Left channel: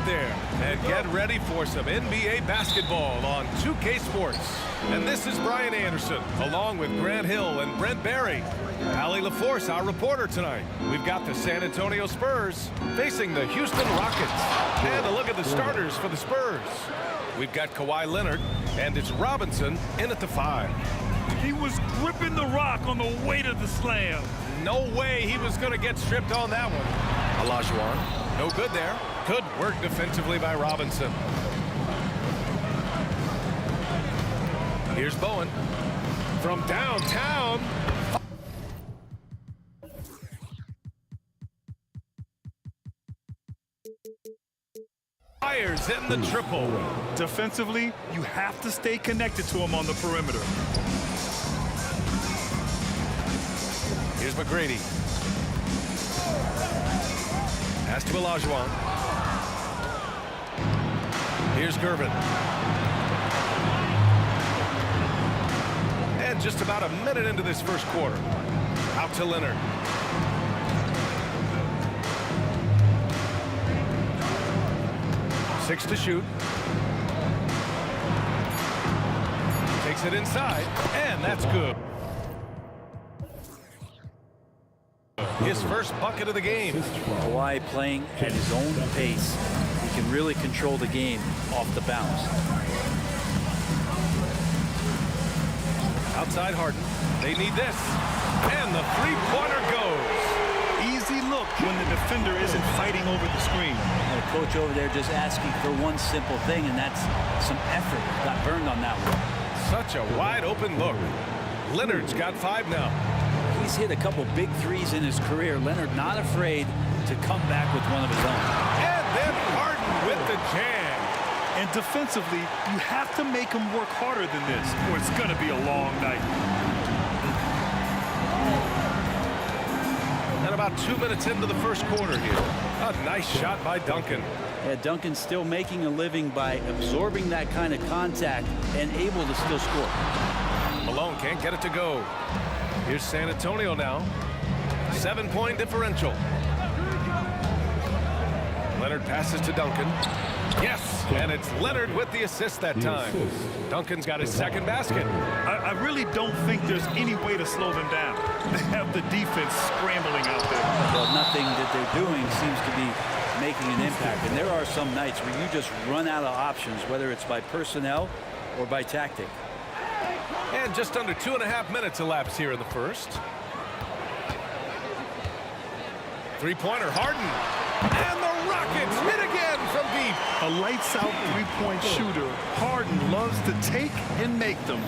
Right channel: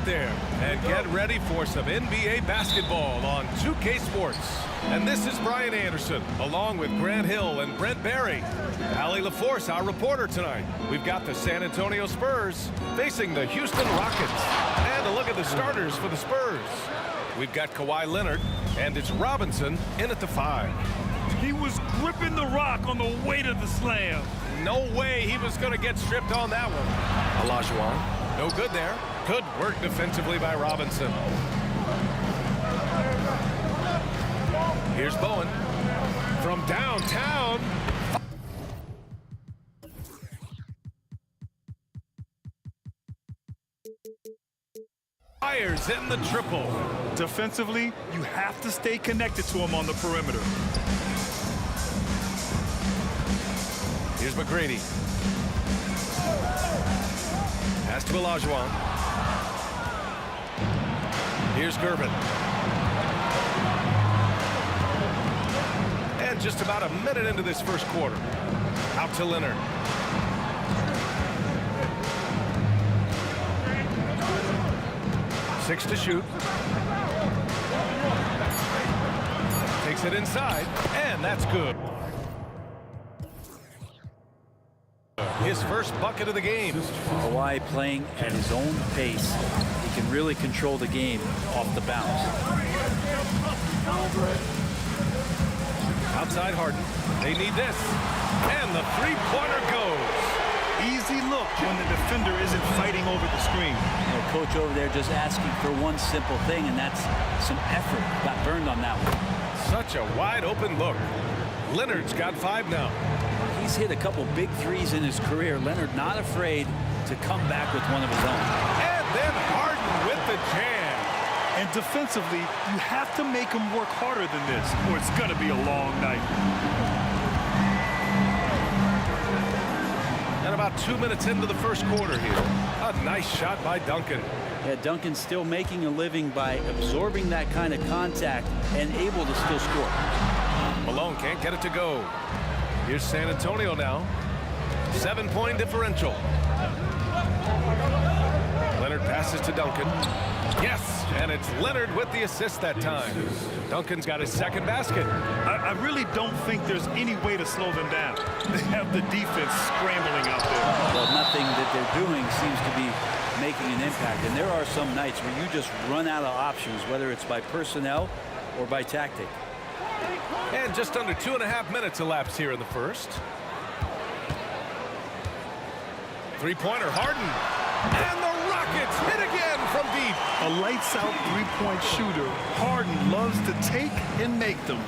out there and get ready for some NBA basketball on 2K Sports. And this is Brian Anderson, along with Grant Hill and Brent Barry. Allie LaForce, our reporter tonight. We've got the San Antonio Spurs facing the Houston Rockets. And a look at the starters for the Spurs. We've got Kawhi Leonard, and it's Robinson in at the 5. He was gripping the rock on the weight of the slam. No way he was going to get stripped on that one. Olajuwon, no good there. Good work defensively by Robinson. Here's Bowen from downtown. Fires in the triple. Defensively, you have to stay connected to him on the perimeter. Here's McGrady. Pass to Olajuwon. Here's Gervin. And just about a minute into this first quarter. Out to Leonard. Six to shoot. Takes it inside, and that's good. His first bucket of the game. Kawhi playing at his own pace. He can really control the game off the bounce. Outside Harden. They need this. And the three-pointer goes. Easy look when the defender isn't fighting over the screen. You know, coach over there just asking for one simple thing, and that's some effort. Got burned on that one. Such a wide-open look. Leonard's got 5 now. He's hit a couple big threes in his career. Leonard not afraid to come back with one of his own. And then Harden with the jam. And defensively, you have to make him work harder than this, or it's going to be a long night. And about 2 minutes into the first quarter here. A nice shot by Duncan. Yeah, Duncan's still making a living by absorbing that kind of contact and able to still score. Malone can't get it to go. Here's San Antonio now. 7-point differential. Leonard passes to Duncan. Yes, and it's Leonard with the assist that time. Duncan's got his second basket. I really don't think there's any way to slow them down. They have the defense scrambling out there. Well, nothing that they're doing seems to be making an impact. And there are some nights where you just run out of options, whether it's by personnel or by tactic. And just under 2.5 minutes elapsed here in the first. Three-pointer, Harden. And the Rockets hit again from deep. A lights-out three-point shooter. Harden loves to take and make them.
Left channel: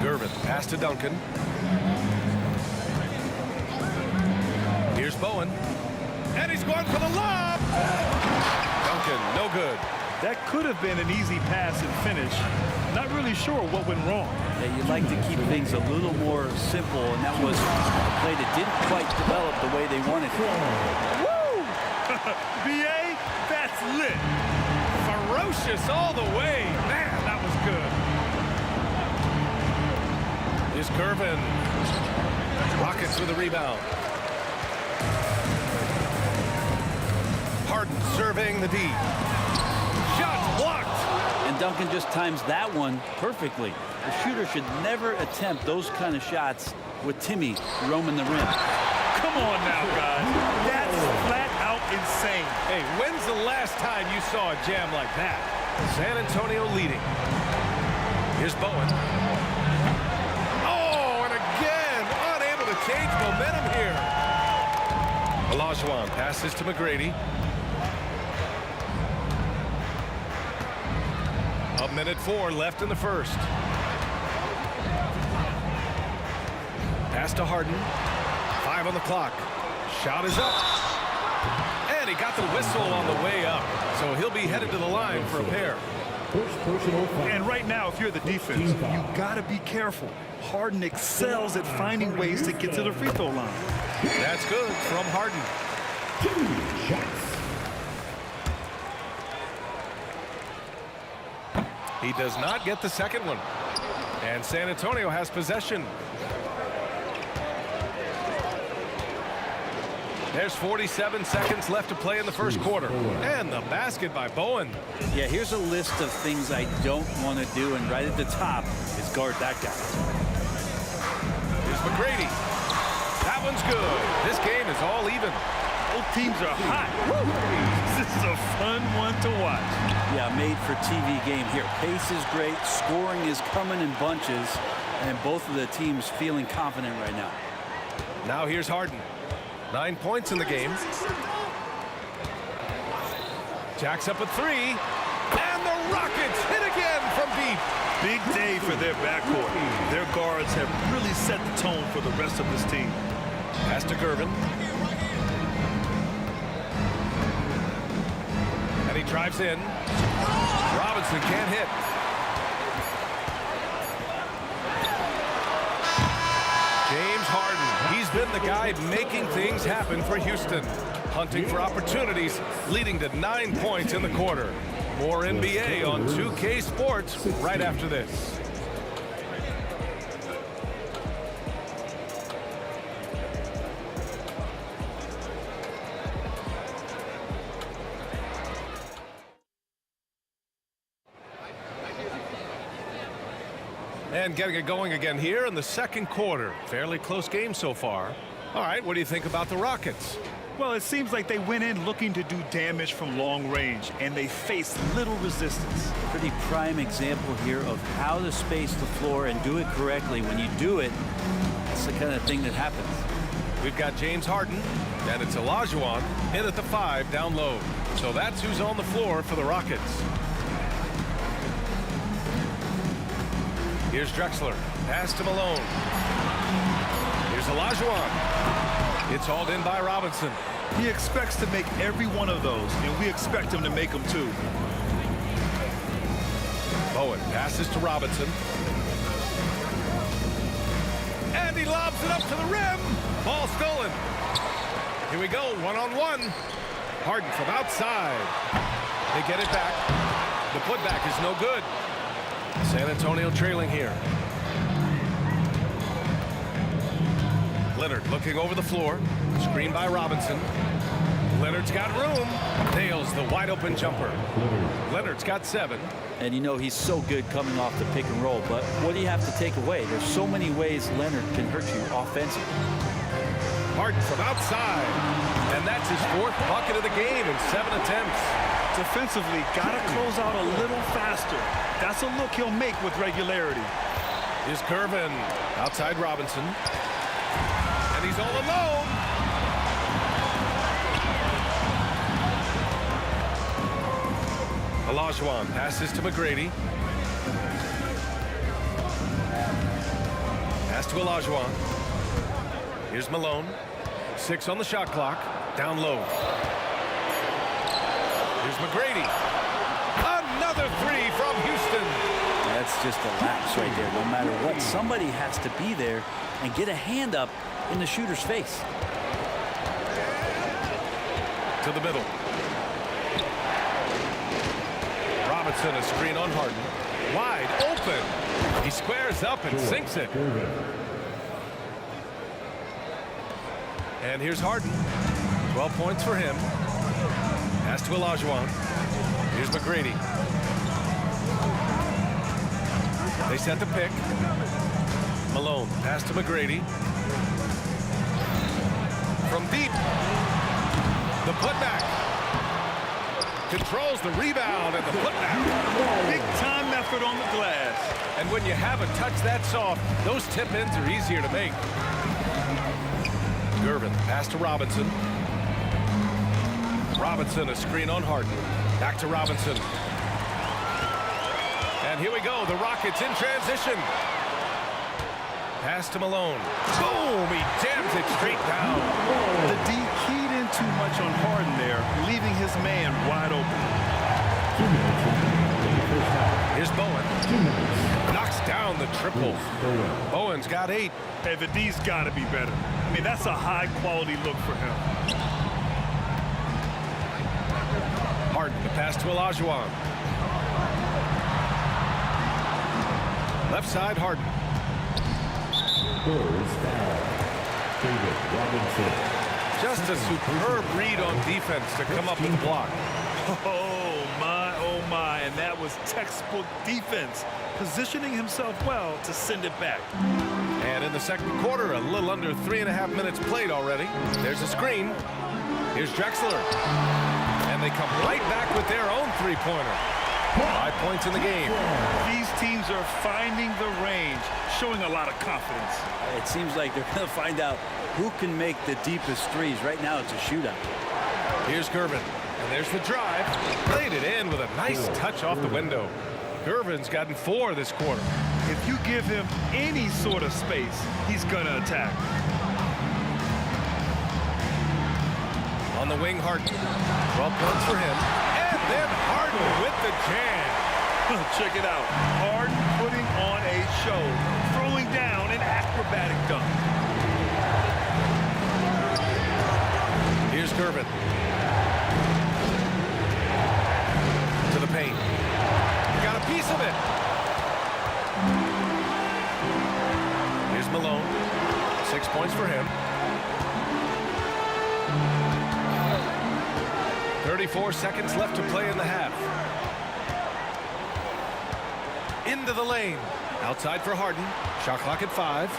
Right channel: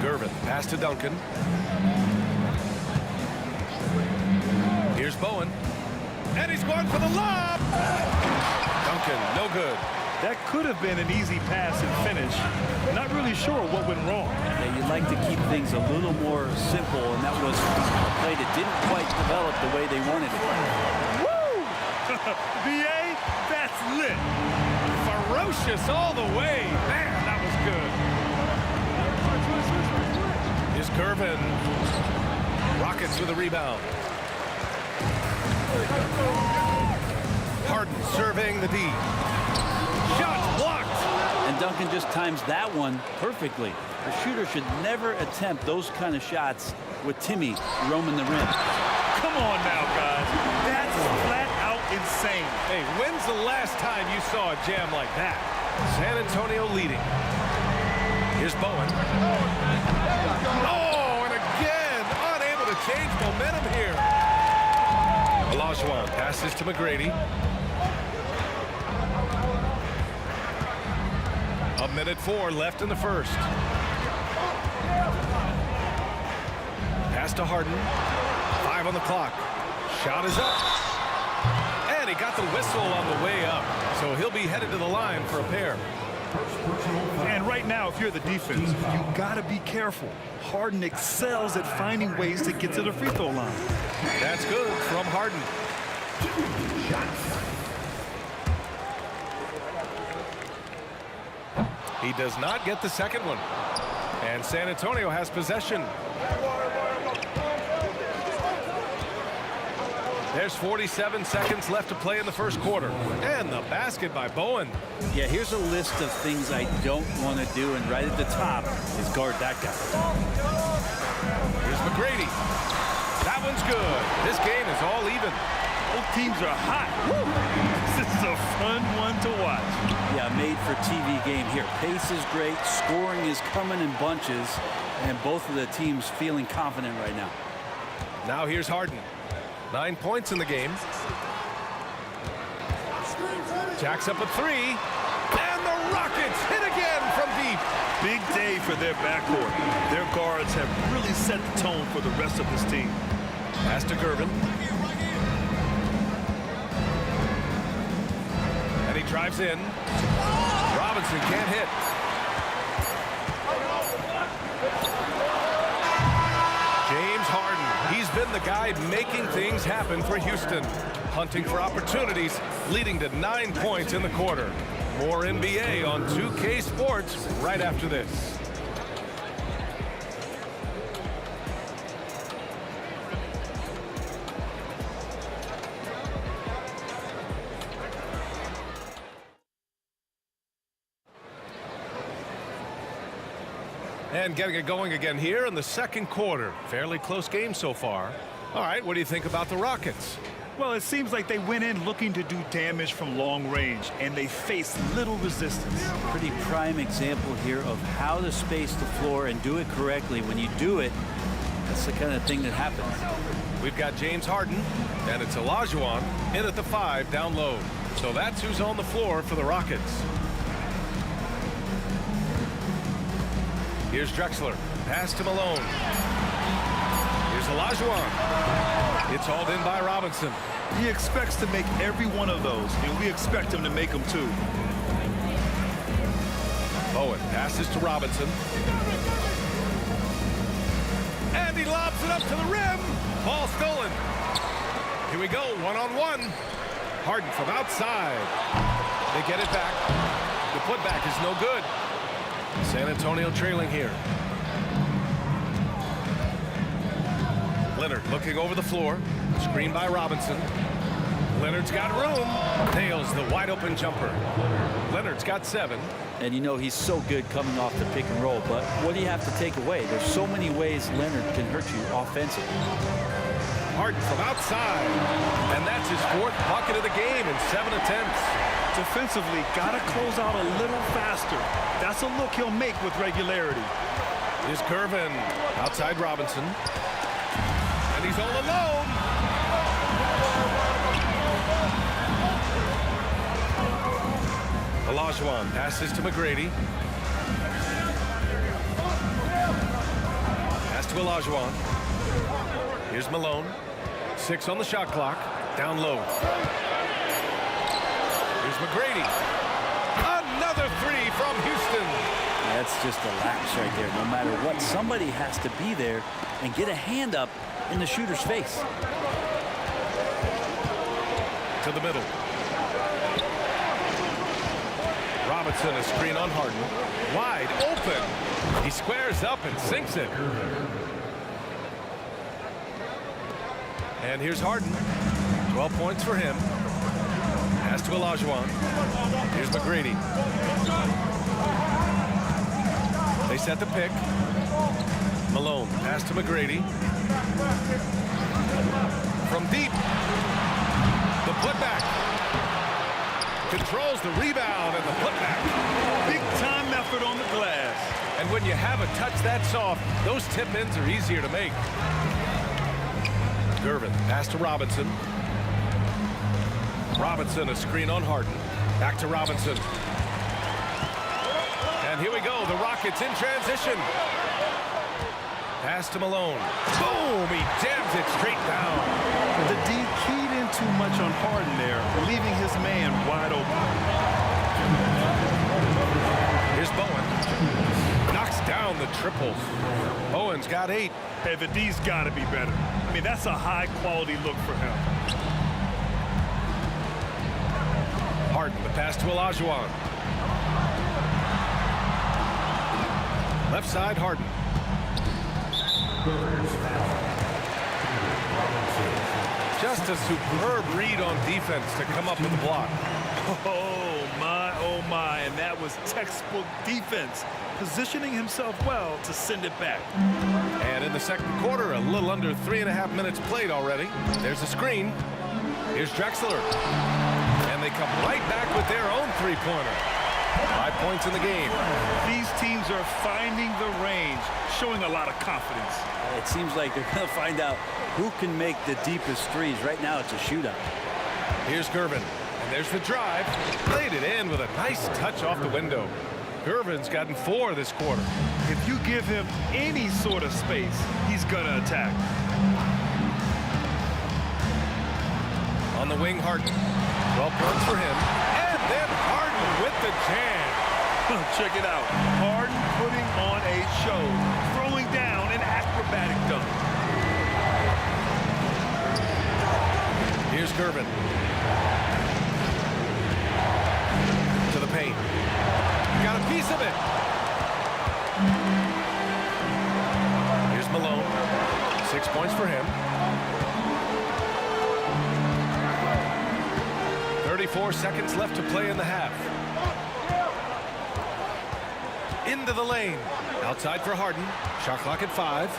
Gervin, pass to Duncan. Here's Bowen. And he's going for the lob. Duncan, no good. That could have been an easy pass and finish. Not really sure what went wrong. Yeah, you'd like to keep things a little more simple, and that was a play that didn't quite develop the way they wanted it. Woo! B.A., that's lit. Ferocious all the way. Man, that was good. Here's Gervin. Rockets with a rebound. Harden serving the D. Shot blocked. And Duncan just times that one perfectly. The shooter should never attempt those kind of shots with Timmy roaming the rim. Come on now, guys. That's flat out insane. Hey, when's the last time you saw a jam like that? San Antonio leading. Here's Bowen. Oh, and again, unable to change momentum here. Olajuwon passes to McGrady. A minute 4 left in the first. Pass to Harden. 5 on the clock. Shot is up. And he got the whistle on the way up. So he'll be headed to the line for a pair. And right now, if you're the defense, you got to be careful. Harden excels at finding ways to get to the free throw line. That's good from Harden. 2 shots. He does not get the second one. And San Antonio has possession. There's 47 seconds left to play in the first quarter. And the basket by Bowen. Yeah, here's a list of things I don't want to do, and right at the top is guard that guy. Here's McGrady. That one's good. This game is all even. Both teams are hot. Woo! This is a fun one to watch. Yeah, made for TV game here. Pace is great. Scoring is coming in bunches. And both of the teams feeling confident right now. Now here's Harden. 9 points in the game. Jacks up a three. And the Rockets hit again from deep. Big day for their backcourt. Their guards have really set the tone for the rest of this team. Pass to Gervin. And he drives in. Robinson can't hit. James Harden. He's been the guy making things happen for Houston. Hunting for opportunities, leading to 9 points in the quarter. More NBA on 2K Sports right after this. And getting it going again here in the second quarter. Fairly close game so far. All right, what do you think about the Rockets? Well, it seems like they went in looking to do damage from long range, and they faced little resistance. Pretty prime example here of how to space the floor and do it correctly. When you do it, that's the kind of thing that happens. We've got James Harden, and it's Olajuwon in at the 5 down low. So that's who's on the floor for the Rockets. Here's Drexler. Pass to Malone. Here's Olajuwon. It's hauled in by Robinson. He expects to make every one of those, and we expect him to make them too. Bowen passes to Robinson. And he lobs it up to the rim. Ball stolen. Here we go, one-on-one. Harden from outside. They get it back. The putback is no good. San Antonio trailing here. Leonard looking over the floor. Screen by Robinson. Leonard's got room. Nails the wide open jumper. Leonard's got 7. And you know he's so good coming off the pick and roll, but what do you have to take away? There's so many ways Leonard can hurt you offensively. Harden from outside. And that's his 4th bucket of the game in 7 attempts. Defensively, gotta close out a little faster. That's a look he'll make with regularity. Here's Gervin outside Robinson. And he's all alone. Olajuwon passes to McGrady. Pass to Olajuwon. Here's Malone. 6 on the shot clock. Down low. Here's McGrady. Another 3 from Houston. That's just a lapse right there. No matter what, somebody has to be there and get a hand up in the shooter's face. To the middle. Robinson, a screen on Harden. Wide open. He squares up and sinks it. And here's Harden. 12 points for him. Pass to Olajuwon. Here's McGrady. They set the pick. Malone. Pass to McGrady. From deep. The putback. Controls the rebound and the putback. Big time effort on the glass. And when you have a touch that soft, those tip-ins are easier to make. Gervin, pass to Robinson. Robinson, a screen on Harden. Back to Robinson. And here we go, the Rockets in transition. Pass to Malone. Boom, he jams it straight down. The D keyed in too much on Harden there, leaving his man wide open. Here's Bowen. Knocks down the triple. Bowen's got 8. Hey, the D's got to be better. I mean, that's a high-quality look for him. Harden, the pass to Olajuwon. Left side, Harden. Just a superb read on defense to come up with the block. Oh my, and that was textbook defense, positioning himself well to send it back. And in the second quarter, a little under 3.5 minutes played already. There's a screen. Here's Drexler. And they come right back with their own three-pointer. 5 points in the game. These teams are finding the range, showing a lot of confidence. It seems like they're going to find out who can make the deepest threes. Right now, it's a shootout. Here's Gervin. And there's the drive. Played it in with a nice touch off the window. Gervin's gotten 4 this quarter. If you give him any sort of space, he's going to attack. On the wing, Harden. 12 points for him. And then Harden with the jam. Check it out. Harden putting on a show, throwing down an acrobatic dunk. Here's Gervin. To the paint. Got a piece of it. Here's Malone. 6 points for him. 34 seconds left to play in the half. Into the lane. Outside for Harden. Shot clock at 5.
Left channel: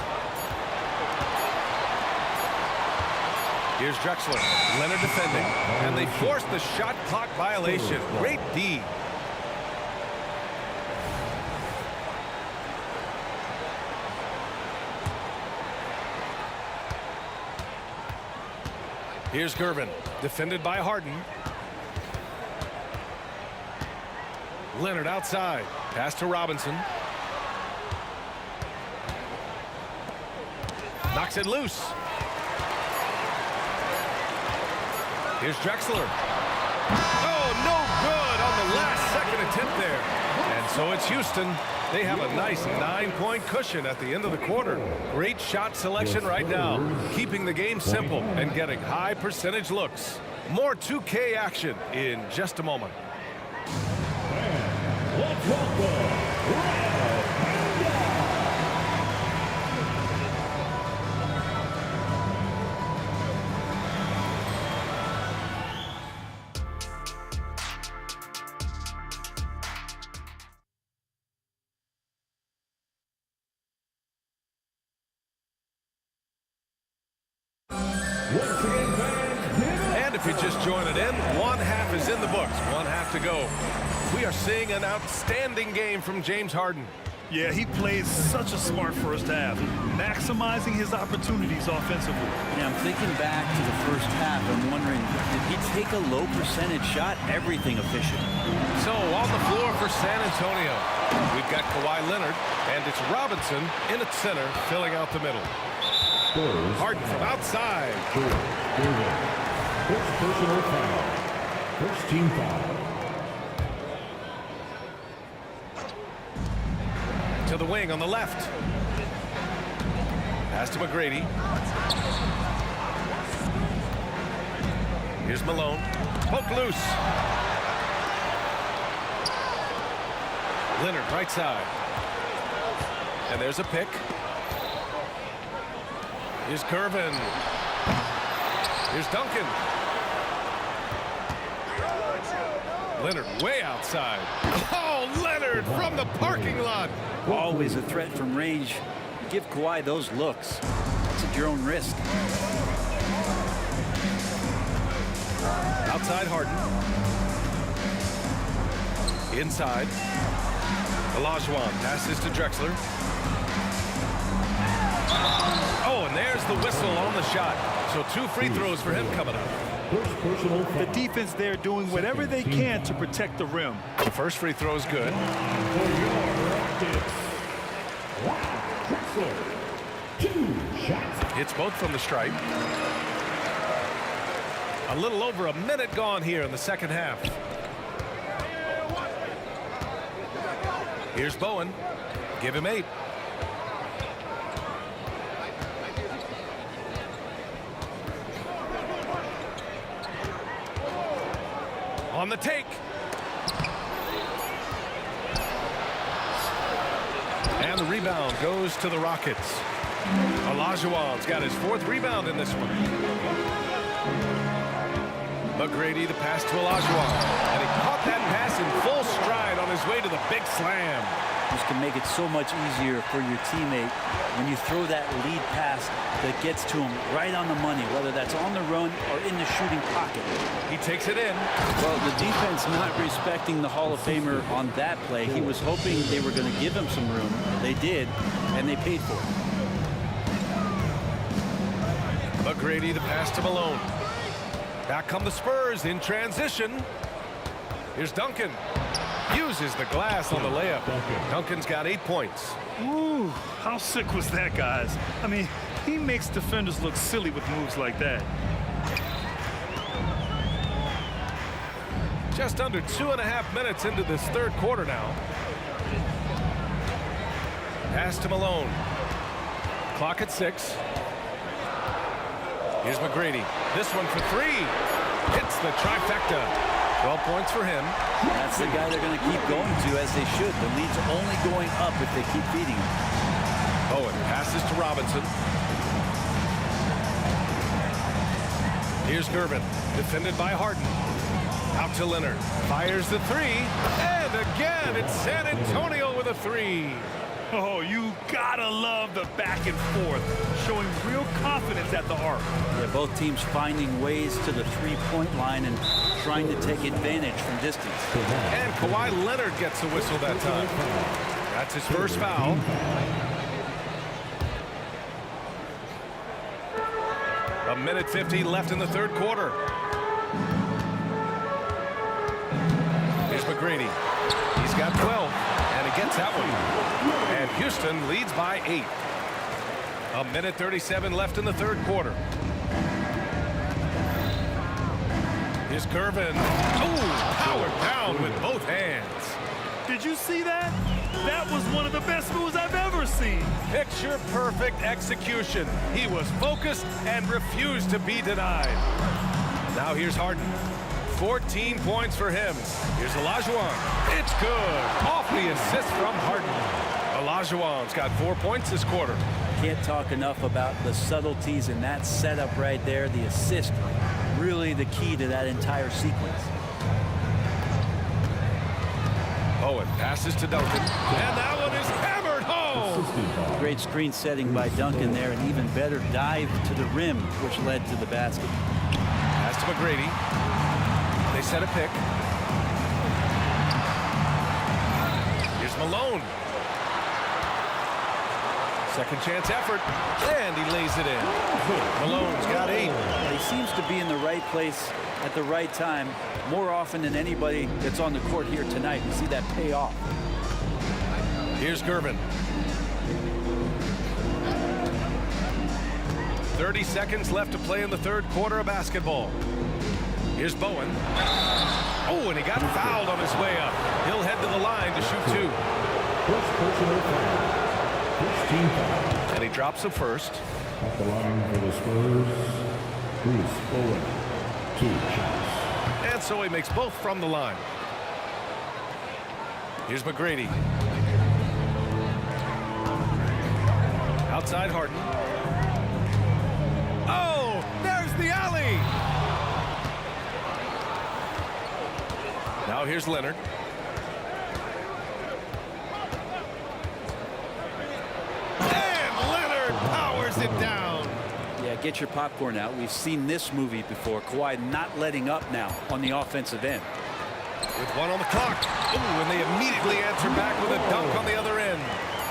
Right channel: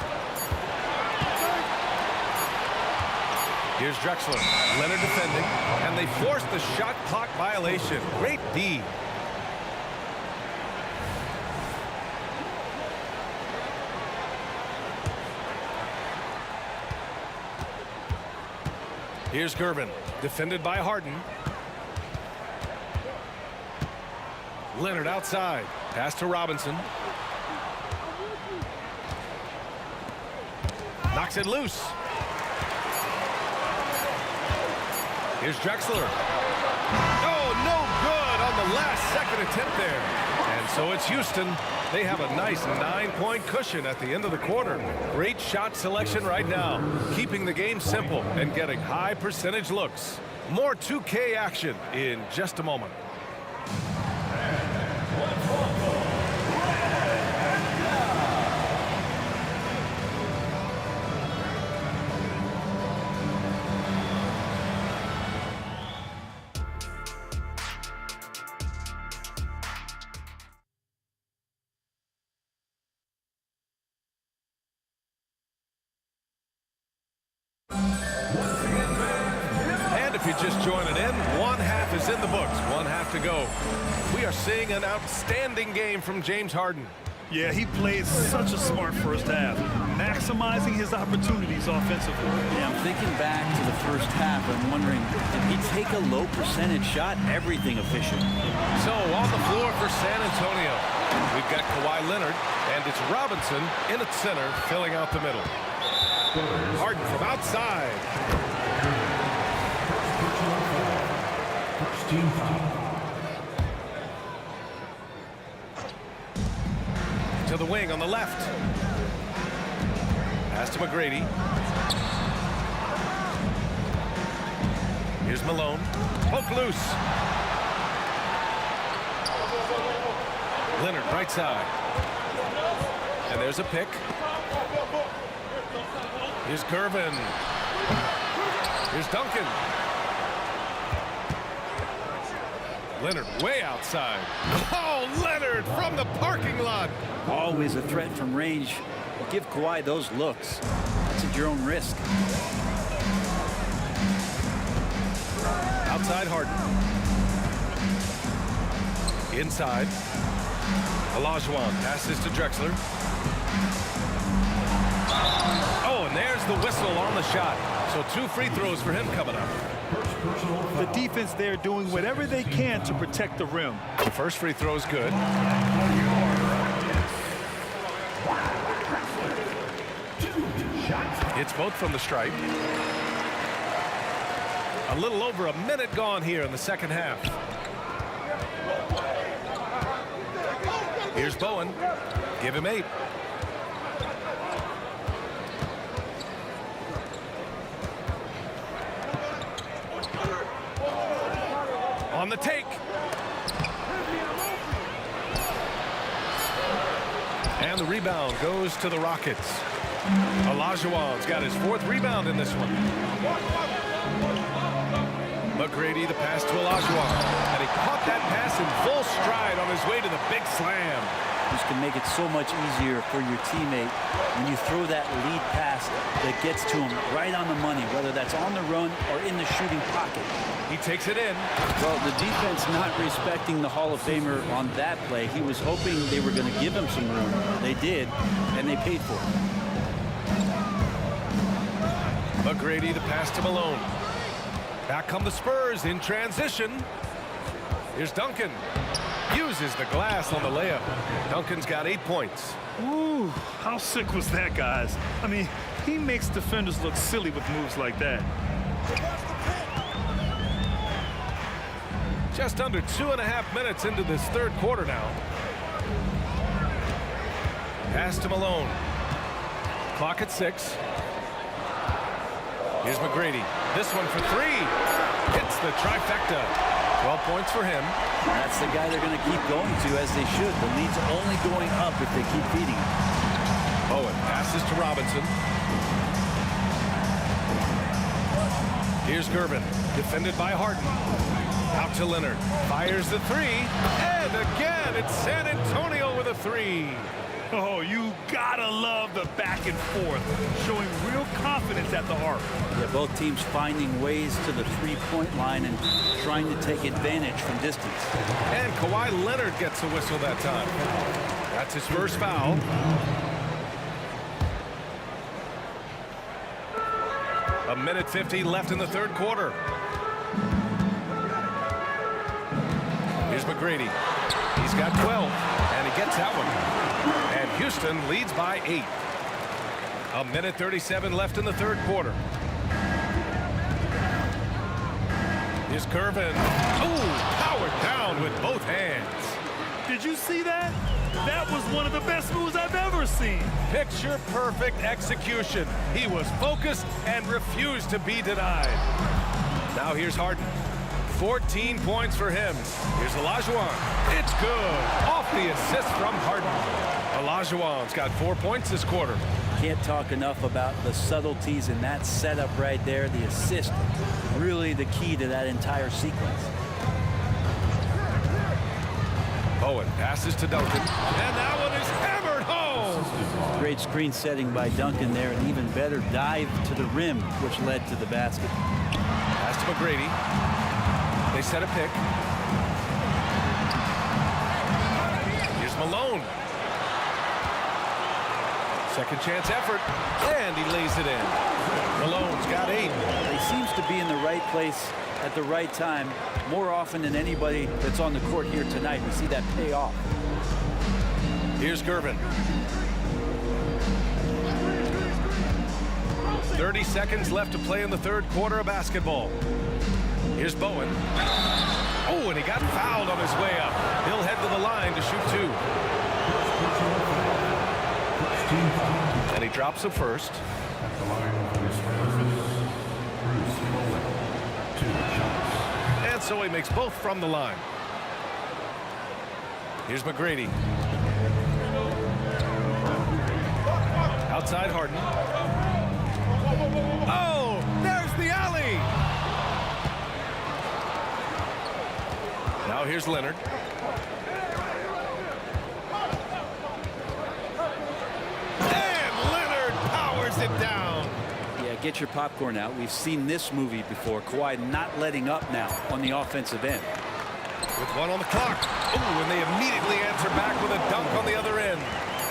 Here's Drexler. Leonard defending. And they force the shot clock violation. Great D. Here's Gervin. Defended by Harden. Leonard outside. Pass to Robinson. Knocks it loose. Here's Drexler. Oh, no good on the last second attempt there. And so it's Houston. They have a nice 9-point cushion at the end of the quarter. Great shot selection right now, keeping the game simple and getting high percentage looks. More 2K action in just a moment. Let's welcome And if you're just joining in, one half is in the books, one half to go. We are seeing an outstanding game from James Harden. Yeah, he played such a smart first half, maximizing his opportunities offensively. Yeah, I'm thinking back to the first half. I'm wondering, did he take a low percentage shot? Everything efficient. So on the floor for San Antonio, we've got Kawhi Leonard, and it's Robinson in at center, filling out the middle. Harden from outside. First personal foul. First team foul. To the wing on the left. Pass to McGrady. Here's Malone. Poke loose. Leonard right side. And there's a pick. Here's Gervin. Here's Duncan. Leonard way outside. Oh, Leonard from the parking lot. Always a threat from range. You give Kawhi those looks. That's at your own risk. Outside Harden. Inside. Olajuwon passes to Drexler. Oh, and there's the whistle on the shot. So 2 free throws for him coming up. First personal foul. The defense there doing whatever they can to protect the rim. The first free throw is good. For your practice. Drexler. 2 shots. Hits both from the stripe. A little over a minute gone here in the second half. Here's Bowen. Give him 8. On the take. And the rebound goes to the Rockets. Olajuwon's got his 4th rebound in this one. McGrady, the pass to Olajuwon. And he caught that pass in full stride on his way to the big slam. Just can make it so much easier for your teammate when you throw that lead pass that gets to him right on the money, whether that's on the run or in the shooting pocket. He takes it in. Well, the defense not respecting the Hall of Famer on that play. He was hoping they were going to give him some room. They did, and they paid for it. McGrady, the pass to Malone. Back come the Spurs in transition. Here's Duncan. Uses the glass on the layup. Duncan's got 8 points. Ooh, how sick was that, guys? I mean, he makes defenders look silly with moves like that. Just under 2.5 minutes into this third quarter now. Pass to Malone. Clock at 6. Here's McGrady. This one for 3. Hits the trifecta. 12 points for him. That's the guy they're going to keep going to, as they should. The lead's only going up if they keep feeding him. Bowen passes to Robinson. Here's Gervin, defended by Harden. Out to Leonard. Fires the 3. And again, it's San Antonio with a 3. Oh, you gotta love the back and forth, showing real confidence at the arc. Yeah, both teams finding ways to the three-point line and trying to take advantage from distance. And Kawhi Leonard gets a whistle that time. That's his first foul. A minute 50 left in the third quarter. Here's McGrady. He's got 12, and he gets that one. And Houston leads by 8. A minute 37 left in the third quarter. Here's Gervin. Oh, powered down with both hands. Did you see that? That was one of the best moves I've ever seen. Picture perfect execution. He was focused and refused to be denied. Now here's Harden. 14 points for him. Here's Olajuwon. It's good. Off the assist from Harden. Olajuwon's got 4 points this quarter. Can't talk enough about the subtleties in that setup right there. The assist, really the key to that entire sequence. Bowen passes to Duncan, and that one is hammered home. Great screen setting by Duncan there, and even better dive to the rim, which led to the basket. Pass to McGrady. They set a pick. Here's Malone. Second chance effort, and he lays it in. Malone's got 8. He seems to be in the right place at the right time more often than anybody that's on the court here tonight. We see that pay off. Here's Gervin. 30 seconds left to play in the third quarter of basketball. Here's Bowen. Oh, and he got fouled on his way up. He'll head to the line to shoot 2. First personal foul. First team foul. And he drops the first. At the line for the Spurs, Bruce Bowen. 2 shots. And so he makes both from the line. Here's McGrady. Outside Harden. Oh, there's the alley. Now here's Leonard. And Leonard powers it down. Yeah, get your popcorn out. We've seen this movie before. Kawhi not letting up now on the offensive end. With 1 on the clock. Oh, and they immediately answer back with a dunk on the other end.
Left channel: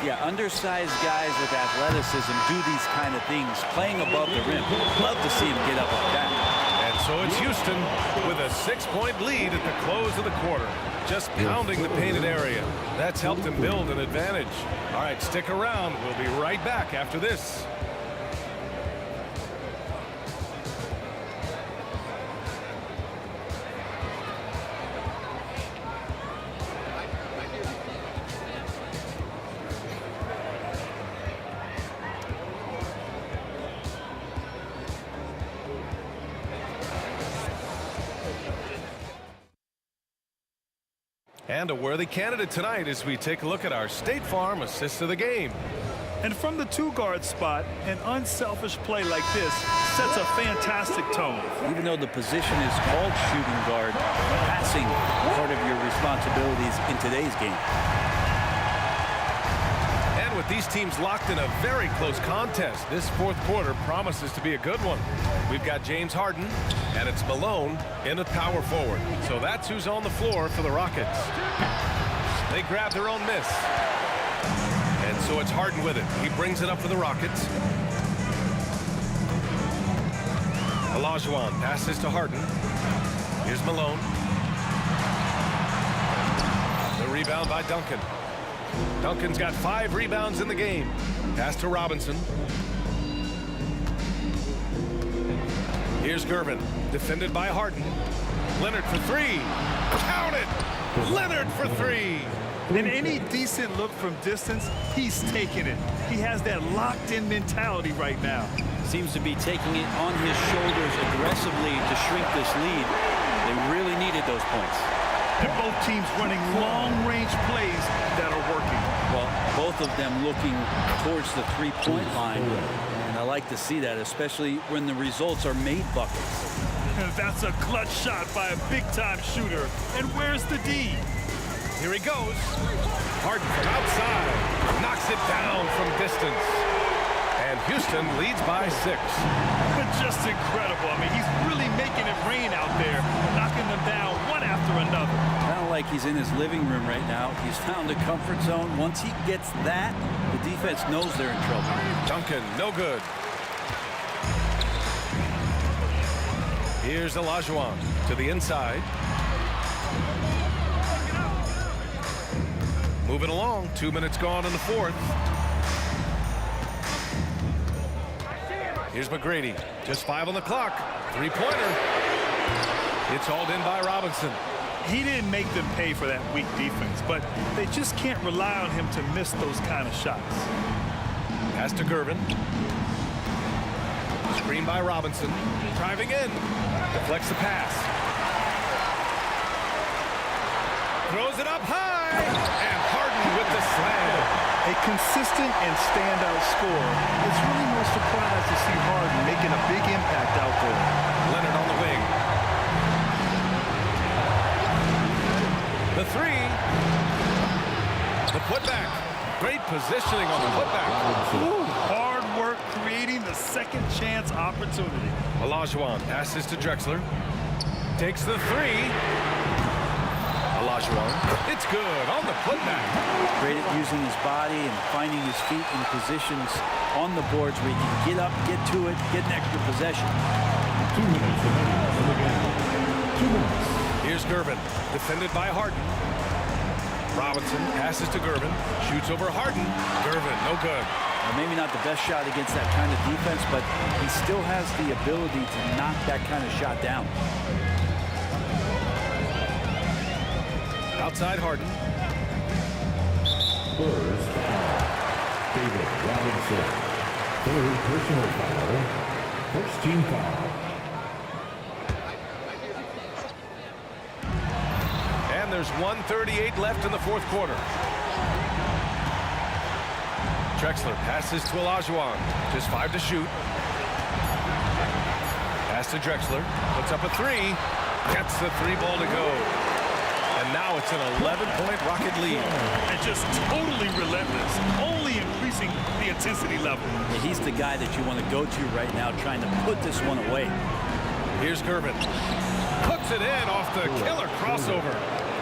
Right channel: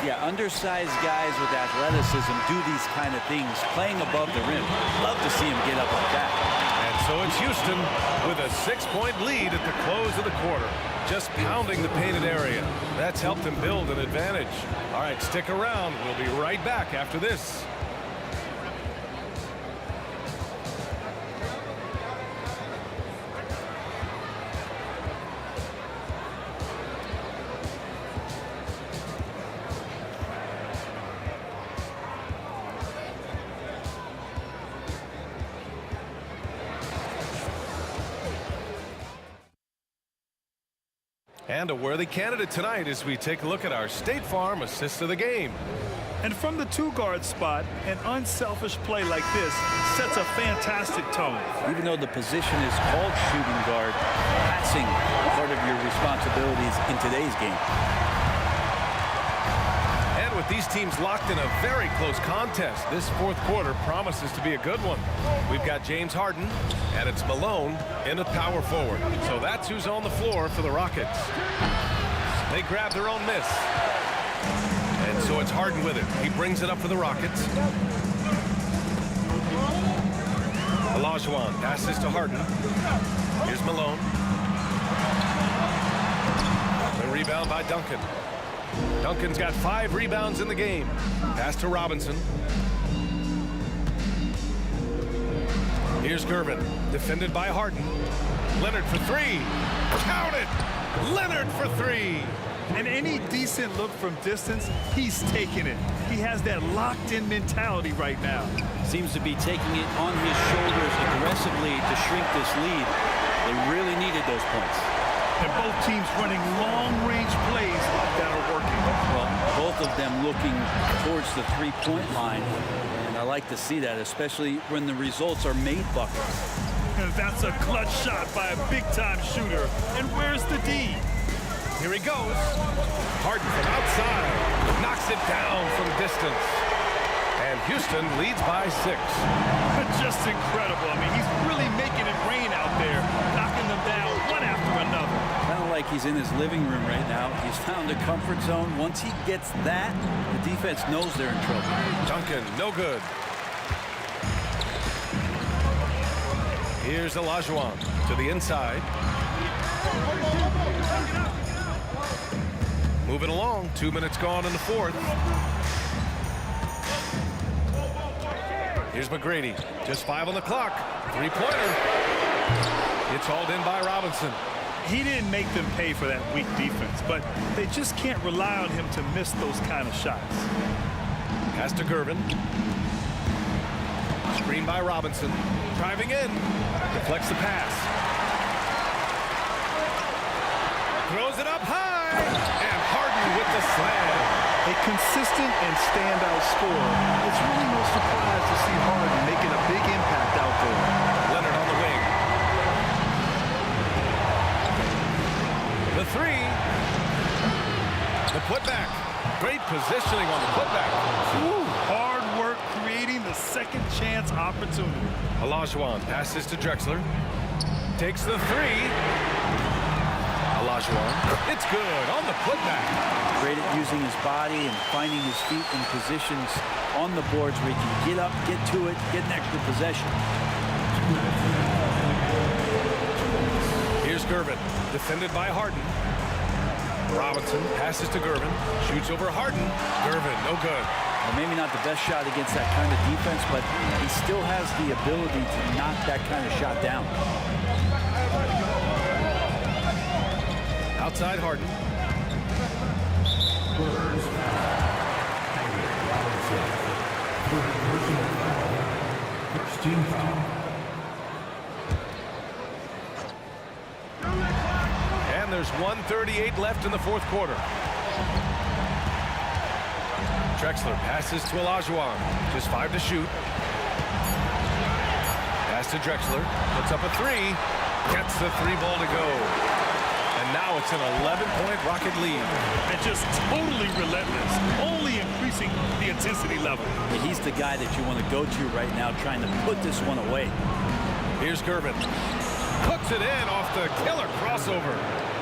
Yeah, undersized guys with athleticism do these kind of things, playing above the rim. Love to see him get up like that. And so it's Houston with a 6-point lead at the close of the quarter. Just pounding the painted area. That's helped them build an advantage. All right, stick around. We'll be right back after this. And a worthy candidate tonight as we take a look at our State Farm assist of the game. And from the two-guard spot, an unselfish play like this sets a fantastic tone. Even though the position is called shooting guard, passing part of your responsibilities in today's game. And with these teams locked in a very close contest, this fourth quarter promises to be a good one. We've got James Harden, and it's Malone in at power forward. So that's who's on the floor for the Rockets. They grab their own miss. And so it's Harden with it. He brings it up for the Rockets. Olajuwon passes to Harden. Here's Malone. The rebound by Duncan. Duncan's got 5 rebounds in the game. Pass to Robinson. Here's Gervin, defended by Harden. Leonard for 3. Count it! Leonard for 3. And any decent look from distance, he's taking it. He has that locked-in mentality right now. Seems to be taking it on his shoulders aggressively to shrink this lead. They really needed those points. And both teams running long-range plays that are working. Well, both of them looking towards the three-point line. And I like to see that, especially when the results are made buckets. And that's a clutch shot by a big-time shooter. And where's the D? Here he goes. Harden from outside. Knocks it down from distance. And Houston leads by 6. Just incredible. I mean, he's really making it rain out there, knocking them down one after another. Kind of like he's in his living room right now. He's found a comfort zone. Once he gets that, the defense knows they're in trouble. Duncan, no good. Here's Olajuwon to the inside. Moving along, 2 minutes gone in the fourth. Here's McGrady, just 5 on the clock. 3-pointer. It's hauled in by Robinson. He didn't make them pay for that weak defense, but they just can't rely on him to miss those kind of shots. Pass to Gervin. Screen by Robinson. Driving in. Deflects the pass. Throws it up high. And Harden with the slam. A consistent and standout scorer. It's really no surprise to see Harden making a big impact out there. Leonard on the wing. The 3. The putback. Great positioning on the putback. Ooh, hard work creating the second chance opportunity. Olajuwon passes to Drexler. Takes the 3. Olajuwon. It's good on the putback. Great at using his body and finding his feet in positions on the boards where he can get up, get to it, get an extra possession. 2 minutes. 2 minutes. Here's Gervin, defended by Harden. Robinson passes to Gervin, shoots over Harden. Gervin, no good. Well, maybe not the best shot against that kind of defense, but he still has the ability to knock that kind of shot down. Outside Harden. First foul. David Robinson. 3rd personal foul. First team foul. And there's 1:38 left in the fourth quarter. Drexler passes to Olajuwon. Just 5 to shoot. Pass to Drexler. Puts up a 3. Gets the 3 ball to go. And now it's an 11-point Rocket lead. And just totally relentless, only increasing the intensity level. Yeah, he's the guy that you want to go to right now, trying to put this one away. Here's Gervin. Hooks it in off the killer crossover.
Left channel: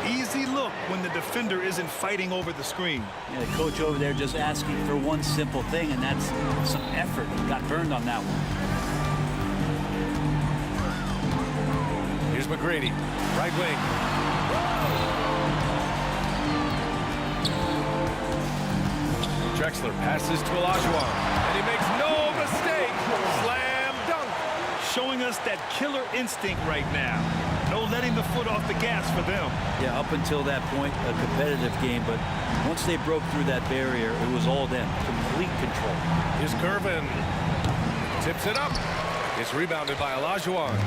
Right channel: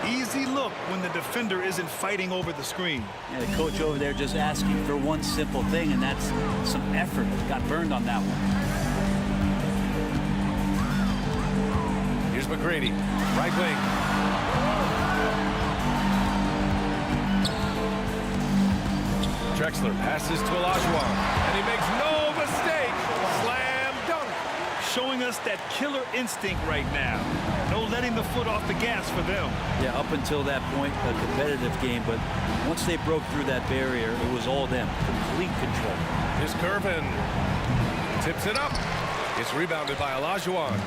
Easy look when the defender isn't fighting over the screen. Yeah, the coach over there just asking for one simple thing, and that's some effort. Got burned on that one. Here's McGrady, right wing. Drexler passes to Olajuwon, and he makes no mistake. Slam dunk. Showing us that killer instinct right now. No letting the foot off the gas for them. Yeah, up until that point, a competitive game, but once they broke through that barrier, it was all them. Complete control. Here's Gervin. Tips it up. It's rebounded by Olajuwon.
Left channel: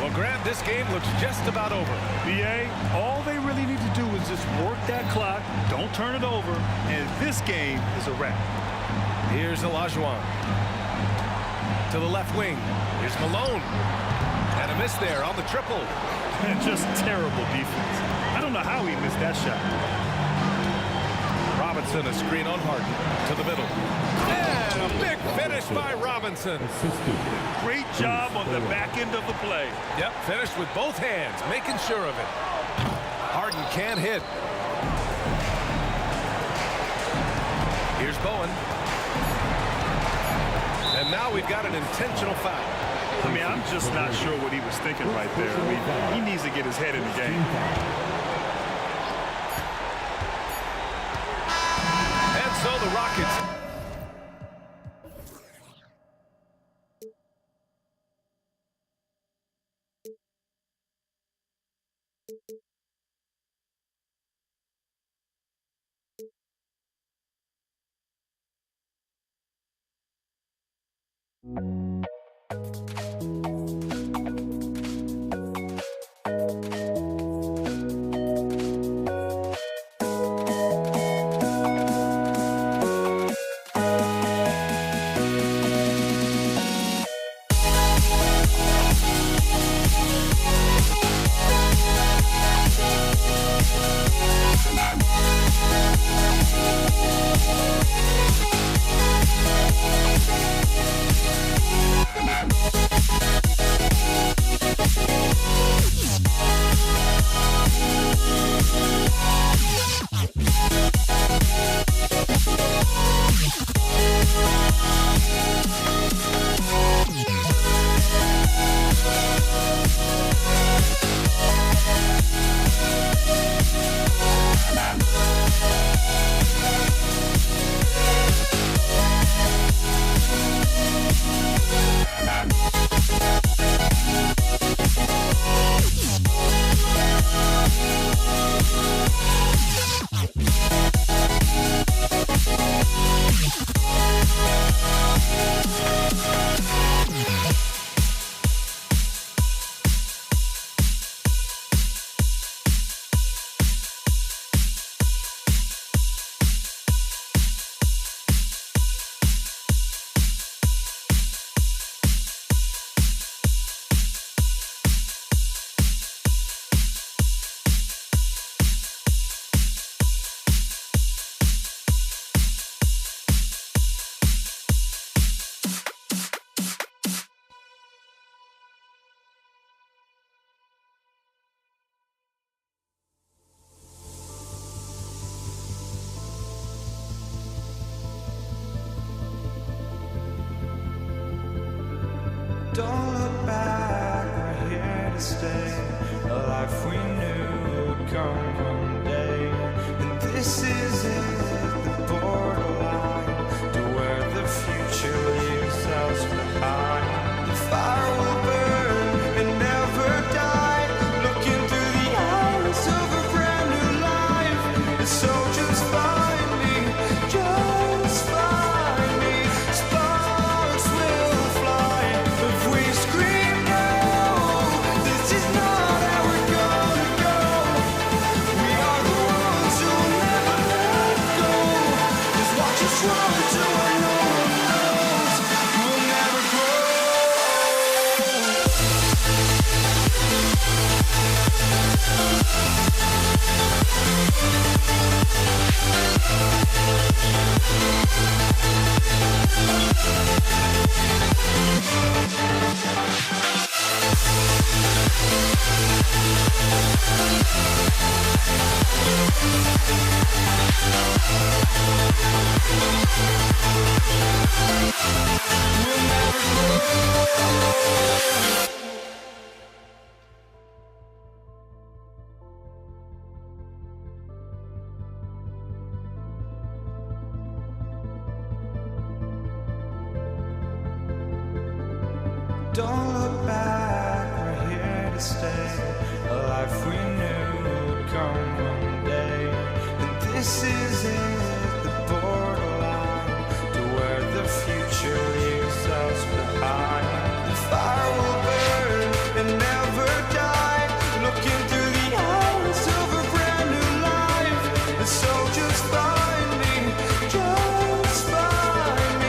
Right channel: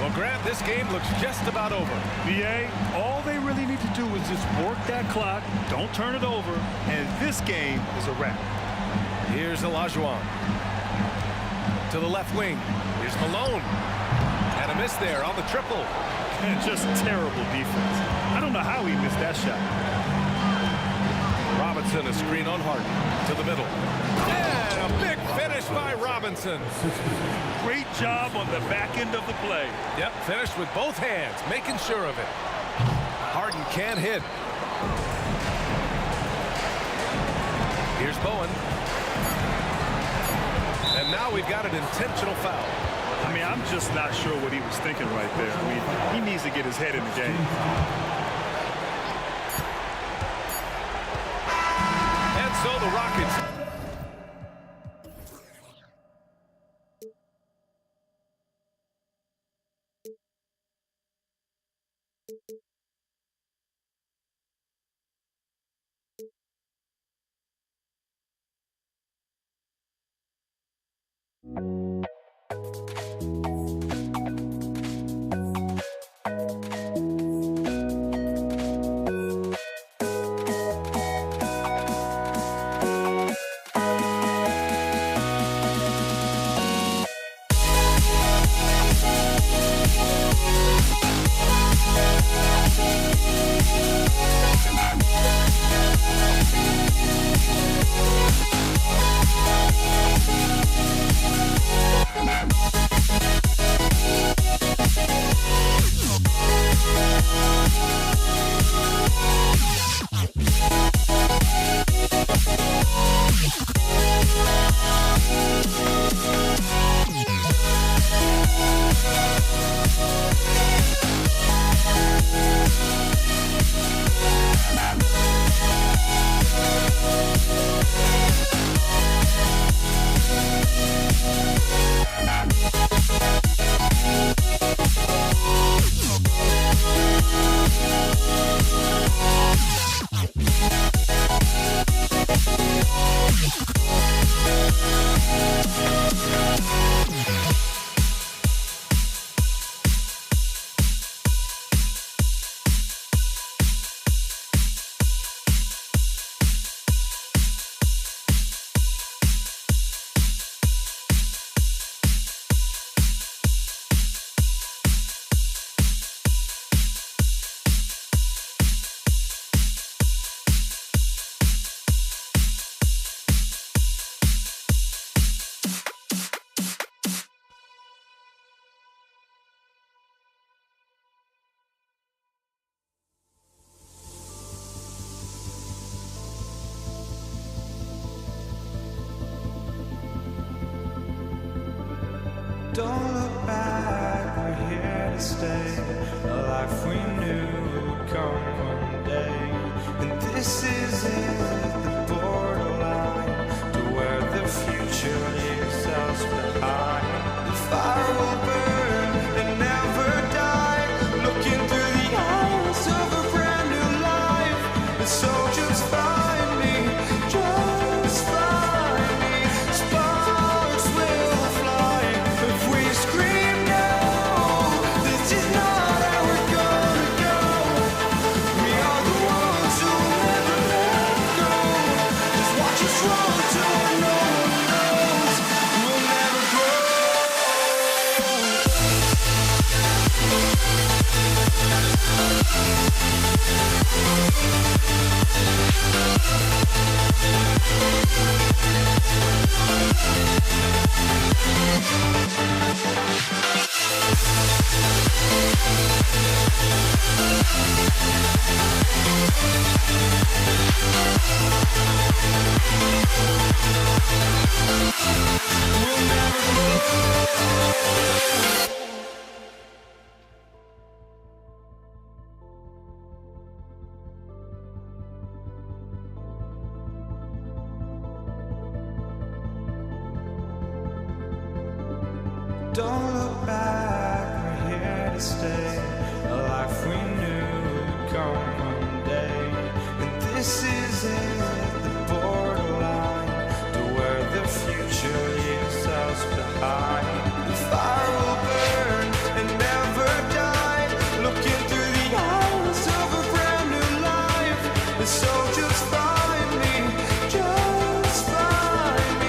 Well, Grant, this game looks just about over. BA, all they really need to do is just work that clock, don't turn it over, and this game is a wrap. Here's Olajuwon. To the left wing. Here's Malone. And a miss there on the triple. And just terrible defense. I don't know how he missed that shot. Robinson, a screen on Harden. To the middle. And a big finish by Robinson. Great job on the back end of the play. Yep, finished with both hands, making sure of it. Harden can't hit. Here's Bowen. And now we've got an intentional foul. I mean, I'm just not sure what he was thinking right there. I mean, he needs to get his head in the game. And so the Rockets. Don't look back, we're here to stay. A life we knew would come one day. And this is it, the borderline to where the future leaves us behind. The fire will burn and never die, looking through the eyes of a brand new life. And so just find me, just find me. Sparks will fly if we scream no. This is not how we're gonna go. We are the ones who'll never let go. Just watch us run to where no one knows. We'll never grow. We'll never grow. Don't look back, we're here to stay. A life we knew would come one day. And this is it, the borderline to where the future leaves us behind. The fire will burn and never die, looking through the eyes of a brand new life. And so just find me, just find me.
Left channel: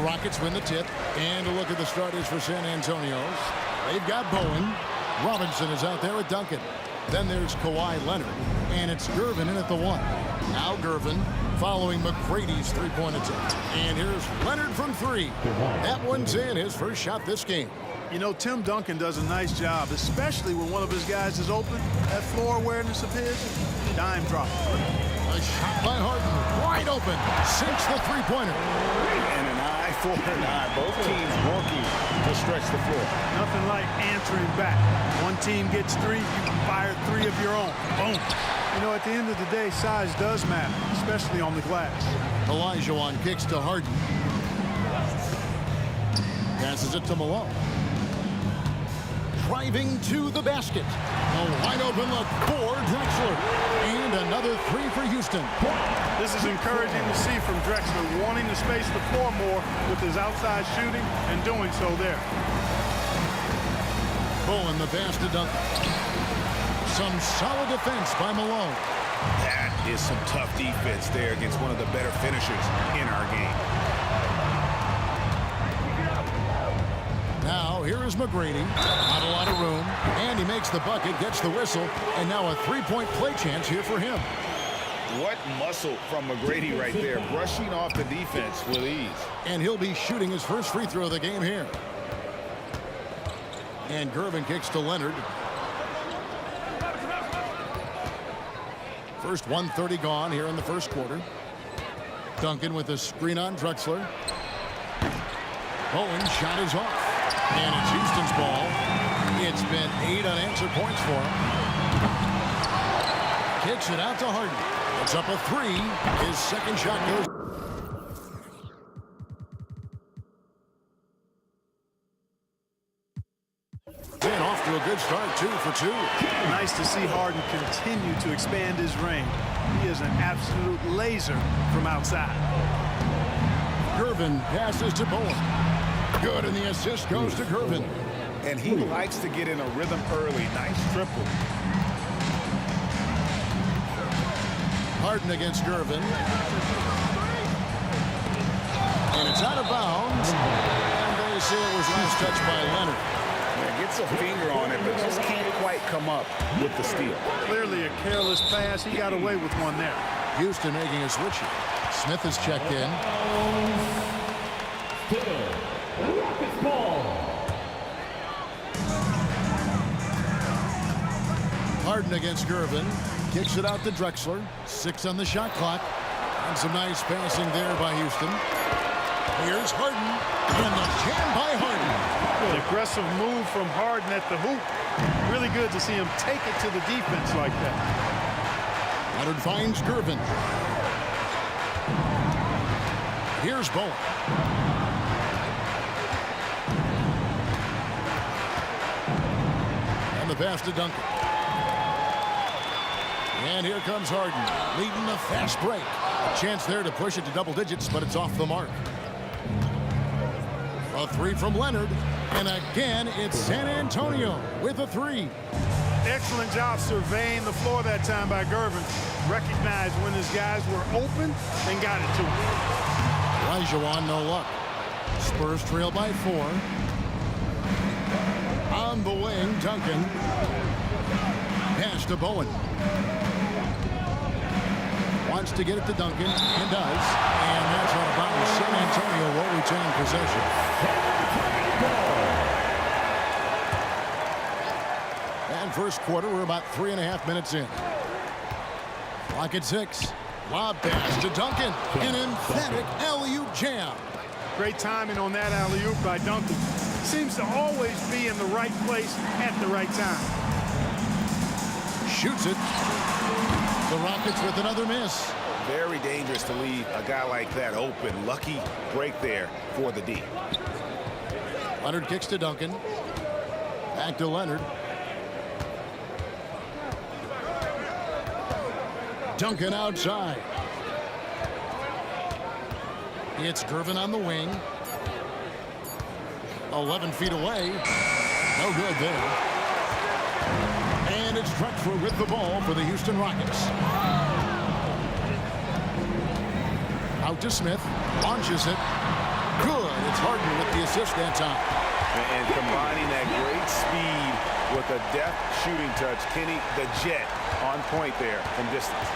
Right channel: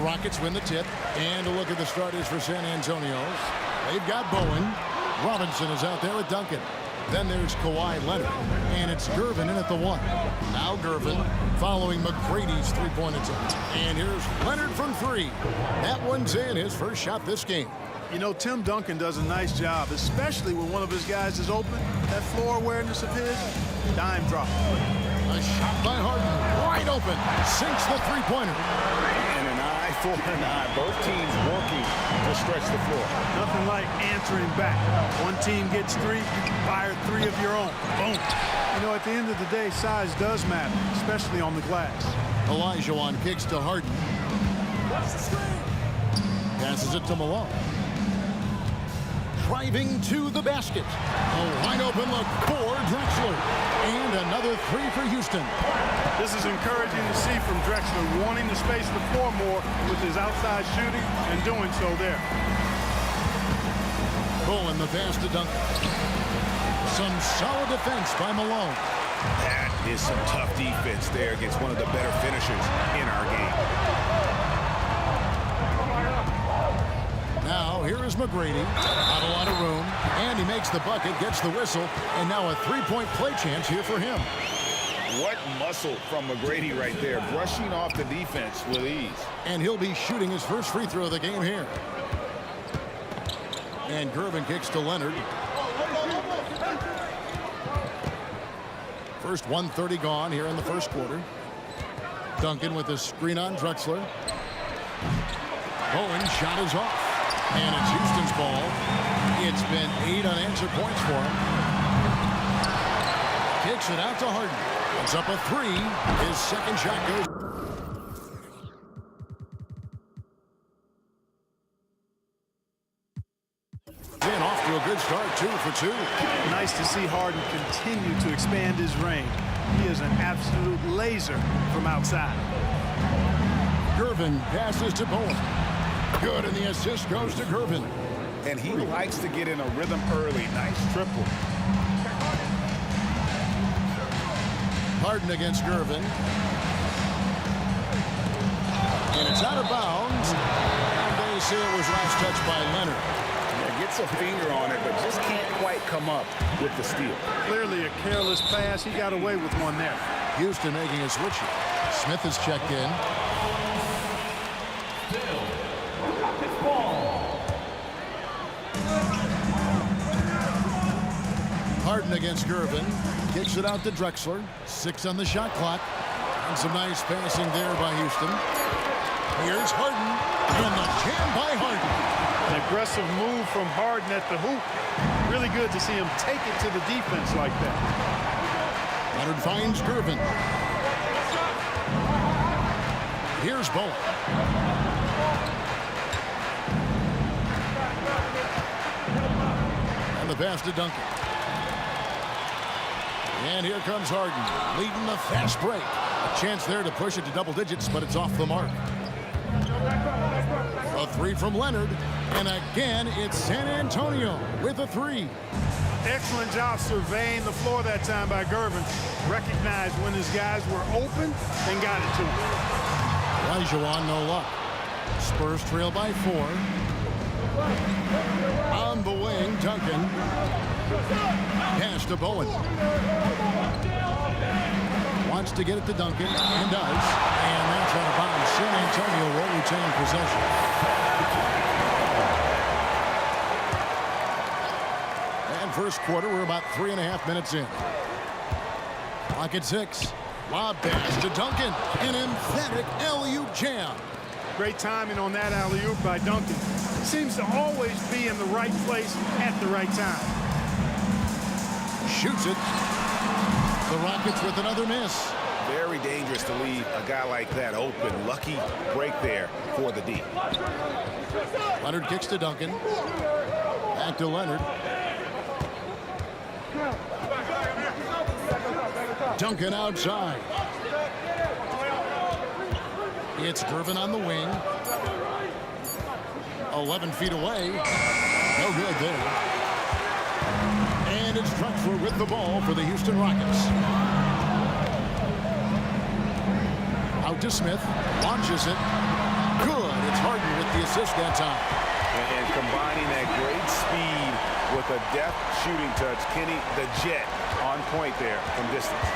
Rockets win the tip. And a look at the starters for San Antonio. They've got Bowen. Robinson is out there with Duncan. Then there's Kawhi Leonard. And it's Gervin in at the 1. Now Gervin following McGrady's three-point attempt. And here's Leonard from 3. That one's in, his first shot this game. You know, Tim Duncan does a nice job, especially when one of his guys is open. That floor awareness of his, dime drop. A shot by Harden, wide open, sinks the three-pointer. And an eye for an eye. Both teams working to stretch the floor. Nothing like answering back. One team gets 3, you fire 3 of your own. Boom. You know, at the end of the day, size does matter, especially on the glass. Olajuwon kicks to Harden. Passes it to Malone. Driving to the basket. A wide open look for Drexler. And another 3 for Houston. This is encouraging to see from Drexler, wanting to space the floor more with his outside shooting and doing so there. Bowen the pass to Duncan. Some solid defense by Malone. That is some tough defense there against one of the better finishers in our game. Now, here is McGrady. Not a lot of room. And he makes the bucket, gets the whistle, and now a three-point play chance here for him. What muscle from McGrady right there, brushing off the defense with ease. And he'll be shooting his first free throw of the game here. And Gervin kicks to Leonard. First 1:30 gone here in the first quarter. Duncan with a screen on Drexler. Bowen shot is off. And it's Houston's ball. It's been 8 unanswered points for him. Kicks it out to Harden. It's up a 3. His second shot goes. And off to a good start, 2 for 2. Nice to see Harden continue to expand his range. He is an absolute laser from outside. Gervin passes to Bowen. Good, and the assist goes to Gervin. And he likes to get in a rhythm early. Nice triple. Harden against Gervin. And it's out of bounds. And they say it was last touched by Leonard. Yeah, gets a finger on it, but just can't quite come up with the steal. Clearly a careless pass. He got away with one there. Houston making a switch here. Smith is checked in. Harden against Gervin. Kicks it out to Drexler. 6 on the shot clock. And some nice passing there by Houston. Here's Harden. And the jam by Harden. An aggressive move from Harden at the hoop. Really good to see him take it to the defense like that. Leonard finds Gervin. Here's Bowen. And the pass to Duncan. And here comes Harden, leading the fast break. A chance there to push it to double digits, but it's off the mark. A 3 from Leonard. And again, it's San Antonio with a 3. Excellent job surveying the floor that time by Gervin. Recognized when his guys were open and got it to him. Olajuwon, no luck. Spurs trail by 4. On the wing, Duncan. Pass to Bowen. Wants to get it to Duncan, and does. And that's out of bounds. San Antonio will retain possession. And first quarter, we're about 3.5 minutes in. Clock at 6. Lob pass to Duncan. An emphatic alley-oop jam. Great timing on that alley-oop by Duncan. Seems to always be in the right place at the right time. Shoots it. The Rockets with another miss. Very dangerous to leave a guy like that open. Lucky break there for the D. Leonard kicks to Duncan. Back to Leonard. Duncan outside. It's Gervin on the wing. 11 feet away. No good there. And it's Drexler with the ball for the Houston Rockets. Out to Smith. Launches it. Good. It's Harden with the assist that time. And combining that great speed with a deft shooting touch. Kenny, the Jet, on point there from distance.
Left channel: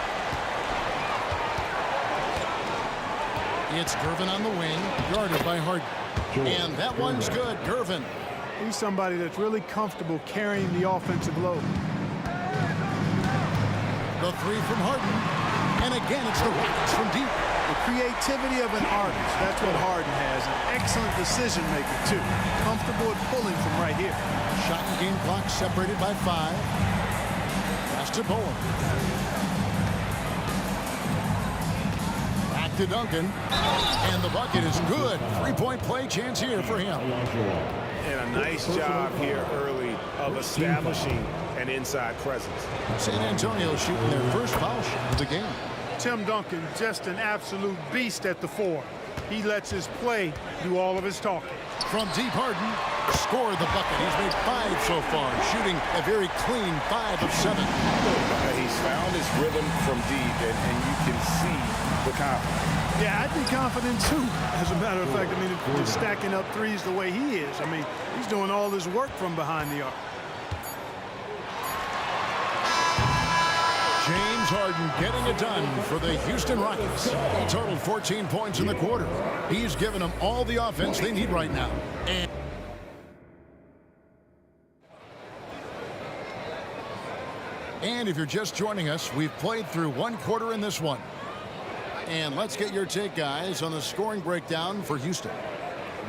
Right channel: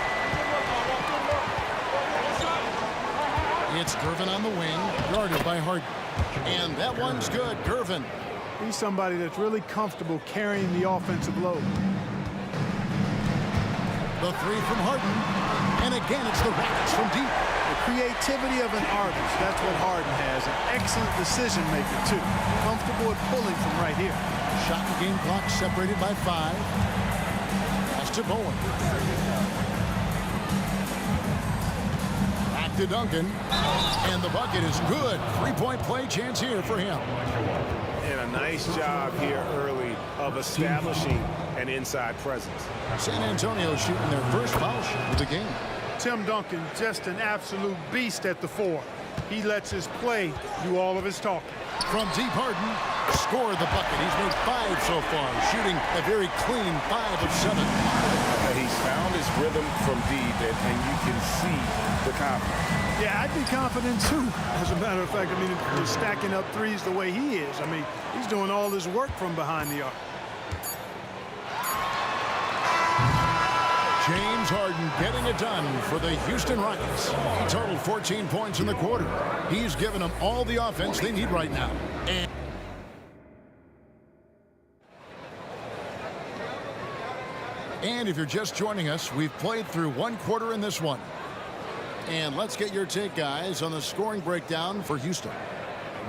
It's Gervin on the wing, guarded by Harden. And that one's good. Gervin. He's somebody that's really comfortable carrying the offensive load. The three from Harden. And again, it's the Rockets from deep. The creativity of an artist, that's what Harden has. An excellent decision maker, too. Comfortable at pulling from right here. Shot and game clock separated by 5. Pass to Bowen. Back to Duncan. And the bucket is good. Three-point play chance here for him. And a nice job here early of establishing an inside presence. San Antonio shooting their first foul shot of the game. Tim Duncan, just an absolute beast at the 4. He lets his play do all of his talking. From deep, Harden scored the bucket. He's made 5 so far, shooting a very clean 5 of 7. He's found his rhythm from deep, and you can see the confidence. Yeah, I'd be confident too. As a matter of fact, I mean, if you're stacking up threes the way he is, I mean, he's doing all his work from behind the arc. James Harden getting it done for the Houston Rockets. He totaled 14 points in the quarter. He's given them all the offense they need right now. And if you're just joining us, we've played through 1 quarter in this one. And let's get your take, guys, on the scoring breakdown for Houston.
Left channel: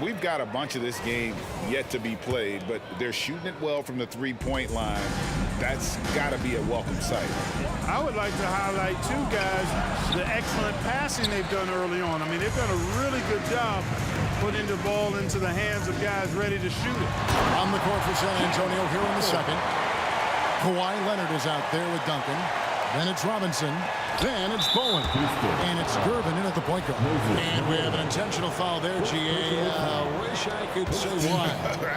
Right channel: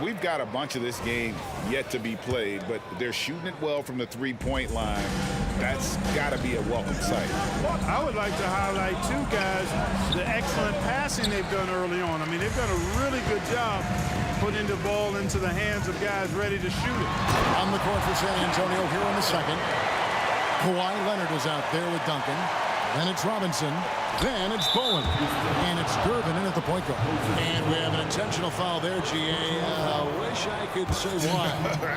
We've got a bunch of this game yet to be played, but they're shooting it well from the three-point line. That's got to be a welcome sight. I would like to highlight, too, guys, the excellent passing they've done early on. I mean, they've done a really good job putting the ball into the hands of guys ready to shoot it. On the court for San Antonio here in the second. Kawhi Leonard is out there with Duncan. Then it's Robinson. Then it's Bowen. And it's Gervin in at the point guard. And we have an intentional foul there, GA. Wish I could say why.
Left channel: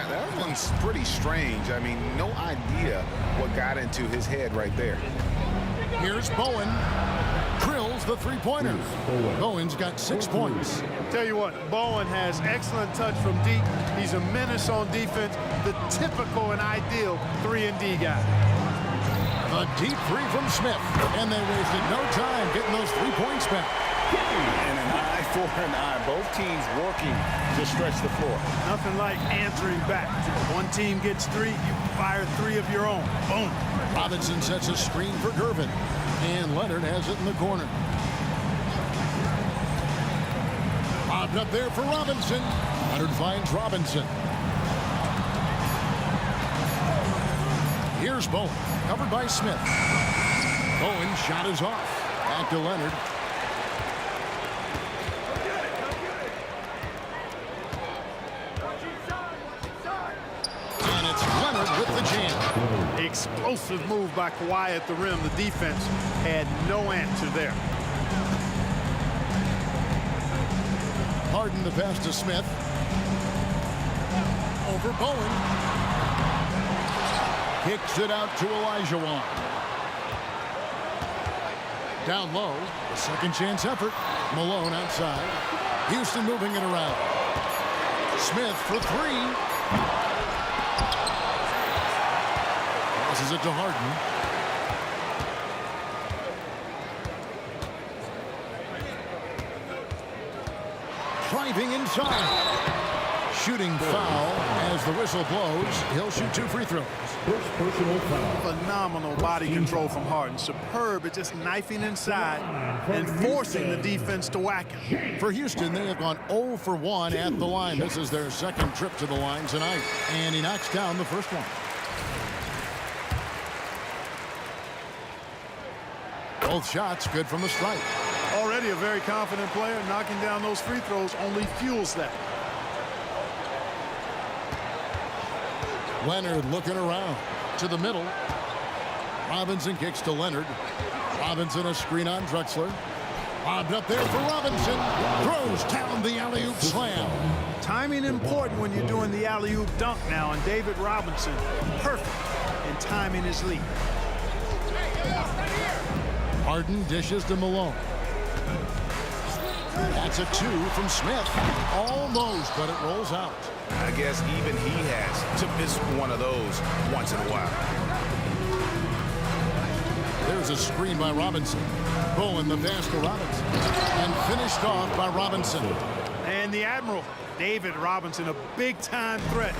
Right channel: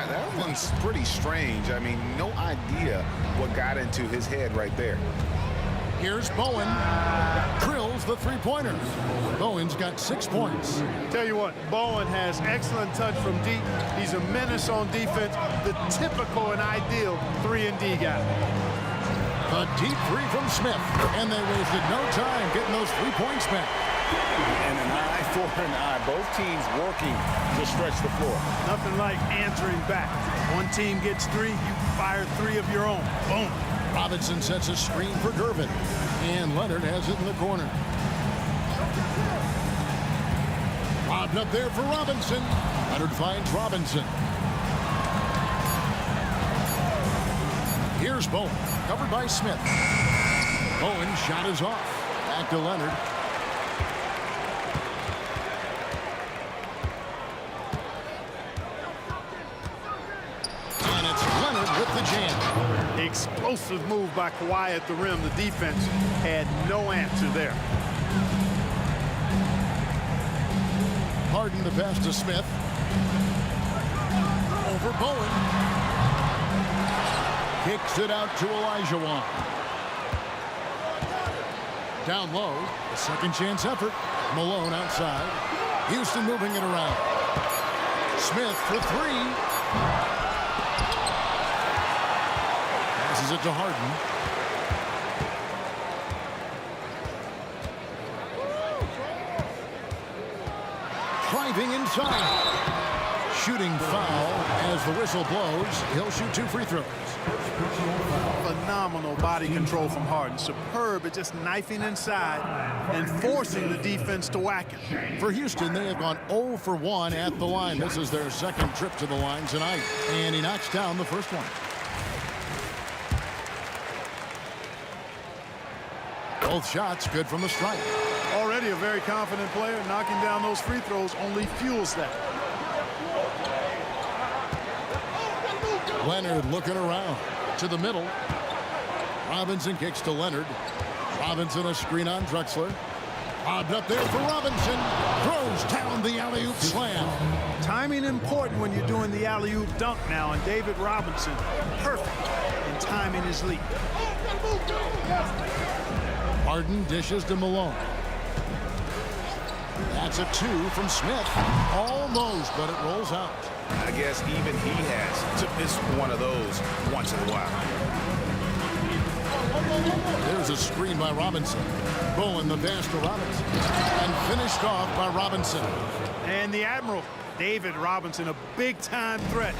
That one's pretty strange. I mean, no idea what got into his head right there. Here's Bowen. Drills the three-pointer. Bowen's got 6 points. Tell you what, Bowen has excellent touch from deep. He's a menace on defense. The typical and ideal 3-and-D guy. A deep 3 from Smith. And they wasted no time getting those 3 points back. And an eye for an eye. Both teams working to stretch the floor. Nothing like answering back. One team gets 3, you fire 3 of your own. Boom. Robinson sets a screen for Gervin. And Leonard has it in the corner. Lobbed up there for Robinson. Leonard finds Robinson. Here's Bowen. Covered by Smith. Bowen shot is off. Back to Leonard. And it's Leonard with the jam. Explosive move by Kawhi at the rim. The defense had no answer there. Harden the pass to Smith. Over Bowen. Kicks it out to Olajuwon. Down low, a second chance effort. Malone outside. Houston moving it around. Smith for 3. Passes it to Harden. Driving inside. Shooting foul as the whistle blows. He'll shoot 2 free throws. Phenomenal body control from Harden. Superb at just knifing inside and forcing the defense to whack him. For Houston, they have gone 0 for 1 at the line. This is their second trip to the line tonight. And he knocks down the first one. Both shots good from the stripe. Already a very confident player. Knocking down those free throws only fuels that. Leonard looking around to the middle. Robinson kicks to Leonard. Robinson a screen on Drexler. Lobbed up there for Robinson. Throws down the alley-oop slam. Timing important when you're doing the alley-oop dunk now, and David Robinson perfect in timing his lead. Harden dishes to Malone. That's a 2 from Smith. Almost, but it rolls out. I guess even he has to miss one of those once in a while. There's a screen by Robinson. Bowen the pass to Robinson. And finished off by Robinson. And the Admiral, David Robinson, a big-time threat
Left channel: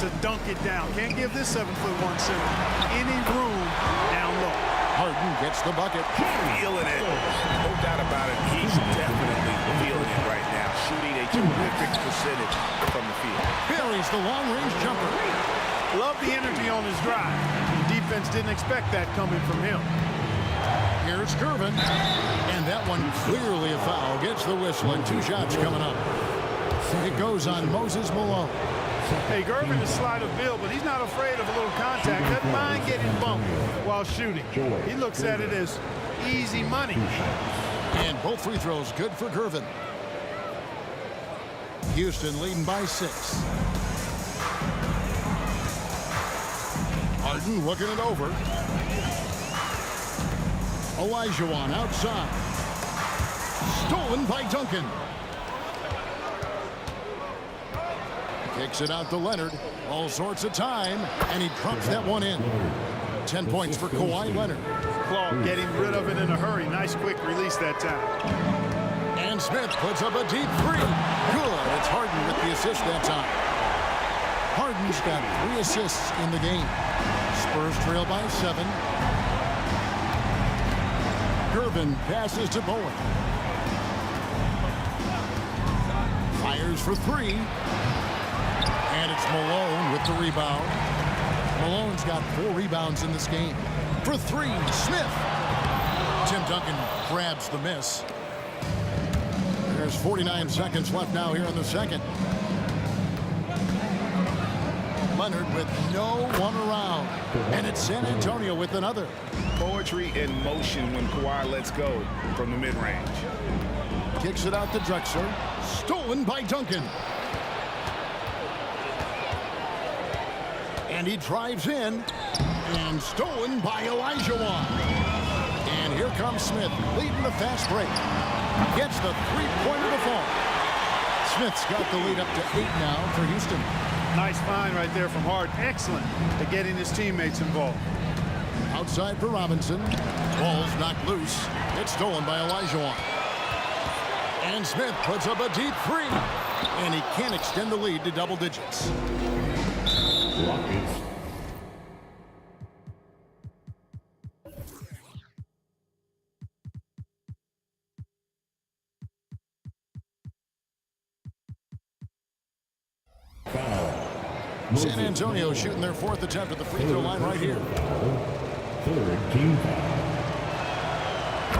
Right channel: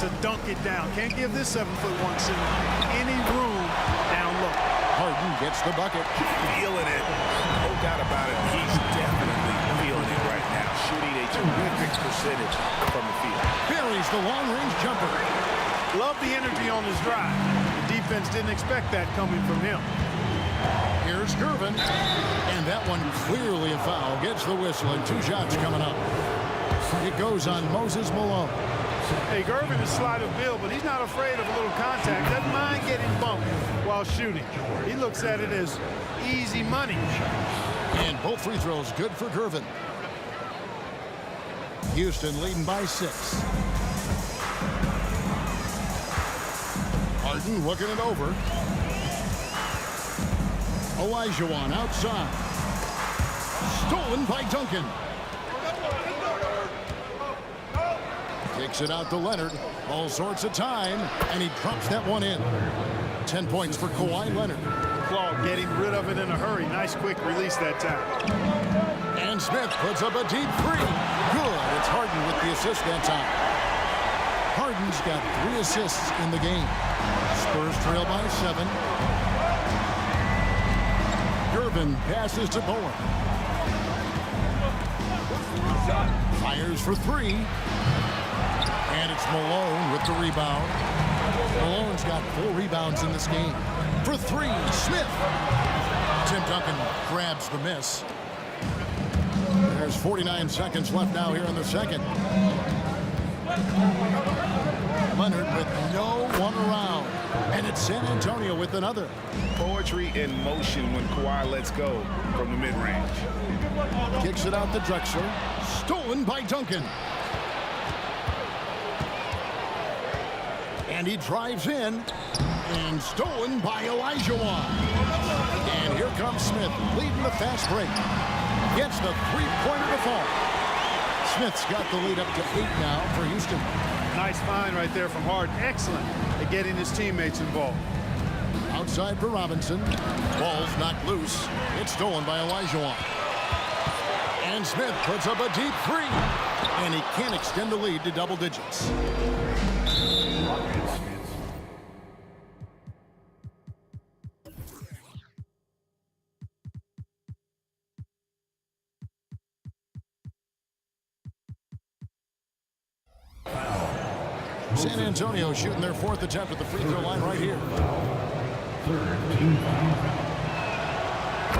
to dunk it down. Can't give this 7'1" center any room down low. Harden gets the bucket. Feeling it. No doubt about it. He's definitely feeling it right now. Shooting a terrific percentage from the field. Buries the long-range jumper. Love the energy on his drive. The defense didn't expect that coming from him. Here's Gervin. And that one clearly a foul. Gets the whistle and 2 shots coming up. It goes on Moses Malone. Hey, Gervin is slight of build, but he's not afraid of a little contact. Doesn't mind getting bumped while shooting. He looks at it as easy money. And both free throws good for Gervin. Houston leading by 6. Harden looking it over. Olajuwon outside. Stolen by Duncan. Kicks it out to Leonard. All sorts of time. And he drops that one in. 10 points for Kawhi Leonard. Claude getting rid of it in a hurry. Nice quick release that time. And Smith puts up a deep 3. Good. It's Harden with the assist that time. Harden's got 3 assists in the game. Spurs trail by 7. Gervin passes to Bowen. Fires for 3. And it's Malone with the rebound. Malone's got 4 rebounds in this game. For 3, Smith. Tim Duncan grabs the miss. There's 49 seconds left now here in the second. Leonard with no one around. And it's San Antonio with another. Poetry in motion when Kawhi lets go from the mid-range. Kicks it out to Drexler. Stolen by Duncan. And he drives in. And stolen by Olajuwon. And here comes Smith leading the fast break. Gets the 3-pointer to fall. Smith's got the lead up to 8 now for Houston. Nice find right there from Harden. Excellent at getting his teammates involved. Outside for Robinson. Ball's knocked loose. It's stolen by Olajuwon. And Smith puts up a deep 3. And he can't extend the lead to double digits. Rockets. San Antonio shooting their 4th attempt at the free throw line right here. 3rd team foul.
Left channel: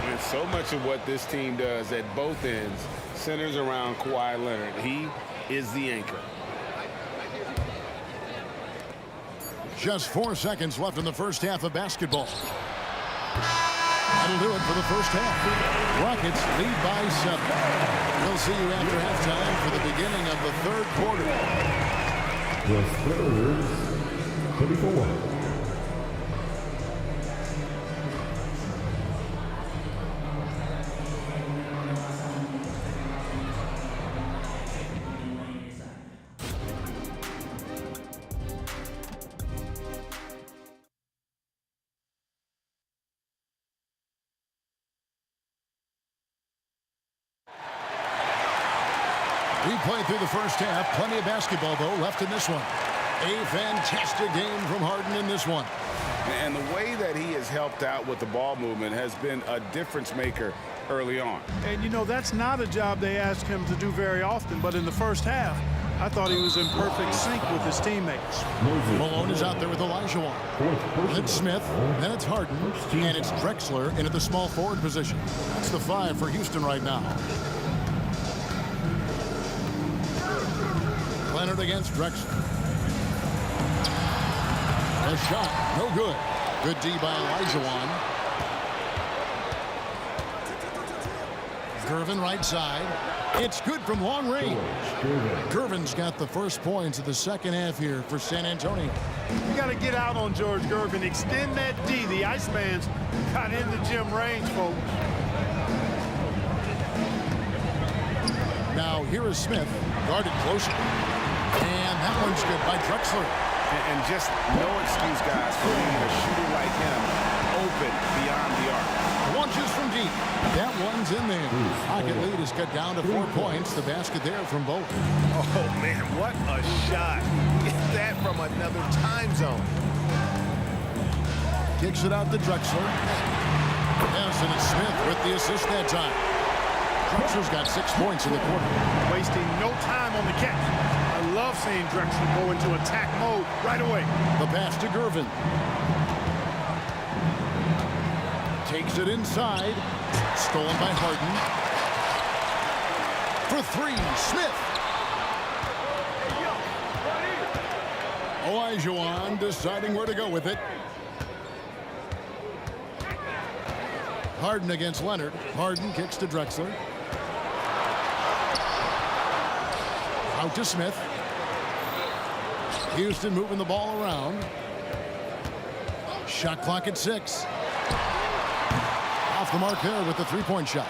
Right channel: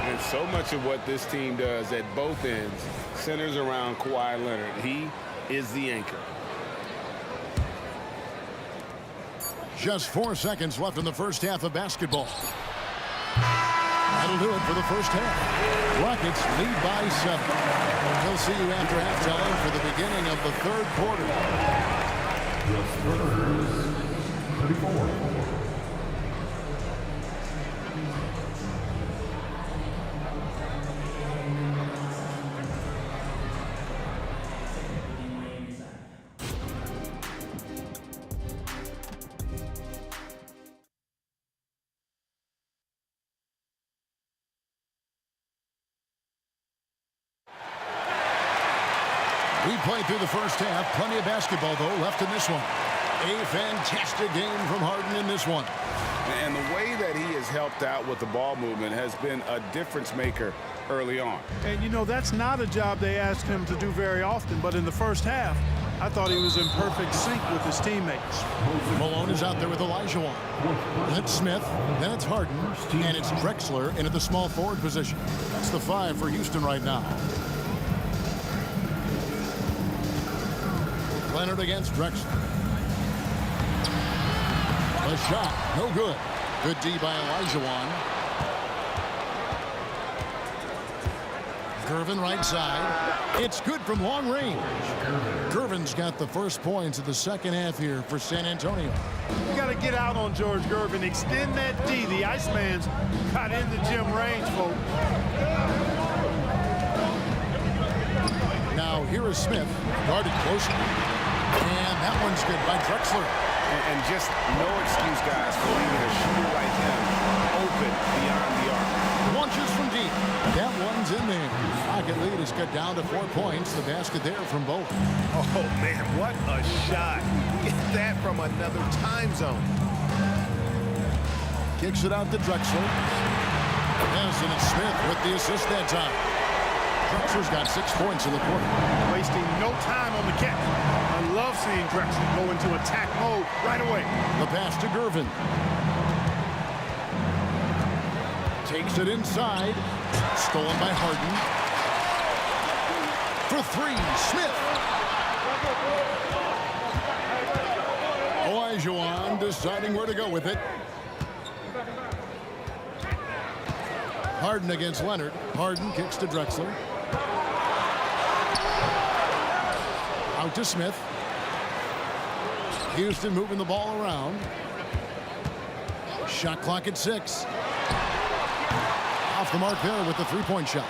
And so much of what this team does at both ends centers around Kawhi Leonard. He is the anchor. Just 4 seconds left in the first half of basketball. That'll do it for the first half. Rockets lead by 7. We'll see you after halftime for the beginning of the 3rd quarter. The Spurs, 34. We played through the first half. Plenty of basketball, though, left in this one. A fantastic game from Harden in this one. And the way that he has helped out with the ball movement has been a difference maker early on. And, you know, that's not a job they ask him to do very often. But in the first half, I thought he was in perfect sync with his teammates. Malone is out there with Olajuwon. Then it's Smith. Then it's Harden. And it's Drexler into the small forward position. That's the 5 for Houston right now. Leonard against Drexler. A shot, no good. Good D by Olajuwon. Gervin right side. It's good from long range. Gervin's got the first points of the second half here for San Antonio. You got to get out on George Gervin. Extend that D. The Iceman's got in the gym range, folks. Now here is Smith, guarded closer. And that one's good by Drexler. And just no excuse, guys, for leaving a shooter like him open beyond the arc. Launches from deep. That one's in there. Rocket lead is cut down to 4 points. The basket there from Bowen. Oh, man, what a shot. Get that from another time zone. Kicks it out to Drexler. Yes, and it's Smith with the assist that time. Drexler's got 6 points in the quarter. Wasting no time on the catch. I love seeing Drexler go into attack mode right away. The pass to Gervin. Takes it inside. Stolen by Harden. For 3, Smith. Olajuwon deciding where to go with it. Harden against Leonard. Harden kicks to Drexler. Out to Smith. Houston moving the ball around. Shot clock at 6. Off the mark there with the 3-point shot.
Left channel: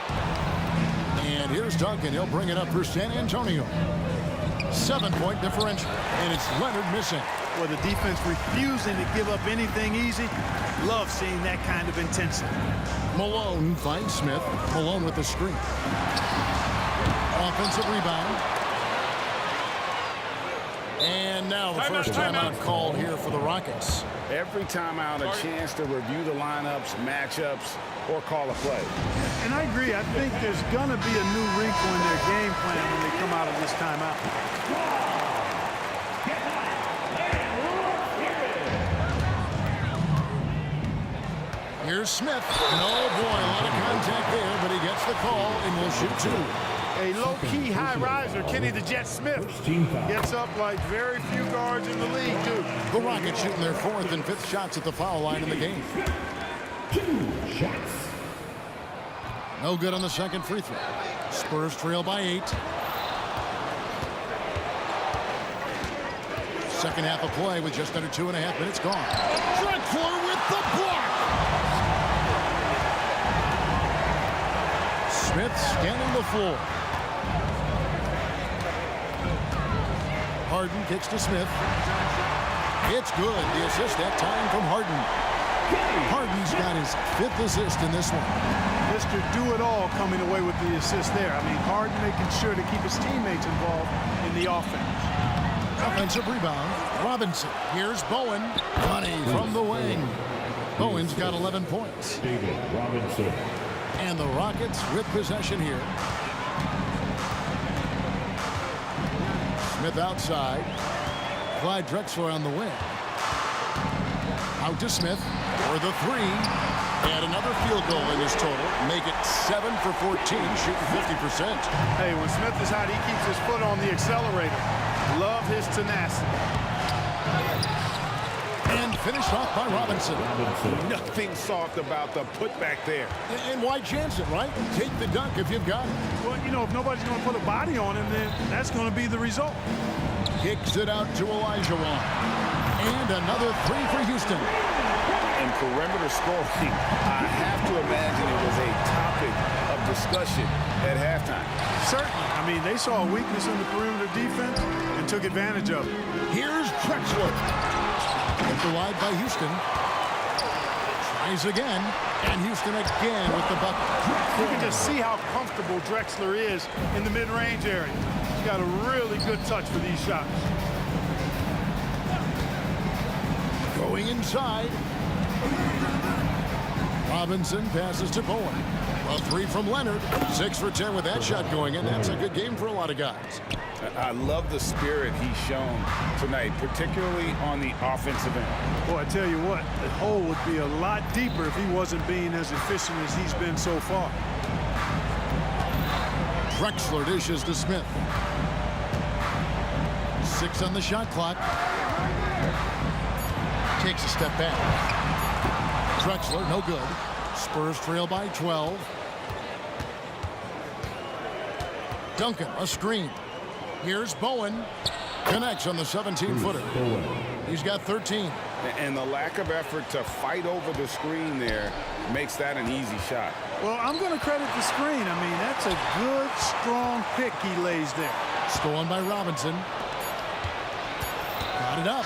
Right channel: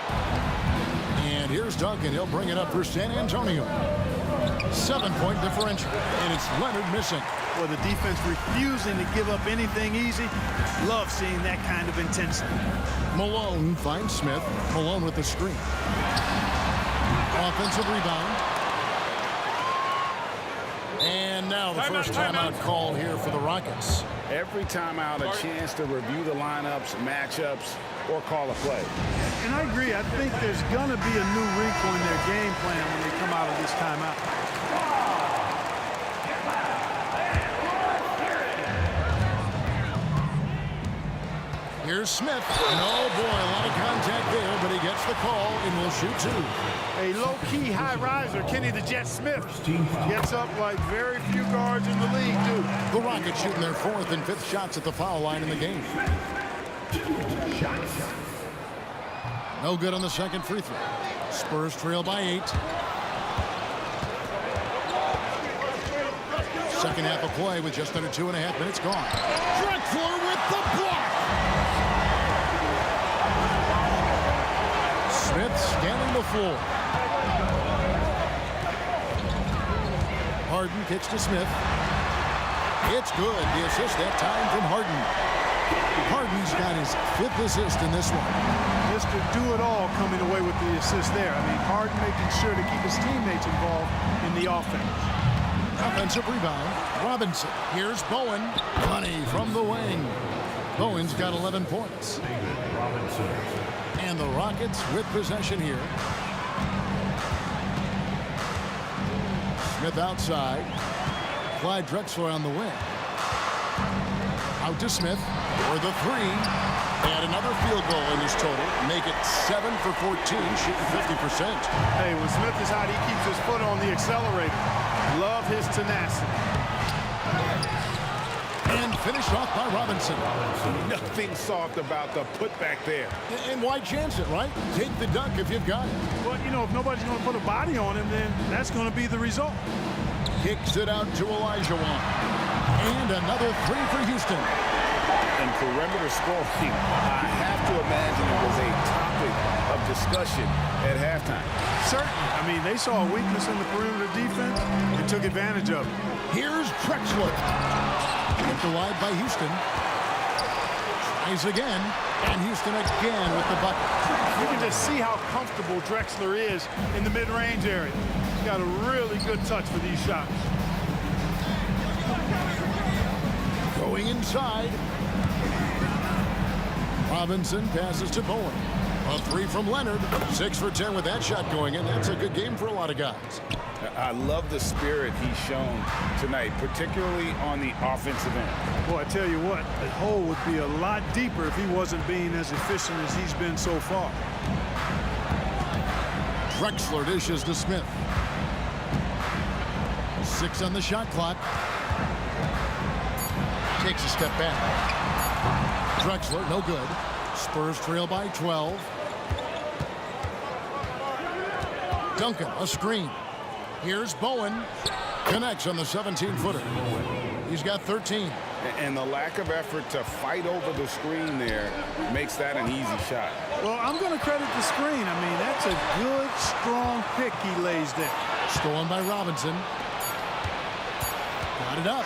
And here's Duncan. He'll bring it up for San Antonio. 7-point differential. And it's Leonard missing. Well, the defense refusing to give up anything easy. Love seeing that kind of intensity. Malone finds Smith. Malone with the screen. Offensive rebound. And now the first timeout called here for the Rockets. Every timeout, a chance to review the lineups, matchups, or call a play. And I agree. I think there's going to be a new wrinkle in their game plan when they come out of this timeout. Here's Smith. Oh, boy, a lot of contact there, but he gets the call and will shoot 2. A low-key high riser, Kenny the Jet Smith, gets up like very few guards in the league do. The Rockets shooting their 4th and 5th shots at the foul line in the game. 2 shots. No good on the second free throw. Spurs trail by 8. Second half of play with just under 2.5 minutes gone. Drexler with the block. Smith scanning the floor. Harden kicks to Smith. It's good. The assist that time from Harden. Harden's got his 5th assist in this one. Mr. Do-It-All coming away with the assist there. I mean, Harden making sure to keep his teammates involved in the offense. Offensive rebound. Robinson. Here's Bowen. Money from the wing. Bowen's got 11 points. David Robinson. And the Rockets with possession here. Smith outside. Clyde Drexler on the wing. Out to Smith for the 3. And another field goal in his total. Make it 7 for 14, shooting 50%. Hey, when Smith is hot, he keeps his foot on the accelerator. Love his tenacity. And finished off by Robinson. Nothing soft about the putback there. And why chance it, right? Take the dunk if you've got it. Well, you know, if nobody's going to put a body on him, then that's going to be the result. Kicks it out to Olajuwon. And another 3 for Houston. And perimeter scoring, I have to imagine it was a topic of discussion at halftime. Certainly. I mean, they saw a weakness in the perimeter defense and took advantage of it. Here's Drexler. Kept alive by Houston. Tries again. And Houston again with the bucket. You can just see how comfortable Drexler is in the mid-range area. He's got a really good touch for these shots. Going inside. Robinson passes to Bowen. A 3 from Leonard. 6 for 10 with that shot going in. That's a good game for a lot of guys. I love the spirit he's shown tonight, particularly on the offensive end. Boy, I tell you what, the hole would be a lot deeper if he wasn't being as efficient as he's been so far. Drexler dishes to Smith. 6 on the shot clock. Takes a step back. Drexler, no good. Spurs trail by 12. Duncan, a screen. Here's Bowen. Connects on the 17-footer. He's got 13. And the lack of effort to fight over the screen there makes that an easy shot. Well, I'm going to credit the screen. I mean, that's a good, strong pick he lays there. Stolen by Robinson. Got it up.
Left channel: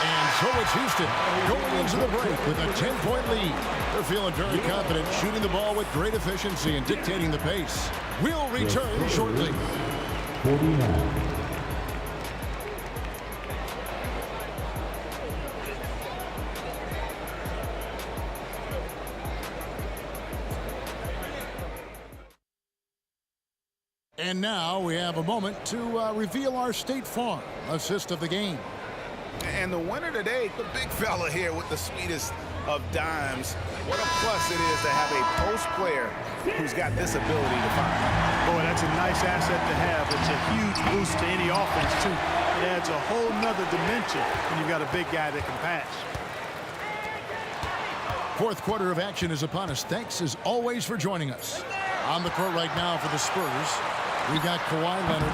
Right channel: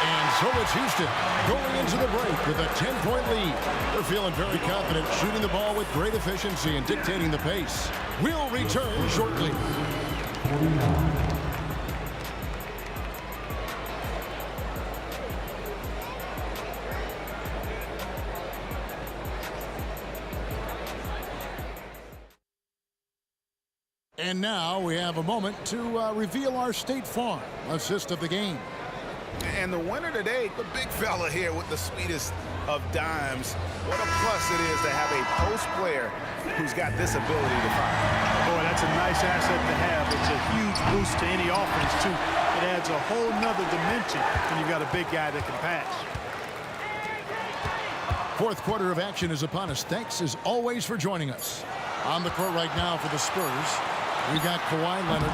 And so it's Houston going into the break with a 10-point lead. They're feeling very confident, shooting the ball with great efficiency and dictating the pace. We'll return shortly. 49. And now we have a moment to reveal our State Farm assist of the game. And the winner today, the big fella here with the sweetest of dimes. What a plus it is to have a post player who's got this ability to find. Boy, that's a nice asset to have. It's a huge boost to any offense, too. It adds a whole nother dimension when you've got a big guy that can pass. Fourth quarter of action is upon us. Thanks, as always, for joining us. On the court right now for the Spurs, we've got Kawhi Leonard.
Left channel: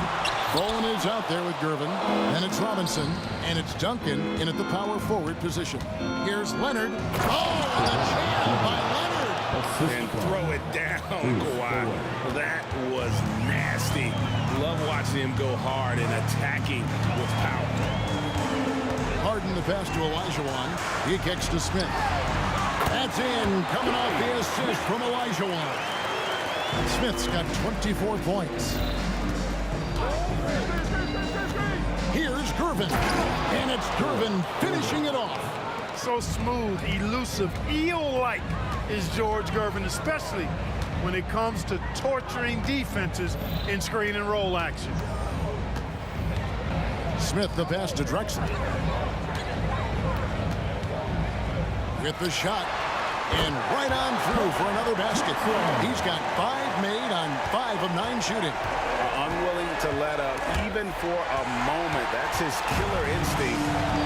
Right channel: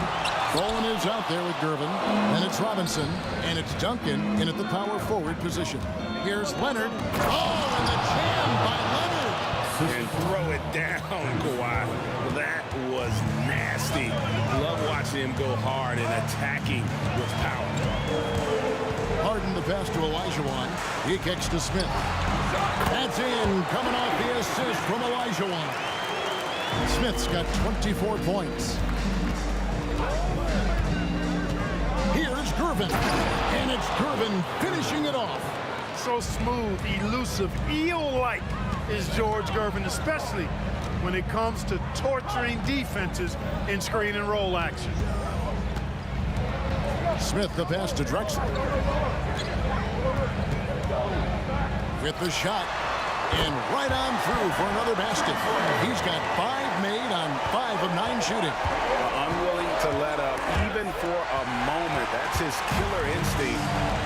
Bowen is out there with Gervin. Then it's Robinson. And it's Duncan in at the power forward position. Here's Leonard. Oh, and the jam by Leonard. And throw it down, Kawhi. That was nasty. Love watching him go hard and attacking with power. Harden the pass to Olajuwon. He kicks to Smith. That's in, coming off the assist from Olajuwon. Smith's got 24 points. Here's Gervin. And it's Gervin finishing it off. So smooth, elusive, eel-like is George Gervin, especially when it comes to torturing defenses in screen and roll action. Smith the pass to Drexler. With the shot. And right on through for another basket. He's got 5 made on 5 of 9 shooting. Unwilling to let up even for a moment. That's his killer instinct,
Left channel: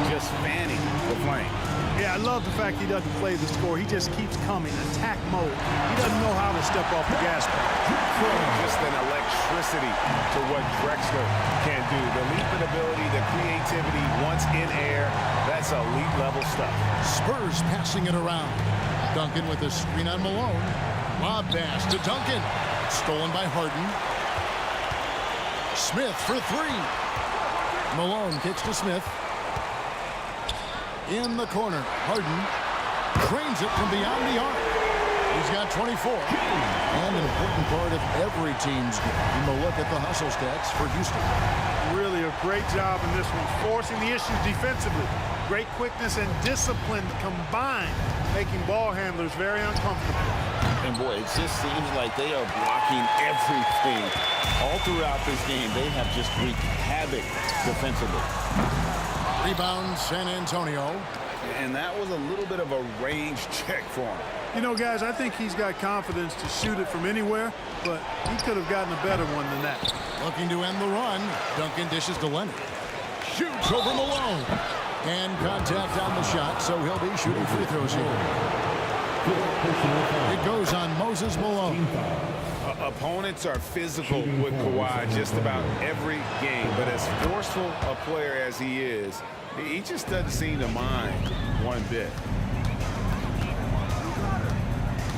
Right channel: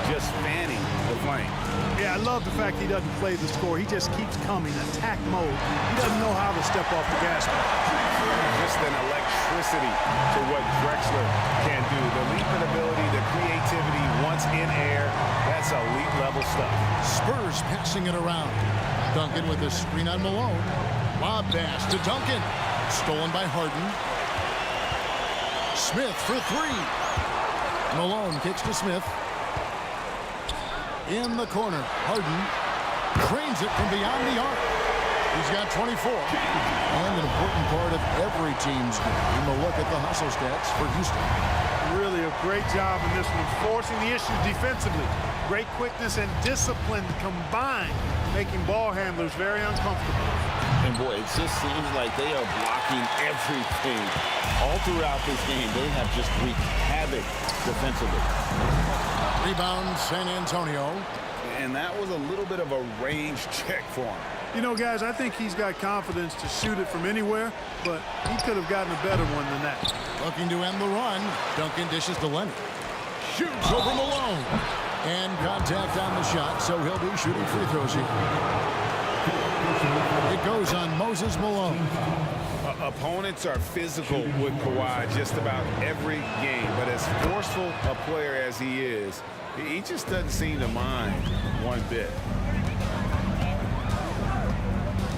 just fanning the flame. Yeah, I love the fact he doesn't play the score. He just keeps coming, attack mode. He doesn't know how to step off the gas pedal. Just an electricity to what Drexler can do. The leaping ability, the creativity once in air, that's elite level stuff. Spurs passing it around. Duncan with a screen on Malone. Lob pass to Duncan. Stolen by Harden. Smith for 3. Malone kicks to Smith. In the corner, Harden trains it from beyond the arc. He's got 24. And an important part of every team's game. We'll look at the hustle stats for Houston. Really a great job in this one, forcing the issues defensively. Great quickness and discipline combined, making ball handlers very uncomfortable. And boy, it just seems like they are blocking everything. All throughout this game, they have just wreaked havoc defensively. Rebound, San Antonio. And that was a little bit of a range check for him. You know, guys, I think he's got confidence to shoot it from anywhere, but he could have gotten a better one than that. Looking to end the run. Duncan dishes to Leonard. Shoots over Malone. And contact on the shot, so he'll be shooting free throws here. It goes on Moses Malone. Opponents are physical with Kawhi just about every game, but as forceful a player as he is, he just doesn't seem to mind one bit.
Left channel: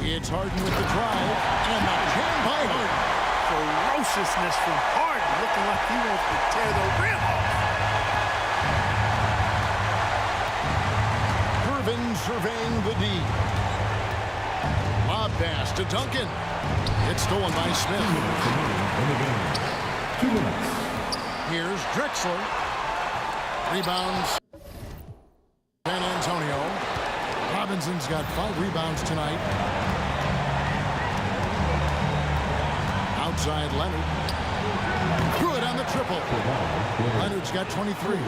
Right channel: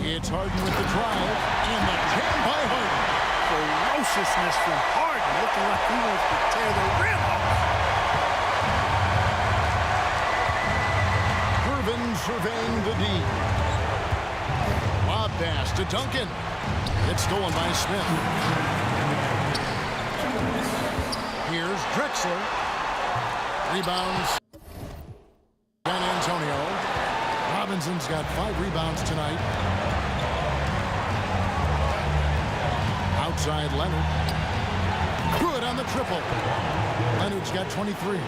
It's Harden with the drive, and the jam by Harden. Ferociousness from Harden, looking like he wants to tear the rim off. Gervin surveying the D. Lob pass to Duncan. It's stolen by Smith. Here's Drexler. Rebounds. San Antonio. Robinson's got 5 rebounds tonight. Outside Leonard. Good on the triple. Leonard's got 23.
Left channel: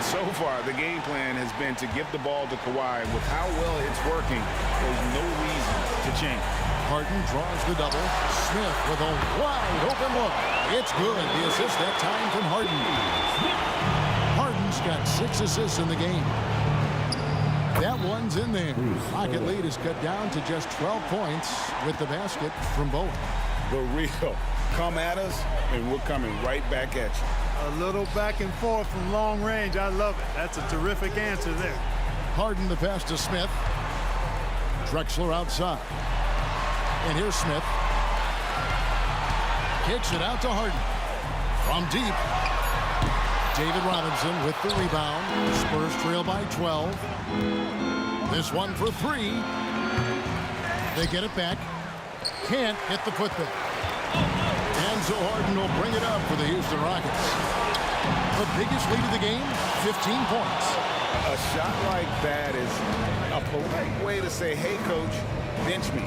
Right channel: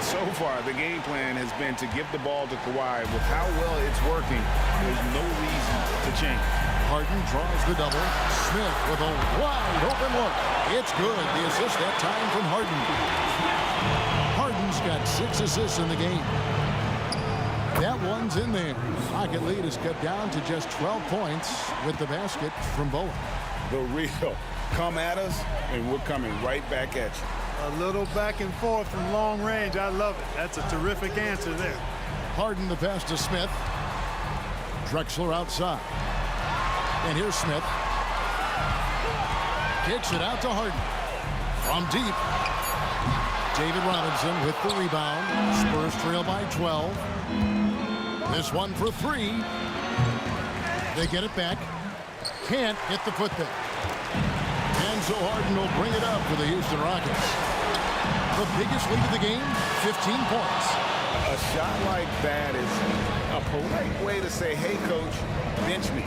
So far, the game plan has been to give the ball to Kawhi. With how well it's working, there's no reason to change. Harden draws the double. Smith with a wide open look. It's good. The assist that time from Harden. Harden's got 6 assists in the game. That one's in there. Pocket lead is cut down to just 12 points with the basket from Bowen. The real. Come at us, and we're coming right back at you. A little back and forth from long range. I love it. That's a terrific answer there. Harden the pass to Smith. Drexler outside. And here's Smith. Kicks it out to Harden. From deep. David Robinson with the rebound. Spurs trail by 12. This one for three. They get it back. Can't get the putback. And so Harden will bring it up for the Houston Rockets. The biggest lead of the game, 15 points. A shot like that is a polite way to say, hey, coach, bench me.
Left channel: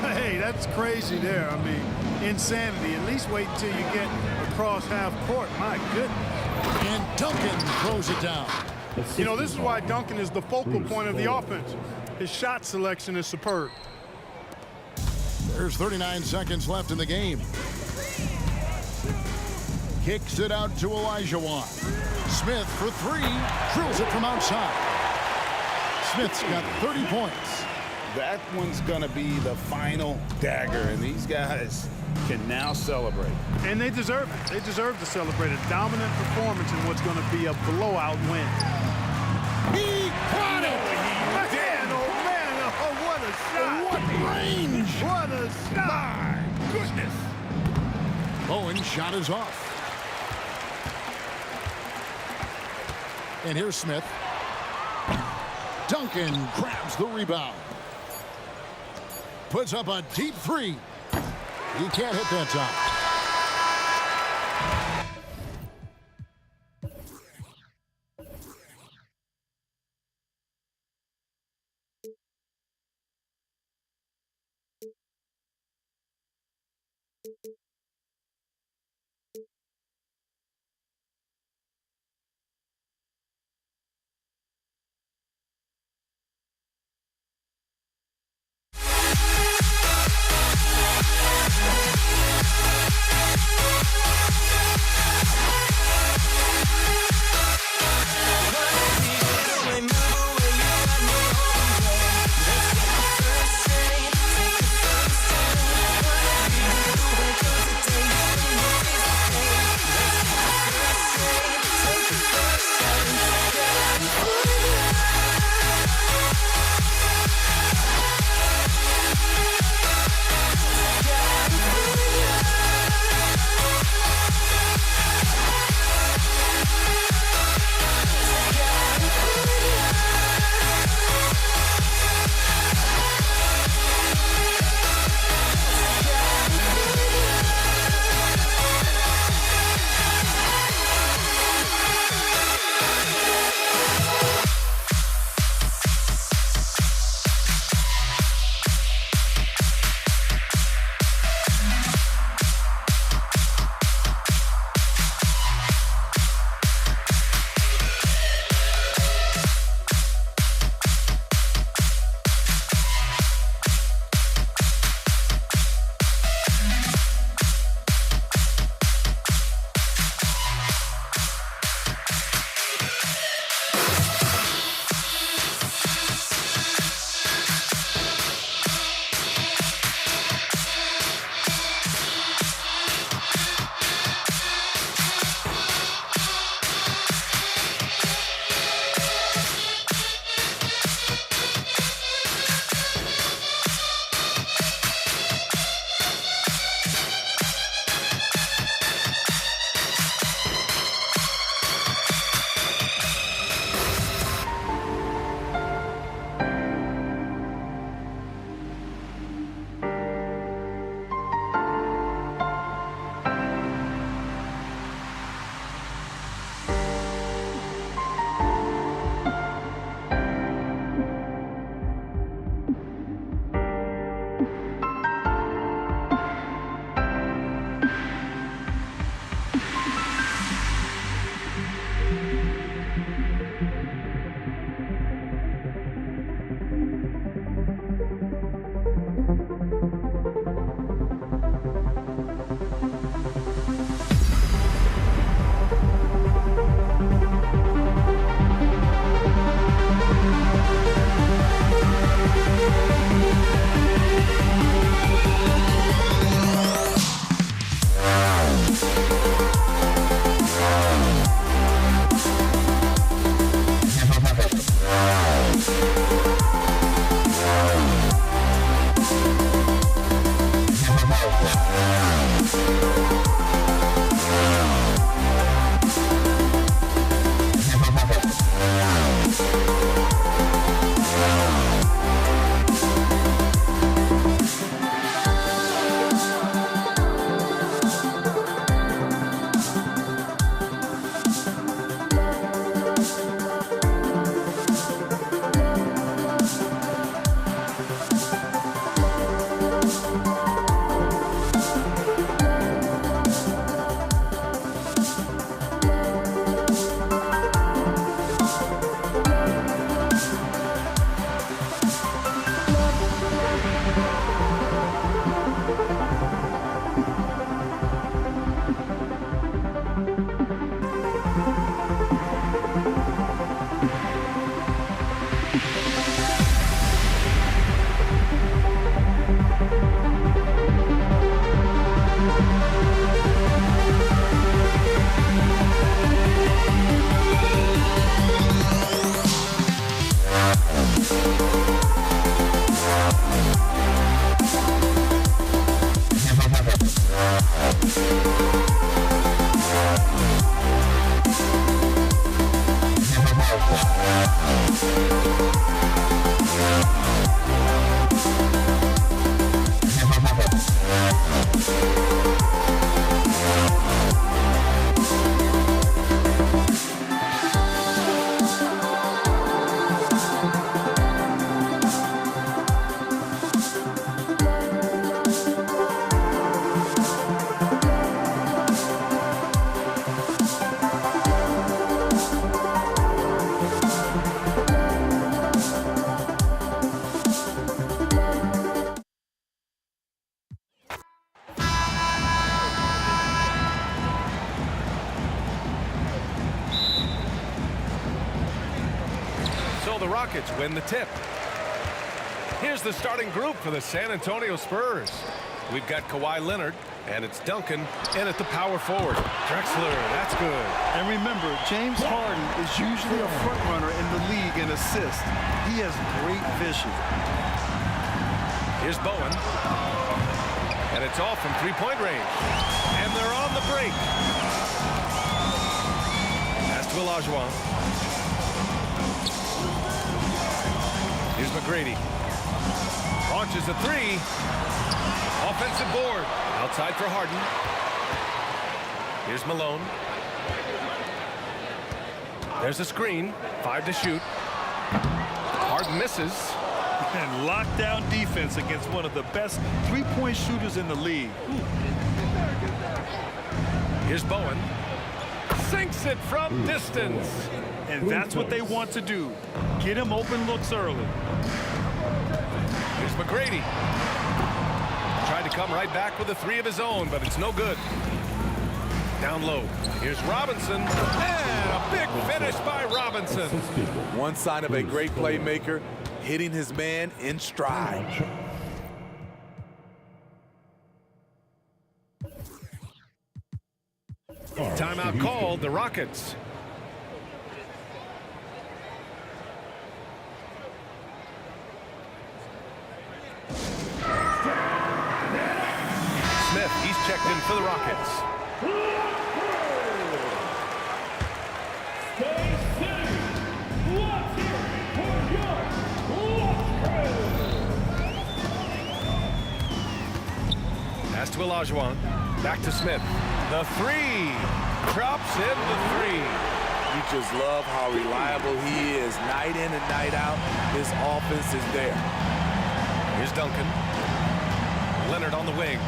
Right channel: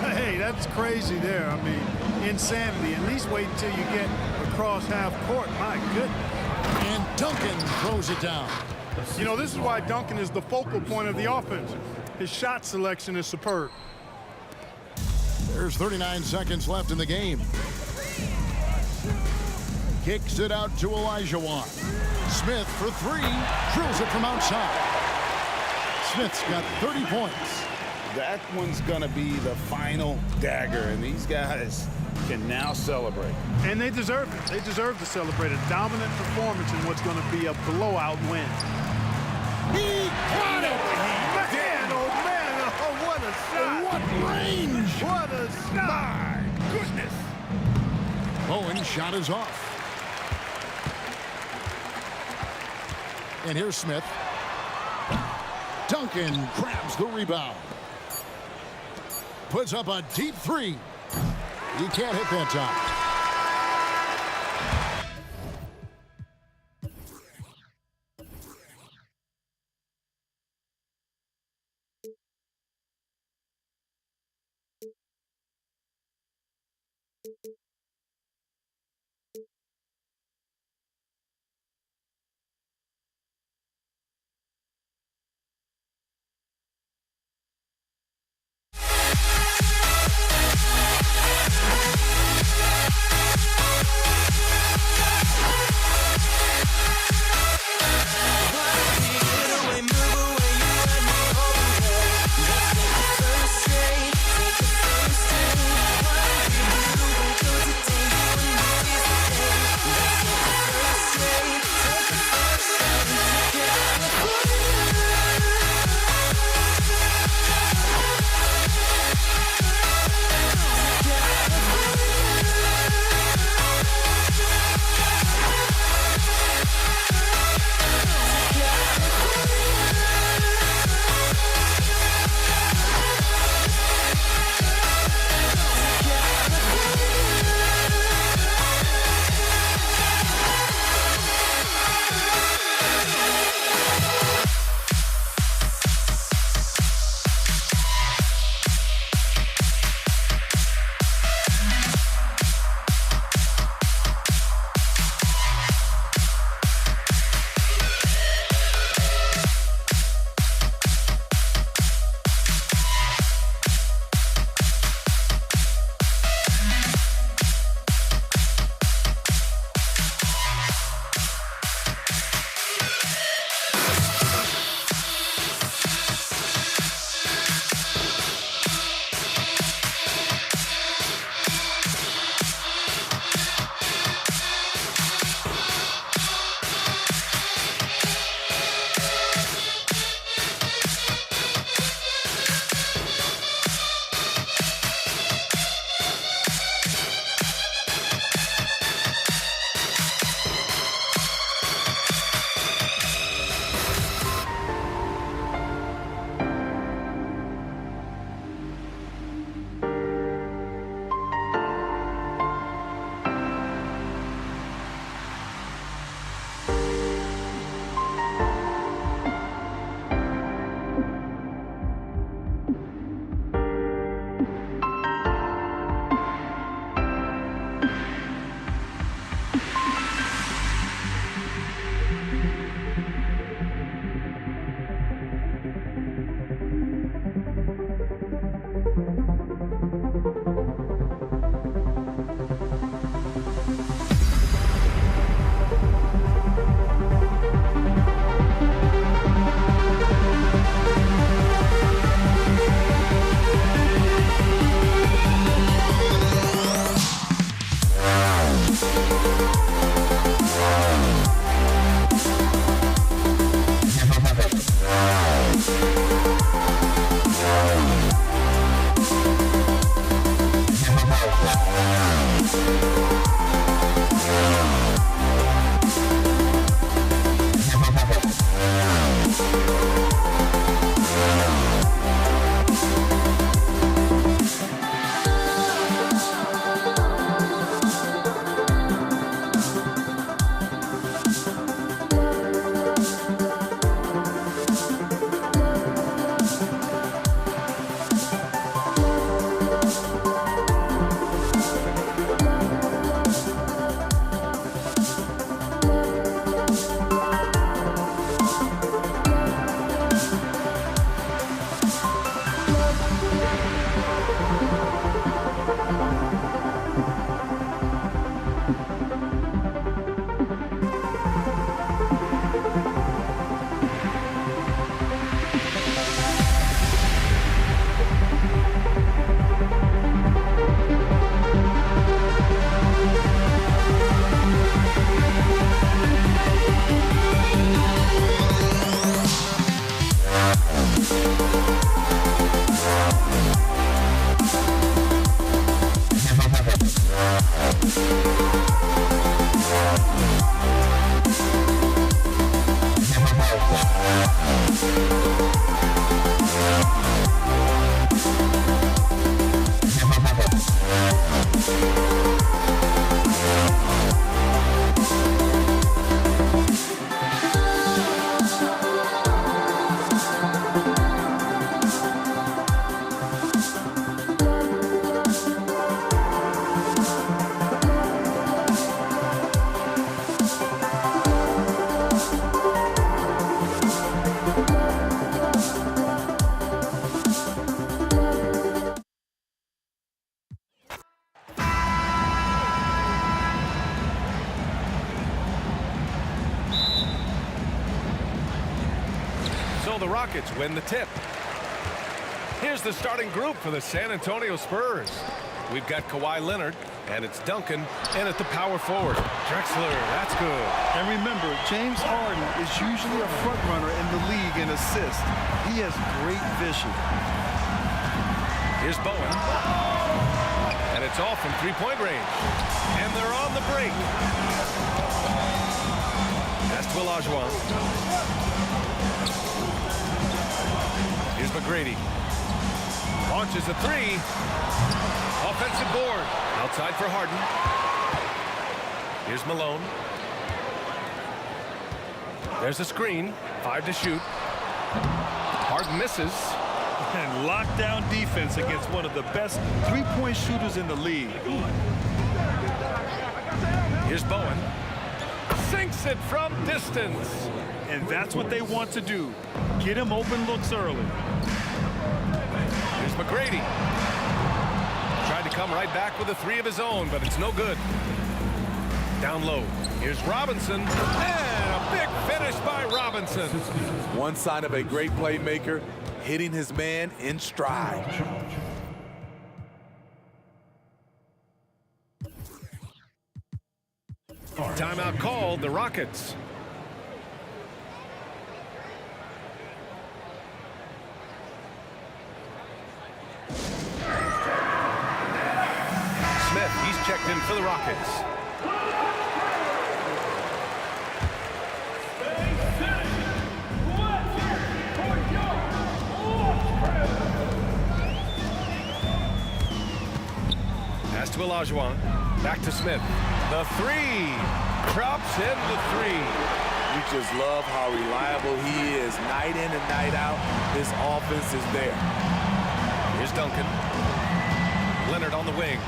Hey, that's crazy there. I mean, insanity. At least wait until you get across half court. My goodness. And Duncan throws it down. You know, this is why Duncan is the focal point of the offense. His shot selection is superb. There's 39 seconds left in the game. Kicks it out to Olajuwon. Smith for three. Drills it from outside. Smith's got 30 points. That one's going to be the final dagger, and these guys can now celebrate. And they deserve it. They deserve to celebrate a dominant performance in what's going to be a blowout win. He got it! Man, oh, man, oh, what a shot. What range! What a shot. My goodness. Bowen's shot is off. And here's Smith. Duncan grabs the rebound. Puts up a deep three. He can't hit that time. So the Rockets win the tip. Here's the starting group for the San Antonio Spurs. We've got Kawhi Leonard, and it's Duncan in at the power forward. Drexler, that's good. And remember, James Harden is usually a front runner in the league in assists. He has great vision. Here's Bowen. And it's off from three-point range. And they're on the break. Pass to Olajuwon. Here's McGrady. Launches a three. Offensive board. Outside for Harden. Here's Malone. There's a screen. 5 to shoot. Harden misses. And lockdown defense against one of the best three-point shooters in the league. Here's Bowen. Sinks it from distance. And that's what they want to do. Get him open looks early. Here's McGrady. Tried to come right back with a three of his own, but it's no good. Down low. Here's Robinson. And a big finish by Robinson. One sign of a great playmaker, hitting his man in stride. Timeout called, the Rockets. Smith, he's checked in for the Rockets. Pass to Olajuwon. Back to Smith. The three. Drops in the three. You just love how reliable he is night in and night out. His offense is there. Here's Duncan. Leonard on the wing.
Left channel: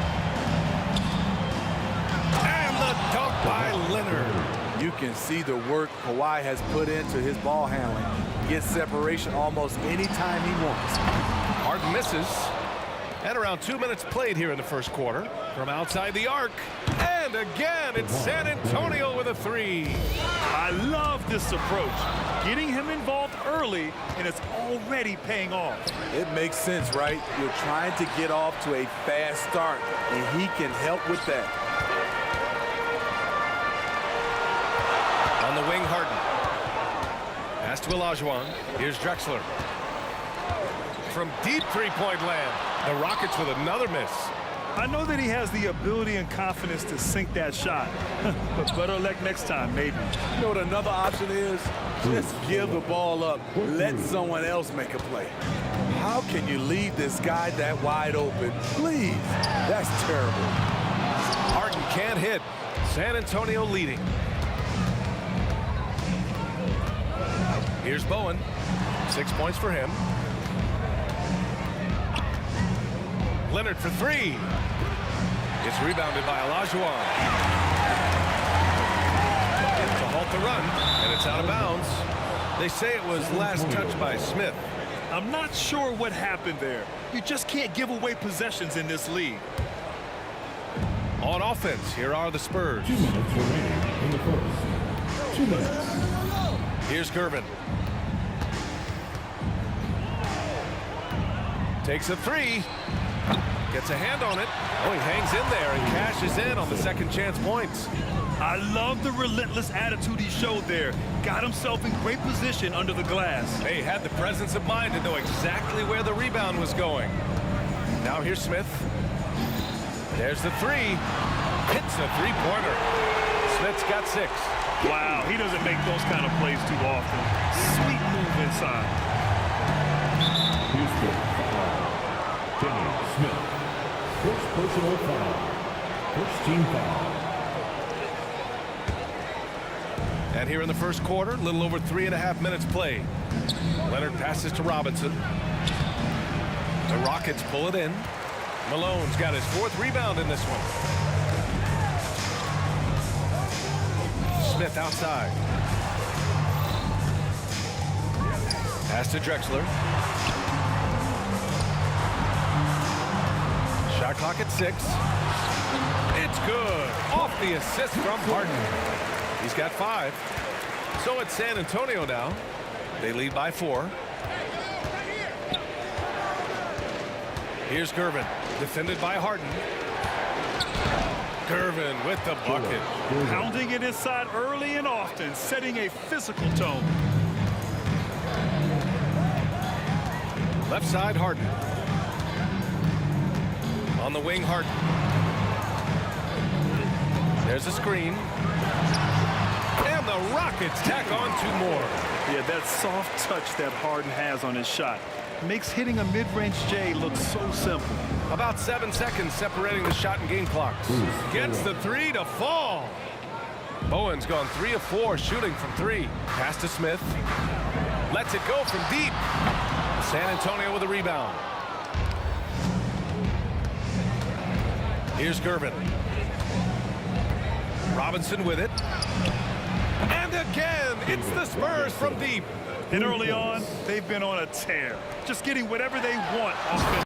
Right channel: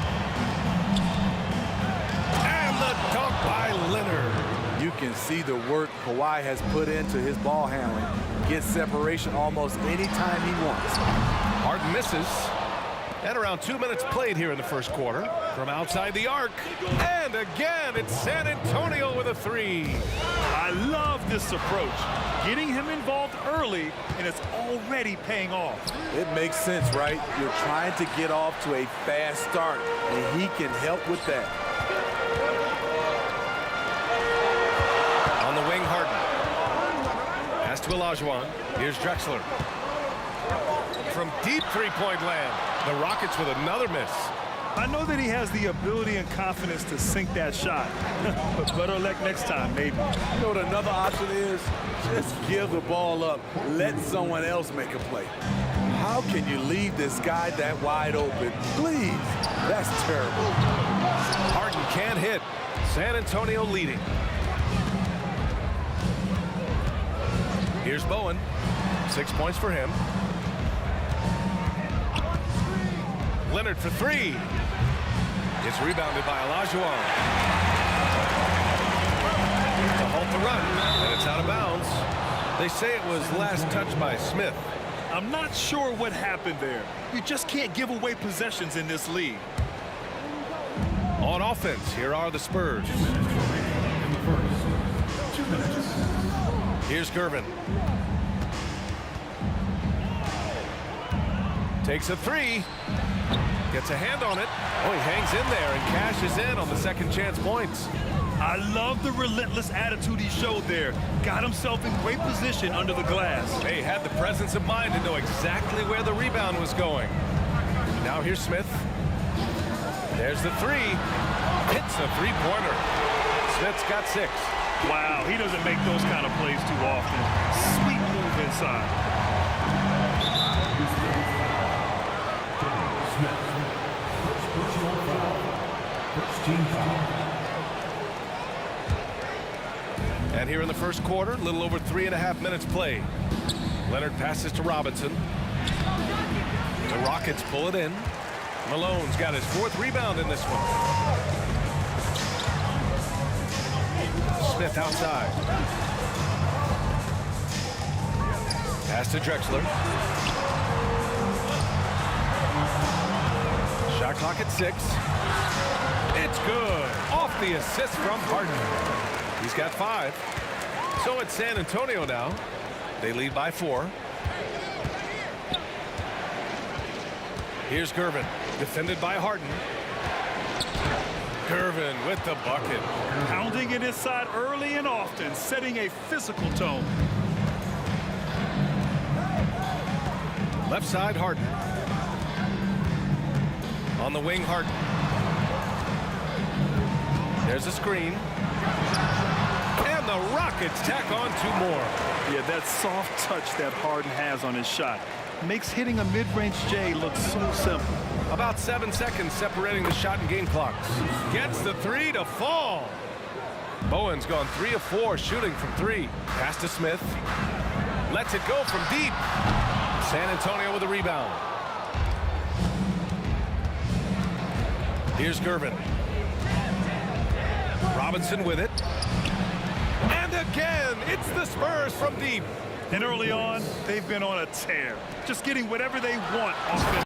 And the dunk by Leonard. You can see the work Kawhi has put into his ball handling. Gets separation almost any time he wants. Harden misses. And around 2 minutes played here in the first quarter. From outside the arc. And again, it's San Antonio with a three. I love this approach. Getting him involved early, and it's already paying off. It makes sense, right? You're trying to get off to a fast start, and he can help with that. On the wing, Harden. Pass to Olajuwon. Here's Drexler. From deep three-point land, the Rockets with another miss. I know that he has the ability and confidence to sink that shot, but better luck next time, maybe. You know what another option is? Just give the ball up. Let someone else make a play. How can you leave this guy that wide open? Please. That's terrible. Harden can't hit. San Antonio leading. Here's Bowen. 6 points for him. Leonard for three. It's rebounded by Olajuwon. To halt the run, and it's out of bounds. They say it was last touched by Smith. I'm not sure what happened there. You just can't give away possessions in this league. On offense, here are the Spurs. 2 minutes remaining in the first. 2 minutes. Here's Gervin. Takes a three. Gets a hand on it. Oh, he hangs in there and cashes in on the second chance points. I love the relentless attitude he showed there. Got himself in great position under the glass. They had the presence of mind to know exactly where the rebound was going. Now here's Smith. There's the three. Hits a three-pointer. Smith's got 6. Wow, he doesn't make those kind of plays too often. Sweet move inside. Houston foul. Dennis Smith. First personal foul. First team foul. And here in the first quarter, a little over 3.5 minutes played. Leonard passes to Robinson. The Rockets pull it in. Malone's got his 4th rebound in this one. Smith outside. Pass to Drexler. Shot clock at 6. It's good. Off the assist from Harden. He's got 5. So it's San Antonio now. They lead by 4. Here's Gervin, defended by Harden. Gervin with the bucket. Pounding it inside early and often, setting a physical tone. Left side, Harden. On the wing, Harden. There's a screen. And the Rockets tack on 2 more. Yeah, that soft touch that Harden has on his shot makes hitting a mid-range J look so simple. About 7 seconds separating the shot and game clocks. Gets the 3 to fall. Bowen's gone 3 of 4 shooting from 3. Pass to Smith. Lets it go from deep. San Antonio with a rebound. Here's Gervin. Robinson with it. And again, it's the Spurs from deep. And early on, they've been on a tear, just getting whatever they want offensively.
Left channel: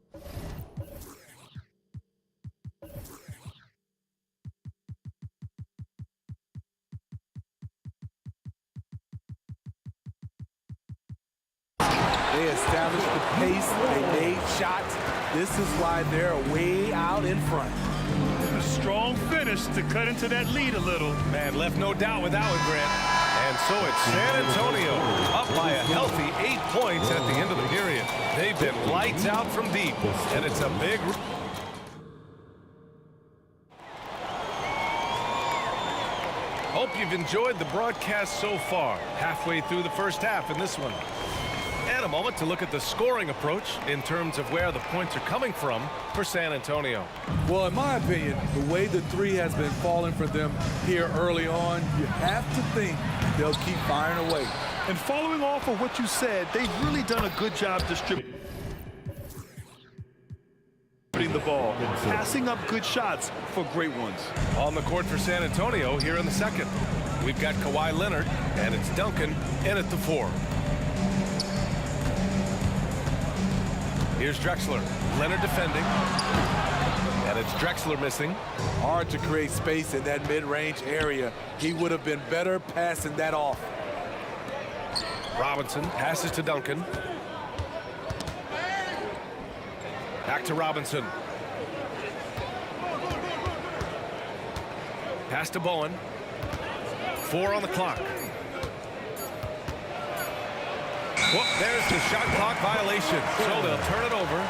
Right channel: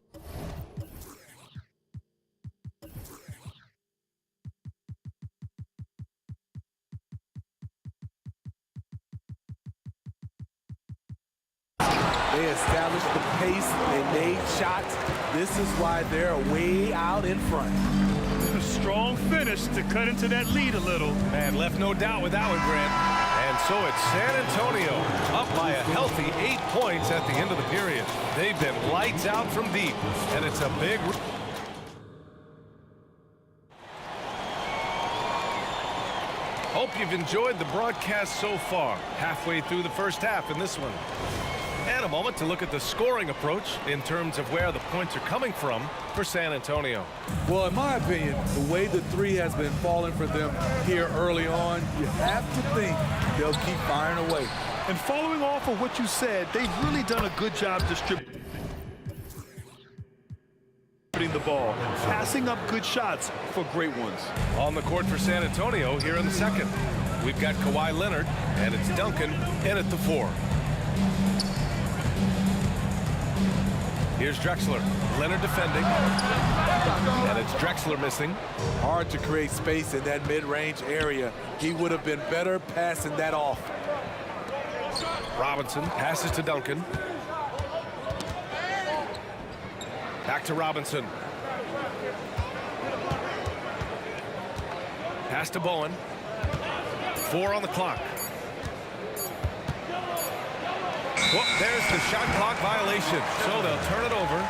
They established the pace. They made shots. This is why they're way out in front. A strong finish to cut into that lead a little. Man, left no doubt with that one, Grant. And so it's San Antonio up by a healthy 8 points at the end of the period. They've been lights out from deep, and it's a big... Hope you've enjoyed the broadcast so far. Halfway through the first half in this one. And a moment to look at the scoring approach in terms of where the points are coming from for San Antonio. Well, in my opinion, the way the 3 has been falling for them here early on, you have to think they'll keep firing away. And following off of what you said, they've really done a good job distributing the ball, passing up good shots for great ones. On the court for San Antonio here in the second. We've got Kawhi Leonard, and it's Duncan in at the 4. Here's Drexler. Leonard defending. And it's Drexler missing. Hard to create space in that mid-range area. He would have been better passing that off. Robinson passes to Duncan. Back to Robinson. Pass to Bowen. 4 on the clock. Well, there's the shot clock violation, so they'll turn it over.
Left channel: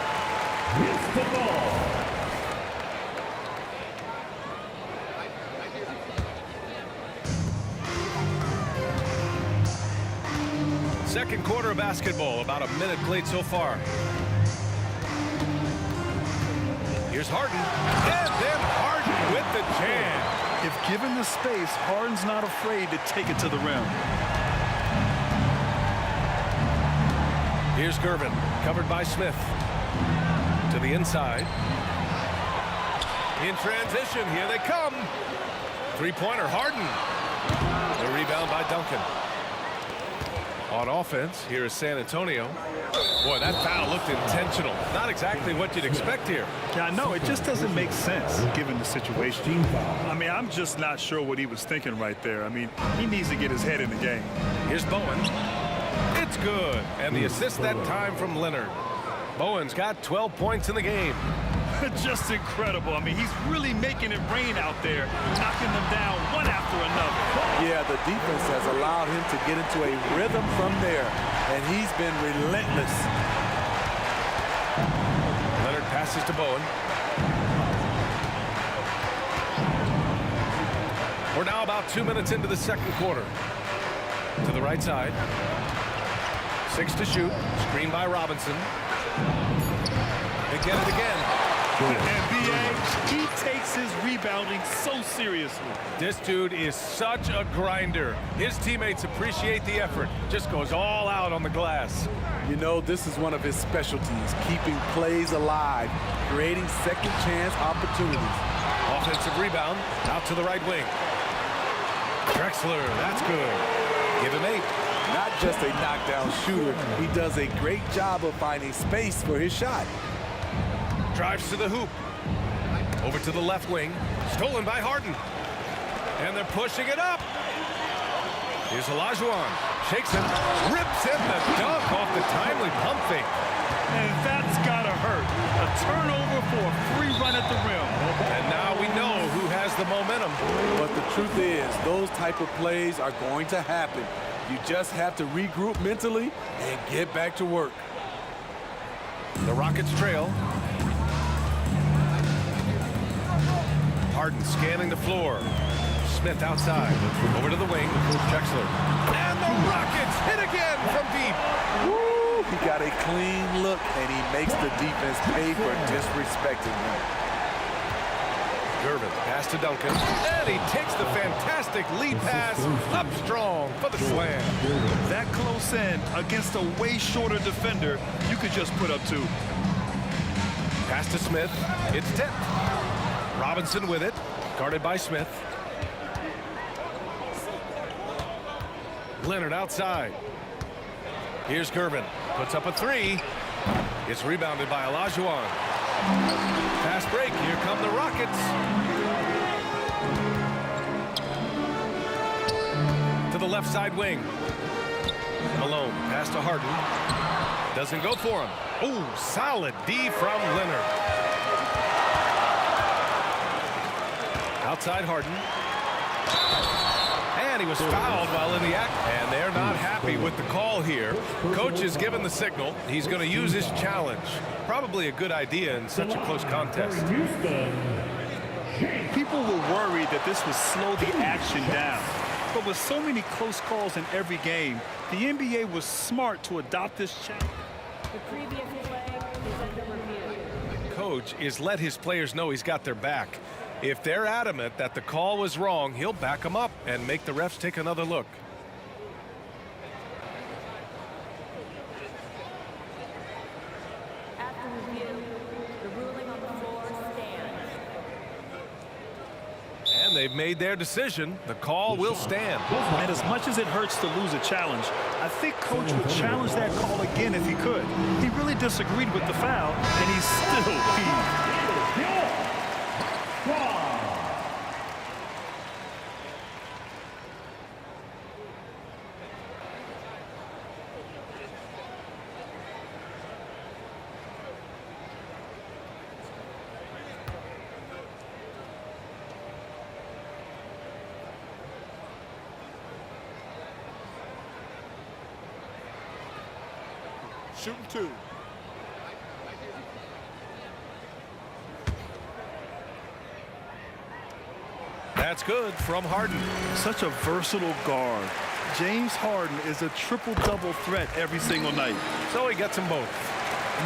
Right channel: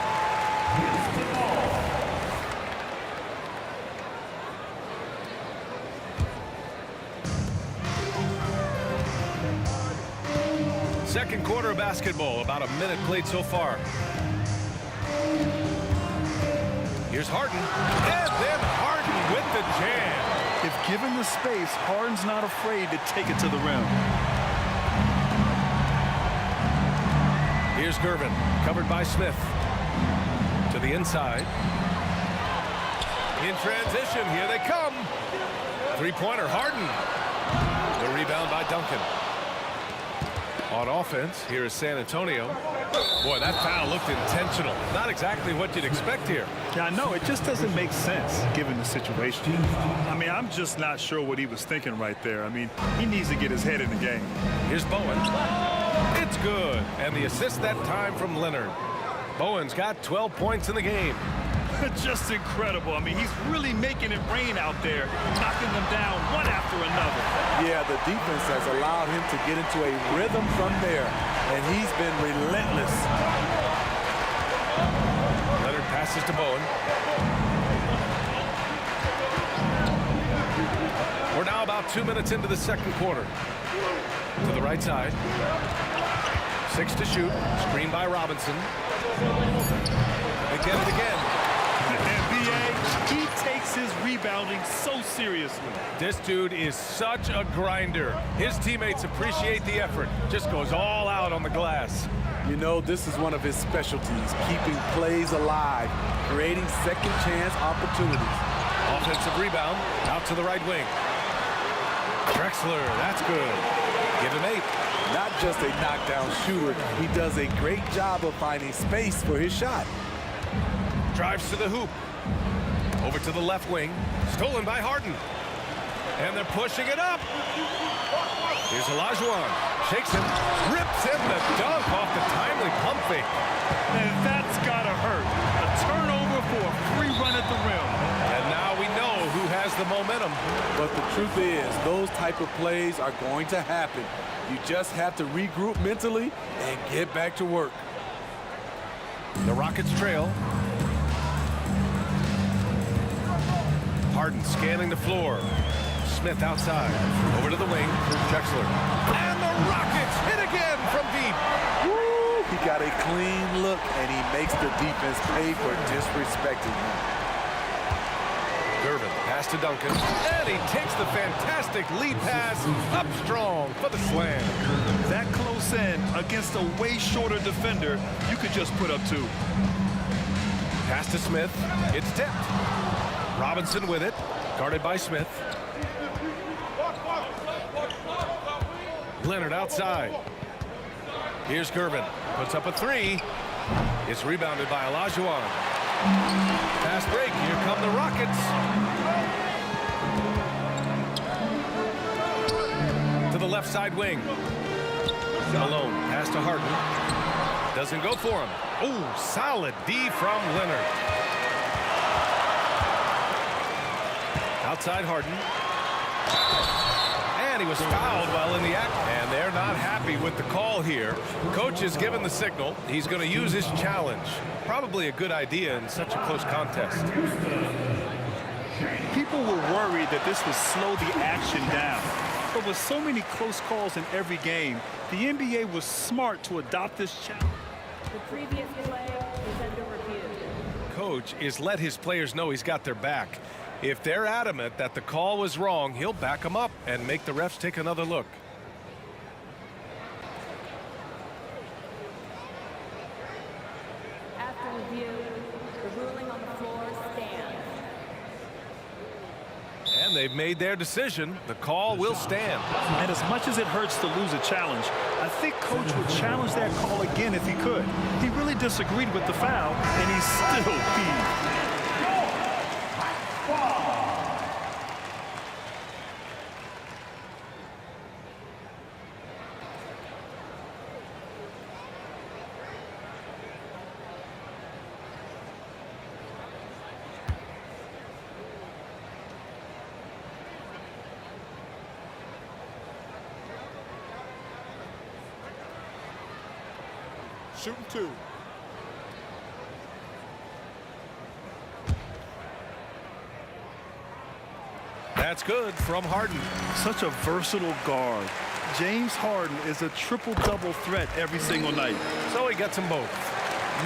Second quarter of basketball, about a minute played so far. Here's Harden, and then Harden with the jam. If given the space, Harden's not afraid to take it to the rim. Here's Gervin, covered by Smith. To the inside. In transition, here they come. Three-pointer, Harden. The rebound by Duncan. On offense, here is San Antonio. Boy, that foul looked intentional. Not exactly what you'd expect here. Yeah, I know. It just doesn't make sense given the situation. I mean, I'm just not sure what he was thinking right there. I mean, he needs to get his head in the game. Here's Bowen. It's good. And the assist that time from Leonard. Bowen's got 12 points in the game. Just incredible. I mean, he's really making it rain out there, knocking them down one after another. Yeah, the defense has allowed him to get into a rhythm from there, and he's been relentless. Leonard passes to Bowen. We're now about 2 minutes into the second quarter. To the right side. 6 to shoot. Screen by Robinson. They get it again. And B.A., he takes his rebounding so seriously. This dude is such a grinder. His teammates appreciate the effort. Just goes all out on the glass. You know, this is one of his specialties, keeping plays alive, creating second chance opportunities. Offensive rebound out to the right wing. Drexler, that's good. Give him 8. Not just a knockdown shooter, he does a great job of finding space for his shot. Drives to the hoop. Over to the left wing. Stolen by Harden. And they're pushing it up. Here's Olajuwon. Shakes him. Rips in the dunk off the timely pump fake. And that's gotta hurt. A turnover for a free run at the rim. And now we know who has the momentum. But the truth is, those type of plays are going to happen. You just have to regroup mentally and get back to work. The Rockets trail. Harden scanning the floor. Smith outside. Over to the wing. Drexler. And the Rockets hit again from deep. Woo! He got a clean look, and he makes the defense pay for disrespecting him. Gervin, pass to Duncan. And he takes the fantastic lead pass up strong for the slam. That close in against a way shorter defender, you could just put up 2. Pass to Smith. It's tipped. Robinson with it. Guarded by Smith. Leonard outside. Here's Gervin. Puts up a 3. It's rebounded by Olajuwon. Fast break. Here come the Rockets. To the left side wing. Malone. Pass to Harden. Doesn't go for him. Oh, solid D from Leonard. Outside Harden. And he was fouled while in the act. And they're not happy with the call here. Coach has given the signal. He's going to use his challenge. Probably a good idea in such a close contest. People were worried that this would slow the action down. But with so many close calls in every game, the NBA was smart to adopt this challenge. The previous play is under review. Coach is let his players know he's got their back. If they're adamant that the call was wrong, he'll back them up and make the refs take another look. After review, the ruling on the floor stands. And they've made their decision. The call will stand. And as much as it hurts to lose a challenge, I think Coach would challenge that call again if he could. He really disagreed with the foul, and he's still peeved. Shooting 2. That's good from Harden. Such a versatile guard. James Harden is a triple-double threat every single night. So he gets them both.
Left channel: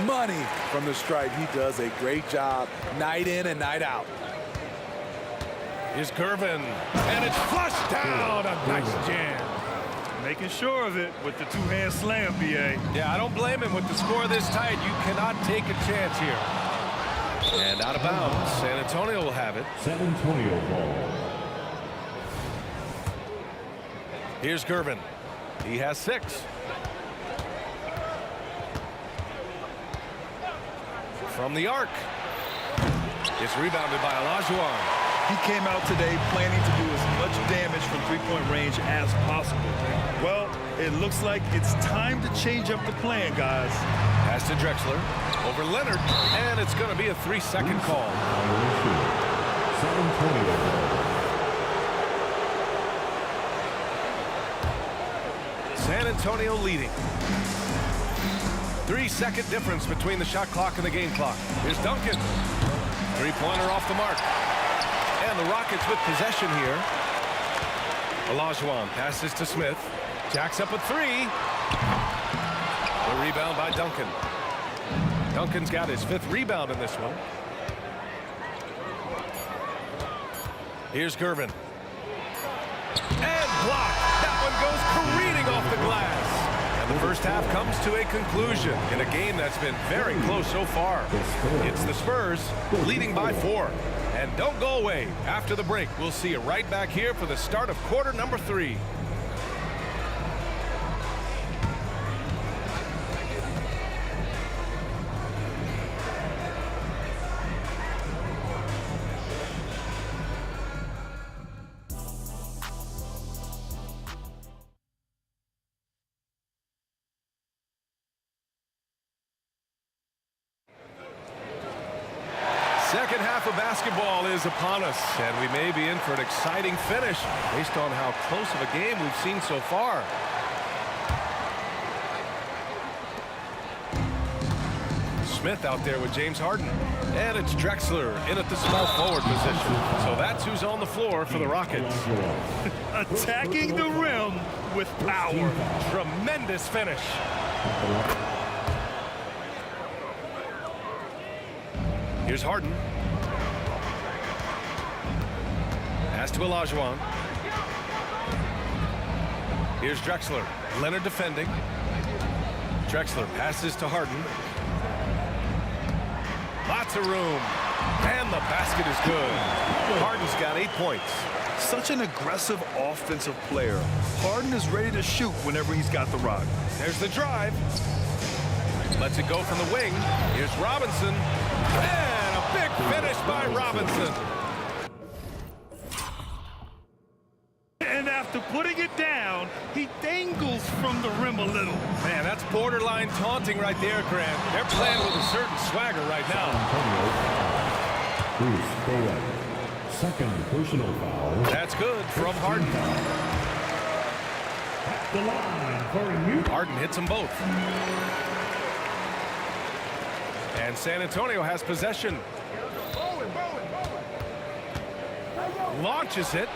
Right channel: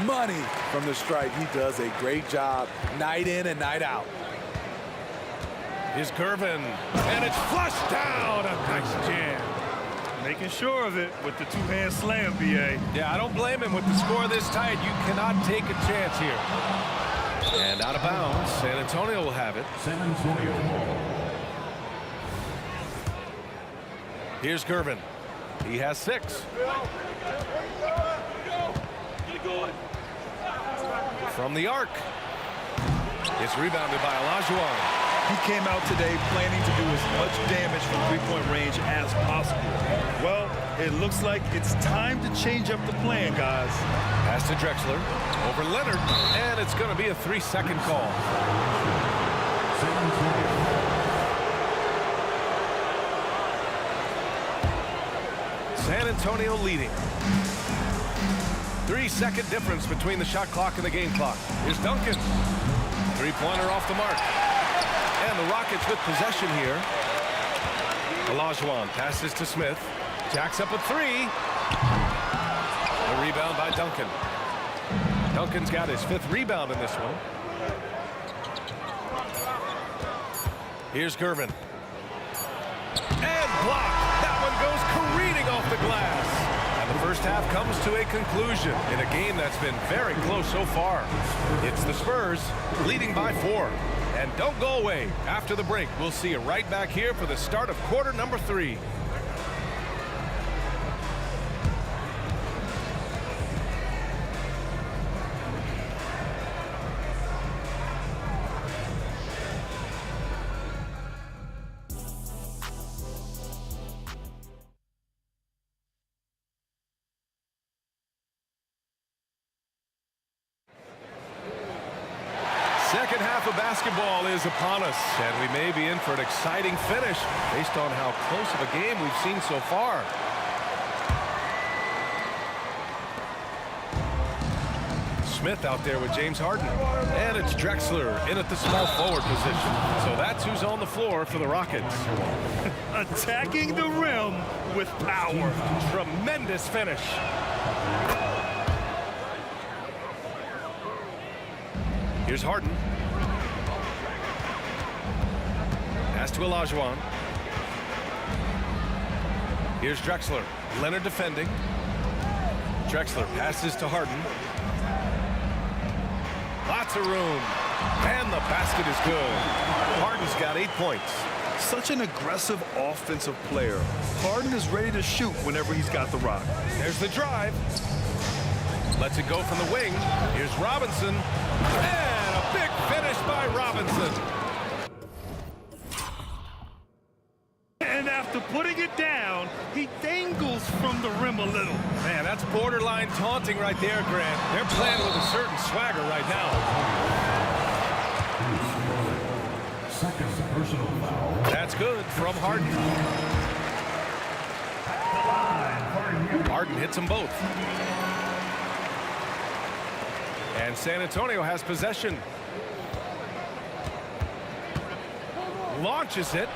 Money from the stripe. He does a great job night in and night out. Here's Gervin. And it's flushed down. A nice jam. Making sure of it with the two-hand slam, B.A. Yeah, I don't blame him with the score this tight. You cannot take a chance here. And out of bounds. San Antonio will have it. San Antonio ball. Here's Gervin. He has 6. From the arc. It's rebounded by Olajuwon. He came out today planning to do as much damage from three-point range as possible. Well, it looks like it's time to change up the plan, guys. Pass to Drexler. Over Leonard. And it's going to be a 3-second call. San Antonio. San Antonio leading. 3-second difference between the shot clock and the game clock. Here's Duncan. Three-pointer off the mark. And the Rockets with possession here. Olajuwon passes to Smith. Jacks up a 3. The rebound by Duncan. Duncan's got his 5th rebound in this one. Here's Gervin. And blocked. That one goes careening off the glass. And the first half comes to a conclusion in a game that's been very close so far. It's the Spurs leading by 4. And don't go away. After the break, we'll see you right back here for the start of quarter number 3. Second half of basketball is upon us, and we may be in for an exciting finish based on how close of a game we've seen so far. Smith out there with James Harden. And it's Drexler in at the small forward position. So that's who's on the floor for the Rockets. Attacking the rim with power. Tremendous finish. Here's Harden. Pass to Olajuwon. Here's Drexler. Leonard defending. Drexler passes to Harden. Lots of room. And the basket is good. Harden's got 8 points. Such an aggressive offensive player. Harden is ready to shoot whenever he's got the rock. There's the drive. Lets it go from the wing. Here's Robinson. And a big finish by Robinson. And after putting it down, he dangles from the rim a little. Man, that's borderline taunting right there, Grant. They're playing with a certain swagger right now. Bruce Bowen. Second personal foul. That's good from Harden. At the line for you. Harden hits them both. And San Antonio has possession. Launches it.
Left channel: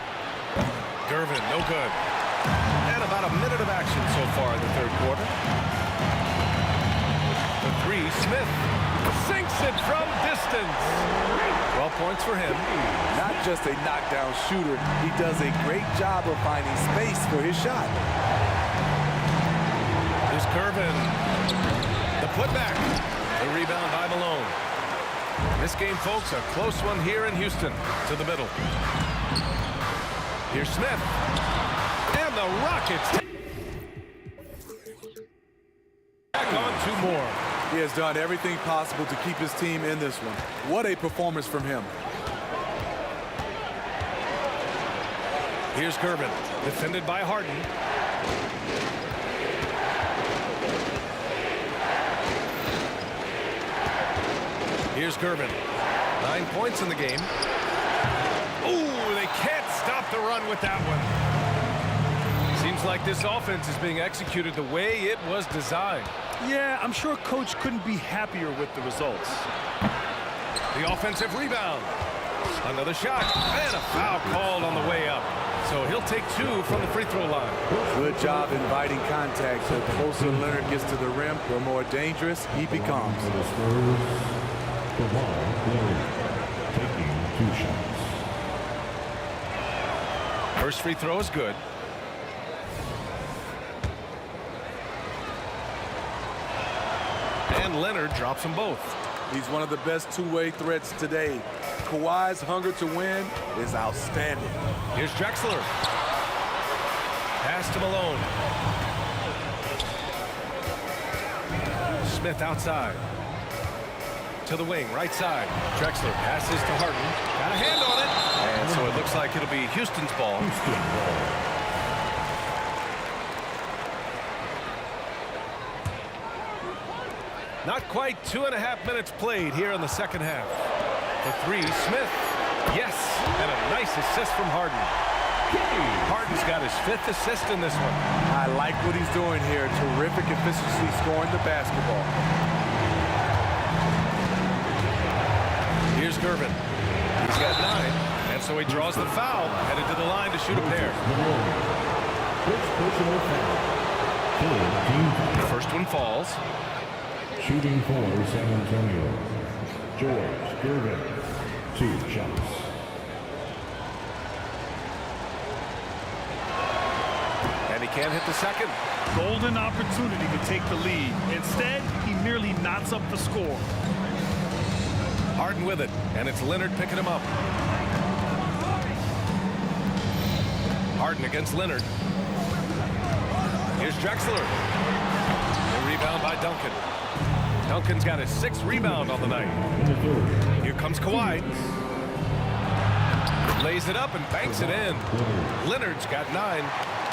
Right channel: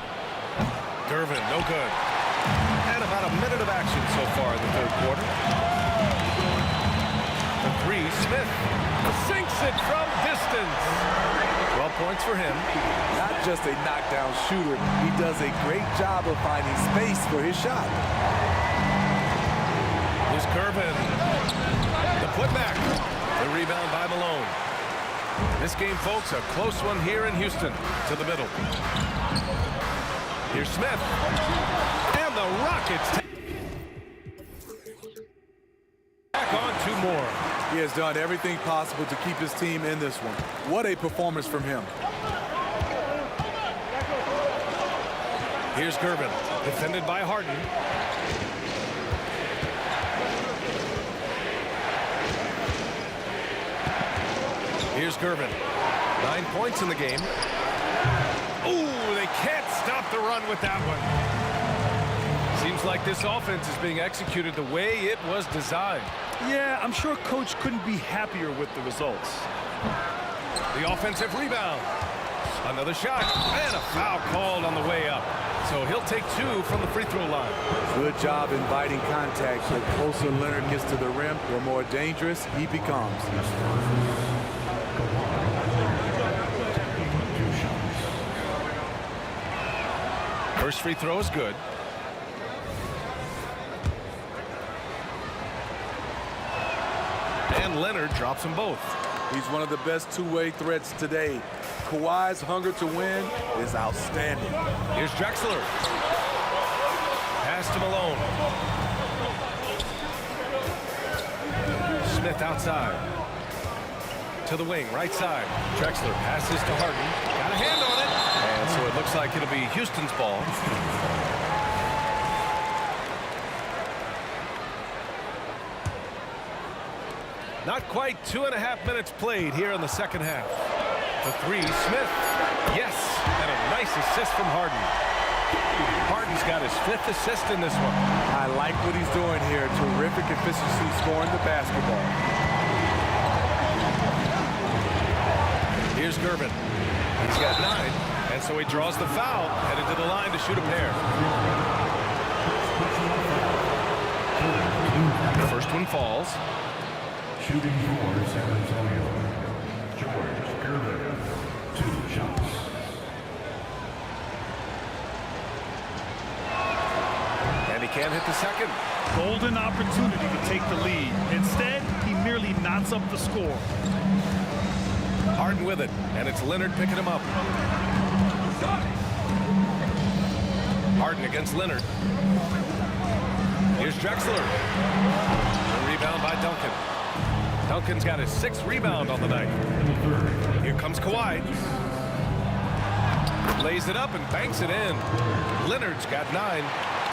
Gervin, no good. And about a minute of action so far in the third quarter. The three, Smith sinks it from distance. 12 points for him. Not just a knockdown shooter, he does a great job of finding space for his shot. Here's Gervin. The putback. The rebound by Malone. This game, folks, a close one here in Houston. To the middle. Here's Smith. And the Rockets back on 2 more. He has done everything possible to keep his team in this one. What a performance from him. Here's Gervin, defended by Harden. Here's Gervin. 9 points in the game. Ooh, they can't stop the run with that one. Seems like this offense is being executed the way it was designed. Yeah, I'm sure Coach couldn't be happier with the results. The offensive rebound. Another shot. And a foul called on the way up. So he'll take 2 from the free throw line. Good job inviting contact. The closer Leonard gets to the rim, the more dangerous he becomes. Taking 2 shots. First free throw is good. And Leonard drops them both. He's one of the best two-way threats today. Kawhi's hunger to win is outstanding. Here's Drexler. Pass to Malone. Smith outside. To the wing, right side. Drexler passes to Harden. Got a hand on it. And so it looks like it'll be Houston's ball. Not quite 2.5 minutes played here in the second half. The three, Smith. Yes, and a nice assist from Harden. Harden's got his 5th assist in this one. I like what he's doing here. Terrific efficiency scoring the basketball. Here's Gervin. He's got 9, and so he draws the foul, headed to the line to shoot a pair. The first one falls. Shooting for San Antonio, George Gervin, 2 shots. And he can't hit the second. Golden opportunity to take the lead. Instead, he merely knots up the score. Harden with it, and it's Leonard picking him up. Harden against Leonard. Here's Drexler. The rebound by Duncan. Duncan's got his 6th rebound on the night. Here comes Kawhi. Lays it up and banks it in. Leonard's got 9.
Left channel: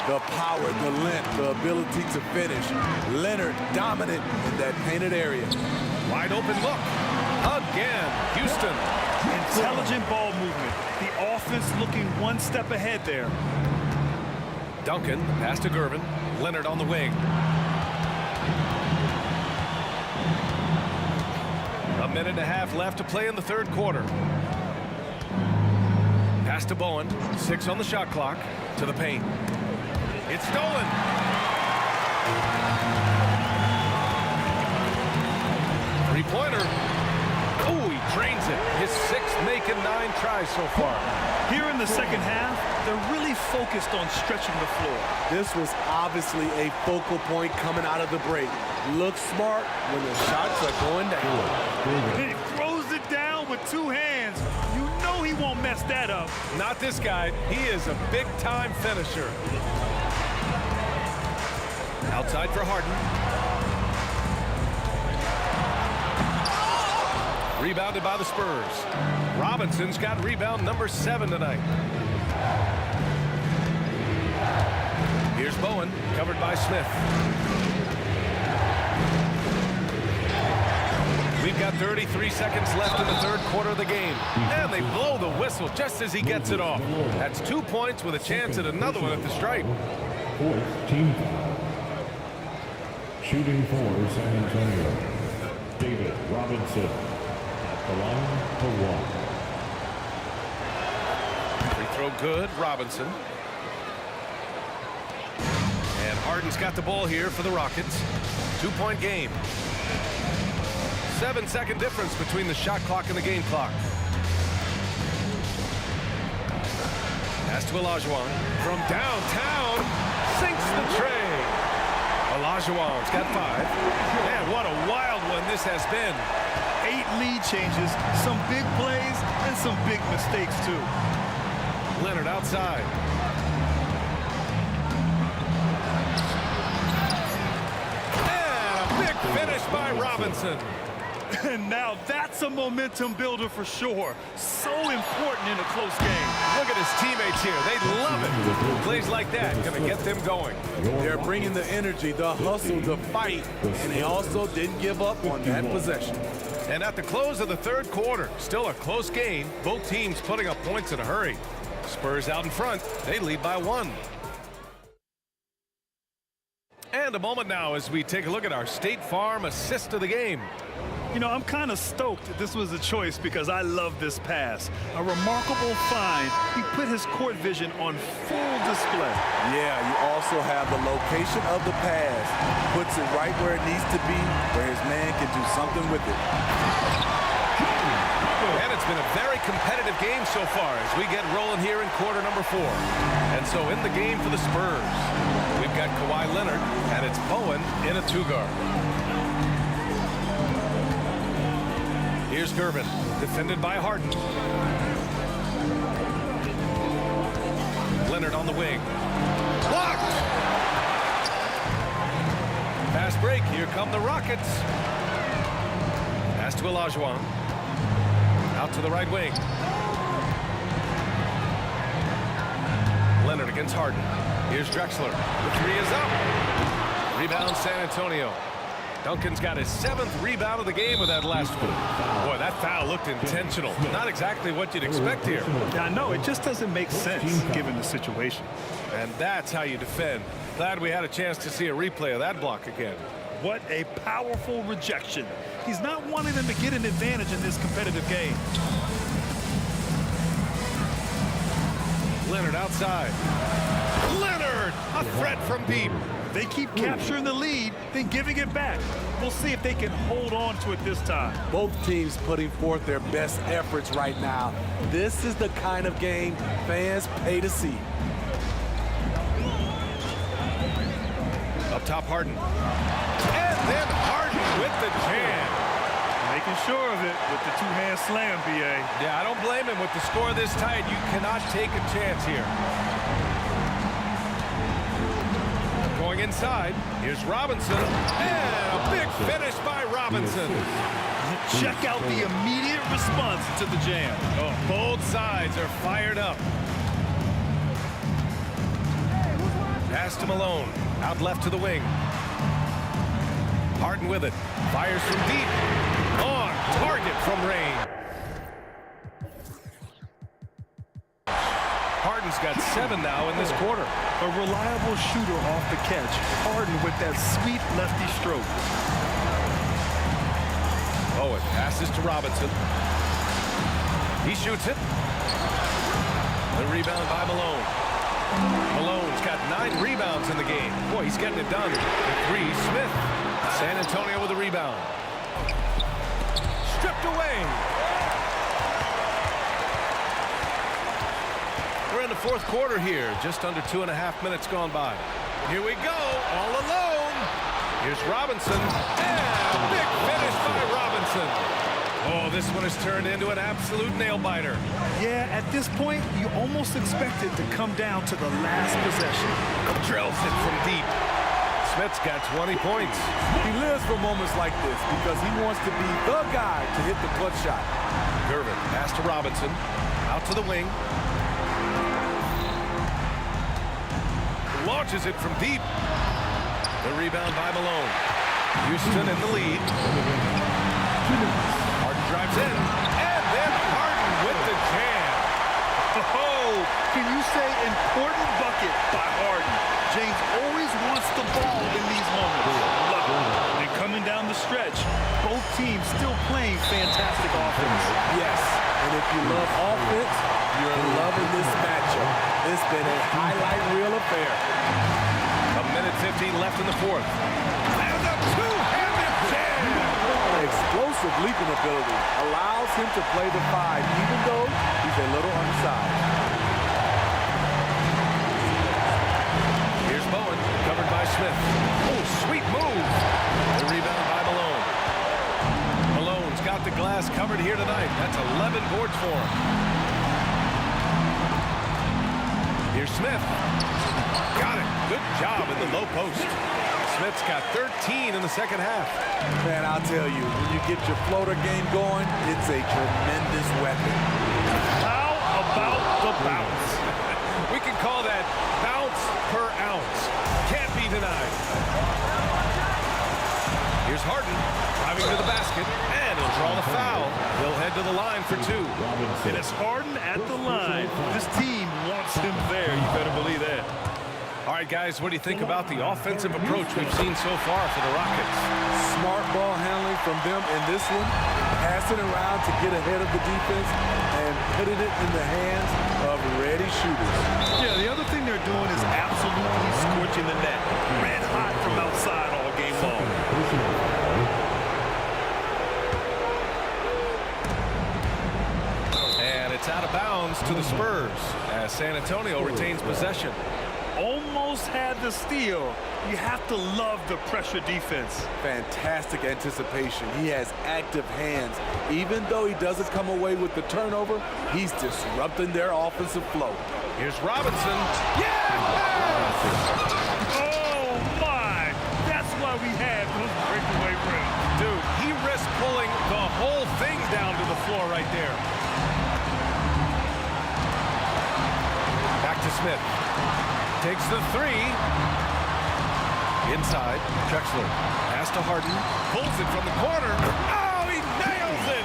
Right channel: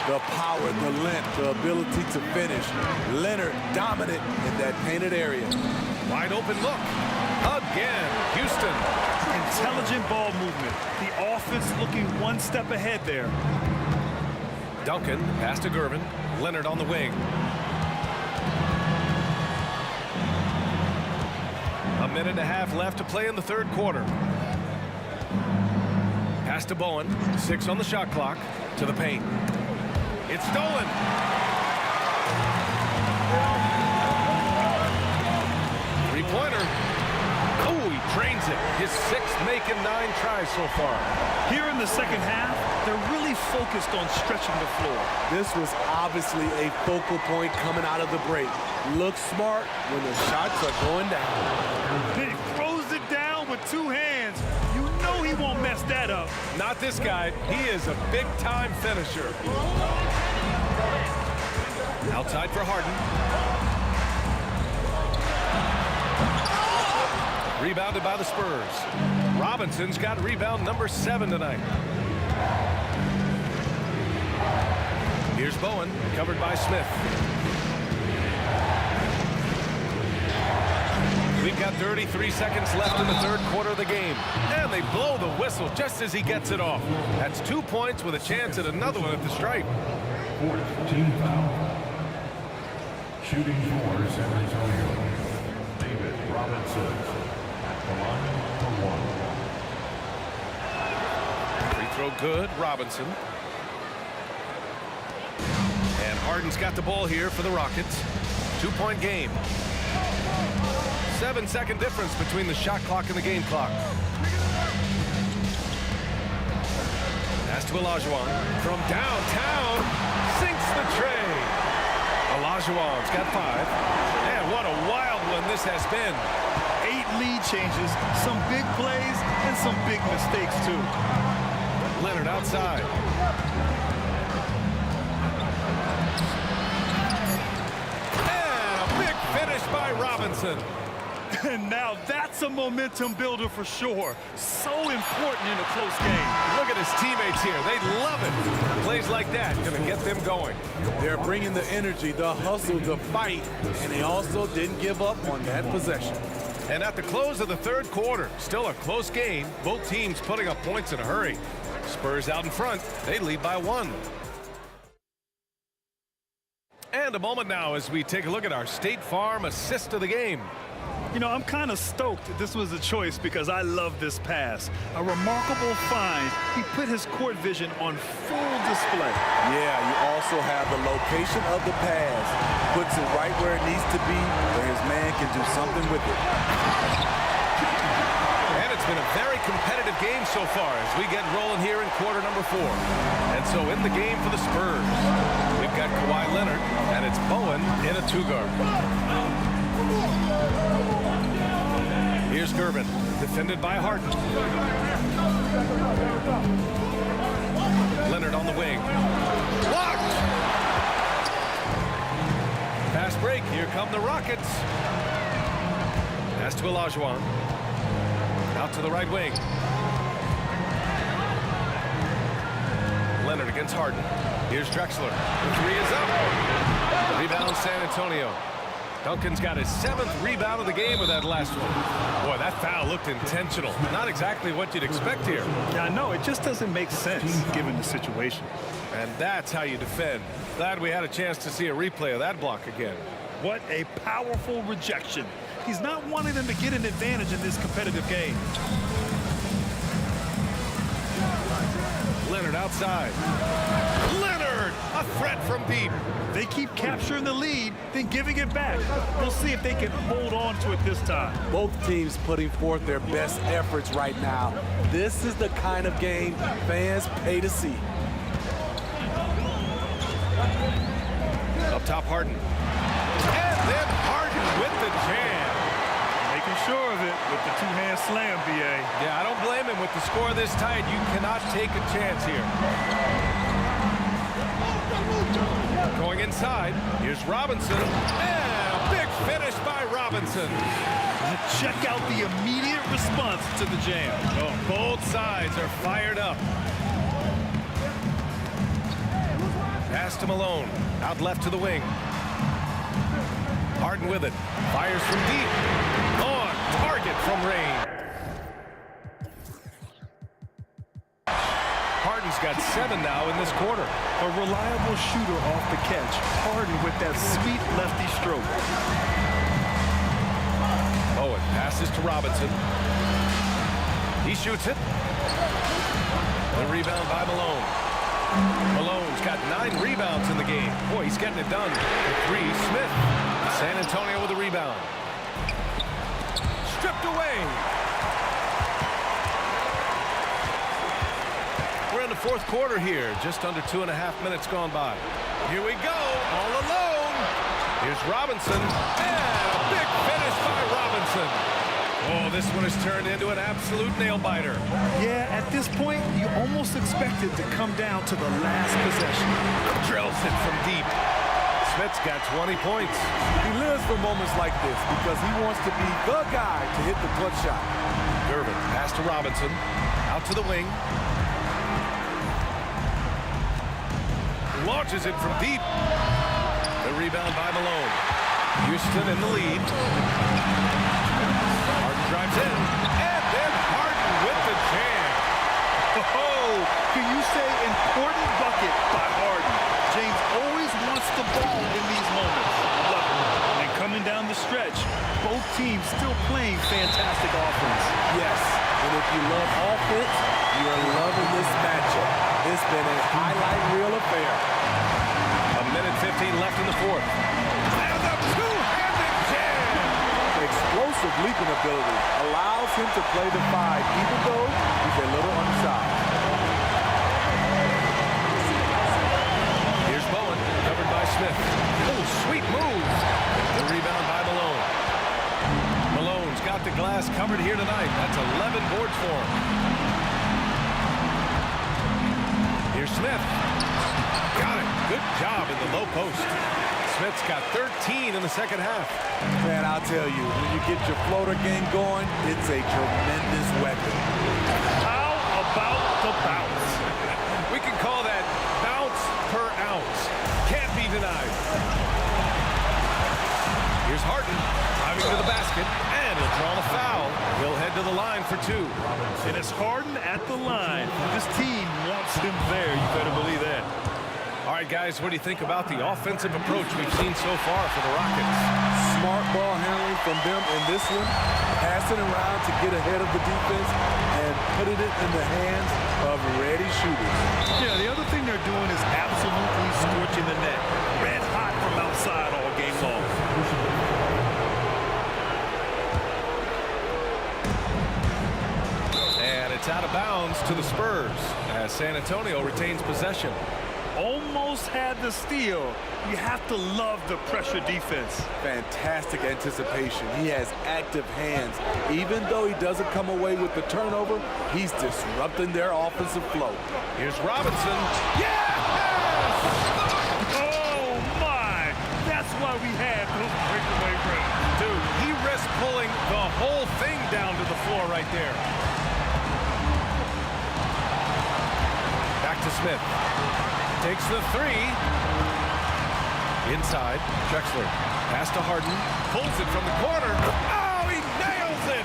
The power, the length, the ability to finish. Leonard dominant in that painted area. Wide open look. Again, Houston Intelligent ball movement. The offense looking one step ahead there. Duncan, pass to Gervin. Leonard on the wing. A minute and a half left to play in the third quarter. Pass to Bowen. 6 on the shot clock. To the paint. It's stolen. Three-pointer. Oh, he drains it. His 6th making 9 tries so far. Here in the second half, they're really focused on stretching the floor. This was obviously a focal point coming out of the break. Look smart when the shots are going down. He throws it down with 2 hands. You know he won't mess that up. Not this guy. He is a big-time finisher. Outside for Harden. Rebounded by the Spurs. Robinson's got rebound number 7 tonight. Here's Bowen, covered by Smith. We've got 33 seconds left in the third quarter of the game. And they blow the whistle just as he gets it off. That's 2 points with a chance at another one at the stripe. 4th team foul. Shooting for San Antonio, David Robinson. The line for 1. Free throw good, Robinson. And Harden's got the ball here for the Rockets. 2-point game. 7-second difference between the shot clock and the game clock. Pass to Olajuwon. From downtown, sinks the tray. Olajuwon's got 5. And what a wild one this has been. 8 lead changes, some big plays, and some big mistakes, too. Leonard outside. And a big finish by Robinson. And now that's a momentum builder for sure. So important in a close game. Look at his teammates here. They love it. Plays like that going to get them going. They're bringing the energy, the hustle, the fight, and they also didn't give up on that possession. And at the close of the third quarter, still a close game. Both teams putting up points in a hurry. Spurs out in front. They lead by 1. And a moment now as we take a look at our State Farm assist of the game. You know, I'm kind of stoked that this was a choice because I love this pass. A remarkable find. He put his court vision on full display. Yeah, you also have the location of the pass. Puts it right where it needs to be, where his man can do something with it. And it's been a very competitive game so far as we get rolling here in quarter number 4. And so in the game for the Spurs, we've got Kawhi Leonard, and it's Bowen in a 2-guard. Here's Gervin, defended by Harden. Leonard on the wing. Blocked! Fast break. Here come the Rockets. Pass to Olajuwon. Out to the right wing. Leonard against Harden. Here's Drexler. The 3 is up. Rebound San Antonio. Duncan's got his 7th rebound of the game with that last one. Boy, that foul looked intentional. Not exactly what you'd expect here. Yeah, I know. It just doesn't make sense given the situation. And that's how you defend. Glad we had a chance to see a replay of that block again. What a powerful rejection. He's not wanting them to get an advantage in this competitive game. Leonard outside. Leonard, a threat from deep. They keep capturing the lead, then giving it back. We'll see if they can hold on to it this time. Both teams putting forth their best efforts right now. This is the kind of game fans pay to see. Up top, Harden. And then Harden with the jam. Making sure of it with the 2-hand slam, B.A. Yeah, I don't blame him. With the score this tight, you cannot take a chance here. Going inside, here's Robinson, and a big finish by Robinson. Check out the immediate response to the jam. Oh, both sides are fired up. Pass to Malone, out left to the wing. Harden with it, fires from deep. On target from Rain. Harden's got 7 now in this quarter. A reliable shooter off the catch. Harden with that sweet lefty stroke. Bowen passes to Robinson. He shoots it. The rebound by Malone. Malone's got 9 rebounds in the game. Boy, he's getting it done. The 3, Smith. San Antonio with the rebound. Stripped away. We're in the 4th quarter here. Just under 2.5 minutes gone by. Here we go, all alone. Here's Robinson. And a big finish by Robinson. Oh, this one has turned into an absolute nail-biter. Yeah, at this point, you almost expect it to come down to the last possession. Drills it from deep. Smith's got 20 points. He lives for moments like this because he wants to be the guy to hit the clutch shot. Gervin, pass to Robinson. Out to the wing. Launches it from deep. The rebound by Malone. Houston in the lead. Harden drives in. And then Harden with the jam. Oh, can you say important bucket by Harden? James always wants the ball in these moments. Love it. And coming down the stretch, both teams still playing fantastic offense. Yes, and if you love offense, you're loving this matchup. It's been a highlight reel affair. A minute 15 left in the 4th. And a two-handed jam. Explosive leaping ability allows him to play the 5, even though he's a little undersized. Here's Bowen, covered by Smith. Oh, sweet move. The rebound by Malone. Malone's got the glass covered here tonight. That's 11 boards for him. Here's Smith. Got it. Good job in the low post. Smith's got 13 in the 2nd half. Man, I'll tell you, when you get your floater game going, it's a tremendous weapon. How about the bounce? We can call that bounce per ounce. Can't be denied. Here's Harden driving to the basket, and he'll draw the foul. He'll head to the line for 2. And it's Harden at the line. This team wants him there. You better believe that. All right, guys, what do you think about the offensive approach we've seen so far for the Rockets? Smart ball handling from them in this one, passing around to get ahead of the defense and putting it in the hands of ready shooters. Yeah, the other thing they're doing is absolutely scorching the net. Red hot from outside all game long. And it's out of bounds to the Spurs as San Antonio retains possession. Almost had the steal. You have to love the pressure defense. Fantastic anticipation. He has active hands. Even though he doesn't come away with the turnover, he's disrupting their offensive flow. Here's Robinson. Yes! Oh, my! That's why we had those breakaway runs. Dude, he risked pulling the whole thing down to the floor right there. Back to Smith. Takes the 3. Inside, Drexler. Pass to Harden. Pulls it from the corner. Oh, he nails it!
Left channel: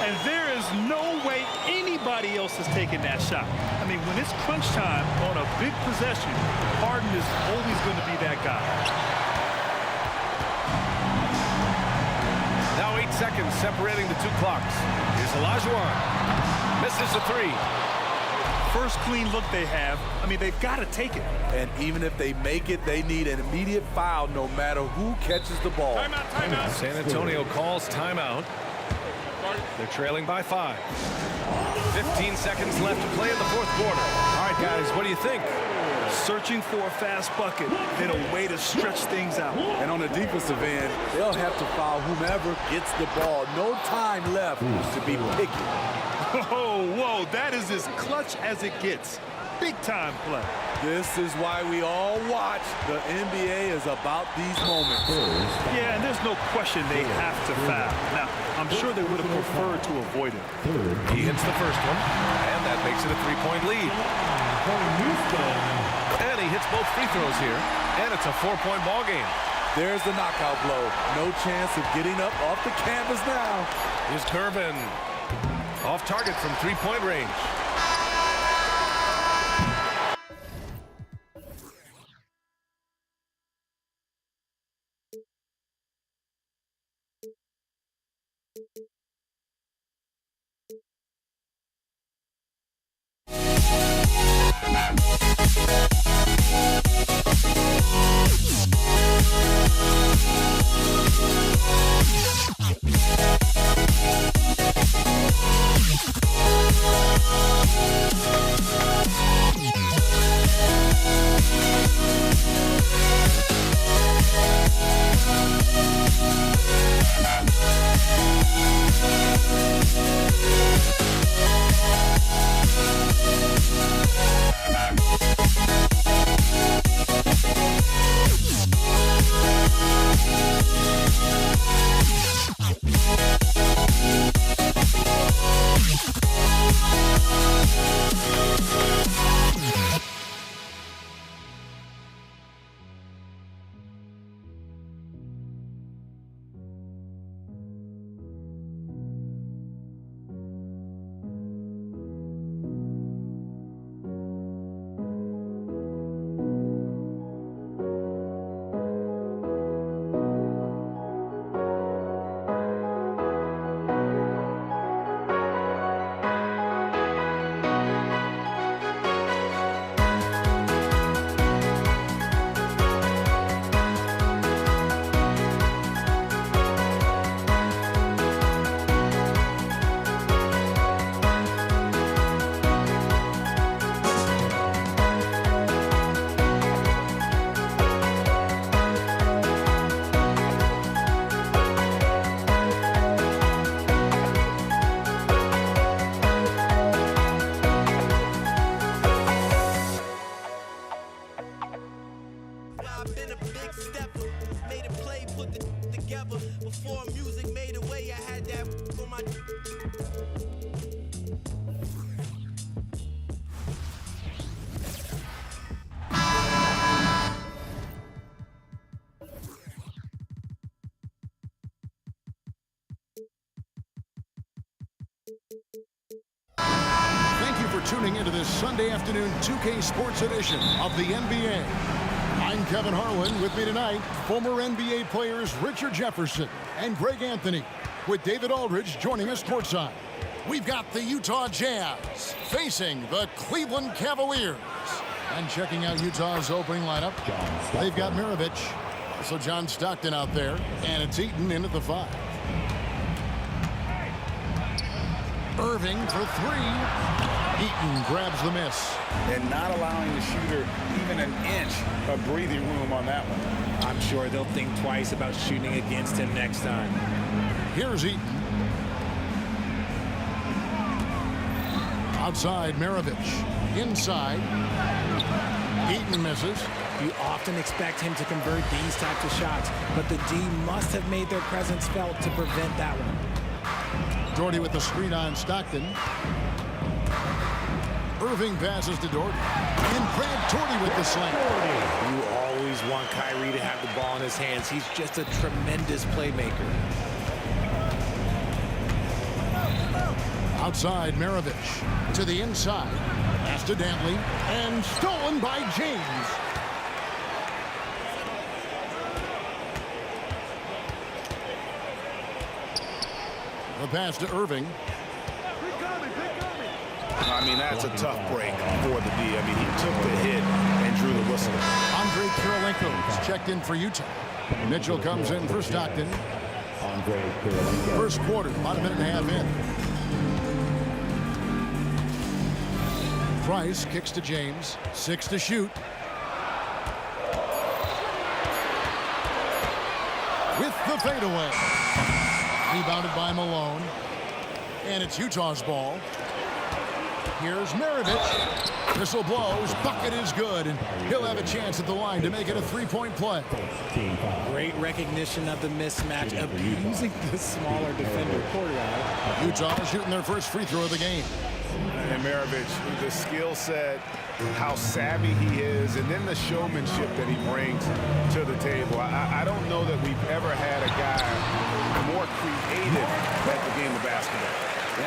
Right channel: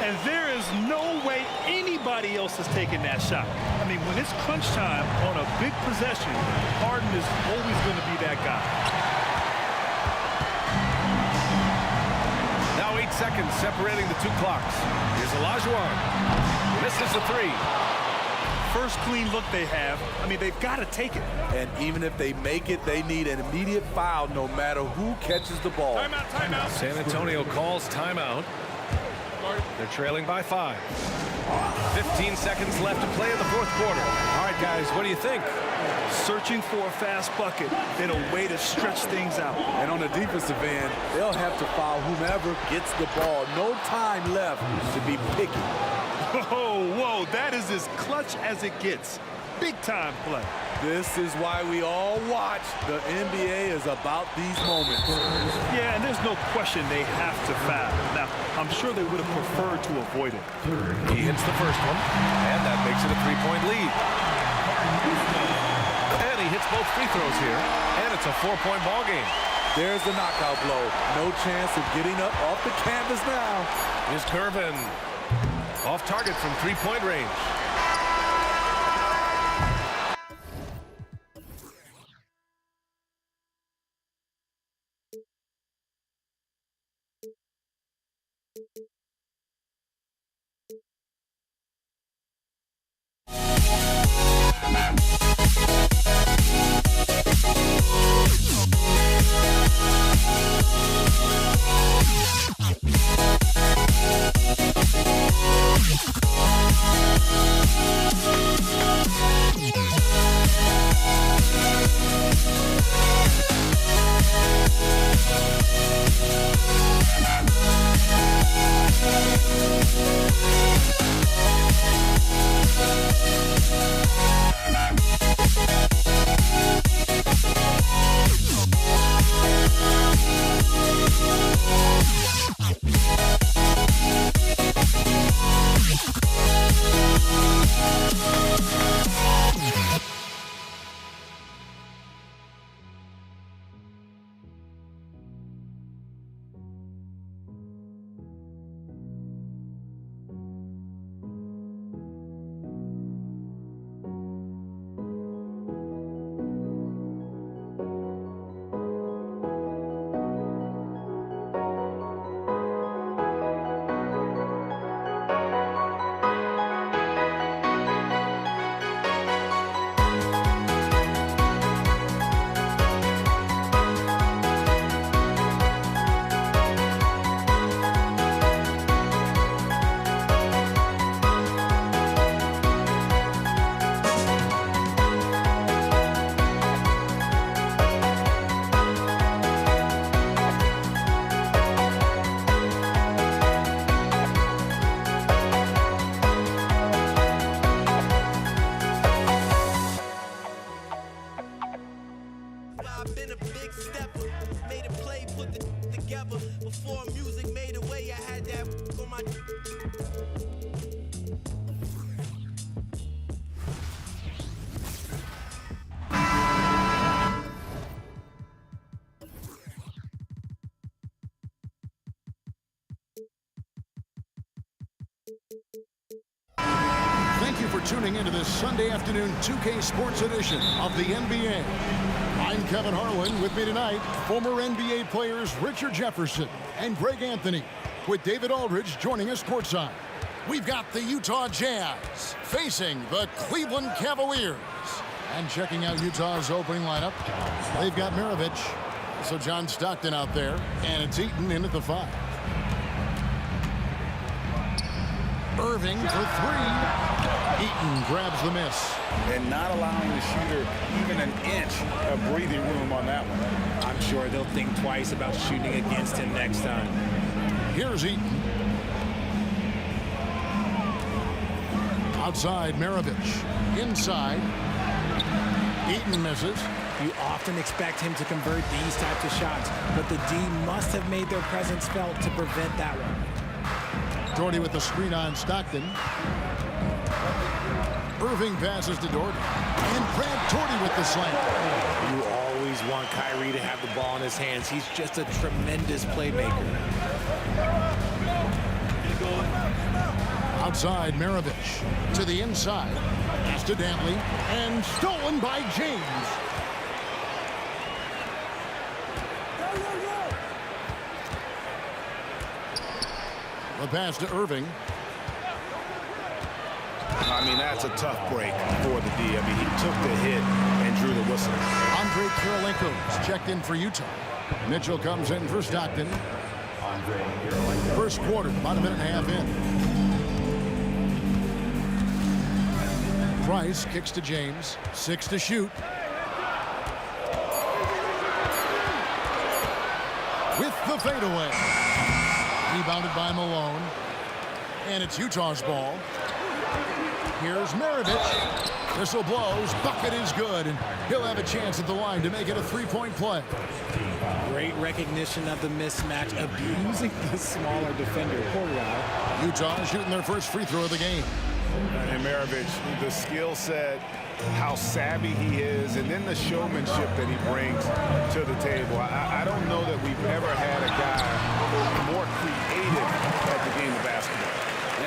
And there is no way anybody else is taking that shot. I mean, when it's crunch time on a big possession, Harden is always going to be that guy. Now 8 seconds separating the 2 clocks. Here's Olajuwon. Misses the 3. First clean look they have. I mean, they've got to take it. And even if they make it, they need an immediate foul no matter who catches the ball. Timeout, timeout. San Antonio calls timeout. They're trailing by 5. 15 seconds left to play in the 4th quarter. All right, guys, what do you think? Searching for a fast bucket, then a way to stretch things out. And on the defensive end, they'll have to foul whomever gets the ball. No time left to be picky. Oh, whoa, that is as clutch as it gets. Big time play. This is why we all watch. The NBA is about these moments. Yeah, and there's no question they have to foul. Now, I'm sure they would have preferred to avoid it. He hits the first one, and that makes it a 3-point lead. And he hits both free throws here, and it's a 4-point ball game. There's the knockout blow. No chance of getting up off the canvas now. Here's Gervin. Off target from 3-point range. tuning into this Sunday afternoon 2K Sports edition of the NBA. I'm Kevin Harlan. With me tonight, former NBA players Richard Jefferson and Greg Anthony, with David Aldridge joining us courtside. We've got the Utah Jazz facing the Cleveland Cavaliers. And checking out Utah's opening lineup, they've got Maravich, also John Stockton out there, and it's Eaton in at the 5. Irving for 3. Eaton grabs the miss. And not allowing the shooter even an inch of breathing room on that one. I'm sure they'll think twice about shooting against him next time. Here's Eaton. Outside, Maravich. Inside. Eaton misses. You often expect him to convert these types of shots, but the D must have made their presence felt to prevent that one. Doherty with the screen on Stockton. Irving passes to Doherty. And Brad Doherty with the slam. You always want Kyrie to have the ball in his hands. He's just a tremendous playmaker. Outside, Maravich. To the inside. Pass to Dantley. And stolen by James. The pass to Irving. I mean, that's a tough break for the D. I mean, he took the hit and drew the whistle. Andrei Kirilenko is checked in for Utah. Mitchell comes in for Stockton. First quarter, about a minute and a half in. Price kicks to James. 6 to shoot. With the fadeaway. Rebounded by Malone. And it's Utah's ball. Here's Maravich. Whistle blows. Bucket is good. And he'll have a chance at the line to make it a three-point play. Great recognition of the mismatch, abusing the smaller defender. Poor guy. Utah shooting their first free throw of the game. And Maravich, the skill set, how savvy he is, and then the showmanship that he brings to the table. I don't know that we've ever had a guy more creative at the game of basketball.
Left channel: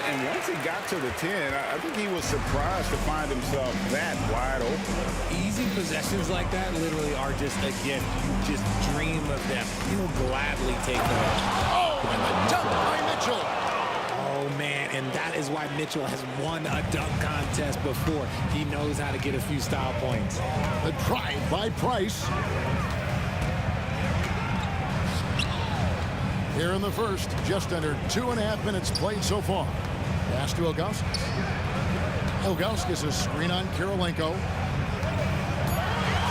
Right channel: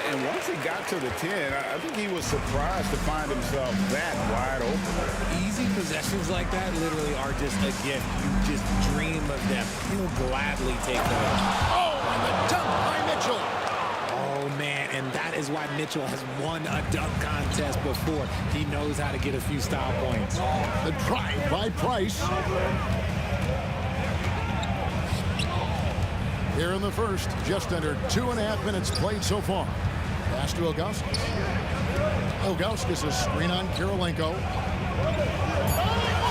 And once he got to the 10, I think he was surprised to find himself that wide open. Easy possessions like that literally are just a gift. You just dream of them. He'll gladly take them. Oh, and the dunk by Mitchell. Oh, man, and that is why Mitchell has won a dunk contest before. He knows how to get a few style points. The drive by Price. Here in the first, just under 2.5 minutes played so far. Pass to Ilgauskas. Ilgauskas' screen on Kirilenko.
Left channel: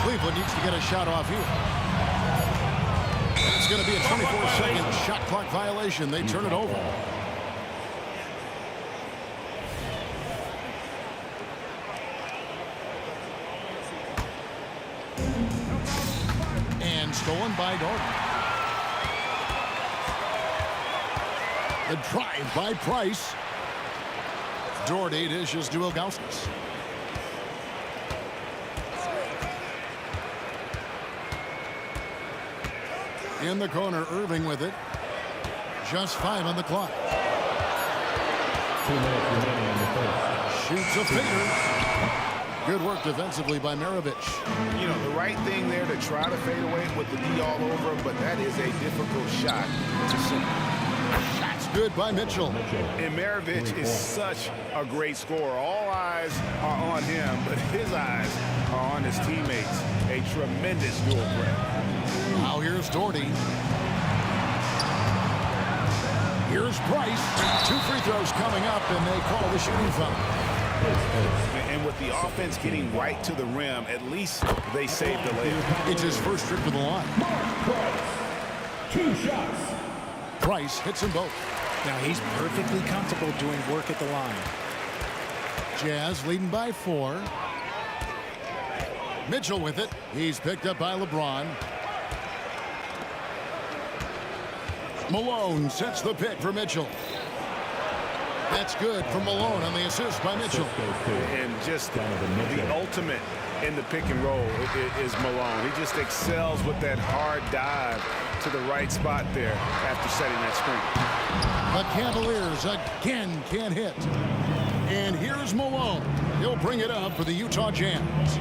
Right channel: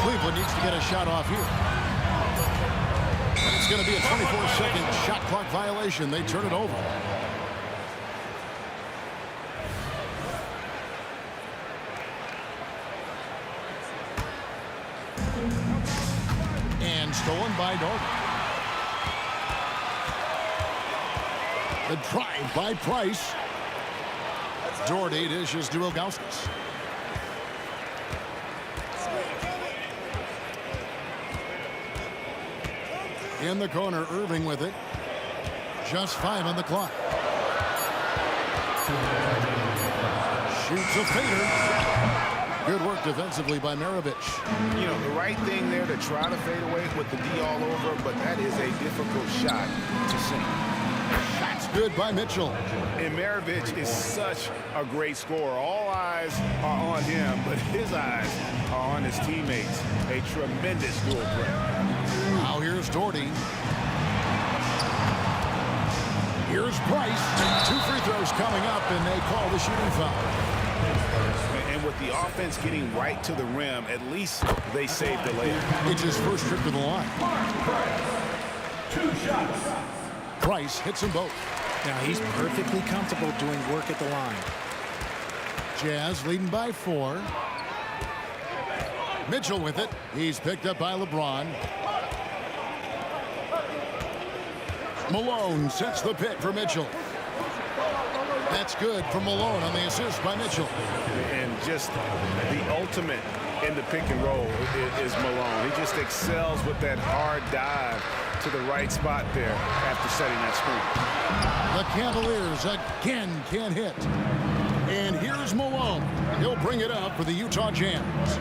Cleveland needs to get a shot off here. It's going to be a 24-second shot clock violation. They turn it over. And stolen by Doherty. The drive by Price. Doherty dishes to Ilgauskas. In the corner, Irving with it. Just 5 on the clock. Shoots a fader. Good work defensively by Maravich. You know, the right thing there to try to fade away with the D all over, but that is a difficult shot to sink. Shot's good by Mitchell. And Maravich is such a great scorer. All eyes are on him, but his eyes are on his teammates. A tremendous dual threat. Now here's Doherty. Here's Price. 2 free throws coming up, and they call the shooting foul. And with the offense getting right to the rim, at least they saved the layup. It's his first trip to the line. 2 shots. Price hits them both. Now he's perfectly comfortable doing work at the line. Jazz leading by 4. Mitchell with it. He's picked up by LeBron. Malone sets the pick for Mitchell. That's good for Malone on the assist by Mitchell. And just the ultimate in the pick and roll is Malone. He just excels with that hard dive to the right spot there after setting that screen. The Cavaliers again can't hit. And here's Malone. He'll bring it up for the Utah Jazz.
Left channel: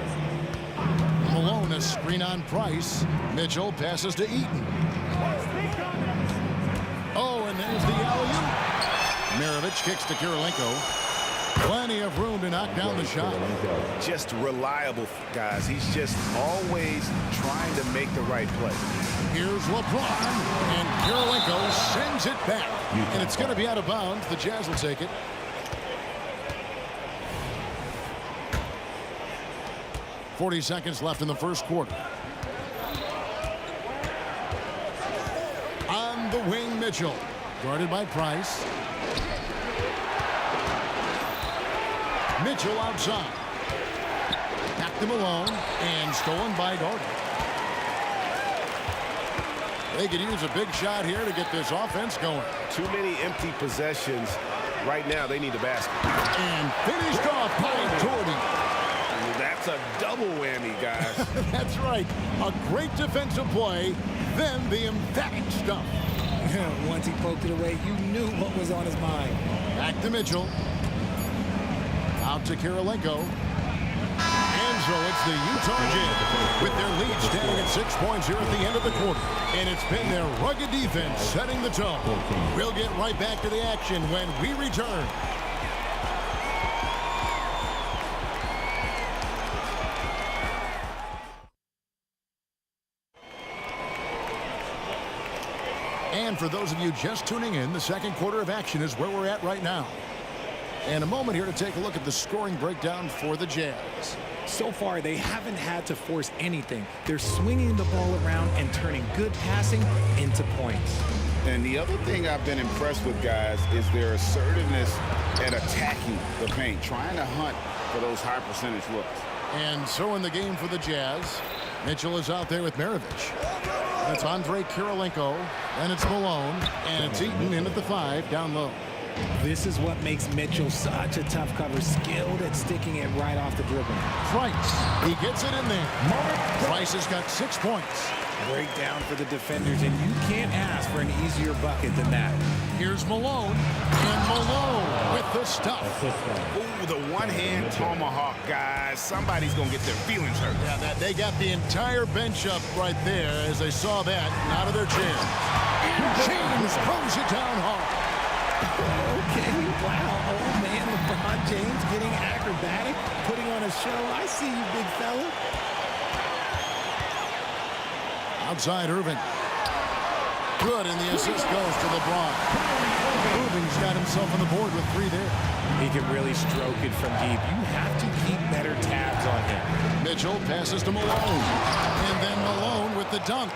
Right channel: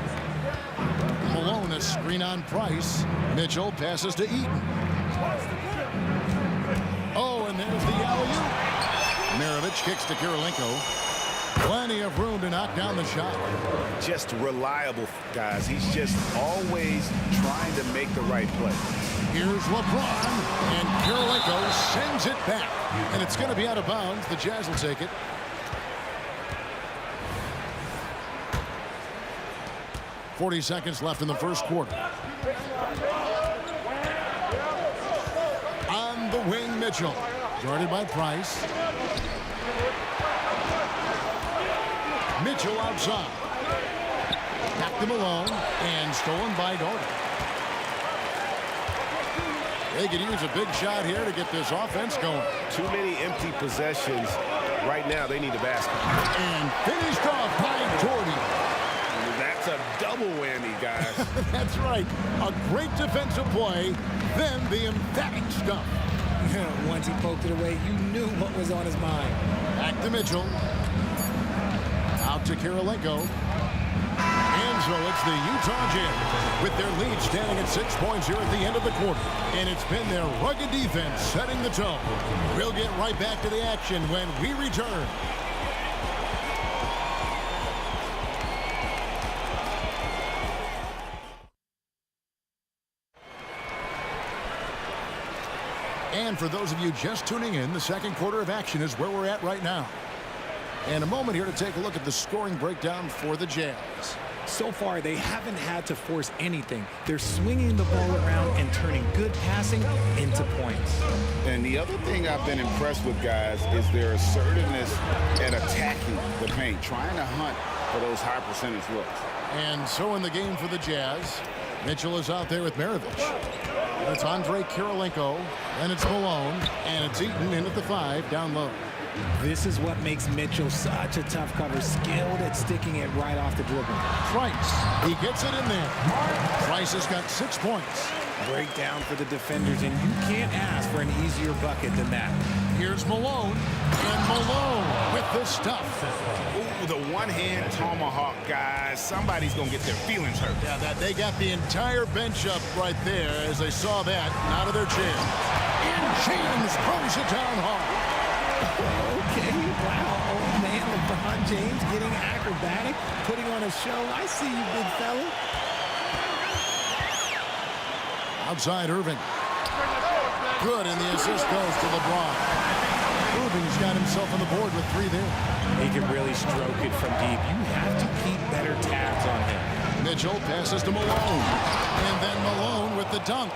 Malone, a screen on Price. Mitchell passes to Eaton. Oh, and there's the alley-oop. Maravich kicks to Kirilenko. Plenty of room to knock down the shot. Just reliable, guys. He's just always trying to make the right play. Here's LeBron, and Kirilenko sends it back. And it's going to be out of bounds. The Jazz will take it. .40 seconds left in the first quarter. On the wing, Mitchell. Guarded by Price. Mitchell outside. Back to Malone, and stolen by Doherty. They could use a big shot here to get this offense going. Too many empty possessions. Right now, they need a basket. And finished off by Doherty. That's a double whammy, guys. That's right. A great defensive play, then the emphatic stuff. Once he poked it away, you knew what was on his mind. Back to Mitchell. Out to Kirilenko. And so it's the Utah Jazz with their lead standing at 6 points here at the end of the quarter. And it's been their rugged defense setting the tone. We'll get right back to the action when we return. And for those of you just tuning in, the second quarter of action is where we're at right now. And a moment here to take a look at the scoring breakdown for the Jazz. So far, they haven't had to force anything. They're swinging the ball around and turning good passing into points. And the other thing I've been impressed with, guys, is their assertiveness at attacking the paint, trying to hunt for those high percentage looks. And so in the game for the Jazz, Mitchell is out there with Maravich. It's Andre Kirilenko, and it's Malone, and it's Eaton in at the 5 down low. This is what makes Mitchell such a tough cover, skilled at sticking it right off the dribble. Price, he gets it in there. Price has got 6 points. Breakdown for the defenders, and you can't ask for an easier bucket than that. Here's Malone, and Malone with the stuff. Ooh, the one-hand tomahawk, guys. Somebody's going to get their feelings hurt. Yeah, they got the entire bench up right there as they saw that and out of their chairs. And James throws it down hard. Okay, wow. Oh, man, LeBron James getting acrobatic, putting on a show. I see you, big fella. Outside Irving. Good, and the assist goes to LeBron. Irving's got himself on the board with 3 there. He can really stroke it from deep. You have to keep better tabs on him. Mitchell passes to Malone. And then Malone with the dunk.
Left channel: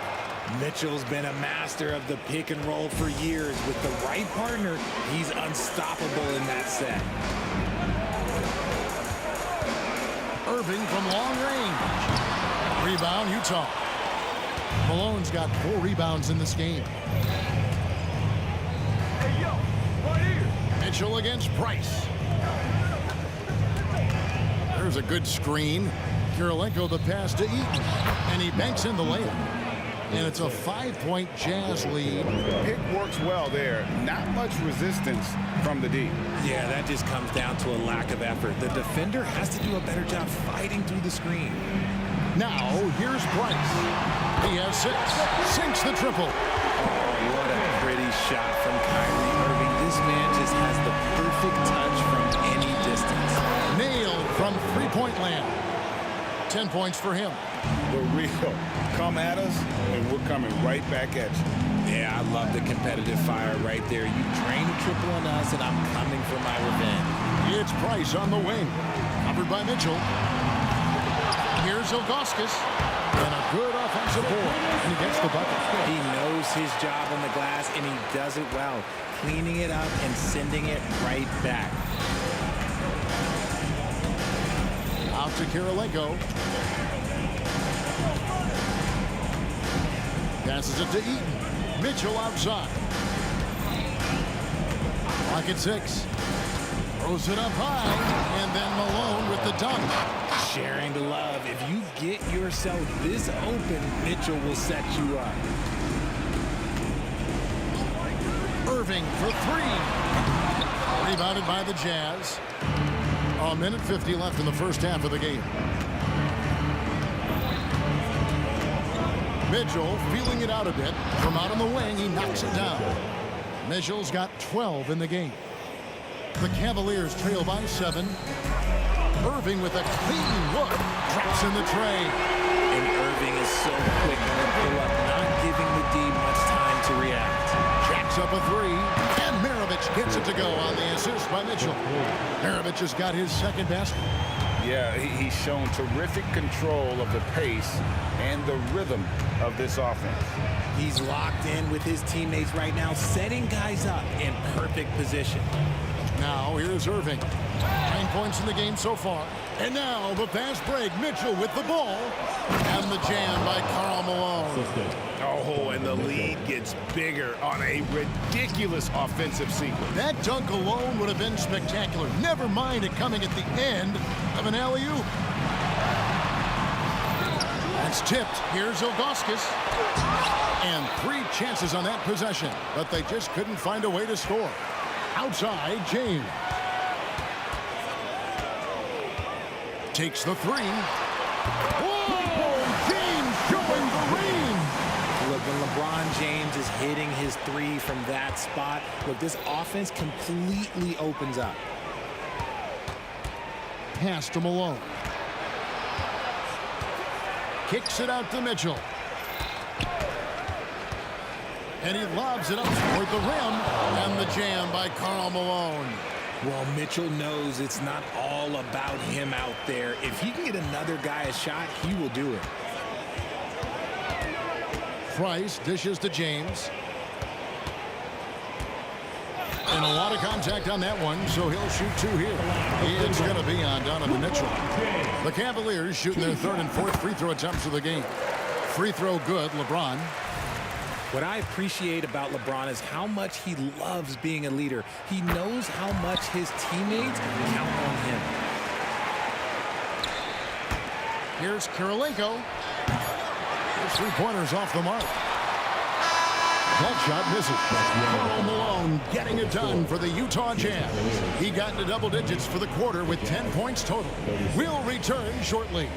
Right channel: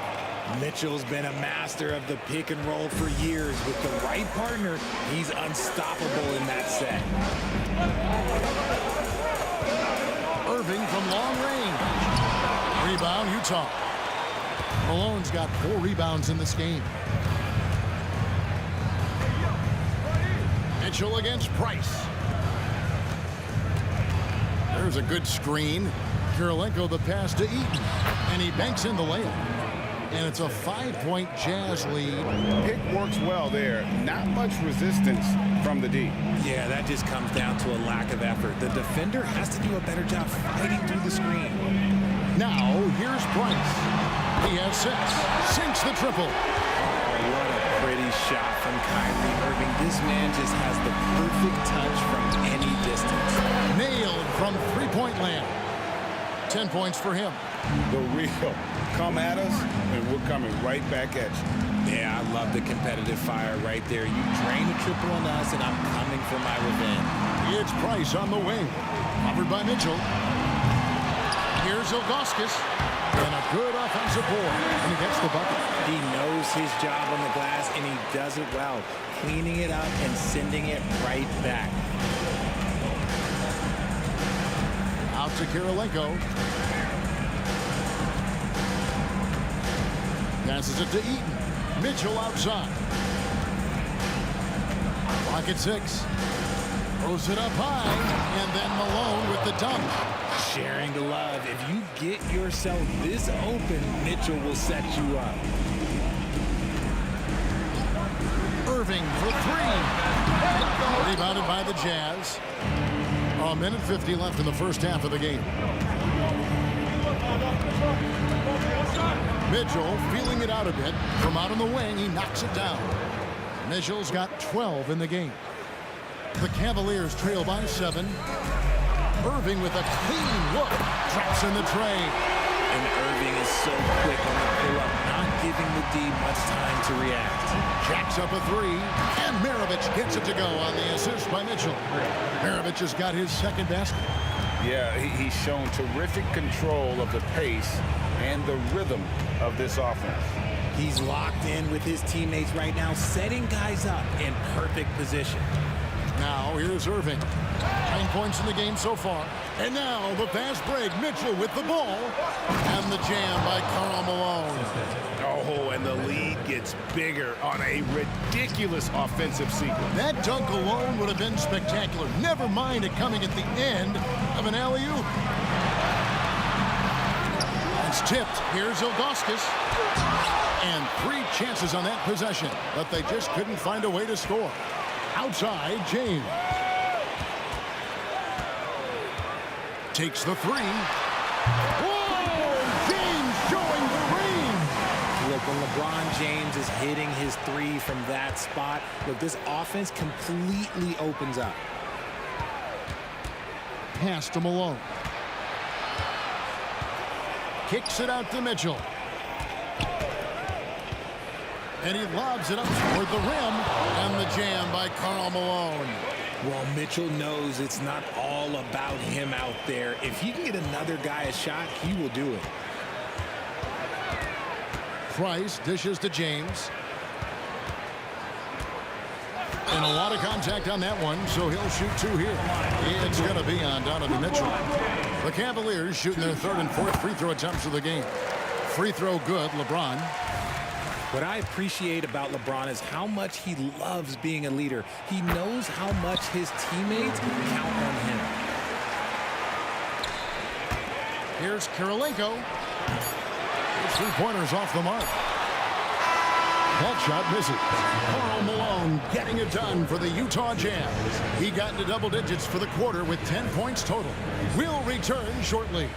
Mitchell's been a master of the pick and roll for years. With the right partner, he's unstoppable in that set. Irving from long range. Rebound, Utah. Malone's got 4 rebounds in this game. Mitchell against Price. There's a good screen. Kirilenko the pass to Eaton. And he banks in the layup. And it's a 5-point Jazz lead. Pick works well there. Not much resistance from the D. Yeah, that just comes down to a lack of effort. The defender has to do a better job fighting through the screen. Now, here's Price. He has 6. Sinks the triple. Oh, what a pretty shot from Kyrie Irving. This man just has the perfect touch from any distance. Nailed from 3-point land. 10 points for him. The real. Come at us, and we're coming right back at you. Yeah, I love the competitive fire right there. You drain a triple on us, and I'm coming for my revenge. It's Price on the wing. Covered by Mitchell. Here's Ilgauskas. And a good offensive board. And he gets the bucket. He knows his job on the glass, and he does it well. Cleaning it up and sending it right back. Out to Kirilenko. Passes it to Eaton. Mitchell outside. Clock at 6. Throws it up high. And then Malone with the dunk. Sharing the love. If you get yourself this open, Mitchell will set you up. Irving for 3. Rebounded by the Jazz. A minute 50 left in the first half of the game. Mitchell feeling it out a bit. From out on the wing, he knocks it down. Mitchell's got 12 in the game. The Cavaliers trail by 7. Irving with a clean look. Drops in the tray. And Irving is so quick on the pull-up, not giving the D much time to react. Jacks up a 3, and Maravich gets it to go on the assist by Mitchell. Maravich has got his second basket. Yeah, he's shown terrific control of the pace and the rhythm of this offense. He's locked in with his teammates right now, setting guys up in perfect position. Now here's Irving. 9 points in the game so far. And now the fast break. Mitchell with the ball. And the jam by Karl Malone. Oh, and the lead gets bigger on a ridiculous offensive sequence. That dunk alone would have been spectacular. Never mind it coming at the end of an alley-oop. That's tipped. Here's Ilgauskas. And 3 chances on that possession, but they just couldn't find a way to score. Outside, James. Takes the 3. Whoa! James showing the range. Look, when LeBron James is hitting his 3 from that spot, look, this offense completely opens up. Pass to Malone. Kicks it out to Mitchell. And he lobs it up toward the rim. And the jam by Karl Malone. Well, Mitchell knows it's not all about him out there. If he can get another guy a shot, he will do it. Price dishes to James. And a lot of contact on that one, so he'll shoot 2 here. It's going to be on Donovan Mitchell. The Cavaliers shooting their 3rd and 4th free throw attempts of the game. Free throw good, LeBron. What I appreciate about LeBron is how much he loves being a leader. He knows how much his teammates count on him. Here's Kirilenko. His 3-pointers off the mark. That shot misses. Karl Malone getting it done for the Utah Jazz. He got into double digits for the quarter with 10 points total. We'll return shortly.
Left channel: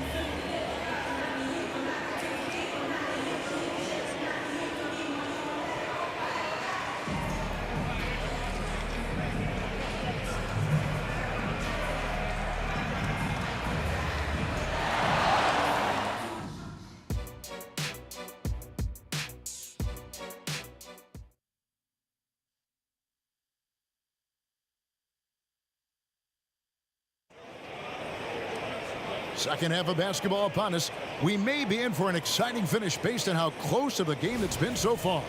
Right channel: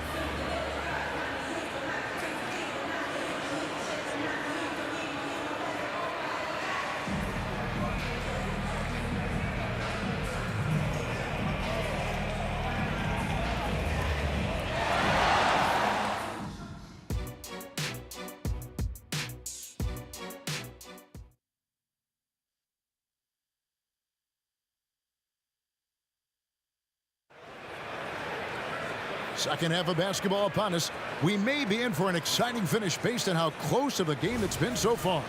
Second half of basketball upon us. We may be in for an exciting finish based on how close of a game it's been so far.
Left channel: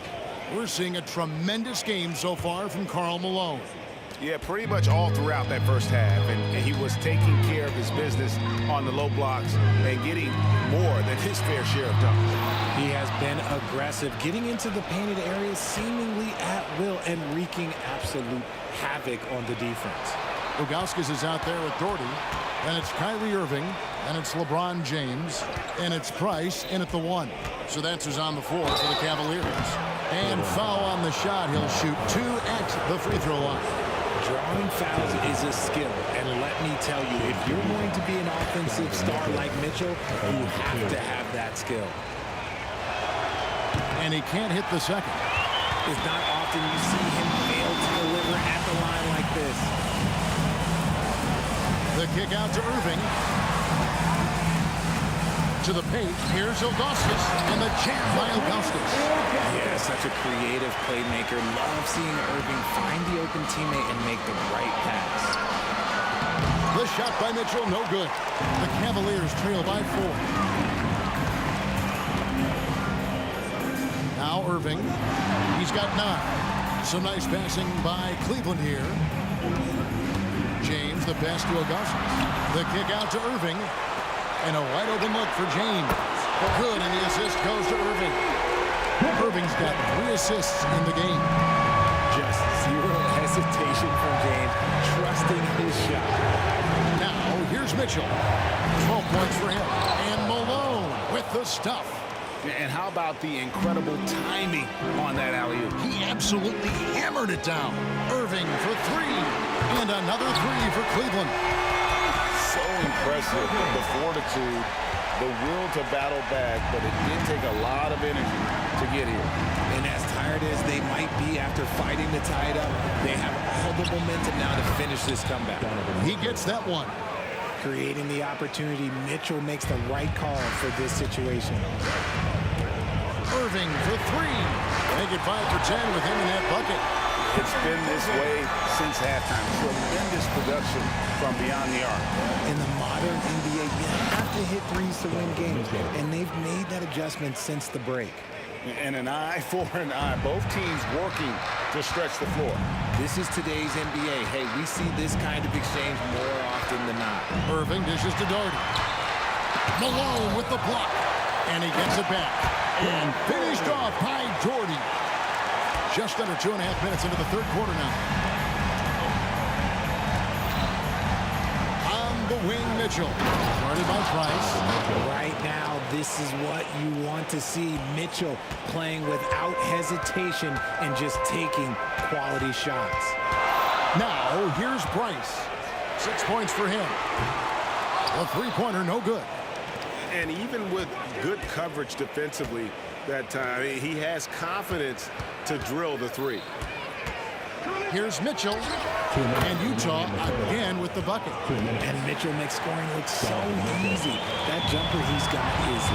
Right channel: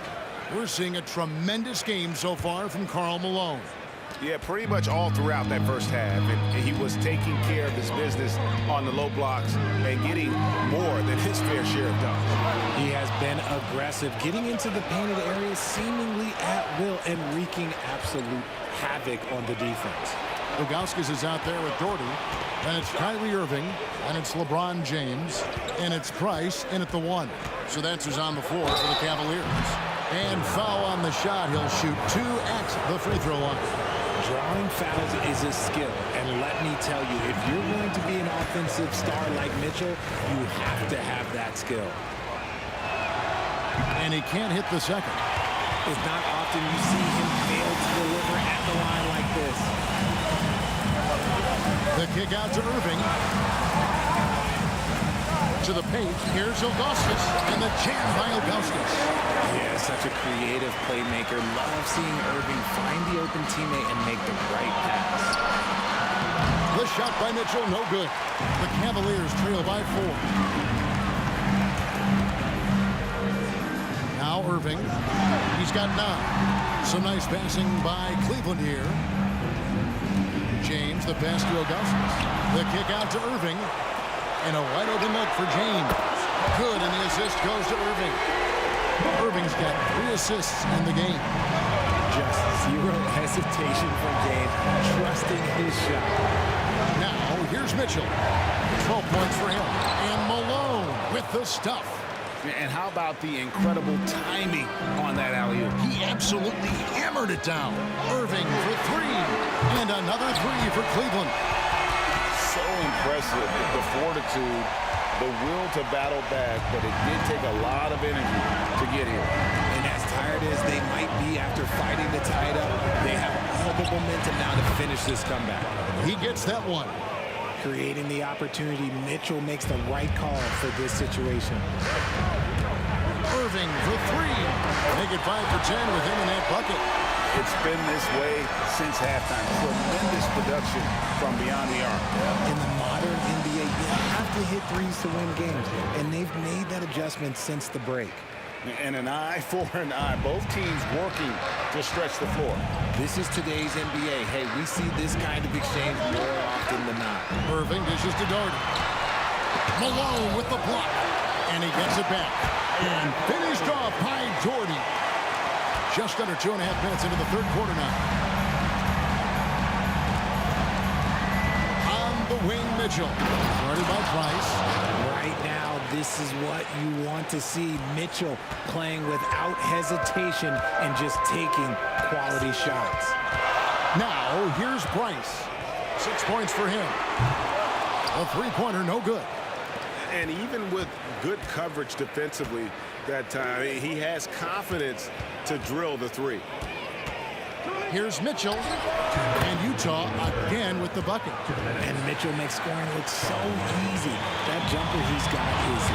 We're seeing a tremendous game so far from Karl Malone. Yeah, pretty much all throughout that first half. And he was taking care of his business on the low blocks and getting more than his fair share of dunks. He has been aggressive, getting into the painted areas seemingly at will and wreaking absolute havoc on the defense. Ilgauskas is out there with Doherty. And it's Kyrie Irving. And it's LeBron James. And it's Price in at the 1. So that's who's on the floor for the Cavaliers. And foul on the shot. He'll shoot 2 at the free throw line. Drawing fouls is a skill. And let me tell you, if you're going to be an offensive star like Mitchell, you have to have that skill. And he can't hit the second. It's not often you see him fail to deliver at the line like this. The kick out to Irving. To the paint. Here's Ilgauskas. And the jam by Ilgauskas. Yeah, such a creative playmaker. Love seeing Irving find the open teammate and make the right pass. The shot by Mitchell, no good. The Cavaliers trail by 4. Now Irving. He's got 9. Some nice passing by Cleveland here. James, the pass to Ilgauskas. The kick out to Irving. And a wide open look for James. Good, and the assist goes to Irving. Irving's got 3 assists in the game. Just zero hesitation from James, trusting his shot. Now, here's Mitchell. 12 points for him. And Malone with the stuff. And how about the incredible timing on that alley-oop? He absolutely hammered it down. Irving for 3. And another 3 for Cleveland. so impressive, the fortitude, the will to battle back, but it did take a lot of energy to get here. And as tired as they might be after fighting to tie it up, they have all the momentum now to finish this comeback. He gets that one. Creating the opportunity, Mitchell makes the right call for this situation. Irving for three. Make it 5 for 10 with him in that bucket. It's been this way since halftime. Tremendous production from beyond the arc. In the modern NBA, you have to hit threes to win games, and they've made that adjustment since the break. And an eye for an eye. Both teams working to stretch the floor. This is today's NBA. Hey, we see this kind of exchange more often than not. Irving dishes to Doherty. Malone with the block. And he gets it back. And finished off by Doherty. Just under 2.5 minutes into the third quarter now. On the wing, Mitchell. Guarded by Price. Right now, this is what you want to see. Mitchell playing without hesitation and just taking quality shots. Now, here's Price. 6 points for him. A three-pointer, no good. And even with good coverage defensively that time, he has confidence to drill the three. Here's Mitchell. And Utah again with the bucket. And Mitchell makes scoring look so easy. That jumper he's got is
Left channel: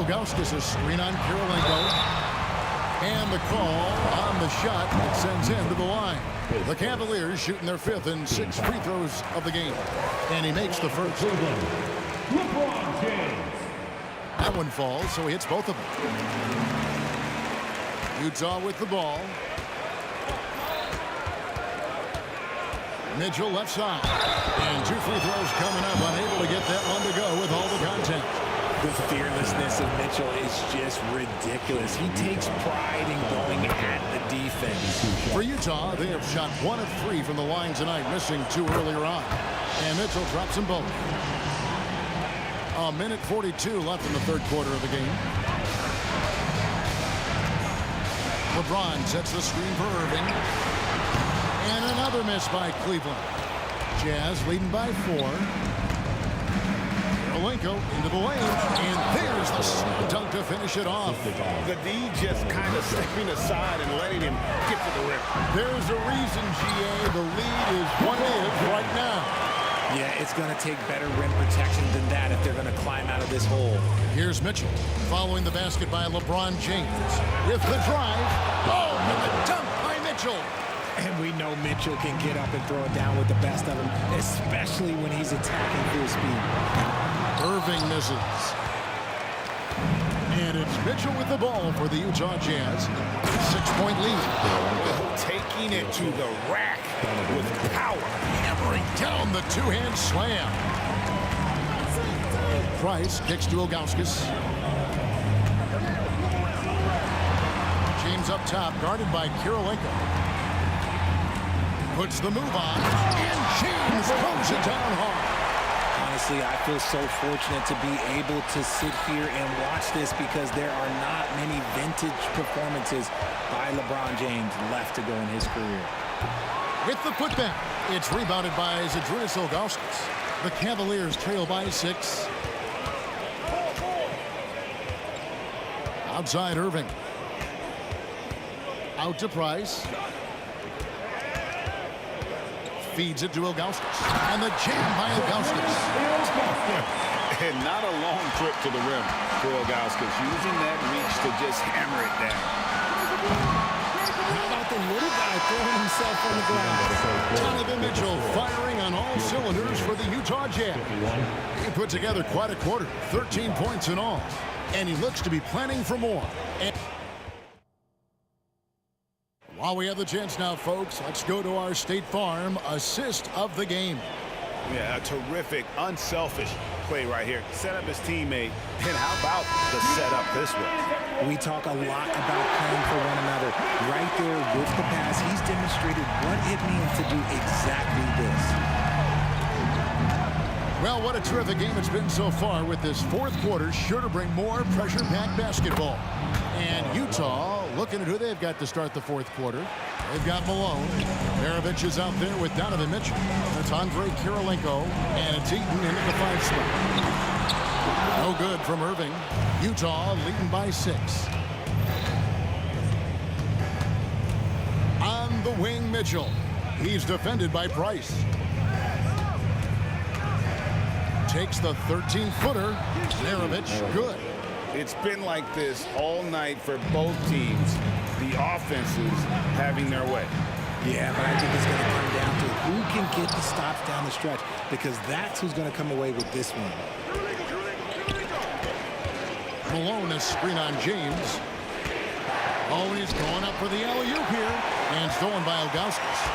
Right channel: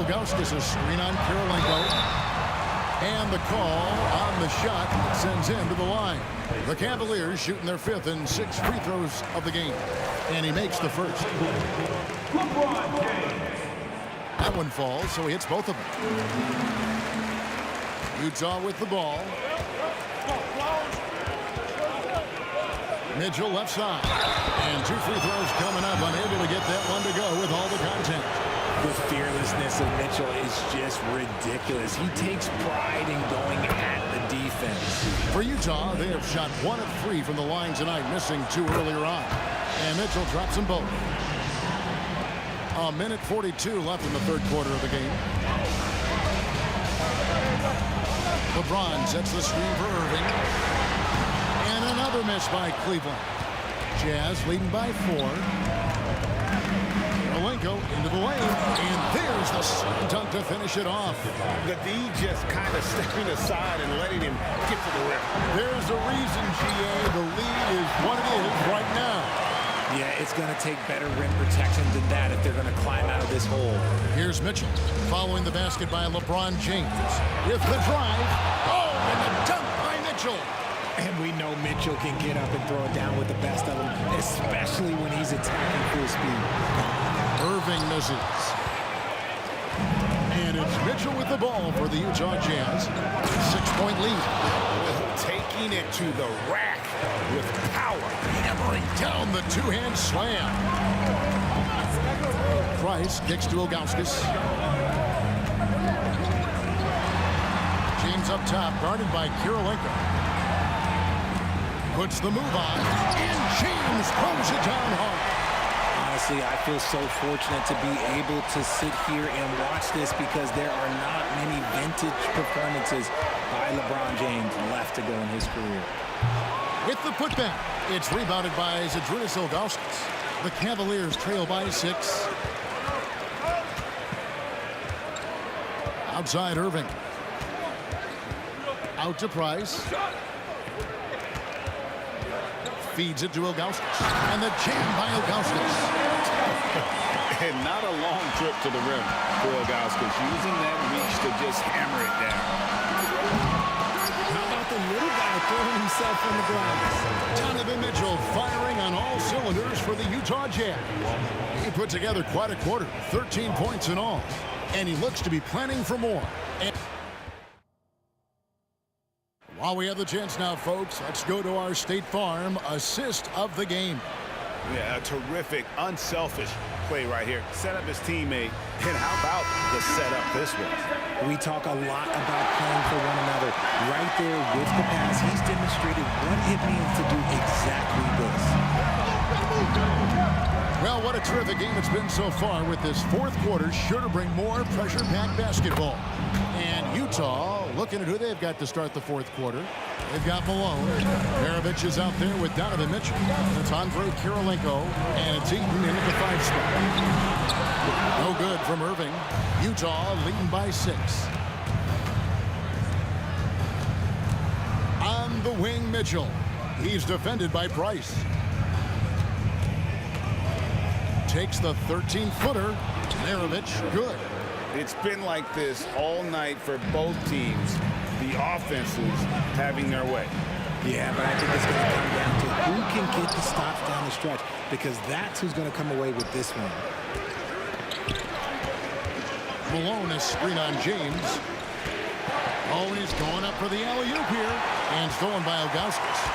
lethal. Ilgauskas a screen on Kirilenko. And the call on the shot that sends him to the line. The Cavaliers shooting their 5th and 6th free throws of the game. And he makes the first. LeBron James. That one falls, so he hits both of them. Utah with the ball. Mitchell left side. And 2 free throws coming up. Unable to get that one to go with all the contact. The fearlessness of Mitchell is just ridiculous. He takes pride in going at the defense. For Utah, they have shot 1 of 3 from the line tonight, missing 2 earlier on. And Mitchell drops them both. 1:42 left in the third quarter of the game. LeBron sets the screen for Irving. And another miss by Cleveland. Jazz leading by 4. Kirilenko into the lane, and there's the slam dunk to finish it off. The D just kind of stepping aside and letting him get to the rim. There's a reason, GA, the lead is what it is right now. Yeah, it's going to take better rim protection than that if they're going to climb out of this hole. Here's Mitchell following the basket by LeBron James with the drive. Oh, and the dunk by Mitchell. And we know Mitchell can get up and throw it down with the best of them, especially when he's attacking full speed. Irving misses. And it's Mitchell with the ball for the Utah Jazz. 6-point lead. Oh, taking it to the rack with power. Hammering down the two-hand slam. Price kicks to Ilgauskas. James up top, guarded by Kirilenko. Puts the move on, and James throws it down hard. Honestly, I feel so fortunate to be able to sit here and watch this because there are not many vintage performances by LeBron James left to go in his career. With the putback, it's rebounded by Zydrunas Ilgauskas. The Cavaliers trail by 6. Outside Irving. Out to Price. Feeds it to Ilgauskas. And the jam by Ilgauskas. And not a long trip to the rim for Ilgauskas, using that reach to just hammer it down. How about the little guy throwing himself on the glass? Donovan Mitchell firing on all cylinders for the Utah Jazz. He put together quite a quarter, 13 points in all. And he looks to be planning for more. And while we have the chance now, folks, let's go to our State Farm assist of the game. Yeah, a terrific, unselfish play right here. Set up his teammate. And how about the setup this was? We talk a lot about playing for one another. Right there with the pass, he's demonstrated what it means to do exactly this. Well, what a terrific game it's been so far, with this fourth quarter sure to bring more pressure-packed basketball. And Utah looking at who they've got to start the fourth quarter. They've got Malone. Maravich is out there with Donovan Mitchell. That's Andre Kirilenko, and it's Eaton in at the 5 spot. No good from Irving. Utah leading by 6. On the wing, Mitchell. He's defended by Price. Takes the 13-footer. Maravich, good. It's been like this all night for both teams. The offenses having their way. Yeah, but I think it's going to come down to who can get the stops down the stretch, because that's who's going to come away with this one. Malone is screen on James. Oh, and he's going up for the alley-oop here. And stolen by Ilgauskas.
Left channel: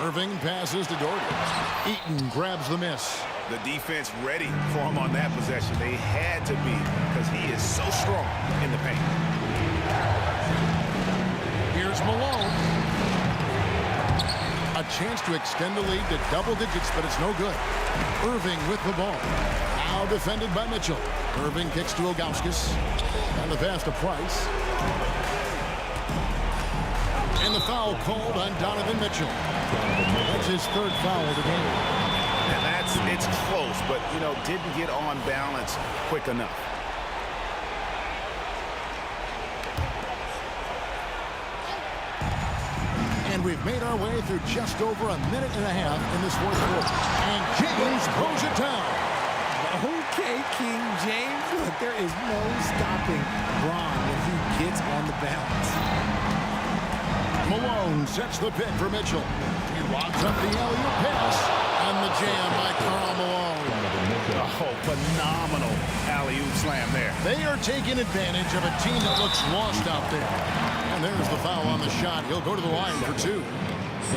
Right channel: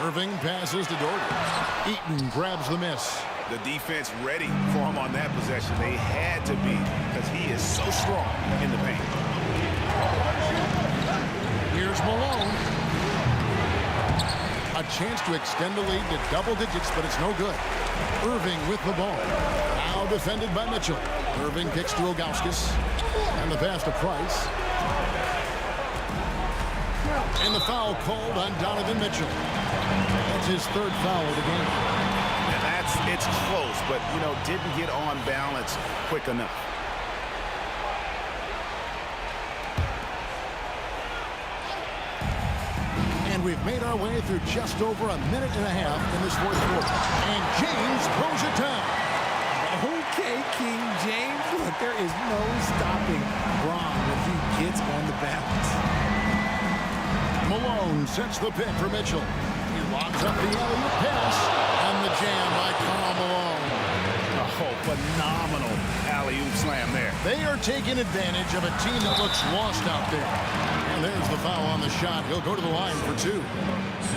Irving passes to Doherty. Eaton grabs the miss. The defense ready for him on that possession. They had to be, because he is so strong in the paint. Here's Malone. A chance to extend the lead to double digits, but it's no good. Irving with the ball. Now defended by Mitchell. Irving kicks to Ilgauskas. And the pass to Price. And the foul called on Donovan Mitchell. That's his 3rd foul of the game. Now it's close, but, didn't get on balance quick enough. And we've made our way through just over a minute and a half in this fourth quarter. And James throws it down. Okay, King James. Look, there is no stopping Bron when he gets on the bounce. Malone sets the pick for Mitchell. He lobs up the alley-oop pass, and the jam by Karl Malone. Oh, phenomenal alley-oop slam there. They are taking advantage of a team that looks lost out there. And there's the foul on the shot. He'll go to the line for 2.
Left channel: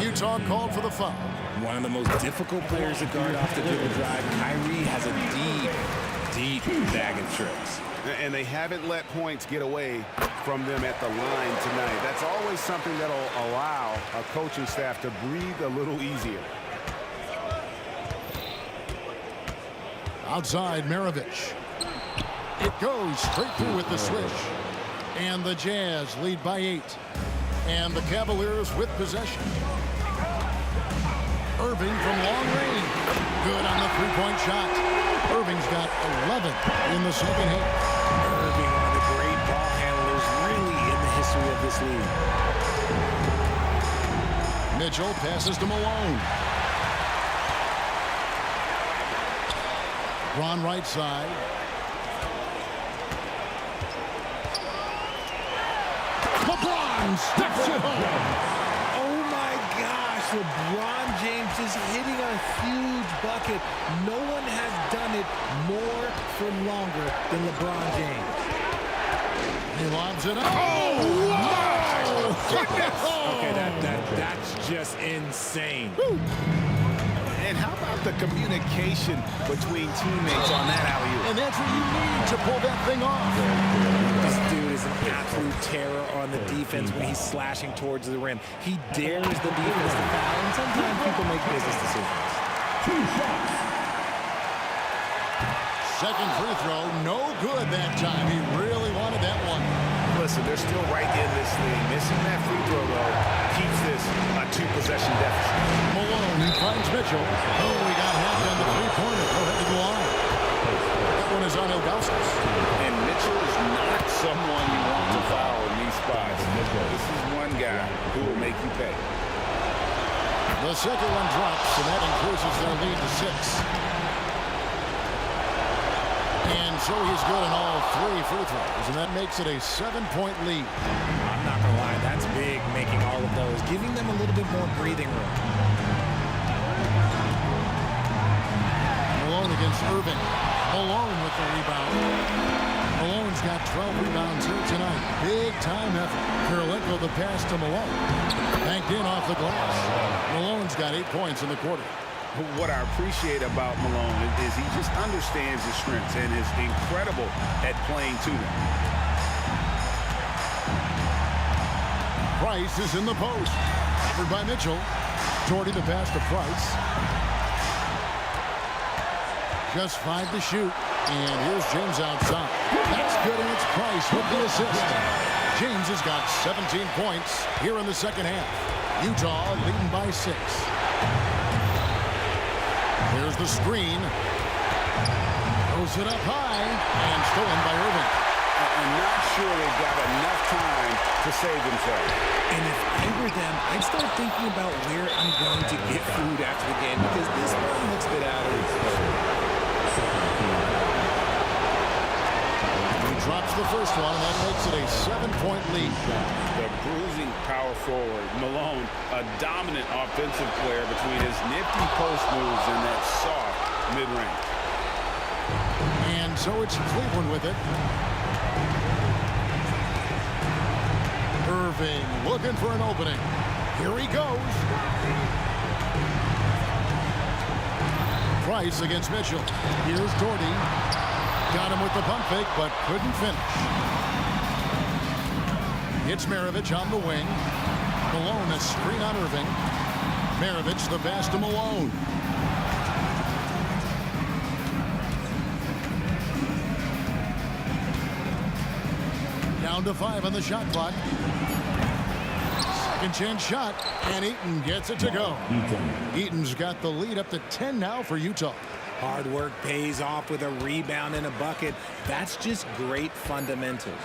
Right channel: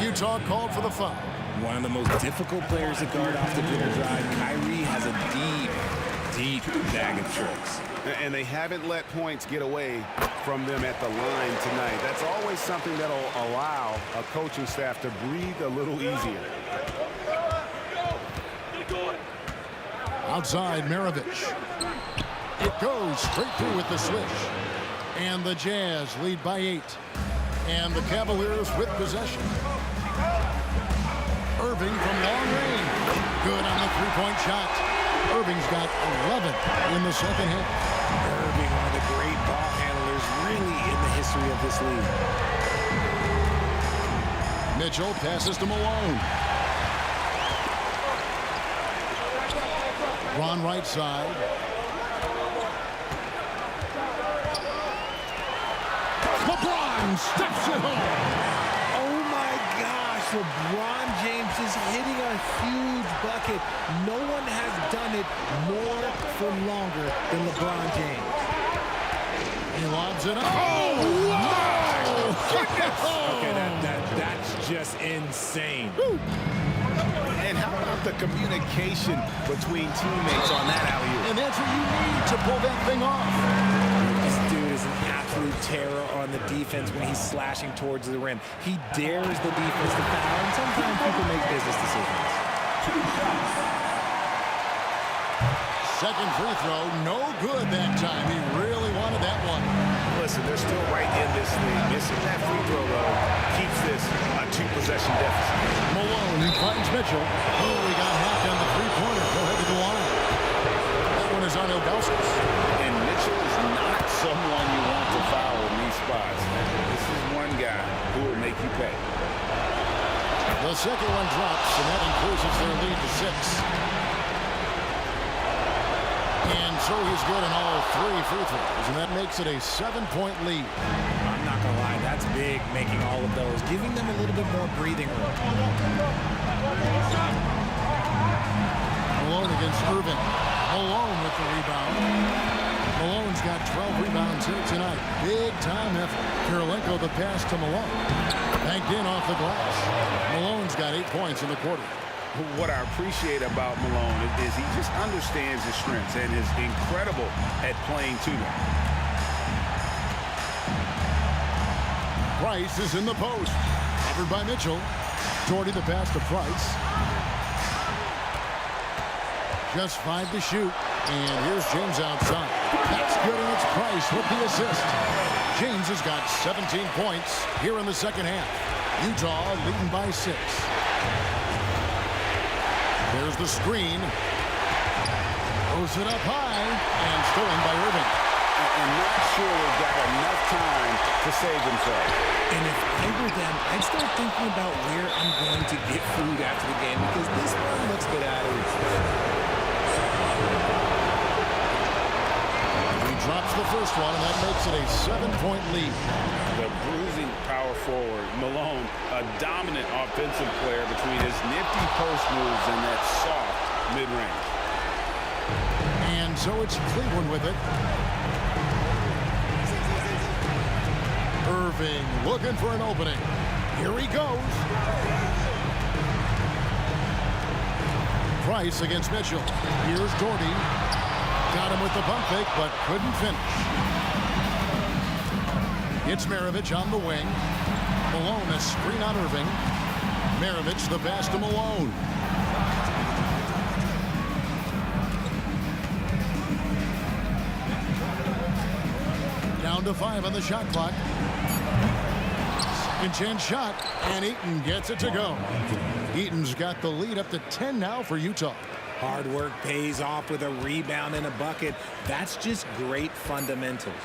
Utah called for the foul. One of the most difficult players to guard off the dribble drive. Kyrie has a deep bag of tricks. And they haven't let points get away from them at the line tonight. That's always something that'll allow a coaching staff to breathe a little easier. Outside, Maravich. It goes straight through with the swish. And the Jazz lead by 8. And the Cavaliers with possession. Irving from long range. Good on the 3-point shot. Irving's got 11 in the second half. Irving, one of the great ball handlers really in the history of this league. Mitchell passes to Malone. Ron right side. LeBron steps it home. Oh my gosh, LeBron James is hitting a huge bucket. No one has done it more for longer than LeBron James. He lobs it up. Oh, wow! Okay, that's just insane. Woo. And how about the communication between teammates on that alley-oop? And that's what you need to pull that thing off. This dude is an absolute terror on the defense when he's slashing towards the rim. He dares the defense to foul, and sometimes people make business decisions. 2 shots. Second free throw, no good that time. He really wanted that one. Listen, they're still right in this thing. Missing that free throw, though, keeps this a 2-possession deficit. Malone finds Mitchell. Oh, he got hacked on the three-pointer. Go ahead to the line. That one is on Ilgauskas. And Mitchell is not someone you want to foul in these spots. This is one guy who will make you pay. The second one drops, and that increases their lead to 6. And so he's good on all 3 free throws, and that makes it a 7-point lead. I'm not going to lie, that's big, making all of those, giving them a little bit more breathing room. Malone against Irving. Malone with the rebound. Malone's got 12 rebounds here tonight. Big time effort. Kirilenko the pass to Malone. Banked in off the glass. Malone's got 8 points in the quarter. What I appreciate about Malone is he just understands his strengths and is incredible at playing to them. Price is in the post. Covered by Mitchell. Doherty the pass to Price. Just 5 to shoot. And here's James outside. That's good, and it's Price with the assist. James has got 17 points here in the second half. Utah leading by 6. There's the screen. Throws it up high and stolen by Irving. And not sure they got enough time to save themselves. And if I were them, I'd start thinking about where I'm going to get food after the game because this one looks a bit out of reach. He drops the first one, and that makes it a 7-point lead. The bruising power forward, Malone, a dominant offensive player between his nifty post moves and that soft mid-range. And so it's Cleveland with it. Irving looking for an opening. Here he goes. Price against Mitchell. Here's Doherty. Got him with the pump fake, but couldn't finish. It's Maravich on the wing. Malone a screen on Irving. Maravich the pass to Malone. Down to 5 on the shot clock. Second chance shot, and Eaton gets it to go. Eaton's got the lead up to 10 now for Utah. Hard work pays off with a rebound and a bucket. That's just great fundamentals.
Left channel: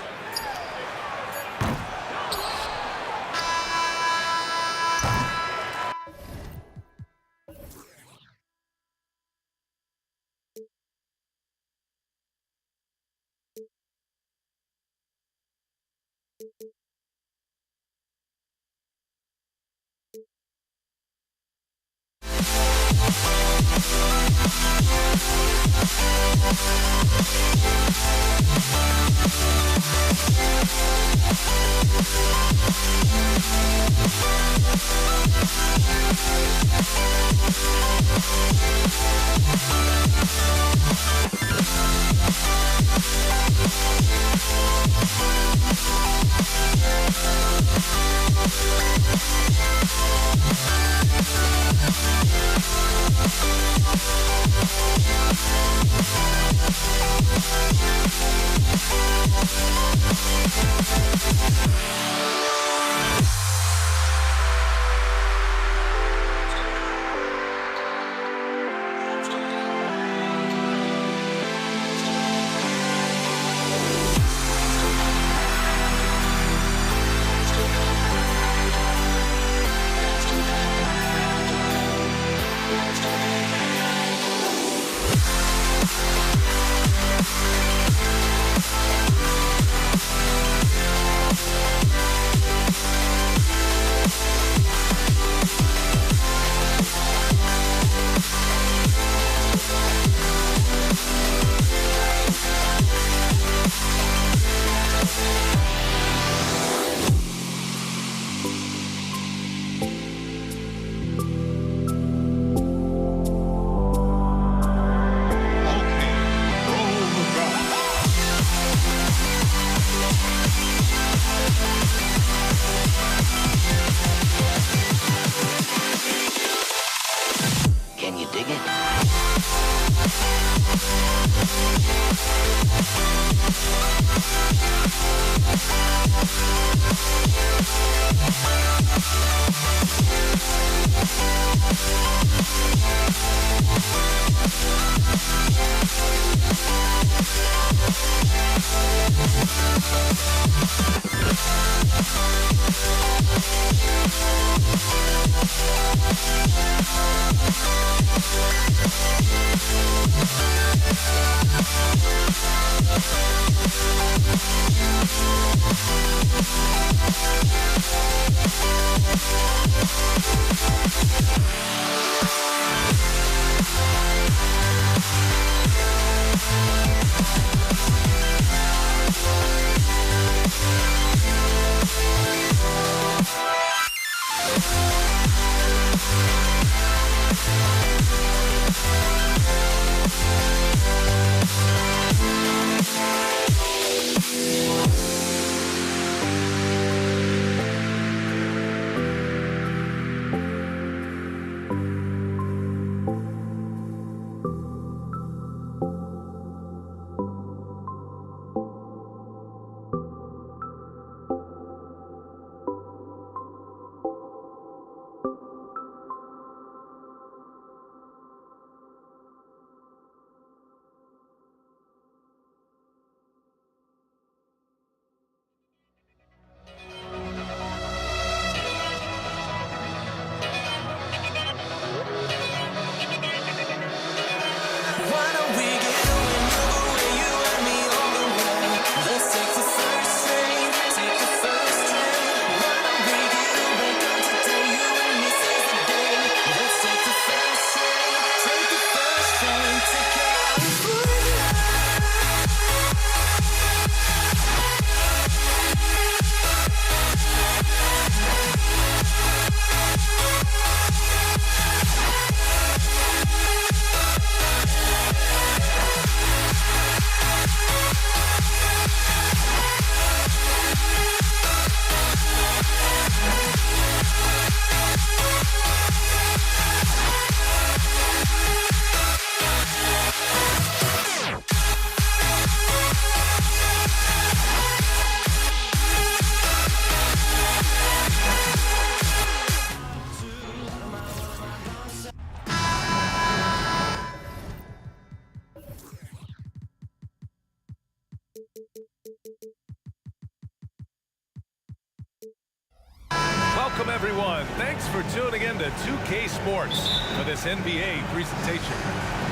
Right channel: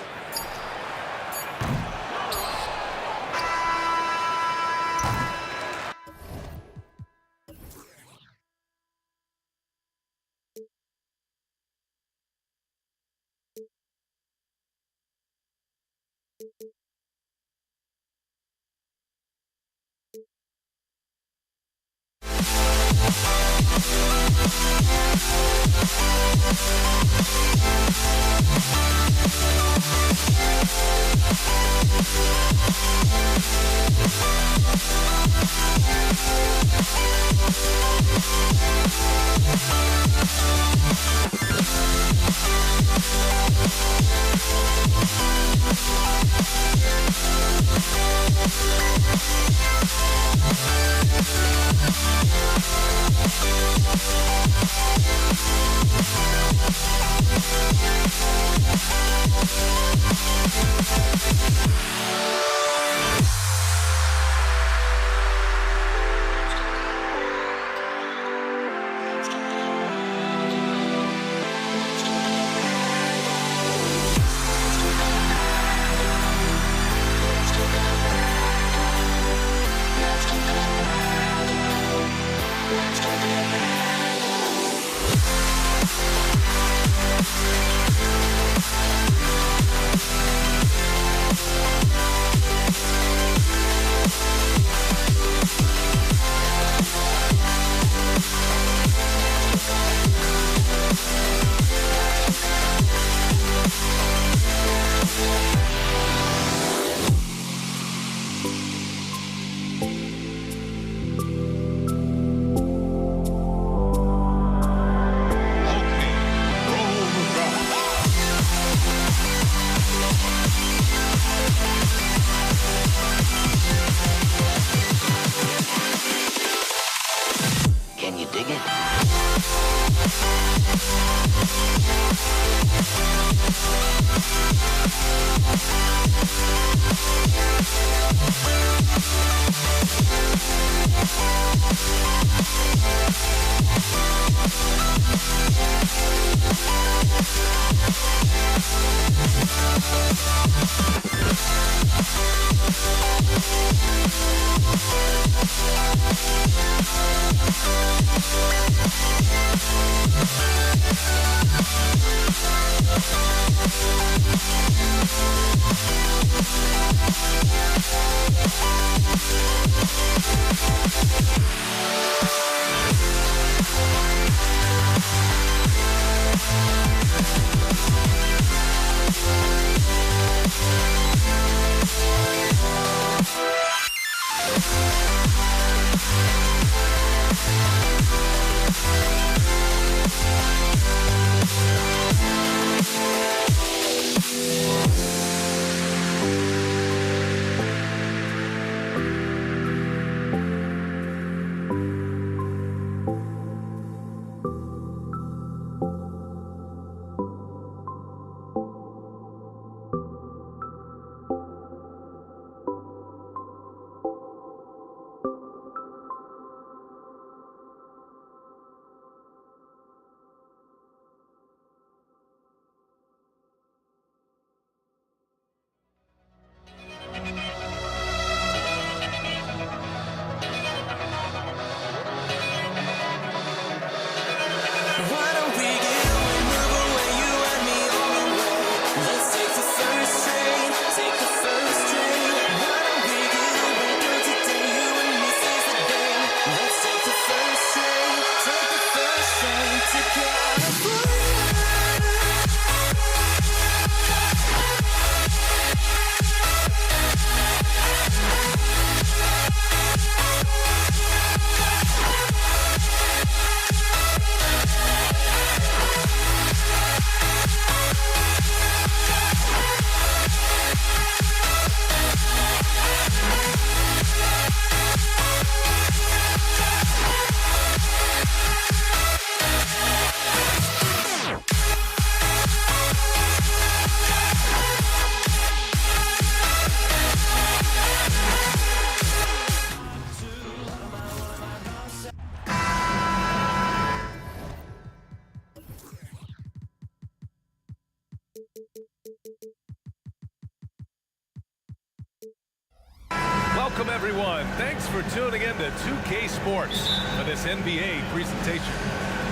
Welcome, everyone. Thanks for tuning in to 2K Sports for this NBA presentation.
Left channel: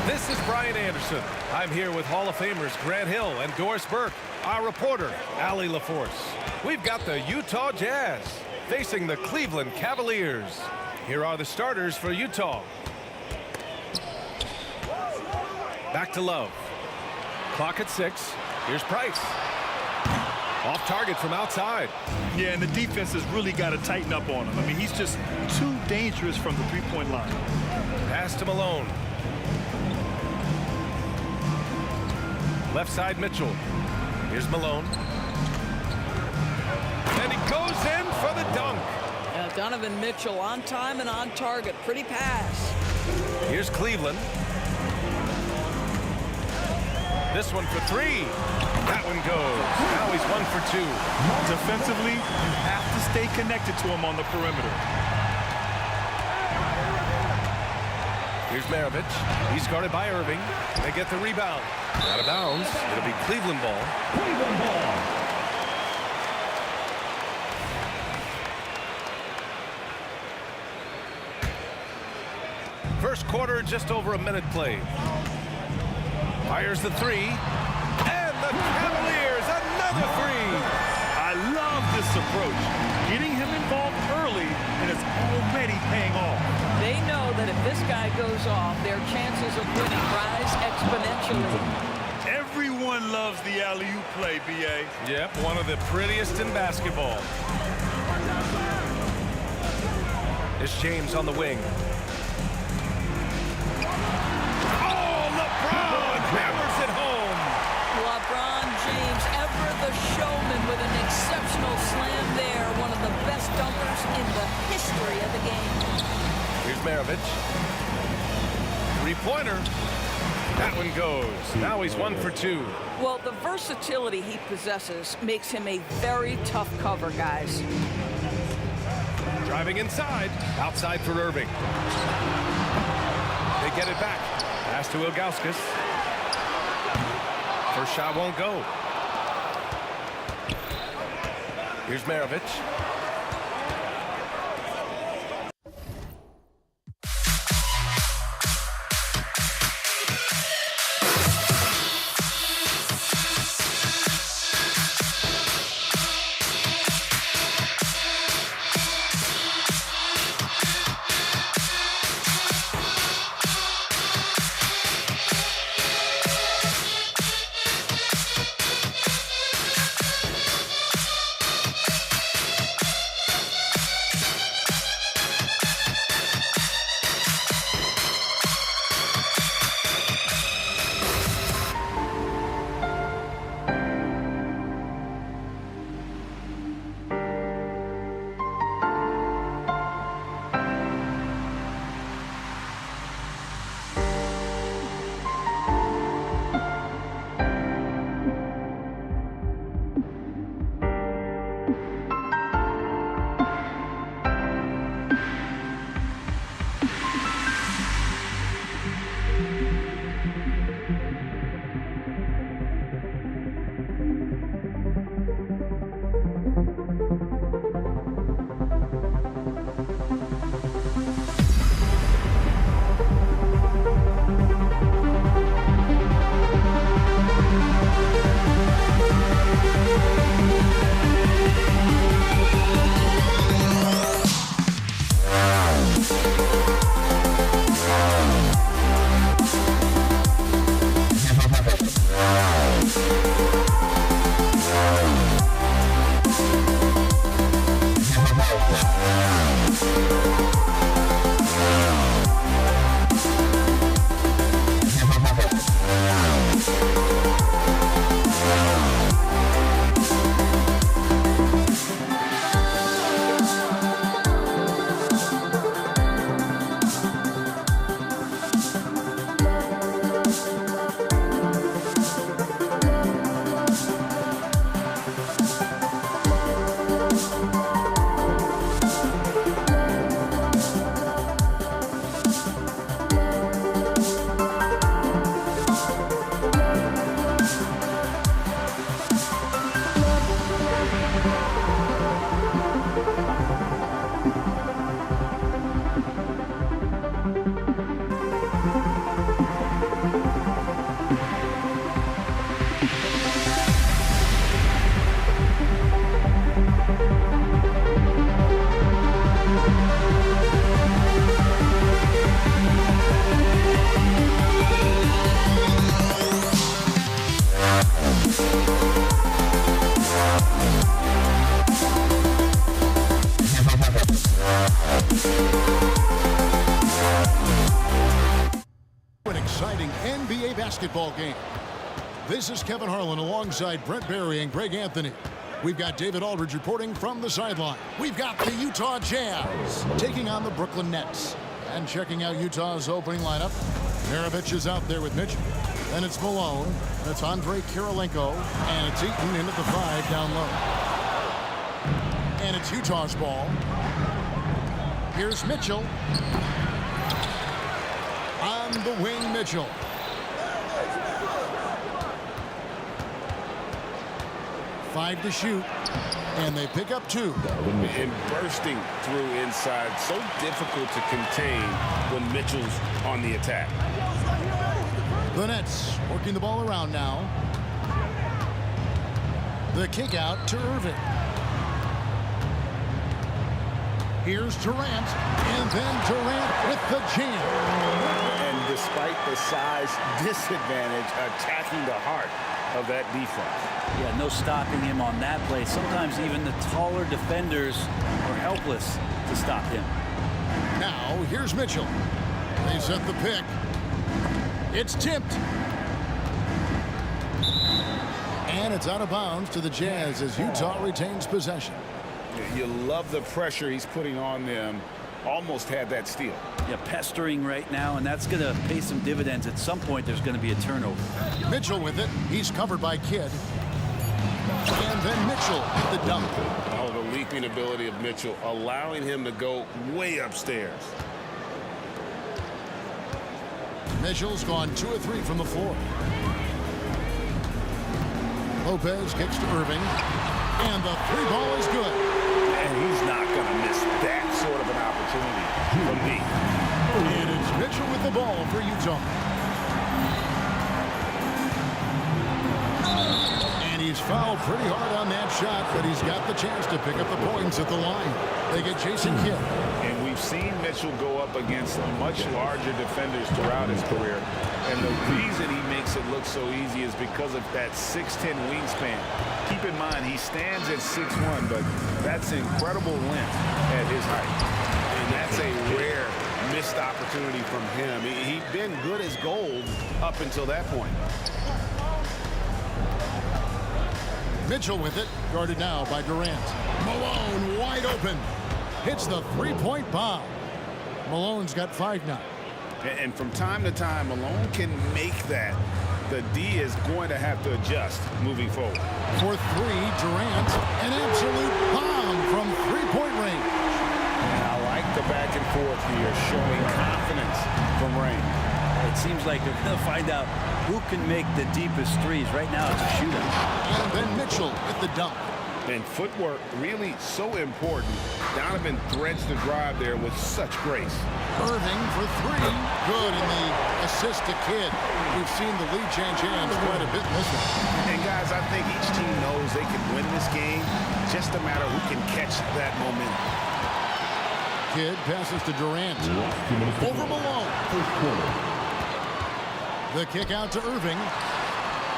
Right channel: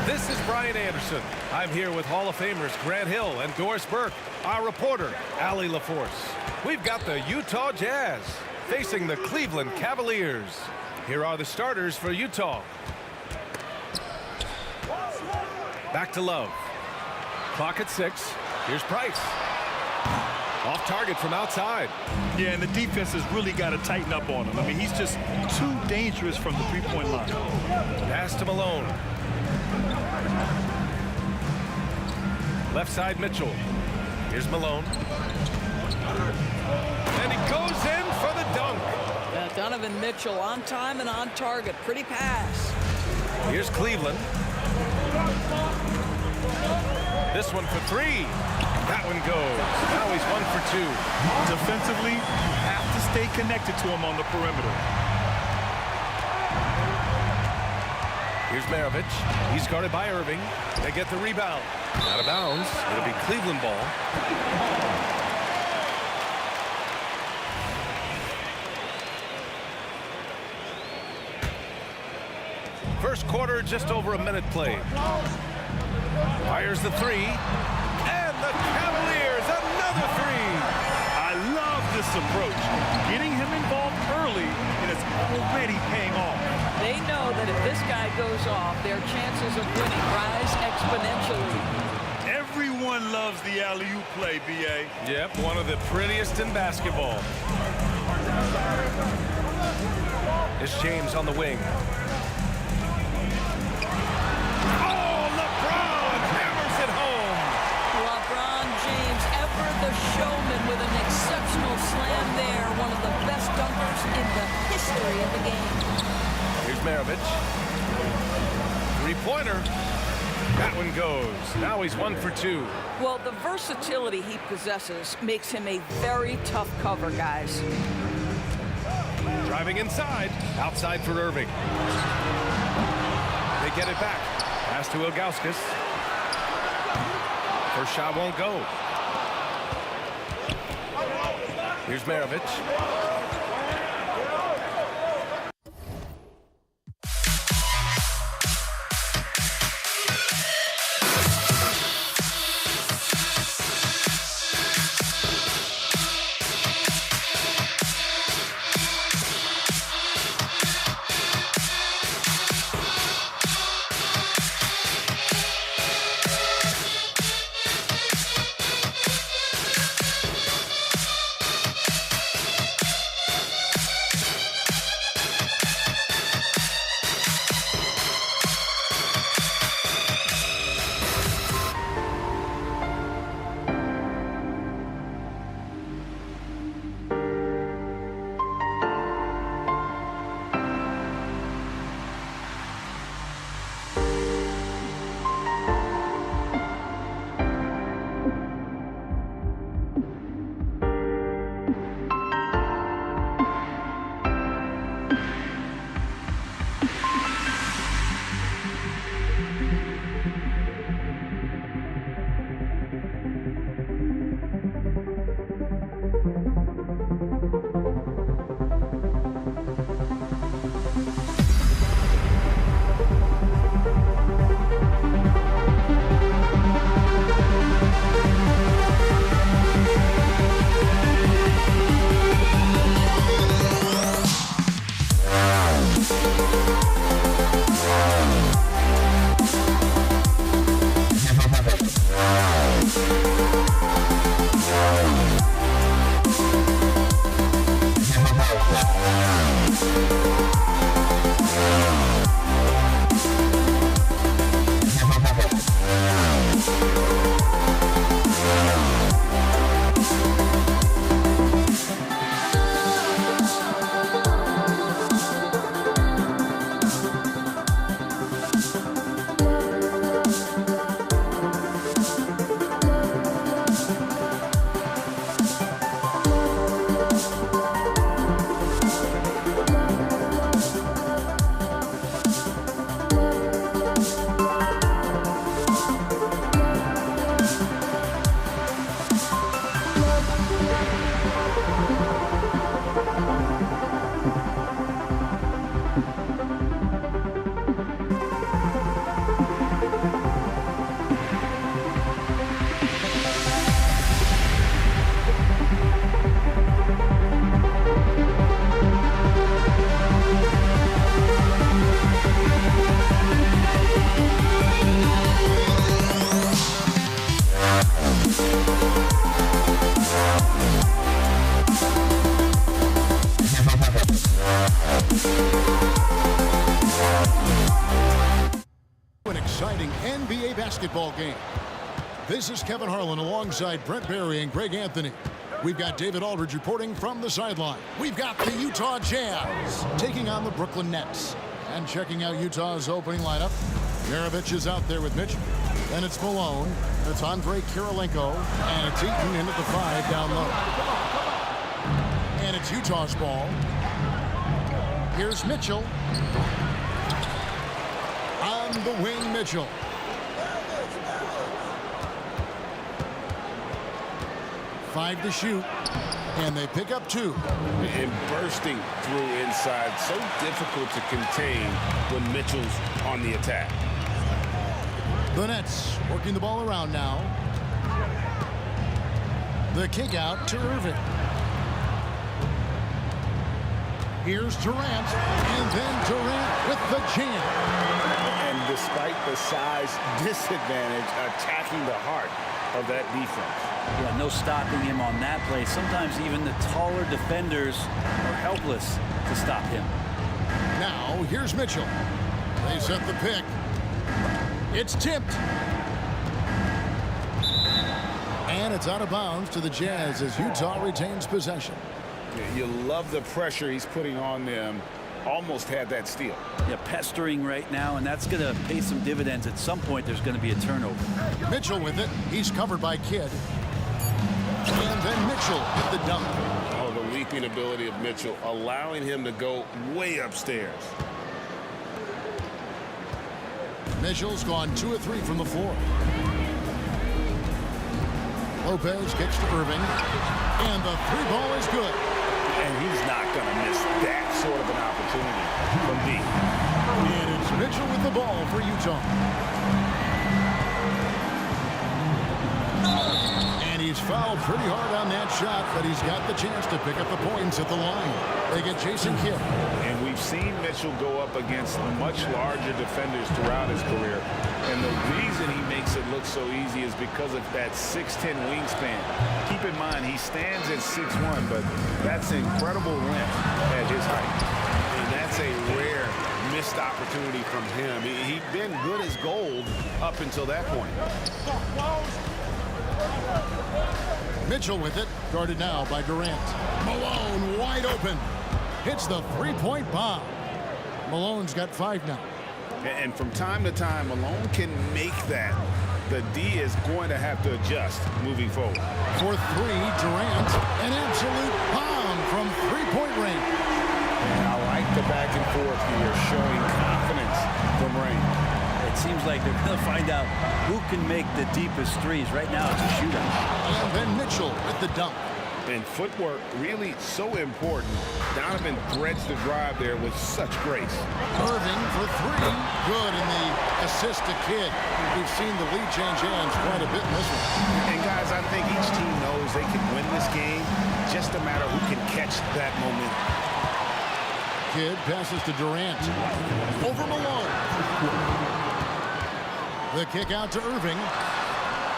This is Brian Anderson. I'm here with Hall of Famers Grant Hill and Doris Burke, our reporter, Allie LaForce. We've got the Utah Jazz facing the Cleveland Cavaliers. Here are the starters for Utah. Back to Love. Clock at 6. Here's Price. Off target from outside. Yeah, and the defense has really got to tighten up on him. I mean, he's just too dangerous from the three-point line. Pass to Malone. Left side, Mitchell. Here's Malone. And he goes in for the dunk. Yeah, Donovan Mitchell on time and on target. Pretty pass. Here's Cleveland. This one for 3. That one goes. Now he's 1 for 2. Defensively, you have to stay connected to him on the perimeter. Here's Maravich. He's guarded by Irving. They get the rebound. Out of bounds. It'll be Cleveland ball. First quarter, just over a minute played. Fires the 3. And the Cavaliers, another 3. I love this approach. Getting him involved early, and it's already paying off. They know that if this guy goes off, their chances of winning rise exponentially. Everyone loves the alley-oop play, B.A. Yep, one of the prettiest in basketball. It's James on the wing. Oh, LeBron hammers it home. LeBron James, ever the showman, with an exceptional slam there. One of the best dunkers in the history of the game. Here's Maravich. Three-pointer. That one goes. Now he's 1 for 2. Well, the versatility he possesses makes him a very tough cover, guys. Driving inside. Outside for Irving. They get it back. Pass to Ilgauskas. First shot won't go. Here's Maravich. an exciting NBA basketball game. This is Kevin Harlan alongside Brent Barry and Greg Anthony. We've got David Aldridge reporting from the sideline. We've got the Utah Jazz taking on the Brooklyn Nets. And checking out Utah's opening lineup, Maravich is out there with Mitchell. Then it's Malone, and it's Andre Kirilenko, and it's Eaton in at the 5 down low. And it's Utah's ball. Here's Mitchell. On the wing, Mitchell. Five to shoot, and they pick up 2. And bursting through inside, so difficult to contain when Mitchell's on the attack. The Nets working the ball around now. The kick out to Irving. Here's Durant, and then Durant with the jam. And despite the size disadvantage, attacking the heart of that defense. Yeah, no stopping him on that play. Sometimes even the taller defenders are helpless to stop him. Now, here's Mitchell. They set the pick. It's tipped. And it's out of bounds to the Jazz as Utah retains possession. You love the pressure he's putting on them. Almost had that steal. Yeah, pestering right now, and that's going to pay some dividends. At some point, there's going to be a turnover. Mitchell with it. He's covered by Kidd. And then Mitchell with the dunk. Oh, the leaping ability of Mitchell, allowing him to go way upstairs. Mitchell's gone 2 of 3 from the floor. Lopez kicks to Irving. And the 3 ball is good. And he's not going to miss that sort of an opportunity from deep. And it's Mitchell with the ball for Utah. And he's fouled pretty hard on that shot, but he's got the chance to pick up the points at the line. They get Jason Kidd. And we've seen Mitchell go up against much larger defenders throughout his career. And the reason he makes it look so easy is because of that 6'10" wingspan. Keep in mind, he stands at 6'1", but that's incredible length at his height. And that's a rare missed opportunity from him. He'd been good as gold up until that point. Mitchell with it, guarded now by Durant. Malone wide open. Hits the 3-point bomb. Malone's got 5 now. And from time to time, Malone can make that. The D is going to have to adjust moving forward. For 3, Durant, an absolute bomb from 3-point range. And I like the back and forth here, showing confidence from Rain. It seems like they're going to find out who can make the deepest threes. Right now, it's a shootout. And then Mitchell with the dunk. And footwork really so important. Donovan threads the drive there with such grace. Irving for 3. Good, and the assist to Kidd. We've seen the lead change hands quite a bit in this one. And guys, I think each team knows they can win this game. Just a matter who can catch that momentum. Kidd passes to Durant. Over Malone. The kick out to Irving.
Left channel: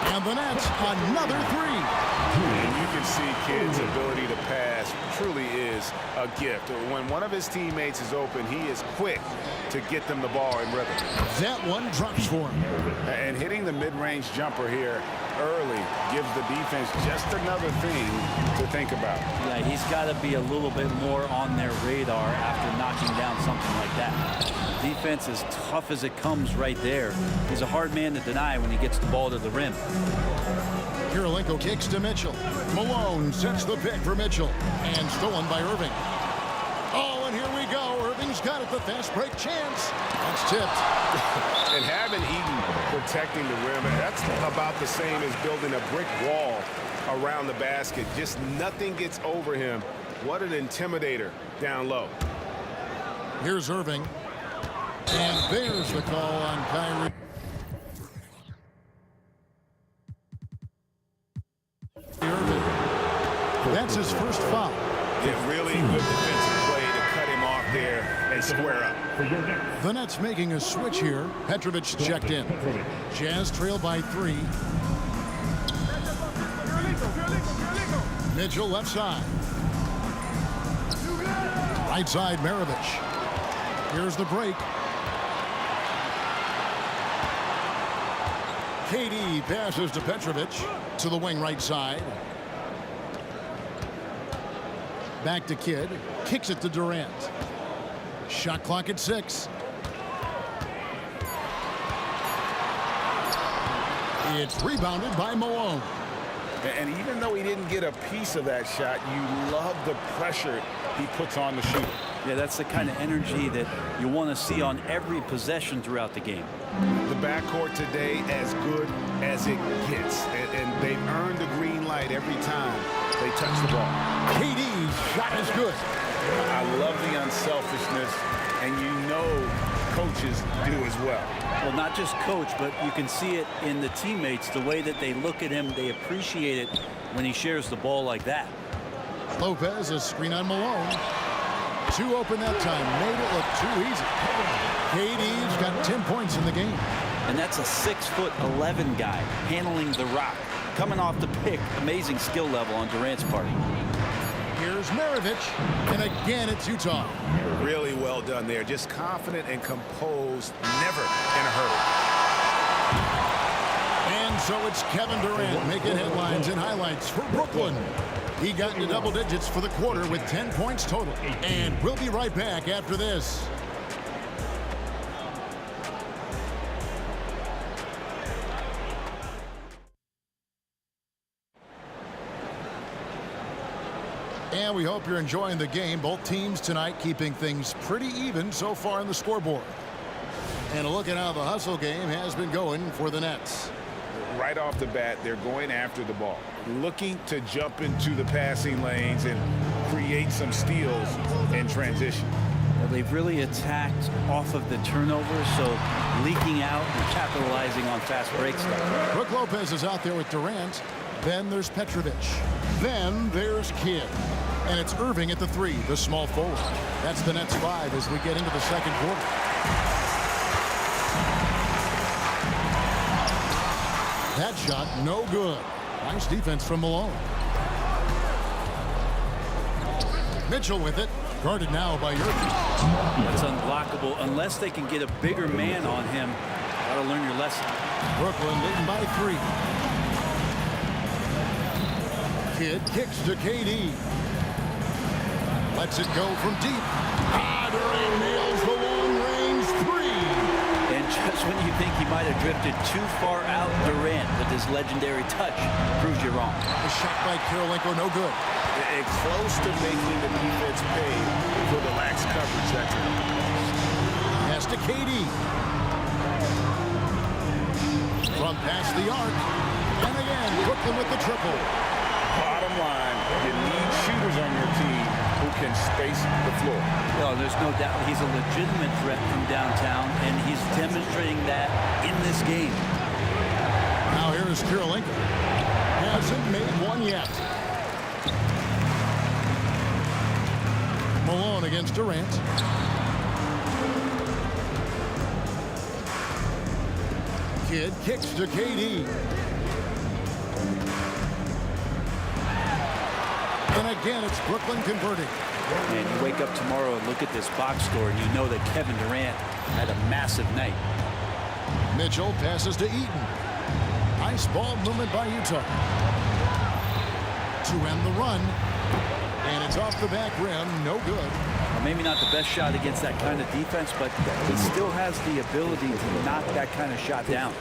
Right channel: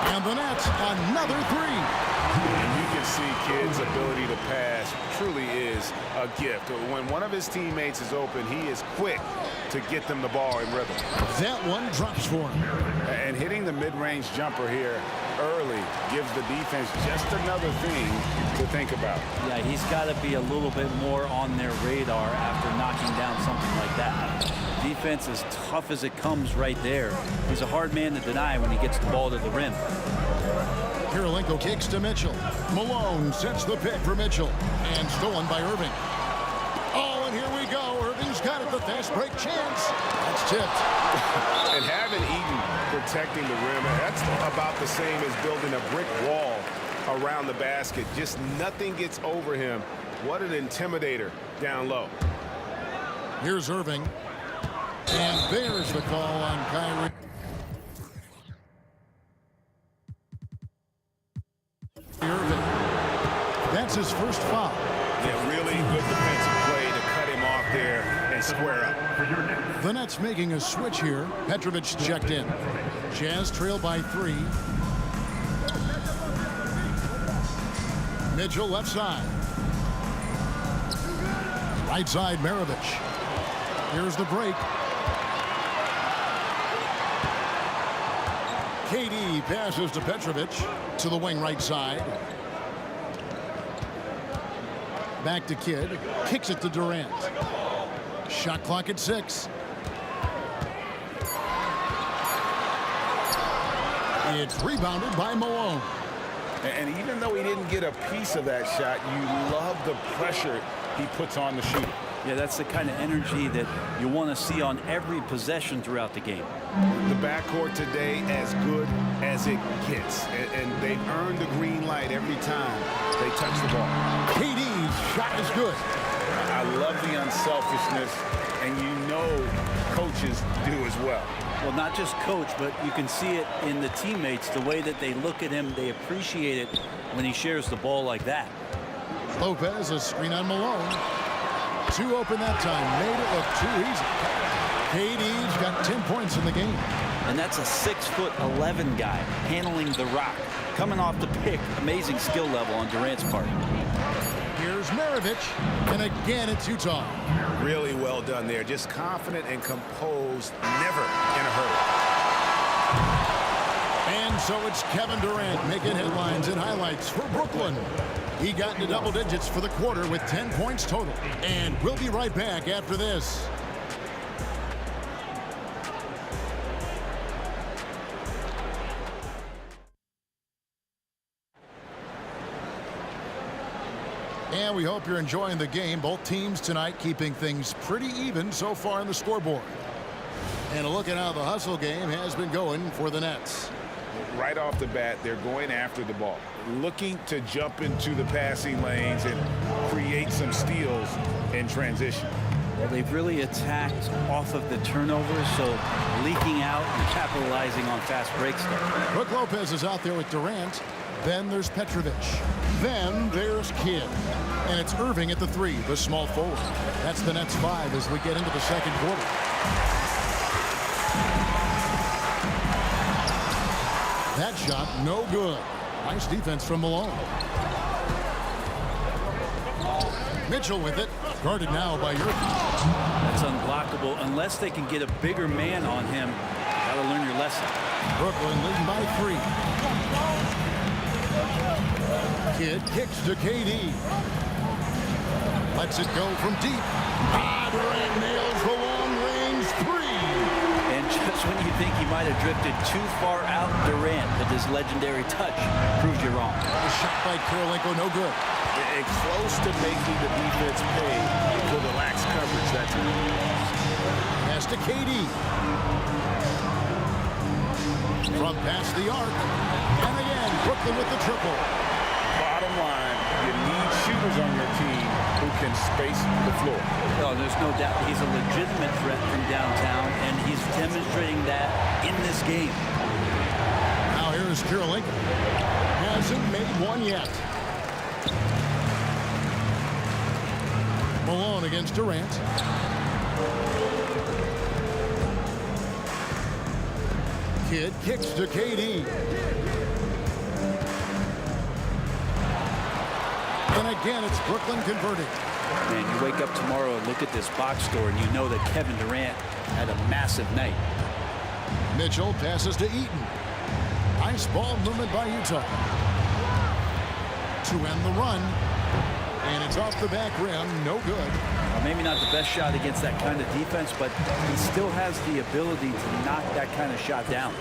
And the Nets, another 3. And you can see Kidd's ability to pass truly is a gift. When one of his teammates is open, he is quick to get them the ball in rhythm. That one drops for him. And hitting the mid-range jumper here early gives the defense just another thing to think about. Yeah, he's got to be a little bit more on their radar after knocking down something like that. Defense is tough as it comes right there. He's a hard man to deny when he gets the ball to the rim. Kirilenko kicks to Mitchell. Malone sets the pick for Mitchell. And stolen by Irving. Oh, and here we go. Irving's got it. The fast break chance. That's tipped. And having Eaton protecting the rim, that's about the same as building a brick wall around the basket. Just nothing gets over him. What an intimidator down low. Here's Irving. And there's the call on Kyrie. Irving. That's his first foul. Yeah, really good defensive play to cut him off there and square up. The Nets making a switch here. Petrovic checked in. Jazz trail by 3. Mitchell left side. Right side Maravich. Here's the break. KD passes to Petrovic to the wing right side. Back to Kidd. Kicks it to Durant. Shot clock at 6. It's rebounded by Malone. And even though he didn't get a piece of that shot, you love the pressure he puts on the shooter. Yeah, that's the kind of energy that you want to see on every possession throughout the game. The backcourt today as good as it gets. And they've earned the green light every time they touch the ball. KD's shot is good. I love the unselfishness, and you know coaches do as well. Well, not just coach, but you can see it in the teammates, the way that they look at him. They appreciate it when he shares the ball like that. Lopez, a screen on Malone. 2 open that time. Made it look too easy. KD's got 10 points in the game. And that's a 6'11" guy handling the rock. Coming off the pick, amazing skill level on Durant's part. Here's Maravich, and again it's Utah. Really well done there. Just confident and composed, never in a hurry. And so it's Kevin Durant making headlines and highlights for Brooklyn. He got into double digits for the quarter with 10 points total. And we'll be right back after this. And we hope you're enjoying the game. Both teams tonight keeping things pretty even so far on the scoreboard. And a look at how the hustle game has been going for the Nets. Right off the bat, they're going after the ball, looking to jump into the passing lanes and create some steals in transition. Well, they've really attacked off of the turnovers, so leaking out and capitalizing on fast break stuff. Brook Lopez is out there with Durant. Then there's Petrovic. Then there's Kidd. And it's Irving at the 3, the small forward. That's the Nets 5 as we get into the second quarter. That shot, no good. Nice defense from Malone. Mitchell with it. Guarded now by Irving. That's unblockable unless they can get a bigger man on him. Got to learn your lesson. Brooklyn leading by 3. Kidd kicks to KD. Lets it go from deep. Durant nails the long-range 3. And just when you think he might have drifted too far out, Durant, with his legendary touch, proves you wrong. The shot by Kirilenko, no good. And close to making the defense pay for the lax coverage that time. Pass to KD. From past the arc. And again, Brooklyn with the triple. Bottom line, you need shooters on your team who can space the floor. Well, there's no doubt he's a legitimate threat from downtown, and he's demonstrating that in this game. Now here's Kirilenko. Hasn't made one yet. Malone against Durant. Kidd kicks to KD. And again, it's Brooklyn converting. Man, you wake up tomorrow and look at this box score, and you know that Kevin Durant had a massive night. Mitchell passes to Eaton. Nice ball movement by Utah. To end the run. And it's off the back rim. No good. Well, maybe not the best shot against that kind of defense, but he still has the ability to knock that kind of shot down.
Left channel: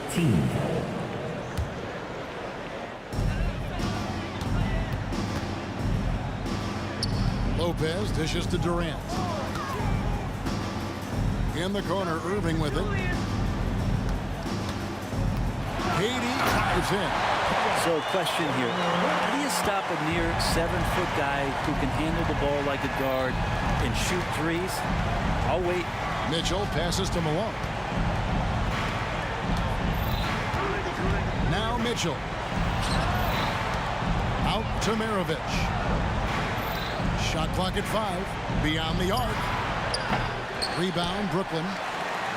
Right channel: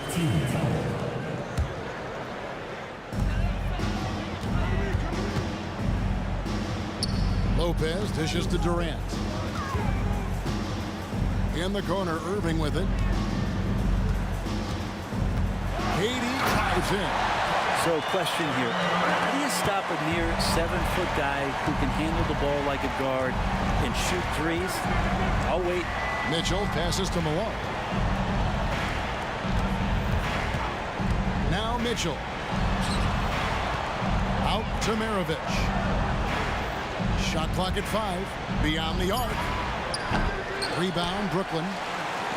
Lopez dishes to Durant. In the corner, Irving with it. KD drives in. So question here, how do you stop a near 7-foot guy who can handle the ball like a guard and shoot threes? I'll wait. Mitchell passes to Malone. Now Mitchell. Out to Maravich. Shot clock at 5. Beyond the arc. Rebound, Brooklyn.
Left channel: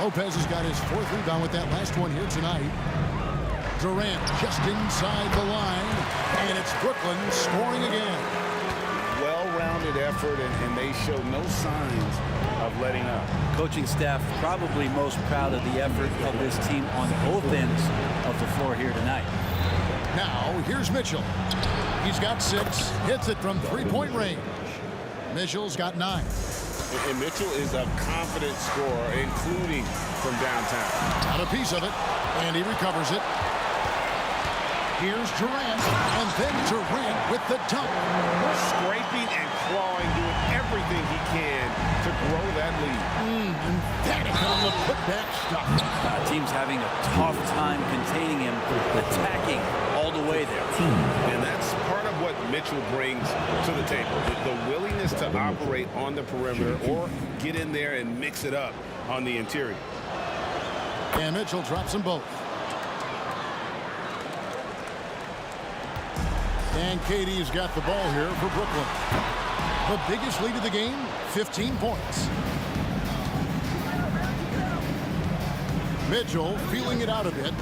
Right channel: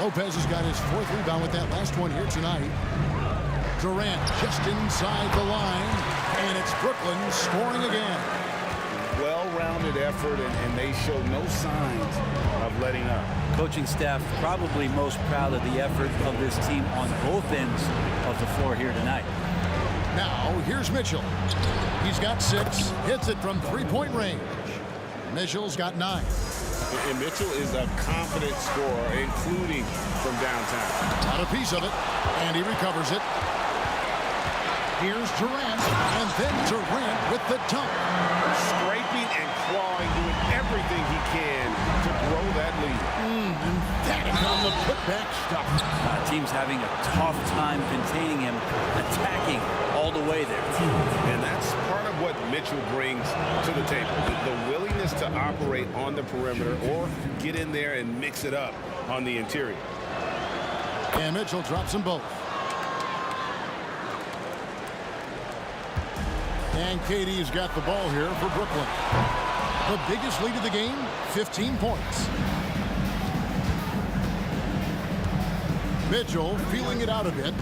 Lopez has got his 4th rebound with that last one here tonight. Durant just inside the line. And it's Brooklyn scoring again. Well-rounded effort, and they show no signs of letting up. Coaching staff probably most proud of the effort of this team on both ends of the floor here tonight. Now, here's Mitchell. He's got 6, hits it from three-point range. Mitchell's got 9. And Mitchell is a confident scorer, including from downtown. Got a piece of it, and he recovers it. Here's Durant, and then Durant with the dunk. Scraping and clawing, doing everything he can to grow that lead. Emphatic on the putback stuff. Team's having a tough time containing him, attacking all the way there. And that's part of what Mitchell brings to the table. The willingness to operate on the perimeter or get in there and mix it up on the interior. And Mitchell drops them both. And KD's got the ball here for Brooklyn. The biggest lead of the game, 15 points. Mitchell feeling it out a bit.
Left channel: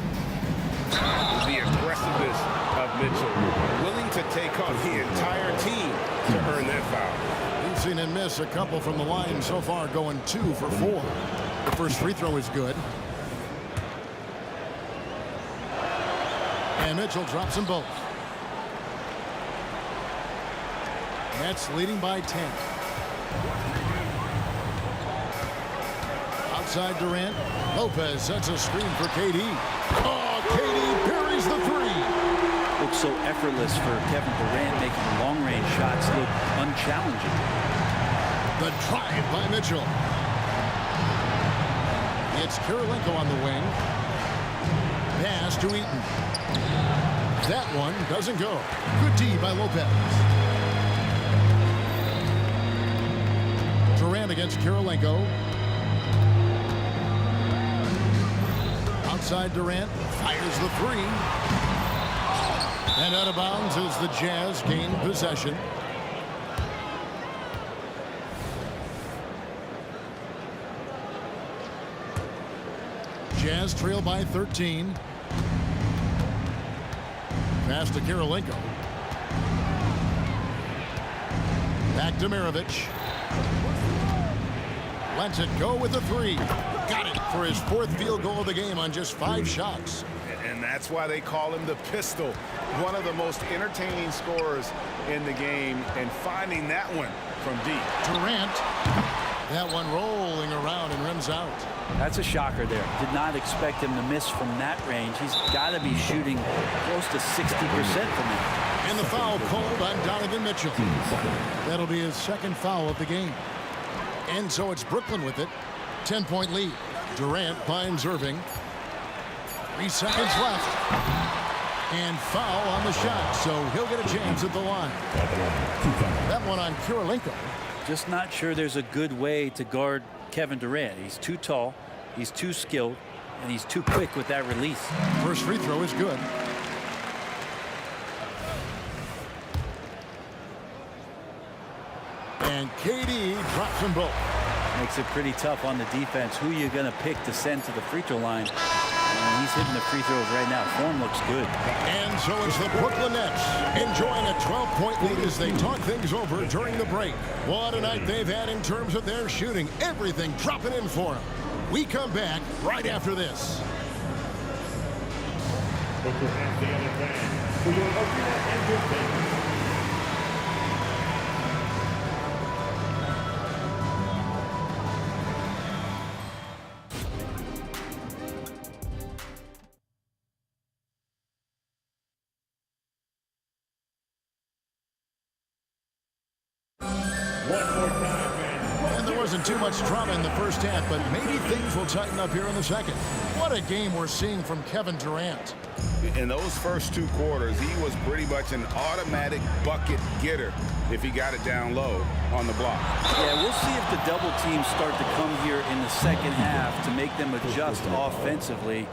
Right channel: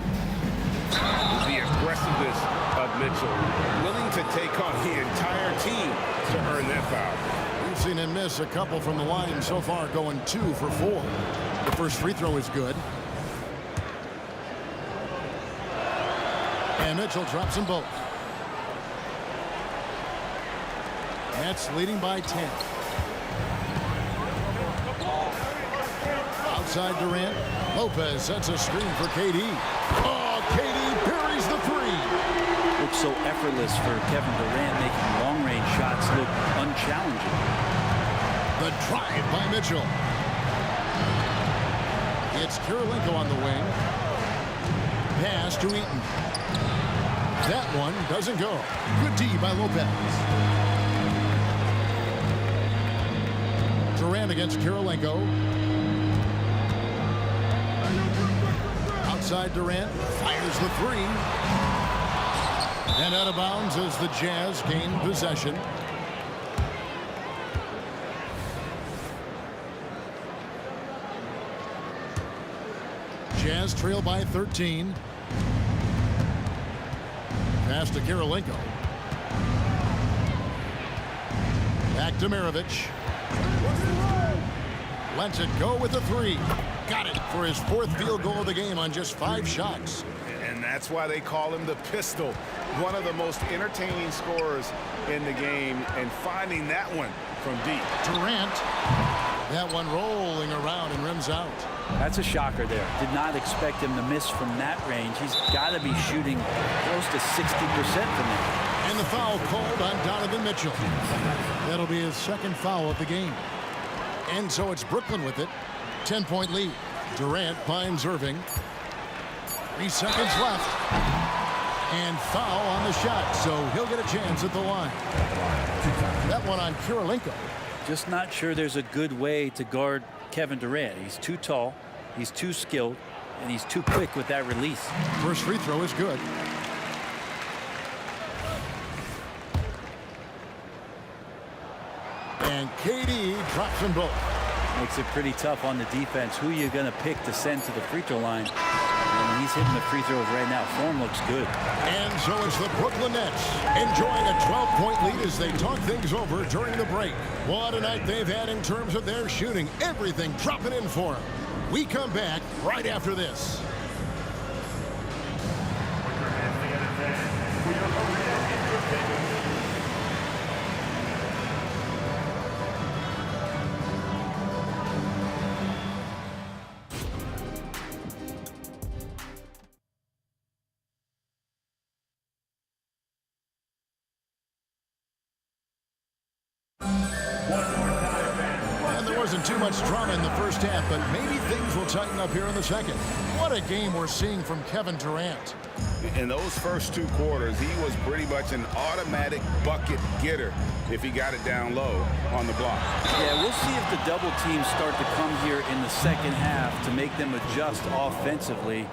The aggressiveness of Mitchell, willing to take on the entire team to earn that foul. We've seen him miss a couple from the line so far, going 2 for 4. The first free throw is good. And Mitchell drops them both. Nets leading by 10. Outside Durant. Lopez sets a screen for KD. Oh, KD parries the 3. Looks so effortless for Kevin Durant, making long-range shots look unchallenging. The drive by Mitchell. It's Kirilenko on the wing. Pass to Eaton. That one doesn't go. Good D by Lopez. Durant against Kirilenko. Outside Durant, fires the 3. And out of bounds as the Jazz gain possession. Jazz trail by 13. Pass to Kirilenko. Back to Maravich. Lets it go with a 3. Got it for his 4th field goal of the game on just 5 shots. And that's why they call him the pistol. One of the most entertaining scorers in the game, and finding that one from deep. Durant. That one rolling around and rims out. That's a shocker there. Did not expect him to miss from that range. He's got to be shooting close to 60% from there. And the foul called on Donovan Mitchell. That'll be his 2nd foul of the game. And so it's Brooklyn with it. 10-point lead. Durant finds Irving. 3 seconds left. And foul on the shot, so he'll get a chance at the line. That one on Kirilenko. Just not sure there's a good way to guard Kevin Durant. He's too tall, he's too skilled, and he's too quick with that release. First free throw is good. And KD drops them both. Makes it pretty tough on the defense. Who you going to pick to send to the free throw line? And when he's hitting the free throws right now, form looks good. And so it's the Brooklyn Nets enjoying a 12-point lead as they talk things over during the break. What a night they've had in terms of their shooting. Everything dropping in for them. We come back right after this. Put your hands together, fans, for your opening entertainment. Wasn't too much drama in the first half, but maybe things will tighten up here in the second. What a game we're seeing from Kevin Durant. In those first 2 quarters, he was pretty much an automatic bucket getter if he got it down low on the block. Yeah, we'll see if the double teams start to come here in the second half to make them adjust offensively,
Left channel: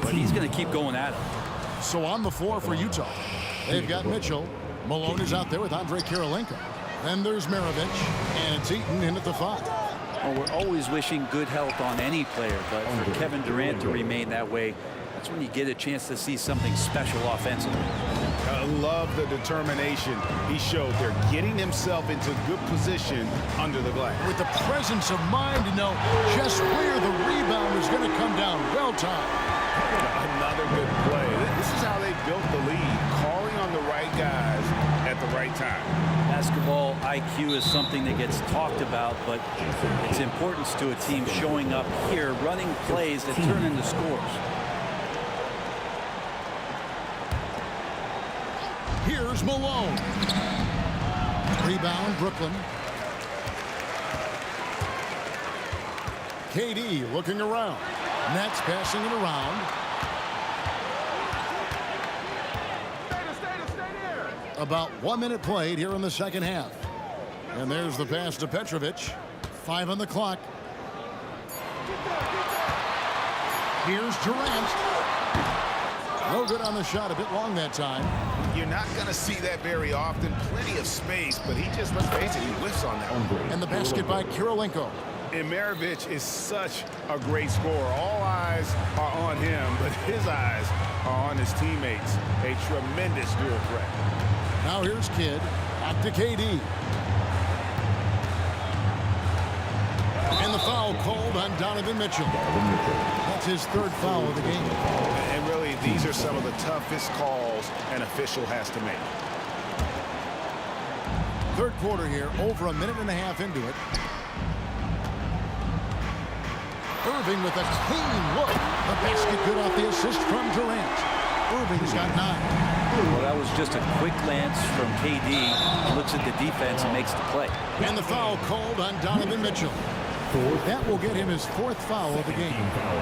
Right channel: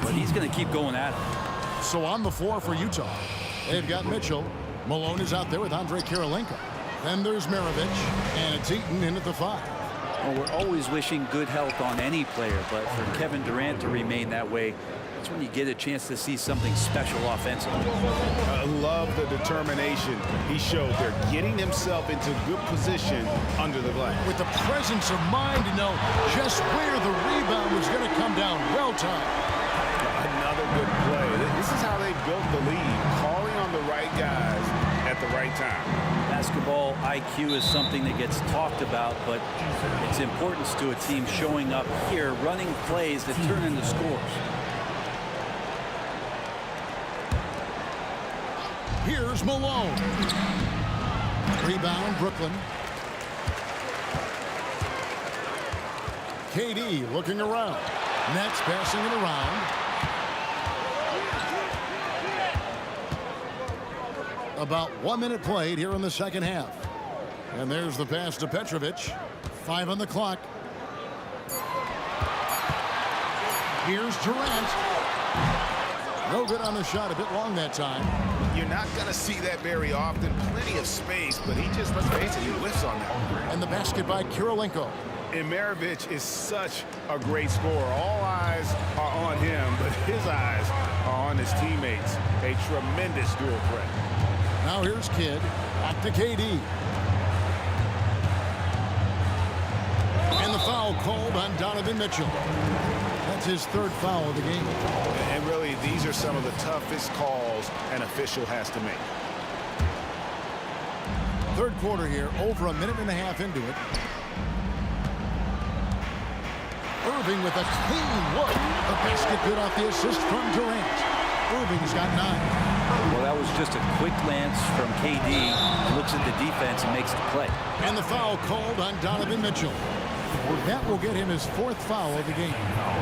but he's going to keep going at him. So on the floor for Utah, they've got Mitchell. Malone is out there with Andre Kirilenko. Then there's Maravich, and it's Eaton in at the 5. Well, we're always wishing good health on any player, but for Kevin Durant to remain that way, that's when you get a chance to see something special offensively. I love the determination he showed there, getting himself into good position under the glass. With the presence of mind to know just where the rebound was going to come down. Well timed. Another good play. This is how they built the lead, calling on the right guys at the right time. Basketball IQ is something that gets talked about, but its importance to a team showing up here, running plays that turn into scores. Here's Malone. Rebound, Brooklyn. KD looking around. Nets passing it around. About 1 minute played here in the second half. And there's the pass to Petrovic. 5 on the clock. Here's Durant. No good on the shot. A bit long that time. You're not going to see that very often. Plenty of space, but he just, let's face it, he whiffs on that one. And the basket by Kirilenko. And Maravich is such a great scorer. All eyes are on him, but his eyes are on his teammates. A tremendous dual threat. Now here's Kidd. Back to KD. And the foul called on Donovan Mitchell. That's his third foul of the game. And really, these are some of the toughest calls an official has to make. Third quarter here, over 1.5 minutes into it. Irving with a clean look. The basket good off the assist from Durant. Irving's got 9. Well, that was just a quick glance from KD. Looks at the defense and makes the play. And the foul called on Donovan Mitchell. That will get him his 4th foul of the game.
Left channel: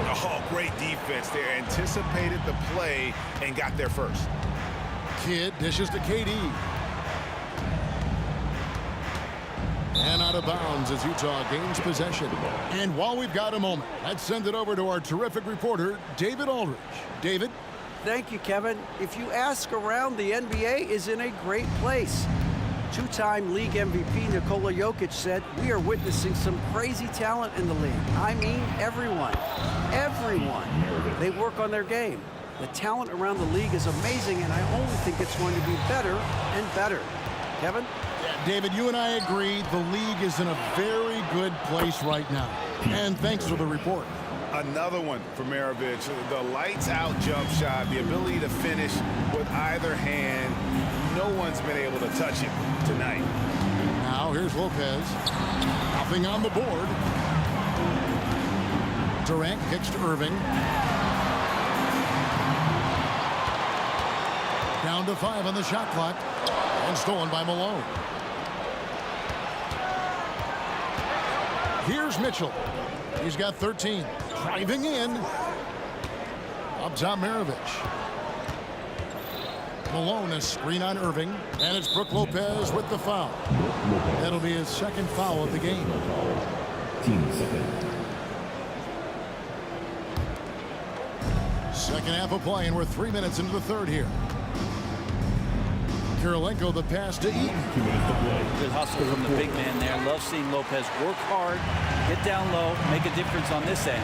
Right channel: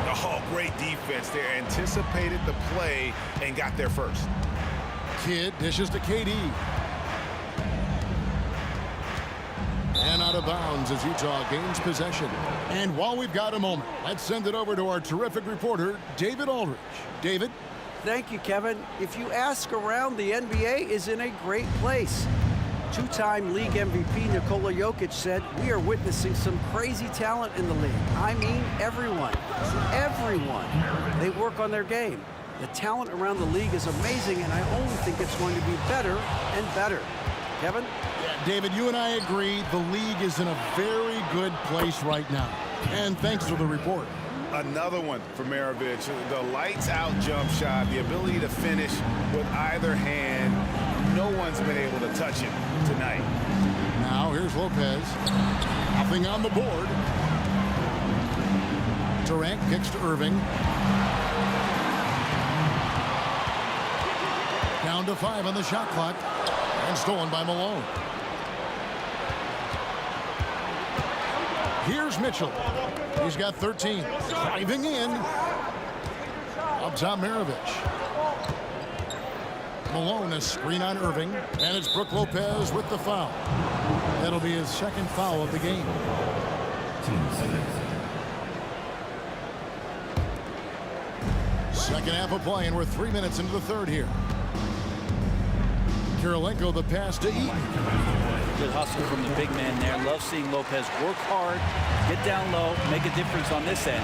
Oh, great defense there. Anticipated the play and got there first. Kidd dishes to KD. And out of bounds as Utah gains possession. And while we've got a moment, let's send it over to our terrific reporter, David Aldridge. David? Thank you, Kevin. If you ask around, the NBA is in a great place. Two-time league MVP Nikola Jokic said, "We are witnessing some crazy talent in the league. I mean, everyone. Everyone. They work on their game. The talent around the league is amazing, and I only think it's going to be better and better." Kevin? Yeah, David, you and I agree the league is in a very good place right now. And thanks for the report. Another one for Maravich. The lights-out jump shot, the ability to finish with either hand. No one's been able to touch him tonight. Now here's Lopez. Nothing on the board. Durant kicks to Irving. Down to 5 on the shot clock. And stolen by Malone. Here's Mitchell. He's got 13. Driving in. Up top, Maravich. Malone, a screen on Irving. And it's Brook Lopez with the foul. That'll be his 2nd foul of the game. 15 seconds. Second half of play, and we're 3 minutes into the third here. Kirilenko, the pass to Eaton. Good hustle from the big man there. Love seeing Lopez work hard, get down low, make a difference on this end.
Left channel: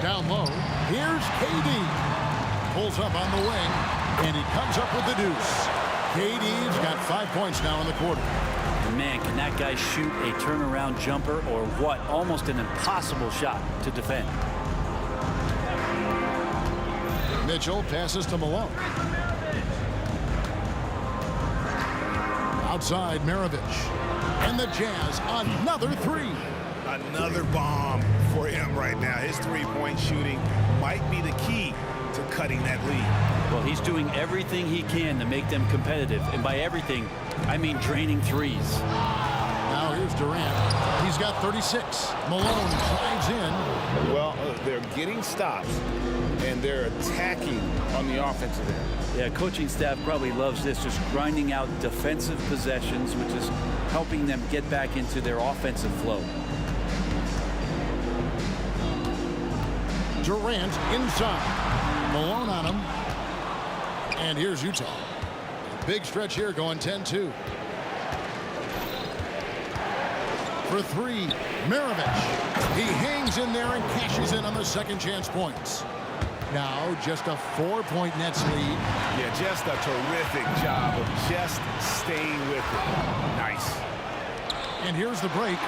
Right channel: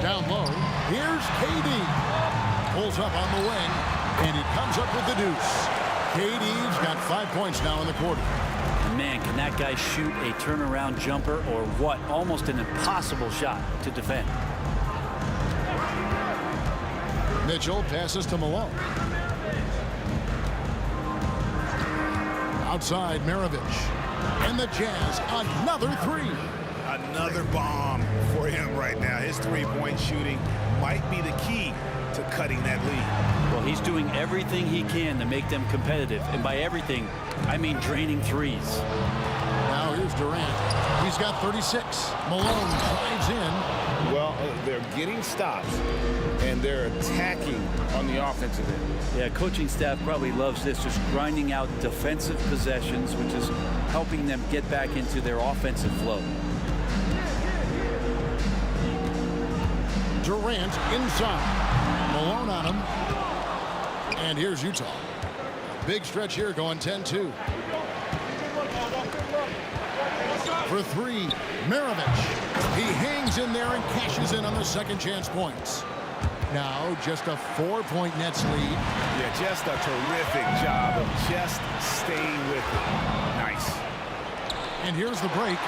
Down low, here's KD. Pulls up on the wing, and he comes up with the deuce. KD's got 5 points now in the quarter. And man, can that guy shoot a turnaround jumper or what? Almost an impossible shot to defend. Mitchell passes to Malone. Outside, Maravich. And the Jazz, another 3. Another bomb for him right now. His three-point shooting might be the key to cutting that lead. Well, he's doing everything he can to make them competitive. And by everything, I mean draining threes. Now here's Durant. He's got 36. Malone drives in. Well, they're getting stops, and they're attacking on the offensive end. Yeah, coaching staff probably loves this, just grinding out defensive possessions, which is helping them get back into their offensive flow. Durant inside. Malone on him. And here's Utah. A big stretch here going 10-2. for three. Maravich. He hangs in there and cashes in on the second chance points. Now just a 4-point Nets lead. Yeah, just a terrific job of just staying with it. Nice. And here's the break.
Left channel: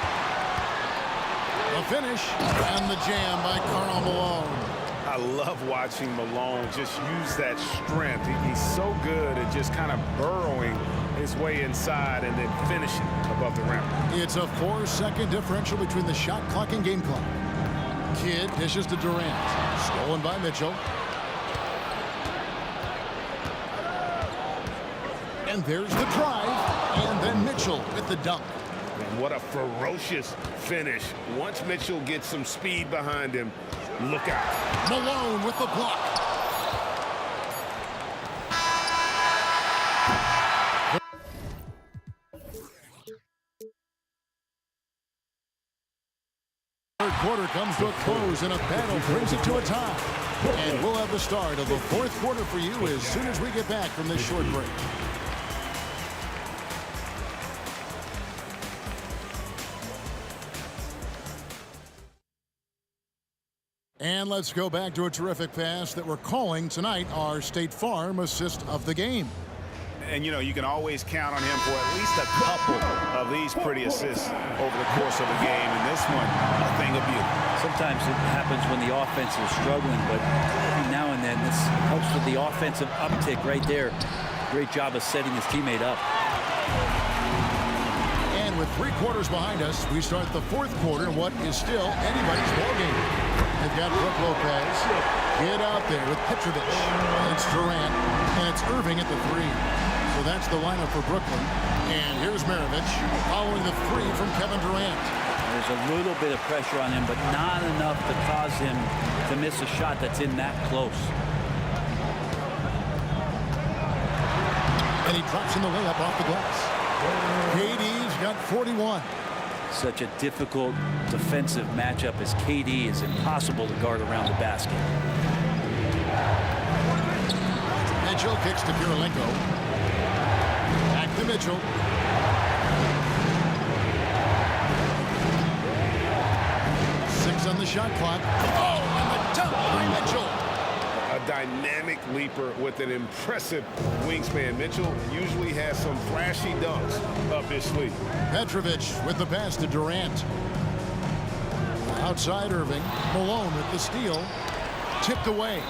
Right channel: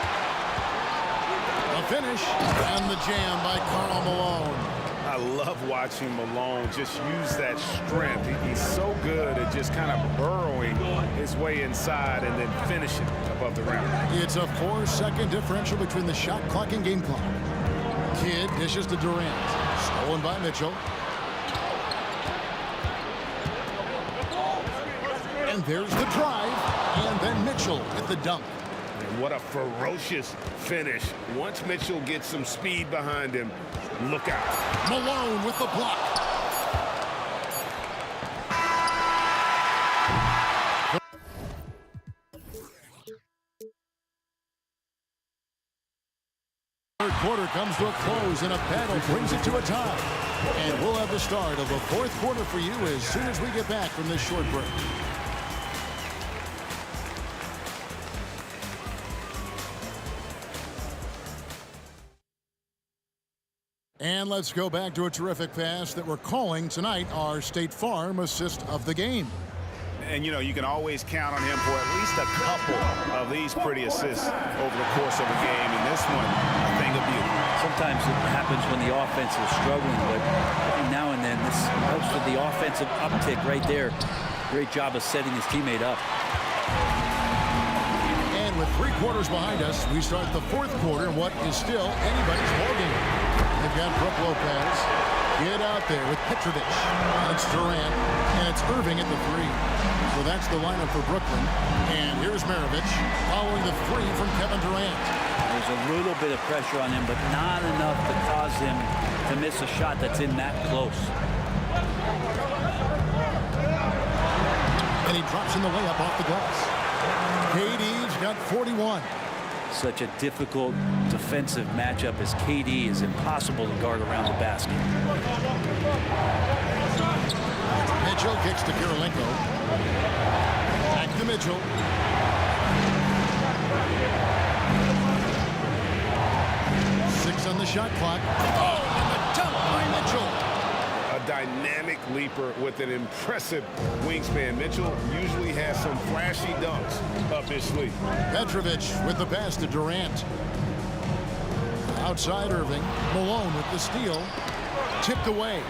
The finish and the jam by Karl Malone. I love watching Malone just use that strength. He's so good at just kind of burrowing his way inside and then finishing above the rim. It's a 4-second differential between the shot clock and game clock. Kidd dishes to Durant. Stolen by Mitchell. And there's the drive. And then Mitchell with the dunk. And what a ferocious finish. Once Mitchell gets some speed behind him, look out. Malone with the block. Third quarter comes to a close and a battle brings it to a tie. And we'll have the start of the fourth quarter for you as soon as we get back from this short break. And let's go back to a terrific pass that we're calling tonight our State Farm assist of the game. And, you know, you can always count on him for at least a couple of these pretty assists over the course of a game. And this one, a thing of beauty. Sometimes it happens when the offense is struggling, but every now and then this helps with the offensive uptick right there. Great job of setting his teammate up. And with 3 quarters behind us, we start the fourth quarter in what is still anybody's ballgame. They've got Brook Lopez. Get out there with Petrovic. And it's Durant. And it's Irving at the 3. So that's the lineup for Brooklyn. And here's Maravich following the 3 from Kevin Durant. There's a little bit of pressure on him, but not enough to cause him to miss a shot that's in that close. And he drops in the layup off the glass. KD's got 41. Such a difficult defensive matchup as KD is impossible to guard around the basket. Mitchell kicks to Kirilenko. Back to Mitchell. Six on the shot clock. Oh, and the dunk by Mitchell. A dynamic leaper with an impressive wingspan. Mitchell usually has some flashy dunks up his sleeve. Petrovic with the pass to Durant. Outside Irving. Malone with the steal. Tipped away.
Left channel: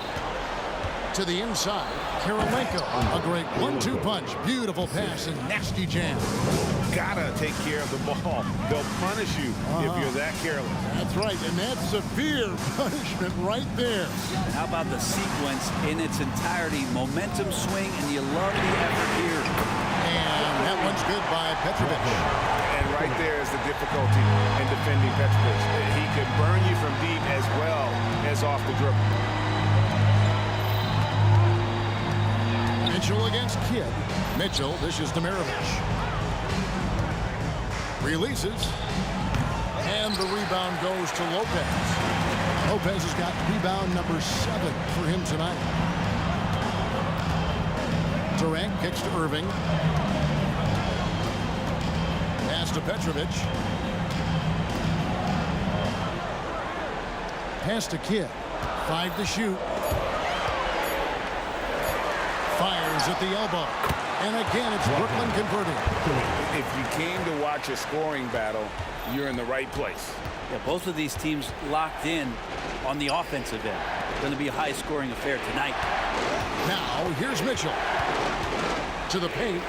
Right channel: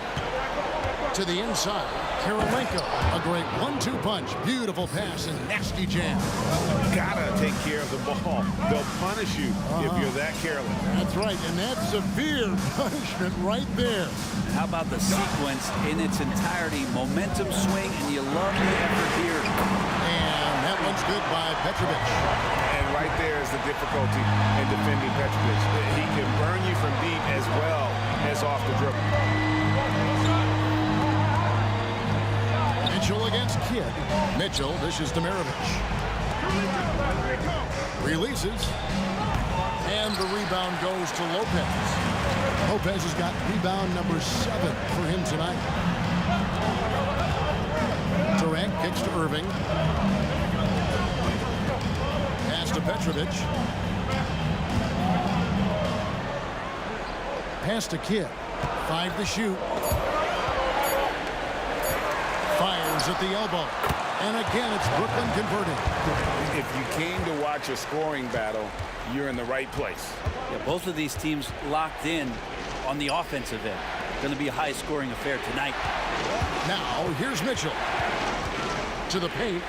To the inside. Kirilenko. A great 1-2 punch. Beautiful pass and nasty jam. Gotta take care of the ball. They'll punish you if you're that careless. That's right, and that's severe punishment right there. And how about the sequence in its entirety? Momentum swing, and you love the effort here. And that one's good by Petrovic. And right there is the difficulty in defending Petrovic. He can burn you from deep as well as off the dribble. Mitchell against Kidd. Mitchell dishes to Maravich. Releases. And the rebound goes to Lopez. Lopez has got rebound number 7 for him tonight. Durant kicks to Irving. Pass to Petrovic. Pass to Kidd. 5 to shoot. Fires at the elbow. And again, it's Brooklyn converting. If you came to watch a scoring battle, you're in the right place. Yeah, both of these teams locked in on the offensive end. Going to be a high-scoring affair tonight. Now, here's Mitchell. To the paint.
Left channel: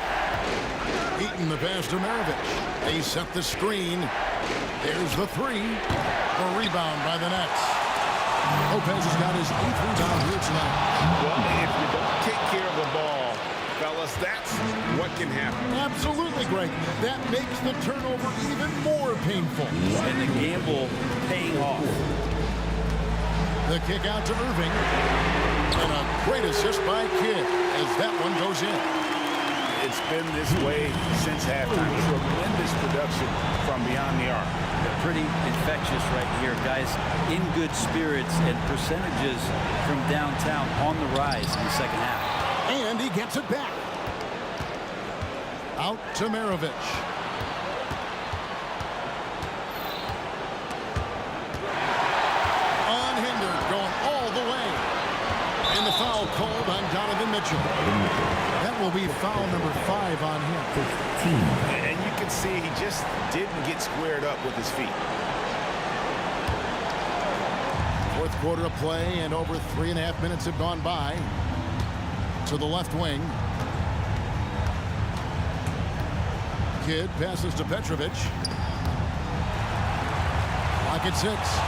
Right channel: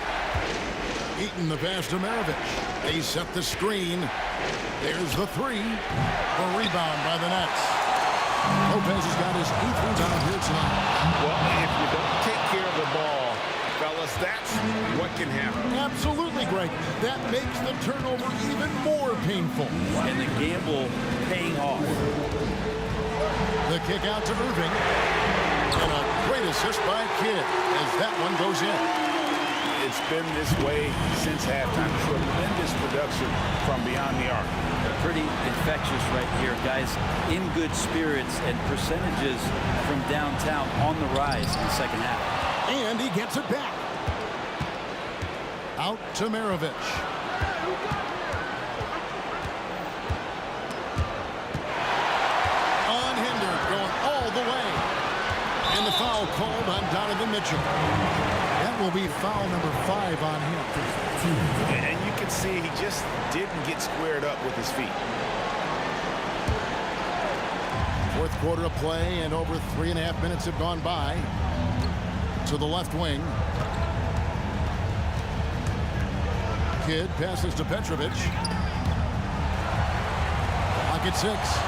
Eaton the pass to Maravich. They set the screen. There's the 3. The rebound by the Nets. Lopez has got his 8th rebound here tonight. Well, if you don't take care of the ball, fellas, that's what can happen. Absolutely, Greg. That makes the turnover even more painful. And the gamble paying off. The kick out to Irving. And a great assist by Kidd as that one goes in. It's been this way since halftime. Tremendous production from beyond the arc. They're pretty infectious right here, guys. In good spirits and percentages from downtown on the rise in the second half. And he gets it back. Out to Maravich. unhindered, going all the way. And the foul called on Donovan Mitchell. That will be foul number 5 on him. And you can see he just didn't get squared up with his feet. Fourth quarter of play, and over 3.5 minutes have gone by. To the left wing. Kidd passes to Petrovic. Clock at 6.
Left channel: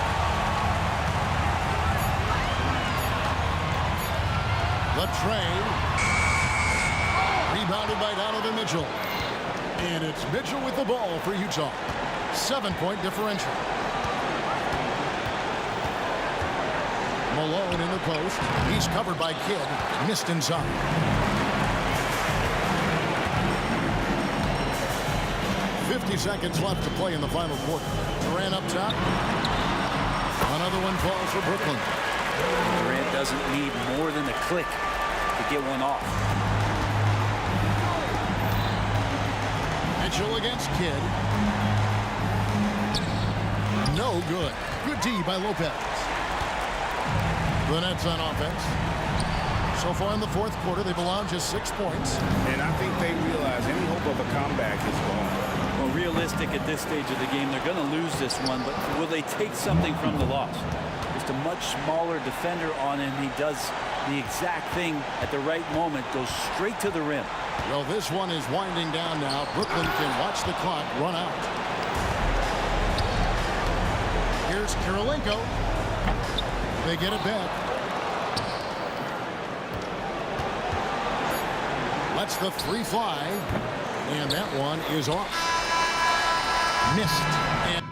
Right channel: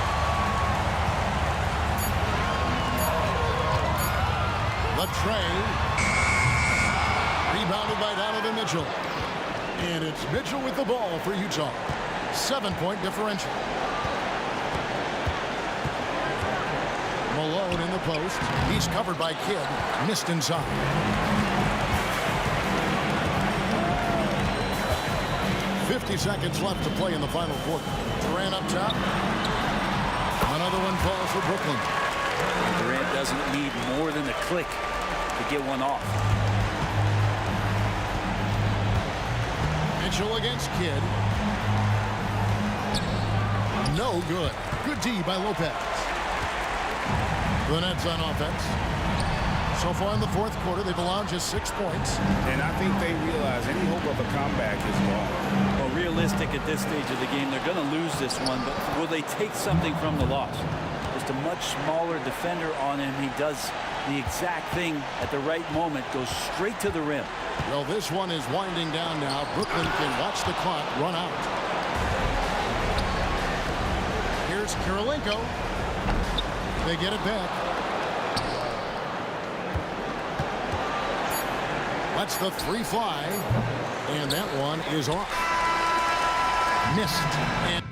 Latrey. Rebounded by Donovan Mitchell. And it's Mitchell with the ball for Utah. 7-point differential. Malone in the post. He's covered by Kidd. Missed inside. .50 seconds left to play in the final quarter. Durant up top. Another one falls for Brooklyn. And Durant doesn't need more than a click to get one off. Mitchell against Kidd. No good. Good D by Lopez. The Nets on offense. So far in the fourth quarter, they've allowed just 6 points. And I think they realize any hope of a comeback is gone. Well, realistic at this stage of the game, they're going to lose this one, but will they take something from the loss? Just a much smaller defender on him. He does the exact thing at the right moment, goes straight to the rim. Well, this one is winding down now. Brooklyn can watch the clock run out. Here's Kirilenko. They get it back. Lets the 3 fly. And that one is off. Missed. And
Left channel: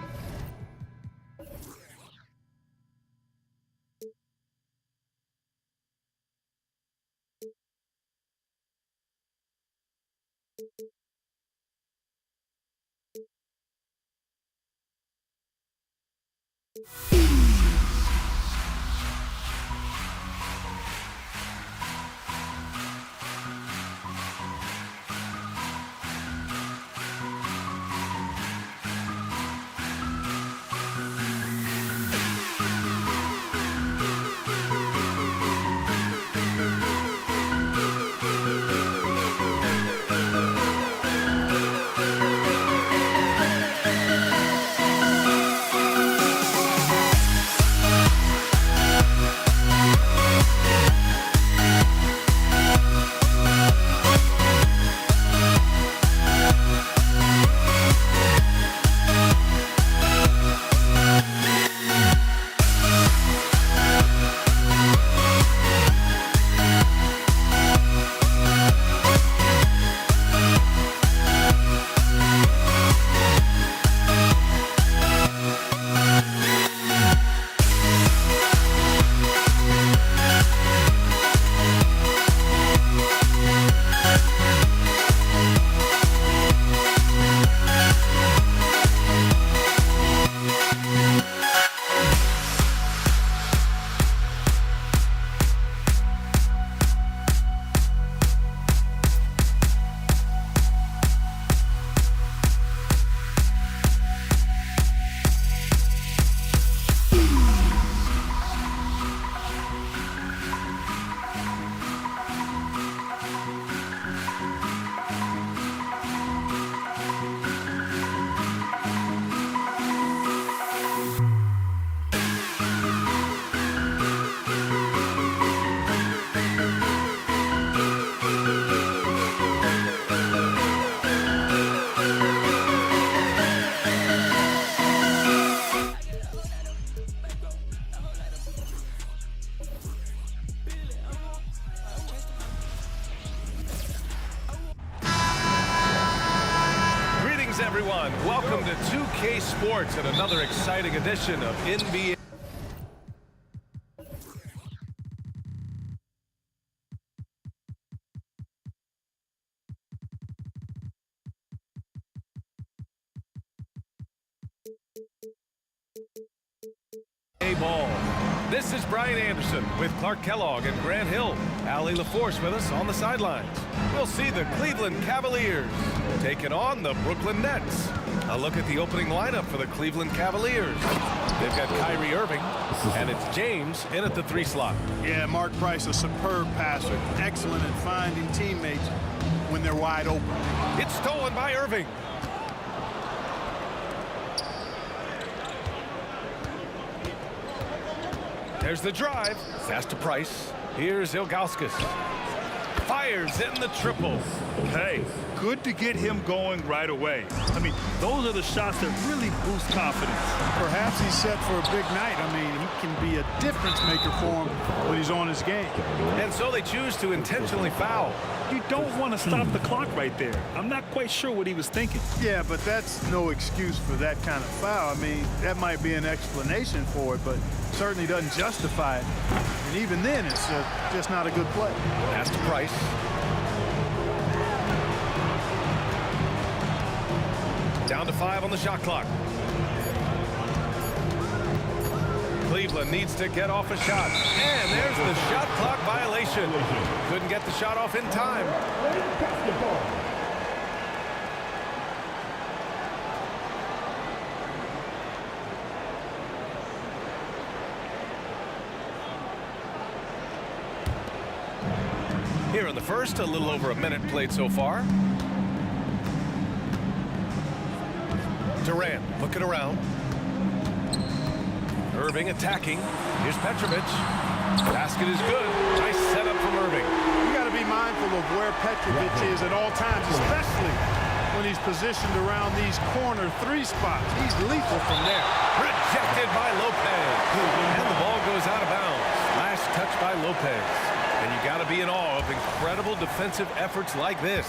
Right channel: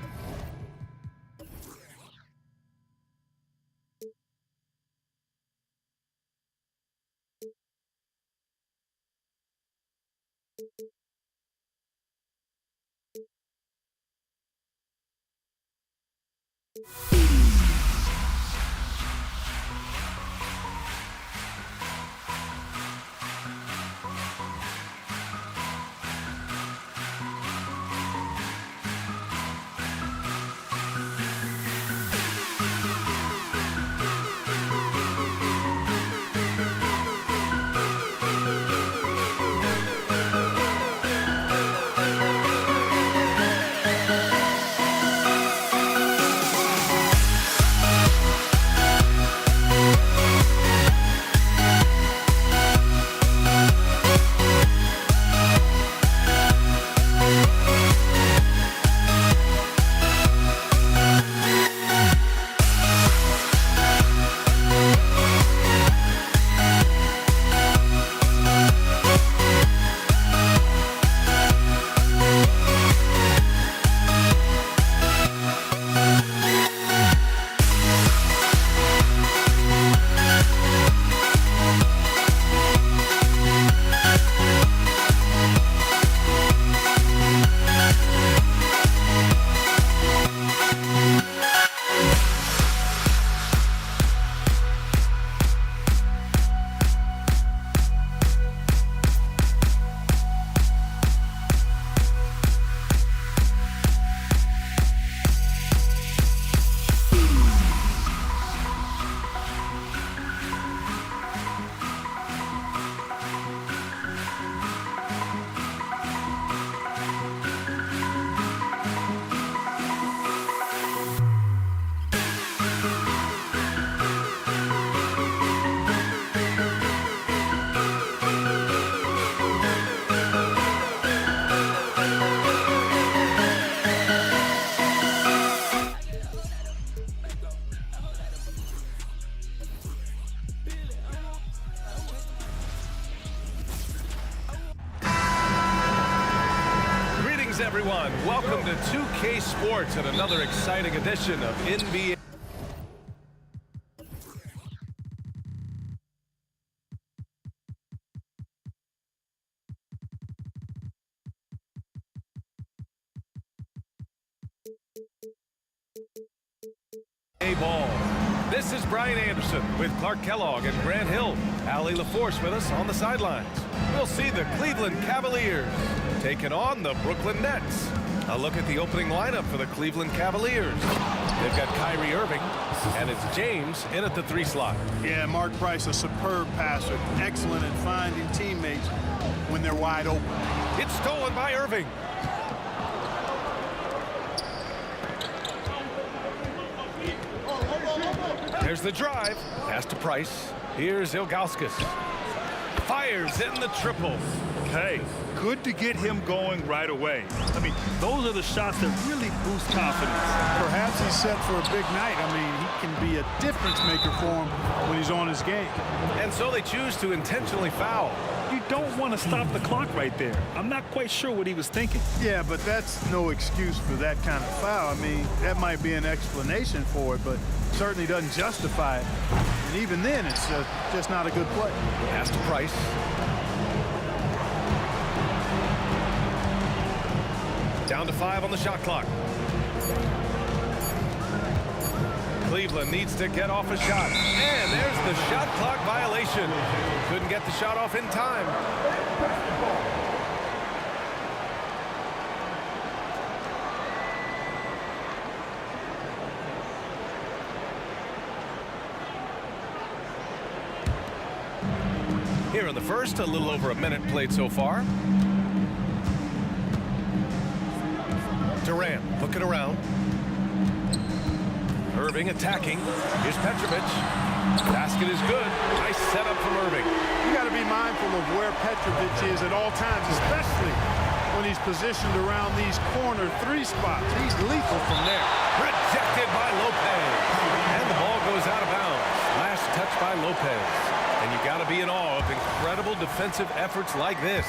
everyone. Welcome to 2K Sports and another exciting edition of NBA. Ball. This is Brian Anderson with Clark Kellogg and Grant Hill. Allie LaForce with us on the sidelines. We'll see the Cleveland Cavaliers taking on the Brooklyn Nets. A look at the opening lineup for the Cleveland Cavaliers. They've got Kyrie Irving, and it's James in at the 3 slot. Yeah, Mark Price, a superb passer. Excellent at finding teammates when they're wide open. It's stolen by Irving. There's the drive. Pass to Price. Here's Ilgauskas. Fires in the triple. Hey, good to get him going right away. I mean, those are the shots that really boost confidence. Perhaps he's set for a big night. I mean, he can be a difference maker for him when he's on his game. And so they choose to intentionally foul. You don't want to stop the clock right there. I'm not quite sure what he was thinking. Yeah, but that's no excuse for that kind of foul. I mean, that might be an explanation for it, but certainly doesn't justify it. And even then, it's just not a good play. Pass to Price. Down to 5 on the shot clock. Cleveland needs to get off a shot. And there's the shot clock violation. Couldn't get the shot off in time. Here in the first, a little over a minute played so far. Durant looking around. Irving attacking. Here's Petrovic. Basket is good. Nice setup from Irving. You got to be mindful of where Petrovic is at all times, especially when he's positioned around these corner 3 spots. He's lethal from there. Rejected by Lopez. And the ball goes out of bounds. Last touch by Lopez. And you got to be in awe of incredible defensive efforts like this.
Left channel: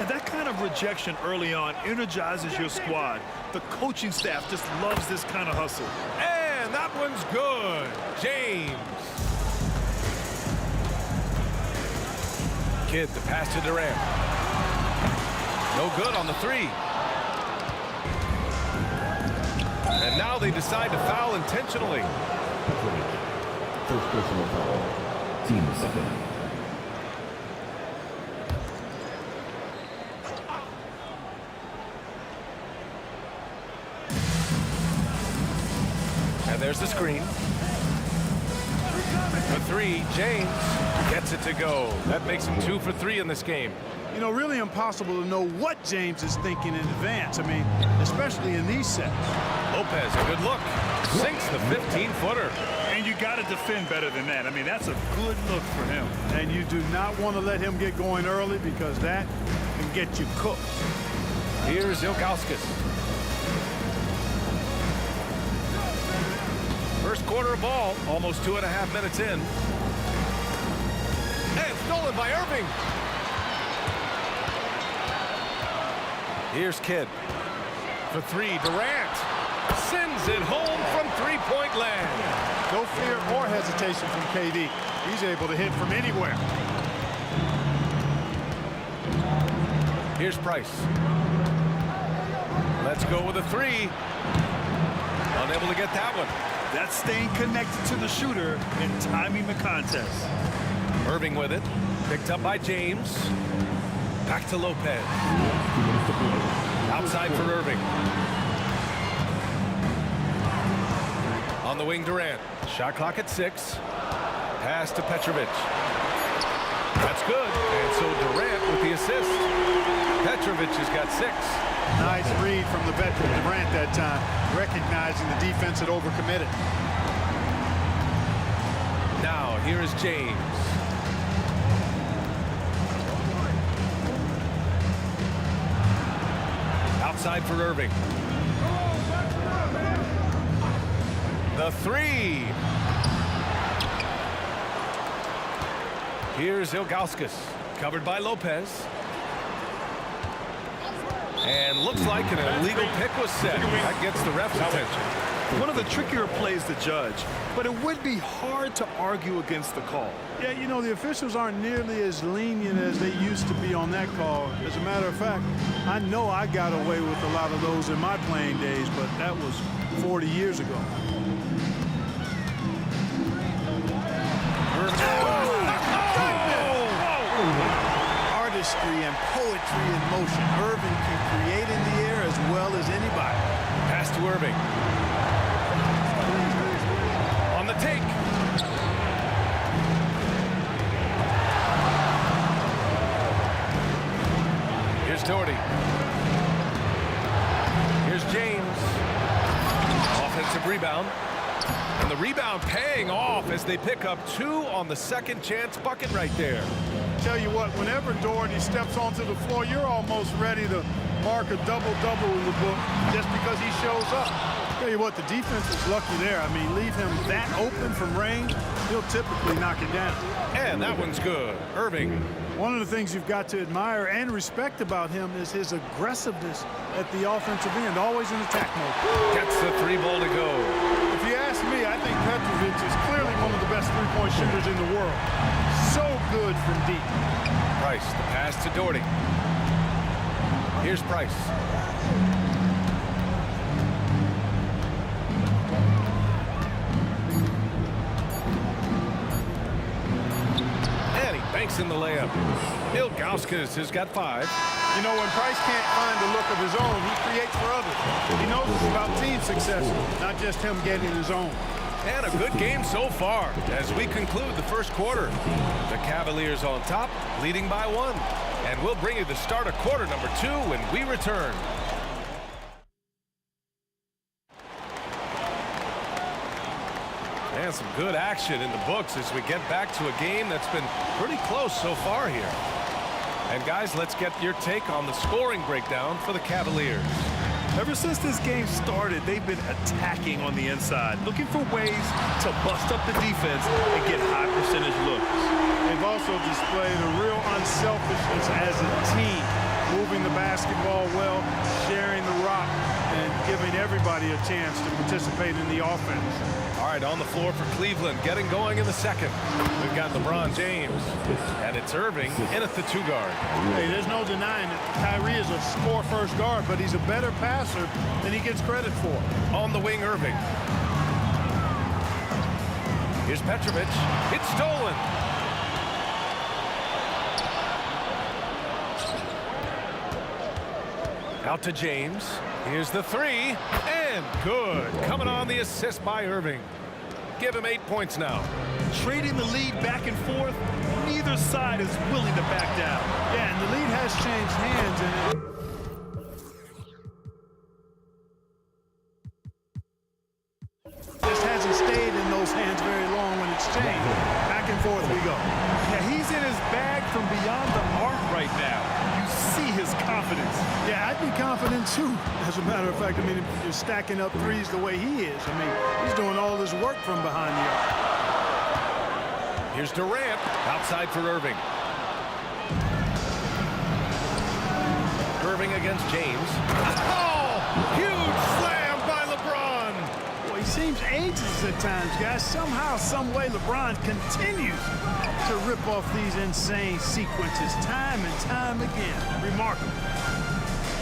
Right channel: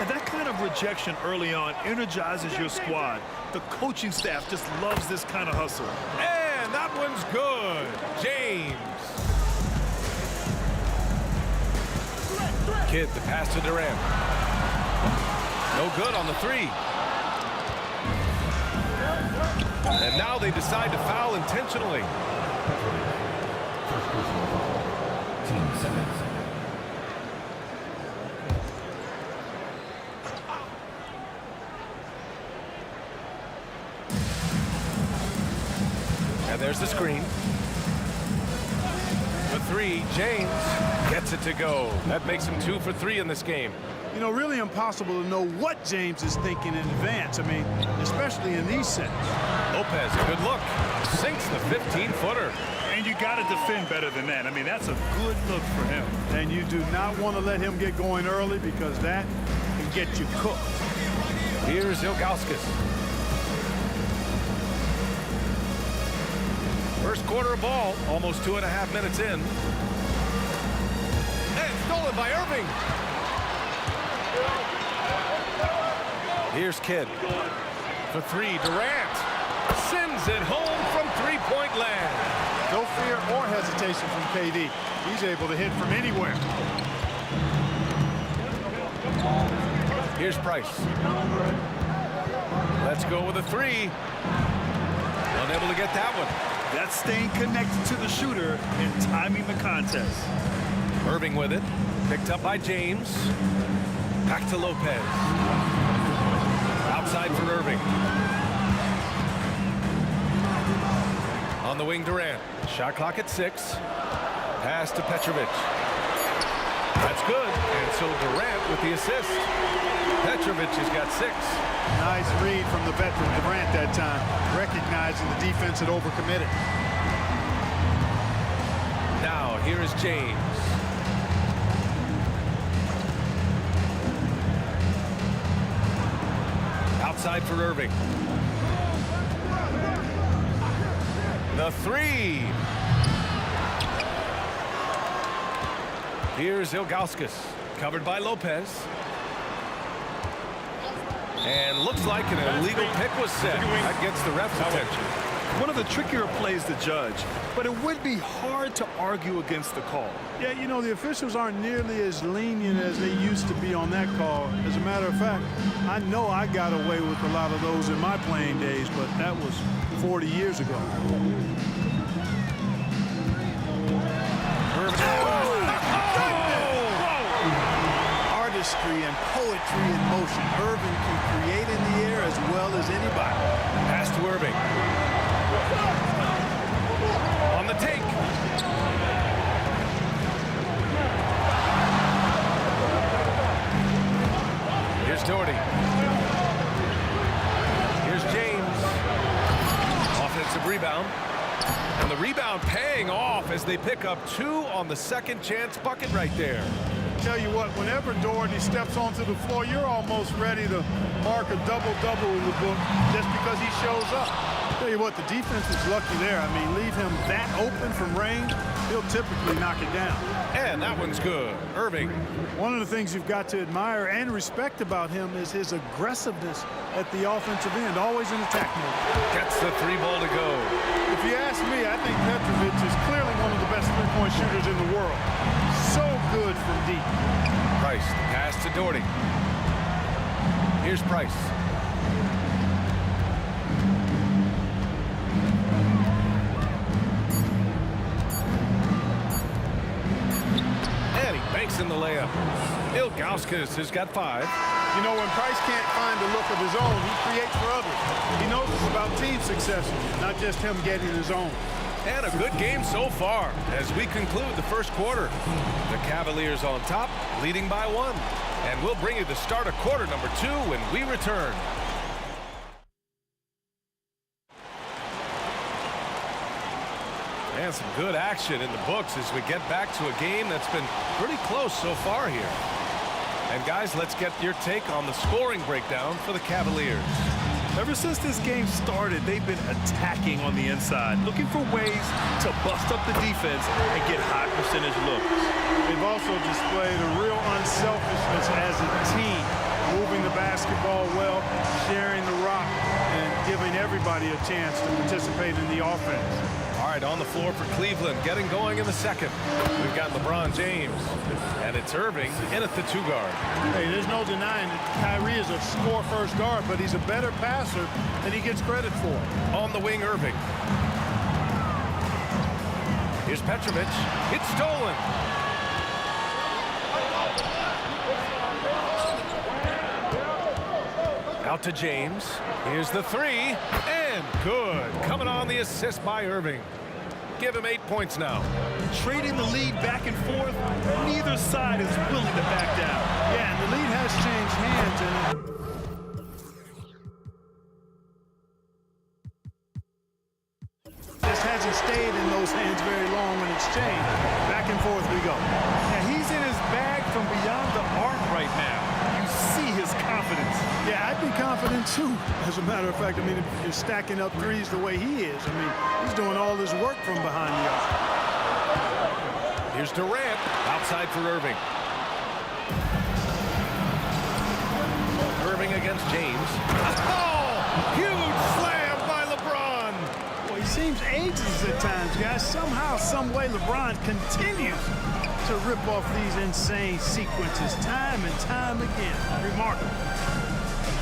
And that kind of rejection early on energizes your squad. The coaching staff just loves this kind of hustle. And that one's good. James. Kidd the pass to Durant. No good on the 3. And now they decide to foul intentionally. First personal foul. Team 7. And there's the screen. For 3, James gets it to go. That makes him 2 for 3 in this game. You know, really impossible to know what James is thinking in advance. I mean, especially in these sets. Lopez, a good look. Sinks the 15-footer. And you got to defend better than that. I mean, that's a good look for him. And you do not want to let him get going early because that can get you cooked. Here's Ilgauskas. First quarter of ball, almost 2.5 minutes in. And stolen by Irving. Here's Kidd. For 3, Durant. Sends it home from 3-point land. No fear or hesitation from KD. He's able to hit from anywhere. Here's Price. Let's go with a 3. Unable to get that one. That's staying connected to the shooter and timing the contest. Irving with it. Picked up by James. Back to Lopez. Outside for Irving. On the wing, Durant. Shot clock at 6. Pass to Petrovic. That's good. And so Durant with the assist. Petrovic has got 6. Nice read from the veteran Durant that time, recognizing the defense had overcommitted. Now here is James. Outside for Irving. The 3. Here's Ilgauskas, covered by Lopez. And looks like an illegal pick was set. That gets the ref's attention. One of the trickier plays to judge, but it would be hard to argue against the call. Yeah, you know, the officials aren't nearly as lenient as they used to be on that call. As a matter of fact, I know I got away with a lot of those in my playing days, but that was 40 years ago. Hard to artistry and poetry in motion. Irving can create in the air as well as anybody. Pass to Irving. On the take. Here's Doherty. Here's James. Offensive rebound. And the rebound paying off as they pick up 2 on the second chance bucket right there. Tell you what, whenever Doherty steps onto the floor, you're almost ready to mark a double-double in the book just because he shows up. Tell you what, the defense is lucky there. I mean, leave him that open from range, he'll typically knock it down. And that one's good. Irving. One of the things you've got to admire and respect about him is his aggressiveness at the offensive end, always in attack mode. Gets the 3 ball to go. If you ask me, I think Petrovic is clearly one of the best three-point shooters in the world. So good from deep. Price, the pass to Doherty. Here's Price. And he banks in the layup. Ilgauskas has got 5. You know, when Price can't find a look of his own, he creates for others. He knows it's about team success, not just him getting his own. And a good game so far as we conclude the first quarter. The Cavaliers on top, leading by 1. And we'll bring you the start of quarter number 2 when we return. And some good action in the books as we get back to a game that's been pretty close so far here. And guys, let's get your take on the scoring breakdown for the Cavaliers. Ever since this game started, they've been attacking on the inside, looking for ways to bust up the defense and get high percentage looks. They've also displayed a real unselfishness as a team, moving the basketball well, sharing the rock, and giving everybody a chance to participate in the offense. All right, on the floor for Cleveland, getting going in the second. We've got LeBron James, and it's Irving in at the 2 guard. Hey, there's no denying it. Kyrie is a score-first guard, but he's a better passer than he gets credit for. On the wing, Irving. Here's Petrovic. It's stolen. Out to James. Here's the 3, and good. Coming on the assist by Irving. Give him 8 points now. Trading the lead back and forth, neither side is willing to back down. Yeah, and the lead has changed hands, and just hasn't stayed in those hands very long when it's changed. Back and forth we go. Yeah, he's in his bag from beyond the arc right now. You see his confidence. Yeah, I'd be confident too. As a matter of fact, I mean, if you're stacking up threes the way he is, I mean, he's doing all this work from behind the arc. Here's Durant outside for Irving. Irving against James. Oh, huge slam by LeBron. Boy, he seems ageless at times, guys. Somehow, some way, LeBron continues to rip off these insane sequences time and time again. Remarkable.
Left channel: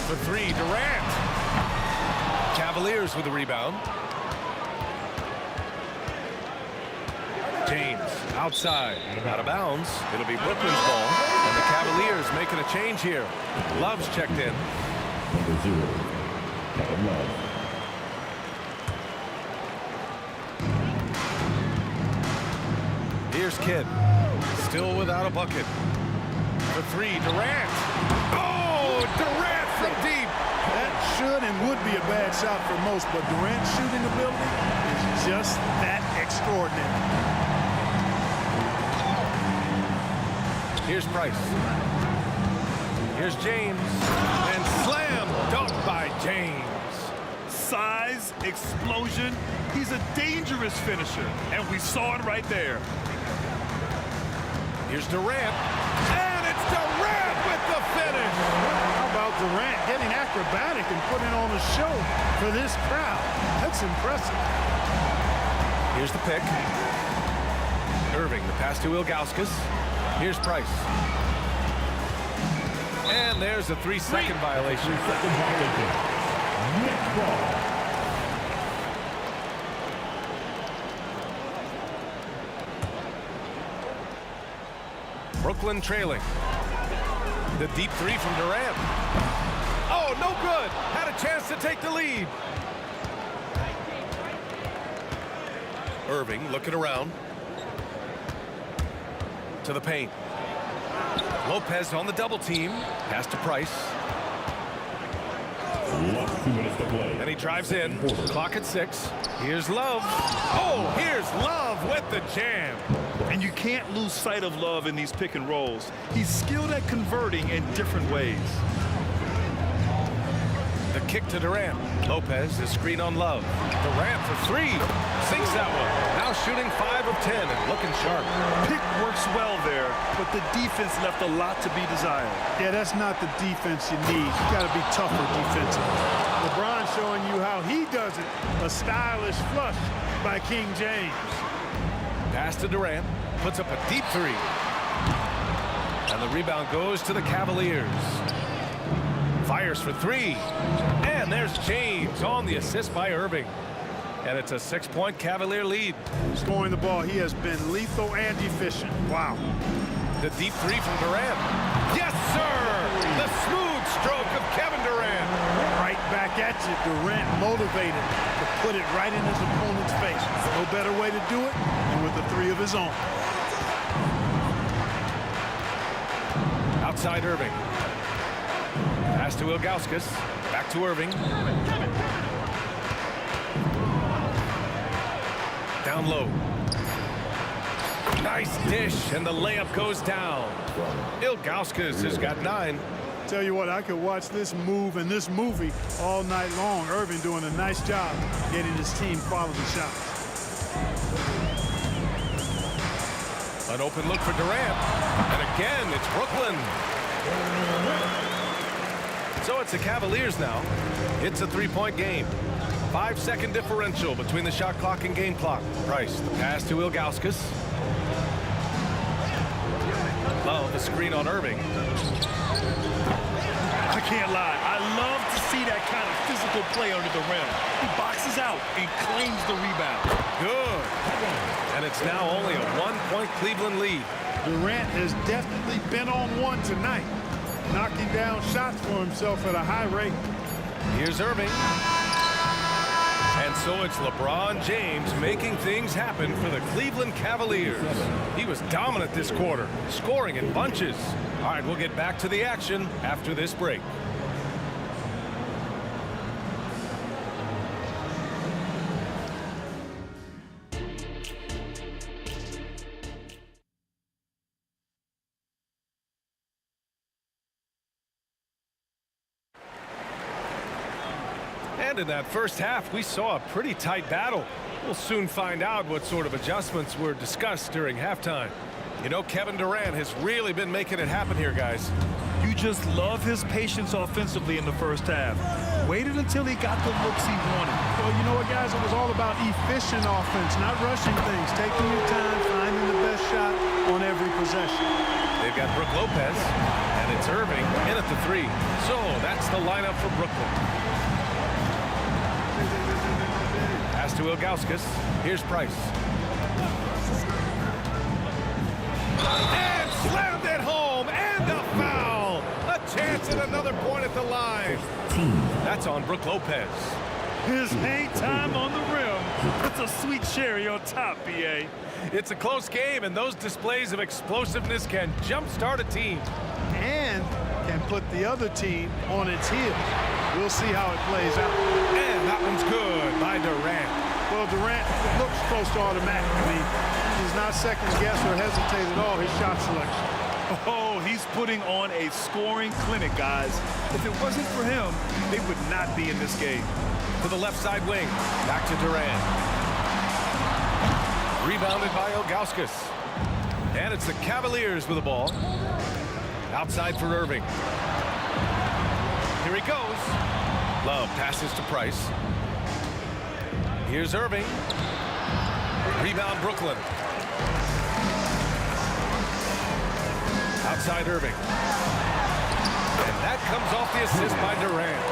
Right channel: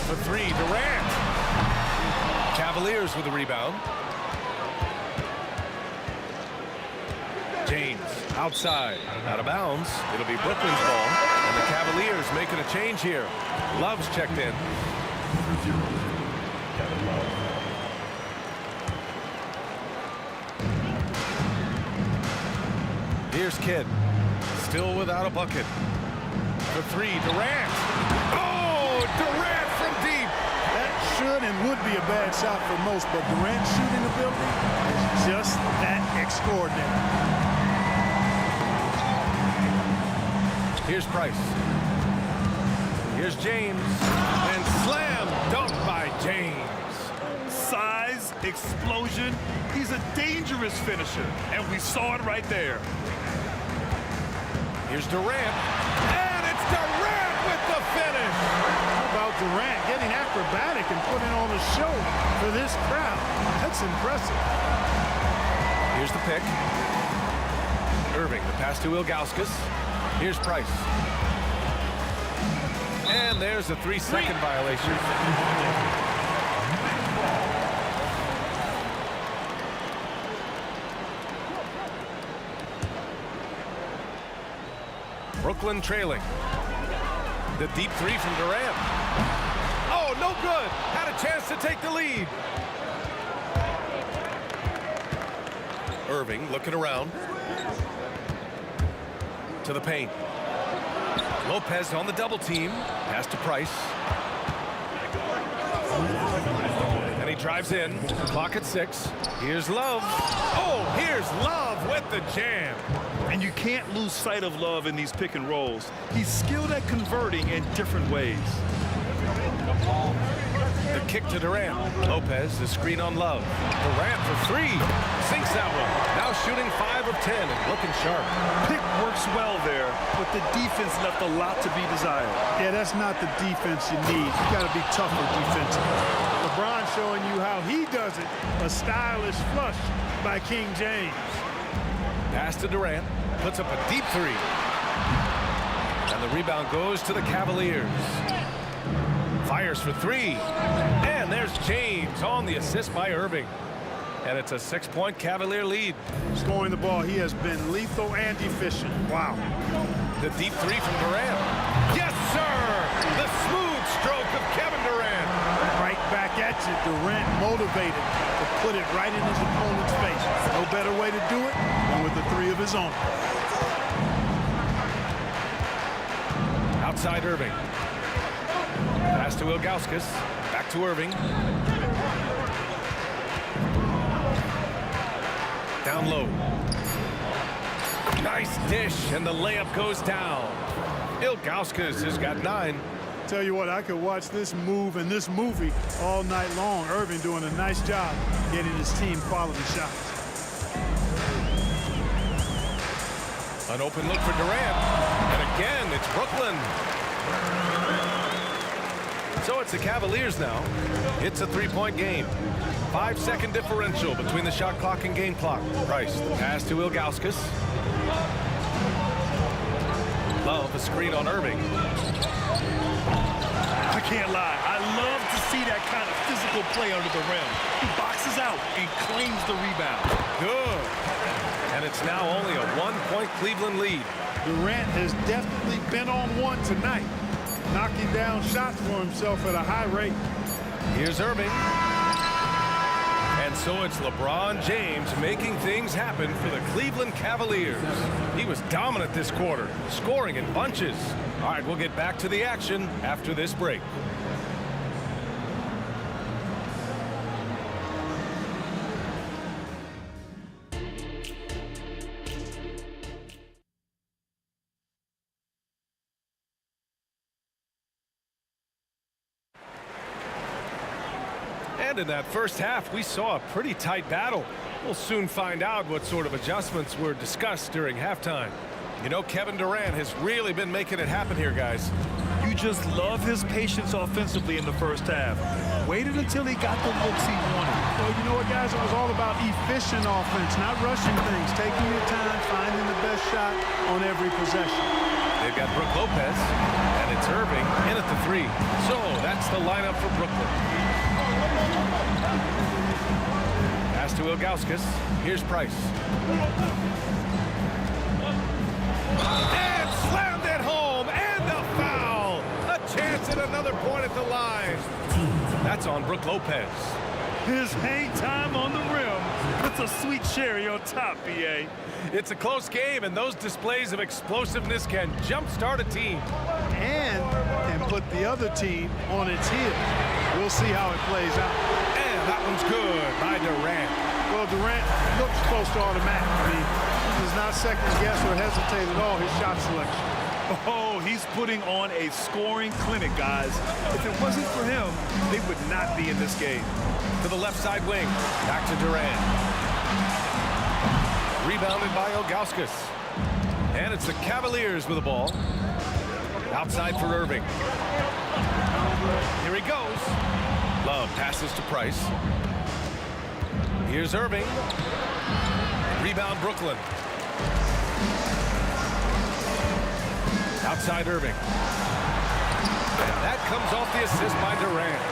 For 3, Durant. Cavaliers with the rebound. James outside, out of bounds. It'll be Brooklyn's ball, and the Cavaliers making a change here. Love's checked in. Number 0, Kevin Love. Here's Kidd, still without a bucket. For 3, Durant. Oh, Durant from deep. That should and would be a bad shot for most, but Durant's shooting ability is just that extraordinary. Here's Price. Here's James. And slam dunk by James. Size, explosion. He's a dangerous finisher, and we saw it right there. Here's Durant. And it's Durant with the finish. How about Durant getting acrobatic and putting on a show for this crowd? That's impressive. Here's the pick. Irving, the pass to Ilgauskas. Here's Price. And there's a 3-second violation. Brooklyn trailing. The deep three from Durant. Oh, no good. Had a chance to take the lead. Irving looking around. To the paint. Lopez on the double team. Pass to Price. And he drives in. Clock at 6. Here's Love. Oh, here's Love with the jam. And you can't lose sight of Love in these pick and rolls. He's skilled at converting in different ways. The kick to Durant. Lopez, the screen on Love. Durant for 3. Sinks that one. Now shooting 5 of 10 and looking sharp. Pick works well there, but the defense left a lot to be desired. Yeah, that's not the defense you need. You got to be tougher defensively. LeBron showing you how he does it. A stylish flush by King James. Pass to Durant. Puts up a deep 3. And the rebound goes to the Cavaliers. Fires for 3. And there's James on the assist by Irving. And it's a 6-point Cavalier lead. Scoring the ball, he has been lethal and efficient. Wow. The deep 3 from Durant. Yes, sir! The smooth stroke of Kevin Durant. Right back at you. Durant motivated to put it right in his opponent's face. No better way to do it than with the 3 of his own. Outside Irving. Pass to Ilgauskas. Back to Irving. Down low. Nice dish, and the layup goes down. Ilgauskas has got 9. Tell you what, I could watch this move and this movie all night long. Irving doing a nice job getting his team quality shots. An open look for Durant. And again, it's Brooklyn. So it's the Cavaliers now. It's a 3-point game. 5-second differential between the shot clock and game clock. Price, the pass to Ilgauskas. Love, the screen on Irving. I can't lie. I love to see that kind of physical play under the rim. He boxes out and claims the rebound. Good. And it's now only a 1-point Cleveland lead. Durant has definitely been on one tonight, knocking down shots for himself at a high rate. Here's Irving. And so it's LeBron James making things happen for the Cleveland Cavaliers. He was dominant this quarter, scoring in bunches. All right, we'll get back to the action after this break. And in that first half, we saw a pretty tight battle. We'll soon find out what sort of adjustments were discussed during halftime. You know, Kevin Durant has really been making it happen here, guys. You just love his patience offensively in the first half. Waited until he got the looks he wanted. Well, you know what, guys? It was all about efficient offense, not rushing things, taking your time, finding the best shot on every possession. They've got Brook Lopez, and it's Irving in at the 3. So that's the lineup for Brooklyn. Pass to Ilgauskas. Here's Price. And slammed it home, and a foul. A chance at another point at the line. That's on Brook Lopez. His hang time on the rim puts a sweet cherry on top, B.A. It's a close game, and those displays of explosiveness can jumpstart a team. And can put the other team on its heels. We'll see how it plays out. And that one's good by Durant. Well, Durant looks close to automatic. I mean, he does not second guess or hesitate at all his shot selection. Oh, he's putting on a scoring clinic, guys. If it wasn't for him, they would not be in this game. To the left side wing. Back to Durant. Rebounded by Ilgauskas. And it's the Cavaliers with the ball. Outside for Irving. Here he goes. Love passes to Price. Here's Irving. Rebound Brooklyn. Outside Irving. And that comes off the assist by Durant.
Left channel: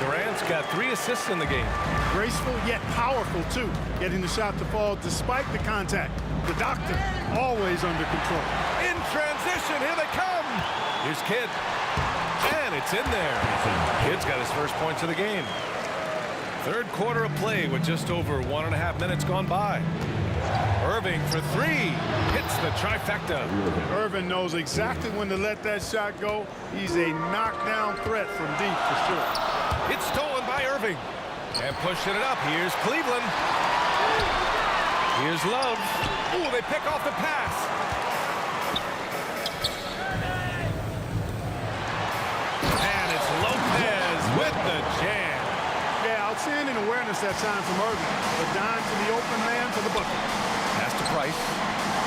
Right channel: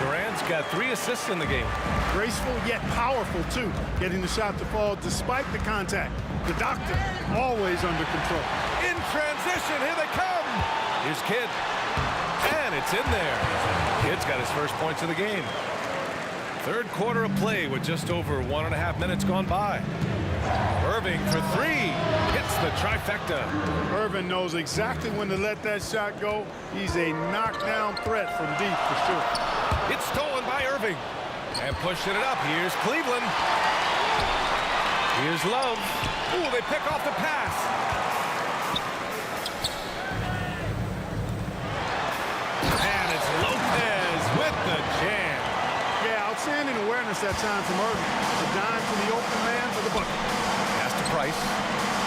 Durant's got 3 assists in the game. Graceful yet powerful too, getting the shot to fall despite the contact. The doctor always under control. In transition, here they come. Here's Kidd. And it's in there. Kidd's got his first points of the game. Third quarter of play with just over 1.5 minutes gone by. Irving for three. Hits the trifecta. Irving knows exactly when to let that shot go. He's a knockdown threat from deep for sure. It's stolen by Irving. And pushing it up. Here's Cleveland. Here's Love. Ooh, they pick off the pass. And it's Lopez with the jam. Yeah, outstanding awareness that time from Irving. A dime to the open man for the bucket. Pass to Price.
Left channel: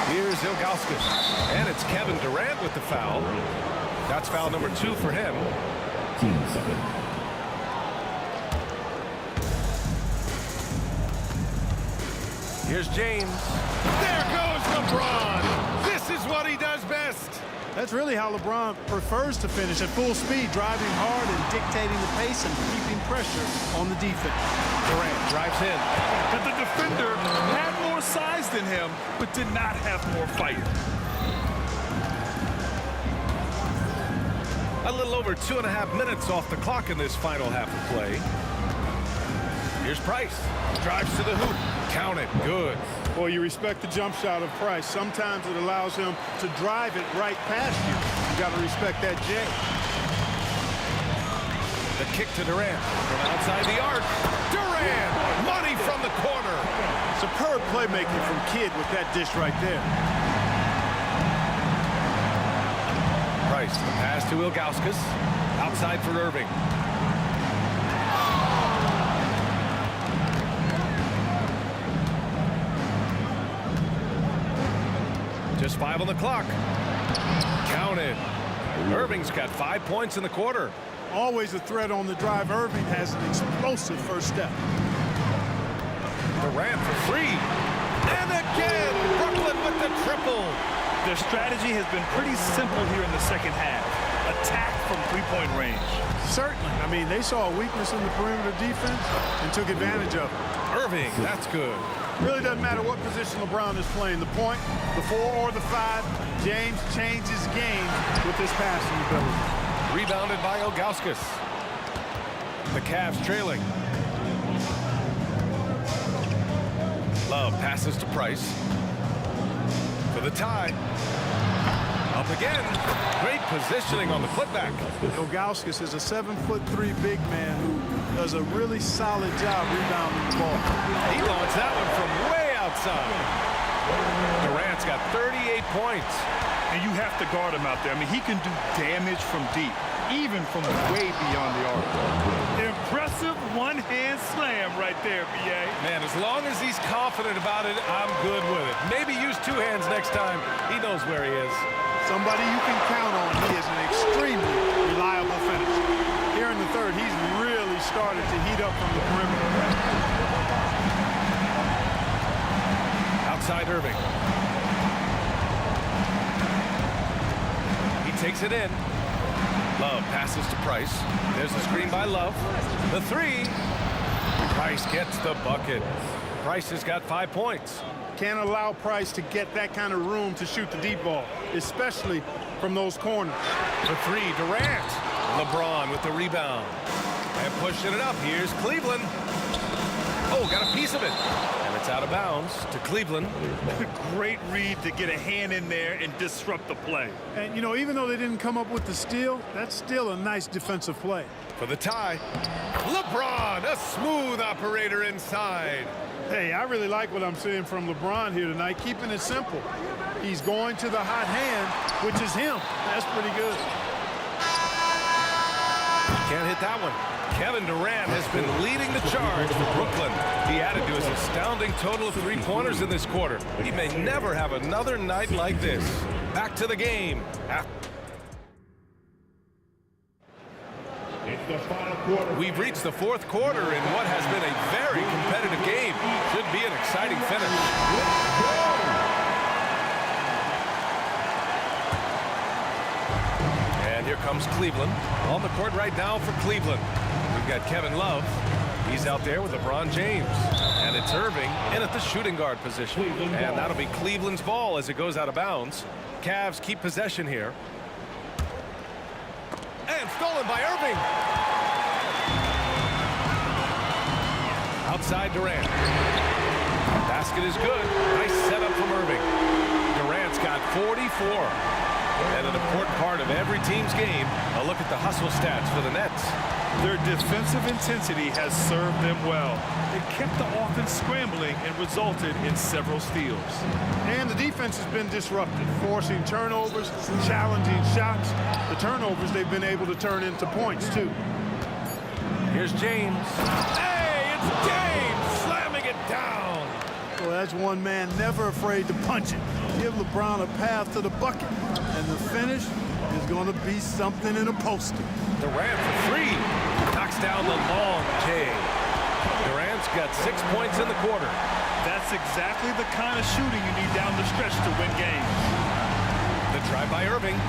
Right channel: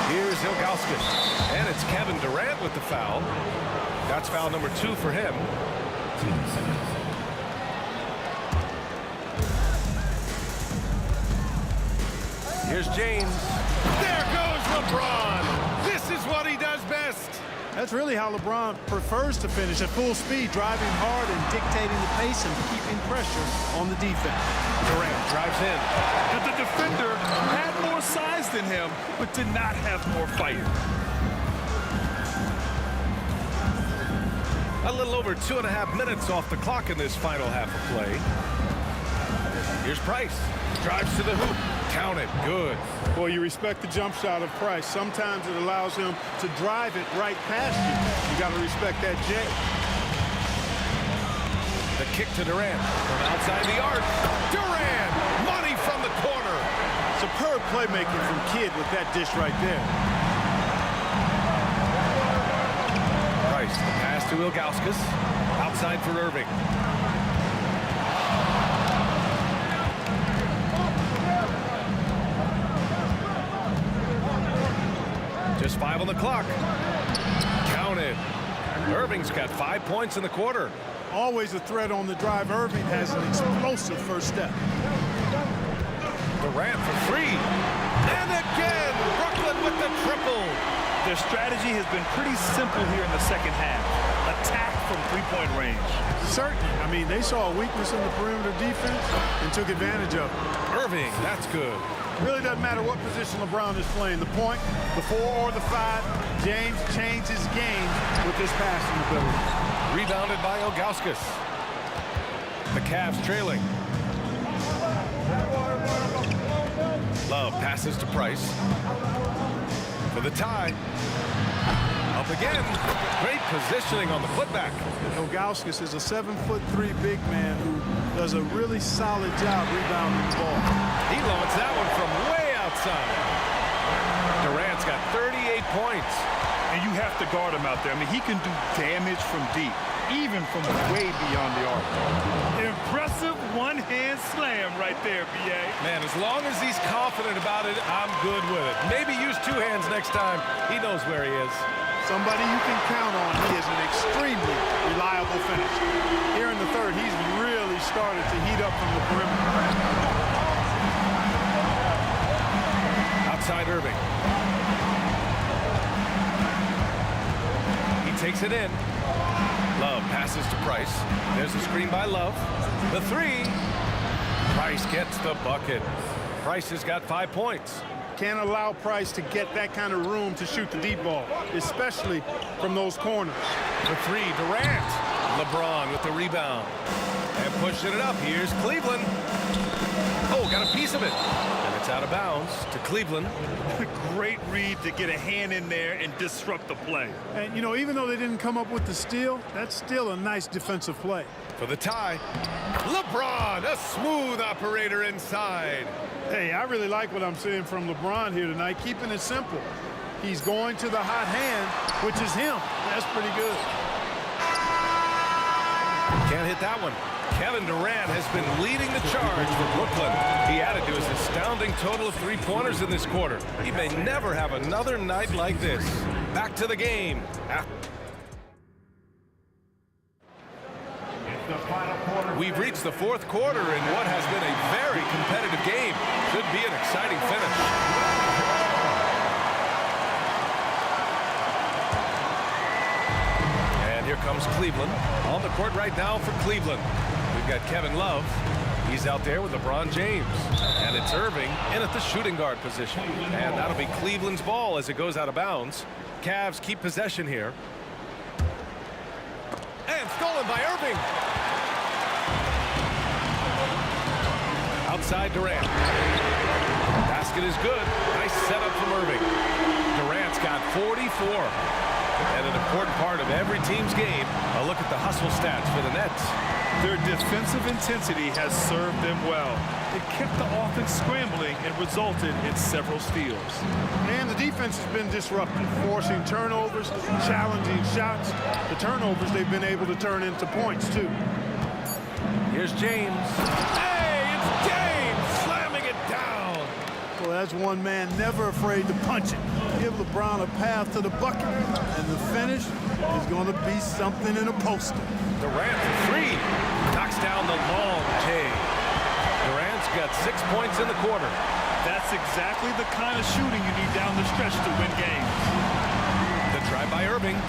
Here's Ilgauskas. And it's Kevin Durant with the foul. That's foul number 2 for him. 15 seconds. Here's James. There goes LeBron. This is what he does best. That's really how LeBron prefers to finish, at full speed, driving hard and dictating the pace and keeping pressure on the defense. Durant drives in. The defender had more size than him, but did not have more fight. A little over 2.5 minutes off the clock in this final half of play. Here's Price. Drives to the hoop. Count it. Good. Well, you respect the jump shot of Price. Sometimes it allows him to drive it right past you. You got to respect that J. The kick to Durant from outside the arc. Durant, money from the corner. Superb playmaking from Kidd with that dish right there. Price, the pass to Ilgauskas. Outside for Irving. Just 5 on the clock. Count it. Irving's got 5 points in the quarter. Always a threat on the drive. Irving has an explosive first step. Durant for 3. And again, Brooklyn with the triple. Their strategy has been pretty simple here in the second half. Attack from three-point range. Certainly. I mean, they saw a weakness in the perimeter defense and took advantage of it. Irving, that's good. Really doesn't matter what position LeBron is playing, the point, the 4 or the 5. James changes games with his passing ability. Rebounded by Ilgauskas. The Cavs trailing. Love passes to Price. For the tie. Up again. Great positioning on the putback. Ilgauskas is a 7'3" big man who does a really solid job rebounding the ball. He launched that one from way outside. Durant's got 38 points. And you have to guard him out there. I mean, he can do damage from deep, even from way beyond the arc. Impressive one-hand slam right there, B.A. Man, as long as he's confident about it, I'm good with it. Maybe use 2 hands next time. He knows where he is. Somebody you can count on. He is an extremely reliable finisher. Here in the third, he's really started to heat up from the perimeter. Outside Irving. He takes it in. Love passes to Price. There's a screen by Love. The 3. Price gets the bucket. Price has got 5 points. Can't allow Price to get that kind of room to shoot the deep ball, especially from those corners. The 3, Durant. LeBron with the rebound. And pushing it up. Here's Cleveland. Oh, got a piece of it. And it's out of bounds to Cleveland. Great read to get a hand in there and disrupt the play. And, you know, even though they didn't come up with the steal, that's still a nice defensive play. For the tie, LeBron, a smooth operator inside. Hey, I really like what I'm seeing from LeBron here tonight, keeping it simple. He's going to the hot hand, which is him. That's pretty good. Can't hit that one. Kevin Durant has been leading the charge for Brooklyn. He added to his astounding total of 3-pointers in this quarter. He may never have another night like this. Back to the game. We've reached the 4th quarter in what has been a very competitive game. Should be an exciting finish. And here comes Cleveland. On the court right now for Cleveland. We've got Kevin Love. He's out there with LeBron James. And it's Irving in at the shooting guard position. And that'll be Cleveland's ball as it goes out of bounds. Cavs keep possession here. And stolen by Irving. Outside Durant. Basket is good. Nice setup from Irving. Durant's got 44. And an important part of every team's game, a look at the hustle stats for the Nets. Their defensive intensity has served them well. It kept the offense scrambling and resulted in several steals. And the defense has been disrupted, forcing turnovers, challenging shots. The turnovers they've been able to turn into points, too. Here's James. Hey, it's James slamming it down. Well, that's one man never afraid to punch it. Give LeBron a path to the bucket, and the finish is going to be something in a poster. Durant for three. Knocks down the long J. Durant's got 6 points in the quarter. That's exactly the kind of shooting you need down the stretch to win games. The try by Irving.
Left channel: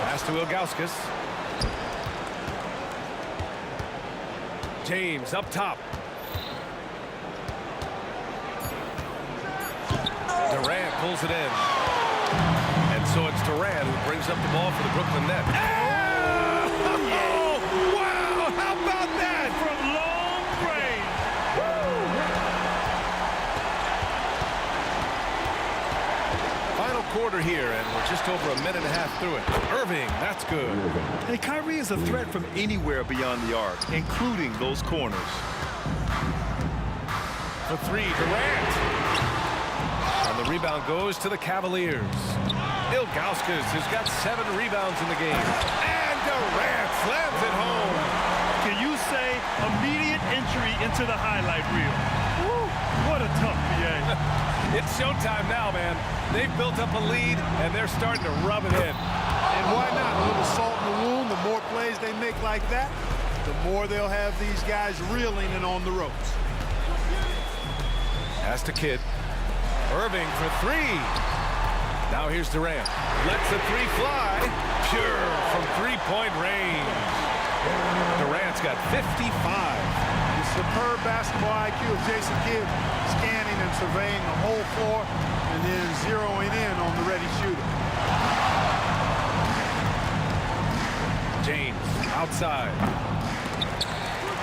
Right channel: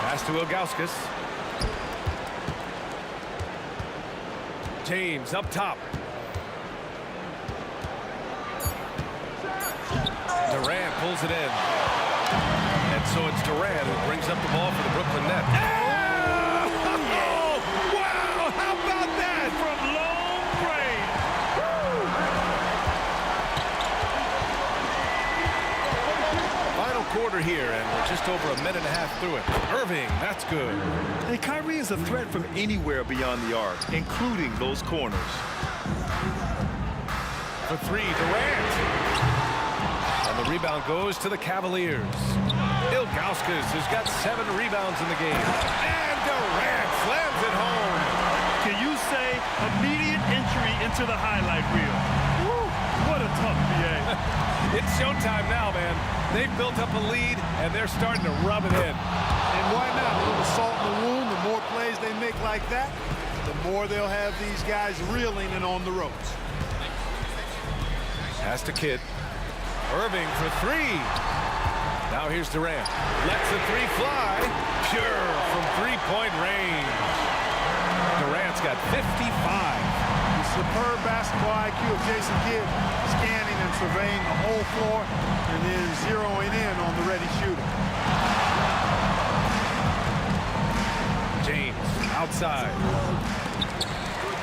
Pass to Ilgauskas. James up top. Durant pulls it in. And so it's Durant who brings up the ball for the Brooklyn Nets. Oh, wow! How about that? From long range. Woo! Final quarter here, and we're just over a minute and a half through it. Irving, that's good. And Kyrie is a threat from anywhere beyond the arc, including those corners. For three, Durant. And the rebound goes to the Cavaliers. Ilgauskas has got 7 rebounds in the game. And Durant slams it home. Can you say immediate entry into the highlight reel? Woo, what a tough PA. It's showtime now, man. They've built up a lead, and they're starting to rub it in. And why not? A little salt in the wound. The more plays they make like that, the more they'll have these guys reeling and on the ropes. Pass to Kidd. Irving for three. Now here's Durant. Lets the three fly. Pure from three-point range. Durant's got 55. The superb basketball IQ of Jason Kidd, scanning and surveying the whole floor and then zeroing in on the ready shooter. James outside.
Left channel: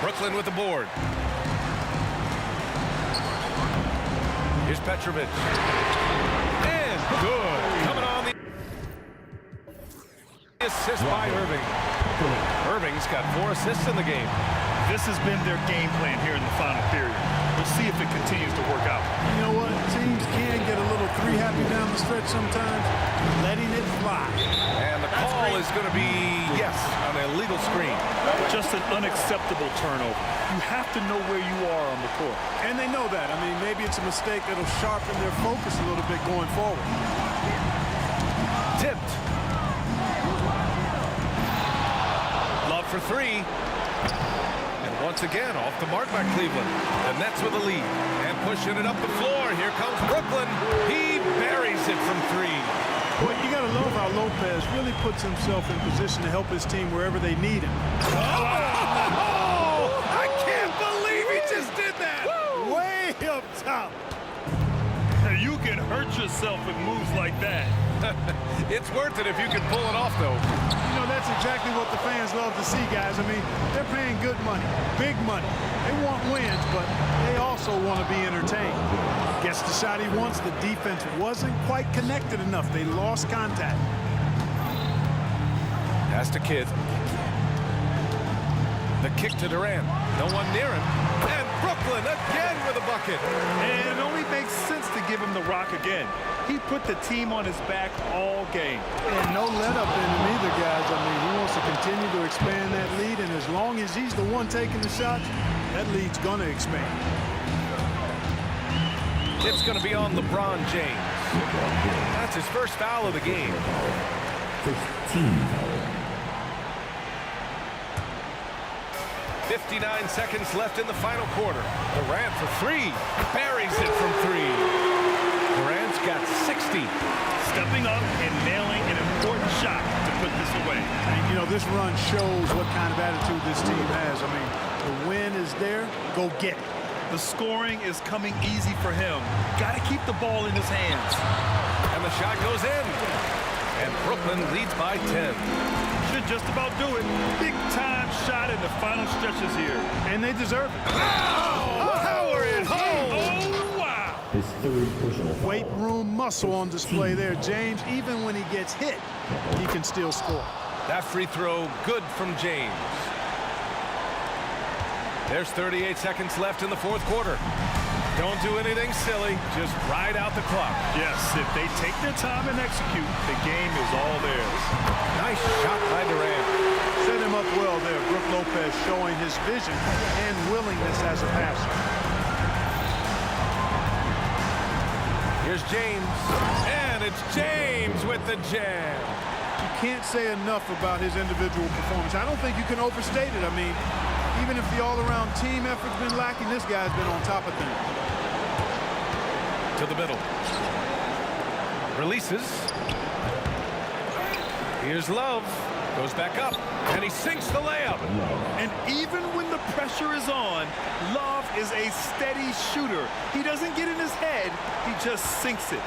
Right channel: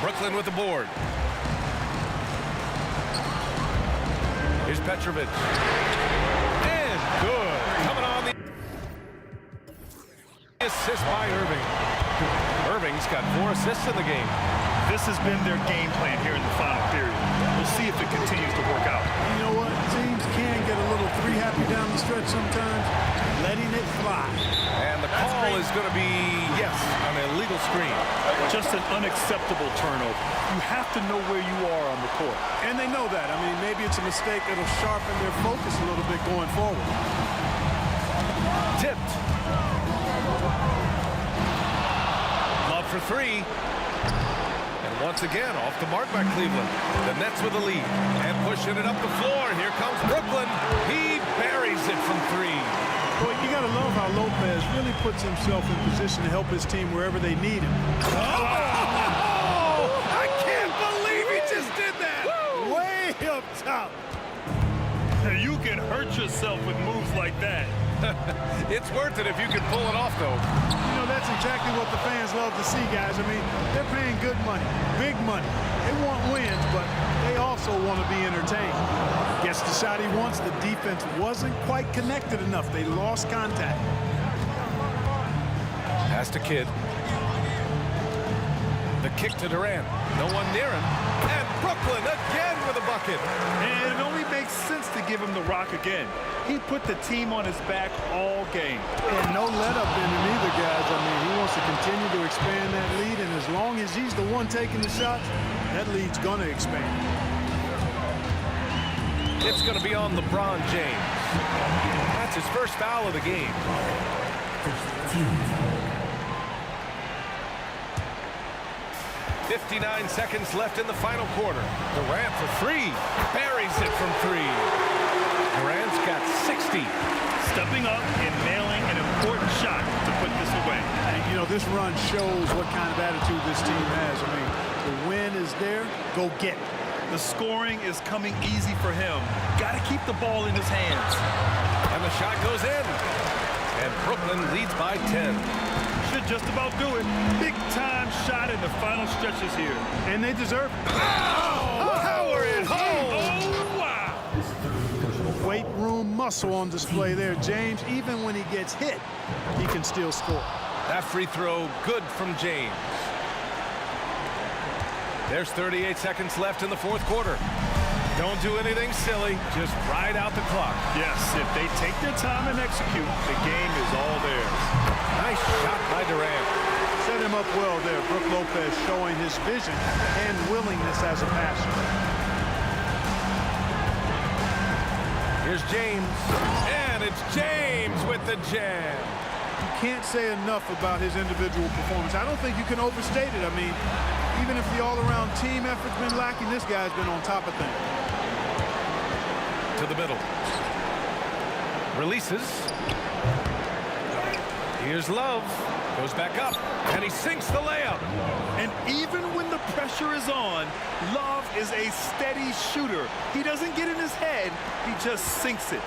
Brooklyn with the board. Here's Petrovic. And good. Coming on the assist by Irving. Irving's got 4 assists in the game. This has been their game plan here in the final period. We'll see if it continues to work out. You know what? Teams can get a little three-happy down the stretch sometimes, letting it fly. And the call is going to be, yes, an illegal screen. Just an unacceptable turnover. You have to know where you are on the court. And they know that. I mean, maybe it's a mistake that'll sharpen their focus a little bit going forward. Tipped. Love for three. And once again, off the mark by Cleveland. The Nets with the lead. And pushing it up the floor. Here comes Brooklyn. He buries it from three. Boy, you got to love how Lopez really puts himself in position to help his team wherever they need him. Oh! I can't believe he just did that! Way up top. You can hurt yourself with moves like that. It's worth it if you can pull it off, though. You know, that's exactly what the fans love to see, guys. I mean, they're paying good money, big money. They want wins, but they also want to be entertained. Gets the shot he wants. The defense wasn't quite connected enough. They lost contact. Pass to Kidd. The kick to Durant. No one near him. And Brooklyn again with a bucket. And it only makes sense to give him the rock again. He put the team on his back all game. And no let up in him either, guys. I mean, he wants to continue to expand that lead, and as long as he's the one taking the shots, that lead's going to expand. It's going to be on LeBron James. That's his first foul of the game. First team. 59 seconds left in the final quarter. Durant for three. Buries it from three. Durant's got 60. Stepping up and nailing an important shot to put this away. And, you know, this run shows what kind of attitude this team has. I mean, the win is there. Go get it. The scoring is coming easy for him. Got to keep the ball in his hands. And the shot goes in. and Brooklyn leads by 10. Should just about do it. Big time shot in the final stretches here. And they deserve it. Power and home. Oh, wow. His third personal foul. Weight room muscle on display there, James. Even when he gets hit, he can still score. That free throw good from James. There's 38 seconds left in the fourth quarter. Don't do anything silly. Just ride out the clock. Yes, if they take their time and execute, the game is all theirs. Nice shot by Durant. Set him up well there. Brook Lopez showing his vision and willingness as a passer. Here's James. And it's James with the jam. You can't say enough about his individual performance. I don't think you can overstate it. I mean, even if the all-around team effort's been lacking, this guy's been on top of things. To the middle. Releases. Here's Love. Goes back up. And he sinks the layup. And even when the pressure is on, Love is a steady shooter. He doesn't get in his head. He just sinks it.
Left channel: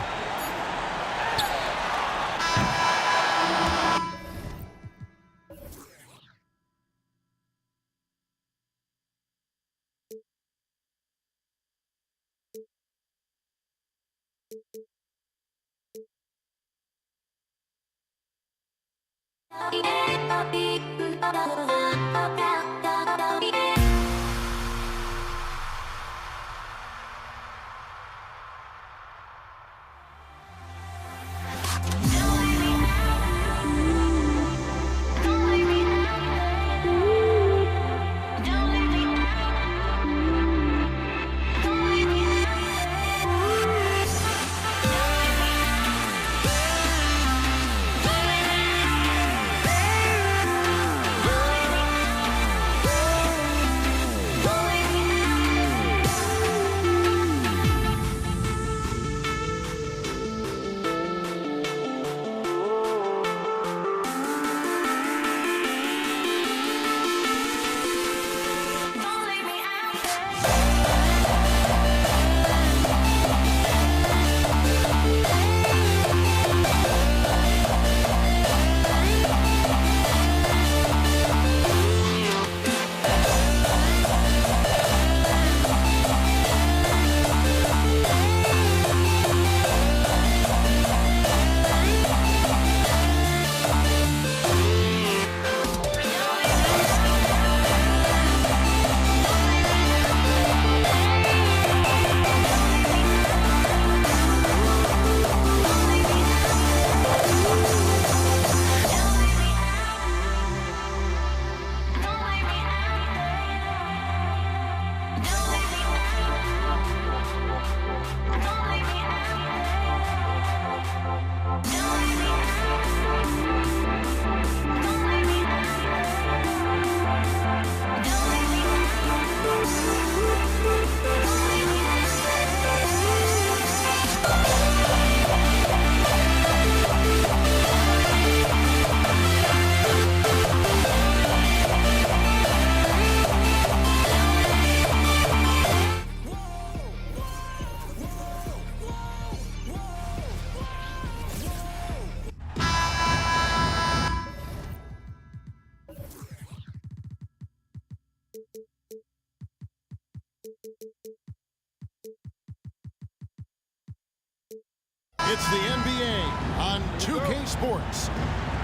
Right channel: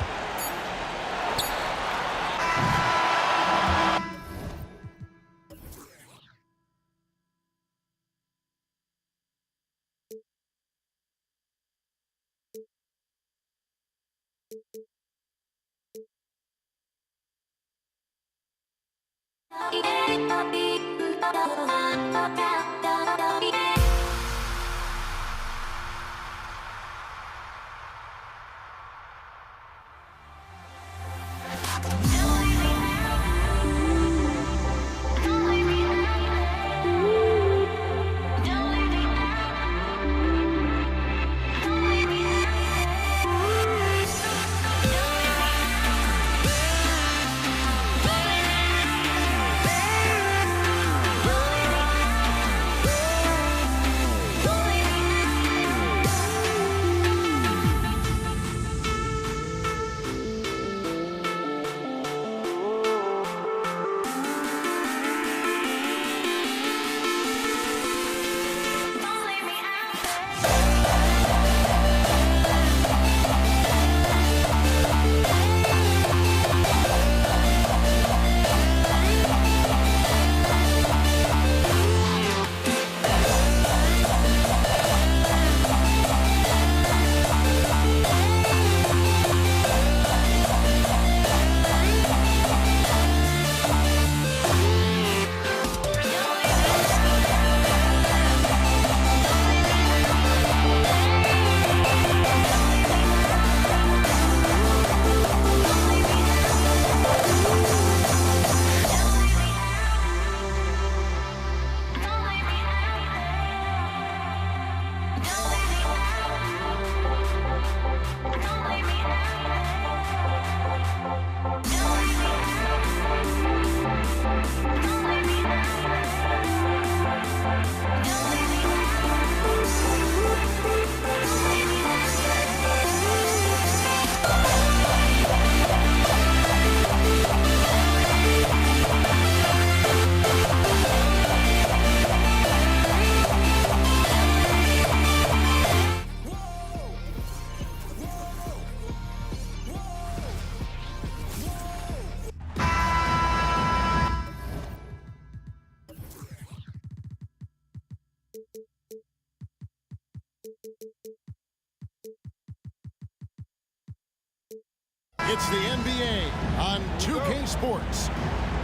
It's the NBA on 2K Sports.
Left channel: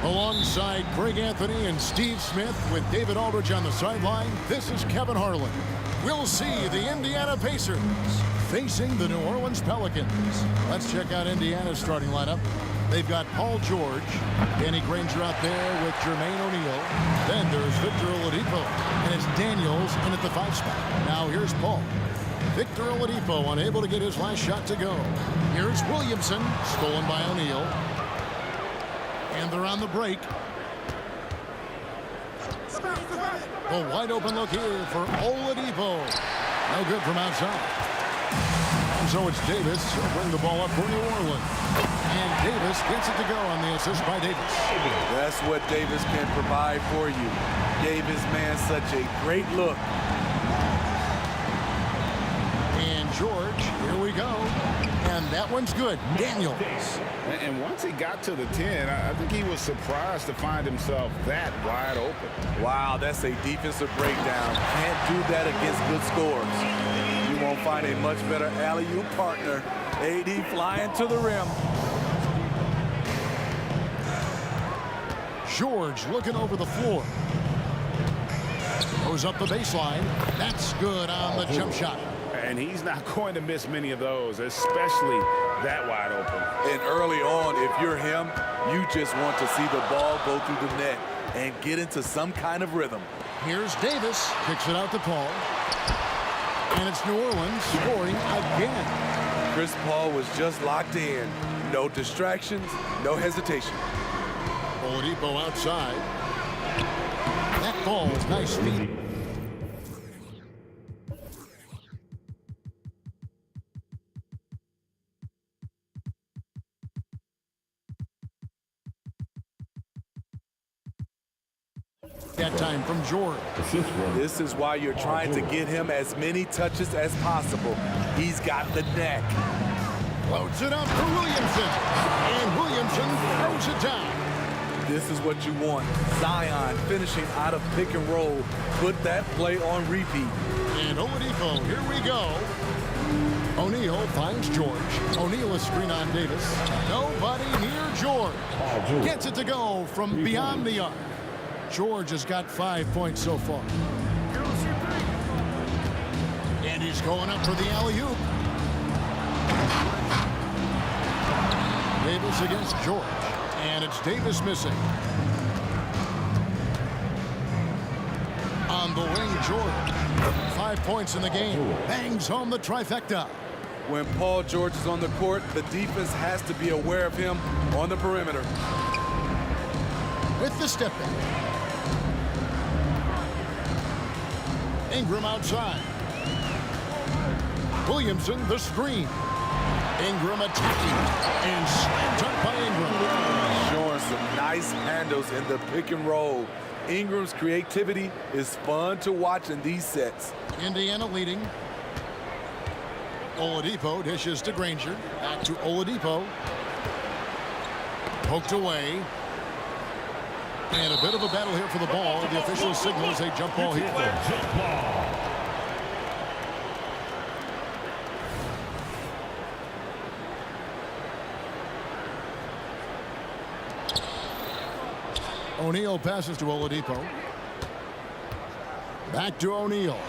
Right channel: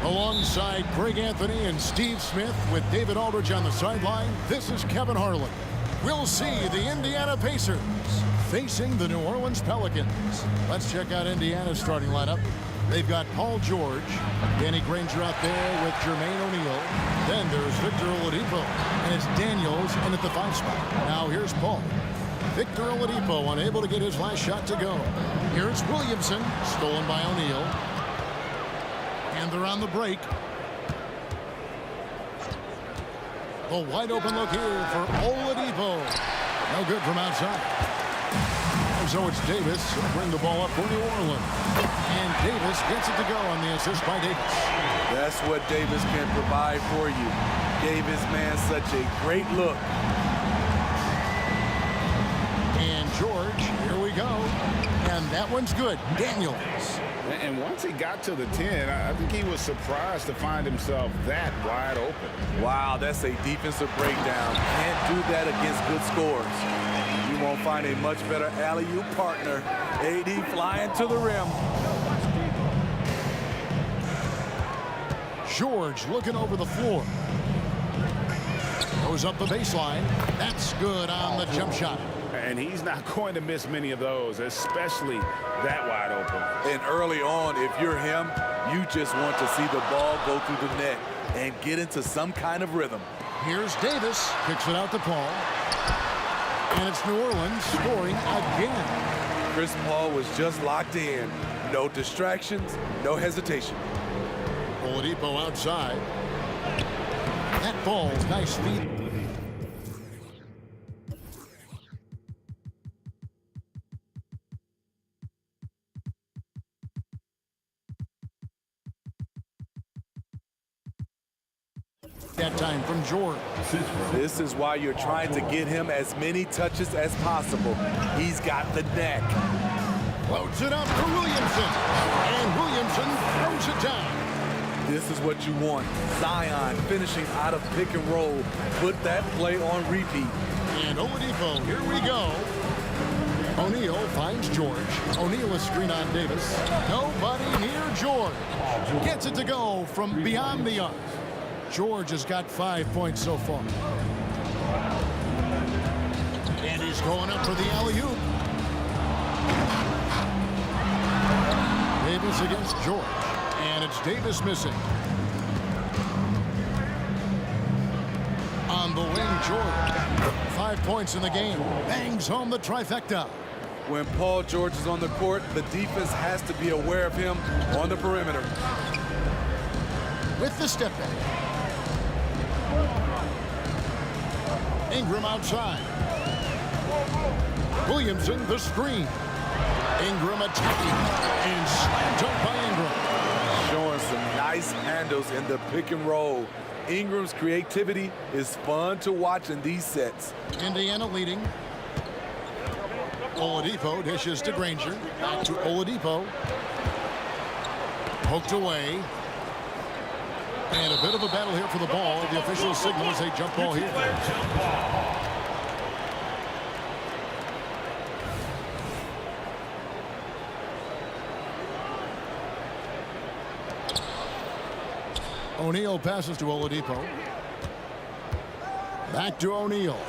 Alongside Greg Anthony and Steve Smith with David Aldridge on the sideline, this is Kevin Harlan. We'll see the Indiana Pacers facing the New Orleans Pelicans. Let's check out Indiana's starting lineup. They've got Paul George, Danny Granger out there with Jermaine O'Neal. Then there's Victor Oladipo, and it's Daniels in at the 5 spot. Now here's Paul. Victor Oladipo unable to get his last shot to go. Here's Williamson, stolen by O'Neal. And they're on the break. The wide open look here for Oladipo. No good from outside. And so it's Davis. He'll bring the ball up for New Orleans. And Davis gets it to go on the assist by Davis. That's what Davis can provide for you. Gave his man such a great look. And George, here we go. And that one's good. Daniels. And once he got to the 10, I think he was surprised to find himself that wide open. Wow, that's a defensive breakdown. Can't do that against good scores. You won't find a much better alley-oop partner. AD flying to the rim. George looking over the floor. Goes up the baseline. That's good on the jump shot. And he's not going to miss many of those, especially that wide open. And early on, if you're him, you just want to see the ball go through the net and get into some kind of rhythm. Here's Davis. Kicks it out to Paul. And it's New Orleans scoring again. Chris Paul was just locked in. No distractions, no hesitation. Oladipo outside. That falls. Nice feed. That time from George. This is why you're trying to get him as many touches as possible. He's got the neck. Floats it up for Williamson. And Williamson throws it down. This is what you want. Zion finishing out of pick and roll. Put that play on repeat. And Oladipo, here we go. O'Neal finds George. O'Neal a screen on Davis. Nobody near George. Gets it to go from beyond the arc. George has got 5 points so far. And he's going up for the alley-oop. Davis against George. And it's Davis missing. On the wing, George. 5 points in the game. Bangs home the trifecta. When Paul George is on the court, the defense has to be aware of him on the perimeter. With the step back. Ingram outside. Williamson the screen. Ingram attacking. And slam dunk by Ingram. Showing some nice handles in the pick and roll. Ingram's creativity is fun to watch in these sets. Indiana leading. Oladipo dishes to Granger. Back to Oladipo. Poked away. And a bit of a battle here for the ball. The official signals a jump ball here. O'Neal passes to Oladipo. Back to O'Neal.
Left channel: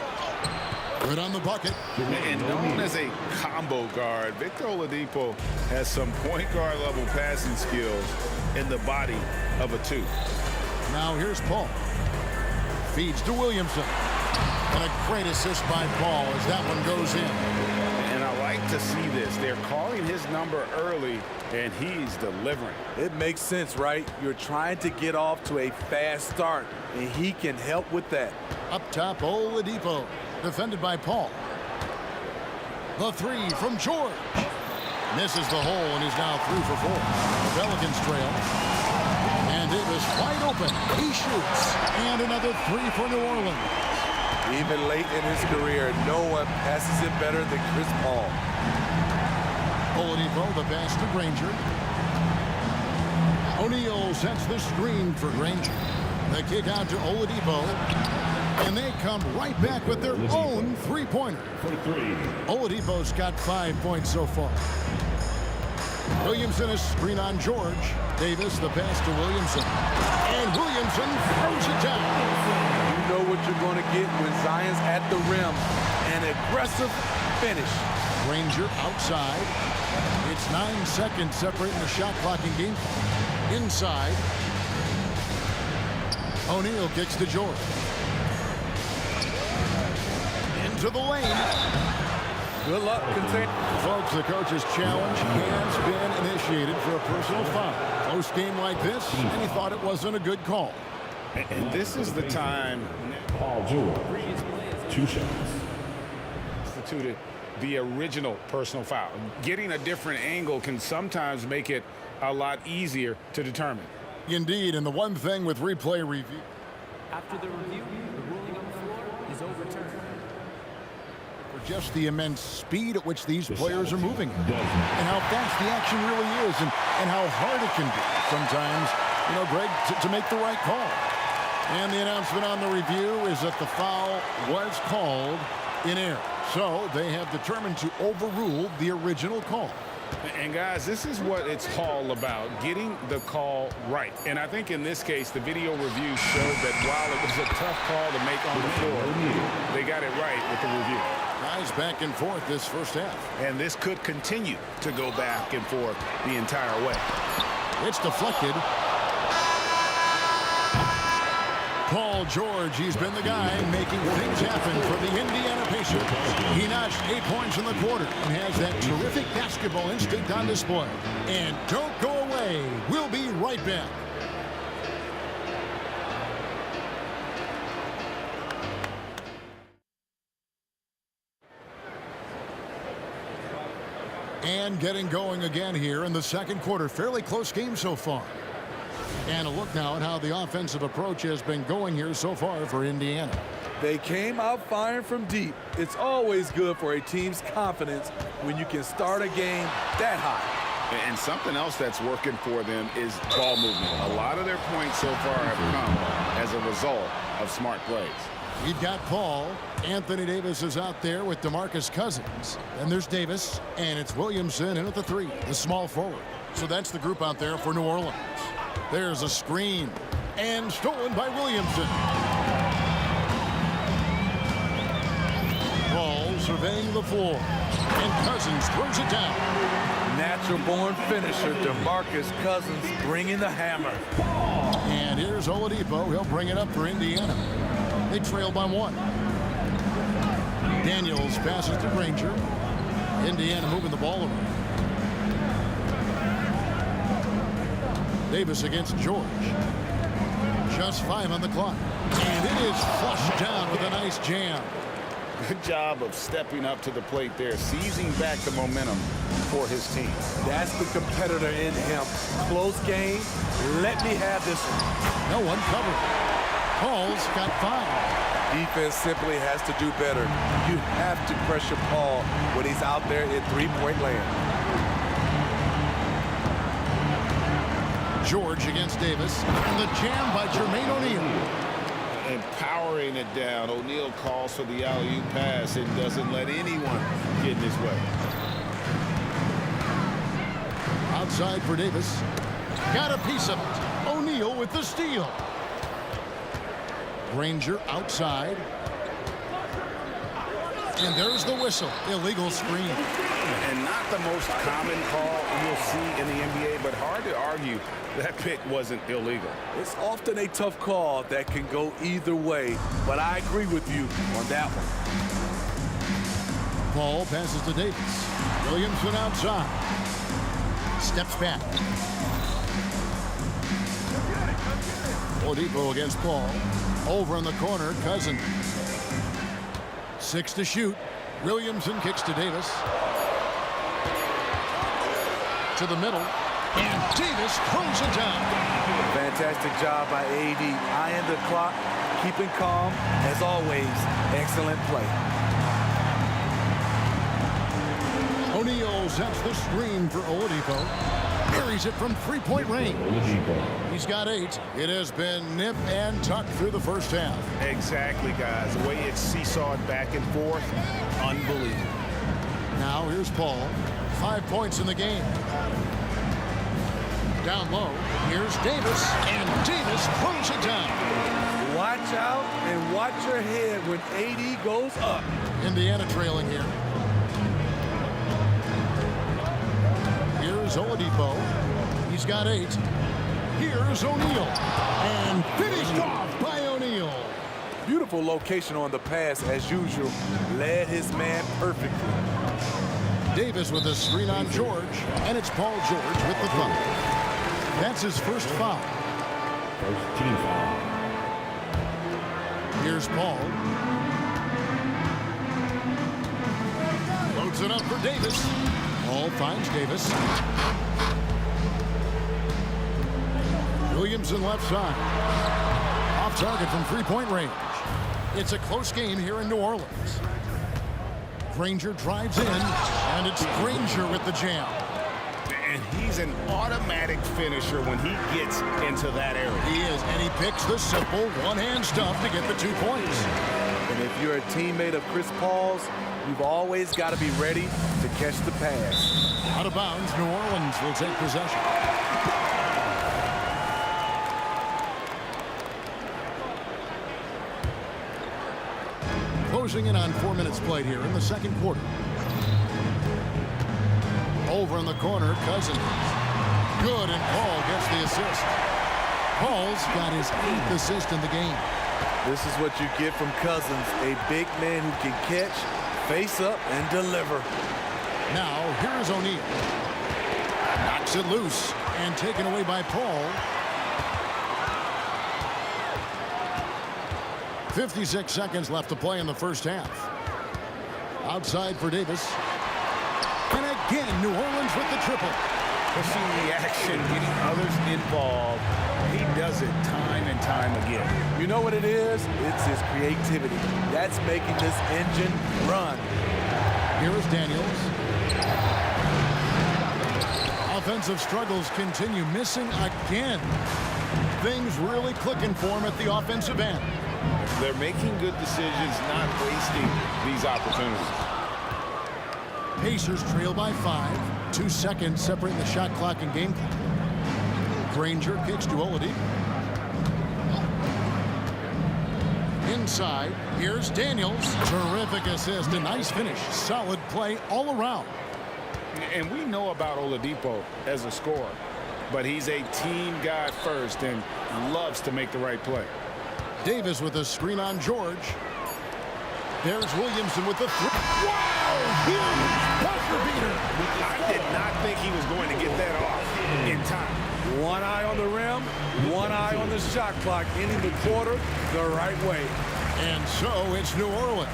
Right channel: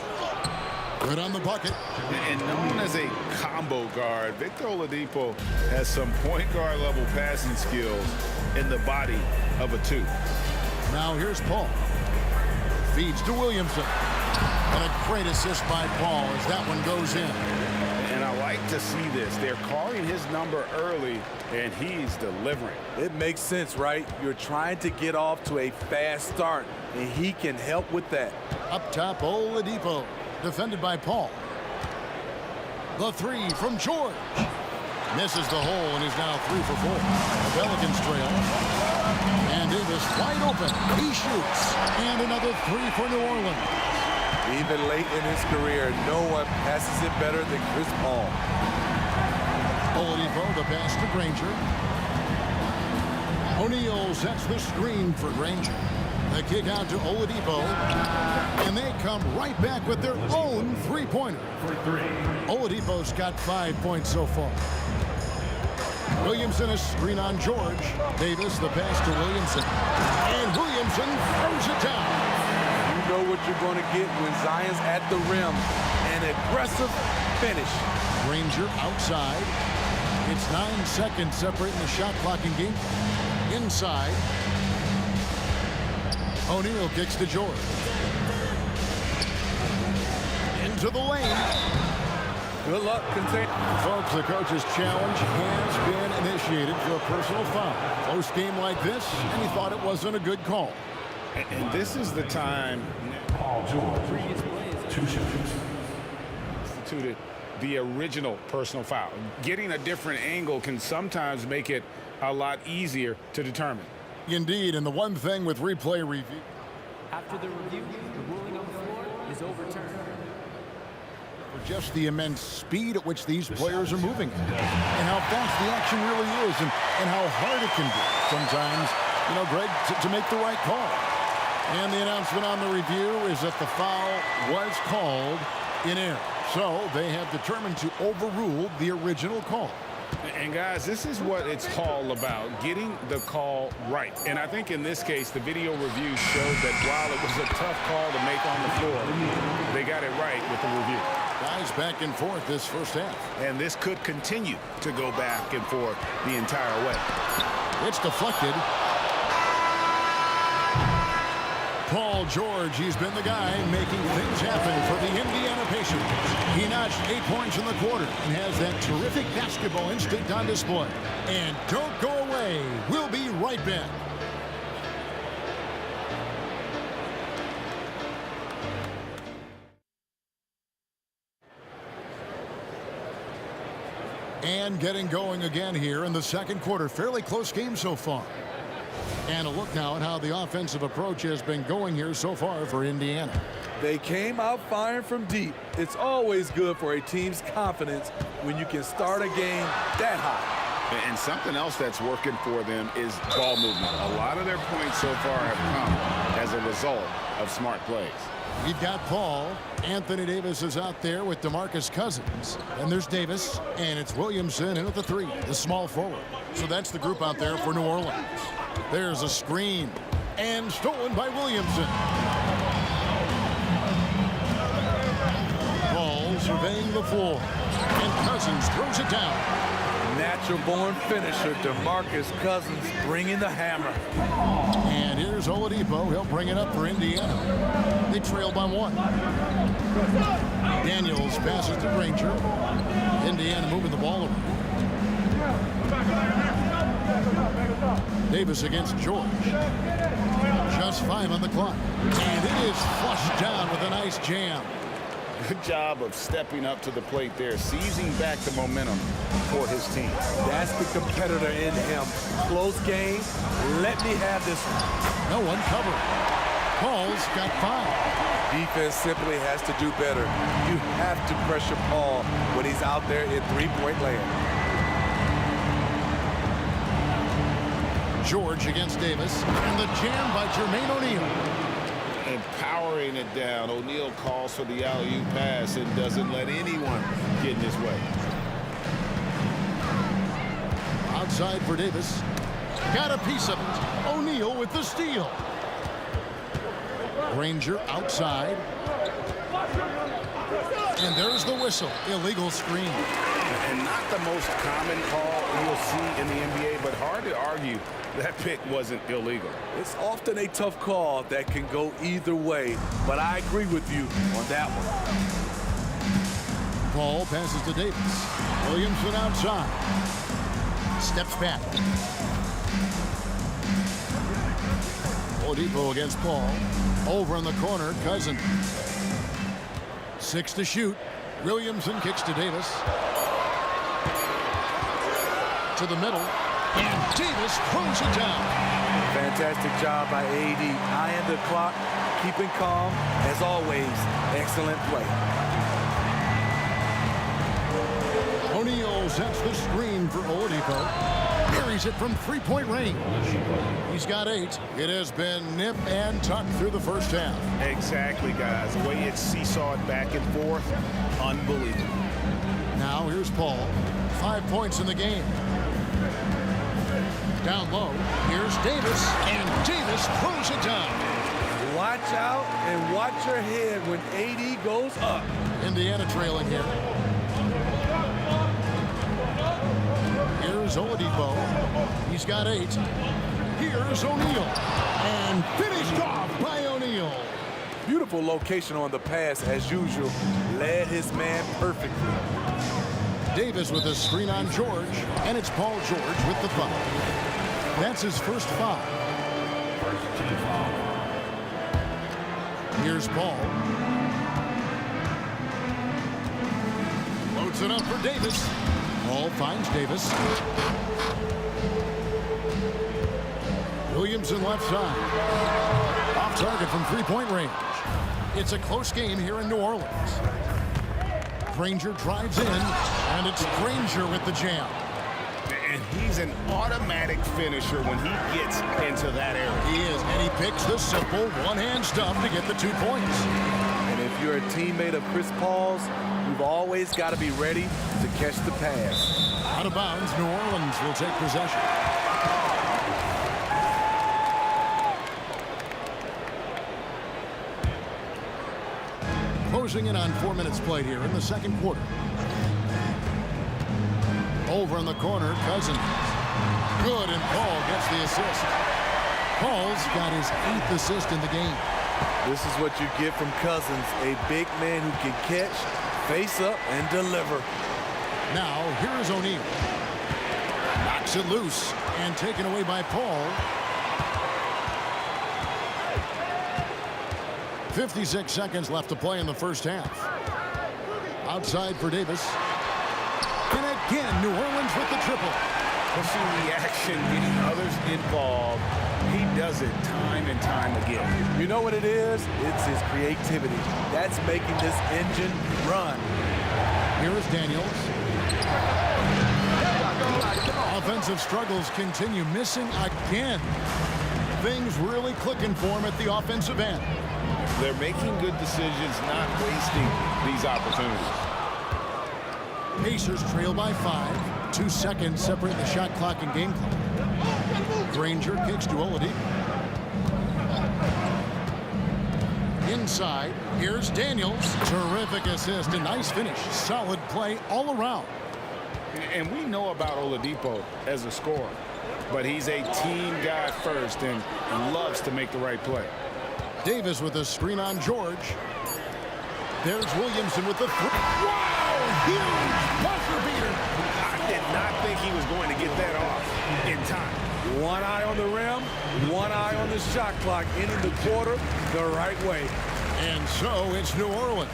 Good on the bucket. And known as a combo guard, Victor Oladipo has some point guard level passing skills in the body of a two. Now here's Paul. Feeds to Williamson. And a great assist by Paul as that one goes in. And I like to see this. They're calling his number early, and he's delivering. It makes sense, right? You're trying to get off to a fast start, and he can help with that. Up top, Oladipo. Defended by Paul. The three from George. Misses the hole and is now 3 for 4. The Pelicans trail. And Davis wide open. He shoots. And another 3 for New Orleans. Even late in his career, no one passes it better than Chris Paul. Oladipo, the pass to Granger. O'Neal sets the screen for Granger. The kick out to Oladipo. And they come right back with their own three-pointer. Oladipo's got 5 points so far. Williamson a screen on George. Davis the pass to Williamson. And Williamson throws it down. You know what you're going to get when Zion's at the rim. An aggressive finish. Granger outside. It's 9 seconds separating the shot clock and game clock. Inside. O'Neal kicks to George. Into the lane. Good luck, contain. Folks, the coach's challenge has been initiated for a personal foul. Close game like this, and he thought it wasn't a good call. And this is the time. Paul George, 2 shots. Instituted the original personal foul. Getting a different angle can sometimes make it a lot easier to determine. Indeed, and the one thing with replay review. After the review, the ruling on the floor is overturned. For just the immense speed at which these players are moving at, and how fast the action really is, and how hard it can be sometimes, you know, Greg, to make the right call. And the announcement on the review is that the foul was called in error. So they have determined to overrule the original call. And guys, this is what it's all about, getting the call right. And I think in this case, the video review showed that while it was a tough call to make on the floor, they got it right with the review. Guys back and forth this first half. And this could continue to go back and forth the entire way. It's deflected. Paul George, he's been the guy making things happen for the Indiana Pacers. He notched 8 points in the quarter and has that terrific basketball instinct on display. And don't go away. We'll be right back. And getting going again here in the second quarter. Fairly close game so far. And a look now at how the offensive approach has been going here so far for Indiana. They came out firing from deep. It's always good for a team's confidence when you can start a game that hot. And something else that's working for them is ball movement. A lot of their points so far have come as a result of smart plays. We've got Paul. Anthony Davis is out there with DeMarcus Cousins. Then there's Davis, and it's Williamson in at the 3, the small forward. So that's the group out there for New Orleans. There's a screen, and stolen by Williamson. Paul surveying the floor, and Cousins throws it down. Natural-born finisher, DeMarcus Cousins bringing the hammer. And here's Oladipo. He'll bring it up for Indiana. They trail by 1. Daniels passes to Granger. Indiana moving the ball around. Davis against George. Just 5 on the clock. And it is flushed down with a nice jam. Good job of stepping up to the plate there, seizing back the momentum for his team. That's the competitor in him. Close game. Let me have this one. No one covering. Paul's got 5. Defense simply has to do better. You have to pressure Paul when he's out there in three-point land. George against Davis, and the jam by Jermaine O'Neal. And powering it down, O'Neal calls for the alley-oop pass and doesn't let anyone get in his way. Outside for Davis. Got a piece of it. O'Neal with the steal. Granger outside. And there's the whistle. Illegal screen. And not the most common call you'll see in the NBA, but hard to argue that pick wasn't illegal. It's often a tough call that can go either way, but I agree with you on that one. Paul passes to Davis. Williamson outside. Steps back. Oladipo against Paul. Over in the corner, Cousins. 6 to shoot. Williamson kicks to Davis. To the middle. And Davis throws it down. Fantastic job by AD. Eyeing the clock, keeping calm. As always, excellent play. O'Neal sets the screen for Oladipo. Carries it from three-point range. He's got 8. It has been nip and tuck through the first half. Exactly, guys. The way it's seesawed back and forth, unbelievable. Now here's Paul. 5 points in the game. Down low, here's Davis, and Davis throws it down. Watch out and watch your head when AD goes up. Indiana trailing here. Here's Oladipo. He's got 8. Here's O'Neal. And finished off by O'Neal. Beautiful location on the pass as usual. Led his man perfectly. Davis with a screen on George, and it's Paul George with the foul. That's his first foul. First team foul. Here's Paul. Loads it up for Davis. Paul finds Davis. Williamson left side. Off target from three-point range. It's a close game here in New Orleans. Granger drives in, and it's Granger with the jam. And he's an automatic finisher when he gets into that area. He is, and he picks the simple one-hand stuff to get the 2 points. And if you're a teammate of Chris Paul's, you've always got to be ready to catch the pass. Out of bounds, New Orleans will take possession. Closing in on 4 minutes played here in the second quarter. Over in the corner, Cousins. Good, and Paul gets the assist. Paul's got his 8th assist in the game. This is what you get from Cousins, a big man who can catch, face up, and deliver. Now, here is O'Neal. Knocks it loose and taken away by Paul. 56 seconds left to play in the first half. Outside for Davis. And again, New Orleans with the triple. Pushing the action, getting others involved. He does it time and time again. You know what it is? It's his creativity. That's making this engine run. Here is Daniels. Offensive struggles continue, missing again. Things really clicking for him at the offensive end. They're making good decisions, not wasting these opportunities. Pacers trail by 5. 2 seconds separating the shot clock and game clock. Granger kicks to Oladipo. Inside, here's Daniels. Terrific assist, a nice finish. Solid play all around. And we know about Oladipo as a scorer, but he's a team guy first and loves to make the right play. Davis with a screen on George. There's Williamson with the three. Wow, huge buzzer beater. I did not think he was going to get that off in time. One eye on the rim, one eye on the shot clock, ending the quarter the right way. And so it's New Orleans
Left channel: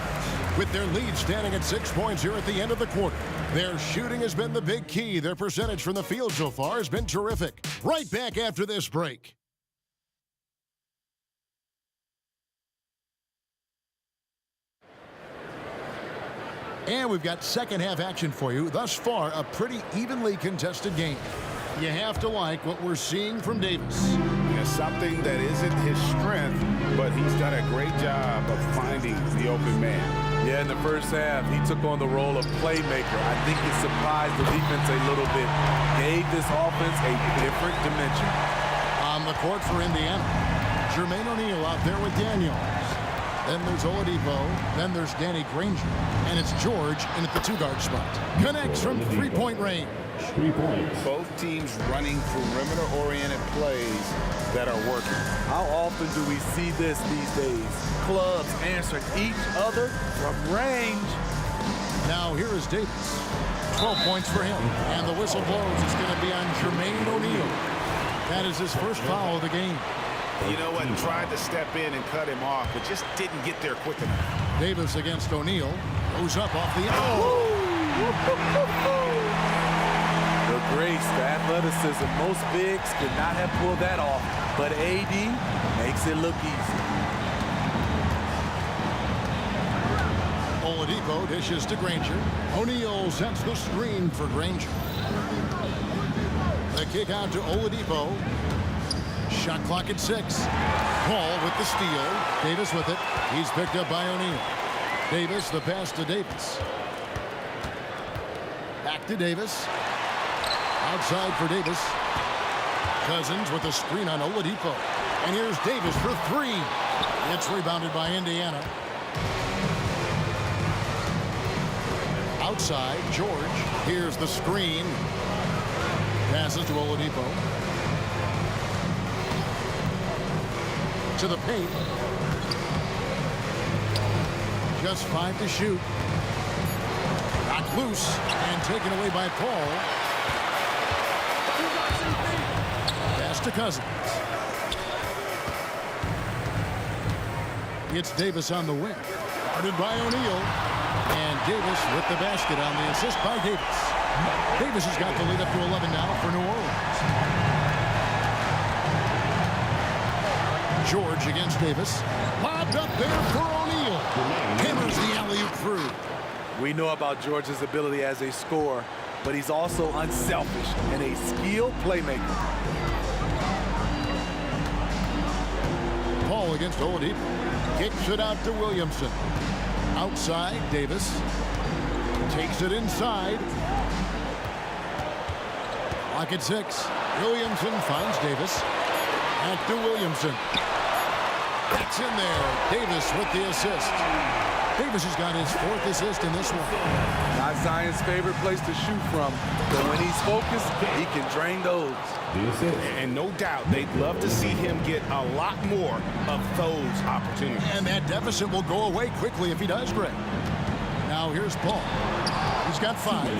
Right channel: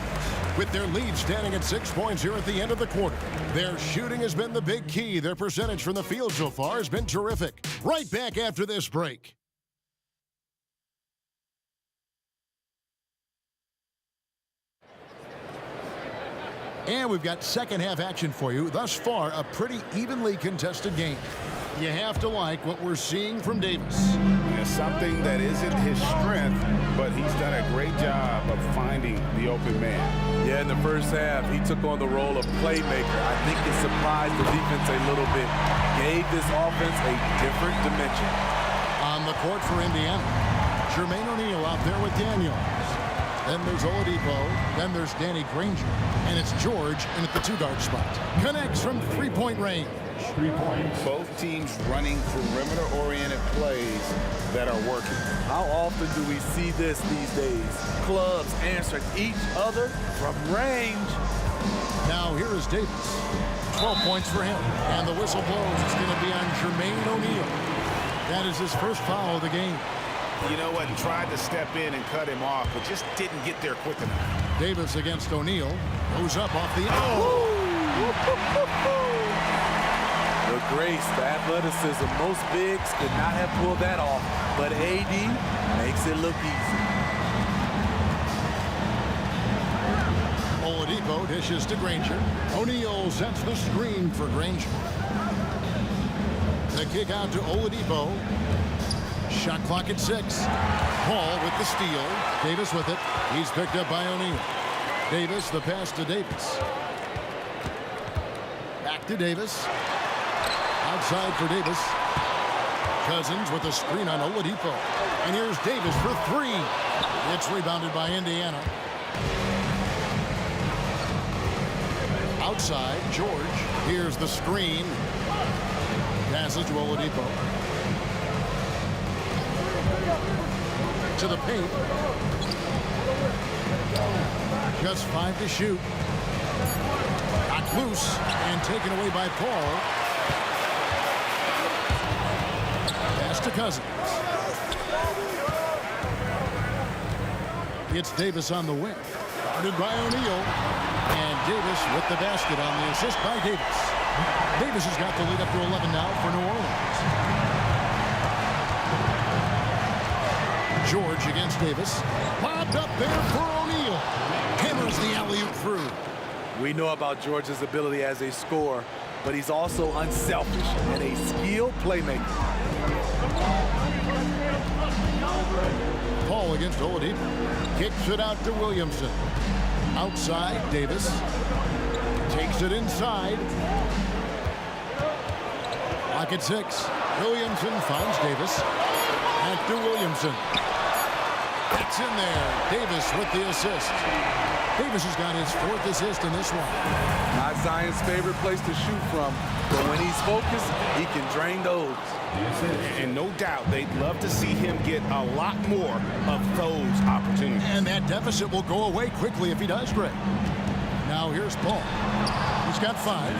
with their lead standing at 6 points here at the end of the quarter. Their shooting has been the big key. Their percentage from the field so far has been terrific. Right back after this break. And we've got second half action for you. Thus far, a pretty evenly contested game. You have to like what we're seeing from Davis. Yeah, something that isn't his strength, but he's done a great job of finding the open man. Yeah, in the first half, he took on the role of playmaker. I think it surprised the defense a little bit. Gave this offense a different dimension. On the court for Indiana, Jermaine O'Neal out there with Daniels. Then there's Oladipo. Then there's Danny Granger. And it's George in at the 2-guard spot. Connects from 3-point range. 3 points. Both teams running perimeter-oriented plays that are working. How often do we see this these days? Clubs answering each other from range. Now here is Davis. 12 points for him. And the whistle blows. It's going to be on Jermaine O'Neal. That is his first foul of the game. You know what? Tried to step in and cut him off, but just didn't get there quick enough. Davis against O'Neal. Goes up off the... The grace, the athleticism, most bigs could not have pulled that off, but AD makes it look easy. Oladipo dishes to Granger. O'Neal sets the screen for Granger. The kick out to Oladipo. Shot clock at 6. Paul with the steal. Davis with it. He's picked up by O'Neal. Davis, the pass to Davis. Back to Davis. Outside for Davis. Cousins with a screen on Oladipo. And here's Davis for 3. It's rebounded by Indiana. Outside, George. Here's the screen. Passes to Oladipo. To the paint. Just 5 to shoot. Knocked loose and taken away by Paul. Pass to Cousins. It's Davis on the wing. Guarded by O'Neal. And Davis with the basket on the assist by Davis. Davis has got the lead up to 11 now for New Orleans. George against Davis. Lobbed up there for O'Neal. Hammers the alley-oop through. We know about George's ability as a scorer, but he's also unselfish and a skilled playmaker. Paul against Oladipo. Kicks it out to Williamson. Outside, Davis. Takes it inside. Clock at 6. Williamson finds Davis. Back to Williamson. That's in there. Davis with the assist. Davis has got his 4th assist in this one. Not Zion's favorite place to shoot from, but when he's focused, he can drain those. And no doubt they'd love to see him get a lot more of those opportunities. And that deficit will go away quickly if he does, Greg. Now here's Paul. He's got 5.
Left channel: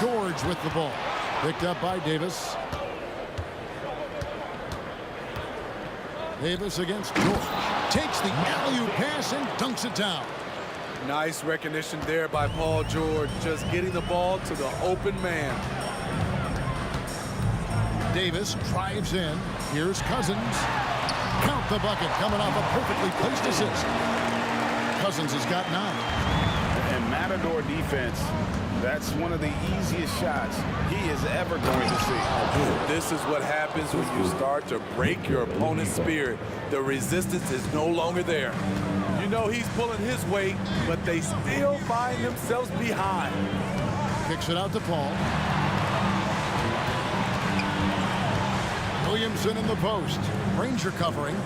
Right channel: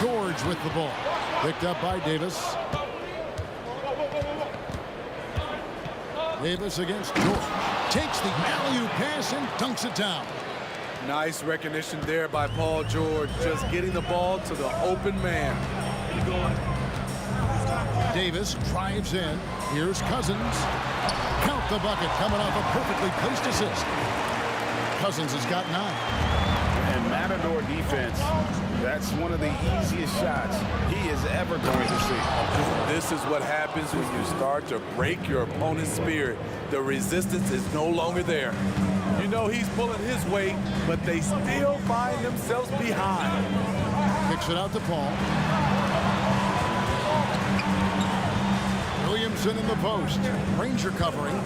George with the ball. Picked up by Davis. Davis against George. Takes the alley-oop pass and dunks it down. Nice recognition there by Paul George, just getting the ball to the open man. Davis drives in. Here's Cousins. Count the bucket, coming off a perfectly placed assist. Cousins has got 9. And Matador defense, that's one of the easiest shots he is ever going to see. This is what happens when you start to break your opponent's spirit. The resistance is no longer there. You know he's pulling his weight, but they still find themselves behind. Kicks it out to Paul. Williamson in the post. Ranger covering.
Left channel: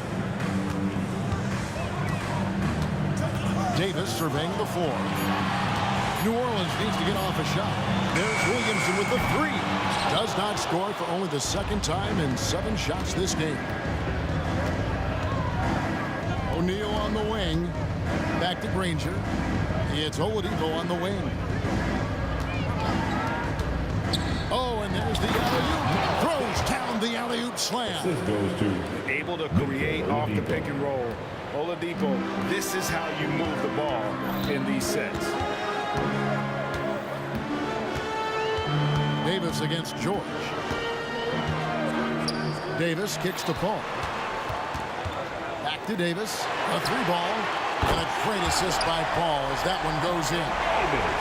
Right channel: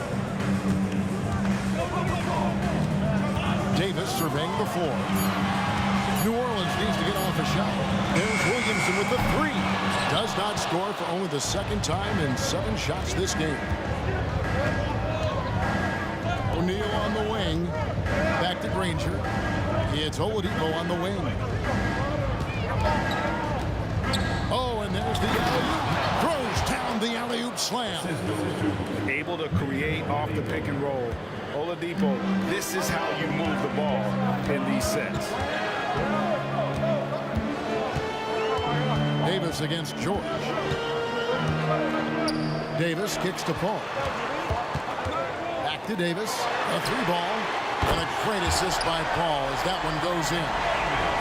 Davis surveying the floor. New Orleans needs to get off a shot. There's Williamson with the 3. Does not score for only the 2nd time in 7 shots this game. O'Neal on the wing. Back to Granger. It's Oladipo on the wing. Oh, and there's the alley-oop. Throws down the alley-oop slam. Able to create off the pick and roll. Oladipo, this is how you move the ball in these sets. Davis against George. Davis kicks to Paul. Back to Davis. A 3-ball. And a great assist by Paul as that one goes in.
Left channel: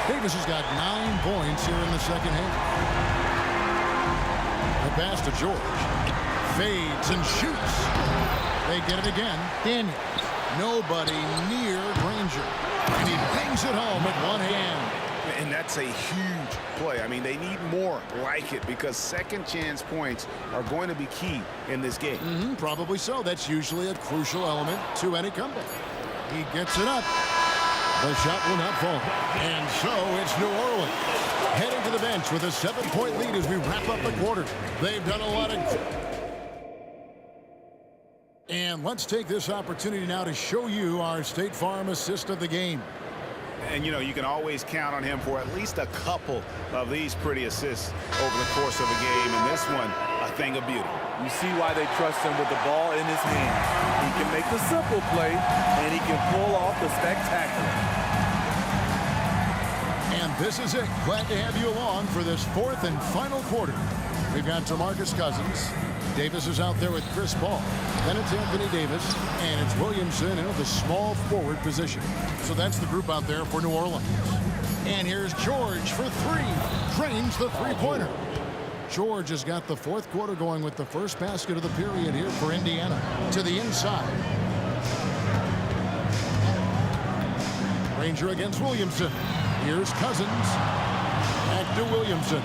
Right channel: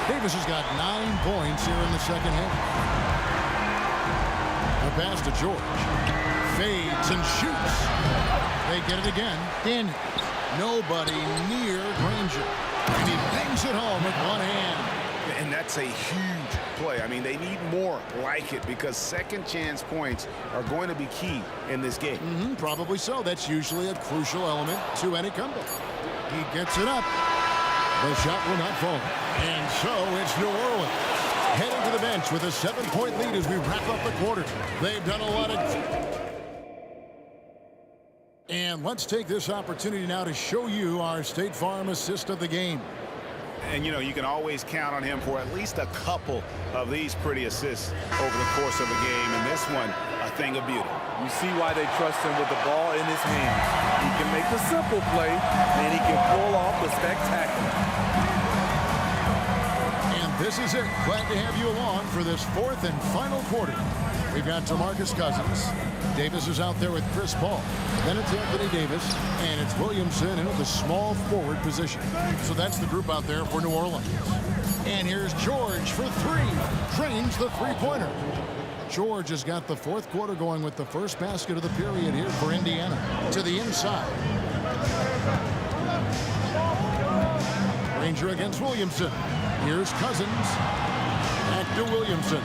Davis has got 9 points here in the 2nd half. The pass to George. Fades and shoots. They get it again. Daniels. Nobody near Granger. And he bangs it home with one hand. And that's a huge play. I mean, they need more like it because second chance points are going to be key in this game. Probably so. That's usually a crucial element to any comeback. He gets it up. The shot will not fall. And so it's New Orleans heading to the bench with a 7-point lead as we wrap up the quarter. They've done a lot of... And let's take this opportunity now to show you our State Farm assist of the game. And, you know, you can always count on him for at least a couple of these pretty assists over the course of a game. And this one, a thing of beauty. You see why they trust him with the ball in his hands. He can make the simple play, and he can pull off the spectacular. And this is it. Glad to have you along for this 4th and final quarter. We've got DeMarcus Cousins. Davis is out there with Chris Paul. Then it's Anthony Davis, and it's Williamson in the small forward position. So that's the group out there for New Orleans. And here's George for 3. Drains the 3-pointer. George has got the 4th quarter going with the first basket of the period here for Indiana. To the inside. Ranger against Williamson. Here's Cousins. Back to Williamson.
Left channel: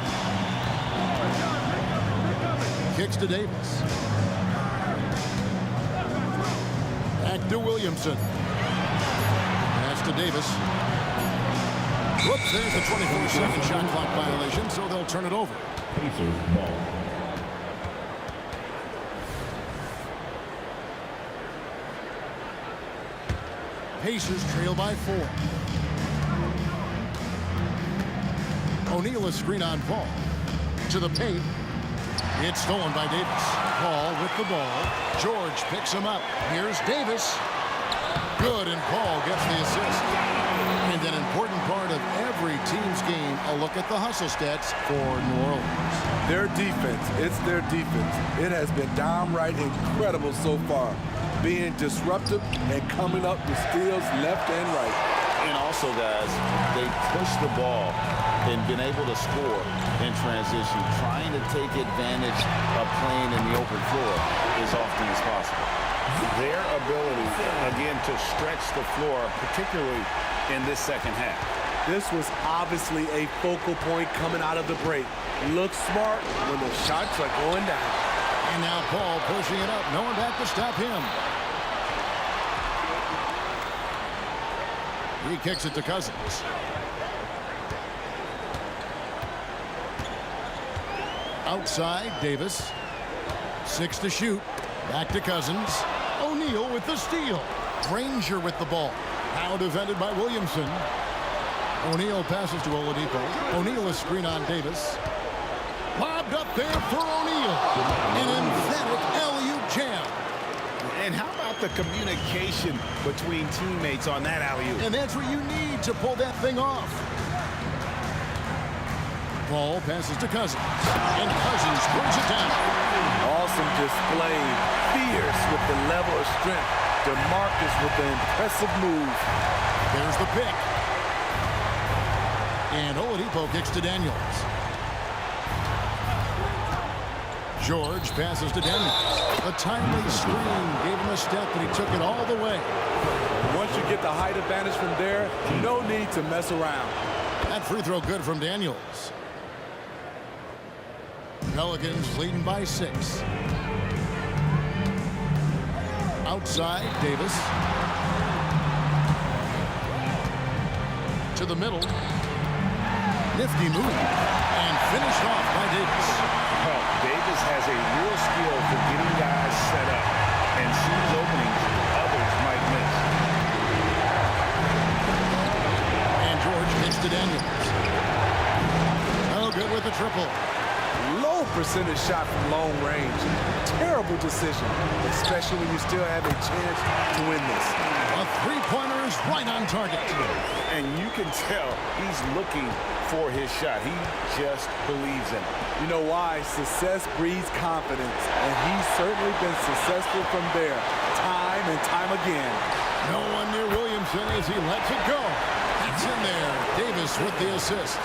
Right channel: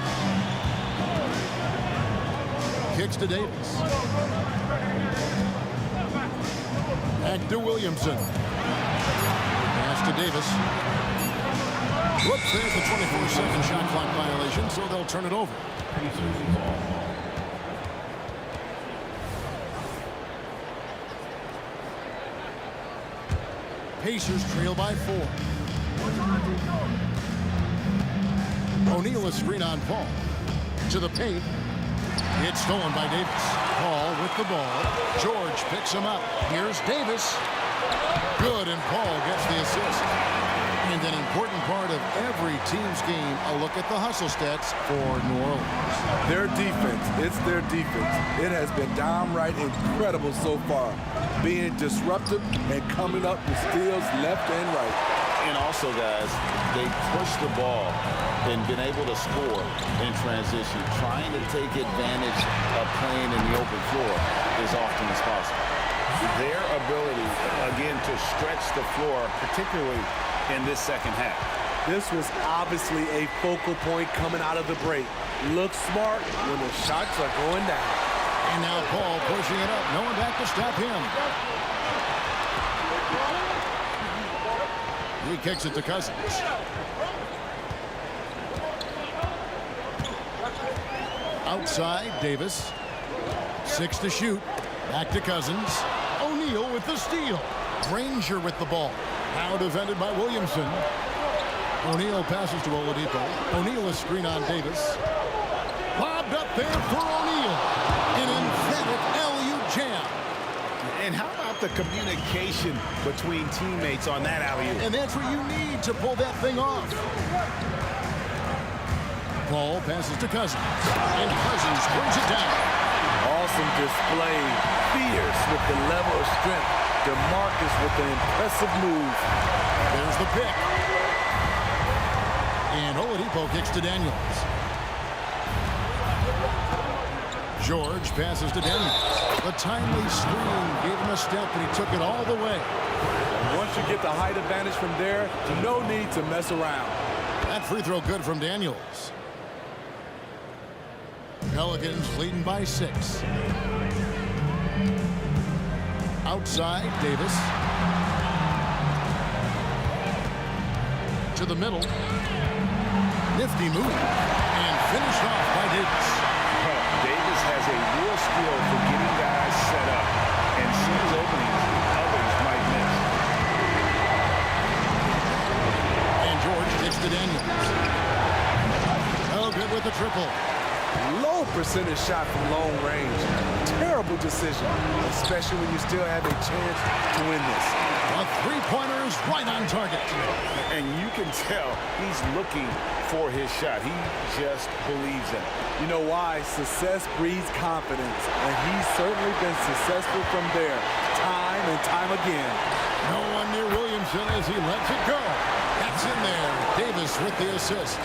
Kicks to Davis. Back to Williamson. Pass to Davis. Whoops, there's the 24-second shot clock violation, so they'll turn it over. Pacers trail by 4. O'Neal a screen on Paul. To the paint. It's stolen by Davis. Paul with the ball. George picks him up. Here's Davis. Good, and Paul gets the assist. And an important part of every team's game, a look at the hustle stats for New Orleans. Their defense, it's their defense. It has been downright incredible so far, being disruptive and coming up with steals left and right. And also, guys, they push the ball and been able to score in transition. Trying to take advantage of playing in the open floor as often as possible. Their ability, again, to stretch the floor, particularly in this second half. This was obviously a focal point coming out of the break. Look smart when the shots are going down. And now Paul pushing it up. No one back to stop him. He kicks it to Cousins. Outside, Davis. 6 to shoot. Back to Cousins. O'Neal with the steal. Granger with the ball. Now defended by Williamson. O'Neal passes to Oladipo. O'Neal is screen on Davis. Lobbed up there for O'Neal. An emphatic alley-oop jam. And how about the communication between teammates on that alley-oop? And that's what you need to pull that thing off. Paul passes to Cousins. And Cousins throws it down. Awesome display. Fierce with the level of strength. DeMarcus with the impressive move. There's the pick. And Oladipo kicks to Daniels. George passes to Daniels. The timely screen gave him a step, but he took it all the way. And once you get the height advantage from there, no need to mess around. That free throw good from Daniels. Pelicans leading by 6. Outside, Davis. To the middle. Nifty move. And finished off by Davis. Well, Davis has a real skill for getting guys set up and sees openings others might miss. And George kicks to Daniels. Oh, good with the triple. Low percentage shot from long range. Terrible decision, especially when you still have a chance to win this. A three-pointer is right on target. And you can tell he's looking for his shot. He just believes in it. You know why? Success breeds confidence, and he's certainly been successful from there, time and time again. No one near Williamson as he lets it go. That's in there. Davis with the assist.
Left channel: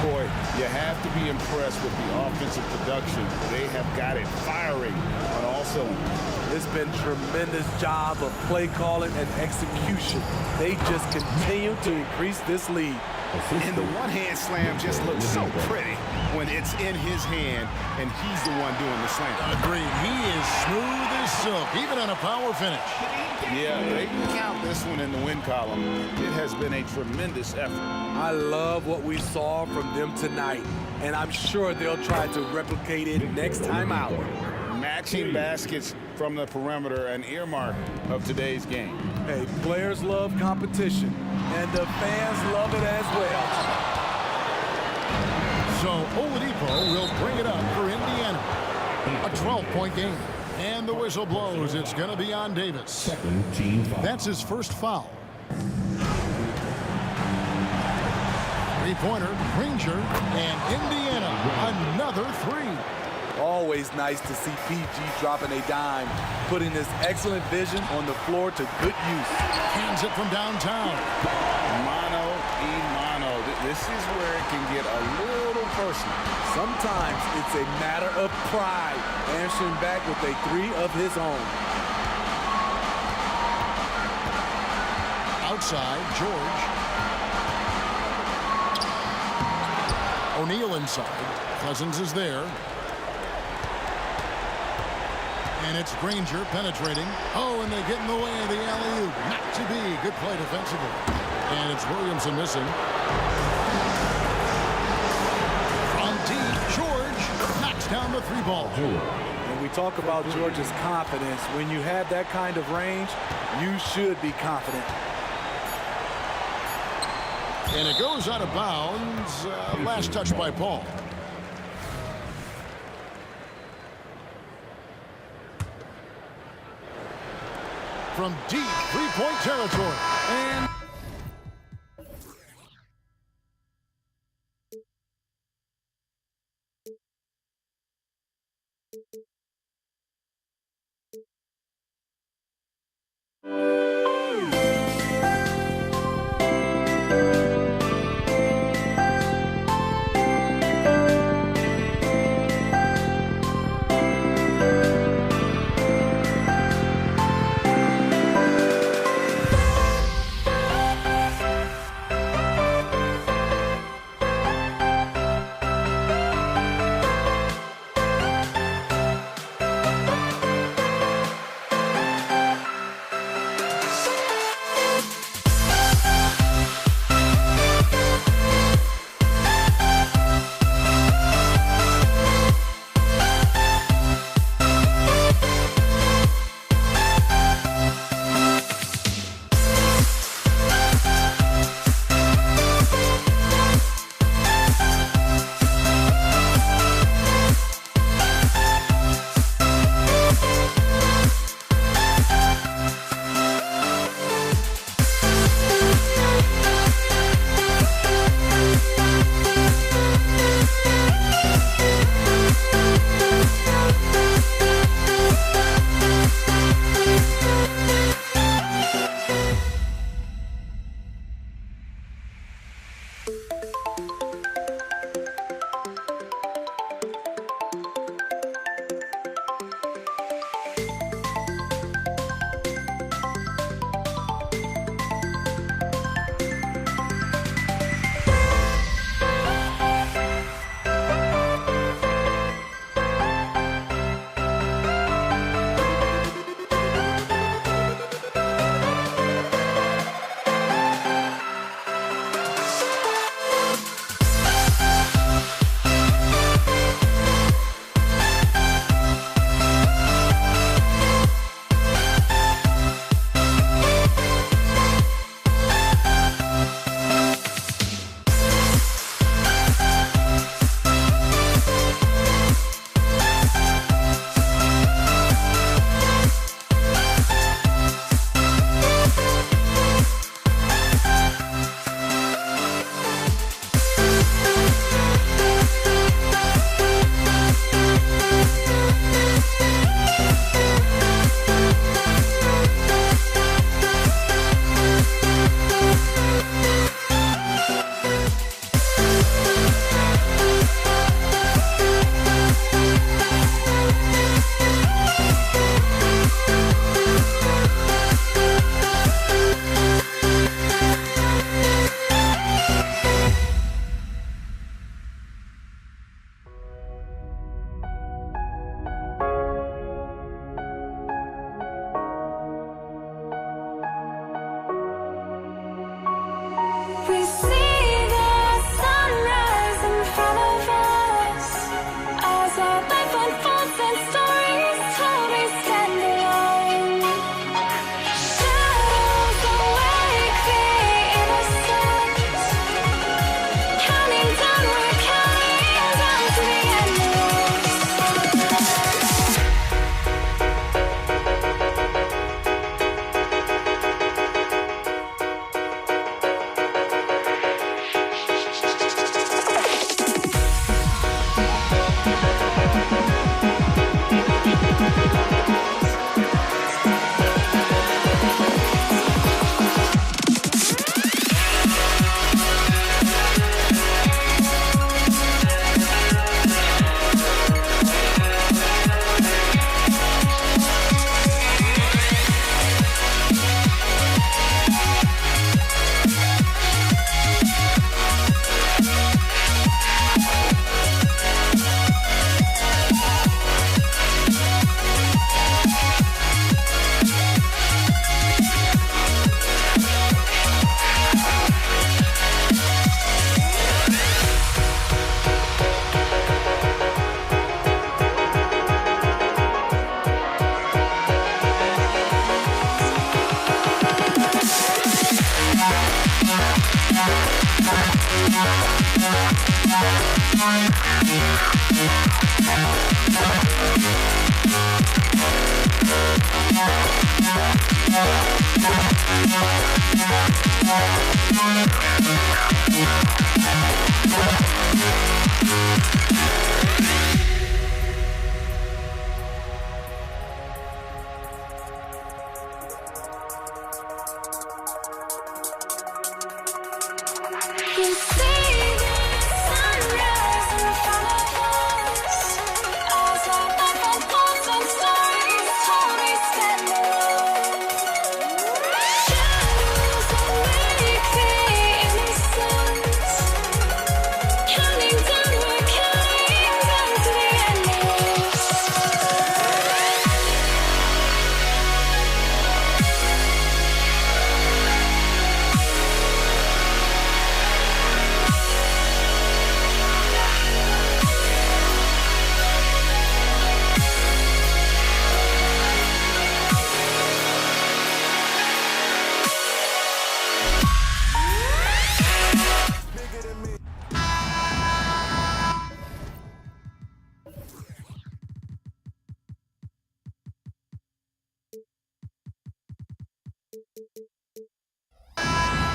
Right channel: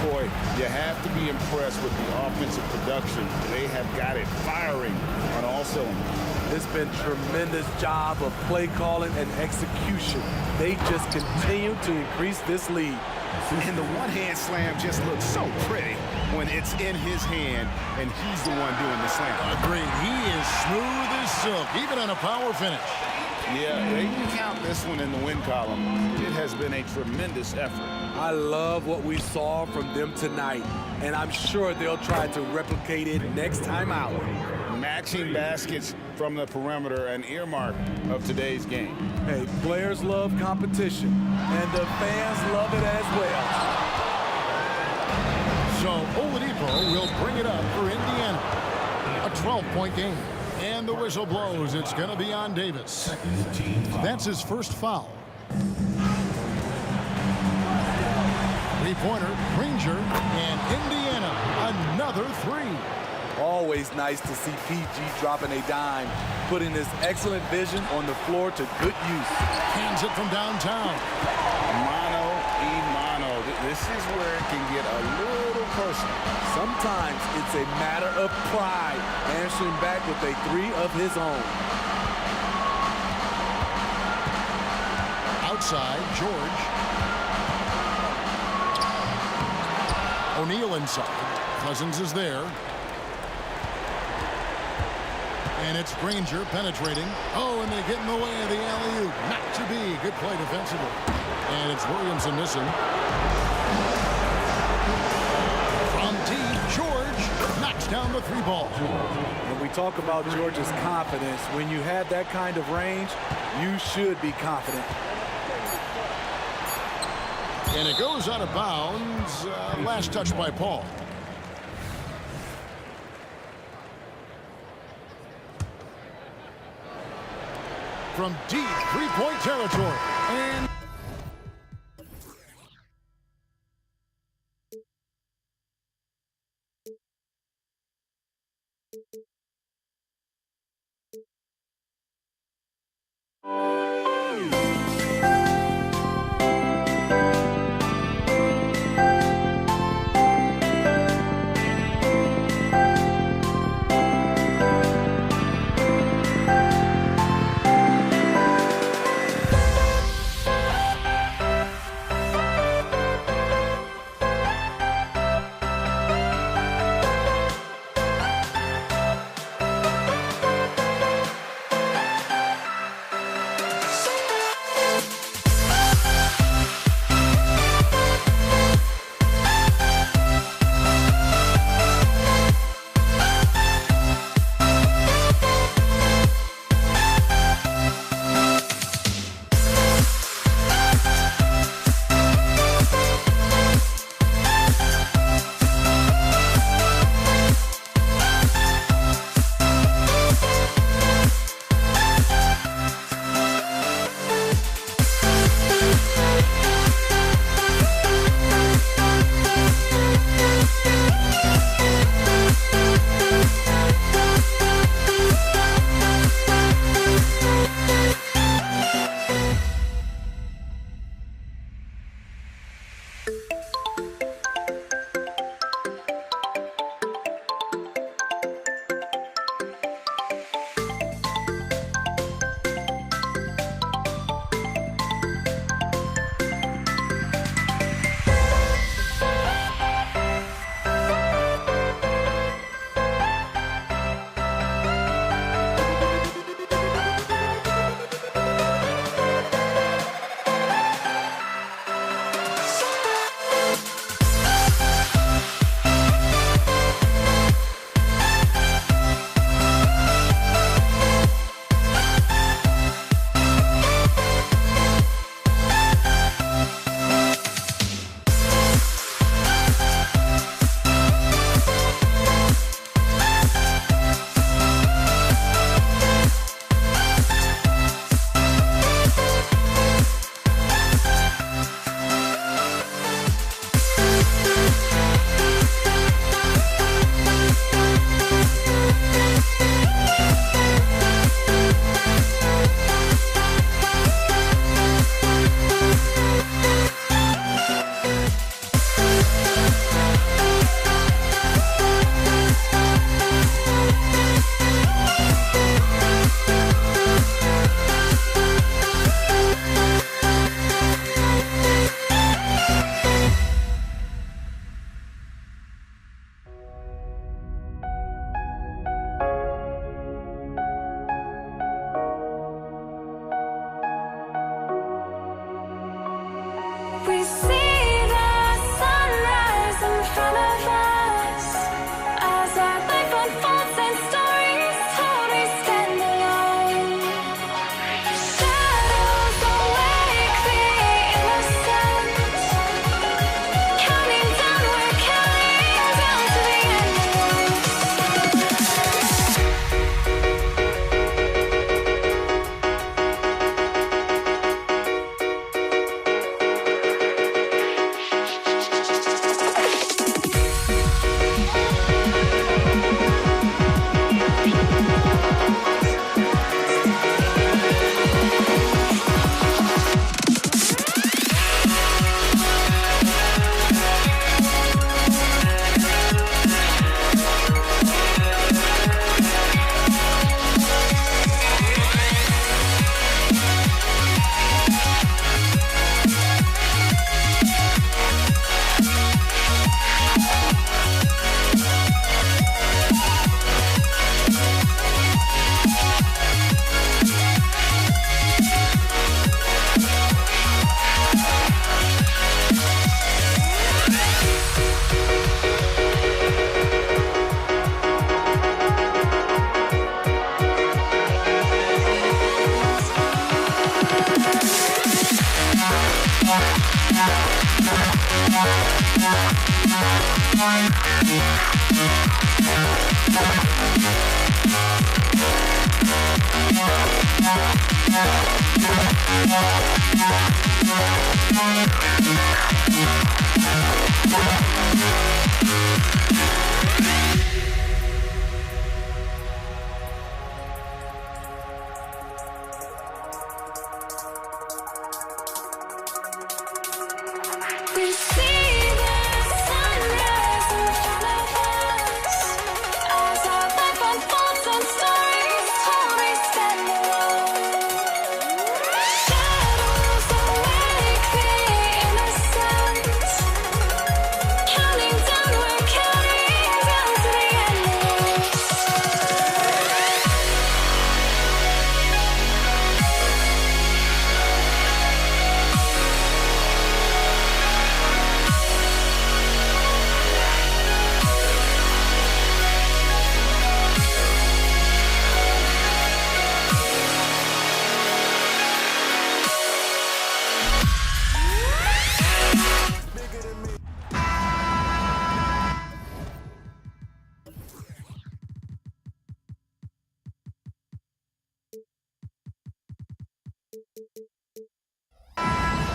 Boy, you have to be impressed with the offensive production. They have got it firing on all cylinders. It's been tremendous job of play calling and execution. They just continue to increase this lead. And the one-hand slam just looks so pretty when it's in his hand and he's the one doing the slam. Agreed. He is smooth as silk, even on a power finish. Yeah, they can count this one in the win column. It has been a tremendous effort. I love what we saw from them tonight, and I'm sure they'll try to replicate it next time out. Matching baskets from the perimeter, an earmark of today's game. Hey, players love competition, and the fans love it as well. So Oladipo will bring it up for Indiana. A 12-point game. And the whistle blows. It's going to be on Davis. That's his first foul. Three-pointer, Granger, and Indiana, another 3. Always nice to see PG dropping a dime, putting his excellent vision on the floor to good use. Hands it from downtown. Mano a mano. This is where it can get a little personal. Sometimes it's a matter of pride, answering back with a 3 of his own. Outside, George. O'Neal inside. Cousins is there. And it's Granger penetrating. Oh, and they get in the way of the alley-oop. Not to be. Good play defensively. And it's Williamson missing. From deep, George knocks down the 3 ball. And we talk about George's confidence. When you have that kind of range, you should be confident. And it goes out of bounds. Last touch by Paul. From deep three-point territory. And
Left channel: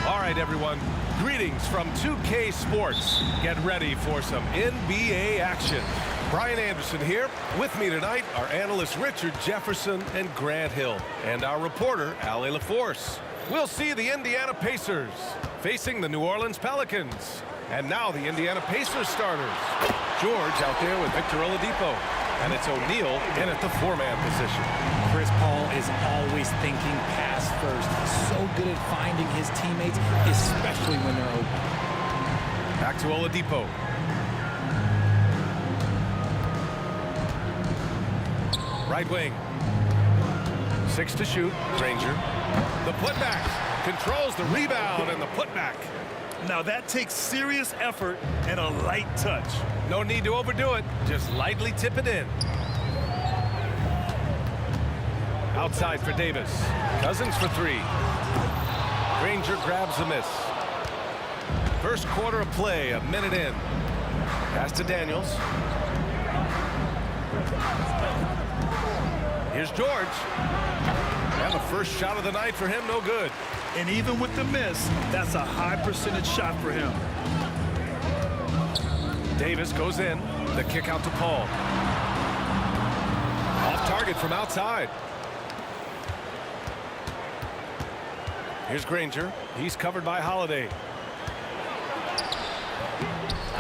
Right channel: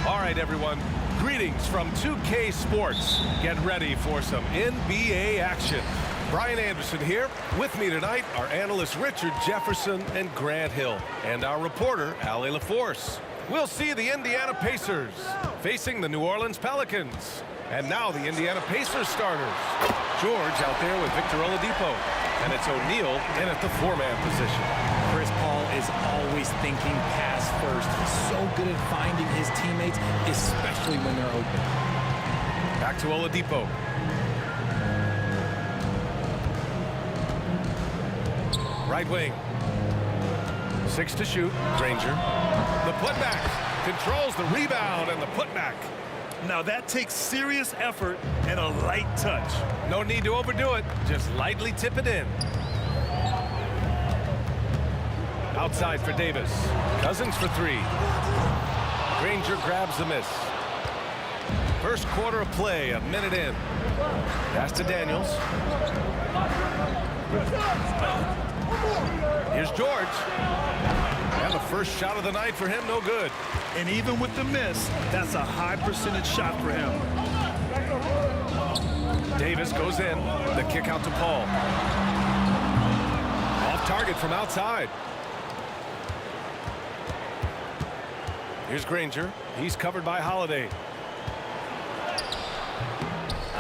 All right, everyone. Greetings from 2K Sports. Get ready for some NBA action. Brian Anderson here. With me tonight are analysts Richard Jefferson and Grant Hill, and our reporter, Allie LaForce. We'll see the Indiana Pacers facing the New Orleans Pelicans. And now the Indiana Pacers starters. George out there with Victor Oladipo. And it's O'Neal in at the four-man position. Chris Paul is always thinking pass first. He's so good at finding his teammates, especially when they're open. Back to Oladipo. Right wing. 6 to shoot. Granger. The putback. Controls the rebound and the putback. Now that takes serious effort and a light touch. No need to overdo it. Just lightly tip it in. Outside for Davis. Cousins for 3. Granger grabs the miss. First quarter of play, a minute in. Pass to Daniels. Here's George. And the first shot of the night for him, no good. And even with the miss, that's a high percentage shot for him. Davis goes in. The kick out to Paul. Off target from outside. Here's Granger. He's covered by Holiday.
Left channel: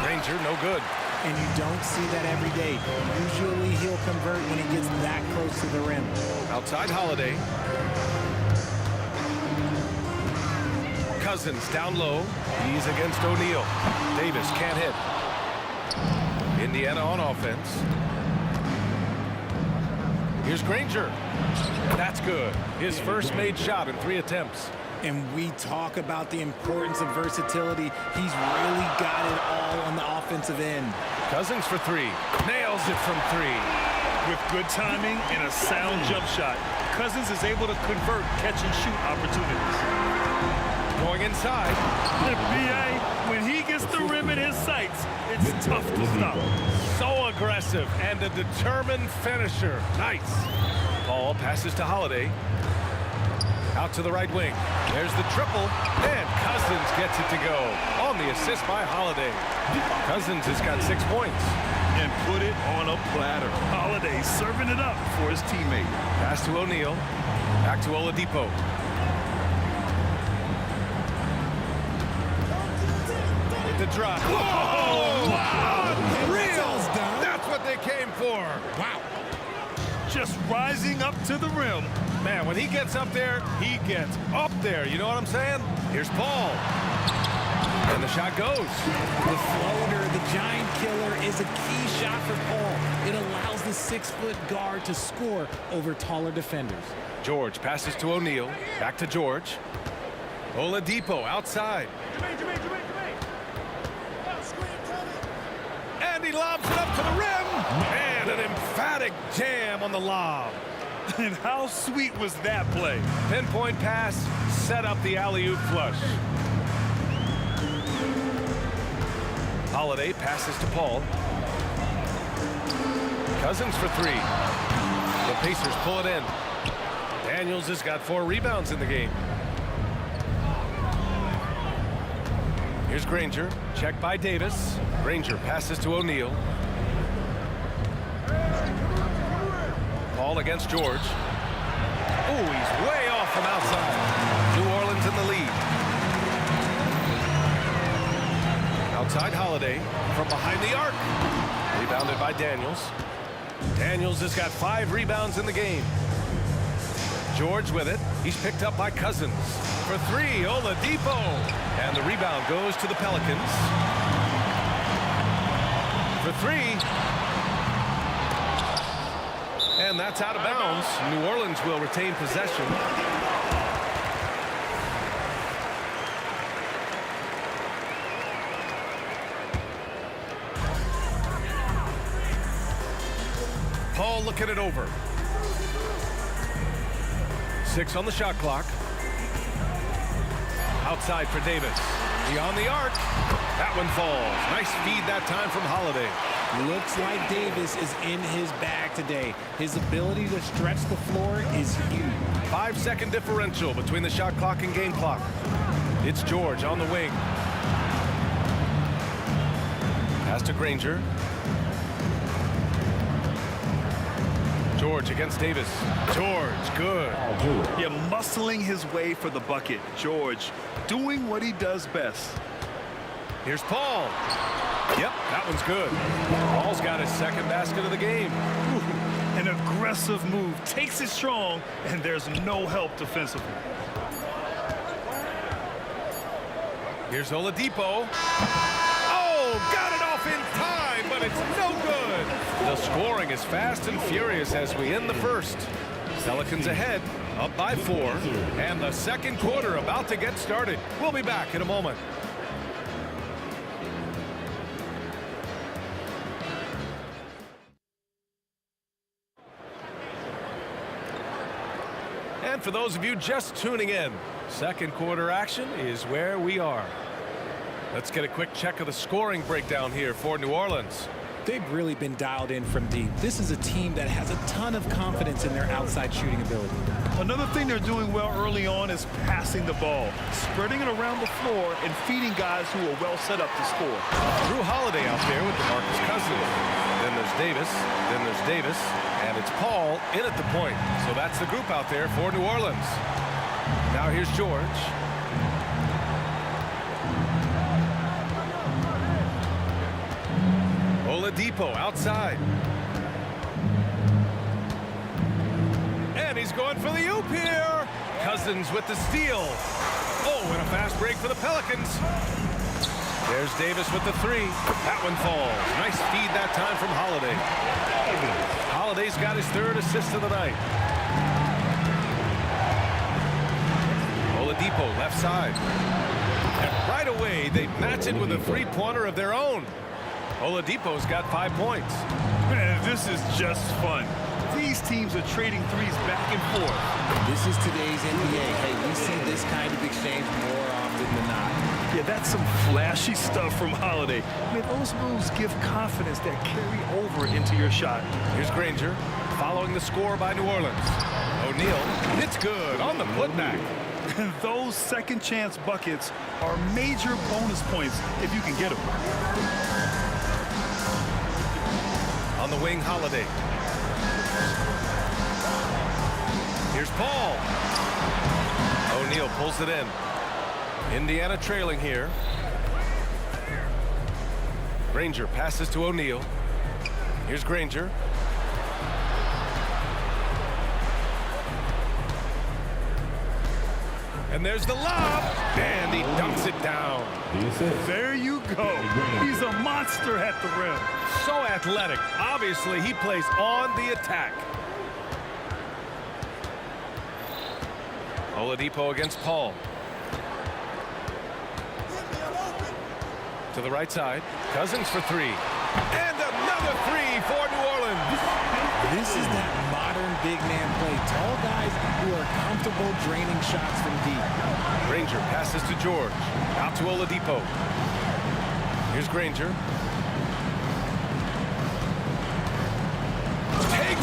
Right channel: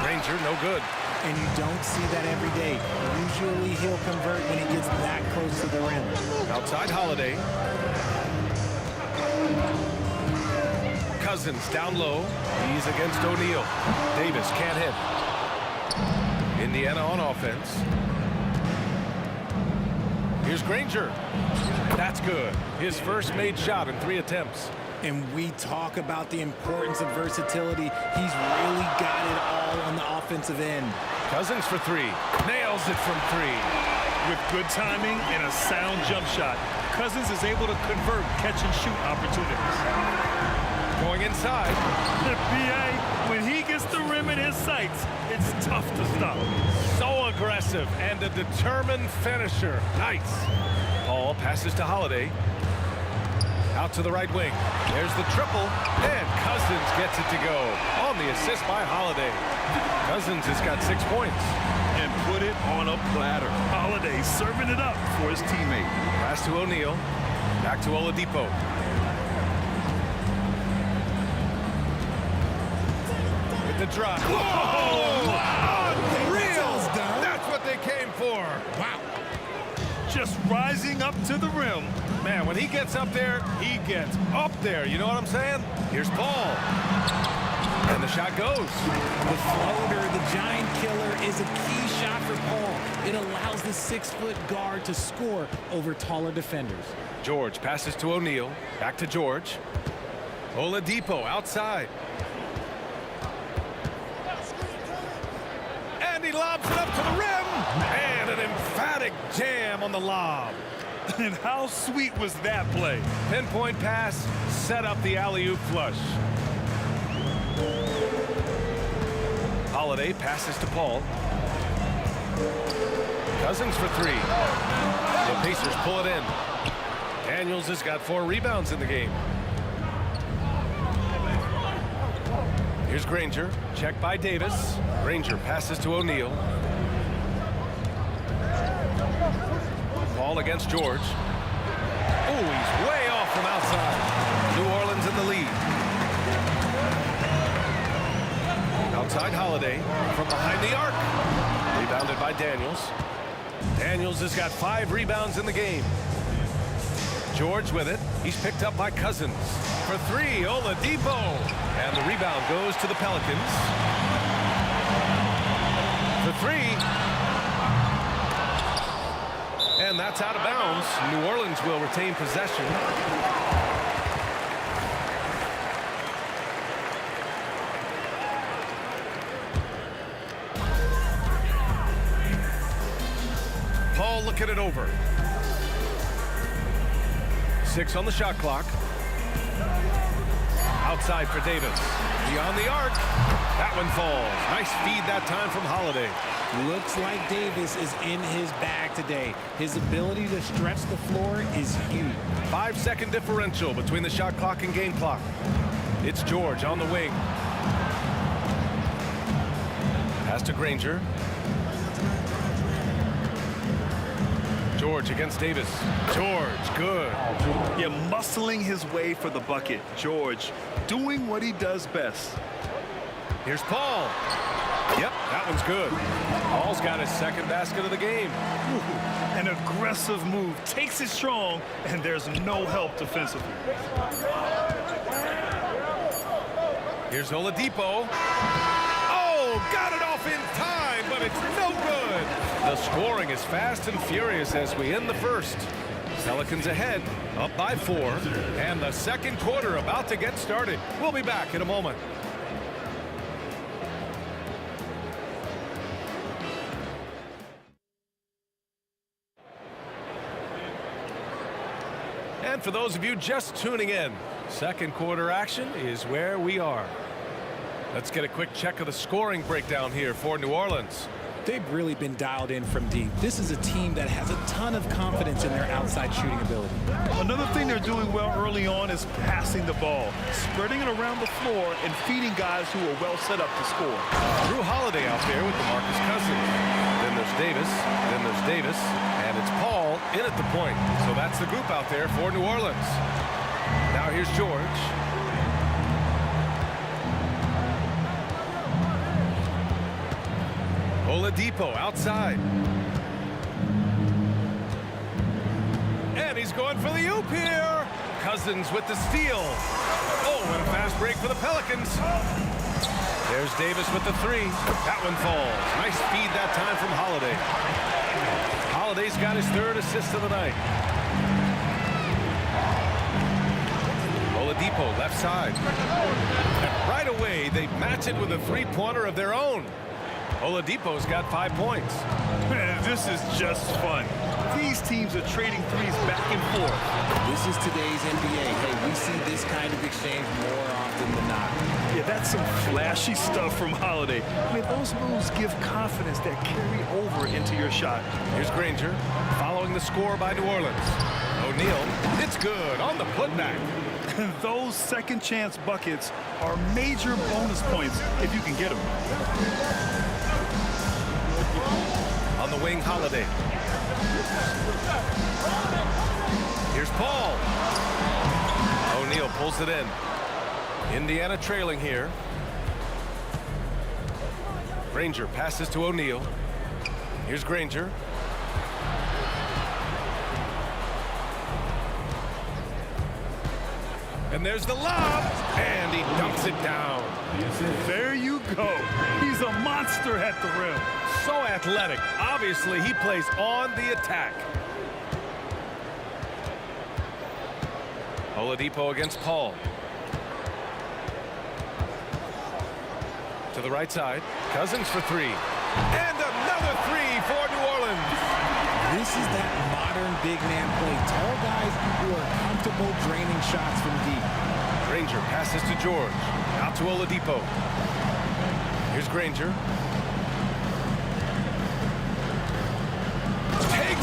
Granger, no good. And you don't see that every day. Usually he'll convert when he gets that close to the rim. Outside Holiday. Cousins down low. He's against O'Neal. Davis can't hit. Indiana on offense. Here's Granger. That's good. His first made shot in 3 attempts. And we talk about the importance of versatility. He's really got it all on the offensive end. Cousins for 3. Nails it from 3. With good timing and a sound jump shot, Cousins is able to convert catch-and-shoot opportunities. Going inside. B.A., when he gets the rim in his sights, it's tough to stop. So aggressive and a determined finisher. Nice. Paul passes to Holiday. Out to the right wing. There's the triple. And Cousins gets it to go. On the assist by Holiday. Cousins has got 6 points. And put it on a platter. Holiday serving it up for his teammate. Pass to O'Neal. Back to Oladipo. With the drop. Whoa! Wow! Unreal! That's what they came for. Wow. Just rising up to the rim. Man, when he gets up there, he gets up there. You know what I'm saying? Here's Paul. And the shot goes. The floater, the giant killer, is a key shot for Paul. It allows the 6-foot guard to score over taller defenders. George passes to O'Neal. Back to George. Oladipo outside. And he lobs it up to the rim. And an emphatic jam on the lob. And how sweet was that play? Pinpoint pass, set up the alley-oop flush. Holiday passes to Paul. Cousins for three. The Pacers pull it in. Daniels has got 4 rebounds in the game. Here's Granger. Checked by Davis. Granger passes to O'Neal. Paul against George. Oh, he's way off from outside. New Orleans in the lead. Outside Holiday from behind the arc. Rebounded by Daniels. Daniels has got 5 rebounds in the game. George with it. He's picked up by Cousins. For 3, Oladipo. And the rebound goes to the Pelicans. For 3. And that's out of bounds. New Orleans will retain possession. Paul looking it over. 6 on the shot clock. Outside for Davis. Beyond the arc. That one falls. Nice feed that time from Holiday. Looks like Davis is in his bag today. His ability to stretch the floor is huge. 5-second differential between the shot clock and game clock. It's George on the wing. Pass to Granger. George against Davis. George, good. Yeah, muscling his way for the bucket. George doing what he does best. Here's Paul. Yep, that one's good. Paul's got his 2nd basket of the game. Ooh, an aggressive move. Takes it strong, and there's no help defensively. Here's Oladipo. Oh, got it off in time, but it's no good. The scoring is fast and furious as we end the first. Pelicans ahead, up by 4, and the second quarter about to get started. We'll be back in a moment. And for those of you just tuning in, second quarter action is where we are. Let's get a quick check of the scoring breakdown here for New Orleans. They've really been dialed in from deep. This is a team that has a ton of confidence in their outside shooting ability. Another thing they're doing well early on is passing the ball, spreading it around the floor and feeding guys who are well set up to score. Drew Holiday out there with DeMarcus Cousins. Then there's Davis, and it's Paul in at the point. So that's the group out there for New Orleans. Now here's George. Oladipo outside. And he's going for the oop here. Cousins with the steal. Oh, and a fast break for the Pelicans. There's Davis with the 3. That one falls. Nice feed that time from Holiday. Holiday's got his 3rd assist of the night. Oladipo left side. And right away, they match it with a 3-pointer of their own. Oladipo's got 5 points. Man, this is just fun. These teams are trading threes back and forth. This is today's NBA. Hey, we see this kind of exchange more often than not. Yeah, that's some flashy stuff from Holiday. I mean, those moves give confidence that carry over into your shot. Here's Granger following the score by New Orleans. O'Neal, it's good on the putback. And those second chance buckets are major bonus points if you can get them. On the wing, Holiday. Here's Paul. O'Neal pulls it in. Indiana trailing here. Granger passes to O'Neal. Here's Granger. And there's the lob, and he dunks it down. There you go. He's a monster at the rim. So athletic. Obviously, he plays on the attack. Oladipo against Paul. To the right side. Cousins for 3. And another 3 for New Orleans. This is that modern big man play. Tall guys who are comfortable draining shots from deep. Granger passes to George. Out to Oladipo. Here's Granger.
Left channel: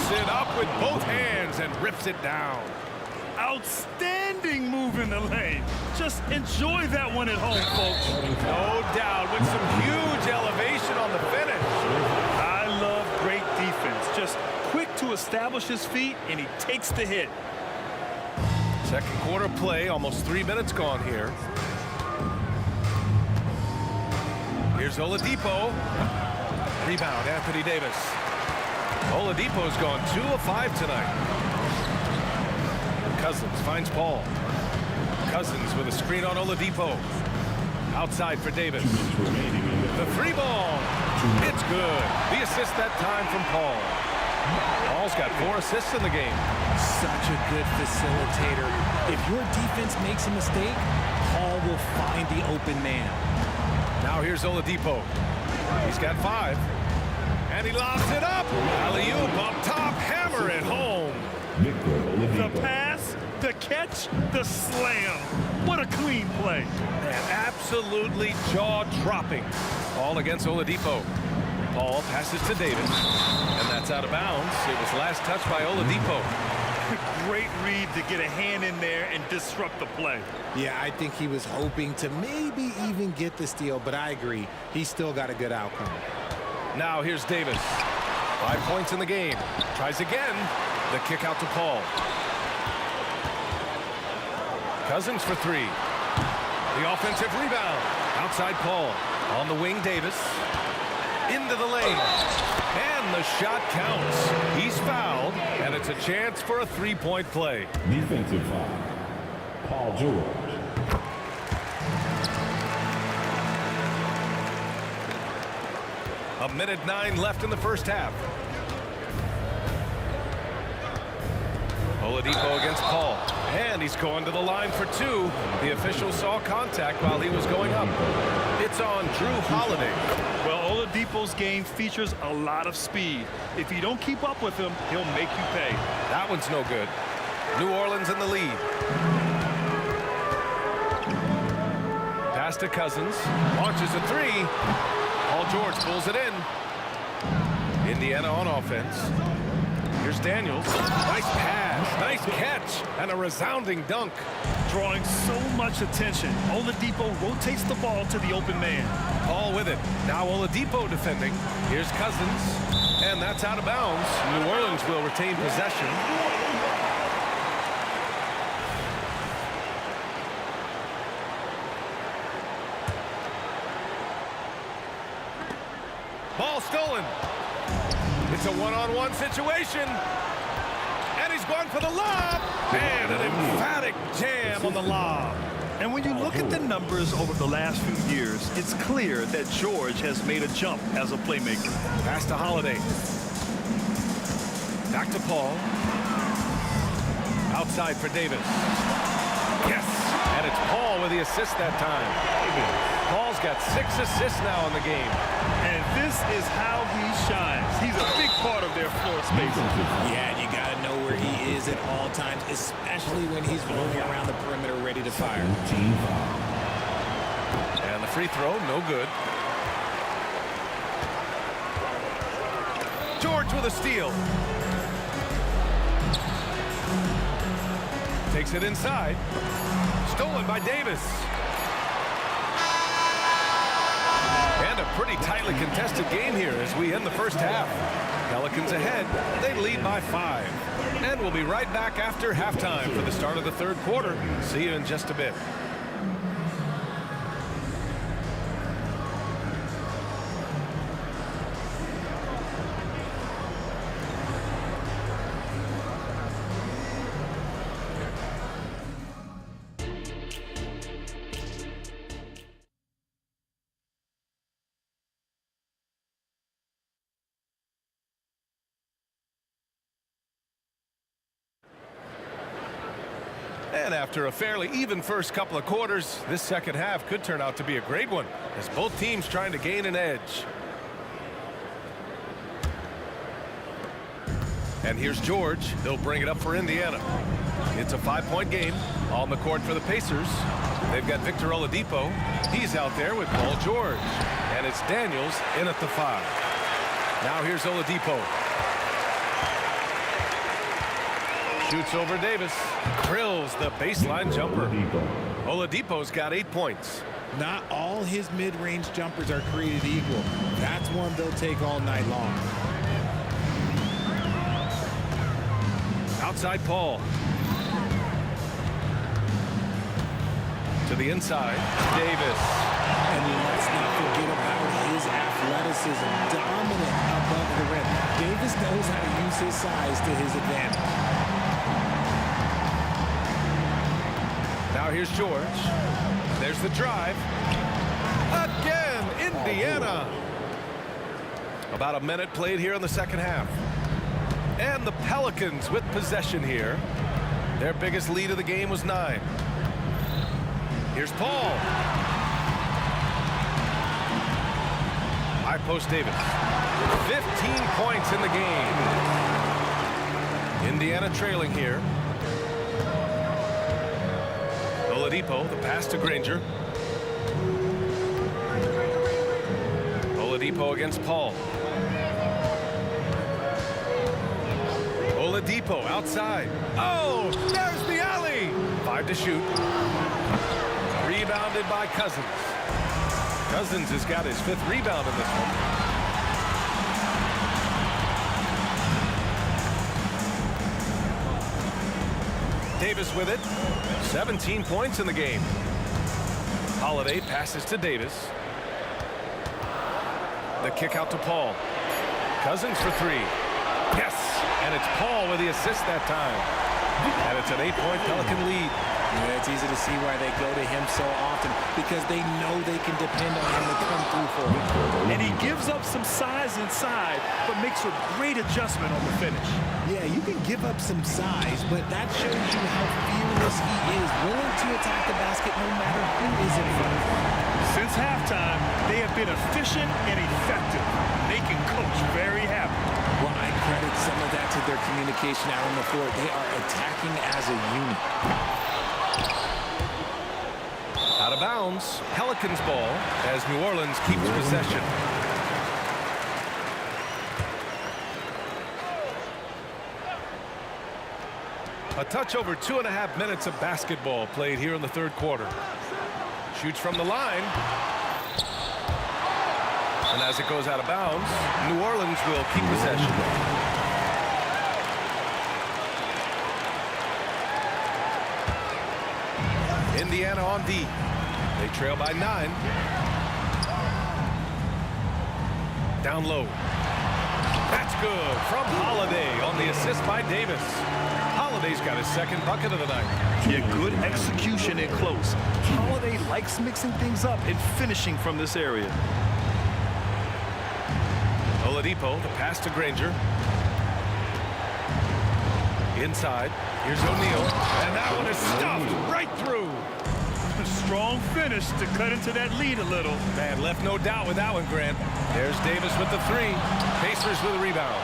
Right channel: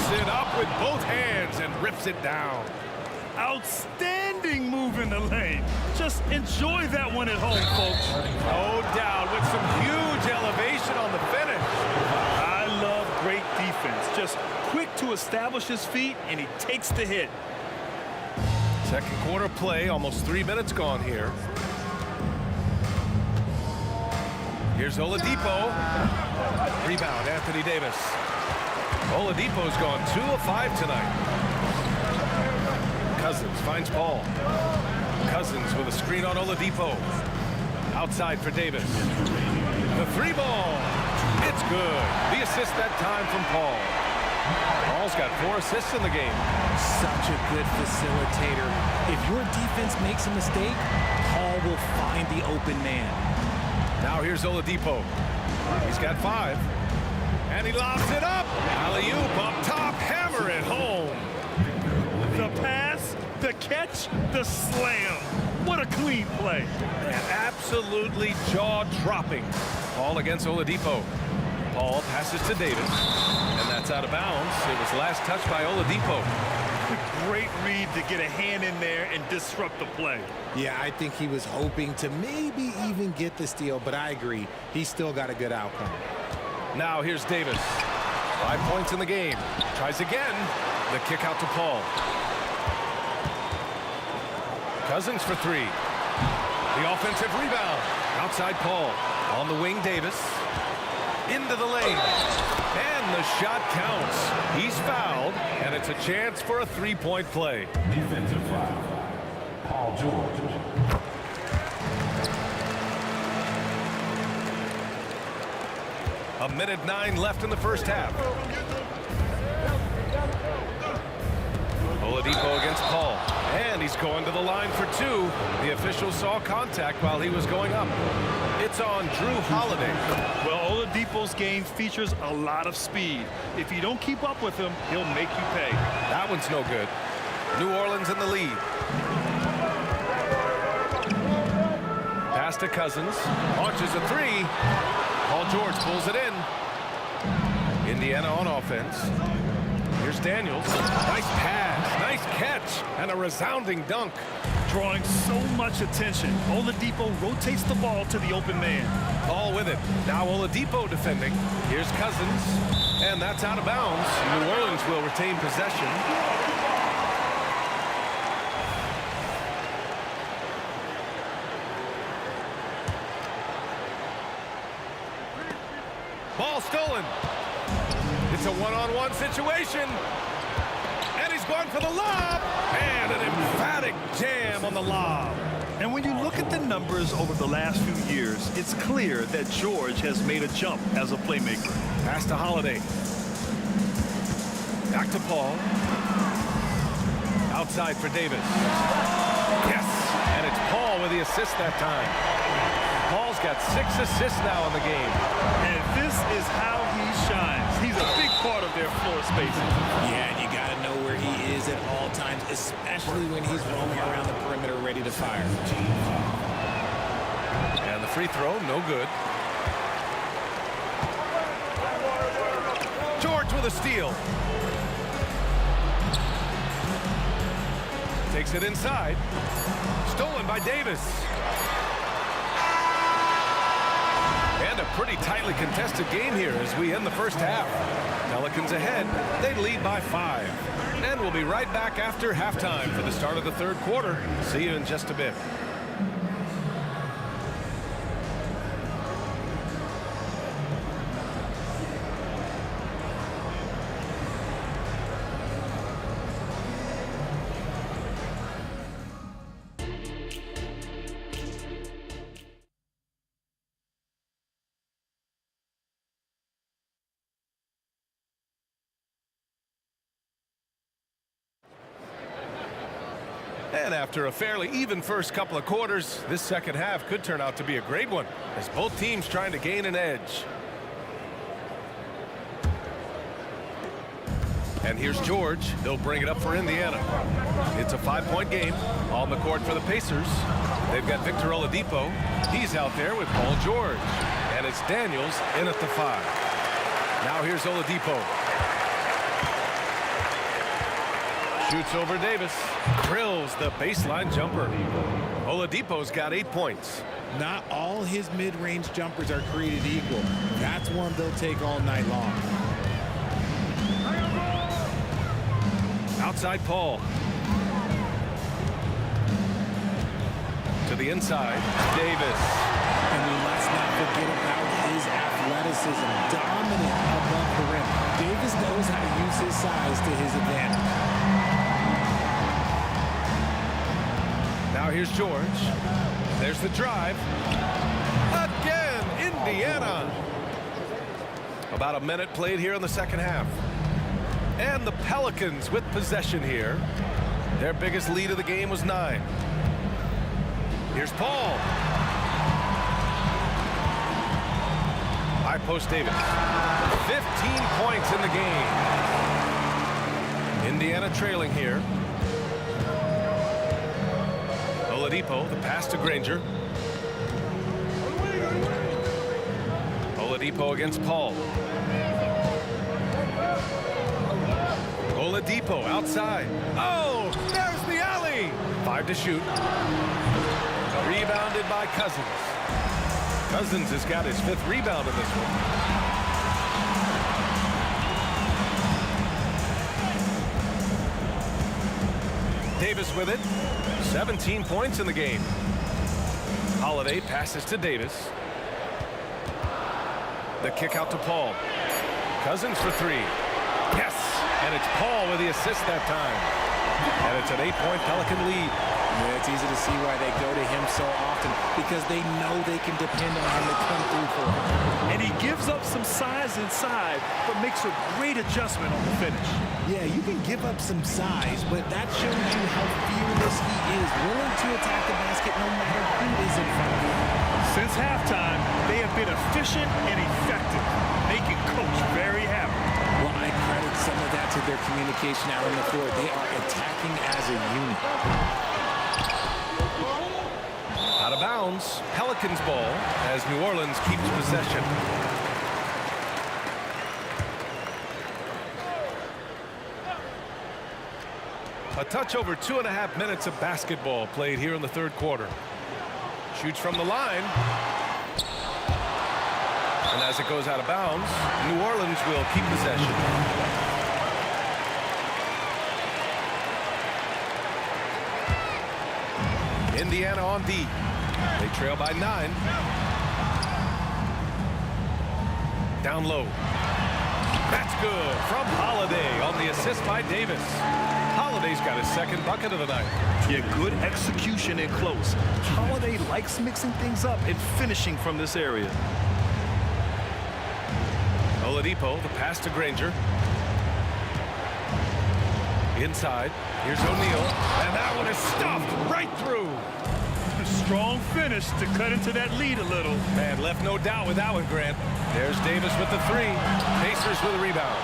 Scoops it up with both hands and rips it down. Outstanding move in the lane. Just enjoy that one at home, folks. No doubt, with some huge elevation on the finish. I love great defense. Just quick to establish his feet, and he takes the hit. Second quarter play, almost 3 minutes gone here. Here's Oladipo. Rebound, Anthony Davis. Oladipo's gone 2 of 5 tonight. Cousins finds Paul. Cousins with a screen on Oladipo. Outside for Davis. The 3-ball. It's good. The assist that time from Paul. Paul's got 4 assists in the game. Such a good facilitator. If your defense makes a mistake, Paul will find the open man. Now here's Oladipo. He's got 5. And he lobs it up. Alley-oop up top. Hammer it home. The pass, the catch, the slam. What a clean play. Man, absolutely jaw-dropping. Paul against Oladipo. Paul passes to Davis. And that's out of bounds. It was last touched by Oladipo. Great read to get a hand in there and disrupt the play. Yeah, I think he was hoping to maybe even get the steal, but I agree. He still got a good outcome. Now here's Davis. 5 points in the game. Tries again. The kick out to Paul. Cousins for 3. The offensive rebound. Outside Paul. On the wing, Davis. Into the lane. And the shot counts. He's fouled, and it's a chance for a 3-point play. Defensive foul. Paul George. A minute 9 left in the first half. Oladipo against Paul. And he's going to the line for 2. The official saw contact while he was going up. It's on Drew Holiday. Well, Oladipo's game features a lot of speed. If you don't keep up with him, he'll make you pay. That one's no good. New Orleans in the lead. Pass to Cousins. Launches a 3. Paul George pulls it in. Indiana on offense. Here's Daniels. Nice pass, nice catch, and a resounding dunk. Drawing so much attention, Oladipo rotates the ball to the open man. Paul with it. Now Oladipo defending. Here's Cousins, and that's out of bounds. New Orleans will retain possession. Ball stolen. It's a one-on-one situation. And he's going for the lob. And an emphatic jam on the lob. And when you look at the numbers over the last few years, it's clear that George has made a jump as a playmaker. Pass to Holiday. Back to Paul. Outside for Davis. Yes. And it's Paul with the assist that time. Paul's got 6 assists now in the game. And this is how he shines. He's a big part of their floor spacing. Yeah, and you got to know where he is at all times, especially when he's roaming around the perimeter ready to fire. And the free throw, no good. George with a steal. Takes it inside. Stolen by Davis. And a pretty tightly contested game here as we end the first half. Pelicans ahead. They lead by 5. And we'll be right back after halftime for the start of the third quarter. See you in just a bit. And after a fairly even first couple of quarters, this second half could turn out to be a great one as both teams trying to gain an edge. And here's George. They'll bring it up for Indiana. It's a 5-point game on the court for the Pacers. They've got Victor Oladipo. He's out there with Paul George. And it's Daniels in at the 5. Now here's Oladipo. Shoots over Davis. Drills the baseline jumper. Oladipo's got 8 points. Not all his mid-range jumpers are created equal. That's one they'll take all night long. Outside Paul. To the inside, Davis. And let's not forget about his athleticism. Dominant above the rim. Davis knows how to use his size to his advantage. Now here's George. There's the drive. Again, Indiana. About a minute played here in the second half. And the Pelicans with possession here. Their biggest lead of the game was 9. Here's Paul. High post Davis. 15 points in the game. Indiana trailing here. Oladipo, the pass to Granger. Oladipo against Paul. Oladipo outside. Oh, there's the alley. 5 to shoot. Rebounded by Cousins. Cousins has got his 5th rebound in this one. Davis with it. 17 points in the game. Holiday passes to Davis. The kick out to Paul. Cousins for 3. Yes, and it's Paul with the assist that time. And it's an 8-point Pelican lead. Yeah, it's easy to see why they go to him so often, because they know they can depend on him to come through for him. And he gives up some size inside, but makes a great adjustment on the finish. Yeah, you can give up some size, but that shows you how fearless he is, willing to attack the basket no matter who is in front of him. Since halftime, they have been efficient and effective, making Coach very happy. Well, I credit some of that to their communication out on the floor. They are attacking as a unit. Out of bounds, Pelicans ball as New Orleans keeps possession. A touch over 2.5 minutes of basketball played here in the third quarter. Shoots from the line. And as it goes out of bounds, New Orleans will keep possession. Indiana on D. They trail by 9. Down low. That's good from Holiday on the assist by Davis. Holiday's got his 2nd bucket of the night. Yeah, good execution in close. Holiday likes mixing things up and finishing from this area. Oladipo, the pass to Granger. Inside. Here's O'Neal. And that one is stuffed right through. A strong finish to cut into that lead a little. Man, left no doubt with that one, Grant. There's Davis with the 3. Pacers with a rebound.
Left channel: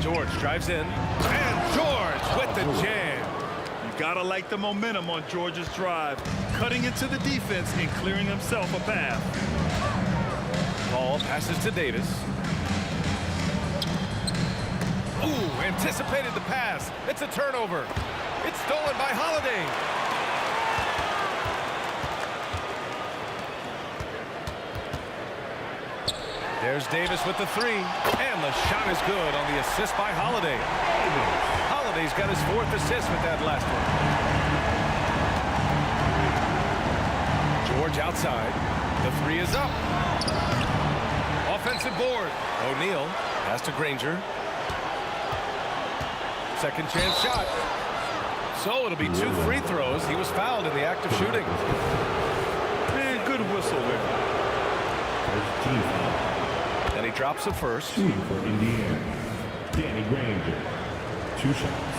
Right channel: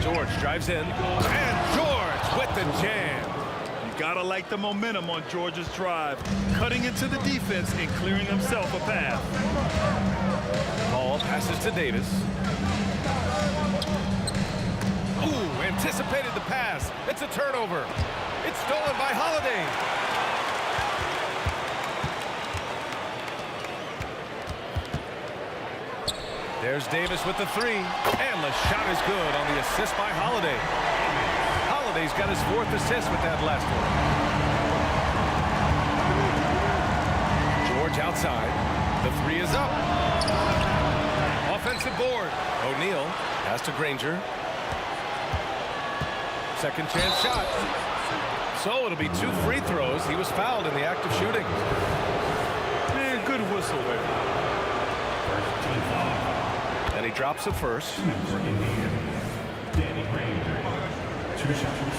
George drives in. And George with the jam. You gotta like the momentum on George's drive, cutting into the defense and clearing himself a path. Paul passes to Davis. Ooh, anticipated the pass. It's a turnover. It's stolen by Holiday. There's Davis with the 3. And the shot is good on the assist by Holiday. Holiday's got his 4th assist with that last one. George outside. The 3 is up. Offensive board. O'Neal pass to Granger. Second chance shot. So it'll be 2 free throws. He was fouled in the act of shooting. Man, good whistle there. And he drops it first. 2 for Indiana. Danny Granger. 2 shots.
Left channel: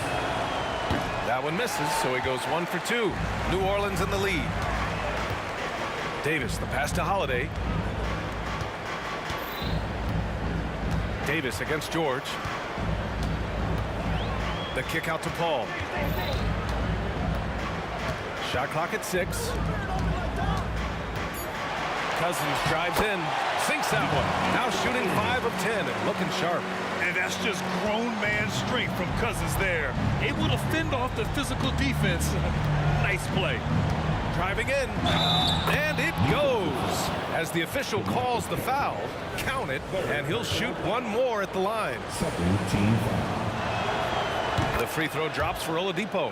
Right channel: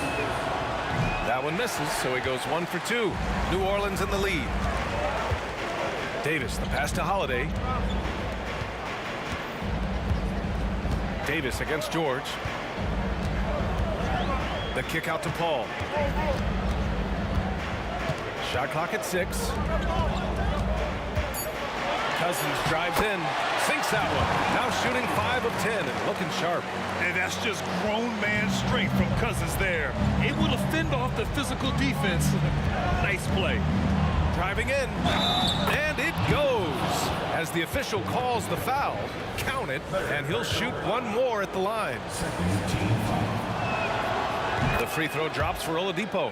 That one misses, so he goes 1 for 2. New Orleans in the lead. Davis, the pass to Holiday. Davis against George. The kick out to Paul. Shot clock at 6. Cousins drives in, sinks that one. Now shooting 5 of 10 and looking sharp. And that's just grown man strength from Cousins there. Able to fend off the physical defense. Nice play. Driving in, and it goes. As the official calls the foul, count it, and he'll shoot one more at the line. The free throw drops for Oladipo.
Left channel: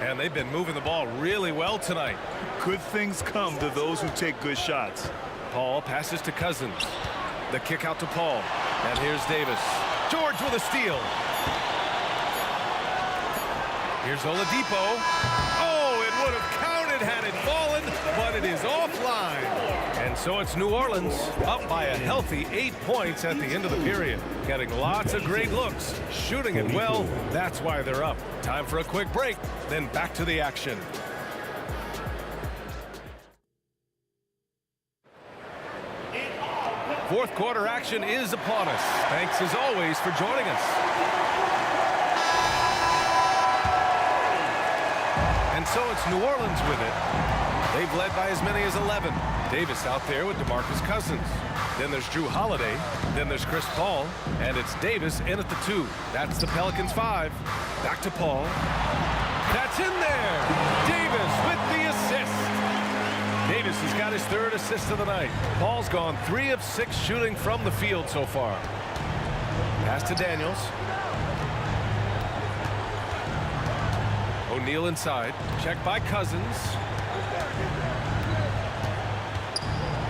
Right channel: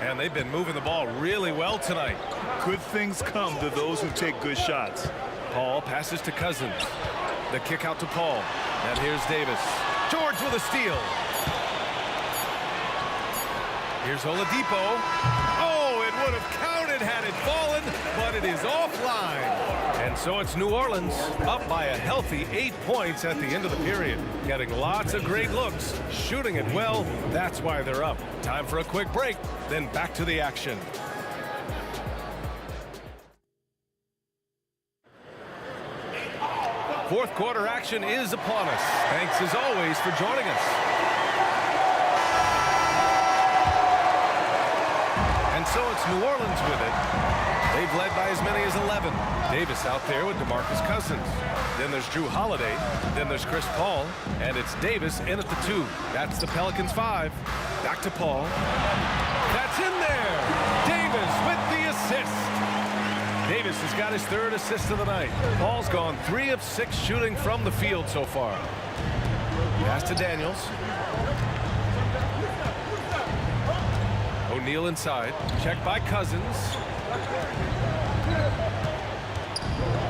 And they've been moving the ball really well tonight. Good things come to those who take good shots. Paul passes to Cousins. The kick out to Paul. And here's Davis. George with a steal. Here's Oladipo. Oh, it would have counted had it fallen, but it is offline. And so it's New Orleans up by a healthy 8 points at the end of the period. Getting lots of great looks, shooting it well. That's why they're up. Time for a quick break, then back to the action. Fourth quarter action is upon us. Thanks as always for joining us. And so it's New Orleans with it. They've led by as many as 11. Davis out there with DeMarcus Cousins. Then there's Drew Holiday. Then there's Chris Paul. And it's Davis in at the 2. That's the Pelicans 5. Back to Paul. That's in there. Davis with the assist. Davis has got his 3rd assist of the night. Paul's gone 3 of 6 shooting from the field so far. Pass to Daniels. O'Neal inside. Checked by Cousins.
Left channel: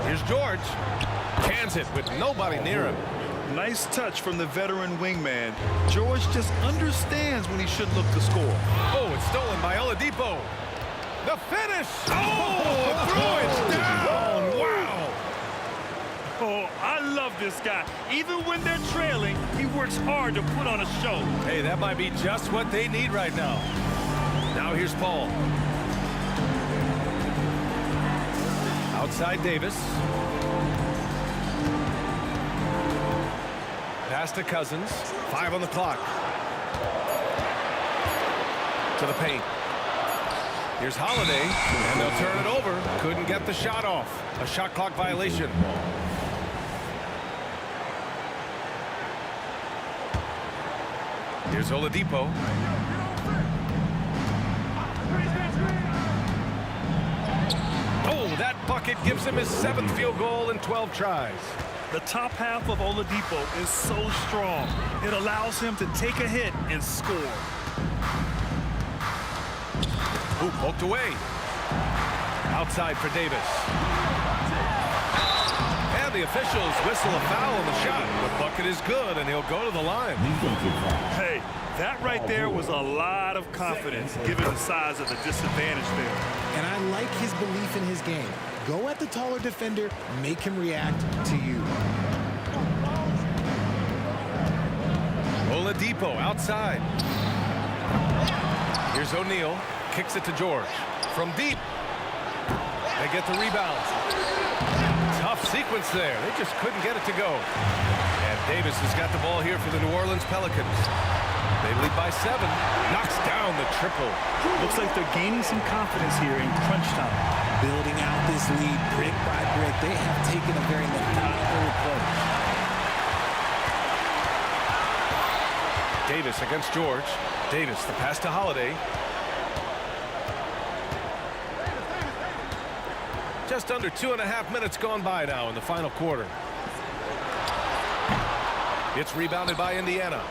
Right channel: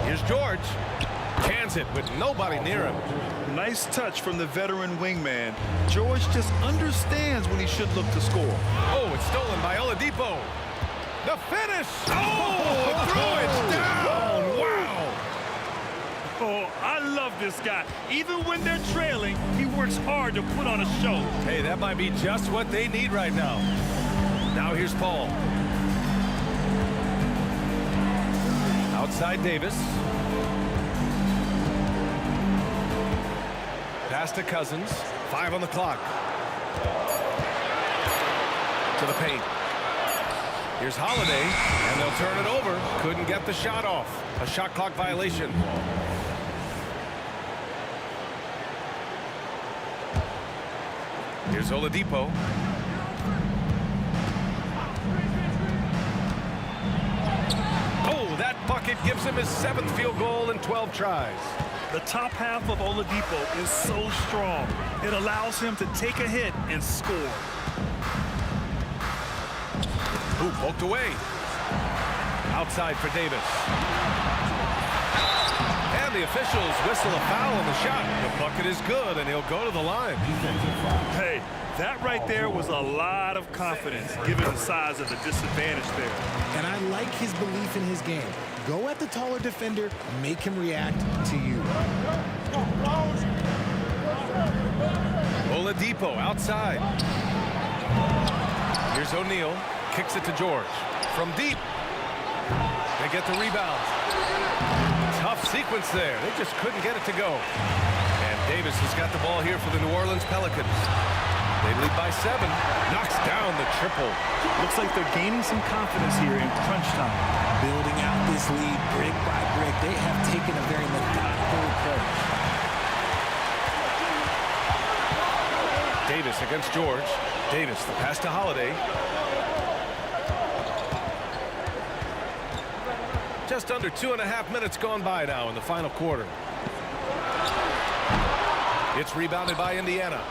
Here's George. Cans it with nobody near him. Nice touch from the veteran wingman. George just understands when he should look to score. Oh, it's stolen by Oladipo. The finish! Oh, threw it down! Wow! Oh, I love this guy. Even when they're trailing, he works hard to put on a show. Hey, that might be just what they need right now. Now here's Paul. Outside Davis. Pass to Cousins. 5 on the clock. To the paint. Here's Holiday, and they'll turn it over. Couldn't get the shot off. A shot clock violation. Here's Oladipo. Oh, that bucket gives him his 7th field goal in 12 tries. The top half of Oladipo is so strong. It allows him to take a hit and score. Ooh, poked away. Outside for Davis. And the officials whistle a foul on the shot. The bucket is good, and he'll go to the line. Hey, that right there was a lot of confidence, given the size of the disadvantage there. And I like his belief in his game. Go at the taller defender, make him react to you. Oladipo outside. Here's O'Neal. Kicks it to George. From deep. They get the rebound. Tough sequence there. They just couldn't get it to go. And Davis has got the ball here for the New Orleans Pelicans. They lead by 7. Knocks down the triple. Looks like they're gaining some confidence here in crunch time. Building out this lead brick by brick. They have taken a very methodical approach. Davis against George. Davis, the pass to Holiday. Just under 2.5 minutes gone by now in the final quarter. It's rebounded by Indiana.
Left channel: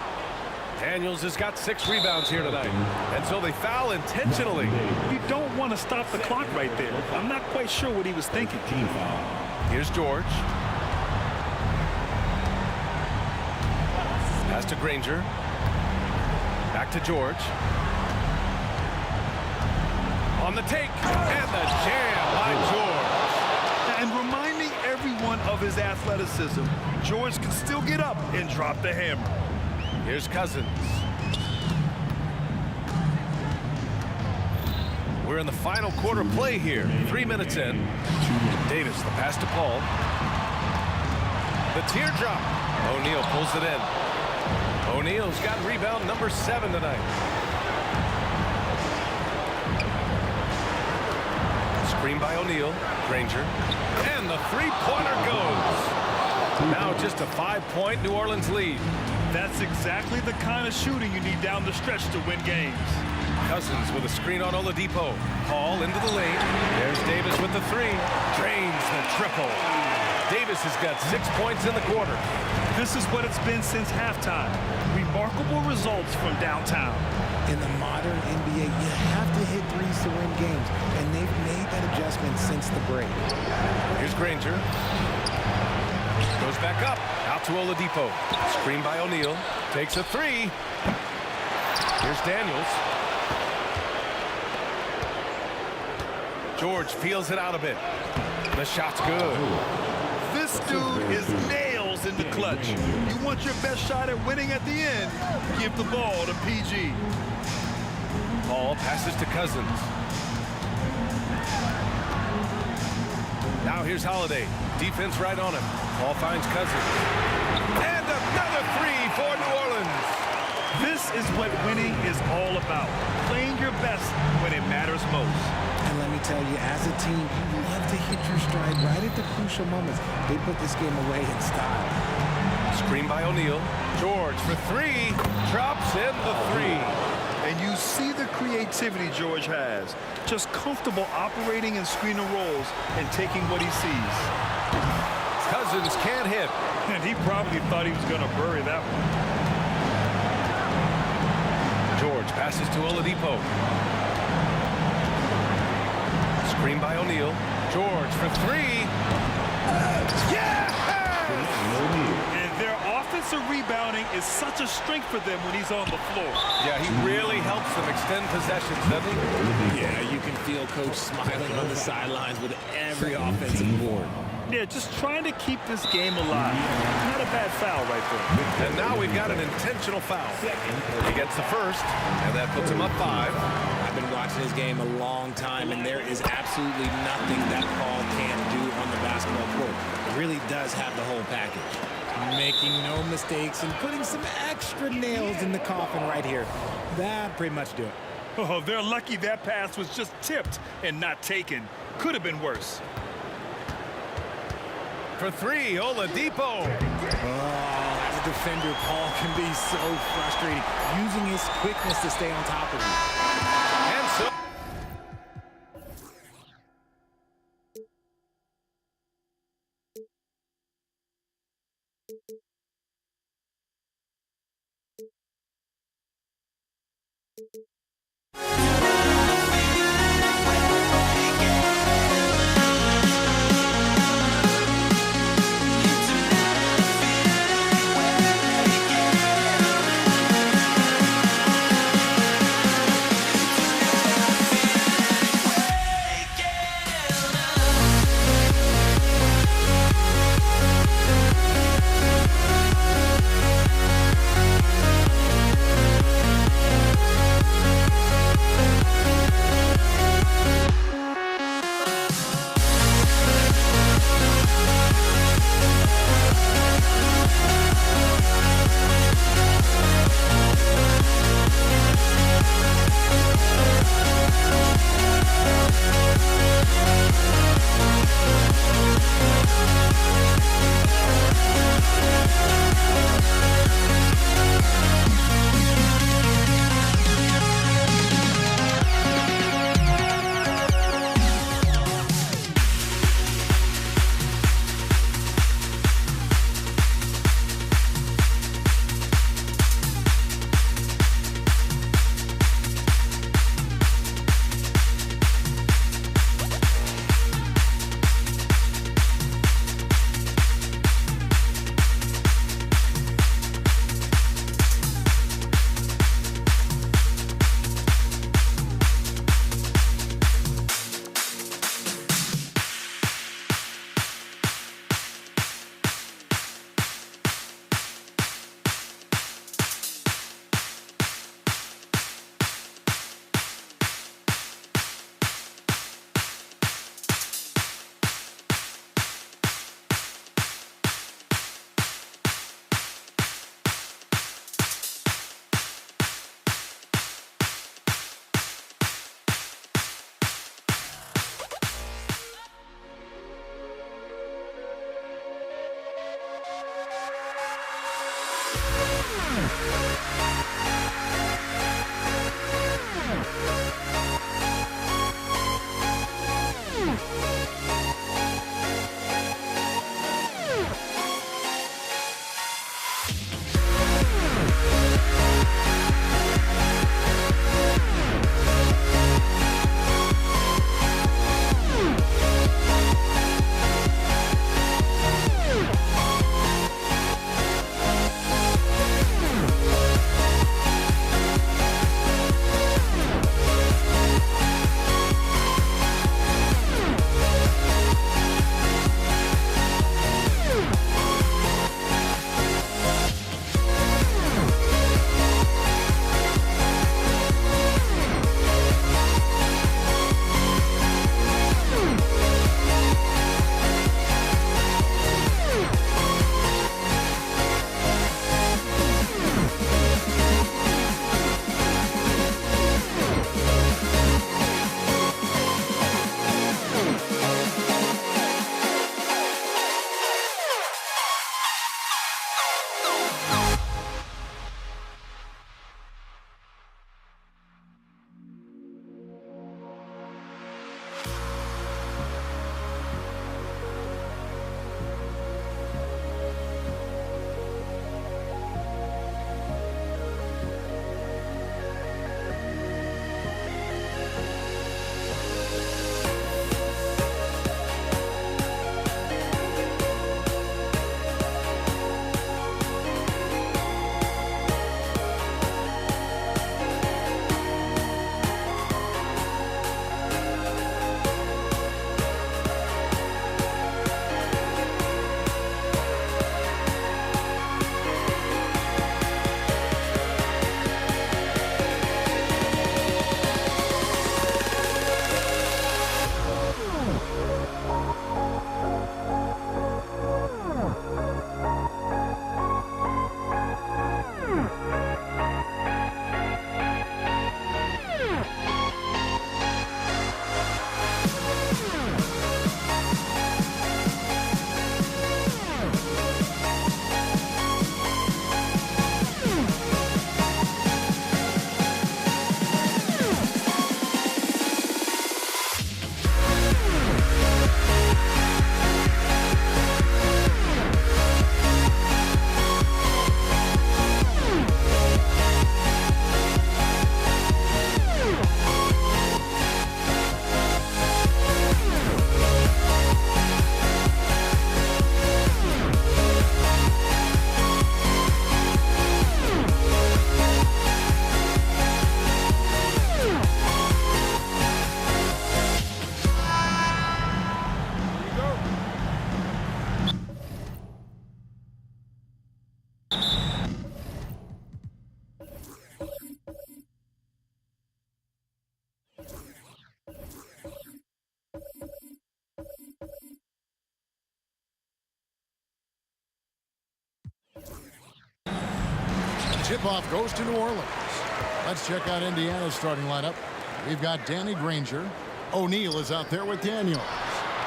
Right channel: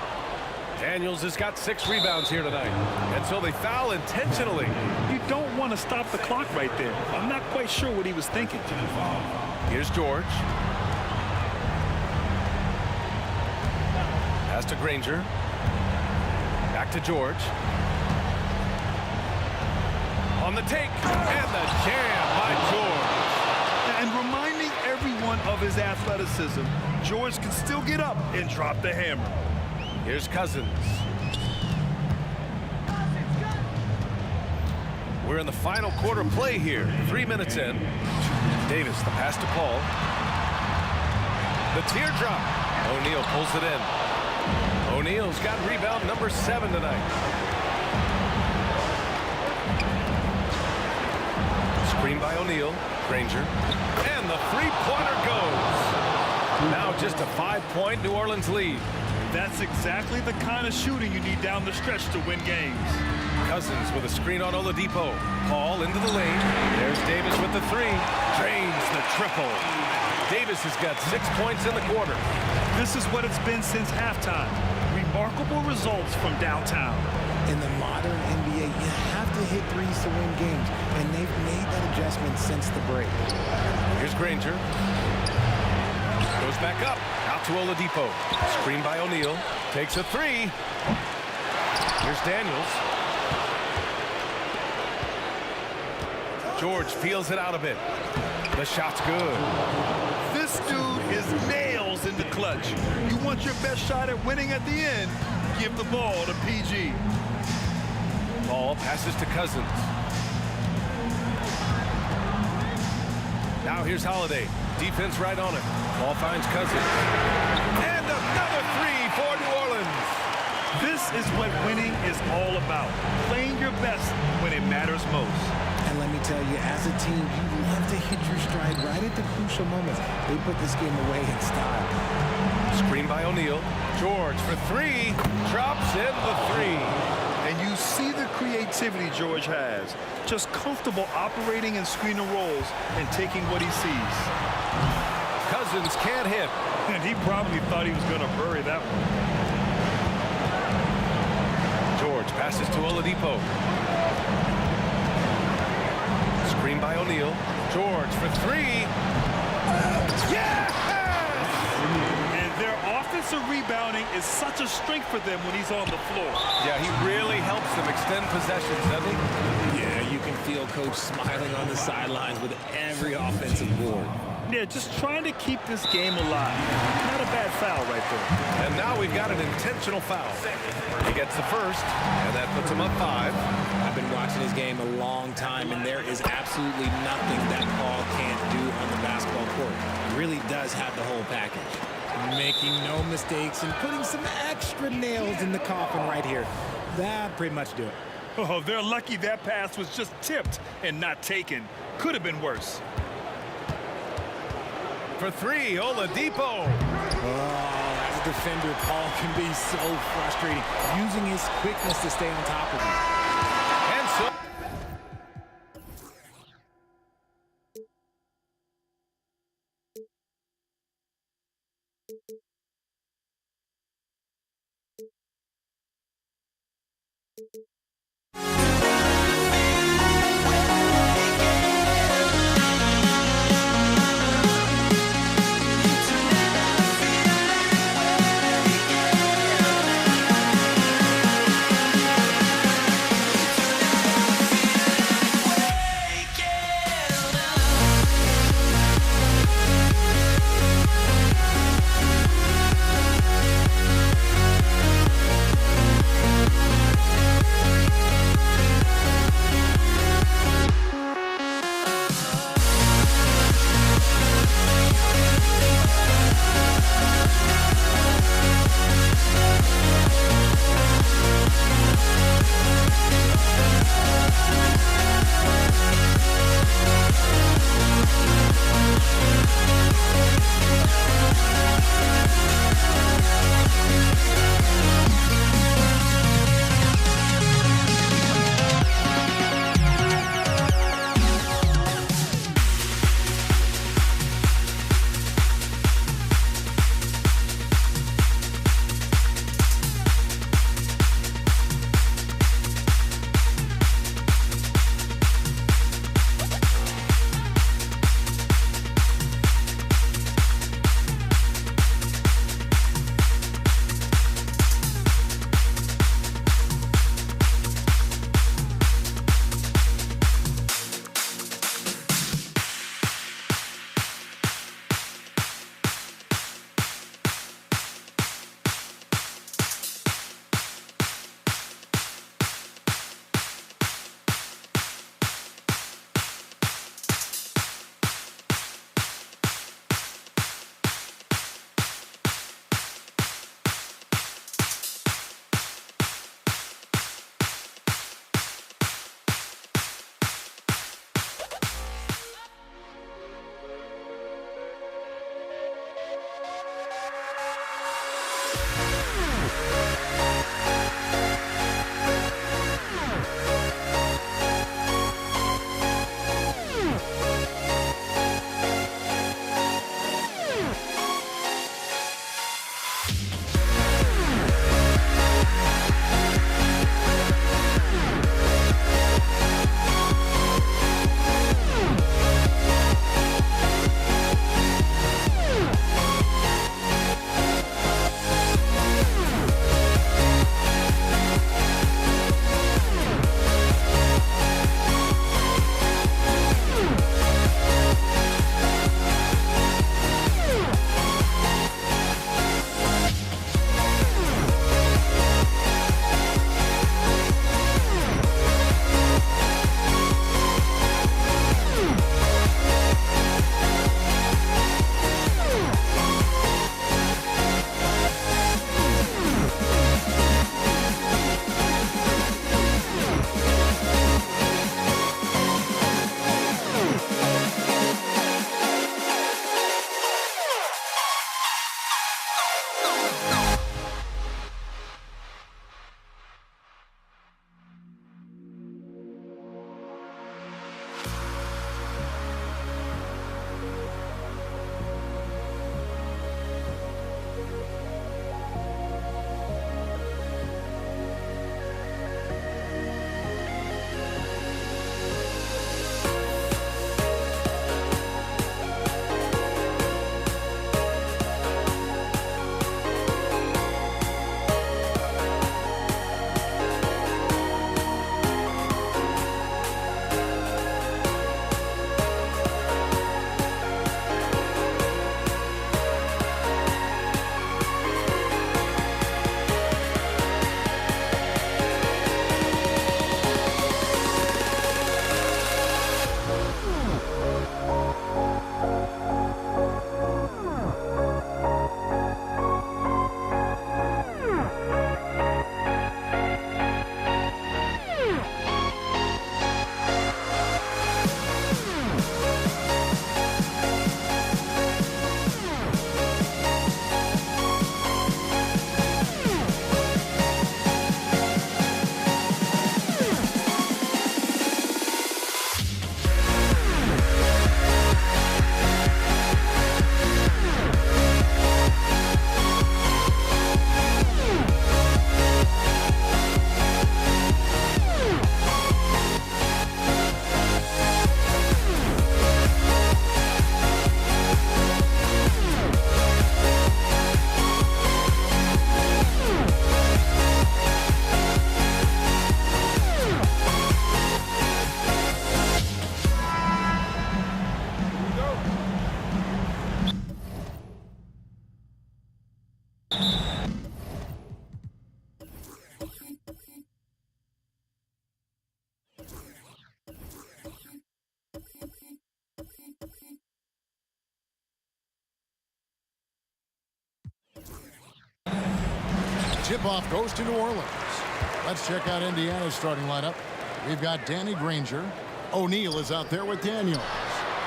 Daniels has got 6 rebounds here tonight. And so they foul intentionally. You don't want to stop the clock right there. I'm not quite sure what he was thinking. Here's George. Pass to Granger. Back to George. On the take. And the jam by George. And reminding everyone of his athleticism, George can still get up and drop the hammer. Here's Cousins. We're in the final quarter play here. 3 minutes in. Davis, the pass to Paul. The teardrop. O'Neal pulls it in. O'Neal's got rebound number 7 tonight. Screen by O'Neal. Granger. And the three-pointer goes. Now just a 5-point New Orleans lead. That's exactly the kind of shooting you need down the stretch to win games. Cousins with a screen on Oladipo. Paul into the lane. There's Davis with the three. Drains the triple. Davis has got 6 points in the quarter. This is what it's been since halftime. Remarkable results from downtown. In the modern NBA, you have to hit threes to win games, and they've made that adjustment since the break. Here's Granger. Goes back up. Out to Oladipo. Screen by O'Neal. Takes a three. Here's Daniels. George peels it out a bit. The shot's good. This dude is nails in the clutch. You want your best shot at winning at the end, give the ball to PG. Paul passes to Cousins. Now here's Holiday. Defense right on him. Paul finds Cousins. And another three for New Orleans. This is what winning is all about. Playing your best when it matters most. And let me tell you, as a team, you love to hit your stride right at the crucial moments. They put this game away in style. Screen by O'Neal. George for three. Drops in the three. And you see the creativity George has. Just comfortable operating in screen and rolls and taking what he sees. Cousins can't hit. And he probably thought he was going to bury that one. George passes to Oladipo. Screen by O'Neal. George for three. Yes! And their offensive rebounding is such a strength for them when he's on the floor. Yeah, he really helps them extend possessions, doesn't he? Yeah, you can feel Coach smiling on the sidelines with every offensive board. Yeah, just trying to keep this game alive. Not a bad foul right there. And now we've got an intentional foul. He gets the first, and that puts him up 5. I've been watching this game a long time, and there is absolutely nothing that Paul can't do on the basketball court. He really does have the whole package. Making no mistakes and putting some extra nails in the coffin right here. That pretty much do it. Oh, they're lucky that pass was just tipped and not taken. Could have been worse. For three, Oladipo. Oh, as a defender, Paul can be so frustrating, using his quickness to stay on top of you. And so... Tip-off goes to New Orleans. Let's check out Indiana's starting lineup. We've got Danny Granger. O'Neal is out there with Daniels.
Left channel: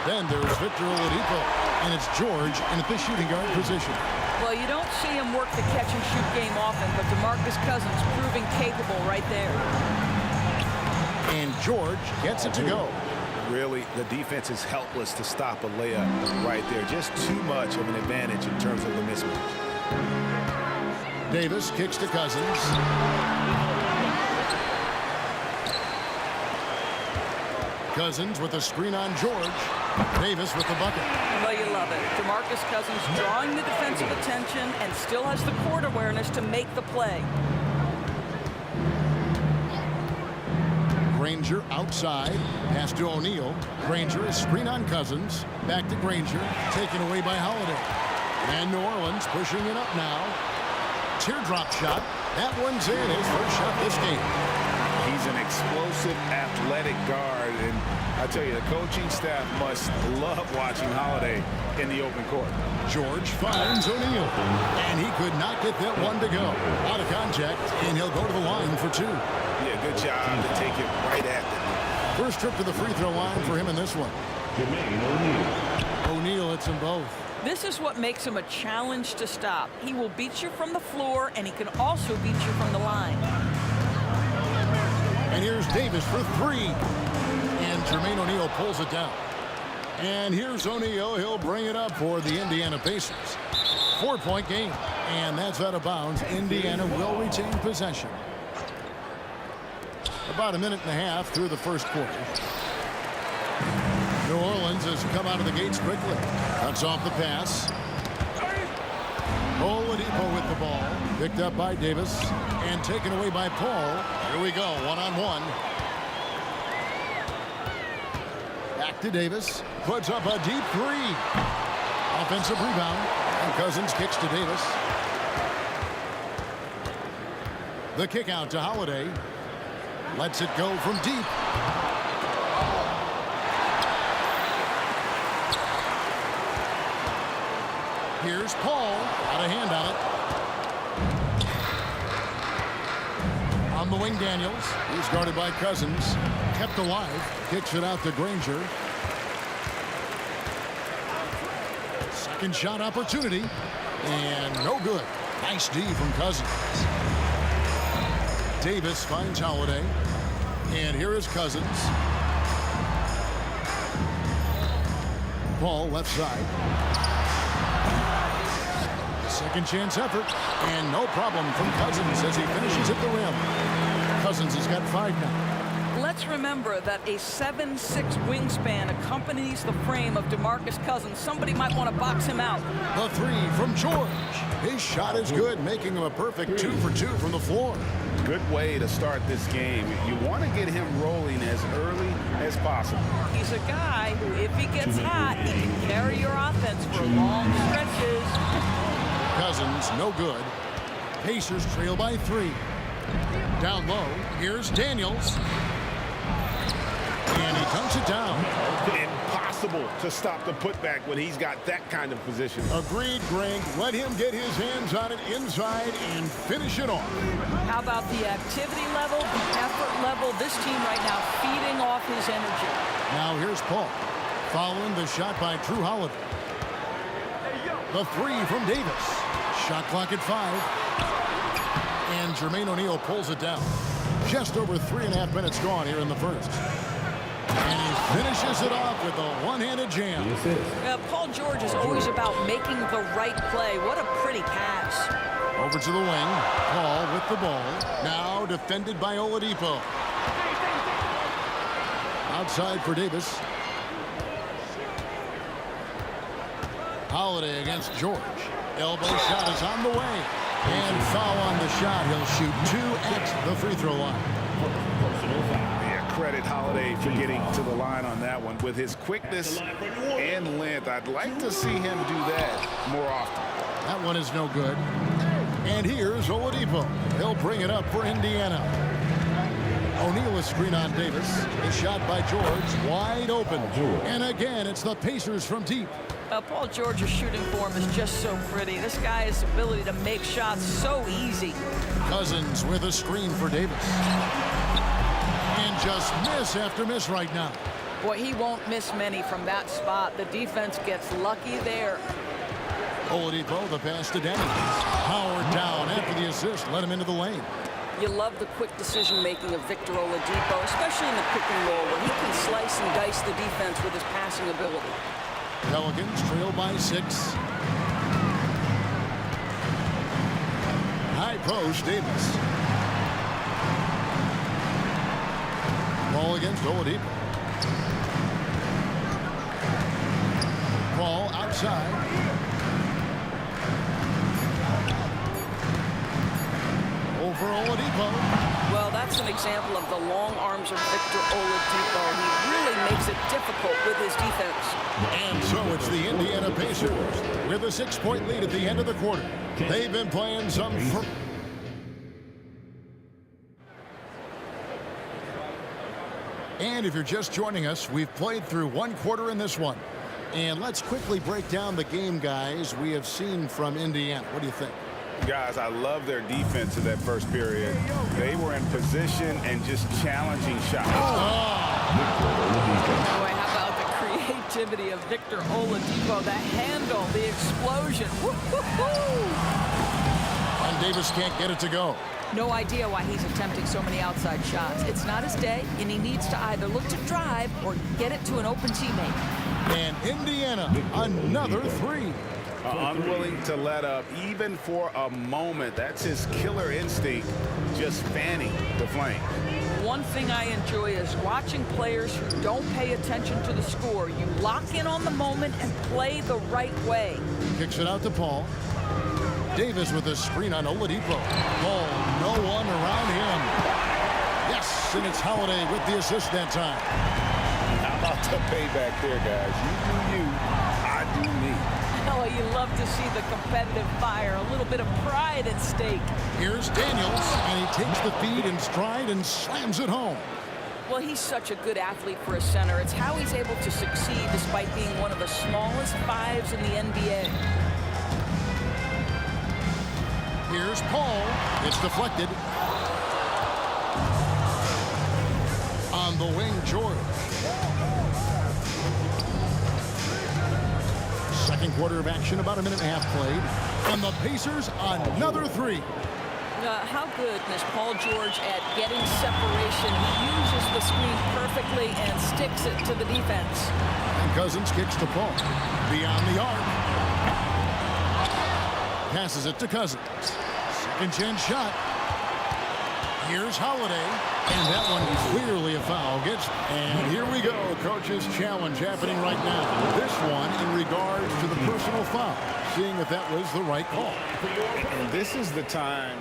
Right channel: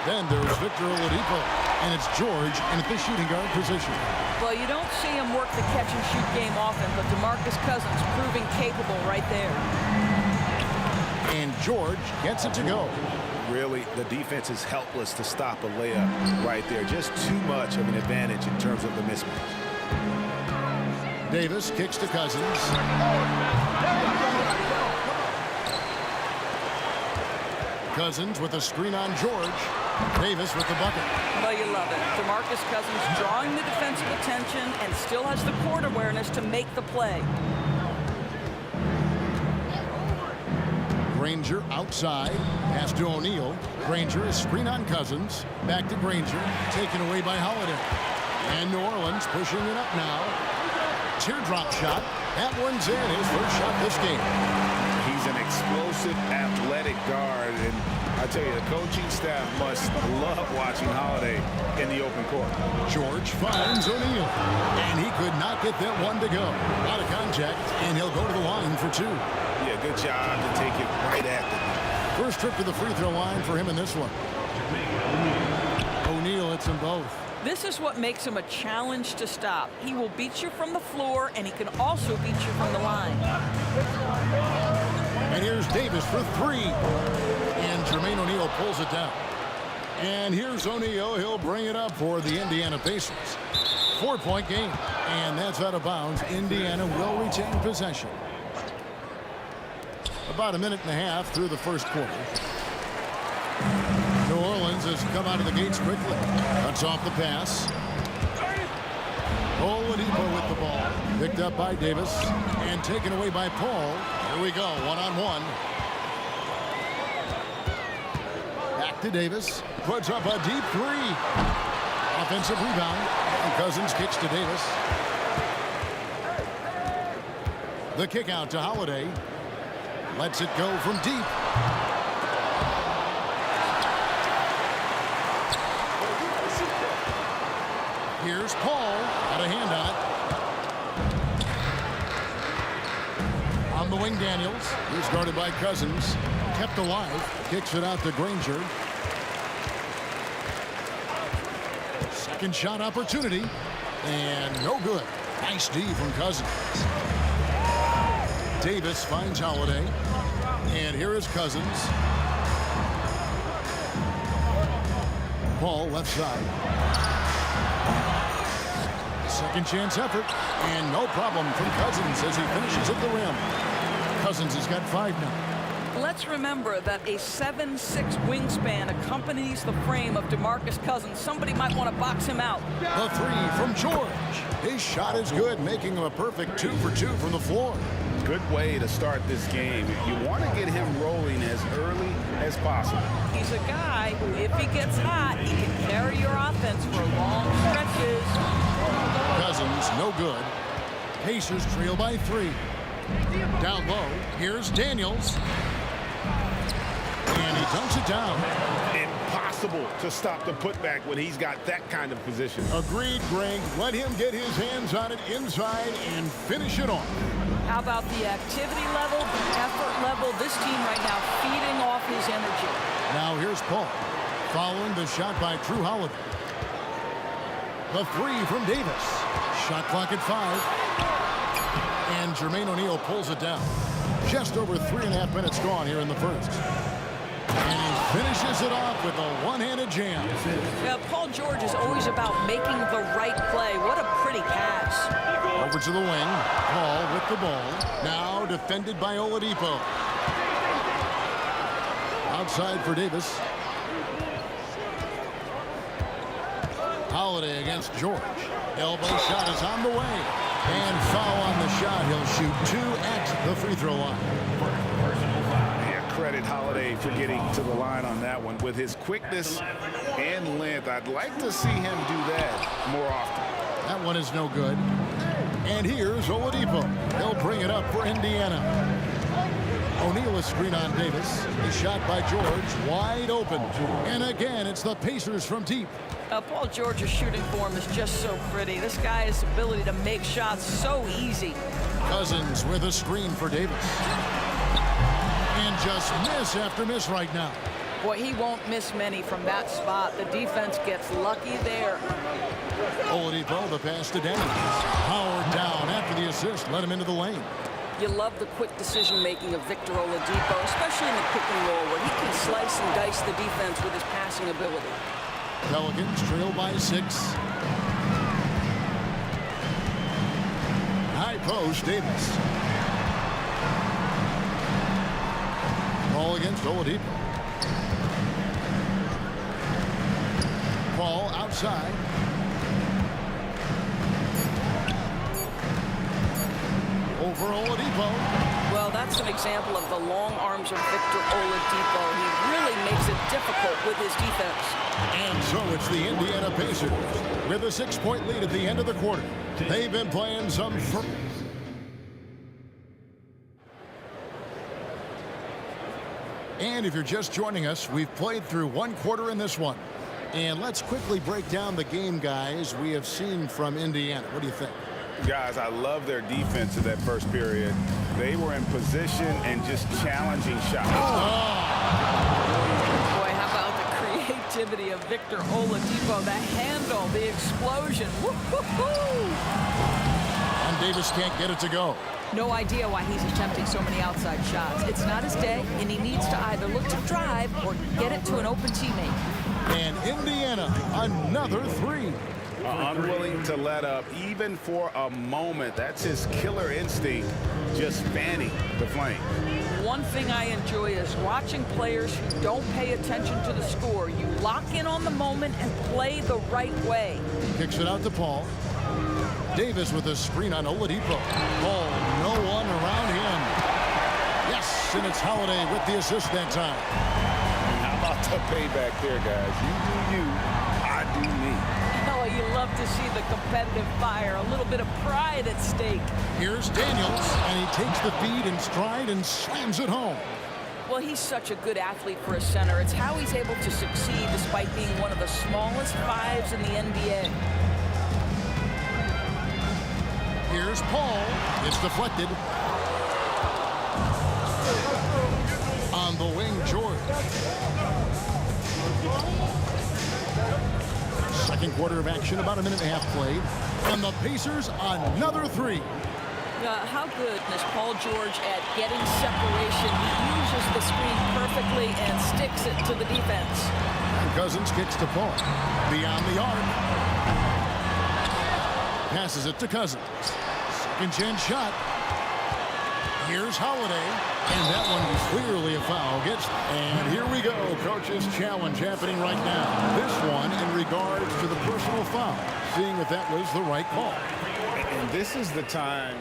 Then there's Victor Oladipo. And it's George in at the shooting guard position. Well, you don't see him work the catch-and-shoot game often, but DeMarcus Cousins proving capable right there. And George gets it to go. Really, the defense is helpless to stop a layup right there. Just too much of an advantage in terms of the mismatch. Davis kicks to Cousins. Cousins with a screen on George. Davis with the bucket. Well, you love it. DeMarcus Cousins drawing the defensive attention and still has the court awareness to make the play. Granger outside. Pass to O'Neal. Granger is screen on Cousins. Back to Granger. Taken away by Holiday. And New Orleans pushing it up now. Teardrop shot. That one's in. His first shot this game. He's an explosive, athletic guard, and I tell you, the coaching staff must love watching Holiday in the open court. George finds O'Neal, and he could not get that one to go. Out of contact, and he'll go to the line for two. Yeah, good job to take it right at the net. First trip to the free throw line for him in this one. O'Neal at hits them both. This is what makes him a challenge to stop. He will beat you from the floor, and he can also beat you from the line. And here's Davis for three. And Jermaine O'Neal pulls it down. And here's O'Neal. He'll bring it up for the Indiana Pacers. 4-point game. And that's out of bounds. Indiana will retain possession. About a minute and a half through the first quarter. New Orleans has come out of the gates quickly. Cuts off the pass. Oladipo with the ball. Picked up by Davis. And taken away by Paul. Here we go. One-on-one. Back to Davis. Puts up a deep three. Offensive rebound. And Cousins kicks to Davis. The kick out to Holiday. Lets it go from deep. Here's Paul. Out of hand on it. On the wing, Daniels. He's guarded by Cousins. Kept alive. Kicks it out to Granger. Second shot opportunity. And no good. Nice D from Cousins. Davis finds Holiday. And here is Cousins. Paul left side. Second chance effort. And no problem from Cousins as he finishes at the rim. Cousins has got 5 now. Let's remember that a 7'6" wingspan accompanies the frame of DeMarcus Cousins. Somebody might want to box him out. The three from George. His shot is good, making him a perfect 2 for 2 from the floor. Good way to start this game. You want to get him rolling as early as possible. He's a guy who, if he gets hot, he can carry your offense for long stretches. Cousins, no good. Pacers trail by 3. Down low, here's Daniels. And he dunks it down. Impossible to stop the putback when he's got that kind of position. Agreed, Greg. Let him get his hands on it inside and finish it off. How about the activity level, the effort level? This team right now feeding off his energy. Now here's Paul. Following the shot by Drew Holiday. The three from Davis. Shot clock at 5. And Jermaine O'Neal pulls it down. Just over 3.5 minutes gone here in the first. And he finishes it off with a one-handed jam. Paul George is always about making the right play. What a pretty pass. Over to the wing. Paul with the ball. Now defended by Oladipo. Outside for Davis. Holiday against George. Elbow shot is on the way. And foul on the shot. He'll shoot 2 at the free throw line. Yeah, credit Holiday for getting to the line on that one. With his quickness and length, I'd like to see him do that more often. That one is no good. And here's Oladipo. He'll bring it up for Indiana. O'Neal a screen on Davis. A shot by George. Wide open. And again, it's the Pacers from deep. Paul George's shooting form is just so pretty. This guy's ability to make shots so easy. Cousins with a screen for Davis. And just miss after miss right now. Boy, he won't miss many from that spot. The defense gets lucky there. Oladipo, the pass to Daniels. Howard down after the assist. Let him into the lane. You love the quick decision-making of Victor Oladipo, especially in the pick and roll, where he can slice and dice the defense with his passing ability. Pelicans trail by 6. High post, Davis. Ball against Oladipo. Ball outside. Over Oladipo. Well, that's an example of the long arms of Victor Oladipo. He really makes it difficult with his defense. And so it's the Indiana Pacers with a 6-point lead at the end of the quarter. They've been playing some... And if you're just joining us, we've played through 1 quarter in this one. And let's quickly break down the game, guys, we have seen from Indiana. What do you think? Guys, I love their defense in that first period. They were in position and just challenging shots. Boy, how about the creativity of Victor Oladipo, the handle, the explosion. Woo-hoo-hoo! And Davis can't get it to go. No idea why he's attempting so many outside shots. It's not his day, and he needs to either look to drive or get it to an open teammate. And Indiana, another three. Unwilling to let up, even for a moment. That's his killer instinct, just fanning the flame. One thing I enjoy is watching players who don't pay attention to the score. You lock in on the moment and play the right way. Kicks it out to Paul. Davis with a screen on Oladipo. Paul, no one around him. Yes, and it's Holiday with the assist that time. How about the payback there, guys? You do you, I do me. Oh, you love to see the competitive fire, a little bit of pride at stake. Here's Daniels, and he takes the feed in stride and slams it home. Well, he's such a good athlete for a center. It's how he's able to succeed despite being one of the smallest fives in the NBA. Here's Paul. It's deflected. On the wing, George. Second quarter of action, about a minute and a half played. And the Pacers, another three. How good is Paul George at getting separation? He uses the screen perfectly and sticks it to the defense. And Cousins kicks to Paul. Beyond the arc. Passes it to Cousins. Second chance shot. Here's Holiday. And that one clearly a foul. And here we go. Coach's challenge happening right now. This one in regards to the personal foul. Seeing if that was the right call. And this is the time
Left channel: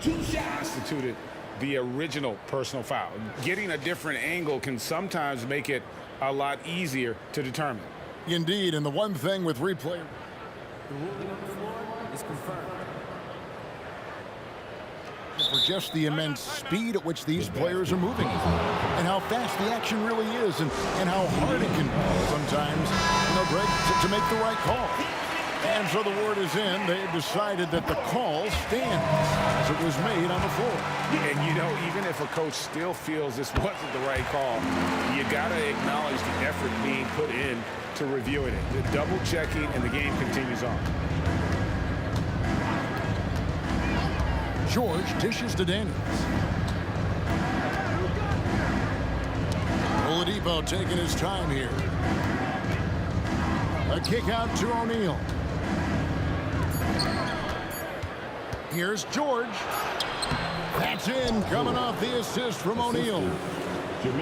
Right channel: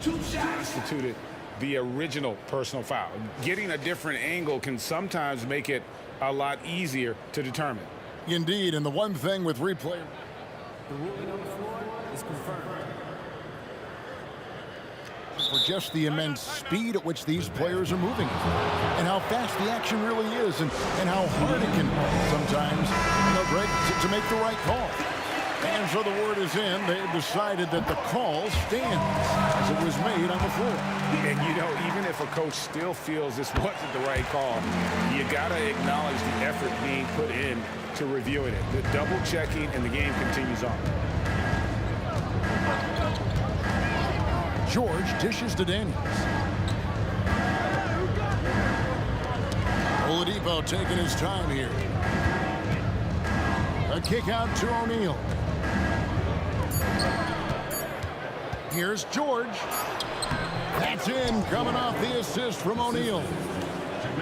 constituted the original personal foul. Getting a different angle can sometimes make it a lot easier to determine. Indeed, and the one thing with replay. The ruling on the floor is confirmed. For just the immense speed at which these players are moving and how fast the action really is and how hard it can be sometimes, Greg, to make the right call. And so the word is in. They have decided that the call stands as it was made on the floor. And, even if a coach still feels this wasn't the right call, you got to acknowledge the effort being put in to reviewing it. The double checking, and the game continues on. George dishes to Daniels. Oladipo taking his time here. A kick out to O'Neal. Here's George. That's in, coming off the assist from O'Neal.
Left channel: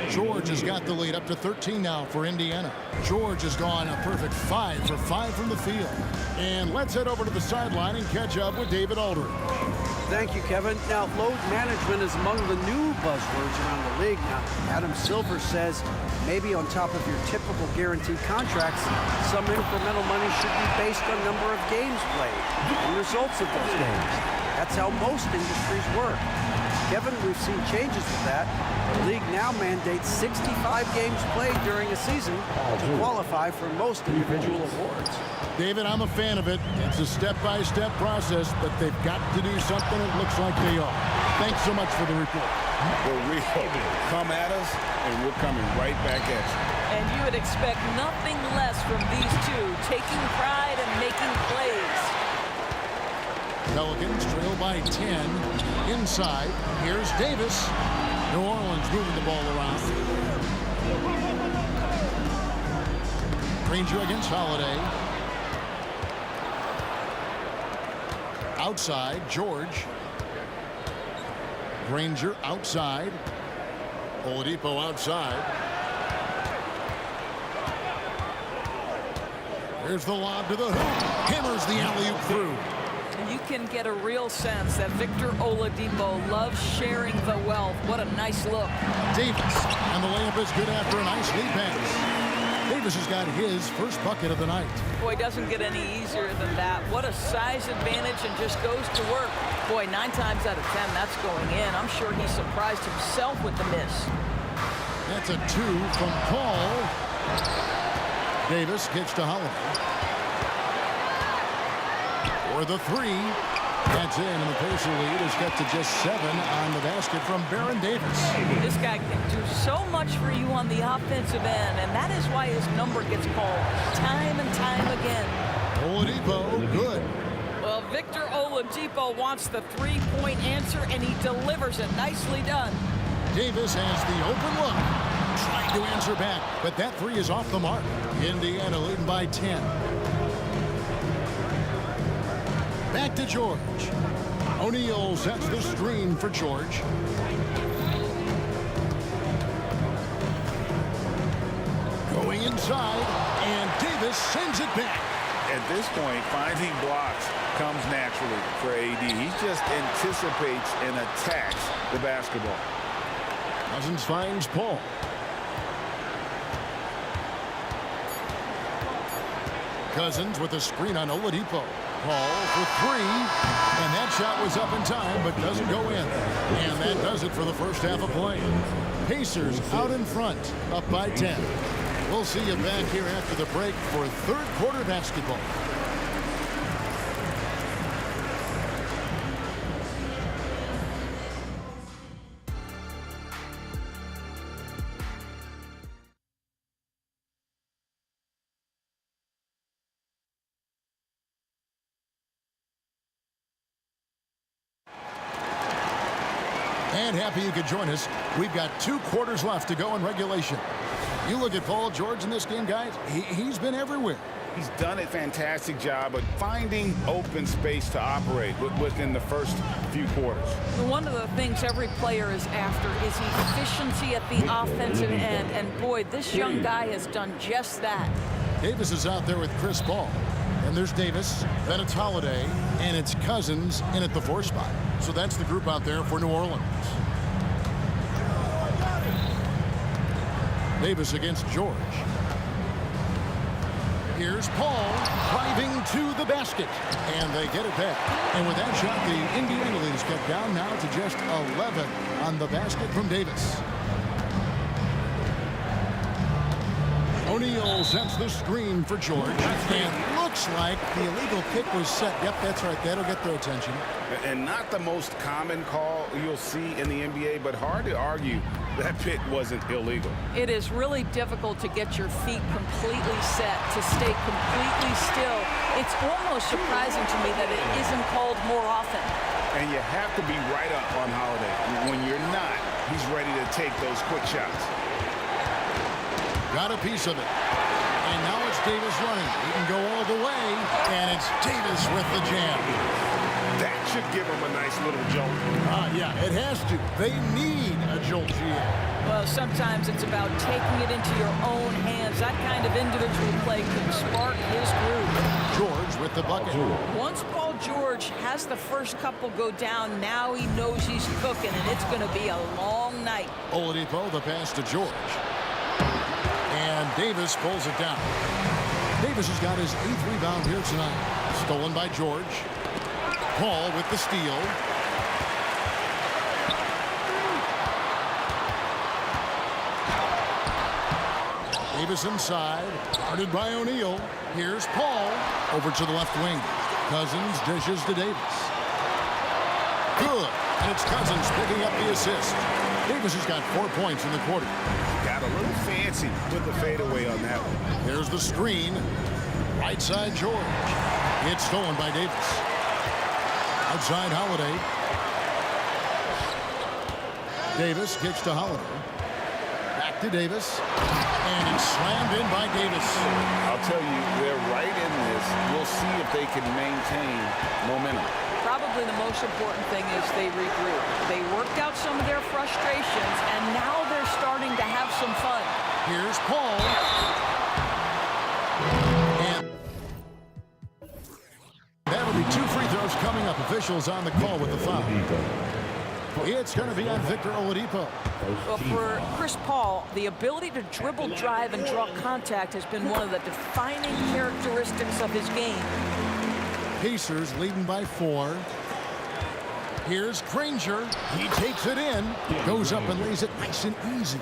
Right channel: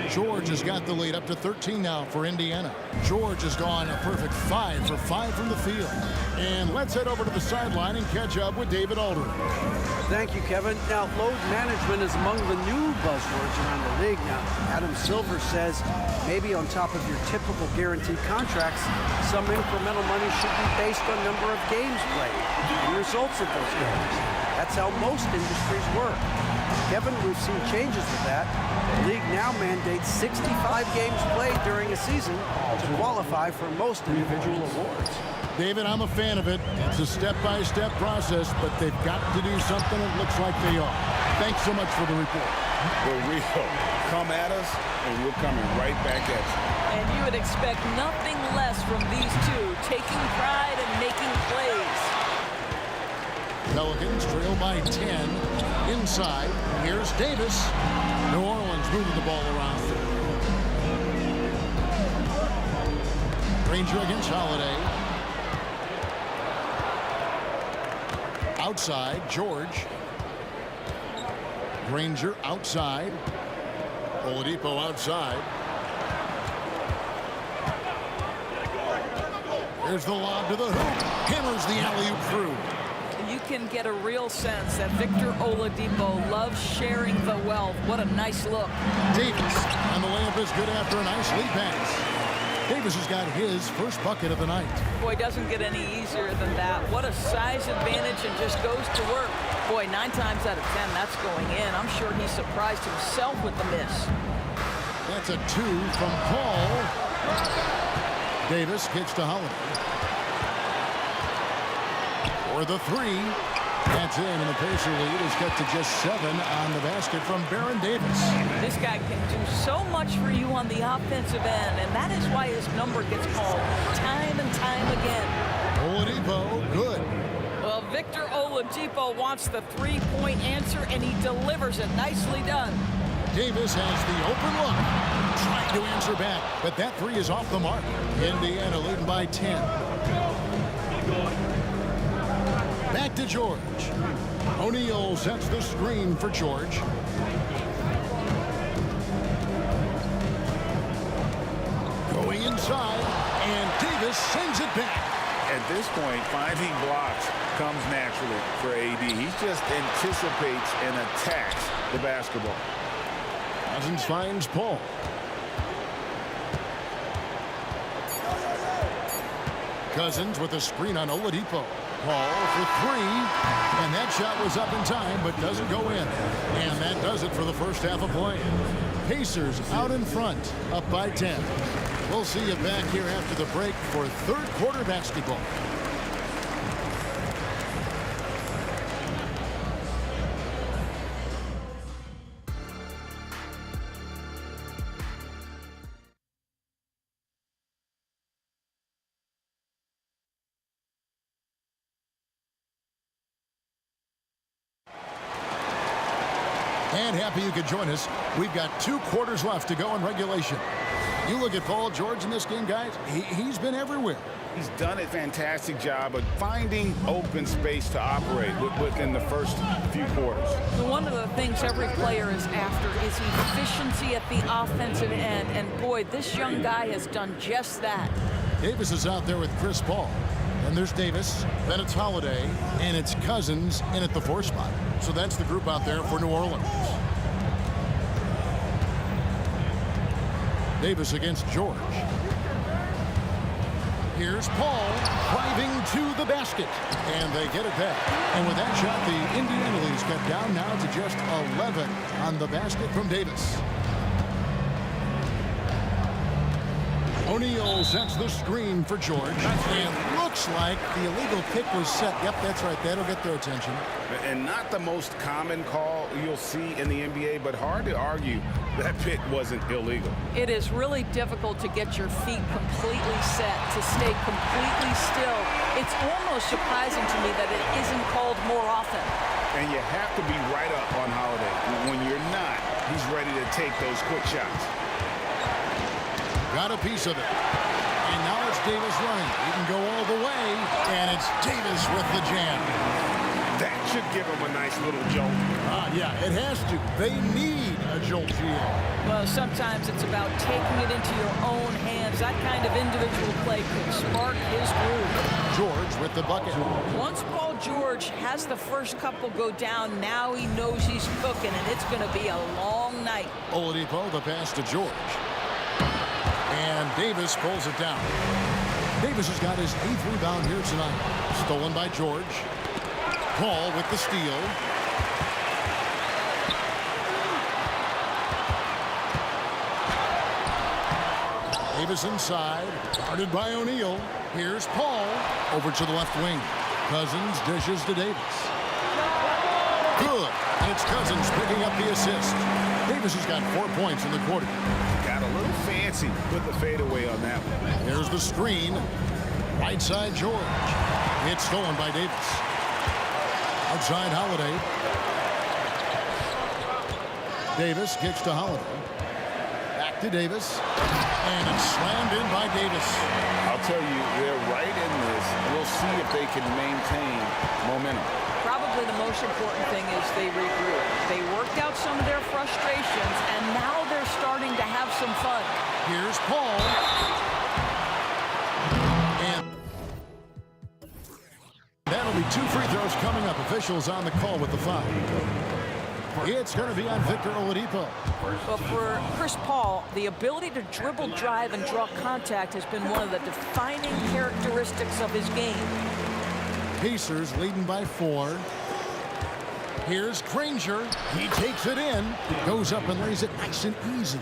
George has got the lead up to 13 now for Indiana. George has gone a perfect 5 for 5 from the field. And let's head over to the sideline and catch up with David Aldridge. Thank you, Kevin. Now, load management is among the new buzzwords around the league. Now, Adam Silver says maybe on top of your typical guaranteed contracts, some incremental money should be based on number of games played and results of those games. That's how most industries work. Kevin, we've seen changes with that. The league now mandates 65 games played during a season to qualify for most individual awards. David, I'm a fan of it. It's a step-by-step process, but they've got to do something. It looks like they are. Thanks so much for the report. The real come at us, and we're coming right back at you. And you would expect nothing less from these two, taking pride and making plays. Pelicans trail by 10. Inside, here's Davis. New Orleans moving the ball around. Granger against Holiday. Outside, George. Granger outside. Oladipo outside. Here's the lob to the hoop. Hammers the alley-oop through. You can get a real sense that Victor Oladipo loves sharing the wealth. What a nice look. Davis, and the layup is good after a nice lead pass. Davis has got his first bucket of the night. Boy, doesn't get any easier than that. What a size advantage, and just goes to work. Boy, 9 times out of 10, that's going in. I'm sure he surprised himself with the miss. That's a 2 from Paul. Davis gets to Holiday. For the 3, That's in, and the Pacer lead is cut to just 7 on the basket from Baron Davis. This guy can do so much for you on the offensive end, and that is why his number gets called time and time again. Oladipo, good. Well, Victor Oladipo wants the three-point answer, and he delivers it. Nicely done. Davis has the open look. Trying to answer back, but that three is off the mark. Indiana leading by 10. Back to George. O'Neal sets the screen for George. Going inside, and Davis sends it back. At this point, finding blocks comes naturally for AD. He just anticipates and attacks the basketball. Cousins finds Paul. Cousins with a screen on Oladipo. Paul for three, and that shot was up in time but doesn't go in. And that does it for the first half of play. Pacers out in front, up by 10. We'll see you back here after the break for third quarter basketball. And happy you could join us. We've got 2 quarters left to go in regulation. You look at Paul George in this game, guys. He's been everywhere. He's done a fantastic job of finding open space to operate within the first few quarters. One of the things every player is after is efficiency at the offensive end. And boy, this young guy has done just that. Davis is out there with Chris Paul. And there's Davis, then it's Holiday, and it's Cousins in at the 4 spot. So that's the group out there for New Orleans. Davis against George. Here's Paul driving to the basket, and they get it back. And with that shot, the Indiana lead is cut down now to just 11 on the basket from Davis. O'Neal sets the screen for George, and looks like the illegal pick was set. Yep, that's right. That'll get their attention. And not the most common call you'll see in the NBA, but hard to argue that pick wasn't illegal. It is really difficult to get your feet completely set, to stay completely still. It's almost surprising to me that it isn't called more often. And you have to be right up on Holiday. When you're not, he's ready to take those quick shots. Got a piece of it. And now it's Davis running. He can go all the way, and it's Davis with the jam. That should give him a nice little jolt. Yeah, it has to. They need a jolt, GA. Well, sometimes it's about taking it into your own hands. That kind of individual play could spark his groove. George with the bucket. Once Paul George has the first couple go down, now he knows he's cooking, and it's going to be a long night. Oladipo, the pass to George. And Davis pulls it down. Davis has got his 8th rebound here tonight. Stolen by George. Paul with the steal. Davis inside, guarded by O'Neal. Here's Paul over to the left wing. Cousins dishes to Davis. Good, and it's Cousins picking up the assist. Davis has got 4 points in the quarter. Got a little fancy with the fadeaway on that one. There's the screen. Right side George. It's stolen by Davis. Outside Holiday. Davis kicks to Holiday. Back to Davis. And it's slammed in by Davis. I'll tell you, they're right in this. We'll see if they can maintain momentum. Probably the most important thing is they regroup. They worked out some of their frustrations, and now they're starting to have some fun. Here's Paul. And that'll be 2 free throws coming up. Officials on the call with the foul. It's going to be on Victor Oladipo. Well, for Chris Paul, the ability to dribble, drive, and draw contact has been one of the defining characteristics of his game. Pacers leading by 4. Here's Granger. He takes it in. Goes up and lays it nice and easy.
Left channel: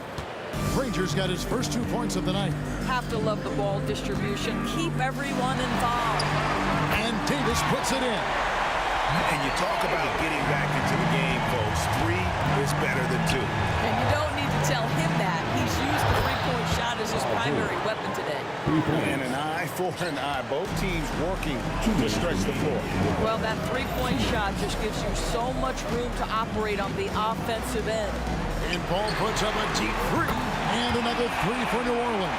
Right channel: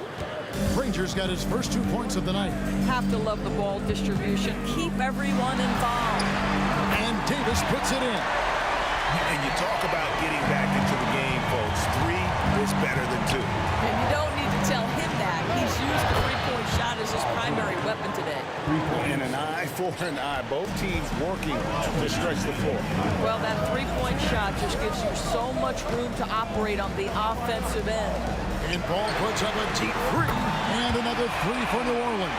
Granger's got his first 2 points of the night. Have to love the ball distribution. Keep everyone involved. And Davis puts it in. And you talk about getting back into the game, folks. 3 is better than 2. And you don't need to tell him that. He's used the three-point shot as his primary weapon today. And an eye for an eye. Both teams working to stretch the floor. Well, that three-point shot just gives you so much room to operate on the offensive end. And Paul puts up a deep 3 and another 3 for New Orleans.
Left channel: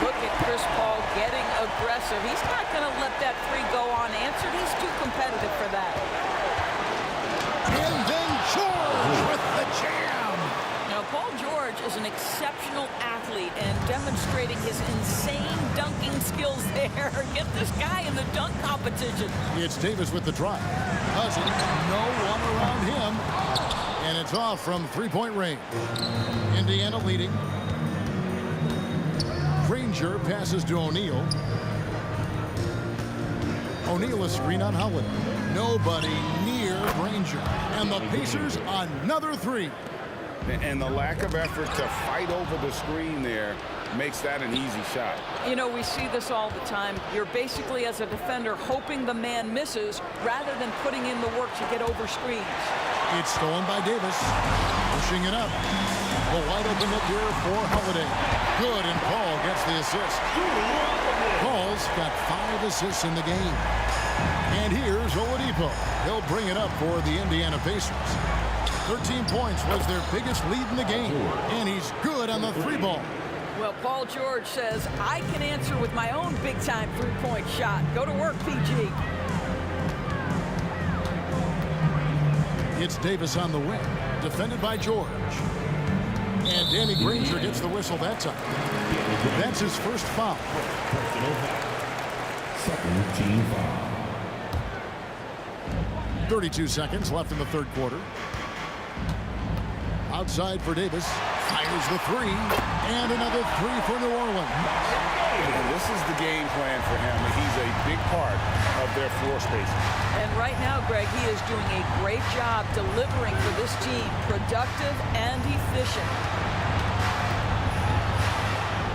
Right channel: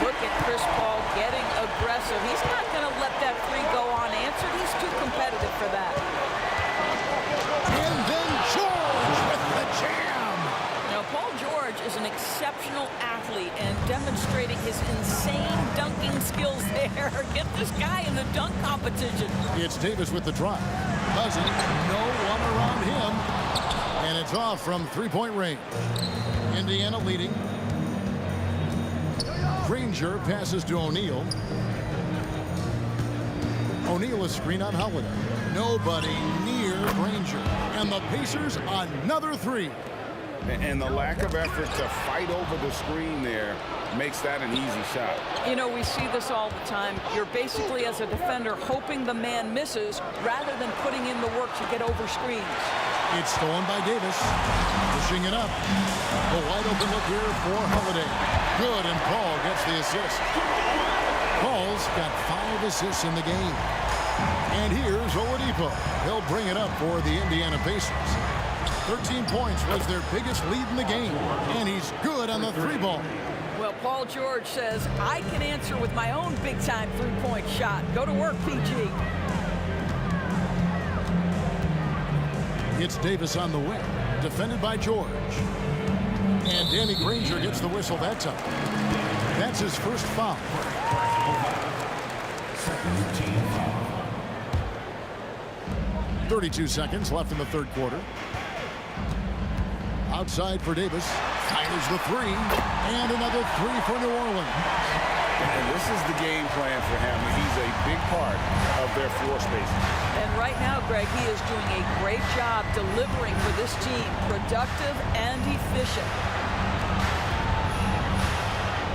Look at Chris Paul getting aggressive. He's not going to let that 3 go unanswered. He's too competitive for that. And then George with the jam. Now, Paul George is an exceptional athlete and demonstrating his insane dunking skills there. Get this guy in the dunk competition. It's Davis with the drive. Cousins, no one around him. And it's off from three-point range. Indiana leading. Granger passes to O'Neal. O'Neal a screen on Holiday. Nobody near Granger. And the Pacers another 3. And the lack of effort to fight over the screen there makes that an easy shot. You know, we see this all the time. You're basically, as a defender, hoping the man misses rather than putting in the work to get over screens. It's stolen by Davis. Pushing it up. A wide open look here for Holiday. Good, and Paul gets the assist. Paul's got 5 assists in the game. And here's Oladipo. He'll bring it up for the Indiana Pacers. 13 points was their biggest lead in the game. And he's good on the 3 ball. Well, Paul George says, I can answer with my own big-time three-point shot. Go to work, PG. It's Davis on the wing. Defended by George. And Danny Granger gets the whistle that time. That's his first foul. Second team foul. 32 seconds left in the third quarter. Outside for Davis. Fires the 3. And another 3 for New Orleans. And this is the game plan for him. He's a big part of their floor spacing. And right now, Greg, he is doing a great job delivering for this team. Productive and efficient.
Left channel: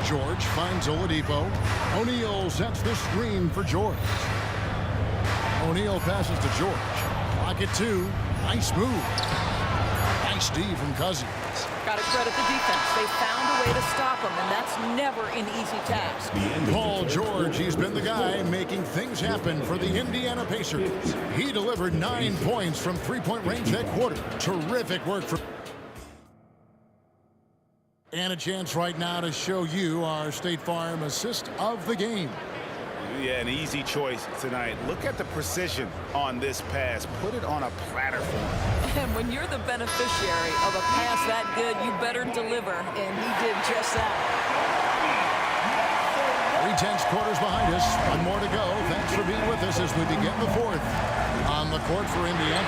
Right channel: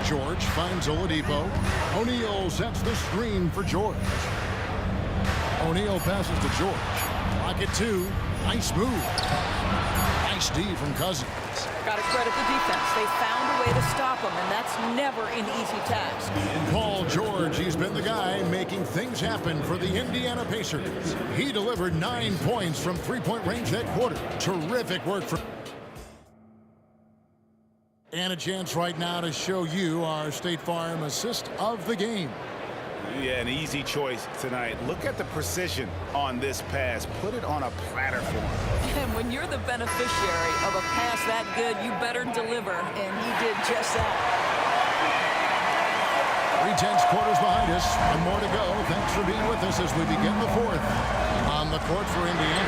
George finds Oladipo. O'Neal sets the screen for George. O'Neal passes to George. Pocket 2. Nice move. Nice D from Cousins. Got to credit the defense. They found a way to stop him, and that's never an easy task. Paul George, he's been the guy making things happen for the Indiana Pacers. He delivered 9 points from three-point range that quarter. Terrific work for... And a chance right now to show you our State Farm assist of the game. Yeah, an easy choice tonight. Look at the precision on this pass. Put it on a platter for him. And when you're the beneficiary of a pass that good, you better deliver. And he did just that. 3/10 quarters behind us. One more to go. Thanks for being with us as we begin the fourth. On the court for Indiana,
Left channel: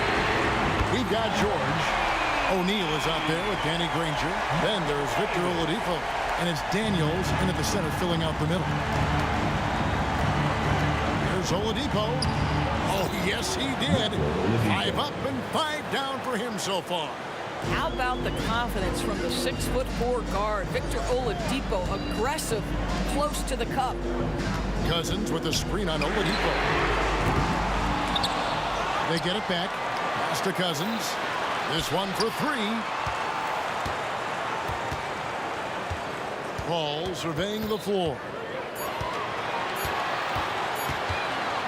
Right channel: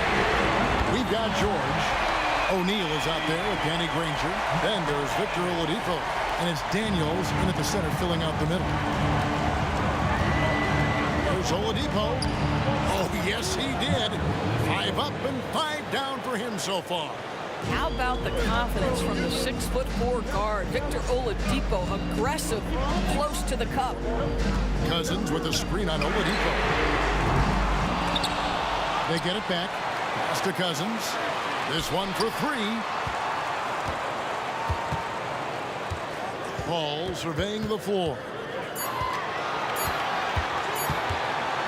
we've got George. O'Neal is out there with Danny Granger. Then there's Victor Oladipo. And it's Daniels in at the center filling out the middle. There's Oladipo. Oh, yes, he did. 5 up and 5 down for him so far. How about the confidence from the 6'4" guard, Victor Oladipo, aggressive, close to the cup. Cousins with a screen on Oladipo. They get it back. Pass to Cousins. This one for 3. Paul surveying the floor.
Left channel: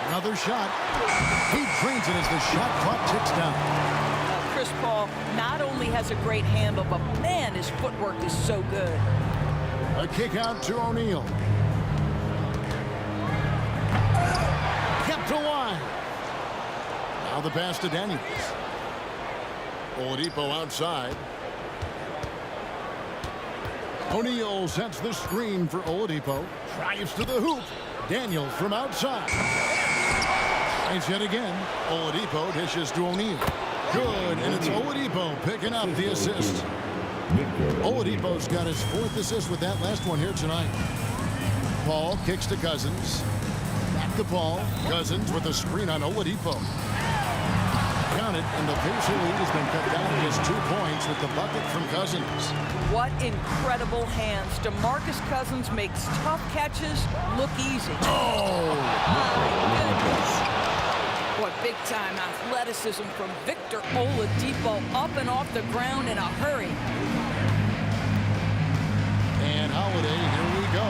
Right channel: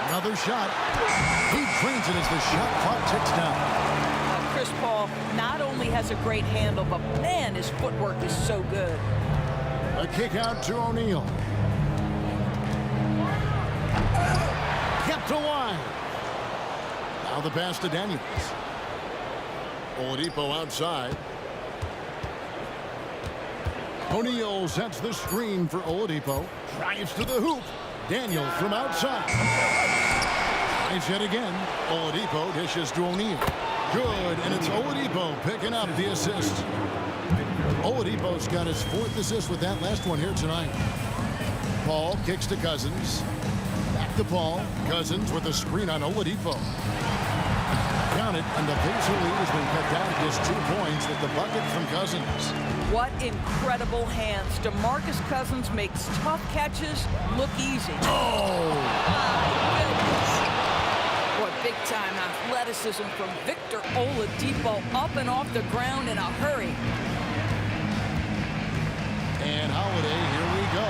Another shot. He drains it as the shot clock ticks down. Chris Paul not only has a great handle, but man, his footwork is so good. A kick out to O'Neal. Kept alive. Now the pass to Daniels. Oladipo outside. O'Neal sets the screen for Oladipo. Drives to the hoop. Daniels from outside. Tries yet again. Oladipo dishes to O'Neal. Good, and it's Oladipo picking up the assist. Oladipo's got his 4th assist with that last one here tonight. Paul kicks to Cousins. Back to Paul. Cousins with a screen on Oladipo. Count it, and the Pacer lead has been cut down to just 2 points with the bucket from Cousins. What incredible hands. DeMarcus Cousins makes tough catches look easy. Oh! My goodness. Boy, big-time athleticism from Victor Oladipo, up and off the ground in a hurry. And Holiday, here we go.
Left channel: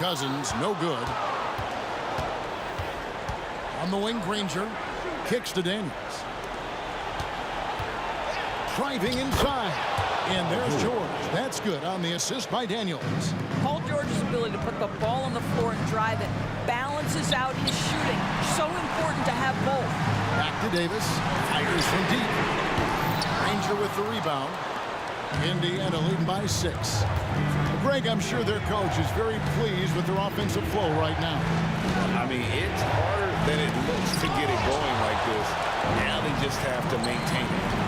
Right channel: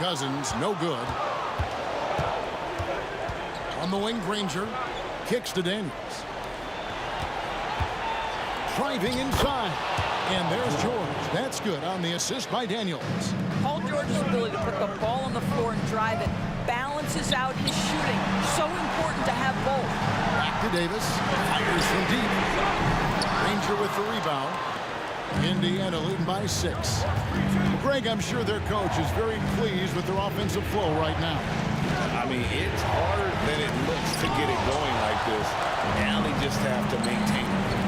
Cousins, no good. On the wing, Granger kicks to Daniels. Driving inside. And there's George. That's good on the assist by Daniels. Paul George's ability to put the ball on the floor and drive it balances out his shooting. So important to have both. Back to Davis. Fires from deep. Granger with the rebound. Indiana leading by 6. Greg, I'm sure their coach is very pleased with their offensive flow right now. I mean, it's harder than it looks to get it going like this. Now they just have to maintain it.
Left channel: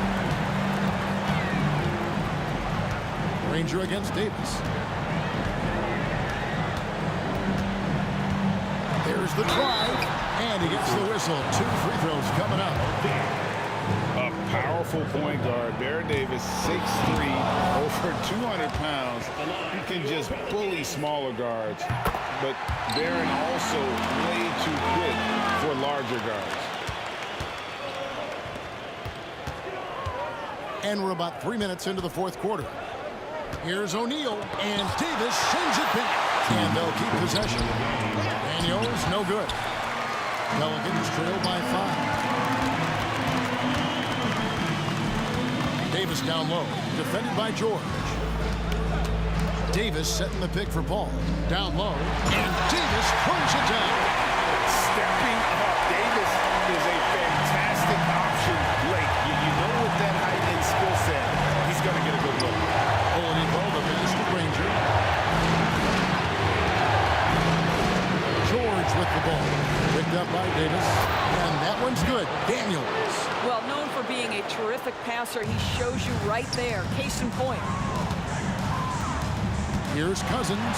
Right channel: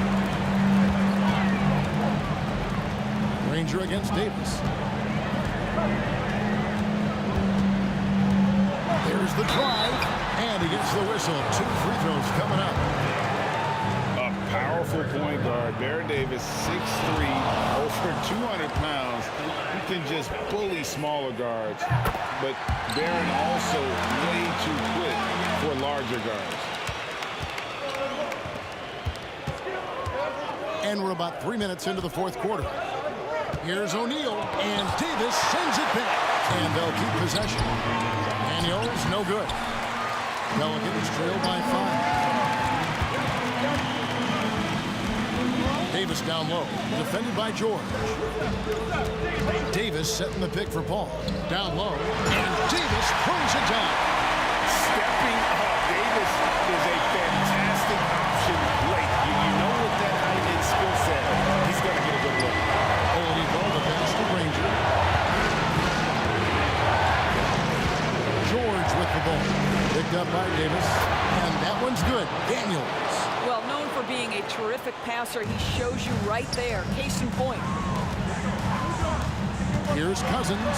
Granger against Davis. There's the drive, and he gets the whistle. 2 free throws coming up. A powerful point guard. Baron Davis, 6'3", over 200 pounds. He can just bully smaller guards. But Baron also way too quick for larger guards. And we're about 3 minutes into the fourth quarter. Here's O'Neal, and Davis sends it back. And they'll keep possession. Daniels, no good. Pelicans trail by 5. Davis down low, defended by George. Davis setting the pick for Paul. Down low, and Davis throws it down. Stepping up, Davis is a fantastic option late. You know with that height and skill set, he's going to get a good look. Oladipo, the pass to Granger. George with the ball. Picked up by Davis. And that one's good. Daniels. Well, known for being a terrific passer, he shows you right there. Case in point. Here's Cousins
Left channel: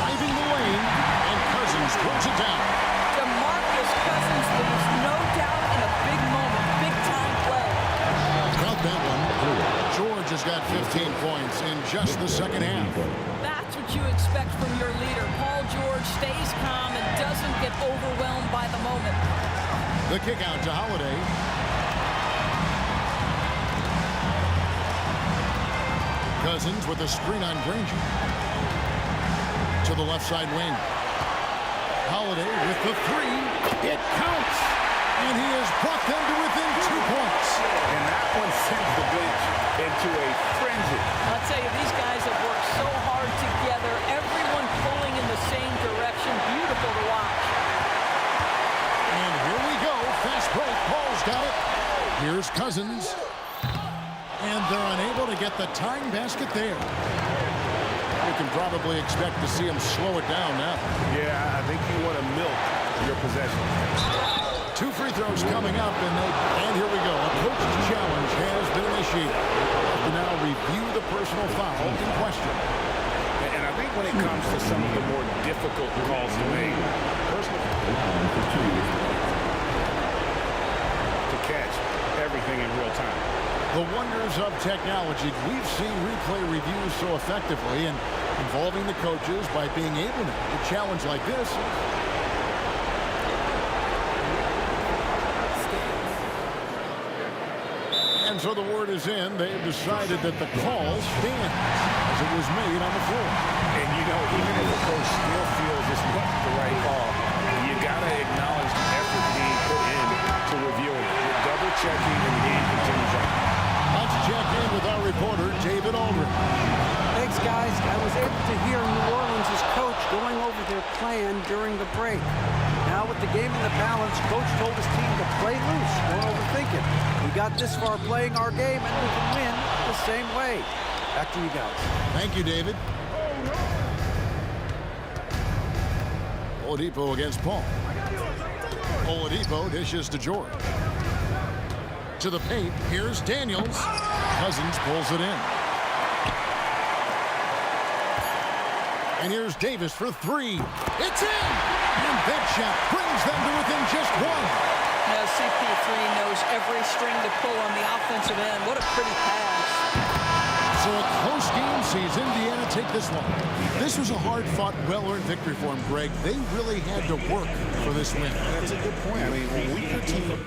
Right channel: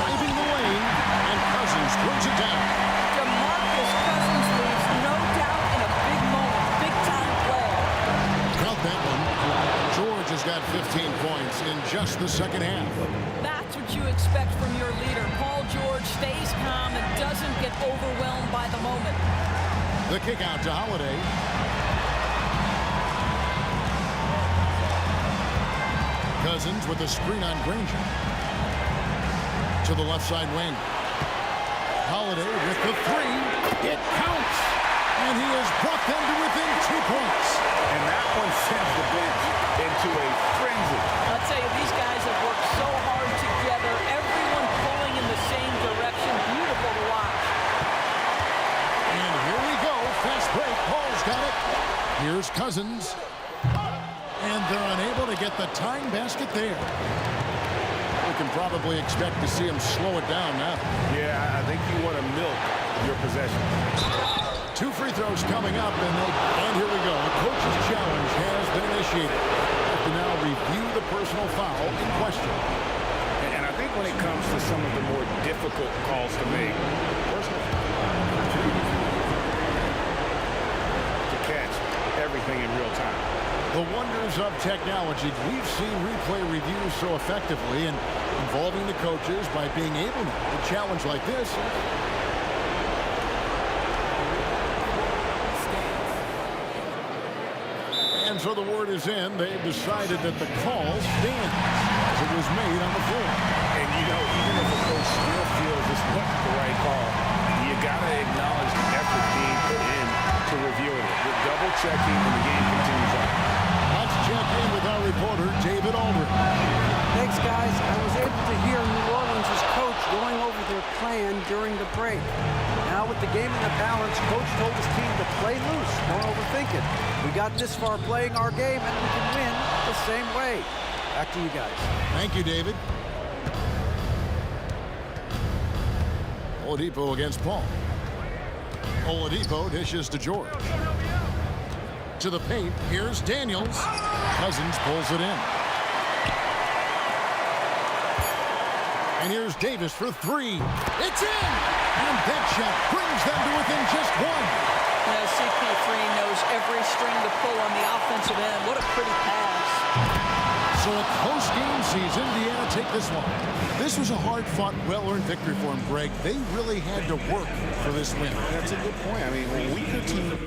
driving the lane, and Cousins throws it down. DeMarcus Cousins leaves no doubt in a big moment. Big-time play. Count that one. George has got 15 points in just the second half. That's what you expect from your leader. Paul George stays calm and doesn't get overwhelmed by the moment. The kick out to Holiday. Cousins with a screen on Granger. To the left side wing. Holiday with the 3. It counts. And he has brought them to within 2 points. And that one sends the bench into a frenzy. I'll tell you, these guys have worked so hard together. Everyone pulling in the same direction. Beautiful to watch. And here we go. Fast break. Paul's got it. Here's Cousins. And they're unable to get the tying basket there. We can probably expect to see him slow it down now. Yeah, I think you want to milk your possession. 2 free throws coming up, and here we go. A coach's challenge has been initiated. Have to now review the personal foul in question. And I think when it comes to some of the more difficult calls to make, personal to catch everything in real time. The wonders of technology. We've seen replay reviews so effectively, and involving the coaches by being able now to challenge like this. And so the word is in. They've decided that the call stands as it was made on the floor. And, you know, even if a coach still feels this wasn't the right call, you got to acknowledge the effort being put in to reviewing it. We're double-checking, and the game continues on. Let's check in with our reporter, David Aldridge. Thanks, guys. I was able to hear New Orleans' coach going over their plan during the break. Now with the game in the balance, coach told his team to play loose. Don't overthink it. We got this far playing our game, and we can win the same way. Back to you guys. Thank you, David. Oladipo against Paul. Oladipo dishes to George. To the paint, here's Daniels. Cousins pulls it in. And here's Davis for 3. It's in! And that shot brings them to within just 1. Now, CP3 knows every string to pull on the offensive end. What a pretty pass. So a close game sees Indiana take this one. This was a hard-fought, well-earned victory for him, Greg. They really had to work for this win. That's a good point. I mean, a weaker team.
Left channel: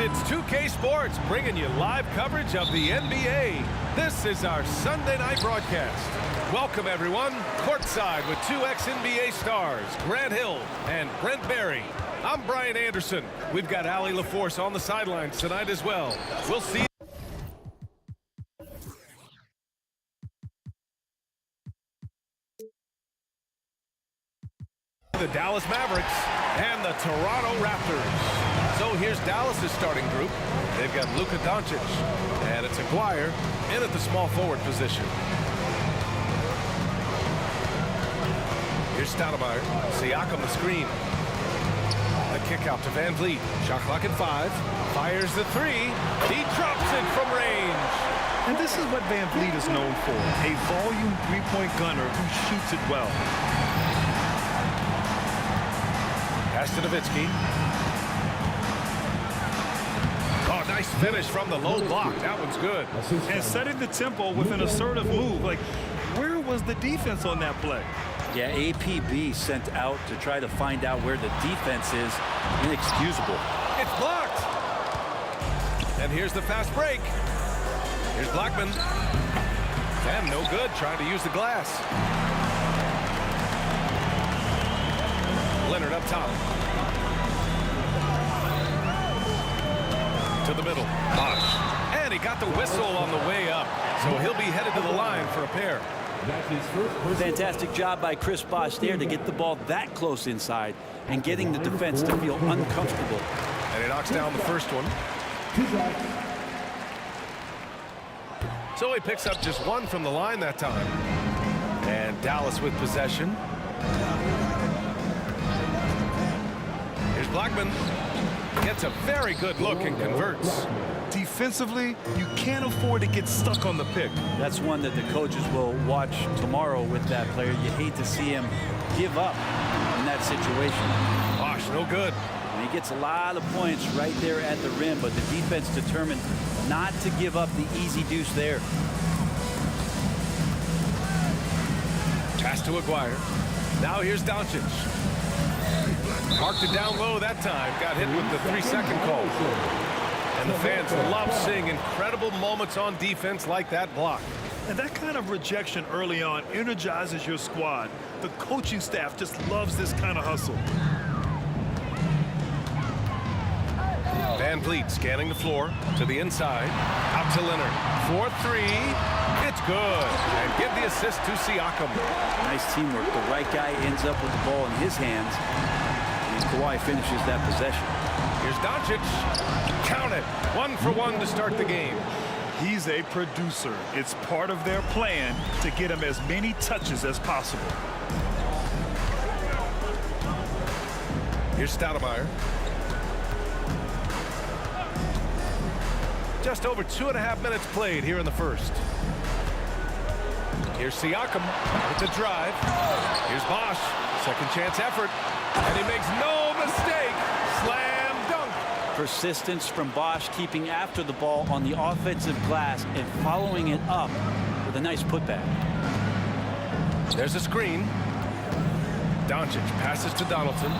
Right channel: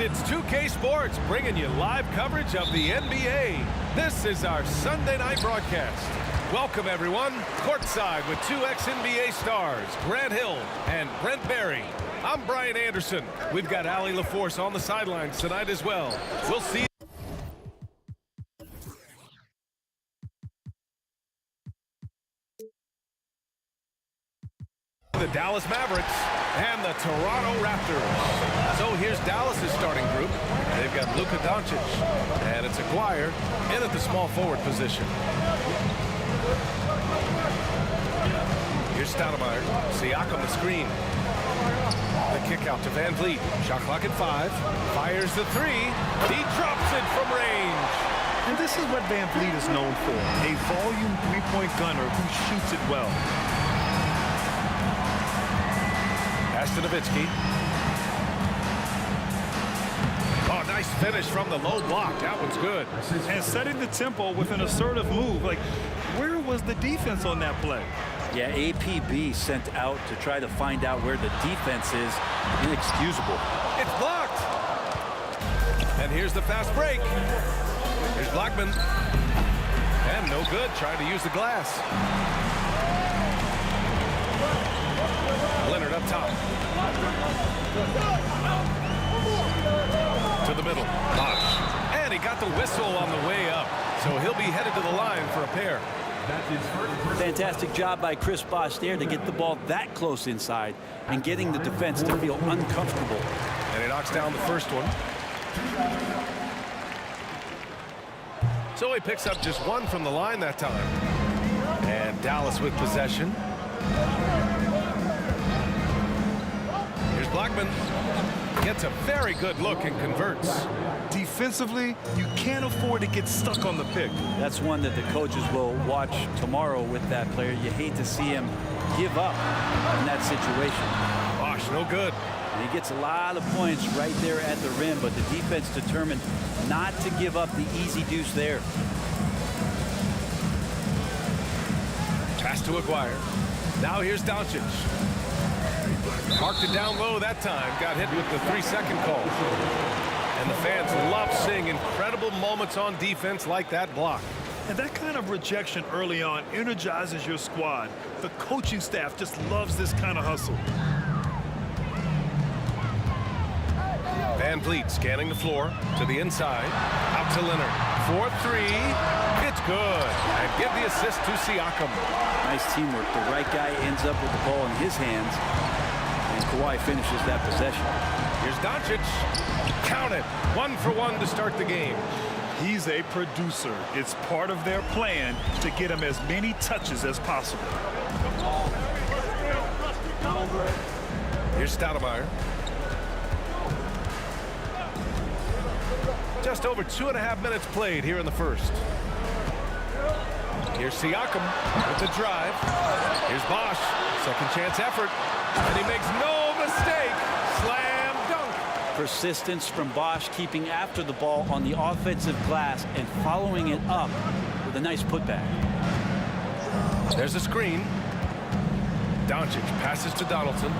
It's 2K Sports bringing you live coverage of the NBA. This is our Sunday night broadcast. Welcome, everyone. Courtside with two ex-NBA stars, Grant Hill and Brent Barry. I'm Brian Anderson. We've got Allie LaForce on the sidelines tonight as well. We'll see you. The Dallas Mavericks and the Toronto Raptors. So here's Dallas's starting group. They've got Luka Doncic, and it's Aguirre in at the small forward position. Here's Stoudemire. Siakam the screen. The kick out to Van Vliet. Shot clock at 5. Fires the 3. He drops it from range. And this is what Van Vliet is known for, a volume three-point gunner who shoots it well. Pass to Nowitzki. Oh, nice finish from the low block. That one's good. And setting the tempo with an assertive move. Like, where was the defense on that play? Yeah, APB sent out to try to find out where the defense is. Inexcusable. It's blocked. And here's the fast break. Here's Blackman. And no good, trying to use the glass. Leonard up top. To the middle. Bosh. And he got the whistle on the way up. So he'll be headed to the line for a pair. That's his first. Fantastic job by Chris Bosh there to get the ball that close inside and getting the defense to feel uncomfortable. And he knocks down the first one. So he picks up just one from the line that time. And Dallas with possession. Here's Blackman. Gets a very good look and converts. Defensively, you can't afford to get stuck on the pick. That's one that the coaches will watch tomorrow with that player. You hate to see him give up in that situation. Bosh, no good. And he gets a lot of points right there at the rim, but the defense determined not to give up the easy deuce there. Pass to Aguirre. Now here's Doncic. Marked it down low that time. Got hit with the 3-second call. And the fans love seeing incredible moments on defense like that block. And that kind of rejection early on energizes your squad. The coaching staff just loves this kind of hustle. Van Vliet scanning the floor to the inside. Out to Leonard. 4-3. It's good. And give the assist to Siakam. Nice teamwork. The right guy ends up with the ball in his hands. And Kawhi finishes that possession. Here's Doncic. Count it. 1 for 1 to start the game. He's a producer. It's part of their plan to get him as many touches as possible. Here's Stoudemire. Just over 2.5 minutes played here in the first. Here's Siakam with the drive. Here's Bosh. Second chance effort. And he makes no mistake. Slam dunk. Persistence from Bosh, keeping after the ball on the offensive glass and following it up with a nice putback. There's a screen. Doncic passes to Donaldson.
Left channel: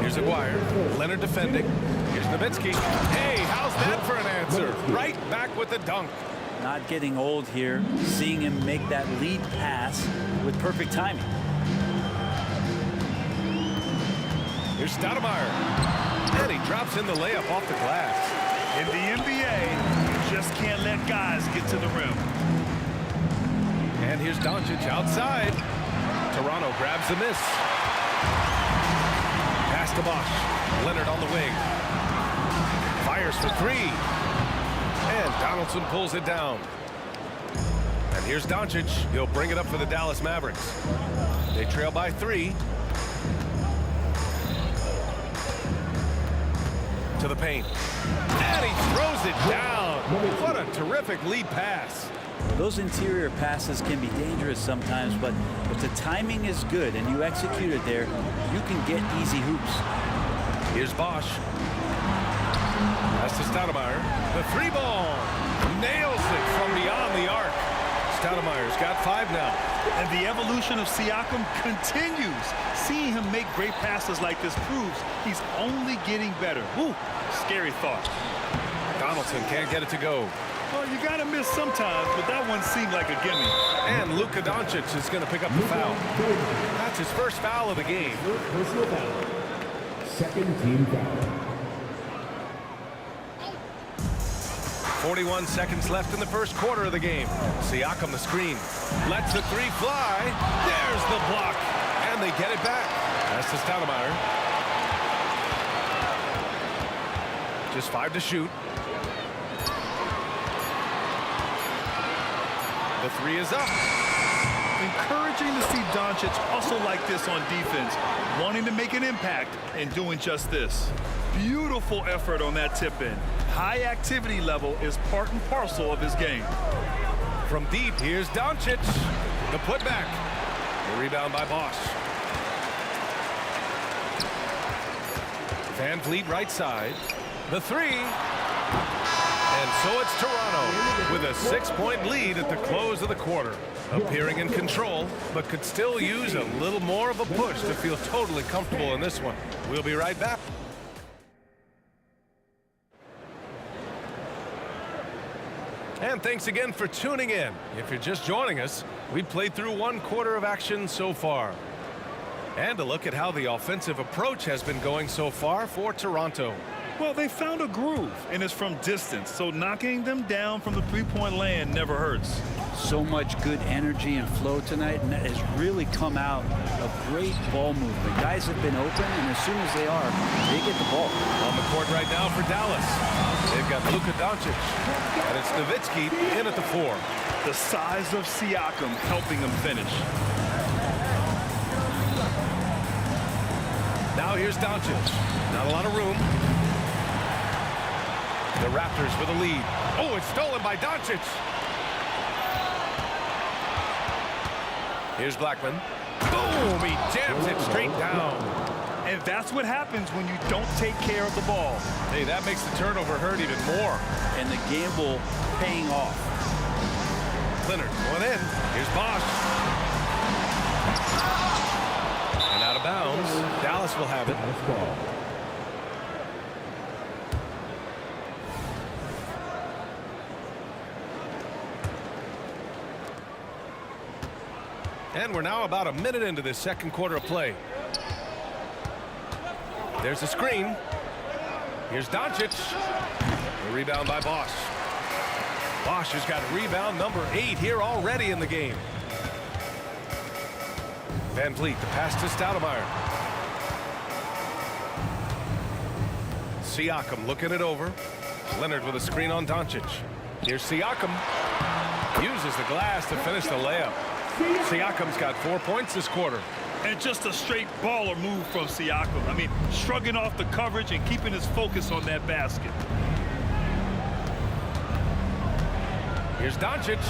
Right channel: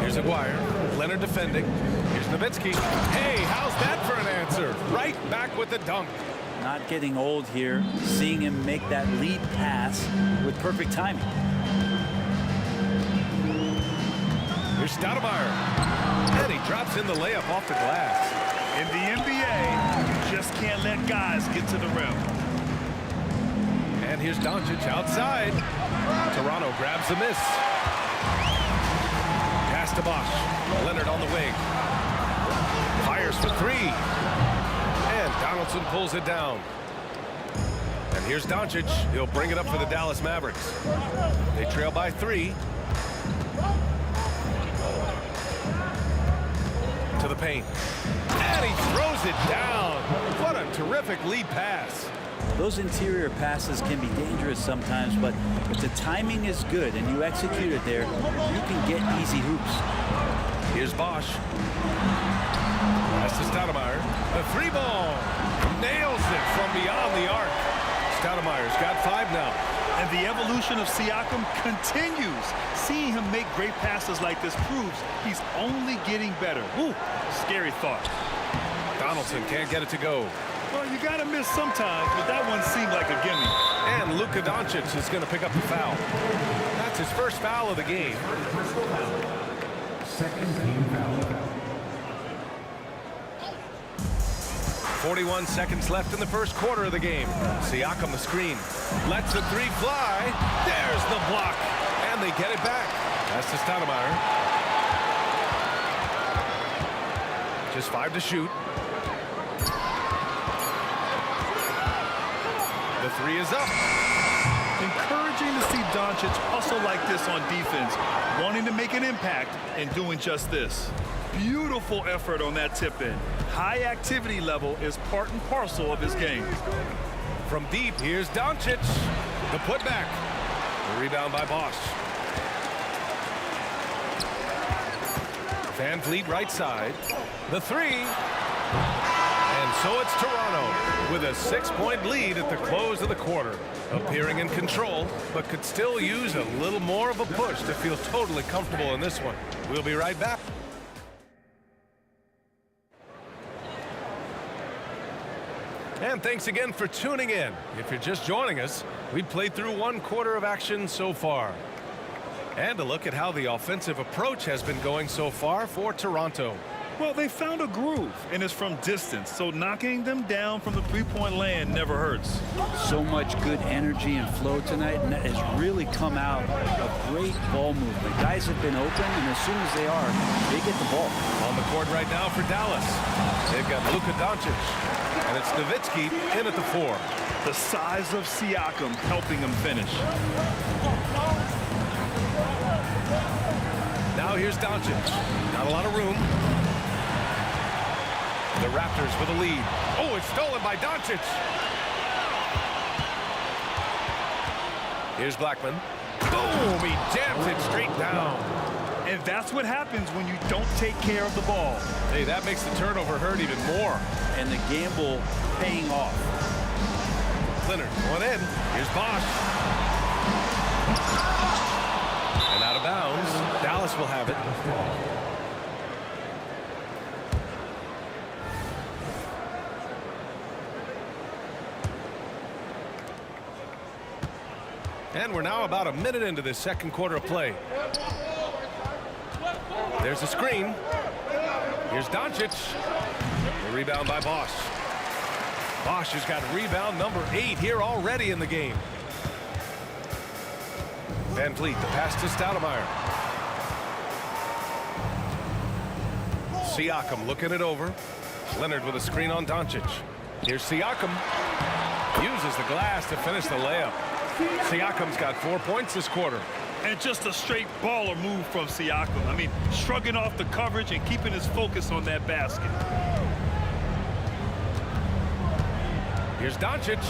Here's Aguirre. Leonard defending. Here's Nowitzki. Hey, how's that for an answer? Right back with the dunk. Not getting old here. Seeing him make that lead pass with perfect timing. Here's Stoudemire. And he drops in the layup off the glass. In the NBA, you just can't let guys get to the rim. And here's Doncic outside. Toronto grabs the miss. Pass to Bosh. Leonard on the wing. Fires for 3. And Donaldson pulls it down. And here's Doncic. He'll bring it up for the Dallas Mavericks. They trail by 3. To the paint. And he throws it down. What a terrific lead pass. Those interior passes can be dangerous sometimes, but if the timing is good and you execute it there, you can get easy hoops. Here's Bosh. Pass to Stoudemire. The 3-ball. Nails it from beyond the arc. Stoudemire's got 5 now. And the evolution of Siakam continues. Seeing him make great passes like this proves he's only getting better. Ooh, scary thought. Donaldson can't get it to go. Well, you got to miss sometimes, but that one seemed like a gimme. And Luka Doncic is going to pick up the foul. That's his first foul of the game. Personal foul. Second team foul. 41 seconds left in the first quarter of the game. Siakam the screen. Lets the 3 fly. There's the block. And they get it back. That's to Stoudemire. Just 5 to shoot. The 3 is up. Encouraging to see Doncic hustle like this on defense, wanting to make an impact and doing just this. Beautiful effort on that tip-in. High activity level is part and parcel of his game. From deep, here's Doncic. The putback. The rebound by Bosch. Van Vliet right side. The 3. And so it's Toronto with a 6-point lead at the close of the quarter. Appearing in control, but could still use a little more of a push to feel totally comfortable in this one. We'll be right back. And thanks again for tuning in. If you're just joining us, we've played through 1 quarter of action so far. And a look at how the offensive approach has been going so far for Toronto. Well, they found a groove, and it's from distance, so knocking them down from the three-point land never hurts. So much good energy and flow tonight, and that has really come out of great ball movement. Guys have been open, and as soon as they are, they get the ball. On the court right now for Dallas. They've got Luka Doncic, and it's Nowitzki in at the 4. The size of Siakam helping him finish. Now here's Doncic. Not a lot of room. The Raptors with a lead. Oh, it's stolen by Doncic. Here's Blackman. Boom! He jams it straight down. And that's what happens when you don't take care of the ball. Hey, that makes the turnover hurt even more. And the gamble paying off. Leonard going in. Here's Bosch. And out of bounds. Dallas will have it. And we're now about a minute into this second quarter of play. There's a screen. Here's Doncic. The rebound by Bosch. Bosch has got rebound number 8 here already in the game. Van Vliet, the pass to Stoudemire. Siakam looking it over. Leonard with a screen on Doncic. Here's Siakam. Uses the glass to finish the layup. Siakam's got 4 points this quarter. And just a straight baller move from Siakam. I mean, shrugging off the coverage and keeping his focus on that basket. Here's Doncic.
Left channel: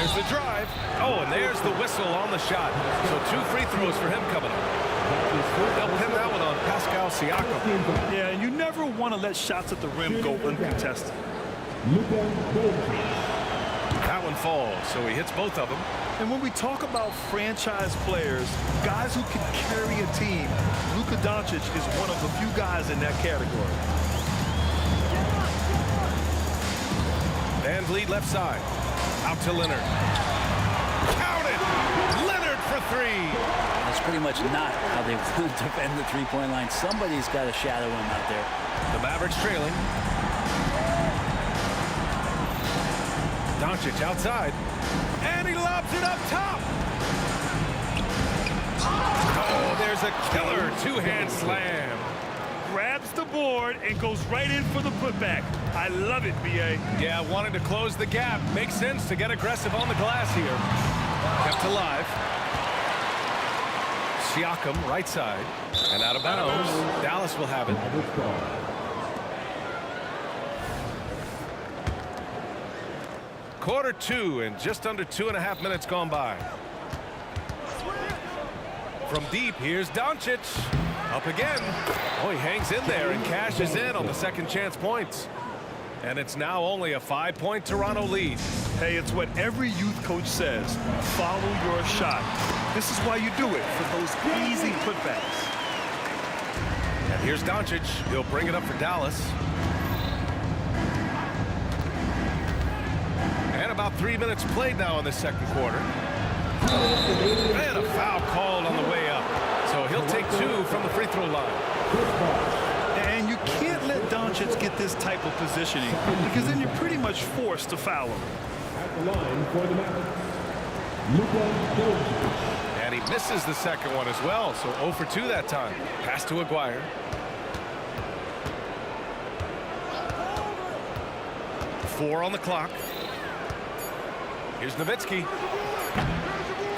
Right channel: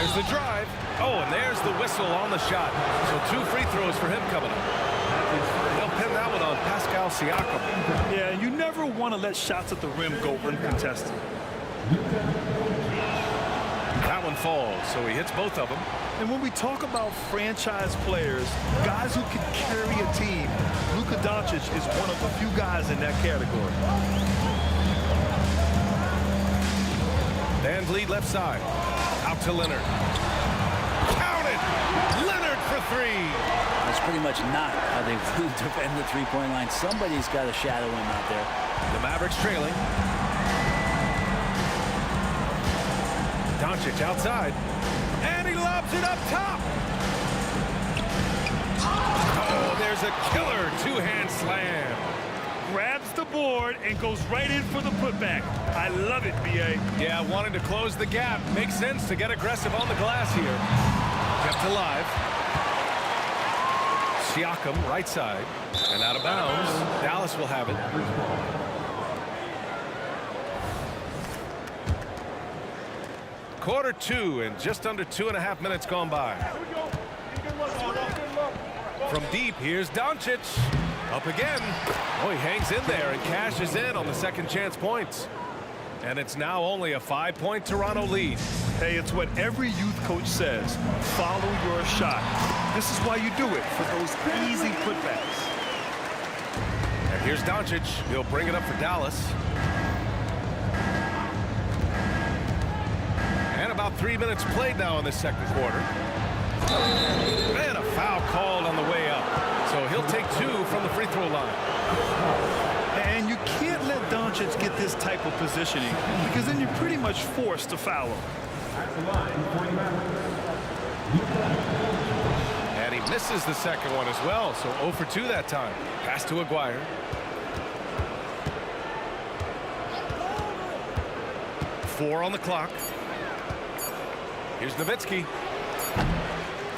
There's the drive. Oh, and there's the whistle on the shot. So 2 free throws for him coming up. They'll pin that one on Pascal Siakam. Yeah, and you never want to let shots at the rim go uncontested. That one falls, so he hits both of them. And when we talk about franchise players, guys who can carry a team, Luka Doncic is one of the few guys in that category. Van Vliet left side. Out to Leonard. Count it! Leonard for 3. That's pretty much not how they want to defend the three-point line. Somebody's got to shadow him out there. The Mavericks trailing. Doncic outside. And he lobs it up top. Oh, there's a killer 2-hand slam. Grabs the board and goes right in for the putback. I love it, B.A. Yeah, wanting to close the gap. Makes sense to get aggressive on the glass here. Kept alive. Siakam, right side. And out of bounds. Dallas will have it. Quarter 2 and just under 2.5 minutes gone by. From deep, here's Doncic. Up again. Oh, he hangs in there and cashes in on the second chance points. And it's now only a 5-point Toronto lead. Hey, it's what every youth coach says. Follow your shot. This is why you do it, for those easy putbacks. And here's Doncic. He'll bring it up for Dallas. And about 3 minutes played now in the second quarter. And a foul called on the way up. So he'll take 2 from the free throw line. And you can't let Doncic get this type of positioning, because then you're pretty much forced to foul him. At the line for the Mavericks, Luka Doncic. And he misses the second one as well. So 0 for 2 that time. Pass to Aguirre. Four on the clock. Here's Nowitzki.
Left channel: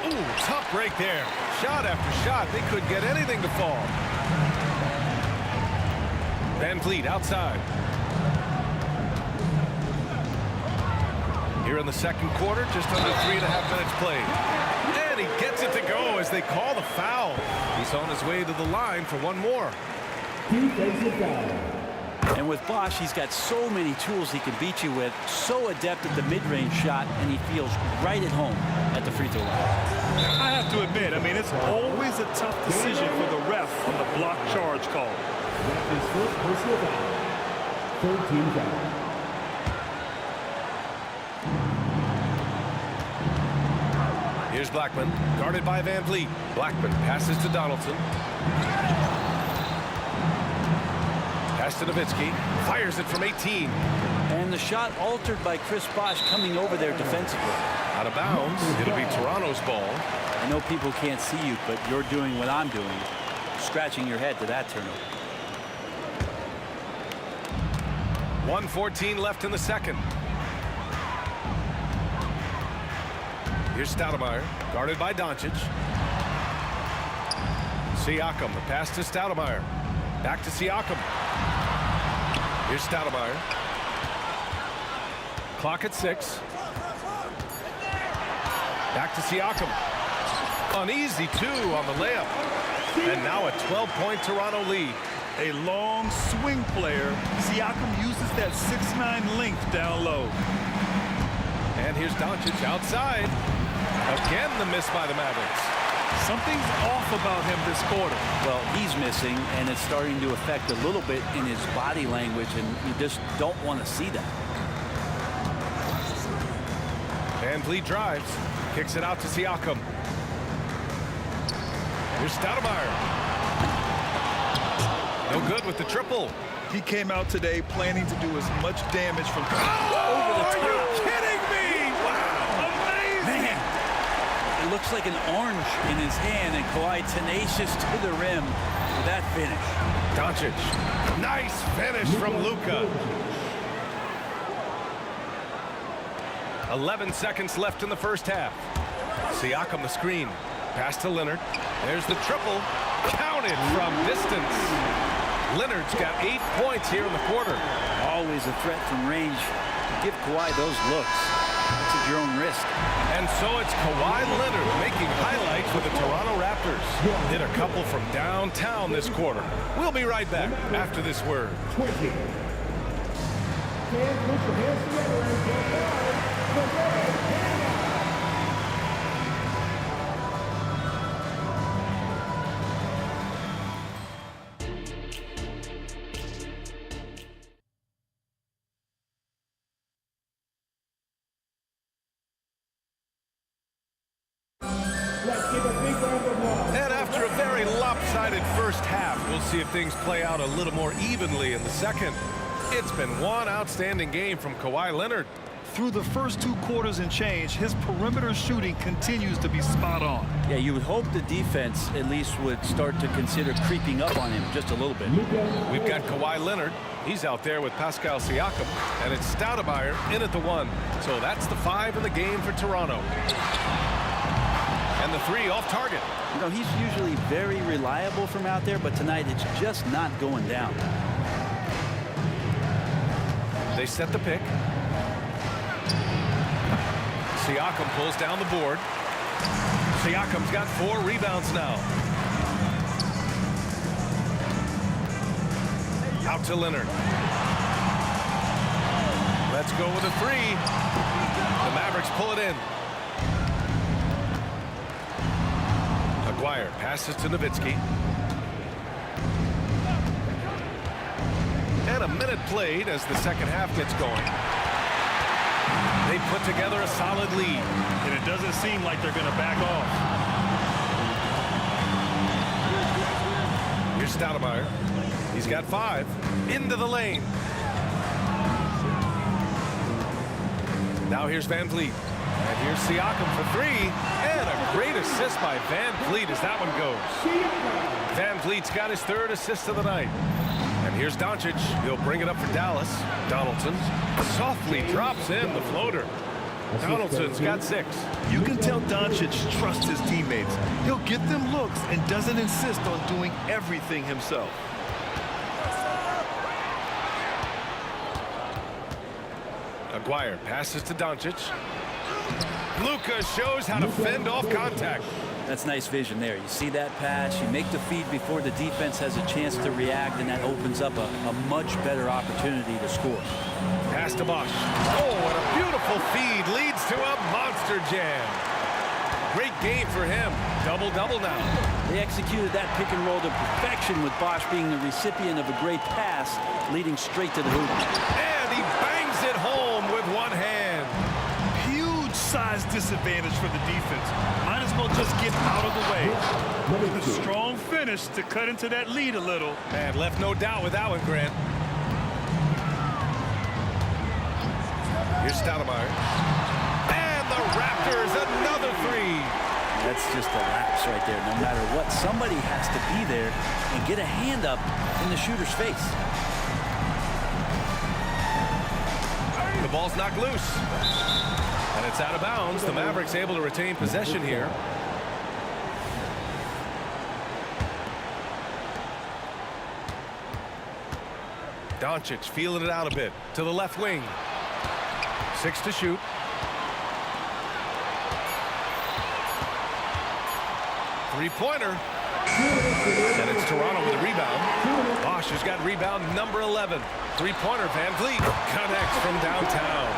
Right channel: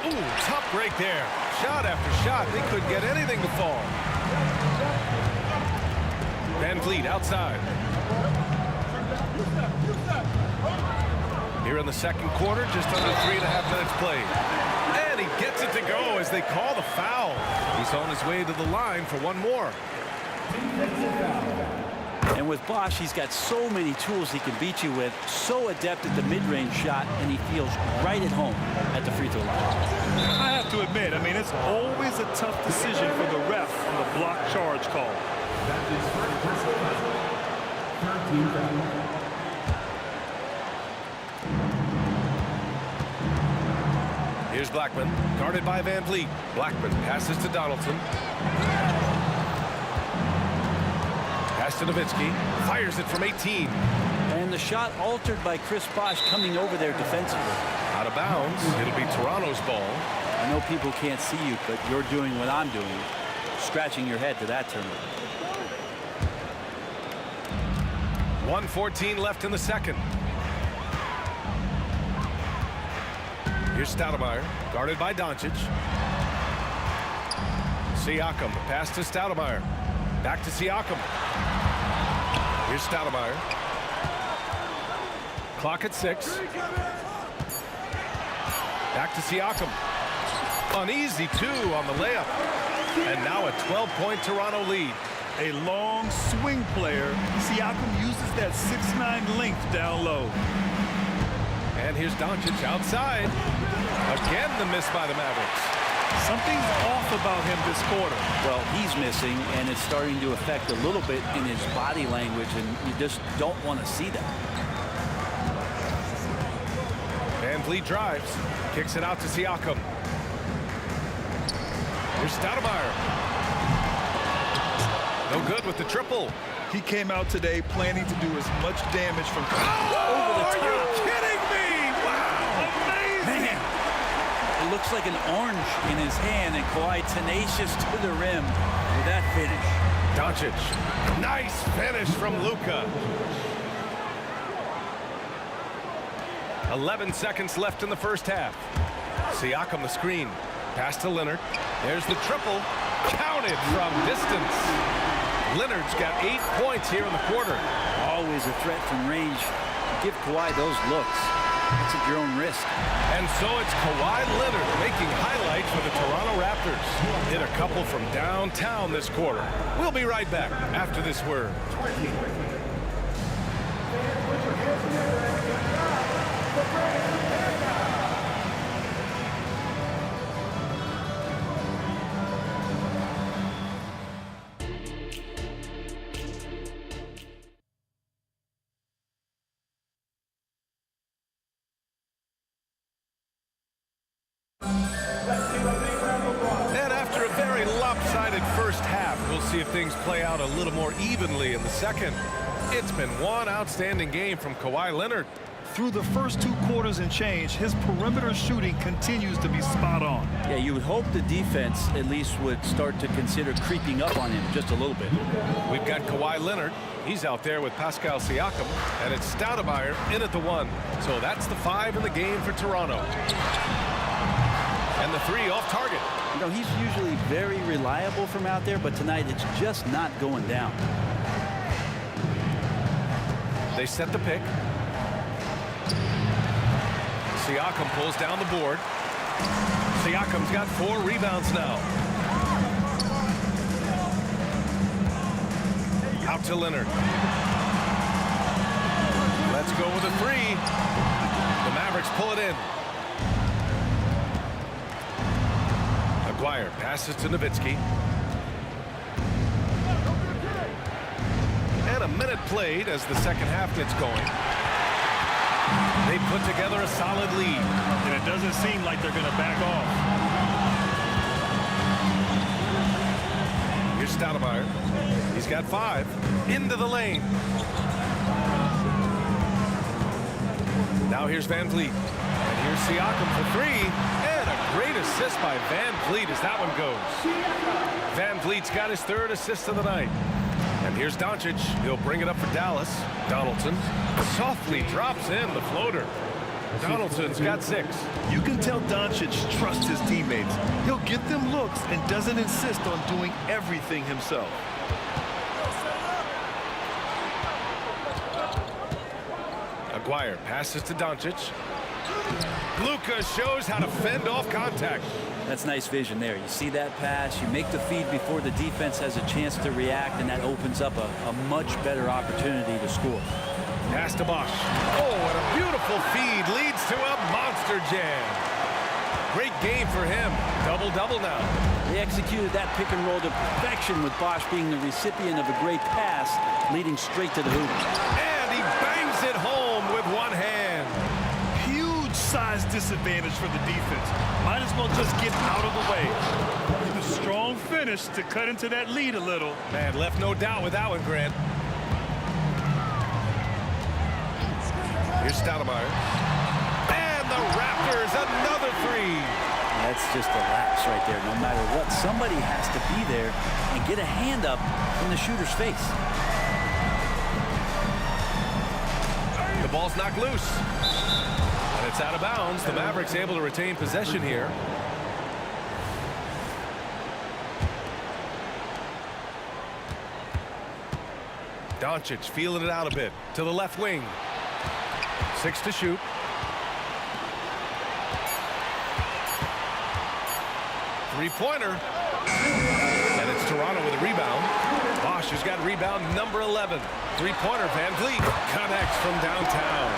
Ooh, tough break there. Shot after shot. They couldn't get anything to fall. Van Vliet outside. Here in the second quarter, just under 3.5 minutes played. And he gets it to go as they call the foul. He's on his way to the line for one more. Defensive foul. And with Bosch, he's got so many tools he can beat you with. So adept at the mid-range shot, and he feels right at home at the free throw line. I have to admit, it's always a tough decision for the ref on the block charge call. That's his first personal foul. Third team foul. Here's Blackman, guarded by Van Vliet. Blackman passes to Donaldson. Pass to Nowitzki. Fires it from 18. And the shot altered by Chris Bosh coming over there defensively. Out of bounds. It'll be Toronto's ball. I know people can't see you, but you're doing what I'm doing. Scratching your head to that turnover. 1:14 left in the second. Here's Stoudemire, guarded by Doncic. Siakam, the pass to Stoudemire. Back to Siakam. Here's Stoudemire. Clock at 6. Back to Siakam. An easy 2 on the layup. And now a 12-point Toronto lead. A long swing player. Siakam uses that 6'9" length down low. And here's Doncic outside. Again, the miss by the Mavericks. Something's off about him this quarter. Well, he's missing, and it's starting to affect a little bit in his body language, and you just don't want to see that. Van Vliet drives. Kicks it out to Siakam. Here's Stoudemire. No good with the triple. He came out today planning to do as much damage from over the top. Are you kidding me? Wow. Amazing. Man, it looks like an orange in his hand, and Kawhi tenacious to the rim with that finish. Doncic. Nice finish from Luka. 11 seconds left in the first half. Siakam the screen. Pass to Leonard. There's the triple. Counted from distance. Leonard's got 8 points here in the quarter. Always a threat from range. Give Kawhi those looks. That's at your own risk. And so it's Kawhi Leonard making highlights with the Toronto Raptors. Hit a couple from downtown this quarter. We'll be right back after this word. 20. And put your hands together and get back. And after a very lopsided first half, we'll see if things play out a little more evenly in the second. It's been one outstanding game from Kawhi Leonard. Through the first 2 quarters and change, his perimeter shooting continues to be spot on. Yeah, you would hope the defense at least would start to consider creeping up on him just a little bit. We've got Kawhi Leonard. He's out there with Pascal Siakam, and it's Stoudemire in at the 1. So that's the 5 in the game for Toronto. And the 3 off target. You know, he's usually very reliable from out there, but tonight it's just not going down. They set the pick. Siakam pulls down the board. Siakam's got 4 rebounds now. Out to Leonard. Let's go with a three. The Mavericks pull it in. Aguirre passes to Nowitzki. And a minute played as the second half gets going. They put together a solid lead. And it doesn't seem like they're going to back off. Here's Stoudemire. He's got 5. Into the lane. Now here's Van Vliet. And here's Siakam for 3. And a great assist by Van Vliet as that one goes. Van Vliet's got his 3rd assist of the night. And here's Doncic. He'll bring it up for Dallas. Donaldson softly drops in the floater. Donaldson's got 6. You can tell Doncic trusts his teammates. He'll get them looks and doesn't insist on doing everything himself. Aguirre passes to Doncic. Luka shows how to fend off contact. That's nice vision there. You see that pass, you make the feed before the defense has a chance to react, and that opens up a much better opportunity to score. Pass to Bosch. Oh, and a beautiful feed leads to a monster jam. Great game for him. Double-double now. They executed that pick and roll to perfection, with Bosch being the recipient of a great pass leading straight to the hoop. And he bangs it home with one hand. Huge size disadvantage for the defense. Might as well just get out of the way. A strong finish to cut into that lead a little. Man, left no doubt with that one, Grant. Here's Stoudemire. And the Raptors, another 3. That's just a lapse right there. No matter what, somebody has to be there and get a hand up in the shooter's face. The ball's knocked loose. And it's out of bounds. The Mavericks able to retain possession here. Doncic feeling it out a bit to the left wing. 6 to shoot. Three-pointer. And it's Toronto with a rebound. Bosch has got rebound number 11. Three-pointer. Van Vliet connects from downtown.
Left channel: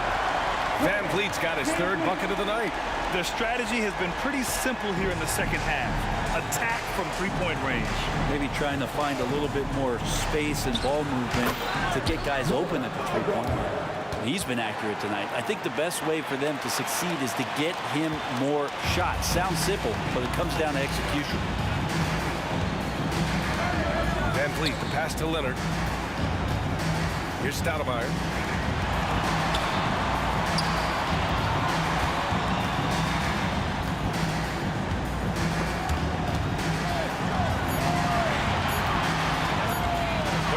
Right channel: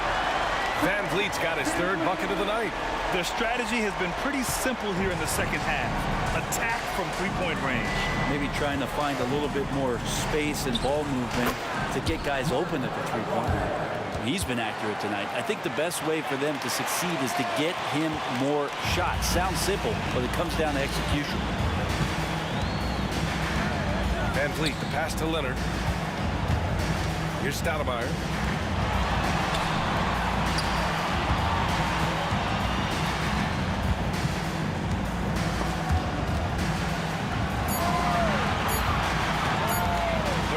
Van Vliet's got his 3rd bucket of the night. Their strategy has been pretty simple here in the second half. Attack from three-point range. Maybe trying to find a little bit more space and ball movement to get guys open at the three-point line. He's been accurate tonight. I think the best way for them to succeed is to get him more shots. Sounds simple, but it comes down to execution. Van Vliet, the pass to Leonard. Here's Stoudemire.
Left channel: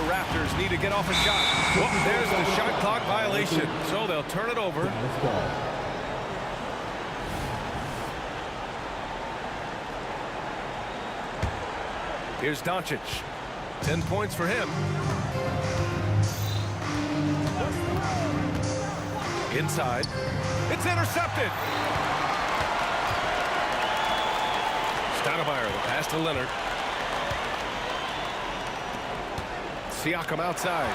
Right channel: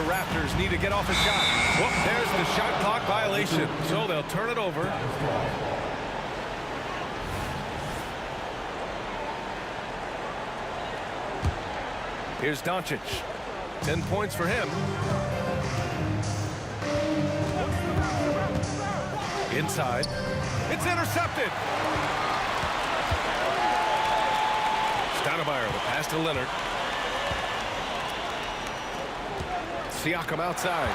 Raptors need to get off a shot. Whoop, there's the shot clock violation. So they'll turn it over. Here's Doncic. 10 points for him. Inside. It's intercepted. Stoudemire, the pass to Leonard. Siakam outside.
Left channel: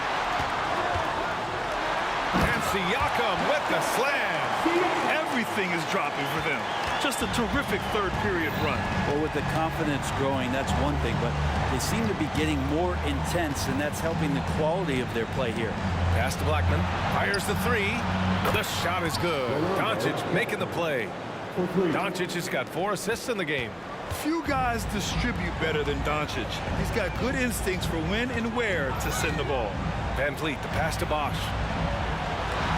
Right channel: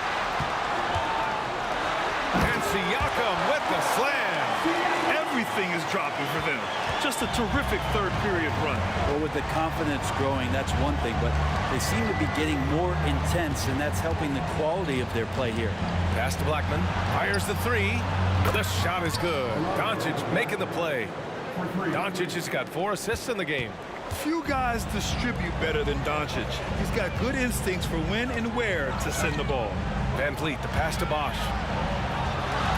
And Siakam with the slam. Everything is dropping for them. Just a terrific third-period run. Well, with the confidence growing, that's one thing, but they seem to be getting more intense, and that's helping the quality of their play here. Pass to Blackman. Fires the 3. The shot is good. Doncic making the play. Doncic has got 4 assists in the game. Few guys distribute better than Doncic. He's got good instincts for when and where to send the ball. Van Vliet, the pass to Bosch.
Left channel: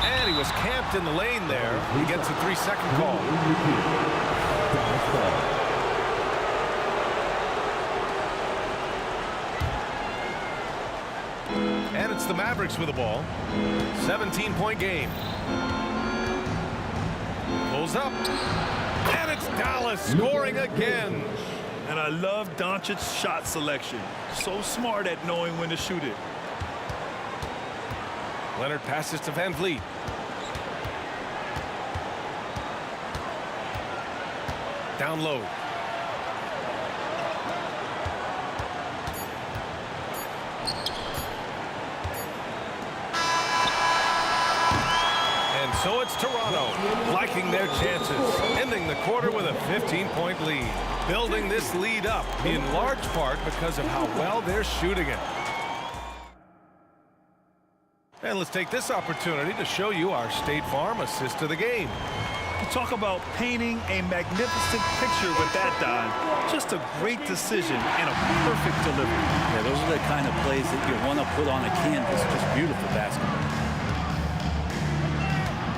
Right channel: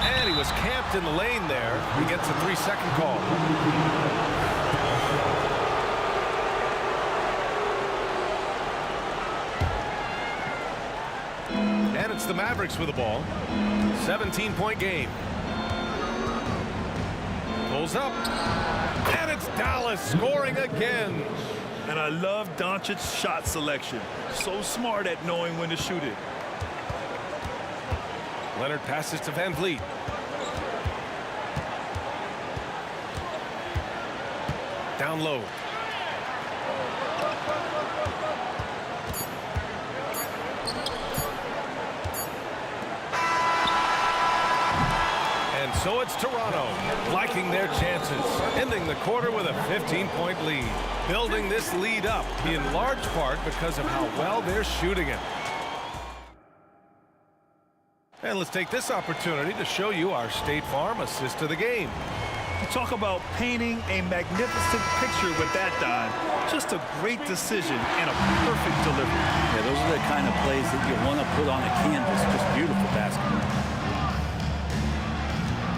And he was camped in the lane there. He gets a 3-second call. And it's the Mavericks with the ball. 17-point game. Pulls up. And it's Dallas scoring again. And I love Doncic's shot selection. So smart at knowing when to shoot it. Leonard passes to Van Vliet. Down low. And so it's Toronto liking their chances, ending the quarter with a 15-point lead, building this lead up in large part because of how well they're shooting it. And let's take this opportunity to show you our State Farm assist to the game. Talk about painting a magnificent picture with that dime. Just a great decision and a perfect delivery. Yeah, those are the kind of plays that you want to put on a canvas. Just beautiful basketball.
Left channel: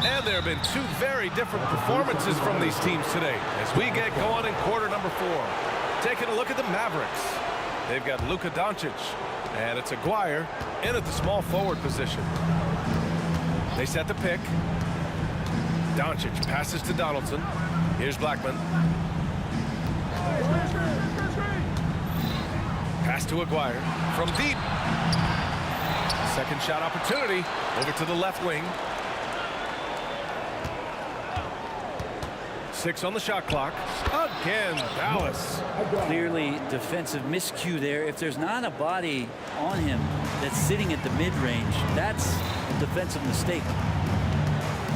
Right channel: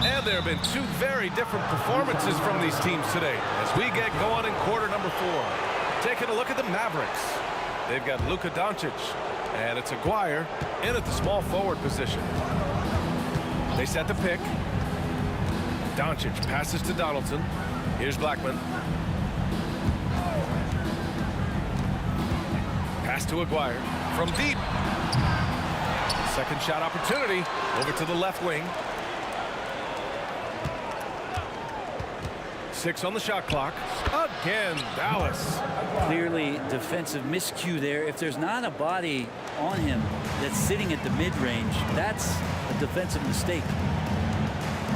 And there have been two very different performances from these teams today as we get going in quarter number 4. Taking a look at the Mavericks. They've got Luka Doncic, and it's Aguirre in at the small forward position. They set the pick. Doncic passes to Donaldson. Here's Blackman. Pass to Aguirre from deep. Second shot opportunity over to the left wing. 6 on the shot clock. Again, Dallas. Clearly defensive miscue there. If there's not a body on him that's sitting at the mid-range, that's a defensive mistake.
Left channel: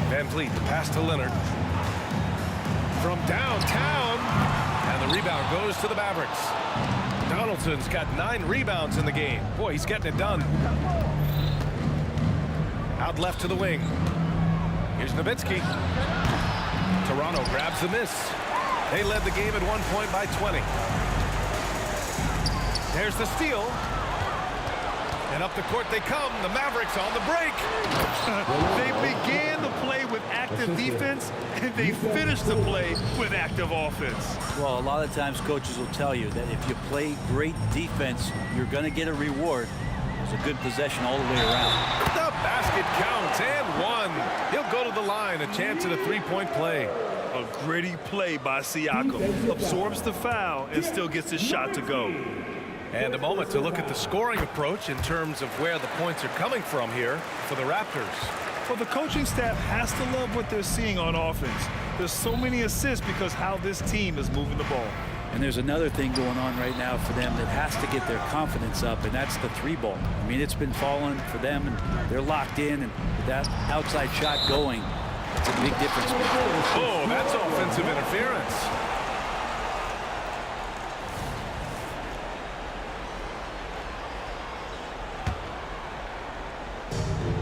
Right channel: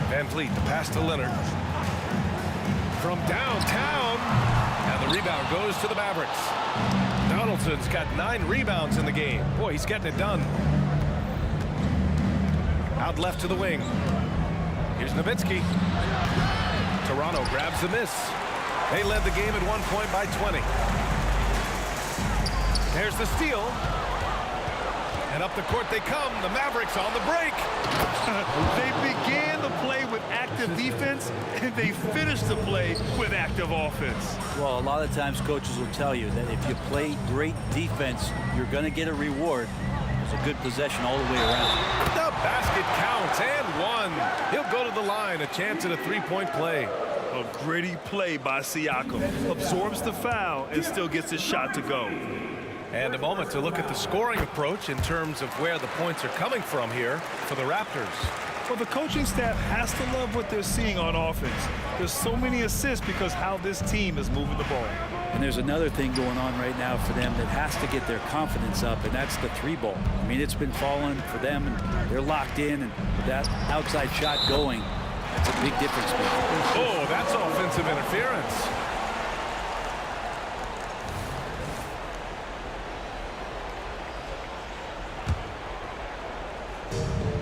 Van Vliet, the pass to Leonard. From downtown. And the rebound goes to the Mavericks. Donaldson's got 9 rebounds in the game. Boy, he's getting it done. Out left to the wing. Here's Nowitzki. Toronto grabs the miss. They led the game at one point by 20. There's the steal. And up the court they come. The Mavericks on the break. They began the play with active defense, and they finished the play with active offense. Well, a lot of times coaches will tell you that if you play great defense, you're going to get a reward. There's a good possession all the way around. The basket counts and one. He'll go to the line. A chance at a three-point play. A gritty play by Siakam. Absorbs the foul and still gets his shot to go. And a moment to look at the scoring approach in terms of where the points are coming from here for the Raptors. Well, the coaching staff has to love what they're seeing on offense. There's so many assists because how this team is moving the ball. And there's another thing going on right now for them that has to get their confidence up, and that's the 3-ball. I mean, it's been falling for them, and they're locked in, and with that outside shot going, it's a big difference maker. Oh, that's offensive interference.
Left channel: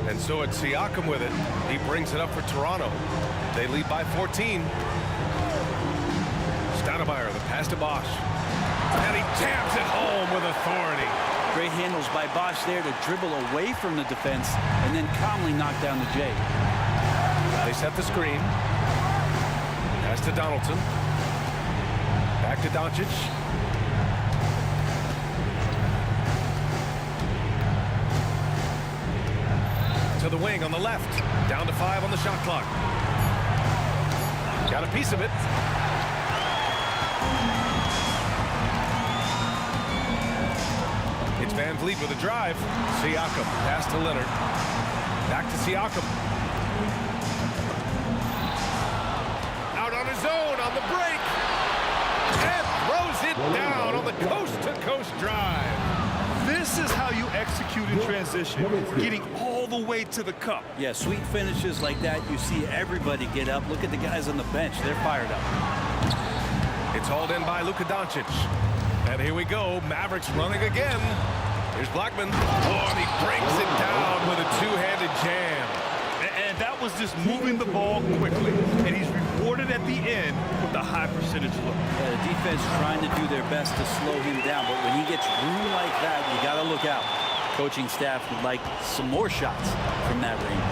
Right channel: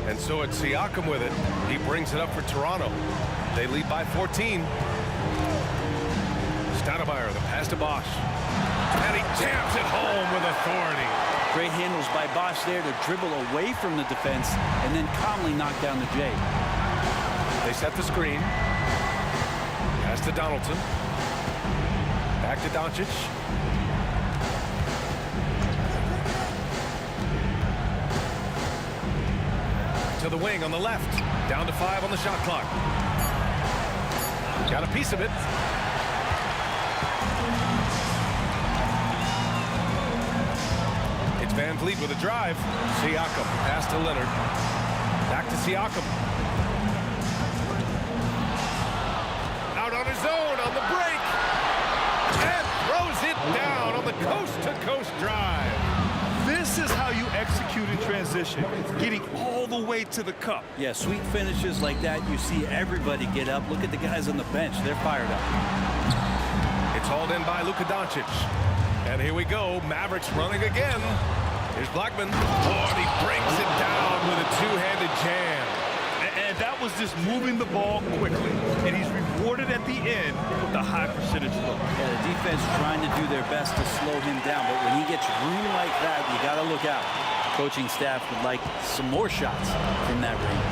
And so it's Siakam with it. He brings it up for Toronto. They lead by 14. Stoudemire, the pass to Bosch. And he jams it home with authority. Great handles by Bosch there to dribble away from the defense and then calmly knock down the J. They set the screen. Pass to Donaldson. Back to Doncic. To the wing on the left. Down to 5 on the shot clock. Got a piece of it. It's Van Vliet with a drive. Siakam, pass to Leonard. Back to Siakam. Out on his own on the break. And throws it down on the coast-to-coast drive. This is how you execute in transition, getting all the way to the cup. Yeah, sweet finishes like that, you see everybody get up. Look at the guys on the bench. They're fired up. It's hauled in by Luka Doncic. And here we go. Mavericks running again. Here's Blackman. Oh, and he brings it down with a two-handed jam. And that was just moving the ball quickly. And he's rewarded at the end with a high percentage look. Yeah, the defense trying to do their best to slow him down. But when he gets room like that, you got to look out. Coaching staff would like some more shots from that range.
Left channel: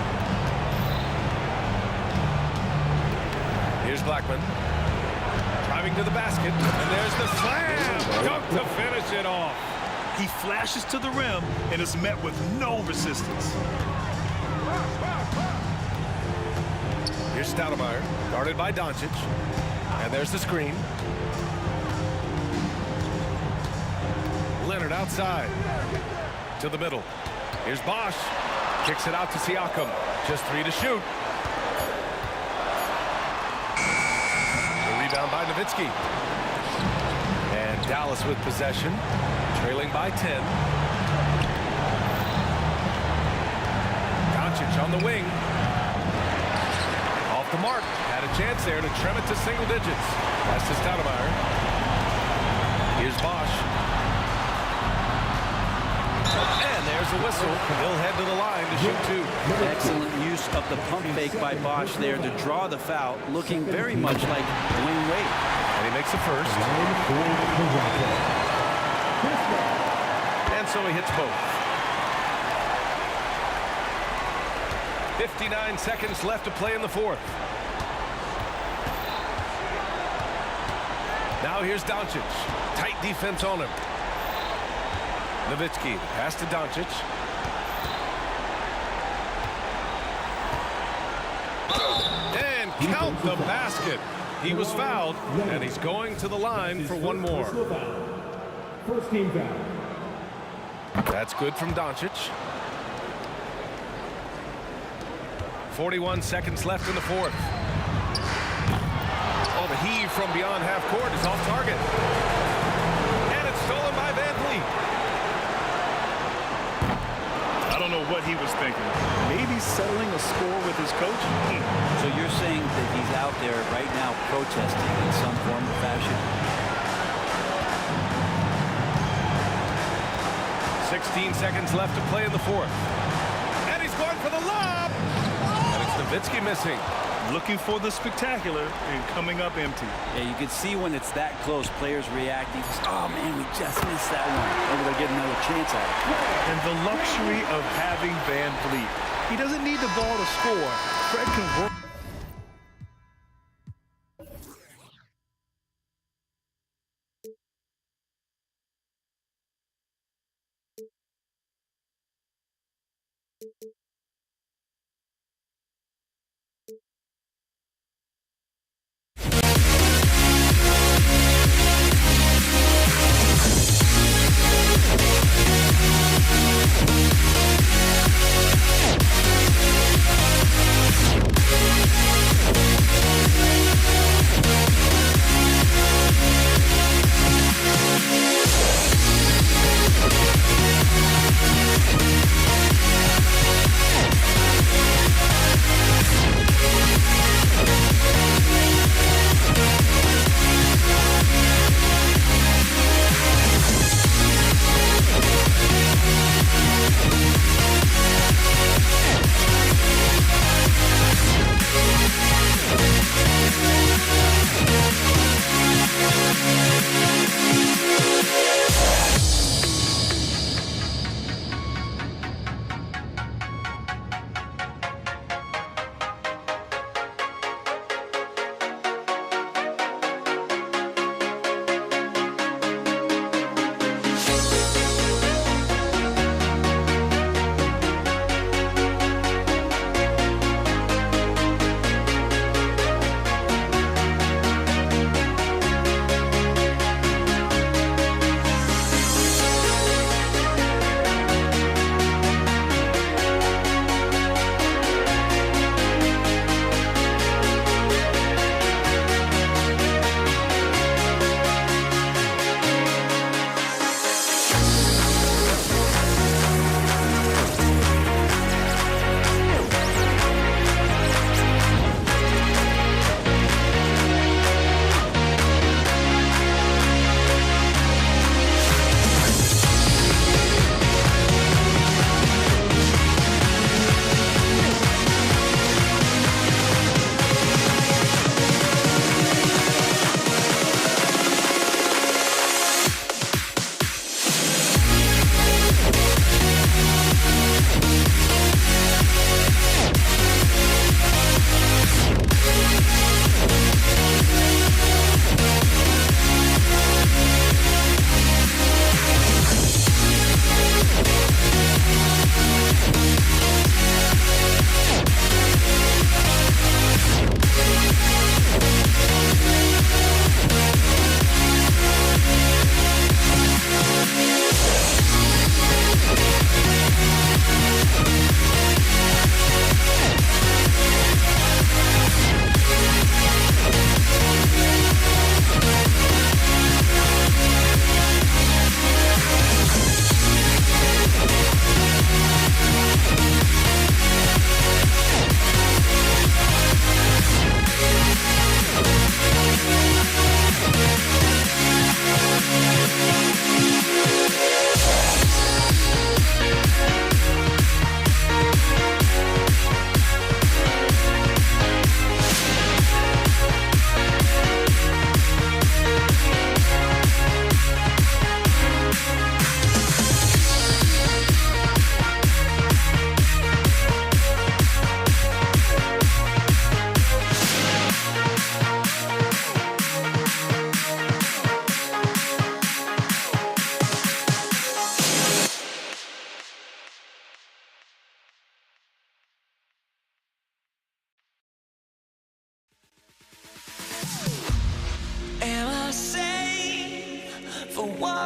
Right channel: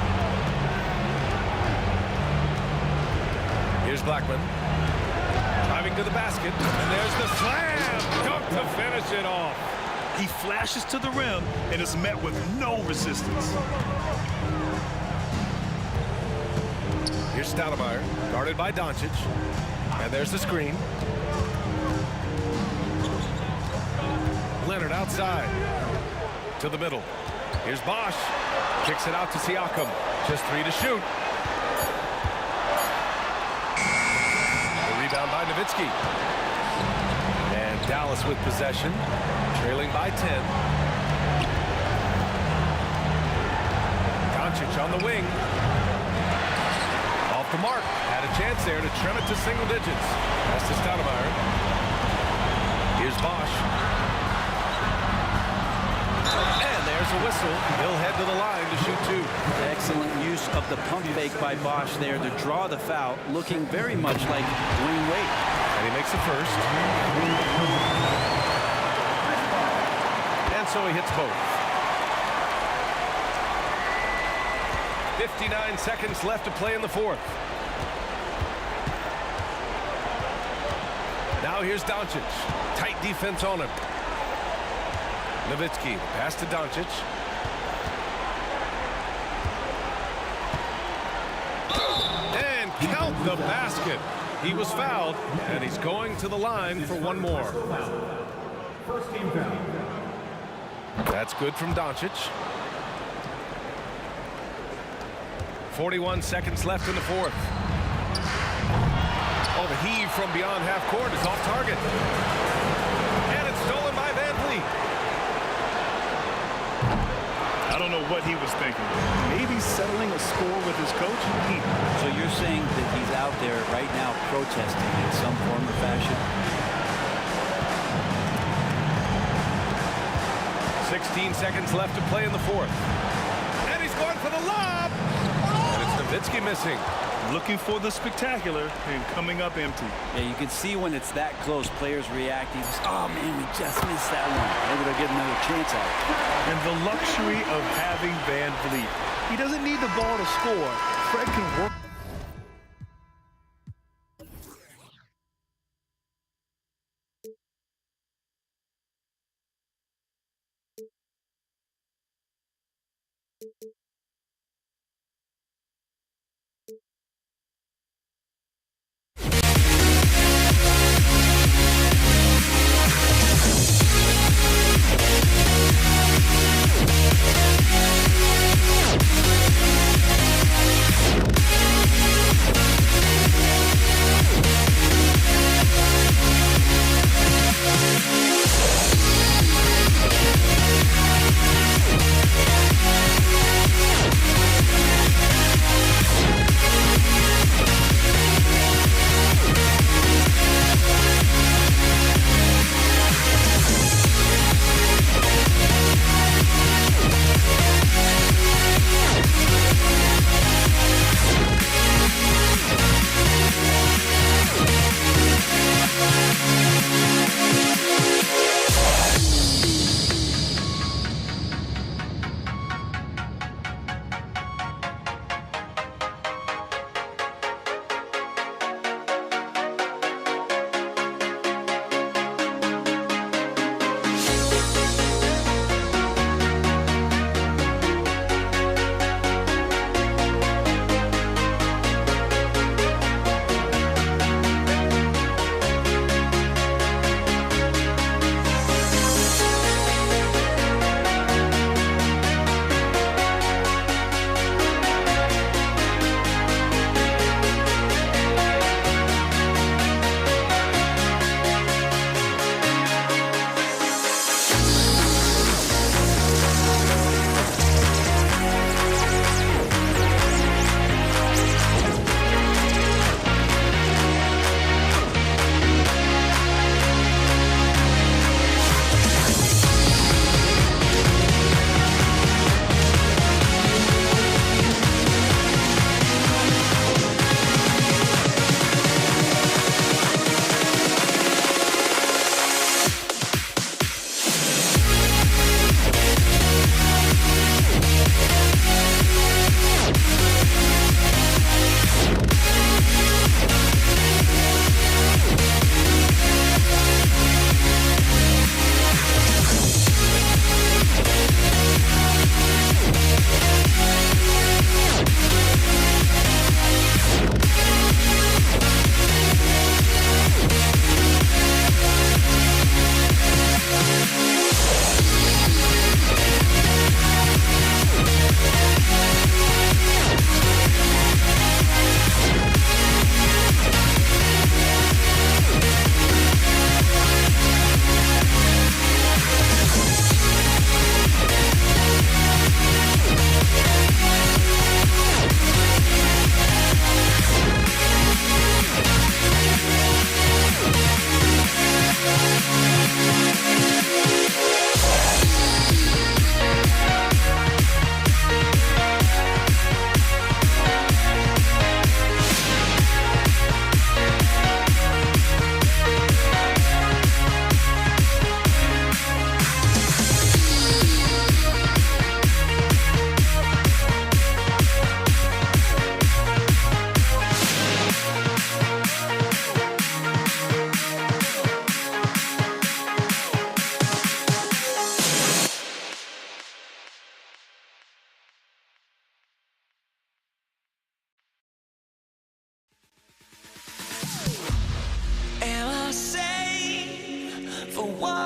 Here's Blackman. Driving to the basket. And there's the slam. Dunk to finish it off. He flashes to the rim and is met with no resistance. Here's Stoudemire, guarded by Doncic. And there's the screen. Leonard outside. To the middle. Here's Bosch. Kicks it out to Siakam. Just 3 to shoot. The rebound by Nowitzki. And Dallas with possession. Trailing by 10. Doncic on the wing. off the mark. Had a chance there to trim it to single digits. That's to Stoudemire. Here's Bosch. And there's a whistle. He'll head to the line to shoot 2. Excellent use of the pump fake by Bosch there to draw the foul, looking very much like Dwayne Wade. And he makes the first. And so he hits both. 59 seconds left to play in the fourth. Now here's Doncic. Tight defense on him. Nowitzki, pass to Doncic. And count the basket. He was fouled, and he's going to the line for one more. First team foul. That's good from Doncic. 41 seconds left in the fourth. Oh, the heave from beyond half court is off target. And it's stolen by Van Vliet. I don't know what he was thinking. Maybe settling a score with his coach? So you're saying that he's out there right now protesting in some form or fashion? 16 seconds left to play in the fourth. And he's going for the lob. And it's Nowitzki missing. Looking for the spectacular and coming up empty. Yeah, you can see when it's that close, players reacting. Oh, man, we just missed that one. Maybe they'll get another chance at it. And the luxury of having Van Vliet. He doesn't need the ball to score. Fred can work.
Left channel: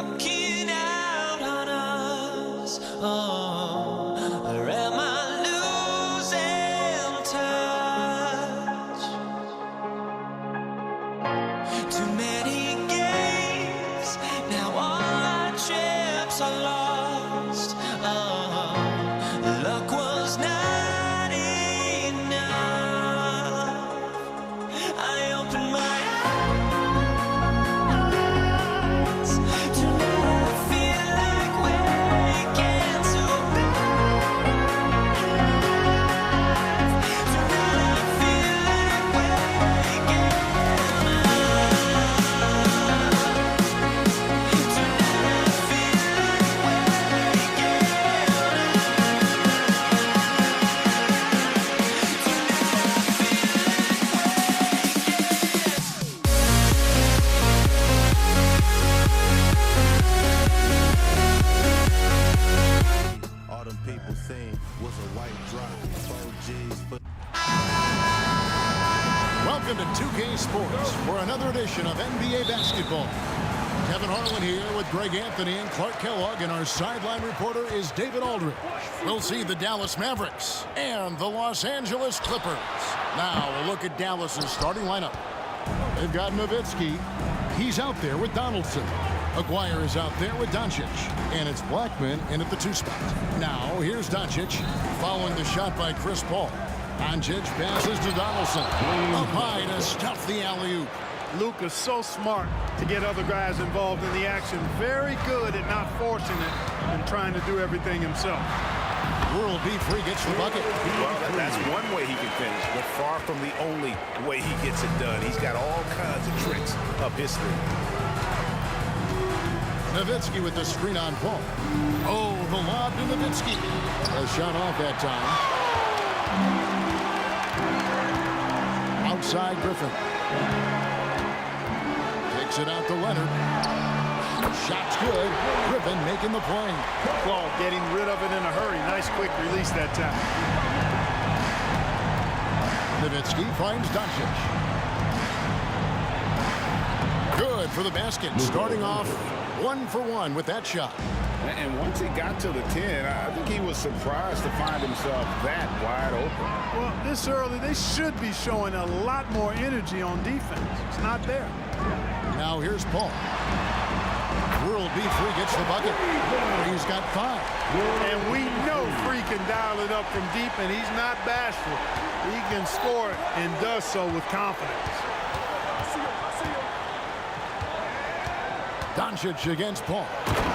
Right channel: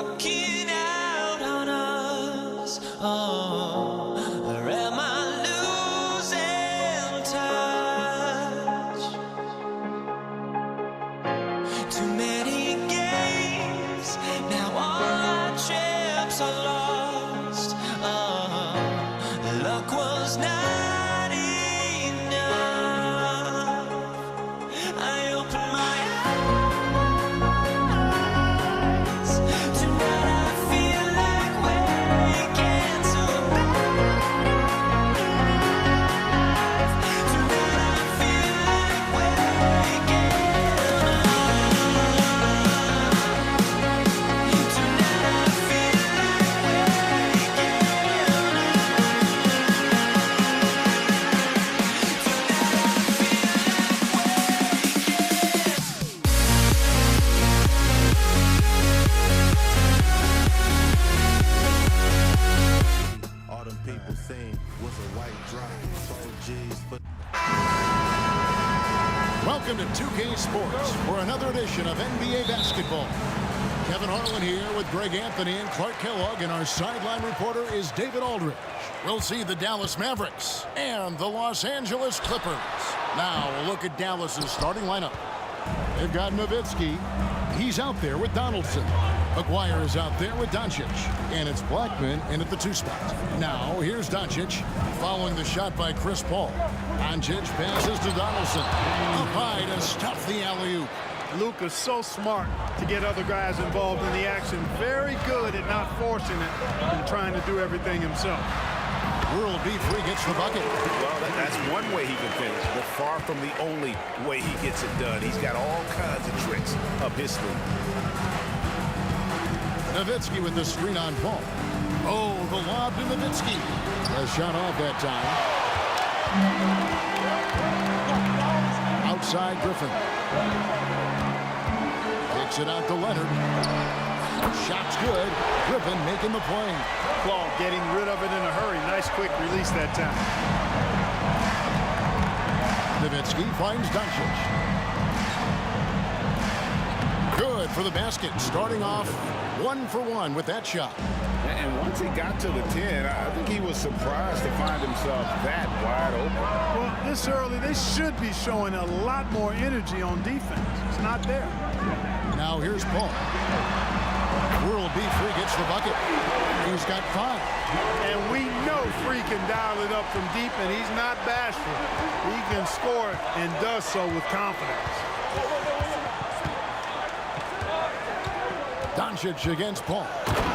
looking out on us? Oh, or am I losing touch? Too many games, now all our chips are lost. Oh, luck was not enough. I opened my eyes. Tonight I feel like waking to life. Tonight I feel like waking up. Tonight I feel like All them people saying was a white drop. 4 G's for. Welcome to 2K Sports for another edition of NBA basketball. Kevin Harlan here with Greg Anthony and Clark Kellogg, and our sideline reporter is David Aldridge. We'll see the Dallas Mavericks and the Los Angeles Clippers. Now we'll look at Dallas's starting lineup. They've got Nowitzki. He's out there with Donaldson. Aguirre is out there with Doncic. And it's Blackman in at the 2 spot. Now here's Doncic following the shot by Chris Paul. Doncic passes to Donaldson. Up high to stuff the alley-oop. Luka's so smart to get other guys involved in the action. Very good at not forcing it and trying to do everything himself. World B. Free gets the bucket. Well, that's one way he can finish, but far from the only way he gets it done. He's got all kinds of tricks up his sleeve. Nowitzki with the screen on Paul. Oh, the lob to Nowitzki. A shot off that time. Outside Griffin. Kicks it out to Leonard. Shot's good. Griffin making the play. Claude getting rid of it in a hurry. Nice quick release that time. Nowitzki finds Doncic. Good for the basket. Starting off 1 for 1 with that shot. And once he got to the 10, I think he was surprised to find himself that wide open. Well, this early, they should be showing a lot more energy on defense. It's not there. Now here's Paul. World B. Free gets the bucket. He's got 5. And we know Free can dial it up from deep, and he's not bashful. He can score it and does so with confidence. Doncic against Paul.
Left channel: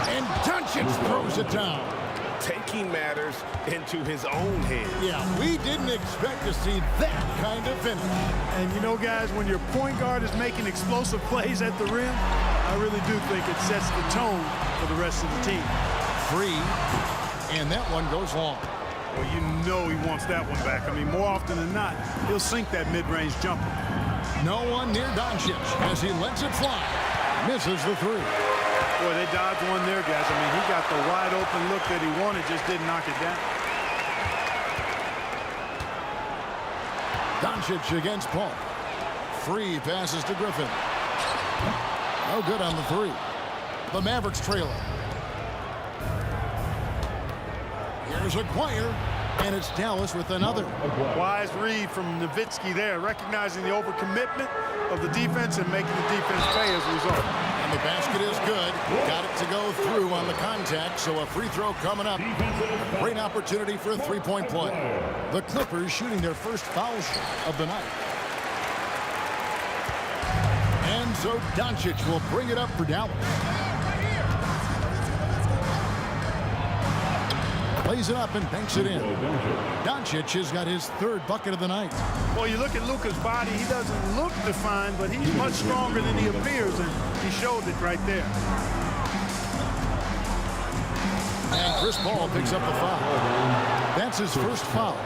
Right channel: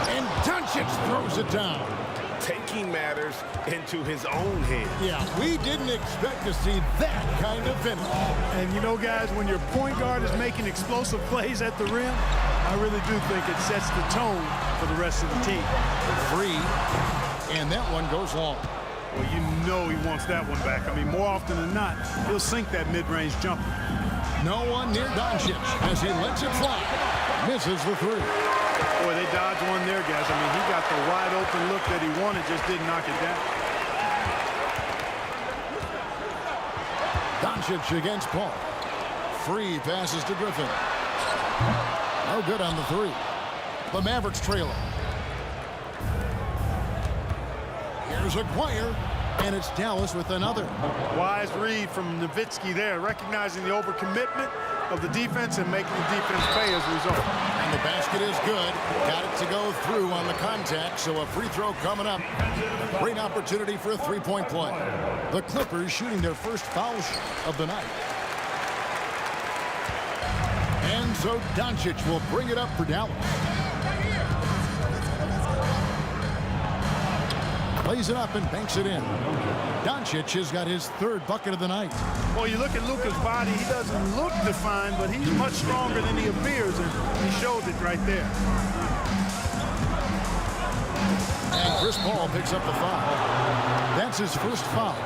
And Doncic throws it down. Taking matters into his own hands. Yeah, we didn't expect to see that kind of finish. And you know, guys, when your point guard is making explosive plays at the rim, I really do think it sets the tone for the rest of the team. Free, and that one goes long. Well, you know he wants that one back. I mean, more often than not, he'll sink that mid-range jumper. No one near Doncic as he lets it fly. Misses the 3. Boy, they dodged one there, guys. I mean, he got the wide open look that he wanted, just didn't knock it down. Doncic against Paul. Free passes to Griffin. No good on the 3. The Mavericks trailing. Here's Aguirre, and it's Dallas with another. Wise read from Nowitzki there, recognizing the overcommitment of the defense and making the defense pay as a result. And the basket is good. Got it to go through on the contact, so a free throw coming up. A great opportunity for a 3-point play. The Clippers shooting their first foul shot of the night. And so Doncic will bring it up for Dallas. Plays it up and banks it in. Doncic has got his 3rd bucket of the night. Well, you look at Luka's body, he doesn't look defined, but he's much stronger than he appears, and he showed it right there. And Chris Paul picks up the foul. That's his first foul.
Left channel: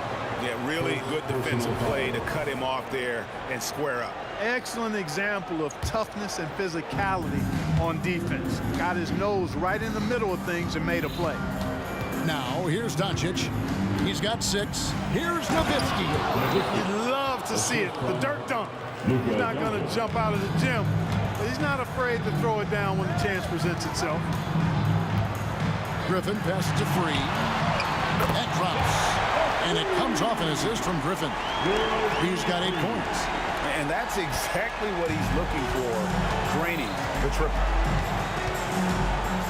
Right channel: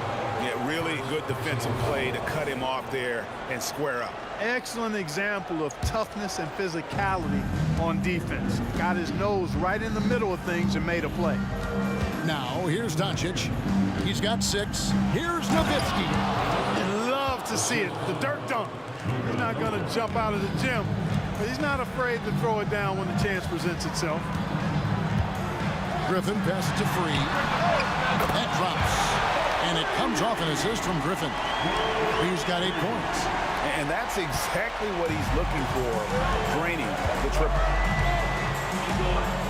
Yeah, really good defensive play to cut him off there and square up. Excellent example of toughness and physicality on defense. Got his nose right in the middle of things and made a play. Now, here's Doncic. He's got 6. Here's Nowitzki. You'd love to see it. The dirt dunk. He's not going to jump out of the gym but he's not afraid to throw it down when the chance presents itself. Griffin passes to Free. That drops. And it comes off an assist from Griffin. Free's got 8 points. And that's exactly what he's looking for, draining the triple.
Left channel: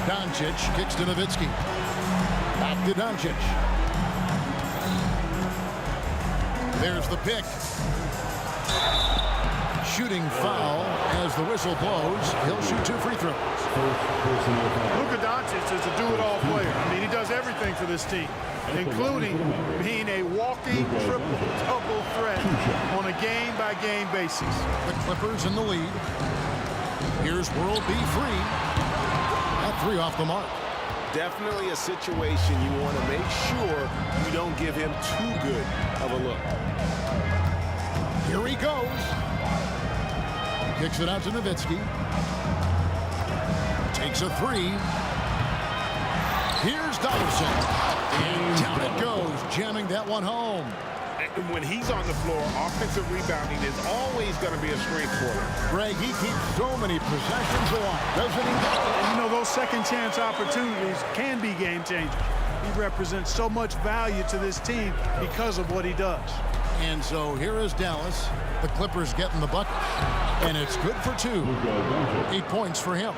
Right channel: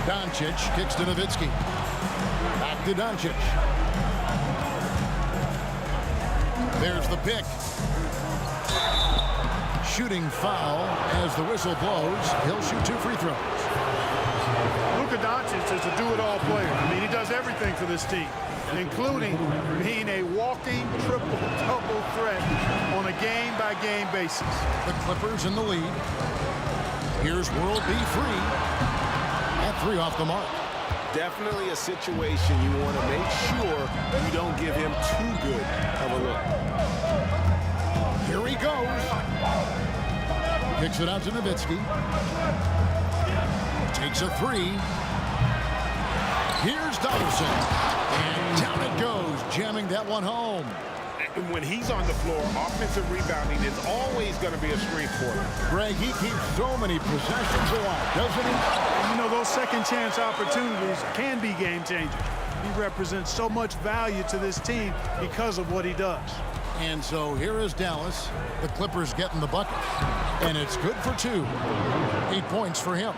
Doncic kicks to Nowitzki. Back to Doncic. There's the pick. Shooting foul as the whistle blows. He'll shoot 2 free throws. Luka Doncic is a do-it-all player. I mean, he does everything for this team, including being a walking triple-double threat on a game-by-game basis. The Clippers in the lead. Here's World B Free. At 3 off the mark. Definitely a situation you want to make sure you don't give him too good of a look. Here he goes. Kicks it out to Nowitzki. Takes a 3. Here's Donaldson. And down it goes, jamming that one home. When he's on the floor, offensive rebounding is always going to be a strength for him. Greg, he keeps so many possessions alive, doesn't he? And you know, those second chance opportunities can be game changers. He represents so much value to this team because of what he does. And so here is Dallas. The Clippers getting the bucket. And it's good for 2. 8 points for him.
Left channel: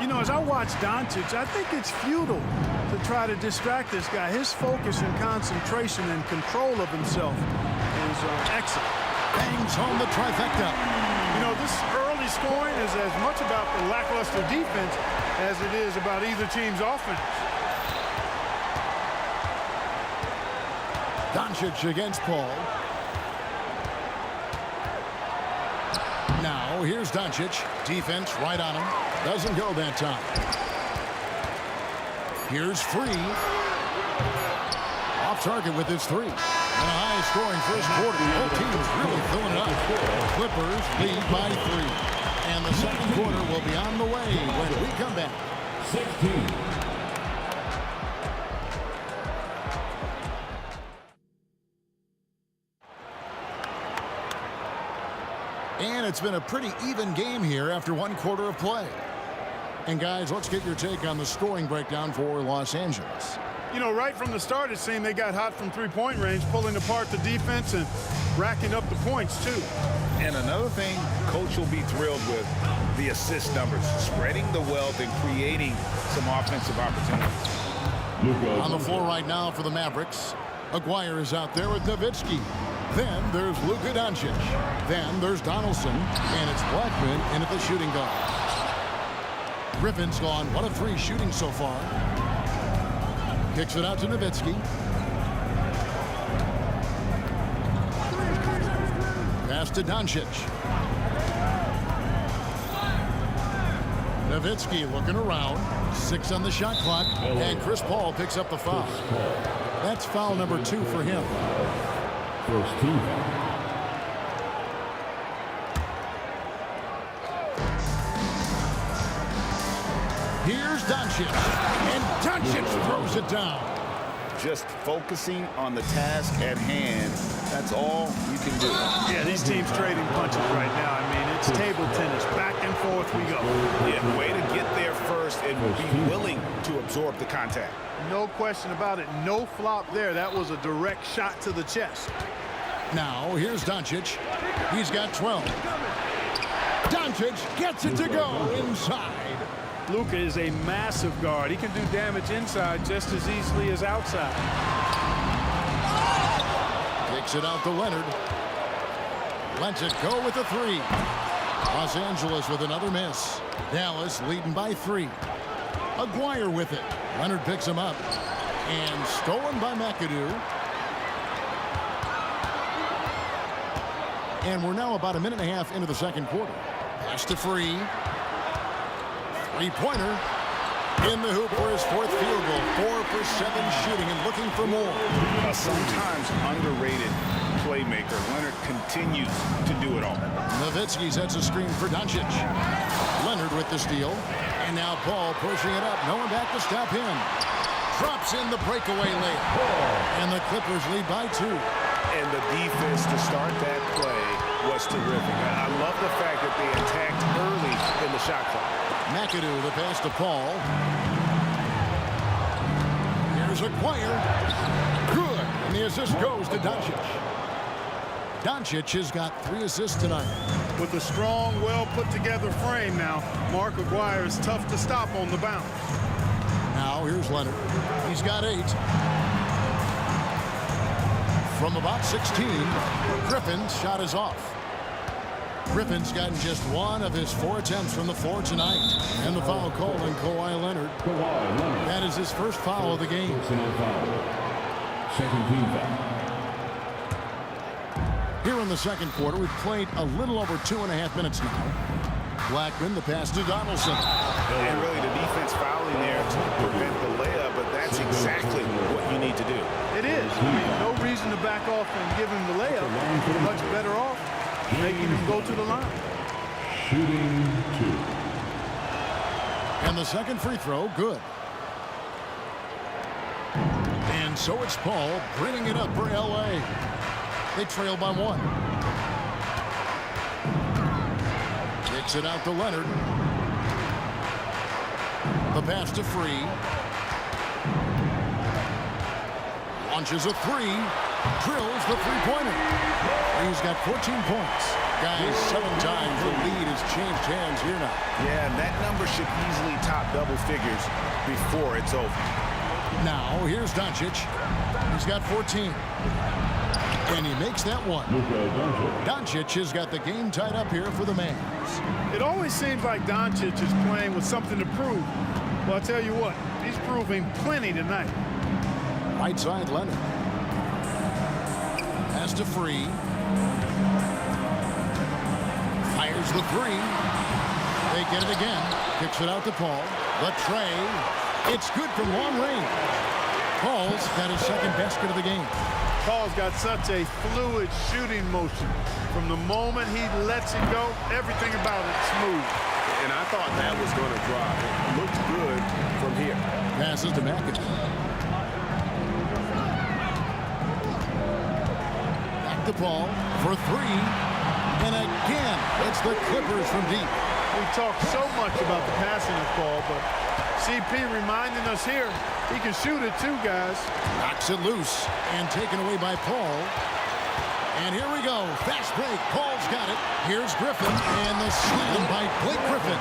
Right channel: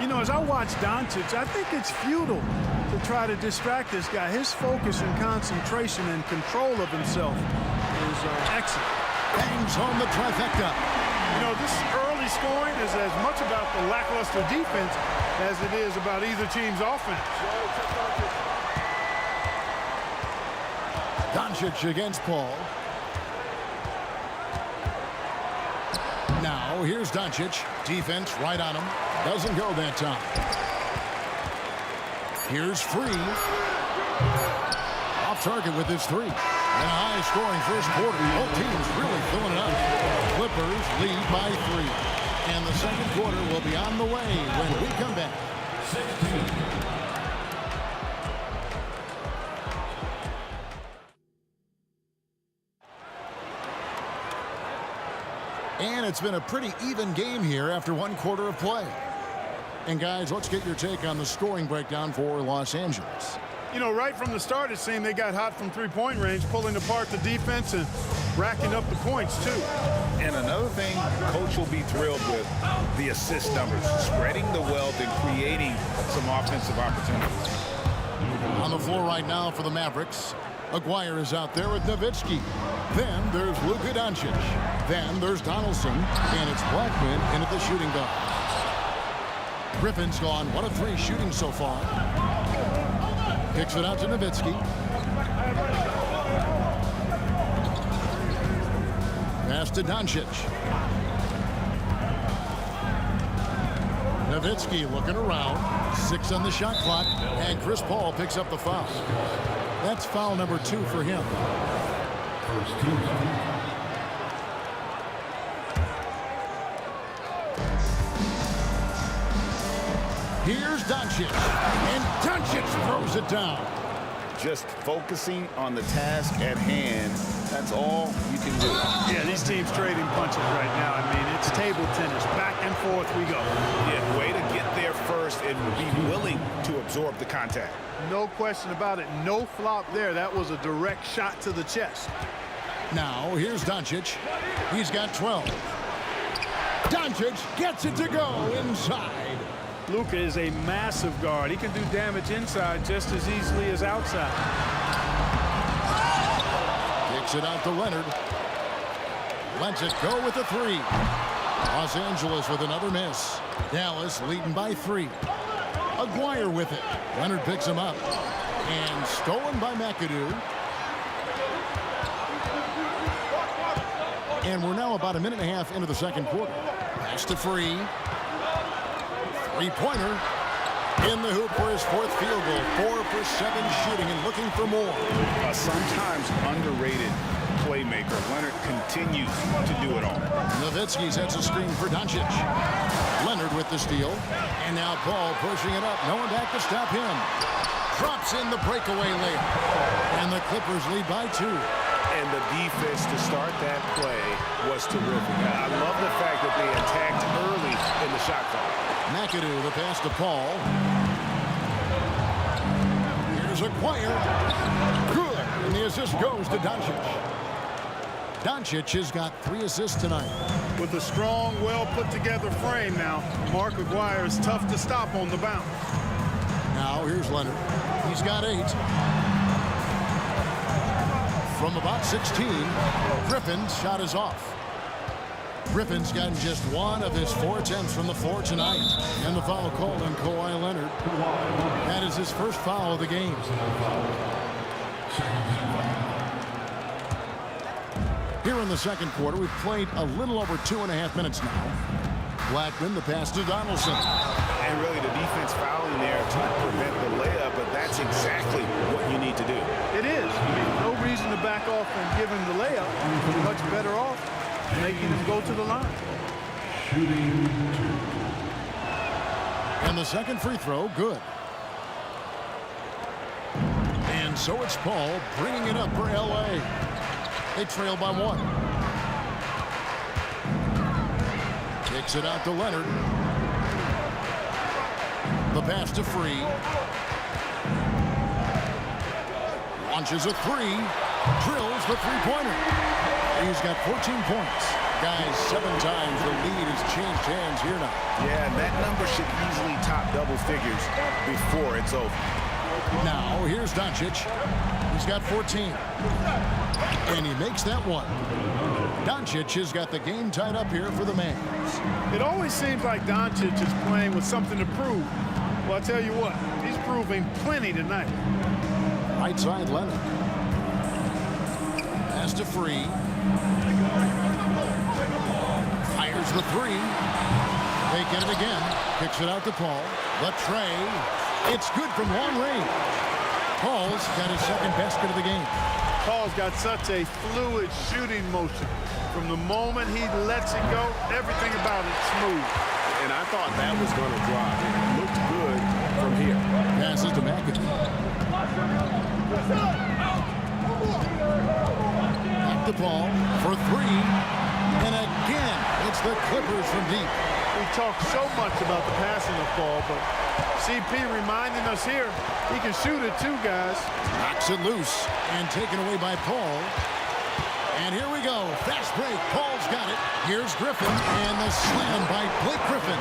You know, as I watch Doncic, I think it's futile to try to distract this guy. His focus and concentration and control of himself is excellent. Bangs home the trifecta. You know, this early scoring is as much about the lackluster defense as it is about either team's offense. Doncic against Paul. Now, here's Doncic. Defense right on him. Doesn't go that time. Here's Free. Off target with his 3. And a high-scoring first quarter. Both teams really filling it up. Clippers lead by 3. And the second quarter will be on the way when we come back. 16. And it's been a pretty even game here after 1 quarter of play. And guys, let's get your take on the scoring breakdown for Los Angeles. You know, right from the start, it seemed they got hot from three-point range, pulling apart the defense and racking up the points, too. And another thing, Coach will be thrilled with the assist numbers, spreading the wealth and creating some offensive opportunities. On the floor right now for the Mavericks, Aguirre is out there with Nowitzki. Then there's Luka Doncic. Then there's Donaldson, and it's Blackman in at the shooting guard. Griffin's gone 1 of 3 shooting so far. Kicks it out to Nowitzki. Pass to Doncic. Nowitzki looking around. 6 on the shot clock, and Chris Paul picks up the foul. That's foul number 2 for him. First team foul. Here's Doncic, and Doncic throws it down. Just focusing on the task at hand, that's all you can do. Yeah, these teams trading punches right now. I mean, it's table tennis. Back and forth we go. Yeah, way to get there first and be willing to absorb the contact. No question about it. No flop there. That was a direct shot to the chest. Now, here's Doncic. He's got 12. Doncic gets it to go inside. Luka is a massive guard. He can do damage inside just as easily as outside. Kicks it out to Leonard. Lets it go with a 3. Los Angeles with another miss. Dallas leading by 3. Aguirre with it. Leonard picks him up. And stolen by McAdoo. And we're now about a minute and a half into the second quarter. Pass to Free. 3-pointer. In the hoop for his 4th field goal. 4 for 7 shooting and looking for more. Sometimes underrated playmaker. Leonard continues to do it all. Nowitzki sets a screen for Doncic. Leonard with the steal. And now Paul pushing it up. No one back to stop him. Drops in the breakaway layup. And the Clippers lead by 2. And the defense to start that play was terrific. I love the fact that they attacked early in the shot clock. McAdoo, the pass to Paul. Here's Aguirre. Good. And the assist goes to Doncic. Doncic has got 3 assists tonight. With a strong, well-put-together frame now, Mark Aguirre is tough to stop on the bounce. Now here's Leonard. He's got 8. From about 16, Griffin's shot is off. Griffin's gotten just 1 of his 4 attempts from the floor tonight. And the foul called on Kawhi Leonard. That is his first foul of the game. Second team foul. Here in the second quarter, we've played a little over 2.5 minutes now. Blackman, the pass to Donaldson. And really the defense fouling there to prevent the layup, but that's exactly what you need to do. It is. I mean, no reason to back off and give him the layup. You're much better off making him go to the line. Shooting 2. And the second free throw, good. And so it's Paul bringing it up for L.A. They trail by 1. Kicks it out to Leonard. The pass to Free. Launches a 3. Drills the three-pointer. Free's got 14 points. Guys, 7 times the lead has changed hands here now. Yeah, and that number should easily top double figures before it's over. Now, here's Doncic. He's got 14. And he makes that one. Doncic has got the game tied up here for the Mavs. It always seems like Doncic is playing with something to prove. Well, I tell you what, he's proving plenty tonight. Right side, Leonard. Pass to Free. Fires the 3. They get it again. Kicks it out to Paul. The tray. It's good from long range. Paul's got his second basket of the game. Paul's got such a fluid shooting motion. From the moment he lets it go, everything about it smooth. And I thought that was going to drop. It looked good from here. Passes to McAdoo. Back to Paul for 3. And again, it's the Clippers from deep. We talk so much about the passing of Paul, but CP reminding us here, he can shoot it too, guys. Knocks it loose and taken away by Paul. And here we go. Fast break. Paul's got it. Here's Griffin and the slam by Blake Griffin.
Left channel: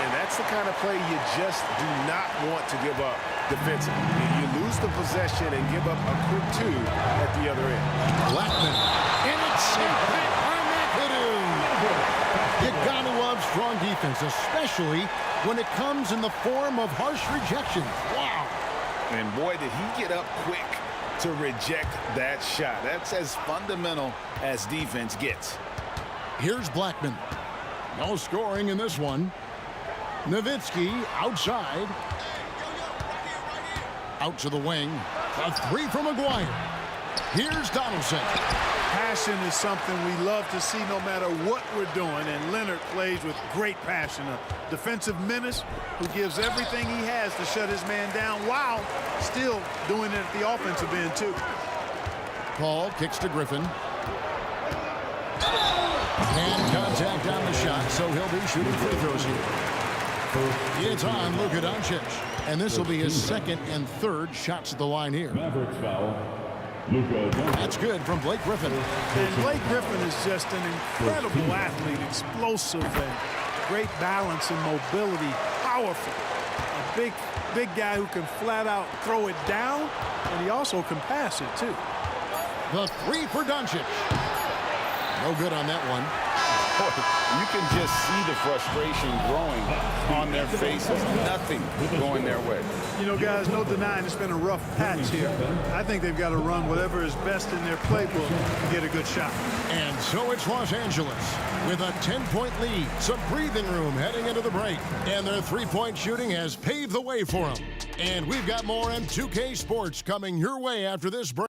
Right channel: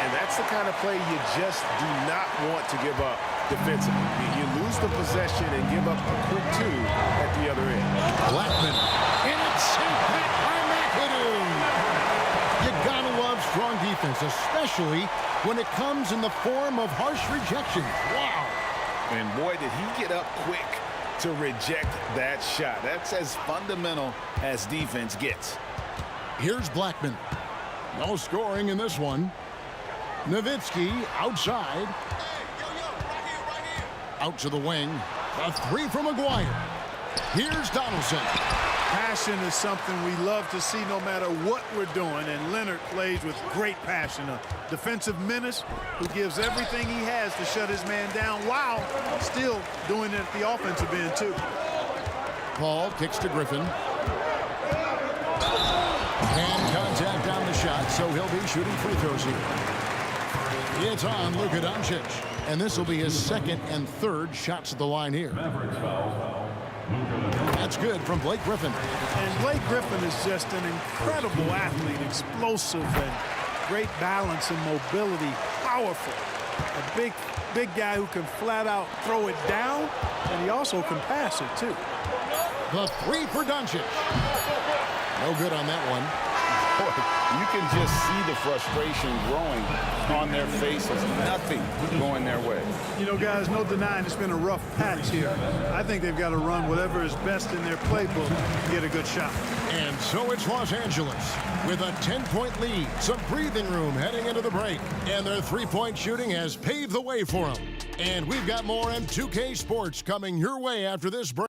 And that's the kind of play you just do not want to give up defensively. You lose the possession and give up a quick 2 at the other end. Blackman. And it's sent back by McAdoo. You gotta love strong defense, especially when it comes in the form of harsh rejections. Wow. And boy, did he get up quick to reject that shot. That's as fundamental as defense gets. Here's Blackman. No scoring in this one. Nowitzki outside. Out to the wing. A 3 from Aguirre. Here's Donaldson. Passion is something we love to see no matter what we're doing, and Leonard plays with great passion. A defensive menace who gives everything he has to shut his man down while still doing it at the offensive end, too. Paul kicks to Griffin. And contact on the shot, so he'll be shooting free throws here. It's on Luka Doncic. And this will be his second and third shots at the line here. Mavericks foul. That's good from Blake Griffin. And Blake Griffin is just an incredible athlete, explosive and great balance and mobility, powerful. A big guy who can flat out throw it down, and he also can pass it too. The 3 for Doncic. No good on that one. Boy, you can just see the frustration growing on their faces. Nothing going their way. You know, guys, no denying it's been a rough patch here. I think they've got to run whatever is best in their playbook to get a good shot. And so it's Los Angeles with a 10-point lead, some breathing room heading into the break. And their three-point shooting has paved the way for them. And we've got more M2K Sports coming your way after this break.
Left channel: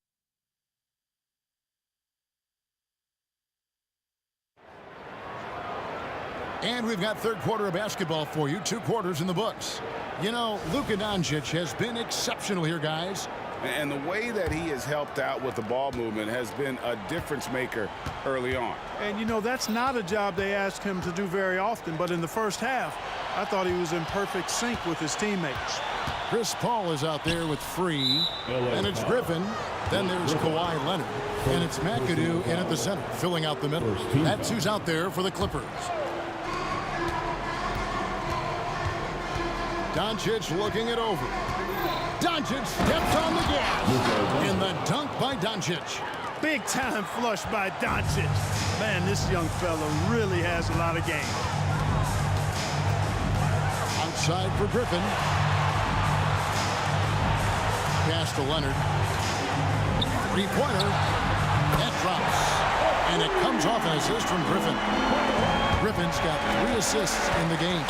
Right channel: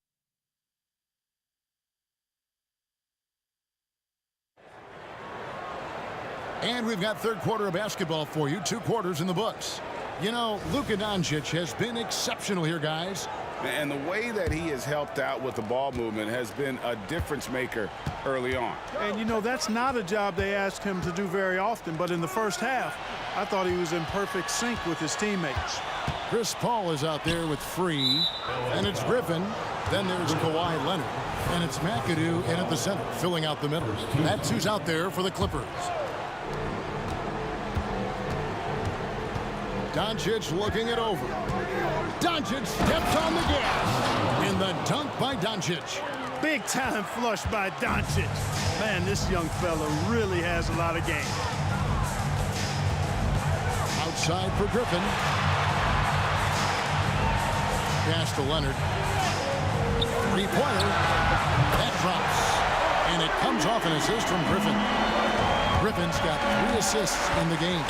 And we've got third quarter of basketball for you, 2 quarters in the books. You know, Luka Doncic has been exceptional here, guys. And the way that he has helped out with the ball movement has been a difference maker early on. And, you know, that's not a job they ask him to do very often. But in the first half, I thought he was in perfect sync with his teammates. Chris Paul is out there with Free, and it's Griffin. Then there's Kawhi Leonard, and it's McAdoo in at the center, filling out the middle. That's who's out there for the Clippers. Doncic looking it over. Doncic steps on the gas in the dunk by Doncic. Big time flush by Doncic. Man, this young fella really has a lot of game. Outside for Griffin. Pass to Leonard. Three-pointer. That drops. And it comes off an assist from Griffin. Griffin's got 3 assists in the game.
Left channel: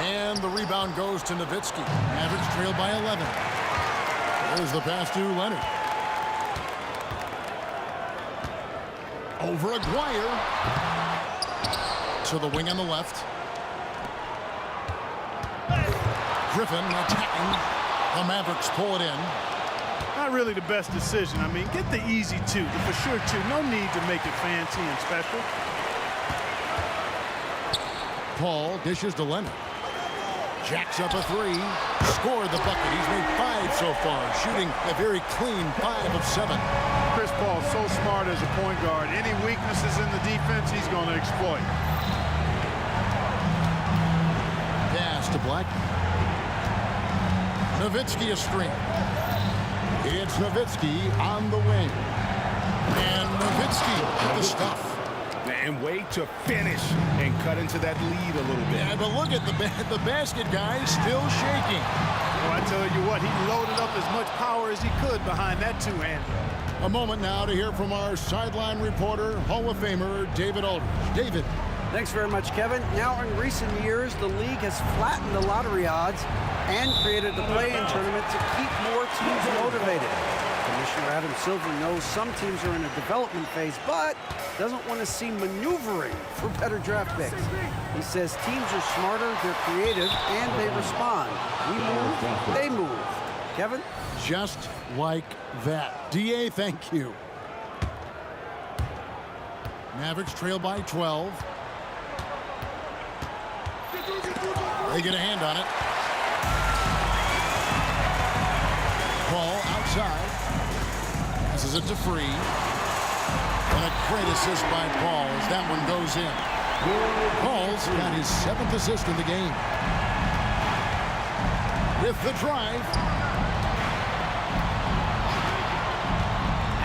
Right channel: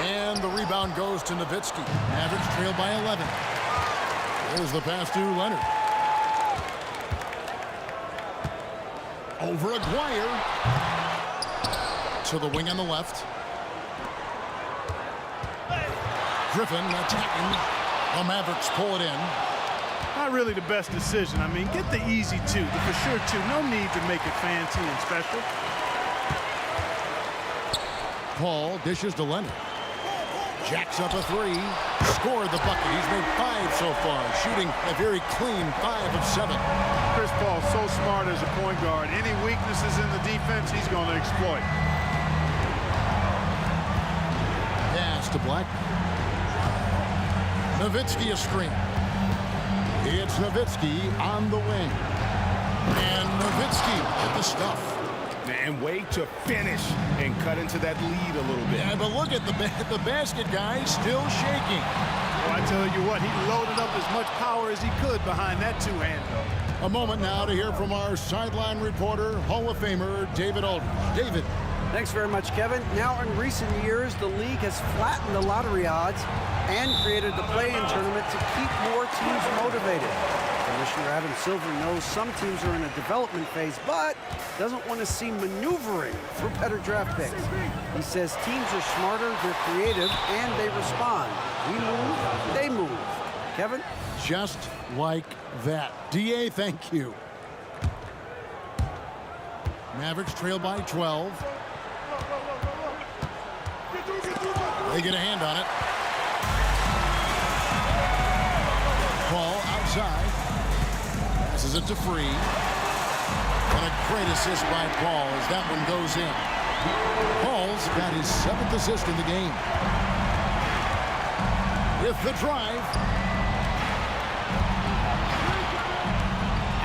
And the rebound goes to Nowitzki. Mavericks trail by 11. There's the pass to Leonard. Over Aguirre. To the wing on the left. Griffin attacking. The Mavericks pull it in. Not really the best decision. I mean, get the easy 2, the for sure 2. No need to make it fancy and special. Paul dishes to Leonard. Jacks up a 3. Scored the bucket. He's made 5 so far, shooting a very clean 5 of 7. Chris Paul's so smart as a point guard. Any weaknesses in the defense, he's going to exploit. Pass to Black. Nowitzki a screen. It's Nowitzki on the wing. And Nowitzki with the stuff. And wait to finish and cut into that lead a little bit. Yeah, but look at the basket guy still shaking. Well, I tell you what, he loaded up as much power as he could behind that two-hander. A moment now to hear from our sideline reporter, Hall of Famer David Aldridge. David. Thanks very much, Kevin. Now, in recent years, the league has flattened the lottery odds and created the play-in tournament to keep more teams motivated. Commissioner Adam Silver knows some teams are in a development phase, but doesn't want to see maneuvering for better draft picks. He says teams are smarter, they're creative, and they respond. We move, they move. Kevin? Just like that. DA, thank you. Mavericks trail by 12. They get a hand on it. Paul outside. Passes it to Free. And a great assist by Paul as that one goes in. Paul's got his 7th assist in the game. With the drive.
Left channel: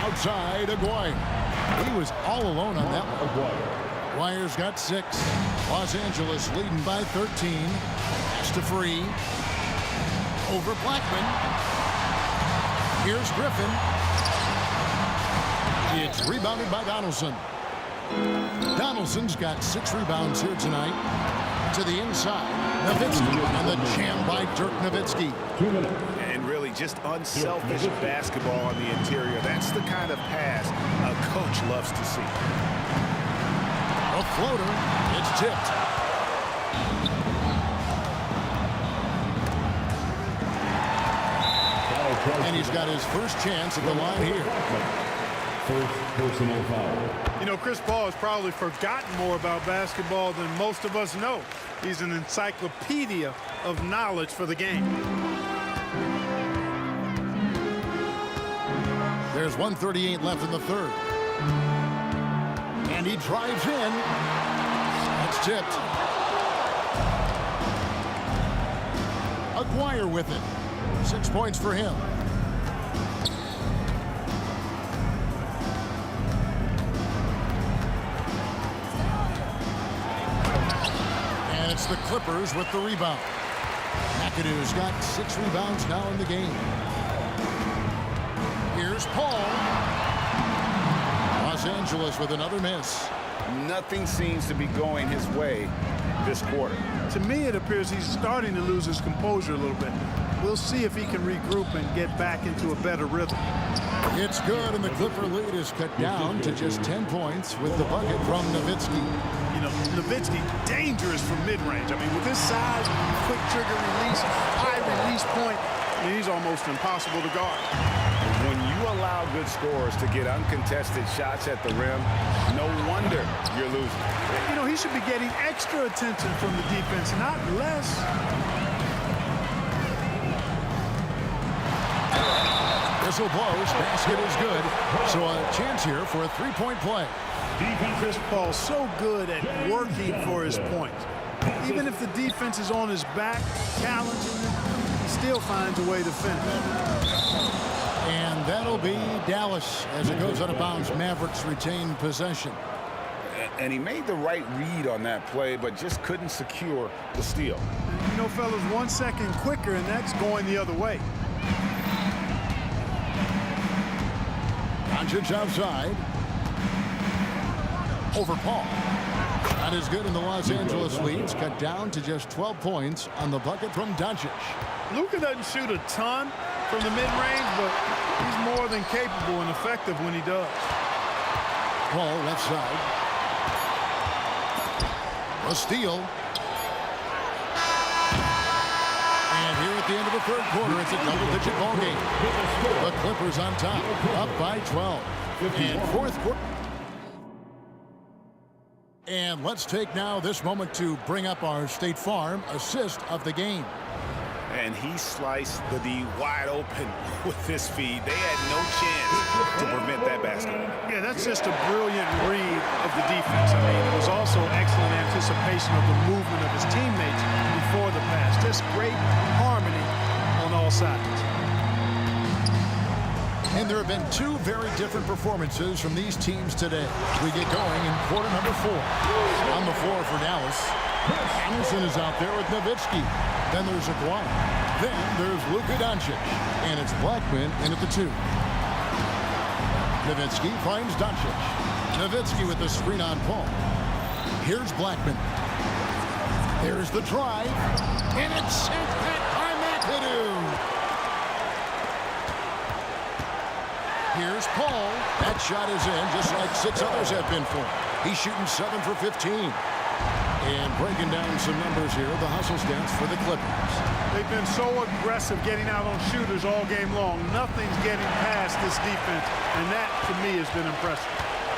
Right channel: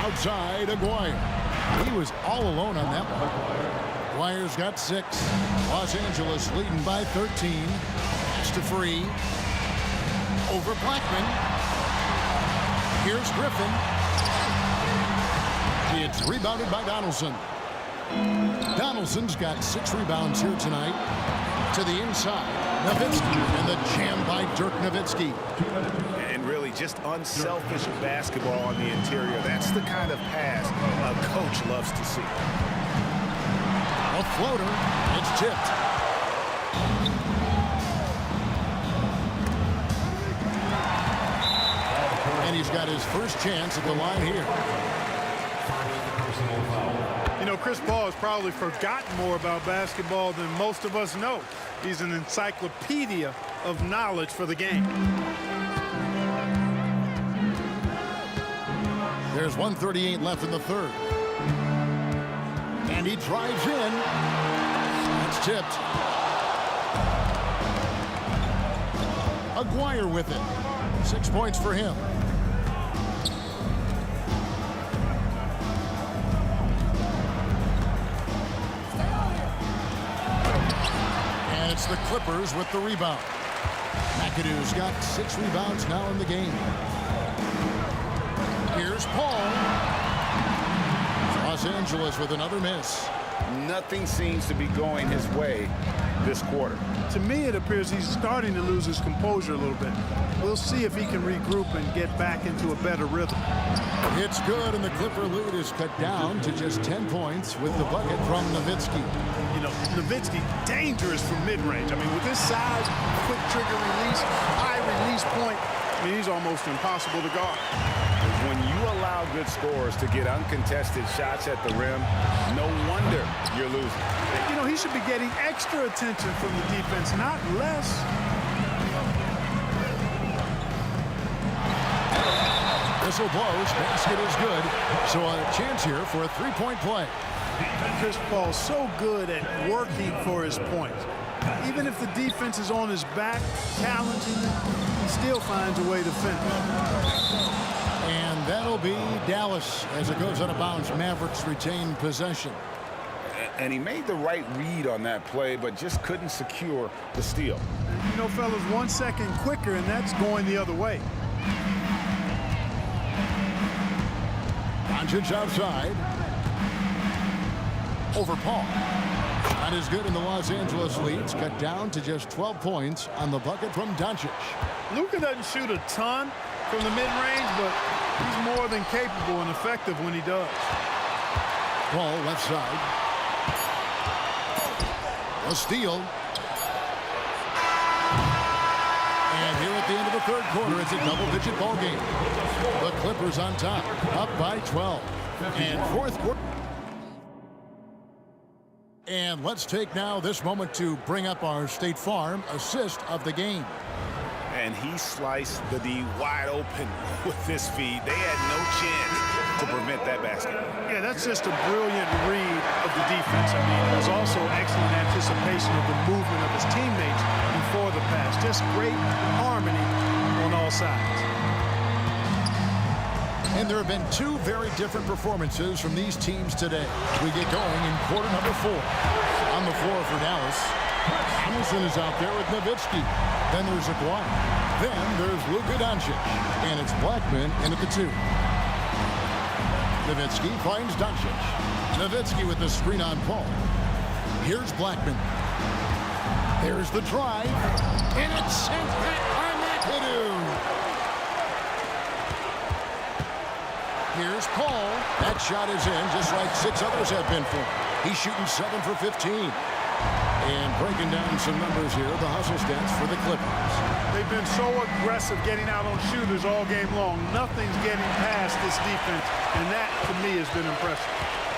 Outside, Aguirre. He was all alone on that one. Aguirre's got 6. Los Angeles leading by 13. Pass to Free. Over Blackman. Here's Griffin. It's rebounded by Donaldson. Donaldson's got 6 rebounds here tonight. To the inside, Nowitzki, and the jam by Dirk Nowitzki. And really just unselfish basketball on the interior. That's the kind of pass a coach loves to see. A floater. It's tipped. And he's got his first chance at the line here. First personal foul. You know, Chris Paul has probably forgotten more about basketball than most of us know. He's an encyclopedia of knowledge for the game. There's 1:38 left in the third. And he drives in. That's tipped. Aguirre with it. 6 points for him. And it's the Clippers with the rebound. McAdoo's got 6 rebounds now in the game. Here's Paul. Los Angeles with another miss. Nothing seems to be going his way this quarter. To me, it appears he's starting to lose his composure a little bit. We'll see if he can regroup and get back into a better rhythm. It's good, and the Clipper lead is cut down to just 10 points with the bucket from Nowitzki. You know, Nowitzki, dangerous from mid-range. I mean, with his size, quick trigger release, high release point, I mean, he's almost impossible to guard. When you allow good scorers to get uncontested shots at the rim, no wonder you're losing. You know, he should be getting extra attention from the defense, not less. Whistle blows. Basket is good. So a chance here for a three-point play. Chris Paul's so good at working for his points. Even if the defense is on his back, challenging him, he still finds a way to finish. And that'll be Dallas as it goes out of bounds. Mavericks retain possession. And he made the right read on that play, but just couldn't secure the steal. You know, fellas, 1 second quicker, and that's going the other way. Doncic outside. Over Paul. Shot is good, and the Los Angeles leads cut down to just 12 points on the bucket from Doncic. Luka doesn't shoot a ton from the mid-range, but he's more than capable and effective when he does. Paul left side. A steal. And here at the end of the third quarter, it's a double-digit ball game. The Clippers on top, up by 12. And fourth quarter. And let's take now this moment to bring up our State Farm assist of the game. And he sliced the D wide open with this feed. They had no chance to prevent that basket. Yeah, that's just a brilliant read of the defense. I mean, it was also excellent anticipation of the movement of his teammates before the pass. Just great harmony on all sides. And there have been two very different performances from these teams today. We get going in quarter number 4. On the floor for Dallas, Hamilton is out there with Nowitzki. Then there's Aguirre. Then there's Luka Doncic. And it's Blackman in at the 2. Nowitzki finds Doncic. Nowitzki with the screen on Paul. Here's Blackman. There's the drive. And it's sent back by McAdoo. Here's Paul. That shot is in, just like 6 others have been for him. He's shooting 7 for 15. And breaking down some numbers here, the hustle stats for the Clippers. They've been so aggressive getting out on shooters all game long. Nothing's getting past this defense, and that, to me, has been impressive.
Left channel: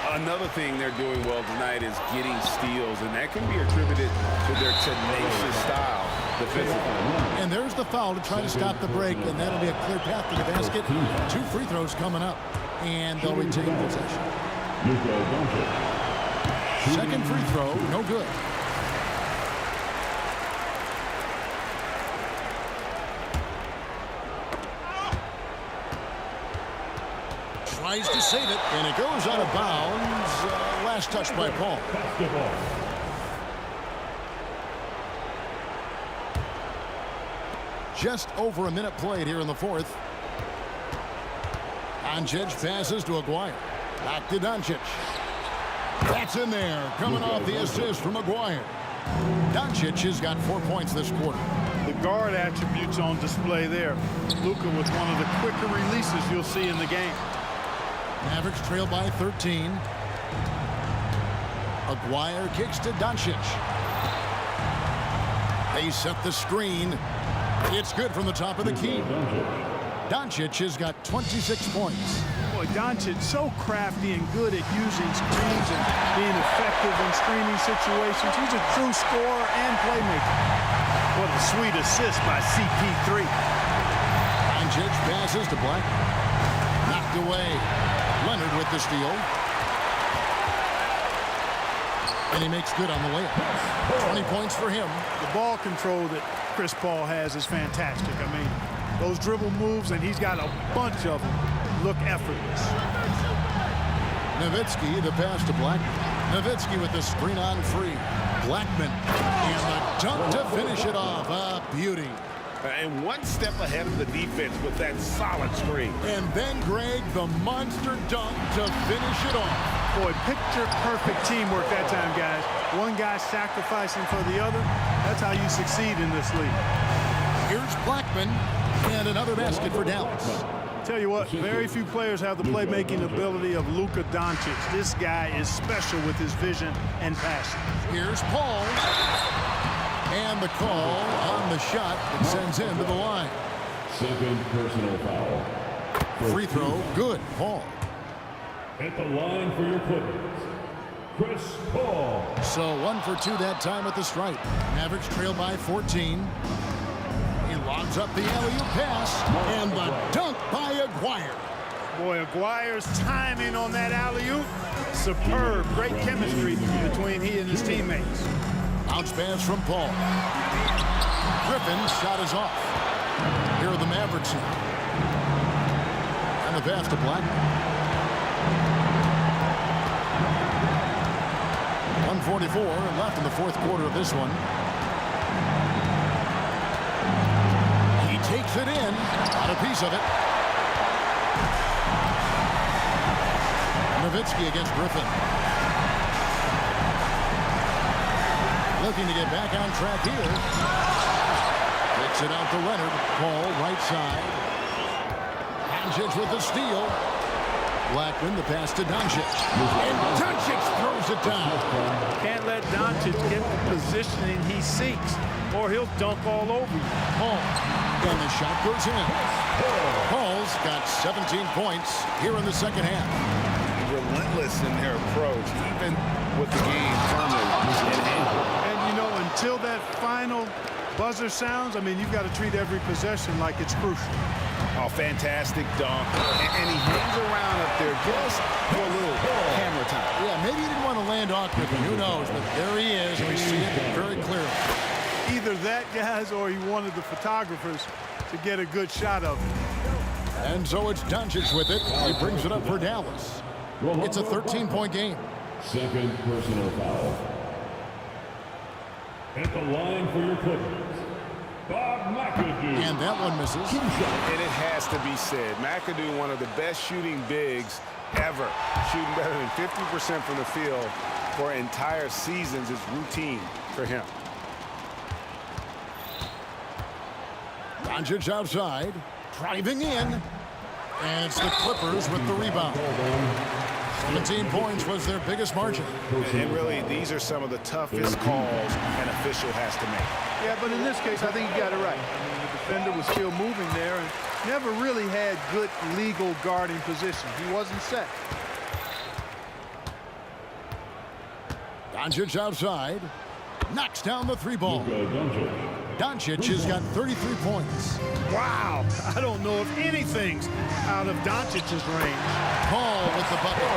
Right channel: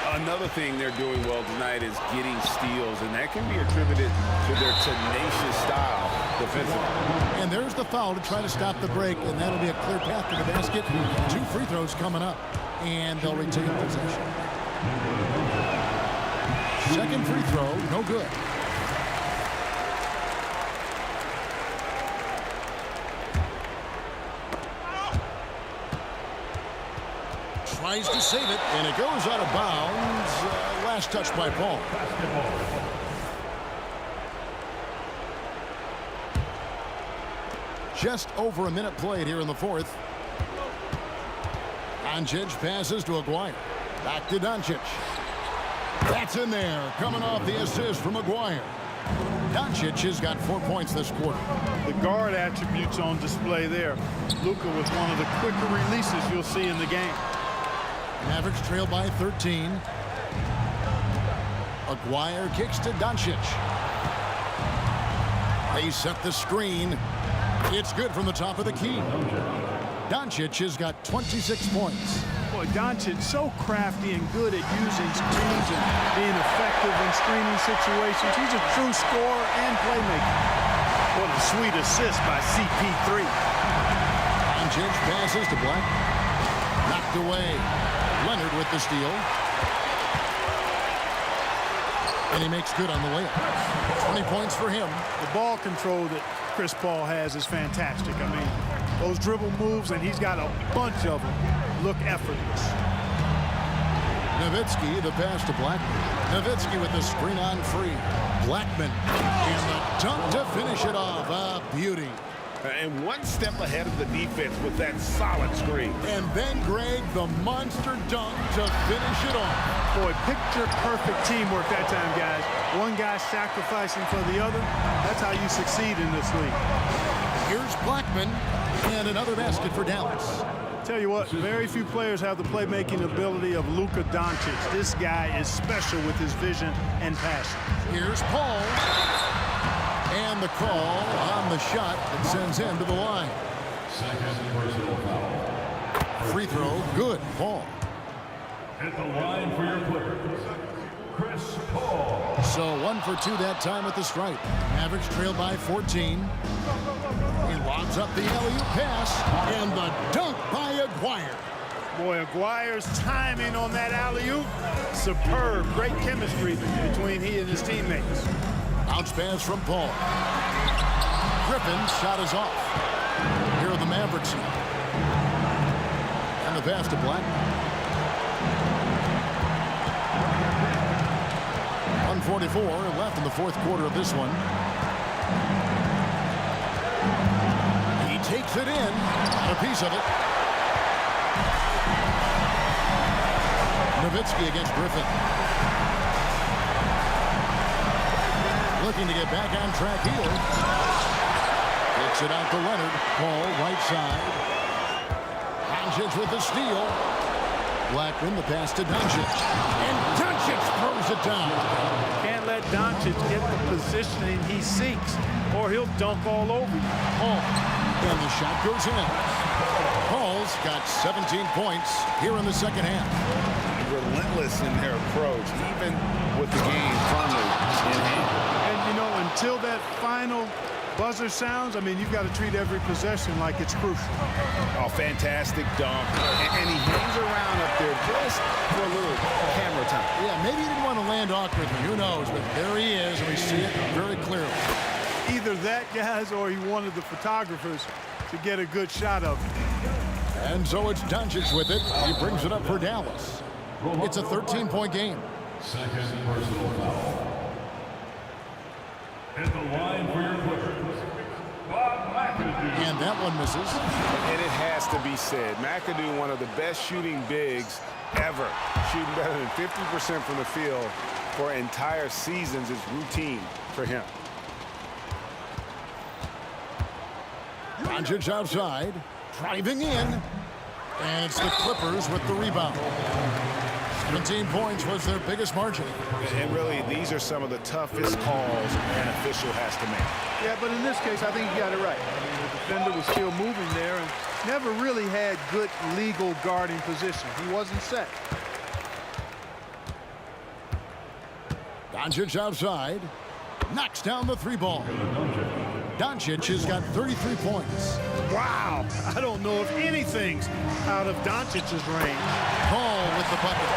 Another thing they're doing well tonight is getting steals, and that can be attributed to their tenacious style defensively. And there's the foul to try to stop the break, and that'll be a clear path to the basket. 2 free throws coming up, and they'll retain possession. Second free throw, no good. Tries to save it, and it goes out of bounds. Last touch by Paul. Just over a minute played here in the fourth. Doncic passes to Aguirre. Back to Doncic. That's in there, coming off the assist from Aguirre. Doncic has got 4 points this quarter. The guard attributes on display there. Luka with one of the quicker releases you'll see in the game. Mavericks trail by 13. Aguirre kicks to Doncic. They set the screen. It's good from the top of the key. Doncic has got 26 points. Boy, Doncic so crafty and good at using screens and being effective in screening situations. He's a true scorer and playmaker. What a sweet assist by CP3. Doncic passes to Black. Knocked away. Leonard with the steal. And he makes good on the layup. 20 points for him. The ball control that Chris Paul has is fantastic. I mean, those dribble moves, and he's got a bunch of them, look effortless. Nowitzki, the pass to Blackman. Nowitzki with the screen on free. Blackman. And the dunk to finish it off. A beauty. And one step ahead of the defense with that solid screen. And then, Greg, the monster dunk to finish it off. Boy, picture-perfect teamwork that time, guys. One guy sacrificing for the other. That's how you succeed in this league. Here's Blackman, and another basket for Dallas. Tell you what, very few players have the playmaking ability of Luka Doncic. This guy is special with his vision and passing. Here's Paul. And the call on the shot that sends him to the line. Second personal foul. Free throw, good. Paul. At the line for your Clippers, Chris Paul. So 1 for 2 that time at the stripe. Mavericks trail by 14. He lobs up the alley-oop pass, and the dunk by Aguirre. Boy, Aguirre's timing on that alley-oop, superb. Great chemistry between he and his teammates. Bounce pass from Paul. Griffin's shot is off. Here are the Mavericks now. And the pass to Blackman. 1:44 left in the fourth quarter of this one. He takes it in. Got a piece of it. Nowitzki against Griffin. Looking to get back on track here. Kicks it out to Leonard. Paul right side. Doncic with the steal. Blackman the pass to Doncic. And Doncic throws it down. Can't let Doncic get the positioning he seeks, or he'll dunk all over you. Paul. And the shot goes in. Paul's got 17 points here in the second half. Relentless in their approach, even with the game firmly in hand. And, you know, until that final buzzer sounds, I mean, you've got to treat every possession like it's crucial. Oh, fantastic dunk. And he hangs around up there just for a little camera time. Yeah, maybe he didn't want to land awkwardly. Who knows? But there he is, and we see it very clearly. Either that, guys, or he wanted the photographers to get a good shot of it. And so it's Doncic with it. He brings it up for Dallas. It's a 13-point game. Second personal foul. At the line for your Clippers, Bob McAdoo. And that one misses. And it has to be said, McAdoo, one of the best shooting bigs ever. Shooting better than 50% from the field for entire seasons is routine for him. Doncic outside, driving in. And it's the Clippers with the rebound. 17 points was their biggest margin. And really, these are some of the toughest calls an official has to make. Yeah, but in this case, I think he got it right. I mean, the defender was still moving there and never really had good legal guarding position. He wasn't set. Doncic outside, knocks down the three ball. Doncic has got 33 points. Wow, I don't know if anything's out of Doncic's range. Paul with the bucket.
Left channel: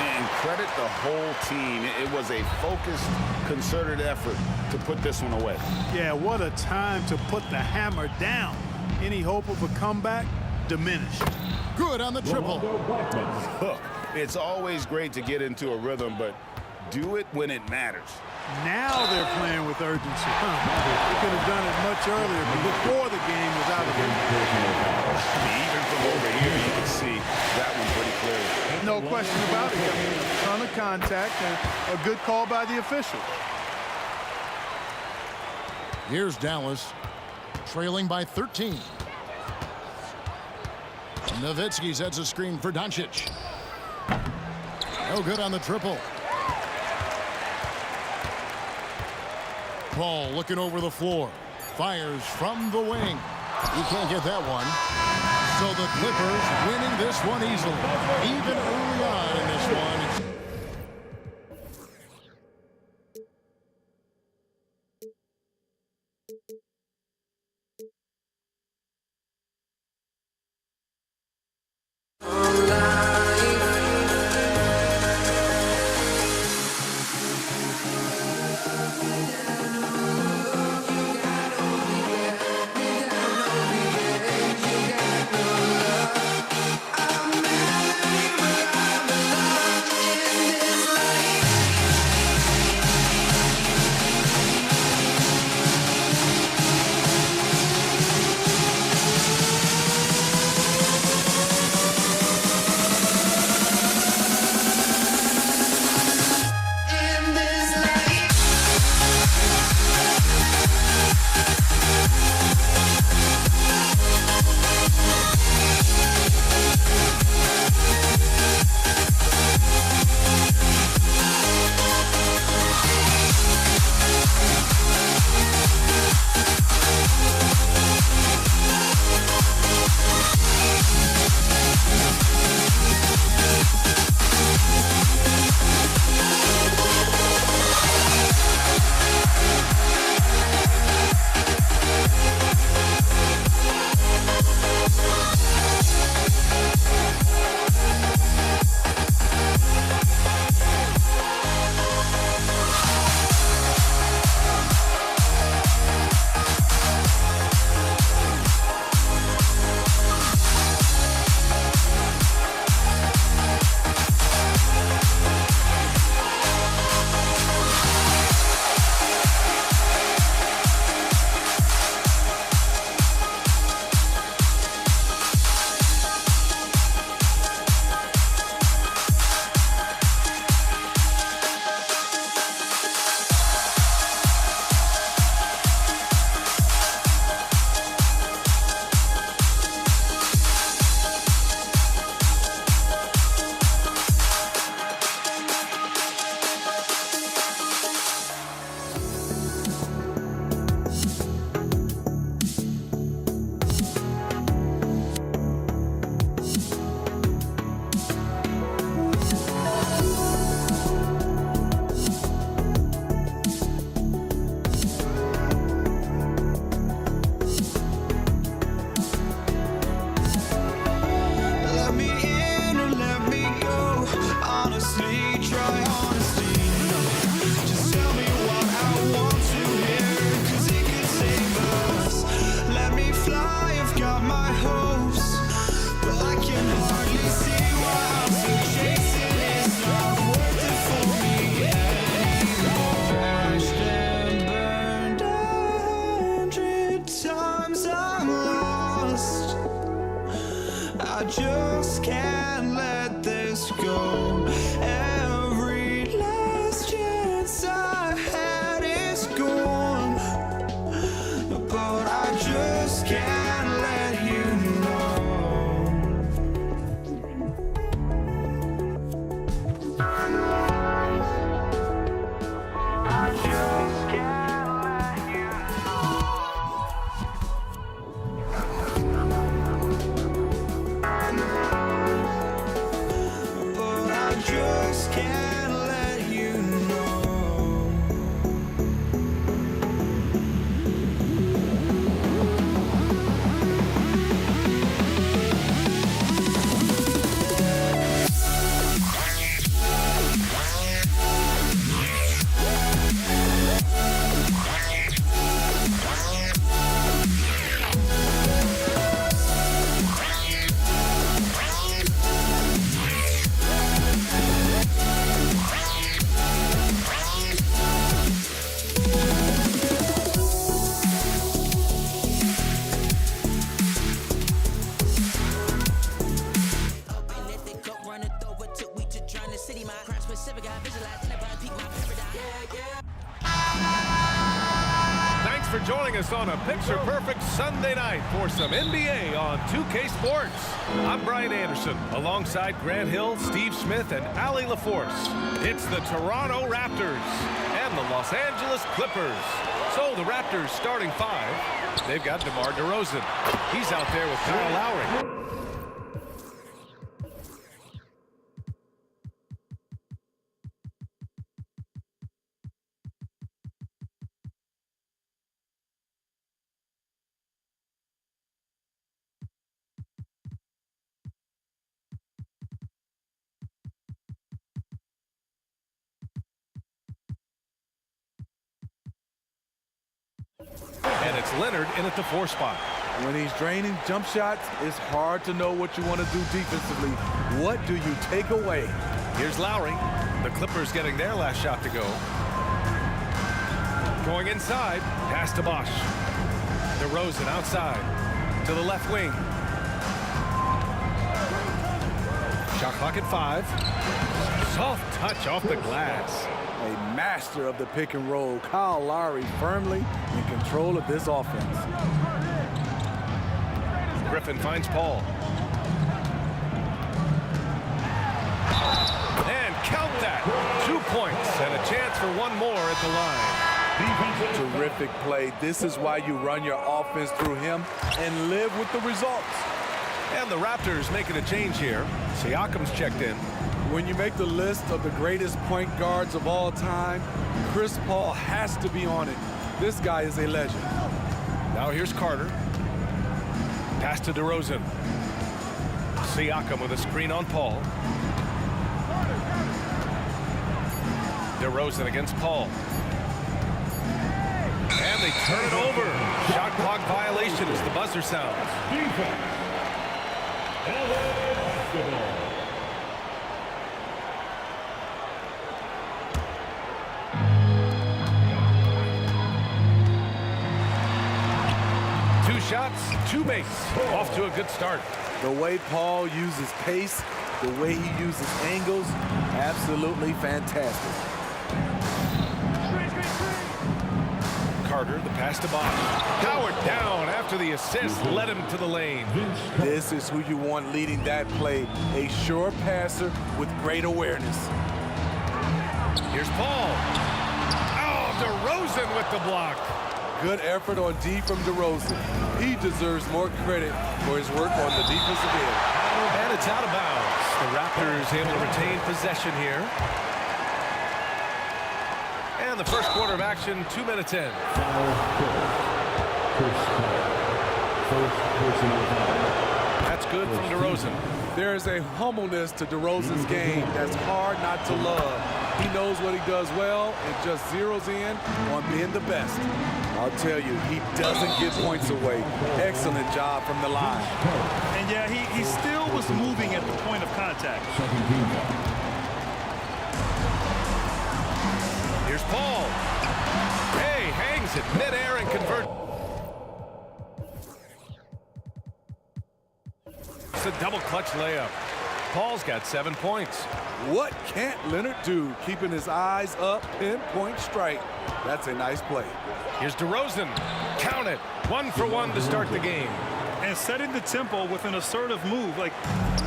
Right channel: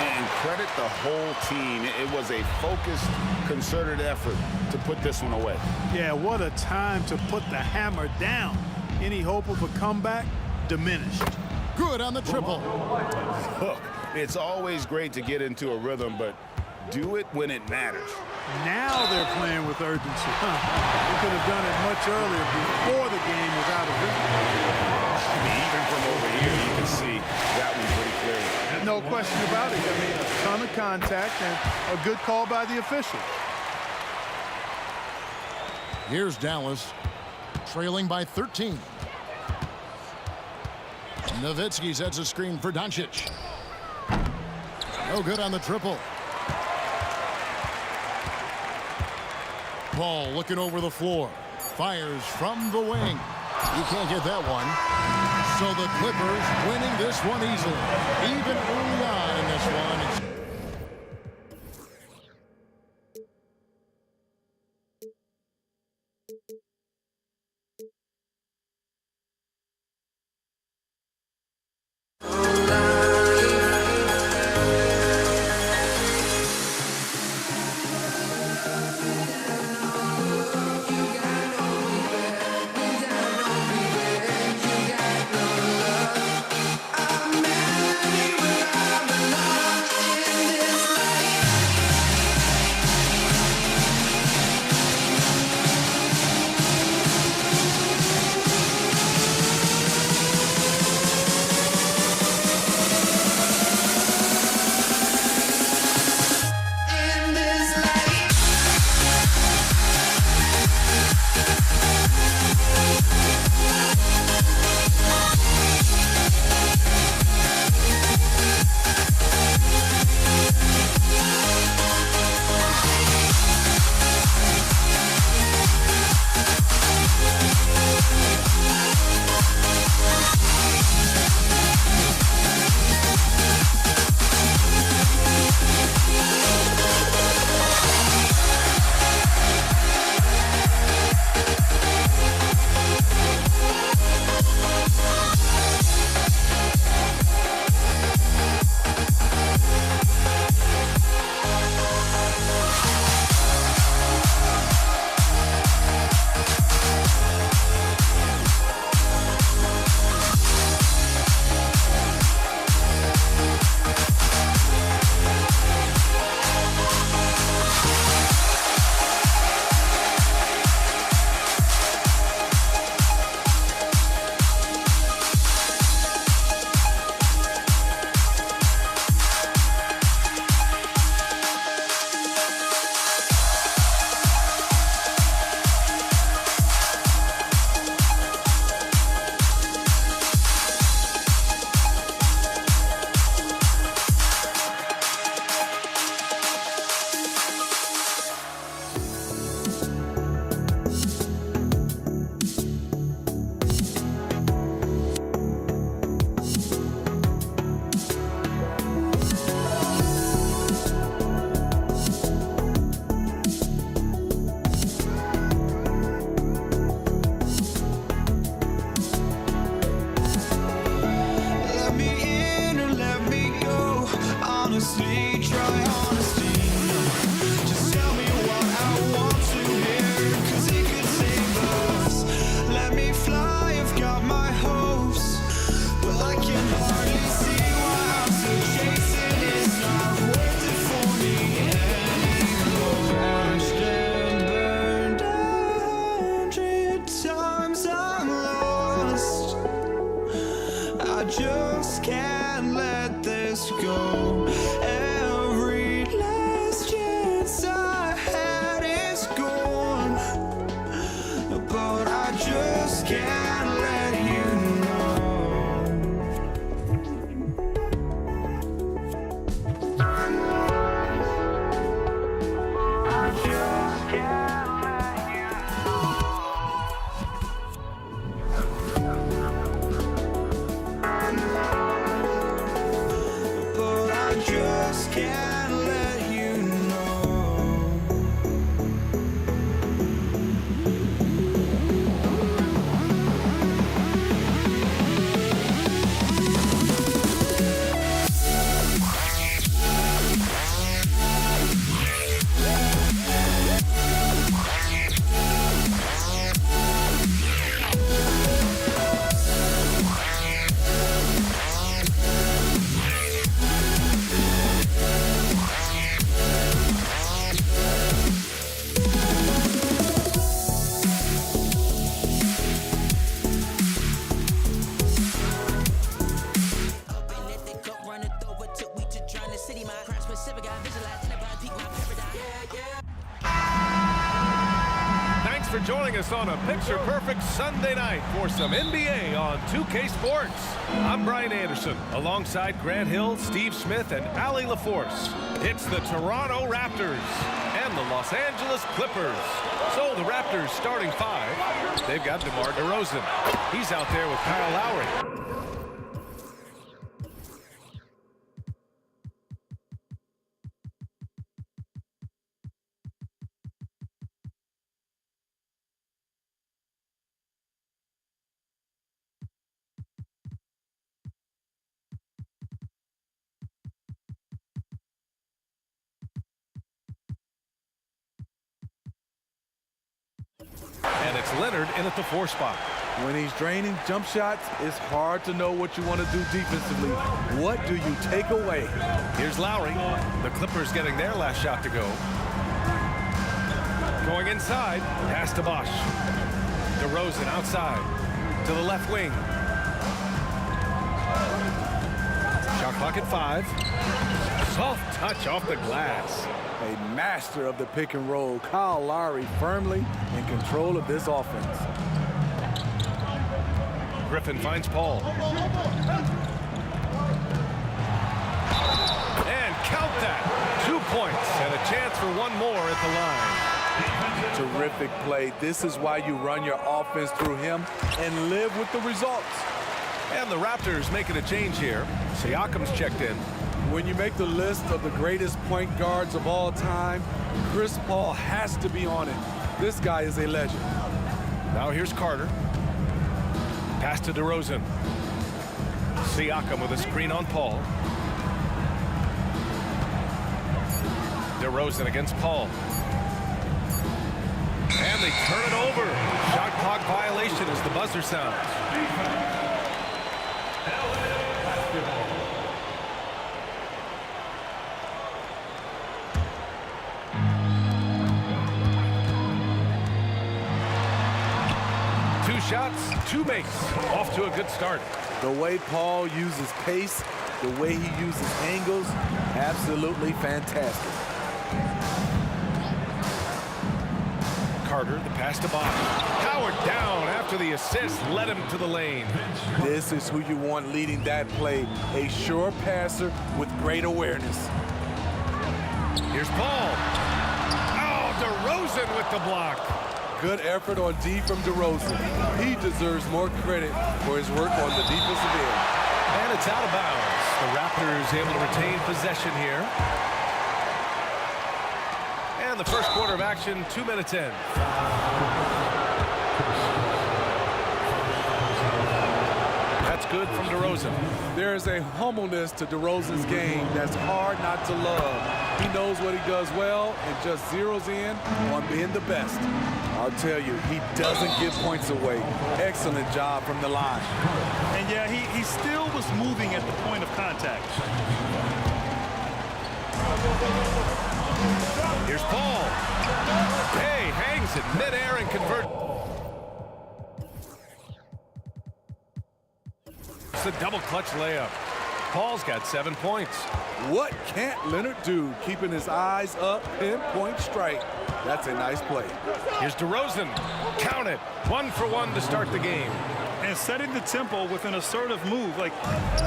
And credit the whole team. It was a focused, concerted effort to put this one away. Yeah, what a time to put the hammer down. Any hope of a comeback diminished. Good on the triple. Look, it's always great to get into a rhythm, but do it when it matters. Now they're playing with urgency. They could have done it much earlier before the game was out of reach. I mean, even from over here, you can see that one pretty clearly. No question about it. I mean, a ton of contact and a good call by the officials. Here's Dallas, trailing by 13. Nowitzki sets a screen for Doncic. No good on the triple. Paul looking over the floor. Fires from the wing. He can't get that one. So the Clippers winning this one easily. Even early on in this one. honestly, try honesty. No, just tell me what I want to hear, 'cause it could save us. Let me fly, I've got my hopes, but I can hardly see why I'm still chasing. It's not worth it for me anymore. Crashed and burned 100 times, I'm lost. I just can't let this go. Every last chance I had is gone, but I just can't let you know. I just can't let you know. But I just can't let you know. Thanks for joining us on a picture-perfect Sunday night for some NBA on 2K Sports. I'm Brian Anderson, alongside Grant Hill, Steve Smith, and Allie LaForce. It's the Toronto Raptors and the Los Angeles Clippers. So the Raptors starting five, they've got DeMar DeRozan. He's out there with Kyle Lowry. And it's Leonard in at the 4 spot. When he's draining jump shots, it's hard to know what you want to do defensively. What do you take away? Here's Lowry. The Clippers getting their last shot to go. Going inside, pass to Bosch. DeRozan outside to the left wing. Shot clock at 5. Soft touch off the glass. A master of the pick and roll, Kyle Lowry firmly in control of this offense. Griffin finds Paul. And count that. 2 points and a chance for one more at the line. Terrific play. This is why you run your offense through him and live with the results. And the Raptors making a change here. Siakam's checked in. When you make the list of the greatest point guards of all time, Chris Paul has to be on it. This guy is a legend. Now here's Carter. Pass to DeRozan. Siakam with a screen on Paul. DeRozan against Paul. And they turn it over. Shot clock violation as the buzzer sounds. LA Basketball. Two shots, 2 makes. Off to a good start. The way Paul uses pace, the way he uses angles, absolutely fantastic. Carter, the pass to Bosch. Powered down after the assist led him to the lane. This is who you want leading that play. A sure passer with great awareness. Here's Paul. Oh, DeRozan with the block. Good effort on D from DeRozan. He deserves more credit for his work on the defensive end. And it's out of bounds. The Raptors able to retain possession here. And the first quarter of action, 2 minutes in. That's That's good from DeRozan. There's a humbleness to DeRozan's game that's hard not to love. He knows what he does well and just zeroes in on being the best. I'll tell you, he doesn't give points away. Excellent job from the line. And yeah, he still was moving at the point of contact. Here's Paul. Hey, hangs it midair and converts. It's the double clutch layup. Paul's got 7 points. What can't Leonard do? Keeping his eyes up, pinpoint strike. That's a nice play. Here's DeRozan. Count it. 1 for 1 to start the game. And setting the tempo with an assertive move. Like,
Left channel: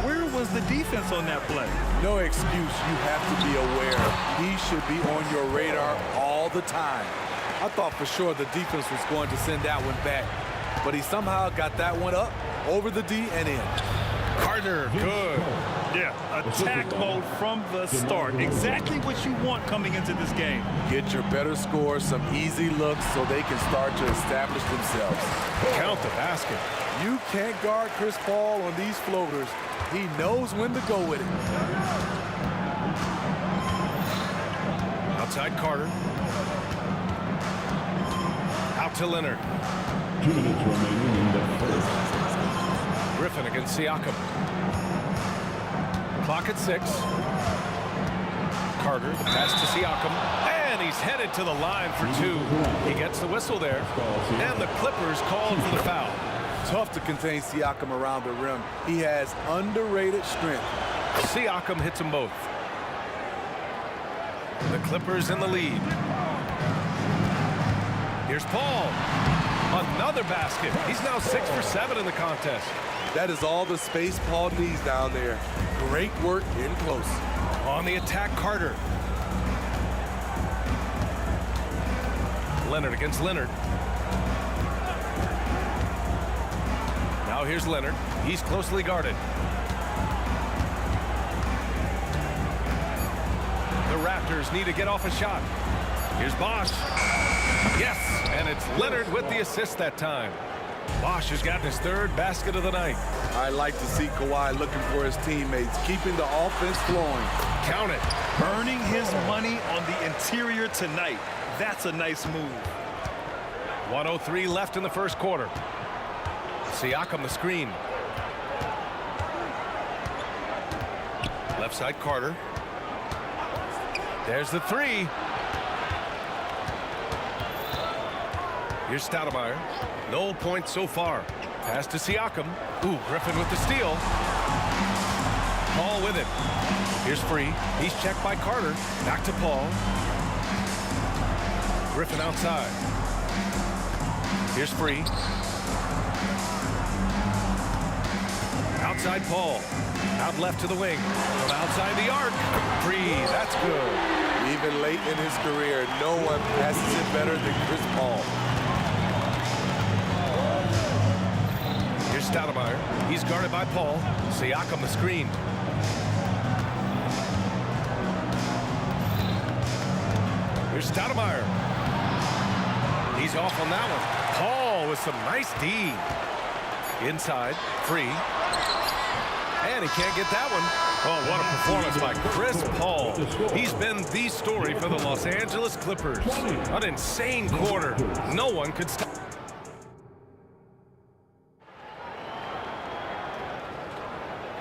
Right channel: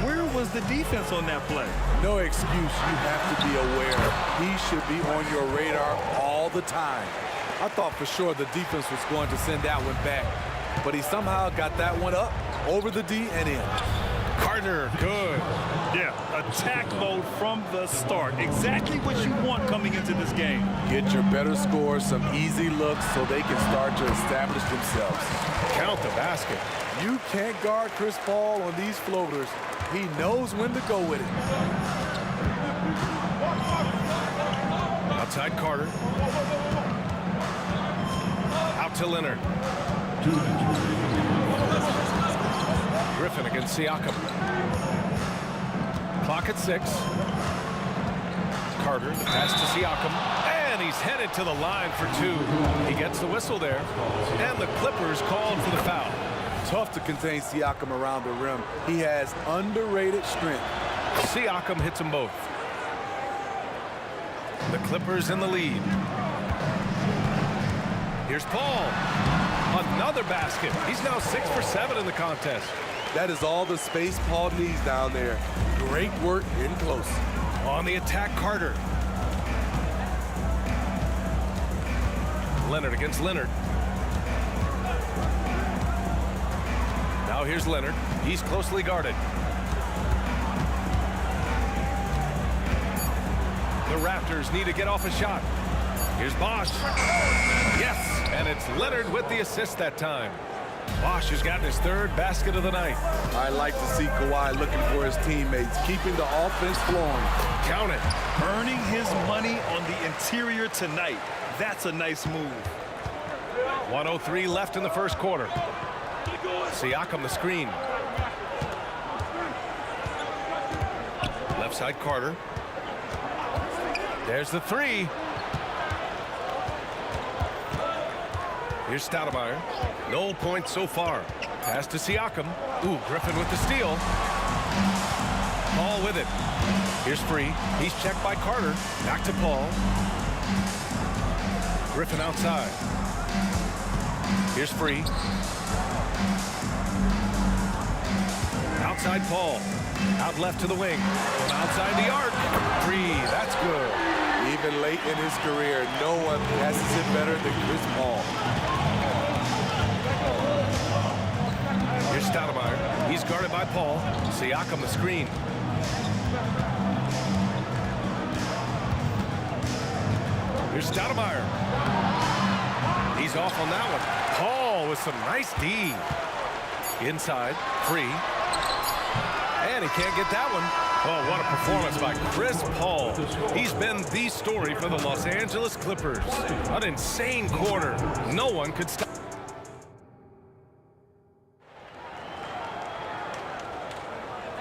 where was the defense on that play? No excuse. You have to be aware. He should be on your radar all the time. I thought for sure the defense was going to send that one back, but he somehow got that one up, over the D and in. Carter, good. Yeah, attack mode from the start. Exactly what you want coming into this game. Get your better scores, some easy looks so they can start to establish themselves. Count the basket. You can't guard Chris Paul on these floaters. He knows when to go with it. Outside Carter. Out to Leonard. 2 minutes remaining in the Griffin against Siakam. Clock at 6. Carter, the pass to Siakam. And he's headed to the line for 2. He gets the whistle there. And the Clippers called for the foul. Tough to contain Siakam around the rim. He has underrated strength. Siakam hits them both. The Clippers in the lead. Here's Paul. Another basket. He's now 6 for 7 in the contest. That is all the space Paul needs down there. Great work in close. On the attack, Carter. Leonard against Leonard. Now here's Leonard. He's closely guarded. The Raptors need to get off a shot. Here's Bosh. Yes, and it's Leonard with the assist that time. Bosh has gotten his 3rd basket of the night. I like to see Kawhi looking for his teammates, keeping the offense flowing. Count it. Earning his money on the interior tonight. That's a nice move. 1:03 left in the first quarter. Siakam the screen. Left side Carter. There's the 3. Here's Stoudemire. No points so far. Pass to Siakam. Ooh, Griffin with the steal. Paul with it. Here's Free. He's checked by Carter. Back to Paul. Griffin outside. Here's Free. Outside Paul. Out left to the wing. From outside the arc. Free. That's good. Even late in his career, no one passes it better than Chris Paul. Here's Stoudemire. He's guarded by Paul. Siakam the screen. Here's Stoudemire. He's off on that one. Paul with some nice D. Inside. Free. And he can't get that one. Oh, what a performance by Chris Paul. He's been the story for the Los Angeles Clippers. An insane quarter. No one could stop.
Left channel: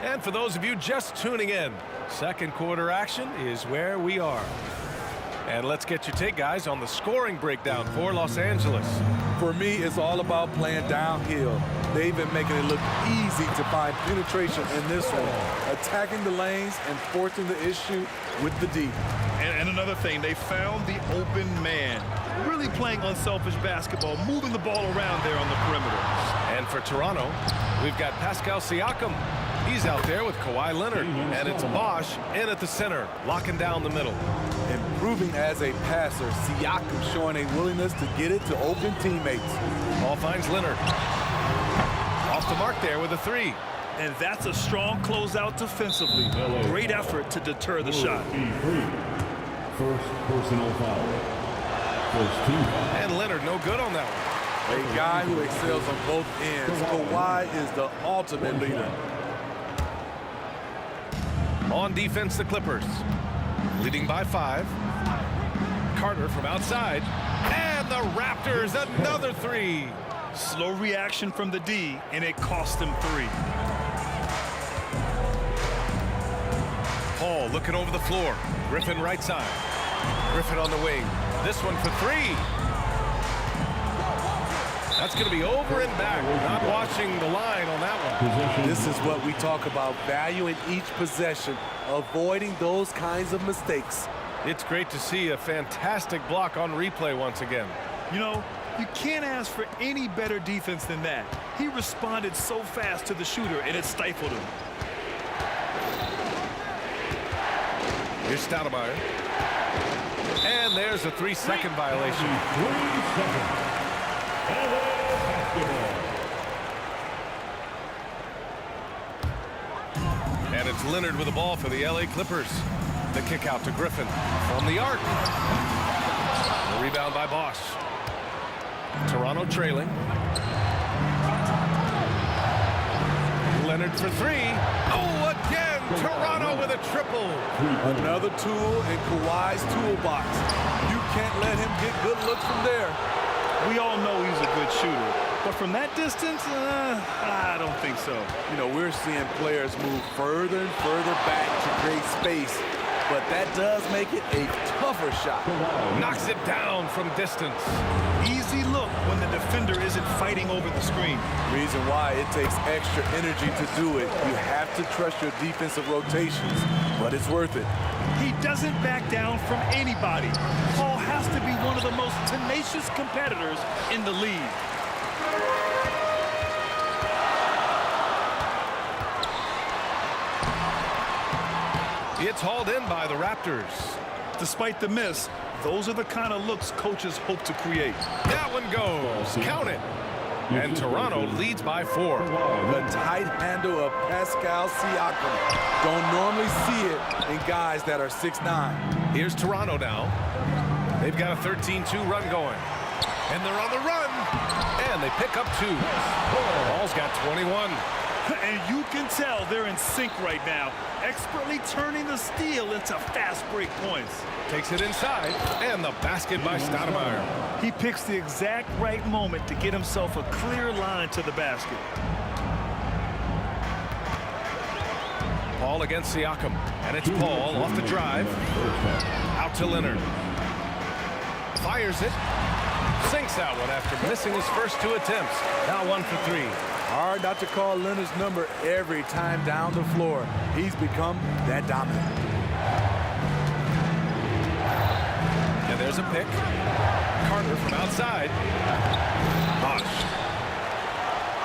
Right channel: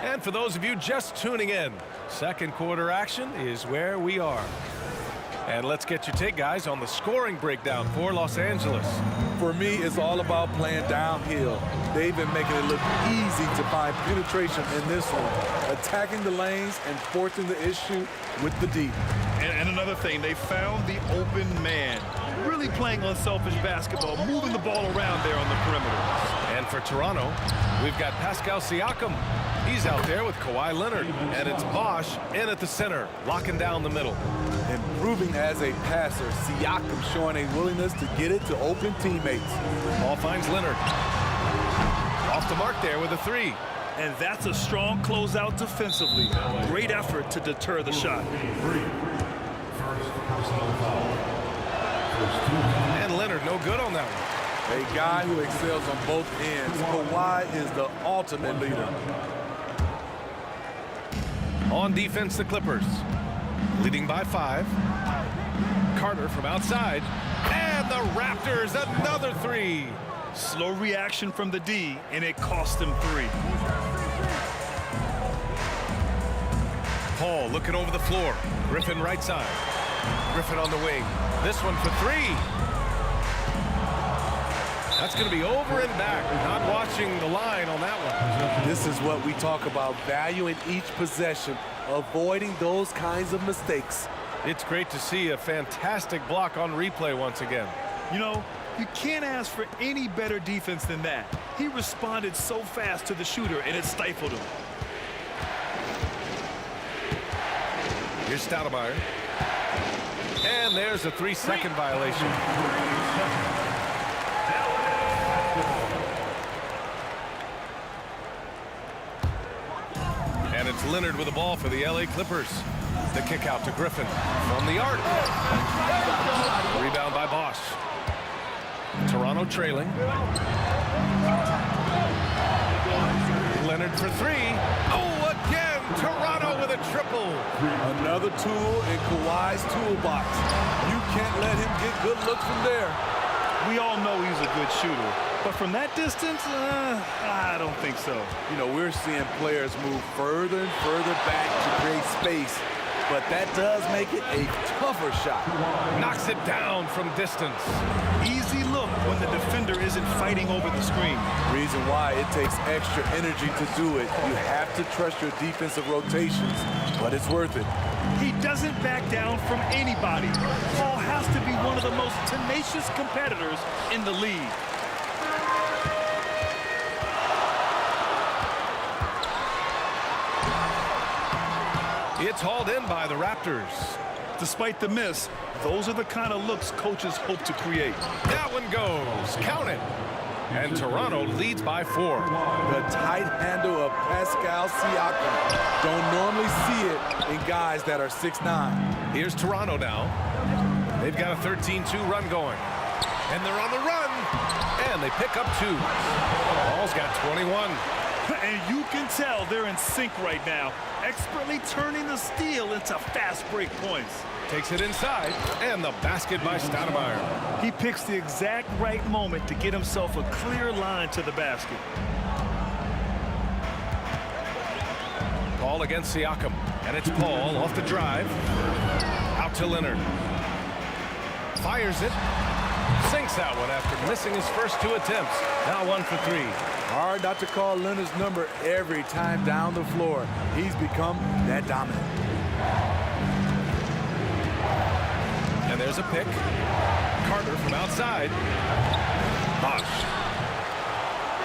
And for those of you just tuning in, second quarter action is where we are. And let's get your take, guys, on the scoring breakdown for Los Angeles. For me, it's all about playing downhill. They've been making it look easy to find penetration in this one, attacking the lanes and forcing the issue with the D. And another thing, they found the open man. Really playing unselfish basketball, moving the ball around there on the perimeter. And for Toronto, we've got Pascal Siakam. He's out there with Kawhi Leonard. And it's Bosh in at the center, locking down the middle. Improving as a passer, Siakam showing a willingness to get it to open teammates. Ball finds Leonard. Off the mark there with a 3. And that's a strong closeout defensively. Great effort to deter the shot. First personal foul. First team foul. And Leonard no good on that one. A guy who excels on both ends. Kawhi is the ultimate leader. On defense, the Clippers. Leading by 5. Carter from outside. And the Raptors, another 3. Slow reaction from the D, and it cost them 3. Paul looking over the floor. Griffin right side. Griffin on the wing. This one for 3. That's going to be over and back. Not watching the line on that one. This is what we talk about, valuing each possession, avoiding those kinds of mistakes. It's great to see a fantastic block on replay once again. You know, you can't ask for any better defense than that. He responded so fast to the shooter, and it stifled him. Here's Stoudemire. And there's a 3-second violation. 3 seconds. And it's Leonard with the ball for the LA Clippers. The kick out to Griffin from the arc. The rebound by Bosch. Toronto trailing. Leonard for 3. Oh, again, Toronto with a triple. Another tool in Kawhi's toolbox. You can't let him get good looks from there. We all know he's a good shooter, but from that distance, I don't think so. You know, we're seeing players move further and further back to create space, but that does make it a tougher shot. Knocks it down from distance. Easy look when the defender isn't fighting over the screen. Reason why it takes extra energy to do it. You have to trust your defensive rotations, but it's worth it. He doesn't back down from anybody. Paul has to be one of the most tenacious competitors in the league. It's hauled in by the Raptors. Despite the miss, those are the kind of looks coaches hope to create. That one goes. Count it. And Toronto leads by 4. The tight handle of Pascal Siakam. Don't normally see it in guys that are 6'9". Here's Toronto now. They've got a 13-2 run going. And they're on the run. And they pick up 2. Ball's got 21. And you can tell they're in sync right now, expertly turning the steal into fast break points. Takes it inside, and the basket by Stoudemire. He picks the exact right moment to get himself a clear line to the basket. Paul against Siakam, and it's Paul off the drive. Out to Leonard. Fires it. Sinks that one after missing his first 2 attempts. Now 1 for 3. Hard not to call Leonard's number every time down the floor. He's become that dominant. And there's a pick. Carter from outside. Bosch.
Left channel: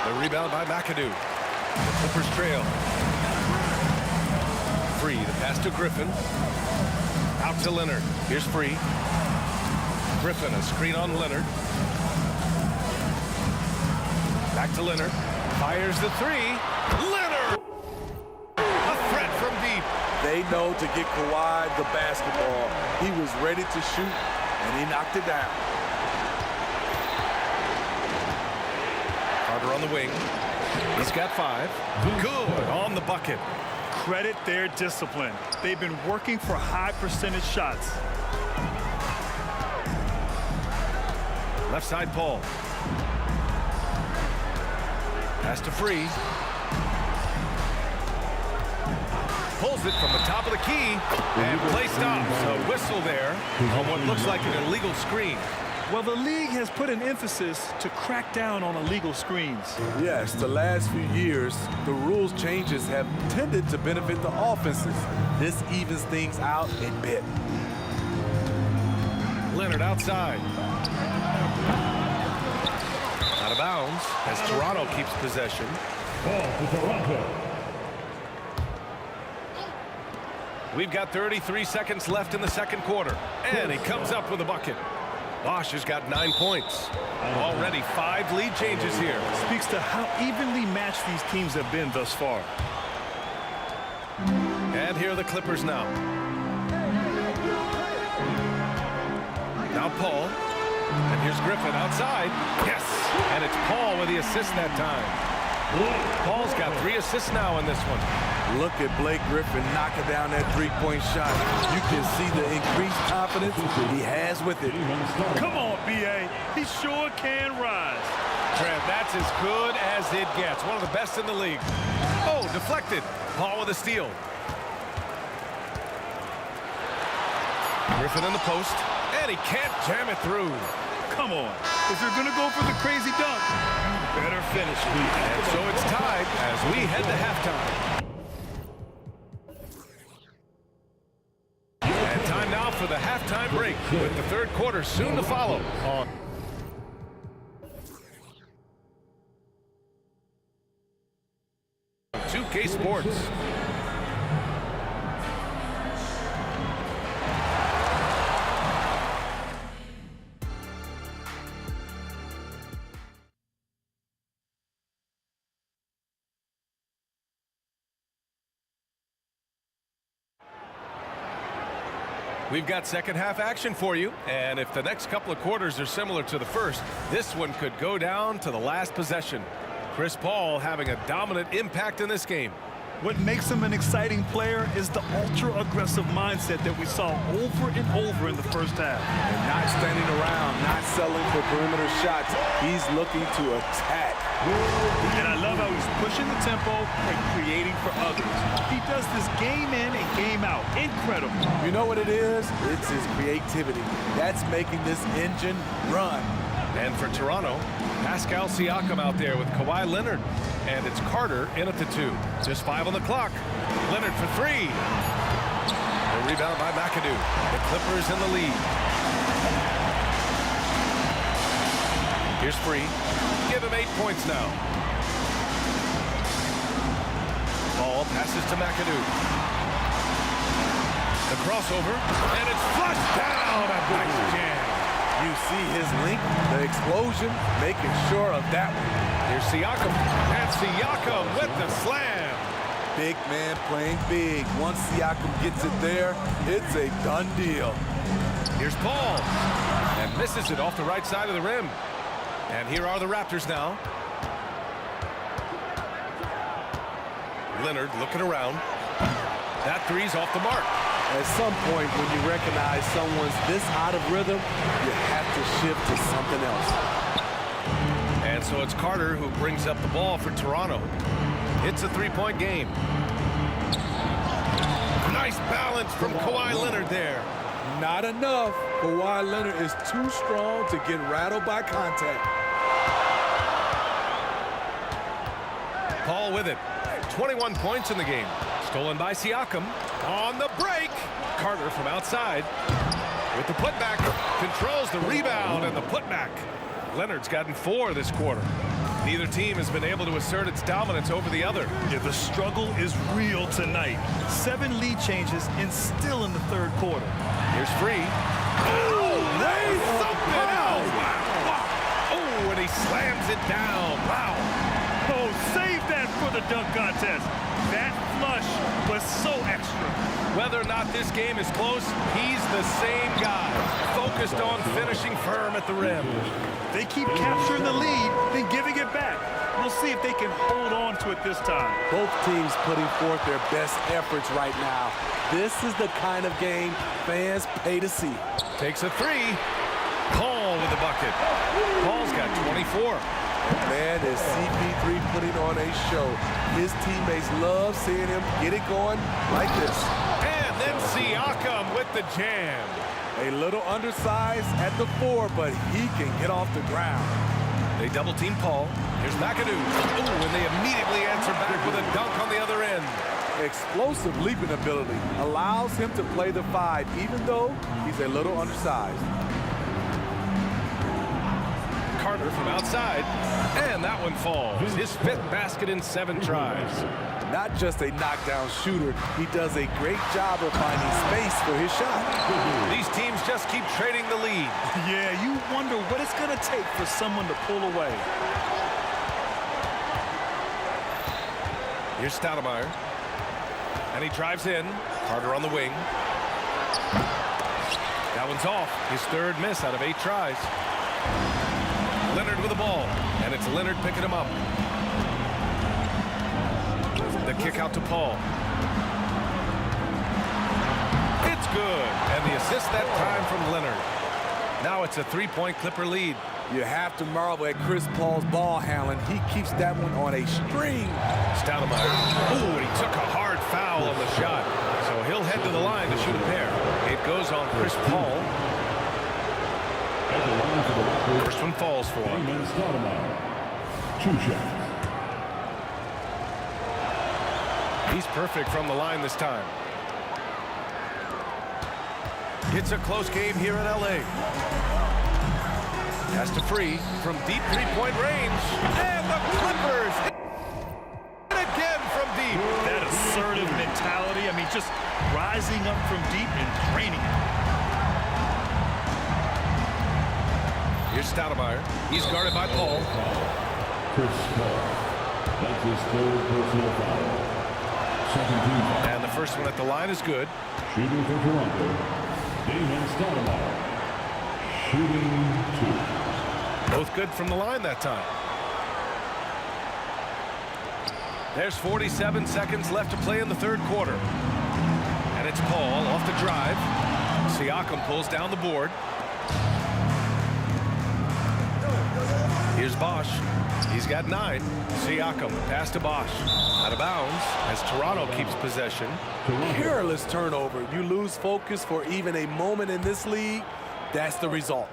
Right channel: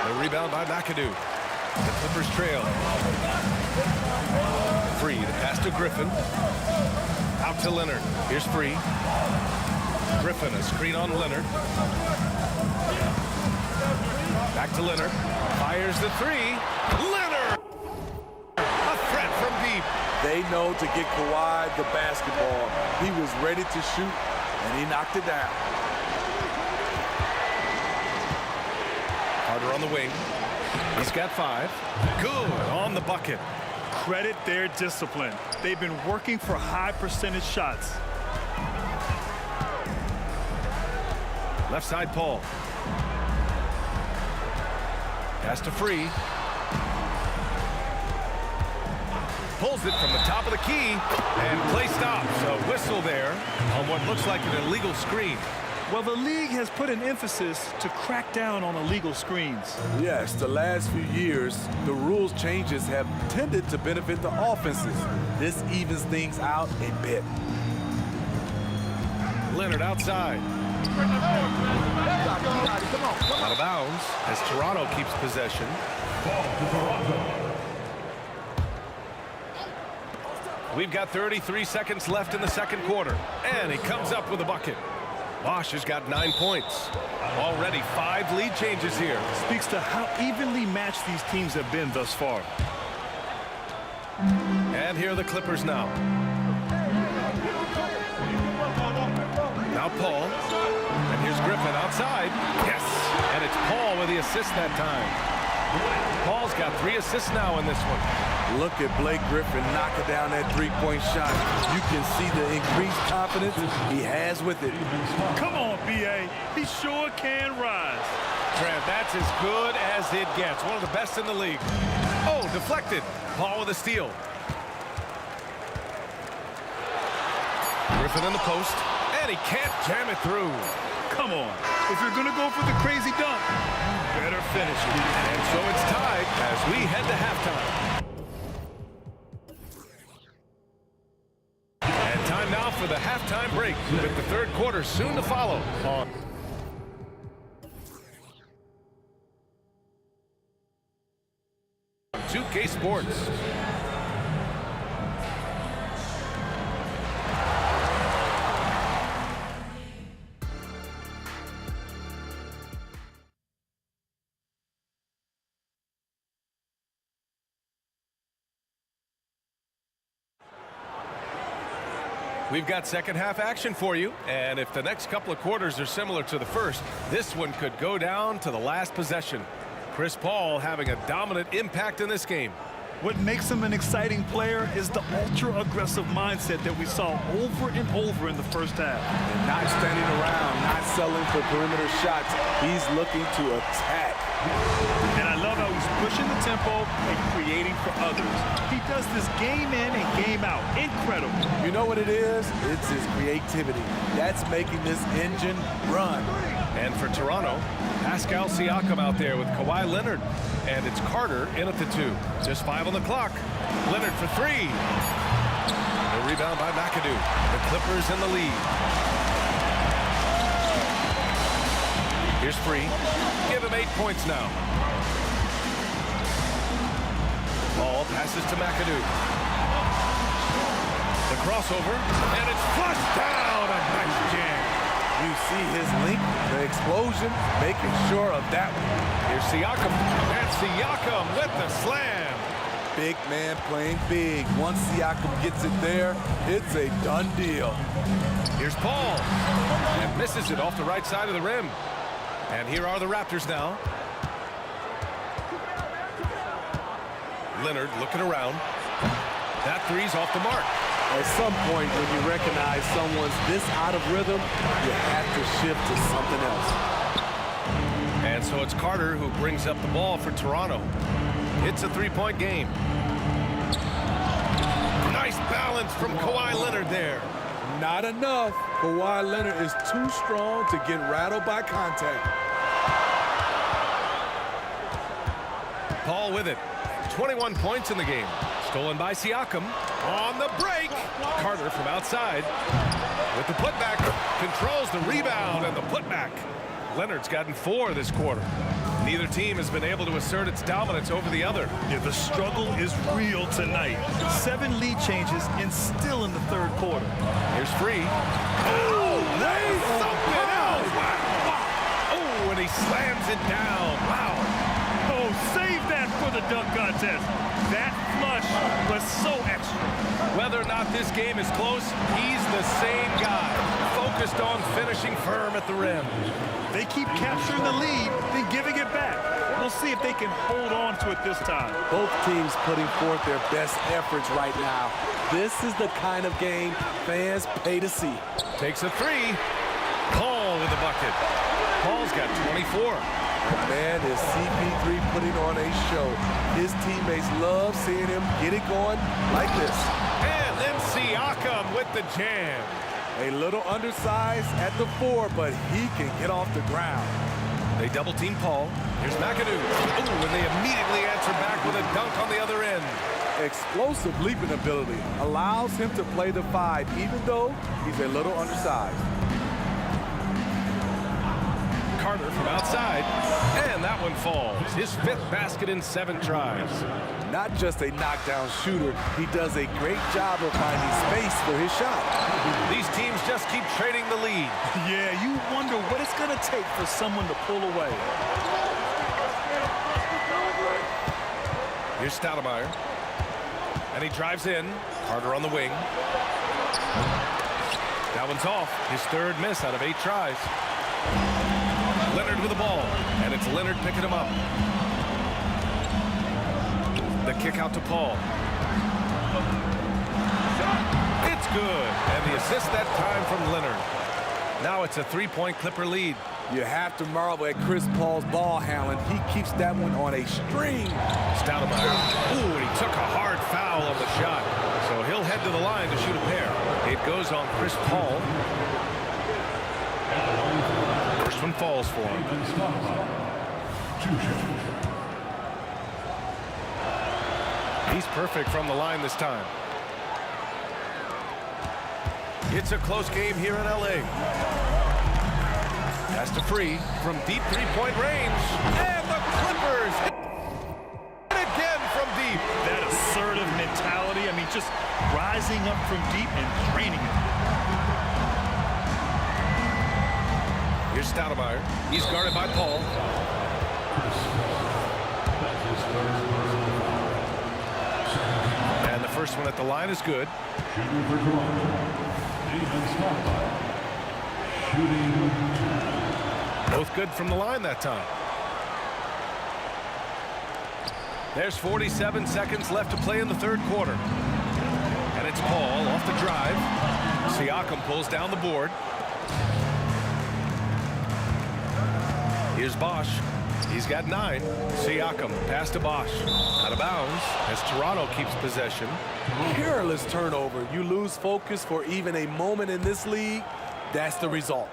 The rebound by McAdoo. The Clippers trail. Free. The pass to Griffin. Out to Leonard. Here's Free. Griffin, a screen on Leonard. Back to Leonard. Fires the 3. Leonard! A threat from deep. They know to get Kawhi the basketball. He was ready to shoot, and he knocked it down. Carter on the wing. He's got 5. Good on the bucket. Credit their discipline. They've been working for high percentage shots. Left side, Paul. Pass to Free. Pulls it from the top of the key, and play stops. A whistle there on what looks like an illegal screen. Well, the league has put an emphasis to crack down on illegal screens. Yes, the last few years, the rules changes have tended to benefit the offenses. This evens things out a bit. Leonard outside. Out of bounds as Toronto keeps possession. Ball to Toronto. We've got 33 seconds left in the second quarter, and he comes up with a bucket. Bosch has got 9 points. Already 5 lead changes here. Speaks to how evenly matched these teams have been thus far. And here are the Clippers now. Now Paul. And here's Griffin outside. Yes! And it's Paul with the assist that time. Paul's got 3 assists now in this one. Look at Blake Griffin knocking down that three-point shot. You can see the increased confidence he has with it. Come on, B.A. He sure can rise. Trev, that's as good as it gets. One of the best in the league. Oh, deflected. Paul with a steal. Griffin in the post, and he can't jam it through. Come on. If you're going to go for the crazy dunk, you better finish it. And so it's tied as we head to halftime. And time now for the halftime break, with the third quarter soon to follow on 2K Sports. We've got second half action for you, and if the next couple of quarters are similar to the first, this one could go down to the last possession. Chris Paul having a dominant impact in this game. What makes him an exciting player is the ultra-aggressive mindset that we saw over and over in the first half. And not standing around, not settling for perimeter shots. He's looking to attack. And I love how he's pushing the tempo and creating for others. He does this game in and game out. Incredible. You know what it is? It's his creativity. That's making this engine run. And for Toronto, Pascal Siakam out there with Kawhi Leonard. And it's Carter in at the 2. Just 5 on the clock. Leonard for 3. The rebound by McAdoo. The Clippers in the lead. Here's Free. Give him 8 points now. Ball passes to McAdoo. The crossover, and it's flushed down. A nice jam. You see his length, the explosion, making sure of that one. Here's Siakam, and Siakam with the slam. Big man playing big. Once Siakam gets it there, it's a done deal. Here's Paul, and misses it off the right side of the rim. And here are the Raptors now. Leonard looking around. That three's off the mark. At some point, when you recognize someone's this out of rhythm, you have to shift to something else. And so it's Carter who brings up the ball for Toronto. It's a three-point game. Nice balance from Kawhi Leonard there. Not enough. Kawhi Leonard is too strong to get rattled by contact. Paul with it. 21 points in the game. Stolen by Siakam. On the break. Carter from outside. With the putback. Controls the rebound and the putback. Leonard's gotten 4 this quarter. Neither team has been able to assert its dominance over the other. Yeah, the struggle is real tonight. 7 lead changes and still in the third quarter. Here's Free. Oh, that was something else. Wow, wow. Oh, and he slams it down. Wow. Oh, save that for the dunk contest. That flush was so extra. Whether or not this game is close, he's the same guy. Focused on finishing firm at the rim. They keep capturing the lead, then giving it back. We'll see if they can hold on to it this time. Both teams putting forth their best efforts right now. This is the kind of game fans pay to see. Takes a 3. Paul with the bucket. Paul's got 24. And man, is CP3 putting on a show. His teammates love seeing him get it going like this. And then Siakam with the jam. A little undersized at the 4, but he can get off the ground. They double team Paul. Here's McAdoo. Ooh, and they immediately answer back with a dunk on the other end. Explosive leaping ability allows him to play the 5, even though he's a little undersized. Carter from outside, and that one falls. His 5th basket in 7 tries. Not just a knockdown shooter, he does a great job of finding space for his shot. These teams just keep trading the lead. Yeah, you wonder what it's going to take for someone to pull away. Here's Stoudemire. And he drives in. Carter on the wing. That one's off. His 3rd miss out of 8 tries. Leonard with the ball, and it's Leonard picking him up. The kick out to Paul. It's good, and the assist that time from Leonard. Now it's a 3-point Clipper lead. You have to marvel at Chris Paul's ball handling. He keeps that one on a string. Stoudemire. Ooh, and he took a hard foul on the shot. So he'll head to the line to shoot a pair. It goes on Chris Paul. First one falls for him. Two shots. He's perfect from the line this time. It's a close game here in LA. Pass to Free from deep 3-point range. And the Clippers hit it again from deep. That assertive mentality, I mean, just rising up from deep and draining it. Here's Stoudemire. He's guarded by Paul. Chris Paul. That's his third personal foul. Second team foul. And the first one at the line is good. Shooting for Toronto, Damon Stoudemire. Shooting 2. Both good from the line that time. There's 47 seconds left to play in the third quarter. And it's Paul off the drive. Siakam pulls down the board. Here's Bosch. He's got 9. Siakam, the pass to Bosch. Out of bounds as Toronto keeps possession. Careless turnover. You lose focus for even a moment in this league. That's the result.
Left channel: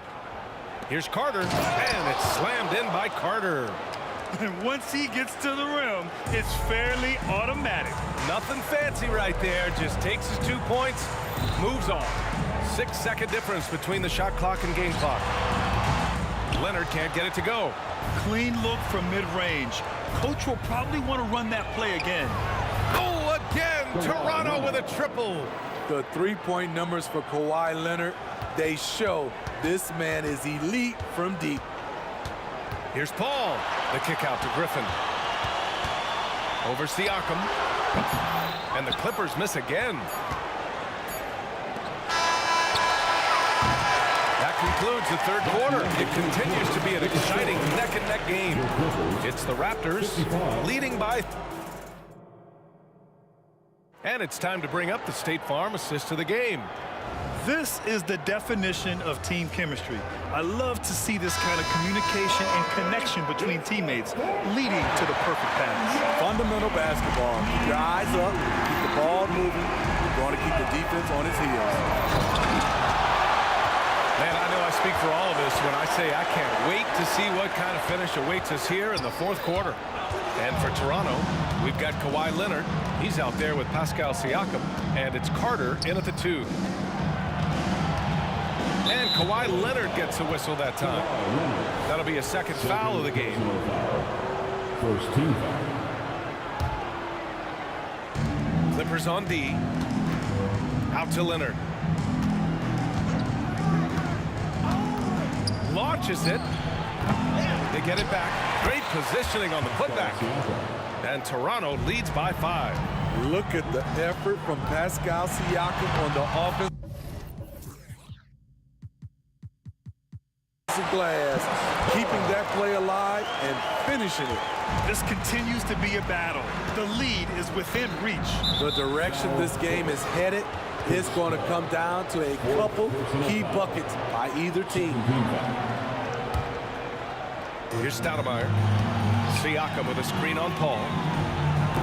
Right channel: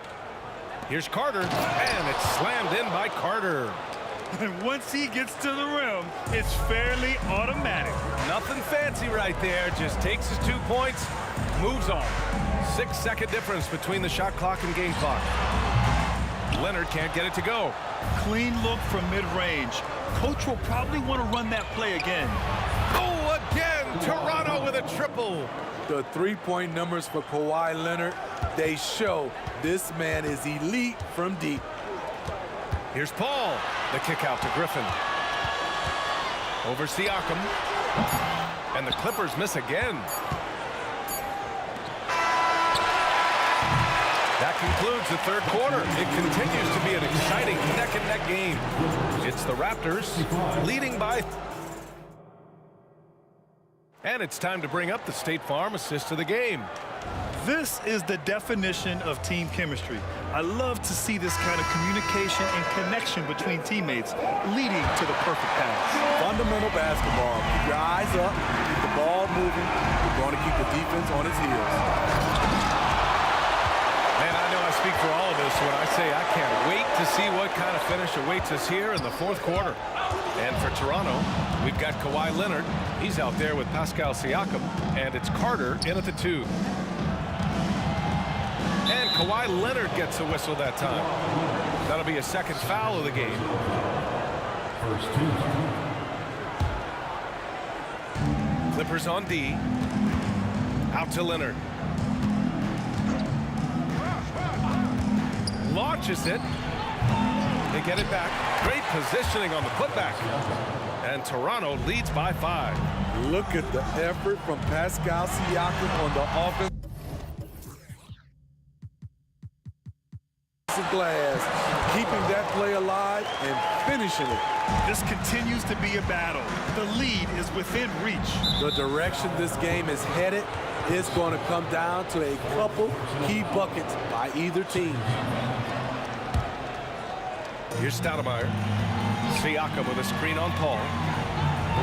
Here's Carter, and it's slammed in by Carter. And once he gets to the rim, it's fairly automatic. Nothing fancy right there. Just takes his 2 points, moves on. 6-second difference between the shot clock and game clock. Leonard can't get it to go. Clean look from mid-range. Coach will probably want to run that play again. Oh, again! Toronto with a triple. The 3-point numbers for Kawhi Leonard, they show this man is elite from deep. Here's Paul. The kick out to Griffin. Over Siakam. And the Clippers miss again. That concludes the third quarter. It continues to be an exciting neck-and-neck game. It's the Raptors leading by... And it's time to bring up the State Farm assist of the game. This is the definition of team chemistry. I love to see this kind of communication and connection between teammates leading to the perfect pass. Fundamental basketball. Keep your eyes up, keep the ball moving. You're going to keep the defense on its heels. Man, I know I speak for all of us when I say I can't wait to see what kind of finish awaits us here in the fourth quarter. And for Toronto, we've got Kawhi Leonard. He's out there with Pascal Siakam, and it's Carter in at the 2. And Kawhi Leonard gets a whistle that time. That'll be a second foul of the game. First team foul. Clippers on D. Out to Leonard. Launches it. They get it back. Great positioning on the putback. And Toronto leads by 5. Look at the effort from Pascal Siakam on the offensive glass, keeping that play alive and finishing it. This continues to be a battle. The lead is within reach. The direction this game is headed is going to come down to a couple key buckets by either team. Here's Stoudemire. Siakam with a screen on Paul.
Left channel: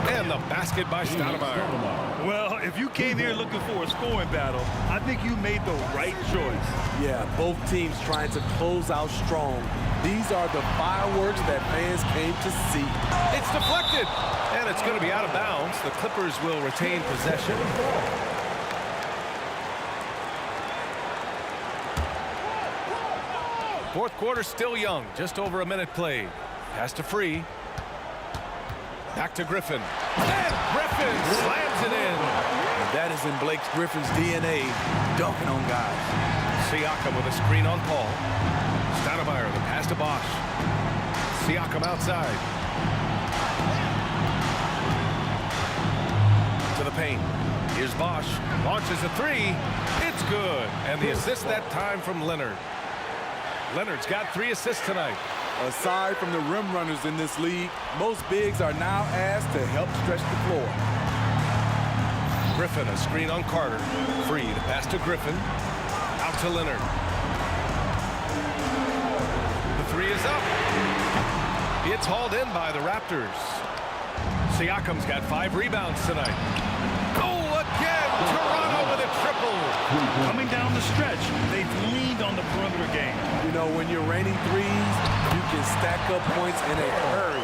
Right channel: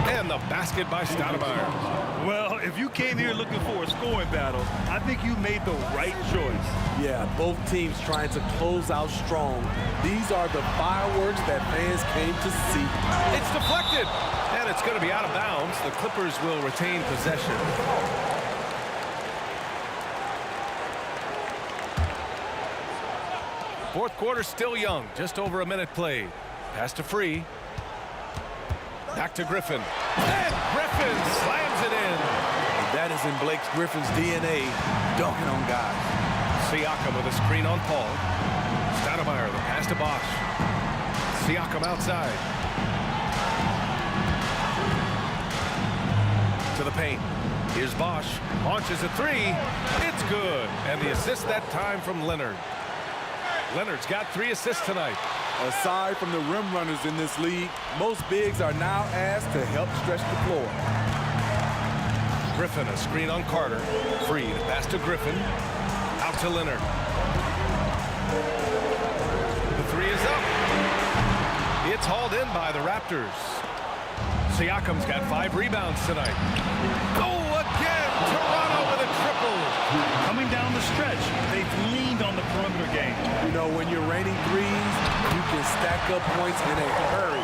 And the basket by Stoudemire. Well, if you came here looking for a scoring battle, I think you made the right choice. Yeah, both teams trying to close out strong. These are the fireworks that fans came to see. It's deflected, and it's going to be out of bounds. The Clippers will retain possession. Fourth quarter still young, just over a minute played. Pass to Free. Back to Griffin. And Griffin slams it in. And that is in Blake Griffin's DNA, dunking on guys. Siakam with a screen on Paul. Stoudemire, the pass to Bosch. Siakam outside. To the paint. Here's Bosch. Launches a 3. It's good. And the assist that time from Leonard. Leonard's got 3 assists tonight. Aside from the rim runners in this league, most bigs are now asked to help stretch the floor. Griffin, a screen on Carter. Free to pass to Griffin. Out to Leonard. The 3 is up. It's hauled in by the Raptors. Siakam's got 5 rebounds tonight. Oh, again! Toronto with a triple. Coming down the stretch, they've leaned on the perimeter game. You know, when you're raining threes, you can stack up points in a hurry,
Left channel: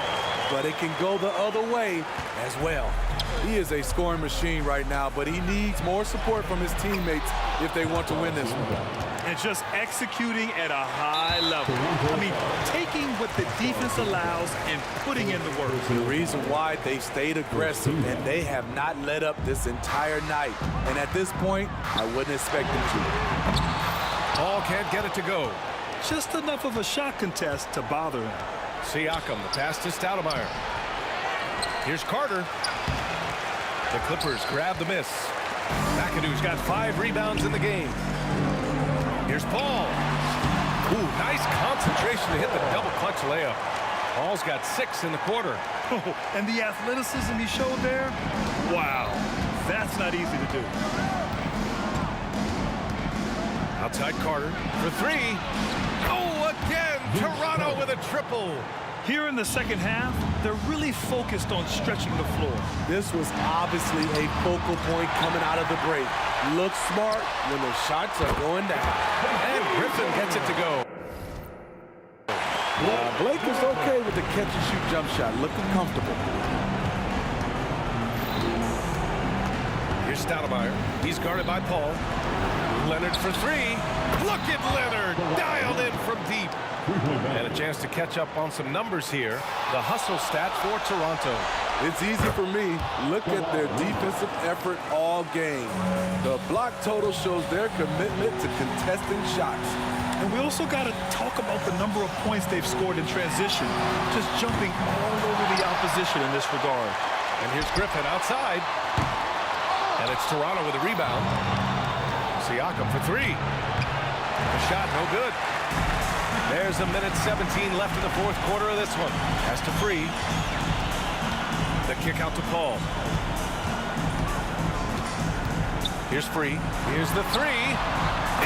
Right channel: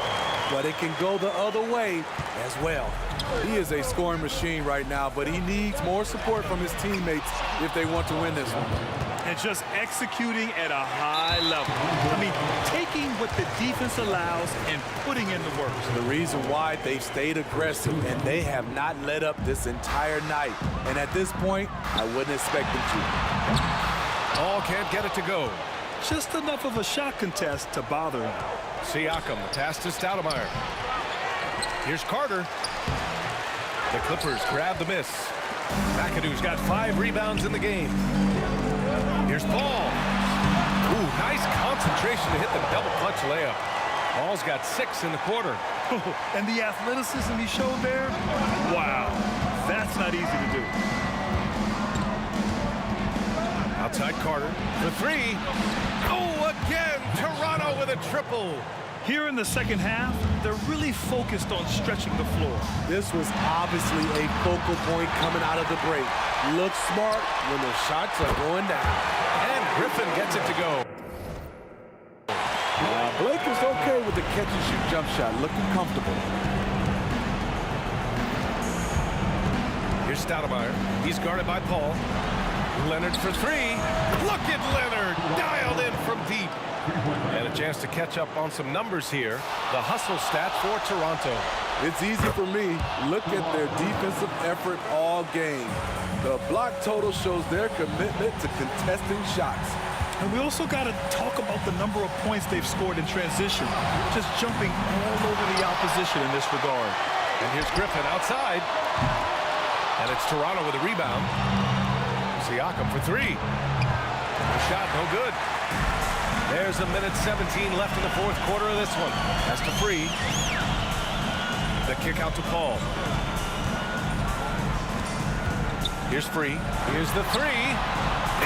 but it can go the other way as well. He is a scoring machine right now, but he needs more support from his teammates if they want to win this one. And just executing at a high level. I mean, taking what the defense allows and putting in the work. The reason why they've stayed aggressive and they have not let up this entire night. And at this point, I wouldn't expect them to. Paul can't get it to go. Just enough of a shot contest to bother him. Siakam, the pass to Stoudemire. Here's Carter. The Clippers grab the miss. McAdoo's got 5 rebounds in the game. Here's Paul. Ooh, nice concentration to hit the double clutch layup. Paul's got 6 in the quarter. Oh, and the athleticism he showed there, wow, that's not easy to do. Outside Carter for 3. Oh, again, Toronto with a triple. Here in the second half, they're really focused on stretching the floor. This was obviously a focal point coming out of the break. Look smart when the shots are going down. And Griffin gets it to go. Blake is okay with the catch-and-shoot jump shot, looking comfortable. Here's Stoudemire. He's guarded by Paul. Leonard for 3. Look at Leonard, dialed in from deep. And a chance to catch up on some numbers here. The hustle stats for Toronto. It's easy for me. Look at their defensive effort all game. The block total shows their commitment to contesting shots. And we also got to talk about the number of points they've scored in transition, just jumping all over the opposition in this regard. And here's Griffin outside. And it's Toronto with a rebound. Siakam for 3. The shot no good. There's a minute 17 left in the 4th quarter of this one. Has to free. The kick out to Paul. Here's Free. Here's the 3.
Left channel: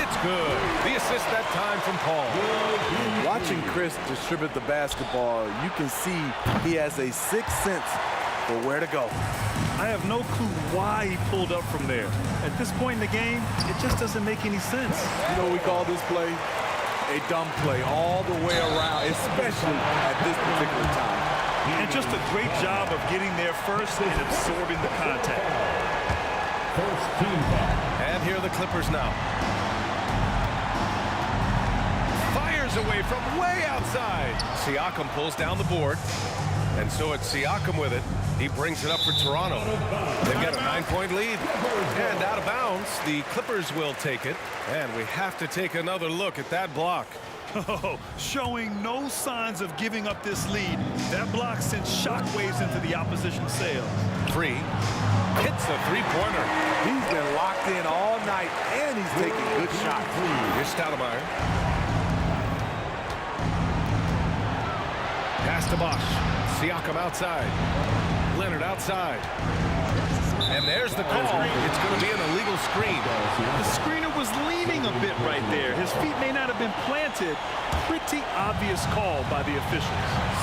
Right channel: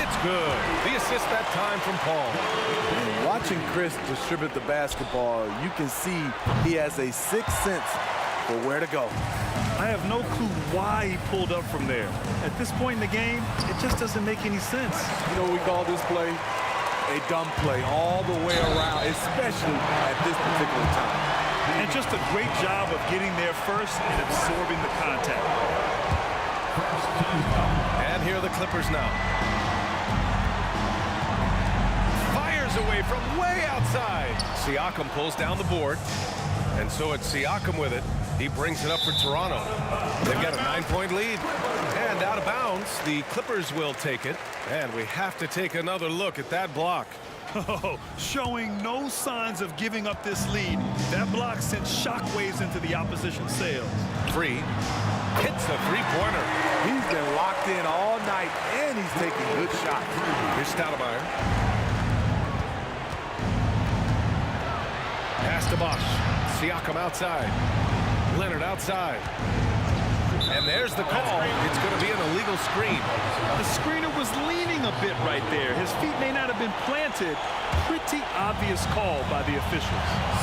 It's good. The assist that time from Paul. And watching Chris distribute the basketball, you can see he has a 6th sense for where to go. I have no clue why he pulled up from there. At this point in the game, it just doesn't make any sense. You know what we call this play? A dumb play all the way around, especially at this particular time. And just a great job of getting there first and absorbing the contact. First team foul. And here are the Clippers now. Fires away from way outside. Siakam pulls down the board. And so it's Siakam with it. He brings it up for Toronto. They've got a 9-point lead. And out of bounds, the Clippers will take it. And we have to take another look at that block. Oh, showing no signs of giving up this lead. That block sent shockwaves into the opposition sails. Free. Hits a 3-pointer. He's been locked in all night, and he's taking good shots. Here's Stoudemire. Pass to Bosch. Siakam outside. Leonard outside. And there's the call. It's going to be an illegal screen. The screener was leaning a bit right there. His feet may not have been planted. Pretty obvious call by the officials.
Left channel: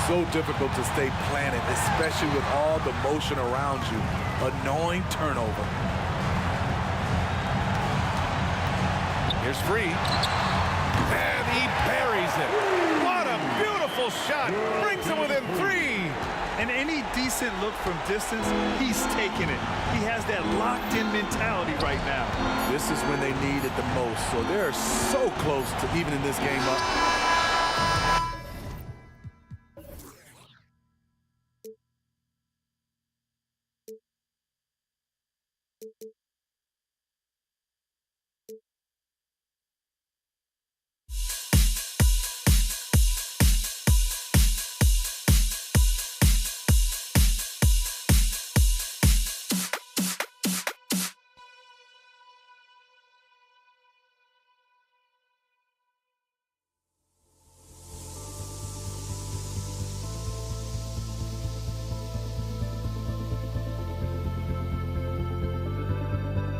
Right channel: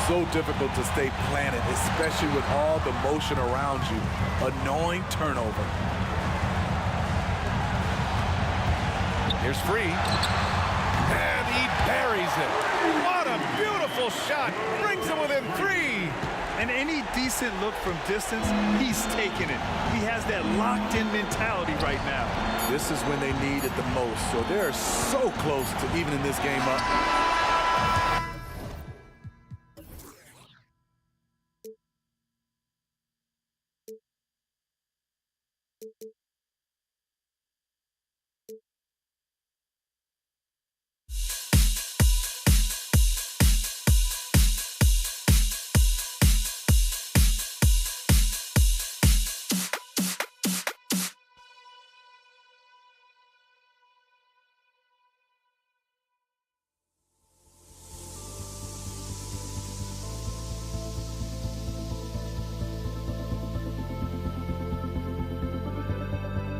So difficult to stay planted, especially with all the motion around you. Annoying turnover. Here's Free. And he buries it. What a beautiful shot. Brings him within 3. And any decent look from distance, he's taking it. He has that locked-in mentality right now. This is when they need it the most, so they're so close to evening this game up.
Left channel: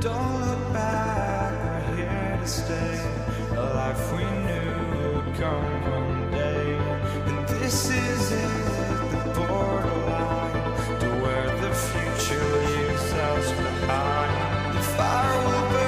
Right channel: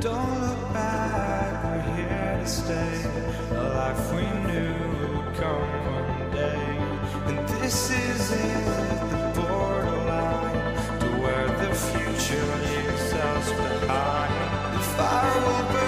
Don't look back, we're here to stay. A life we knew would come one day. And this is it, the borderline to where the future leaves us behind. The fire will burn.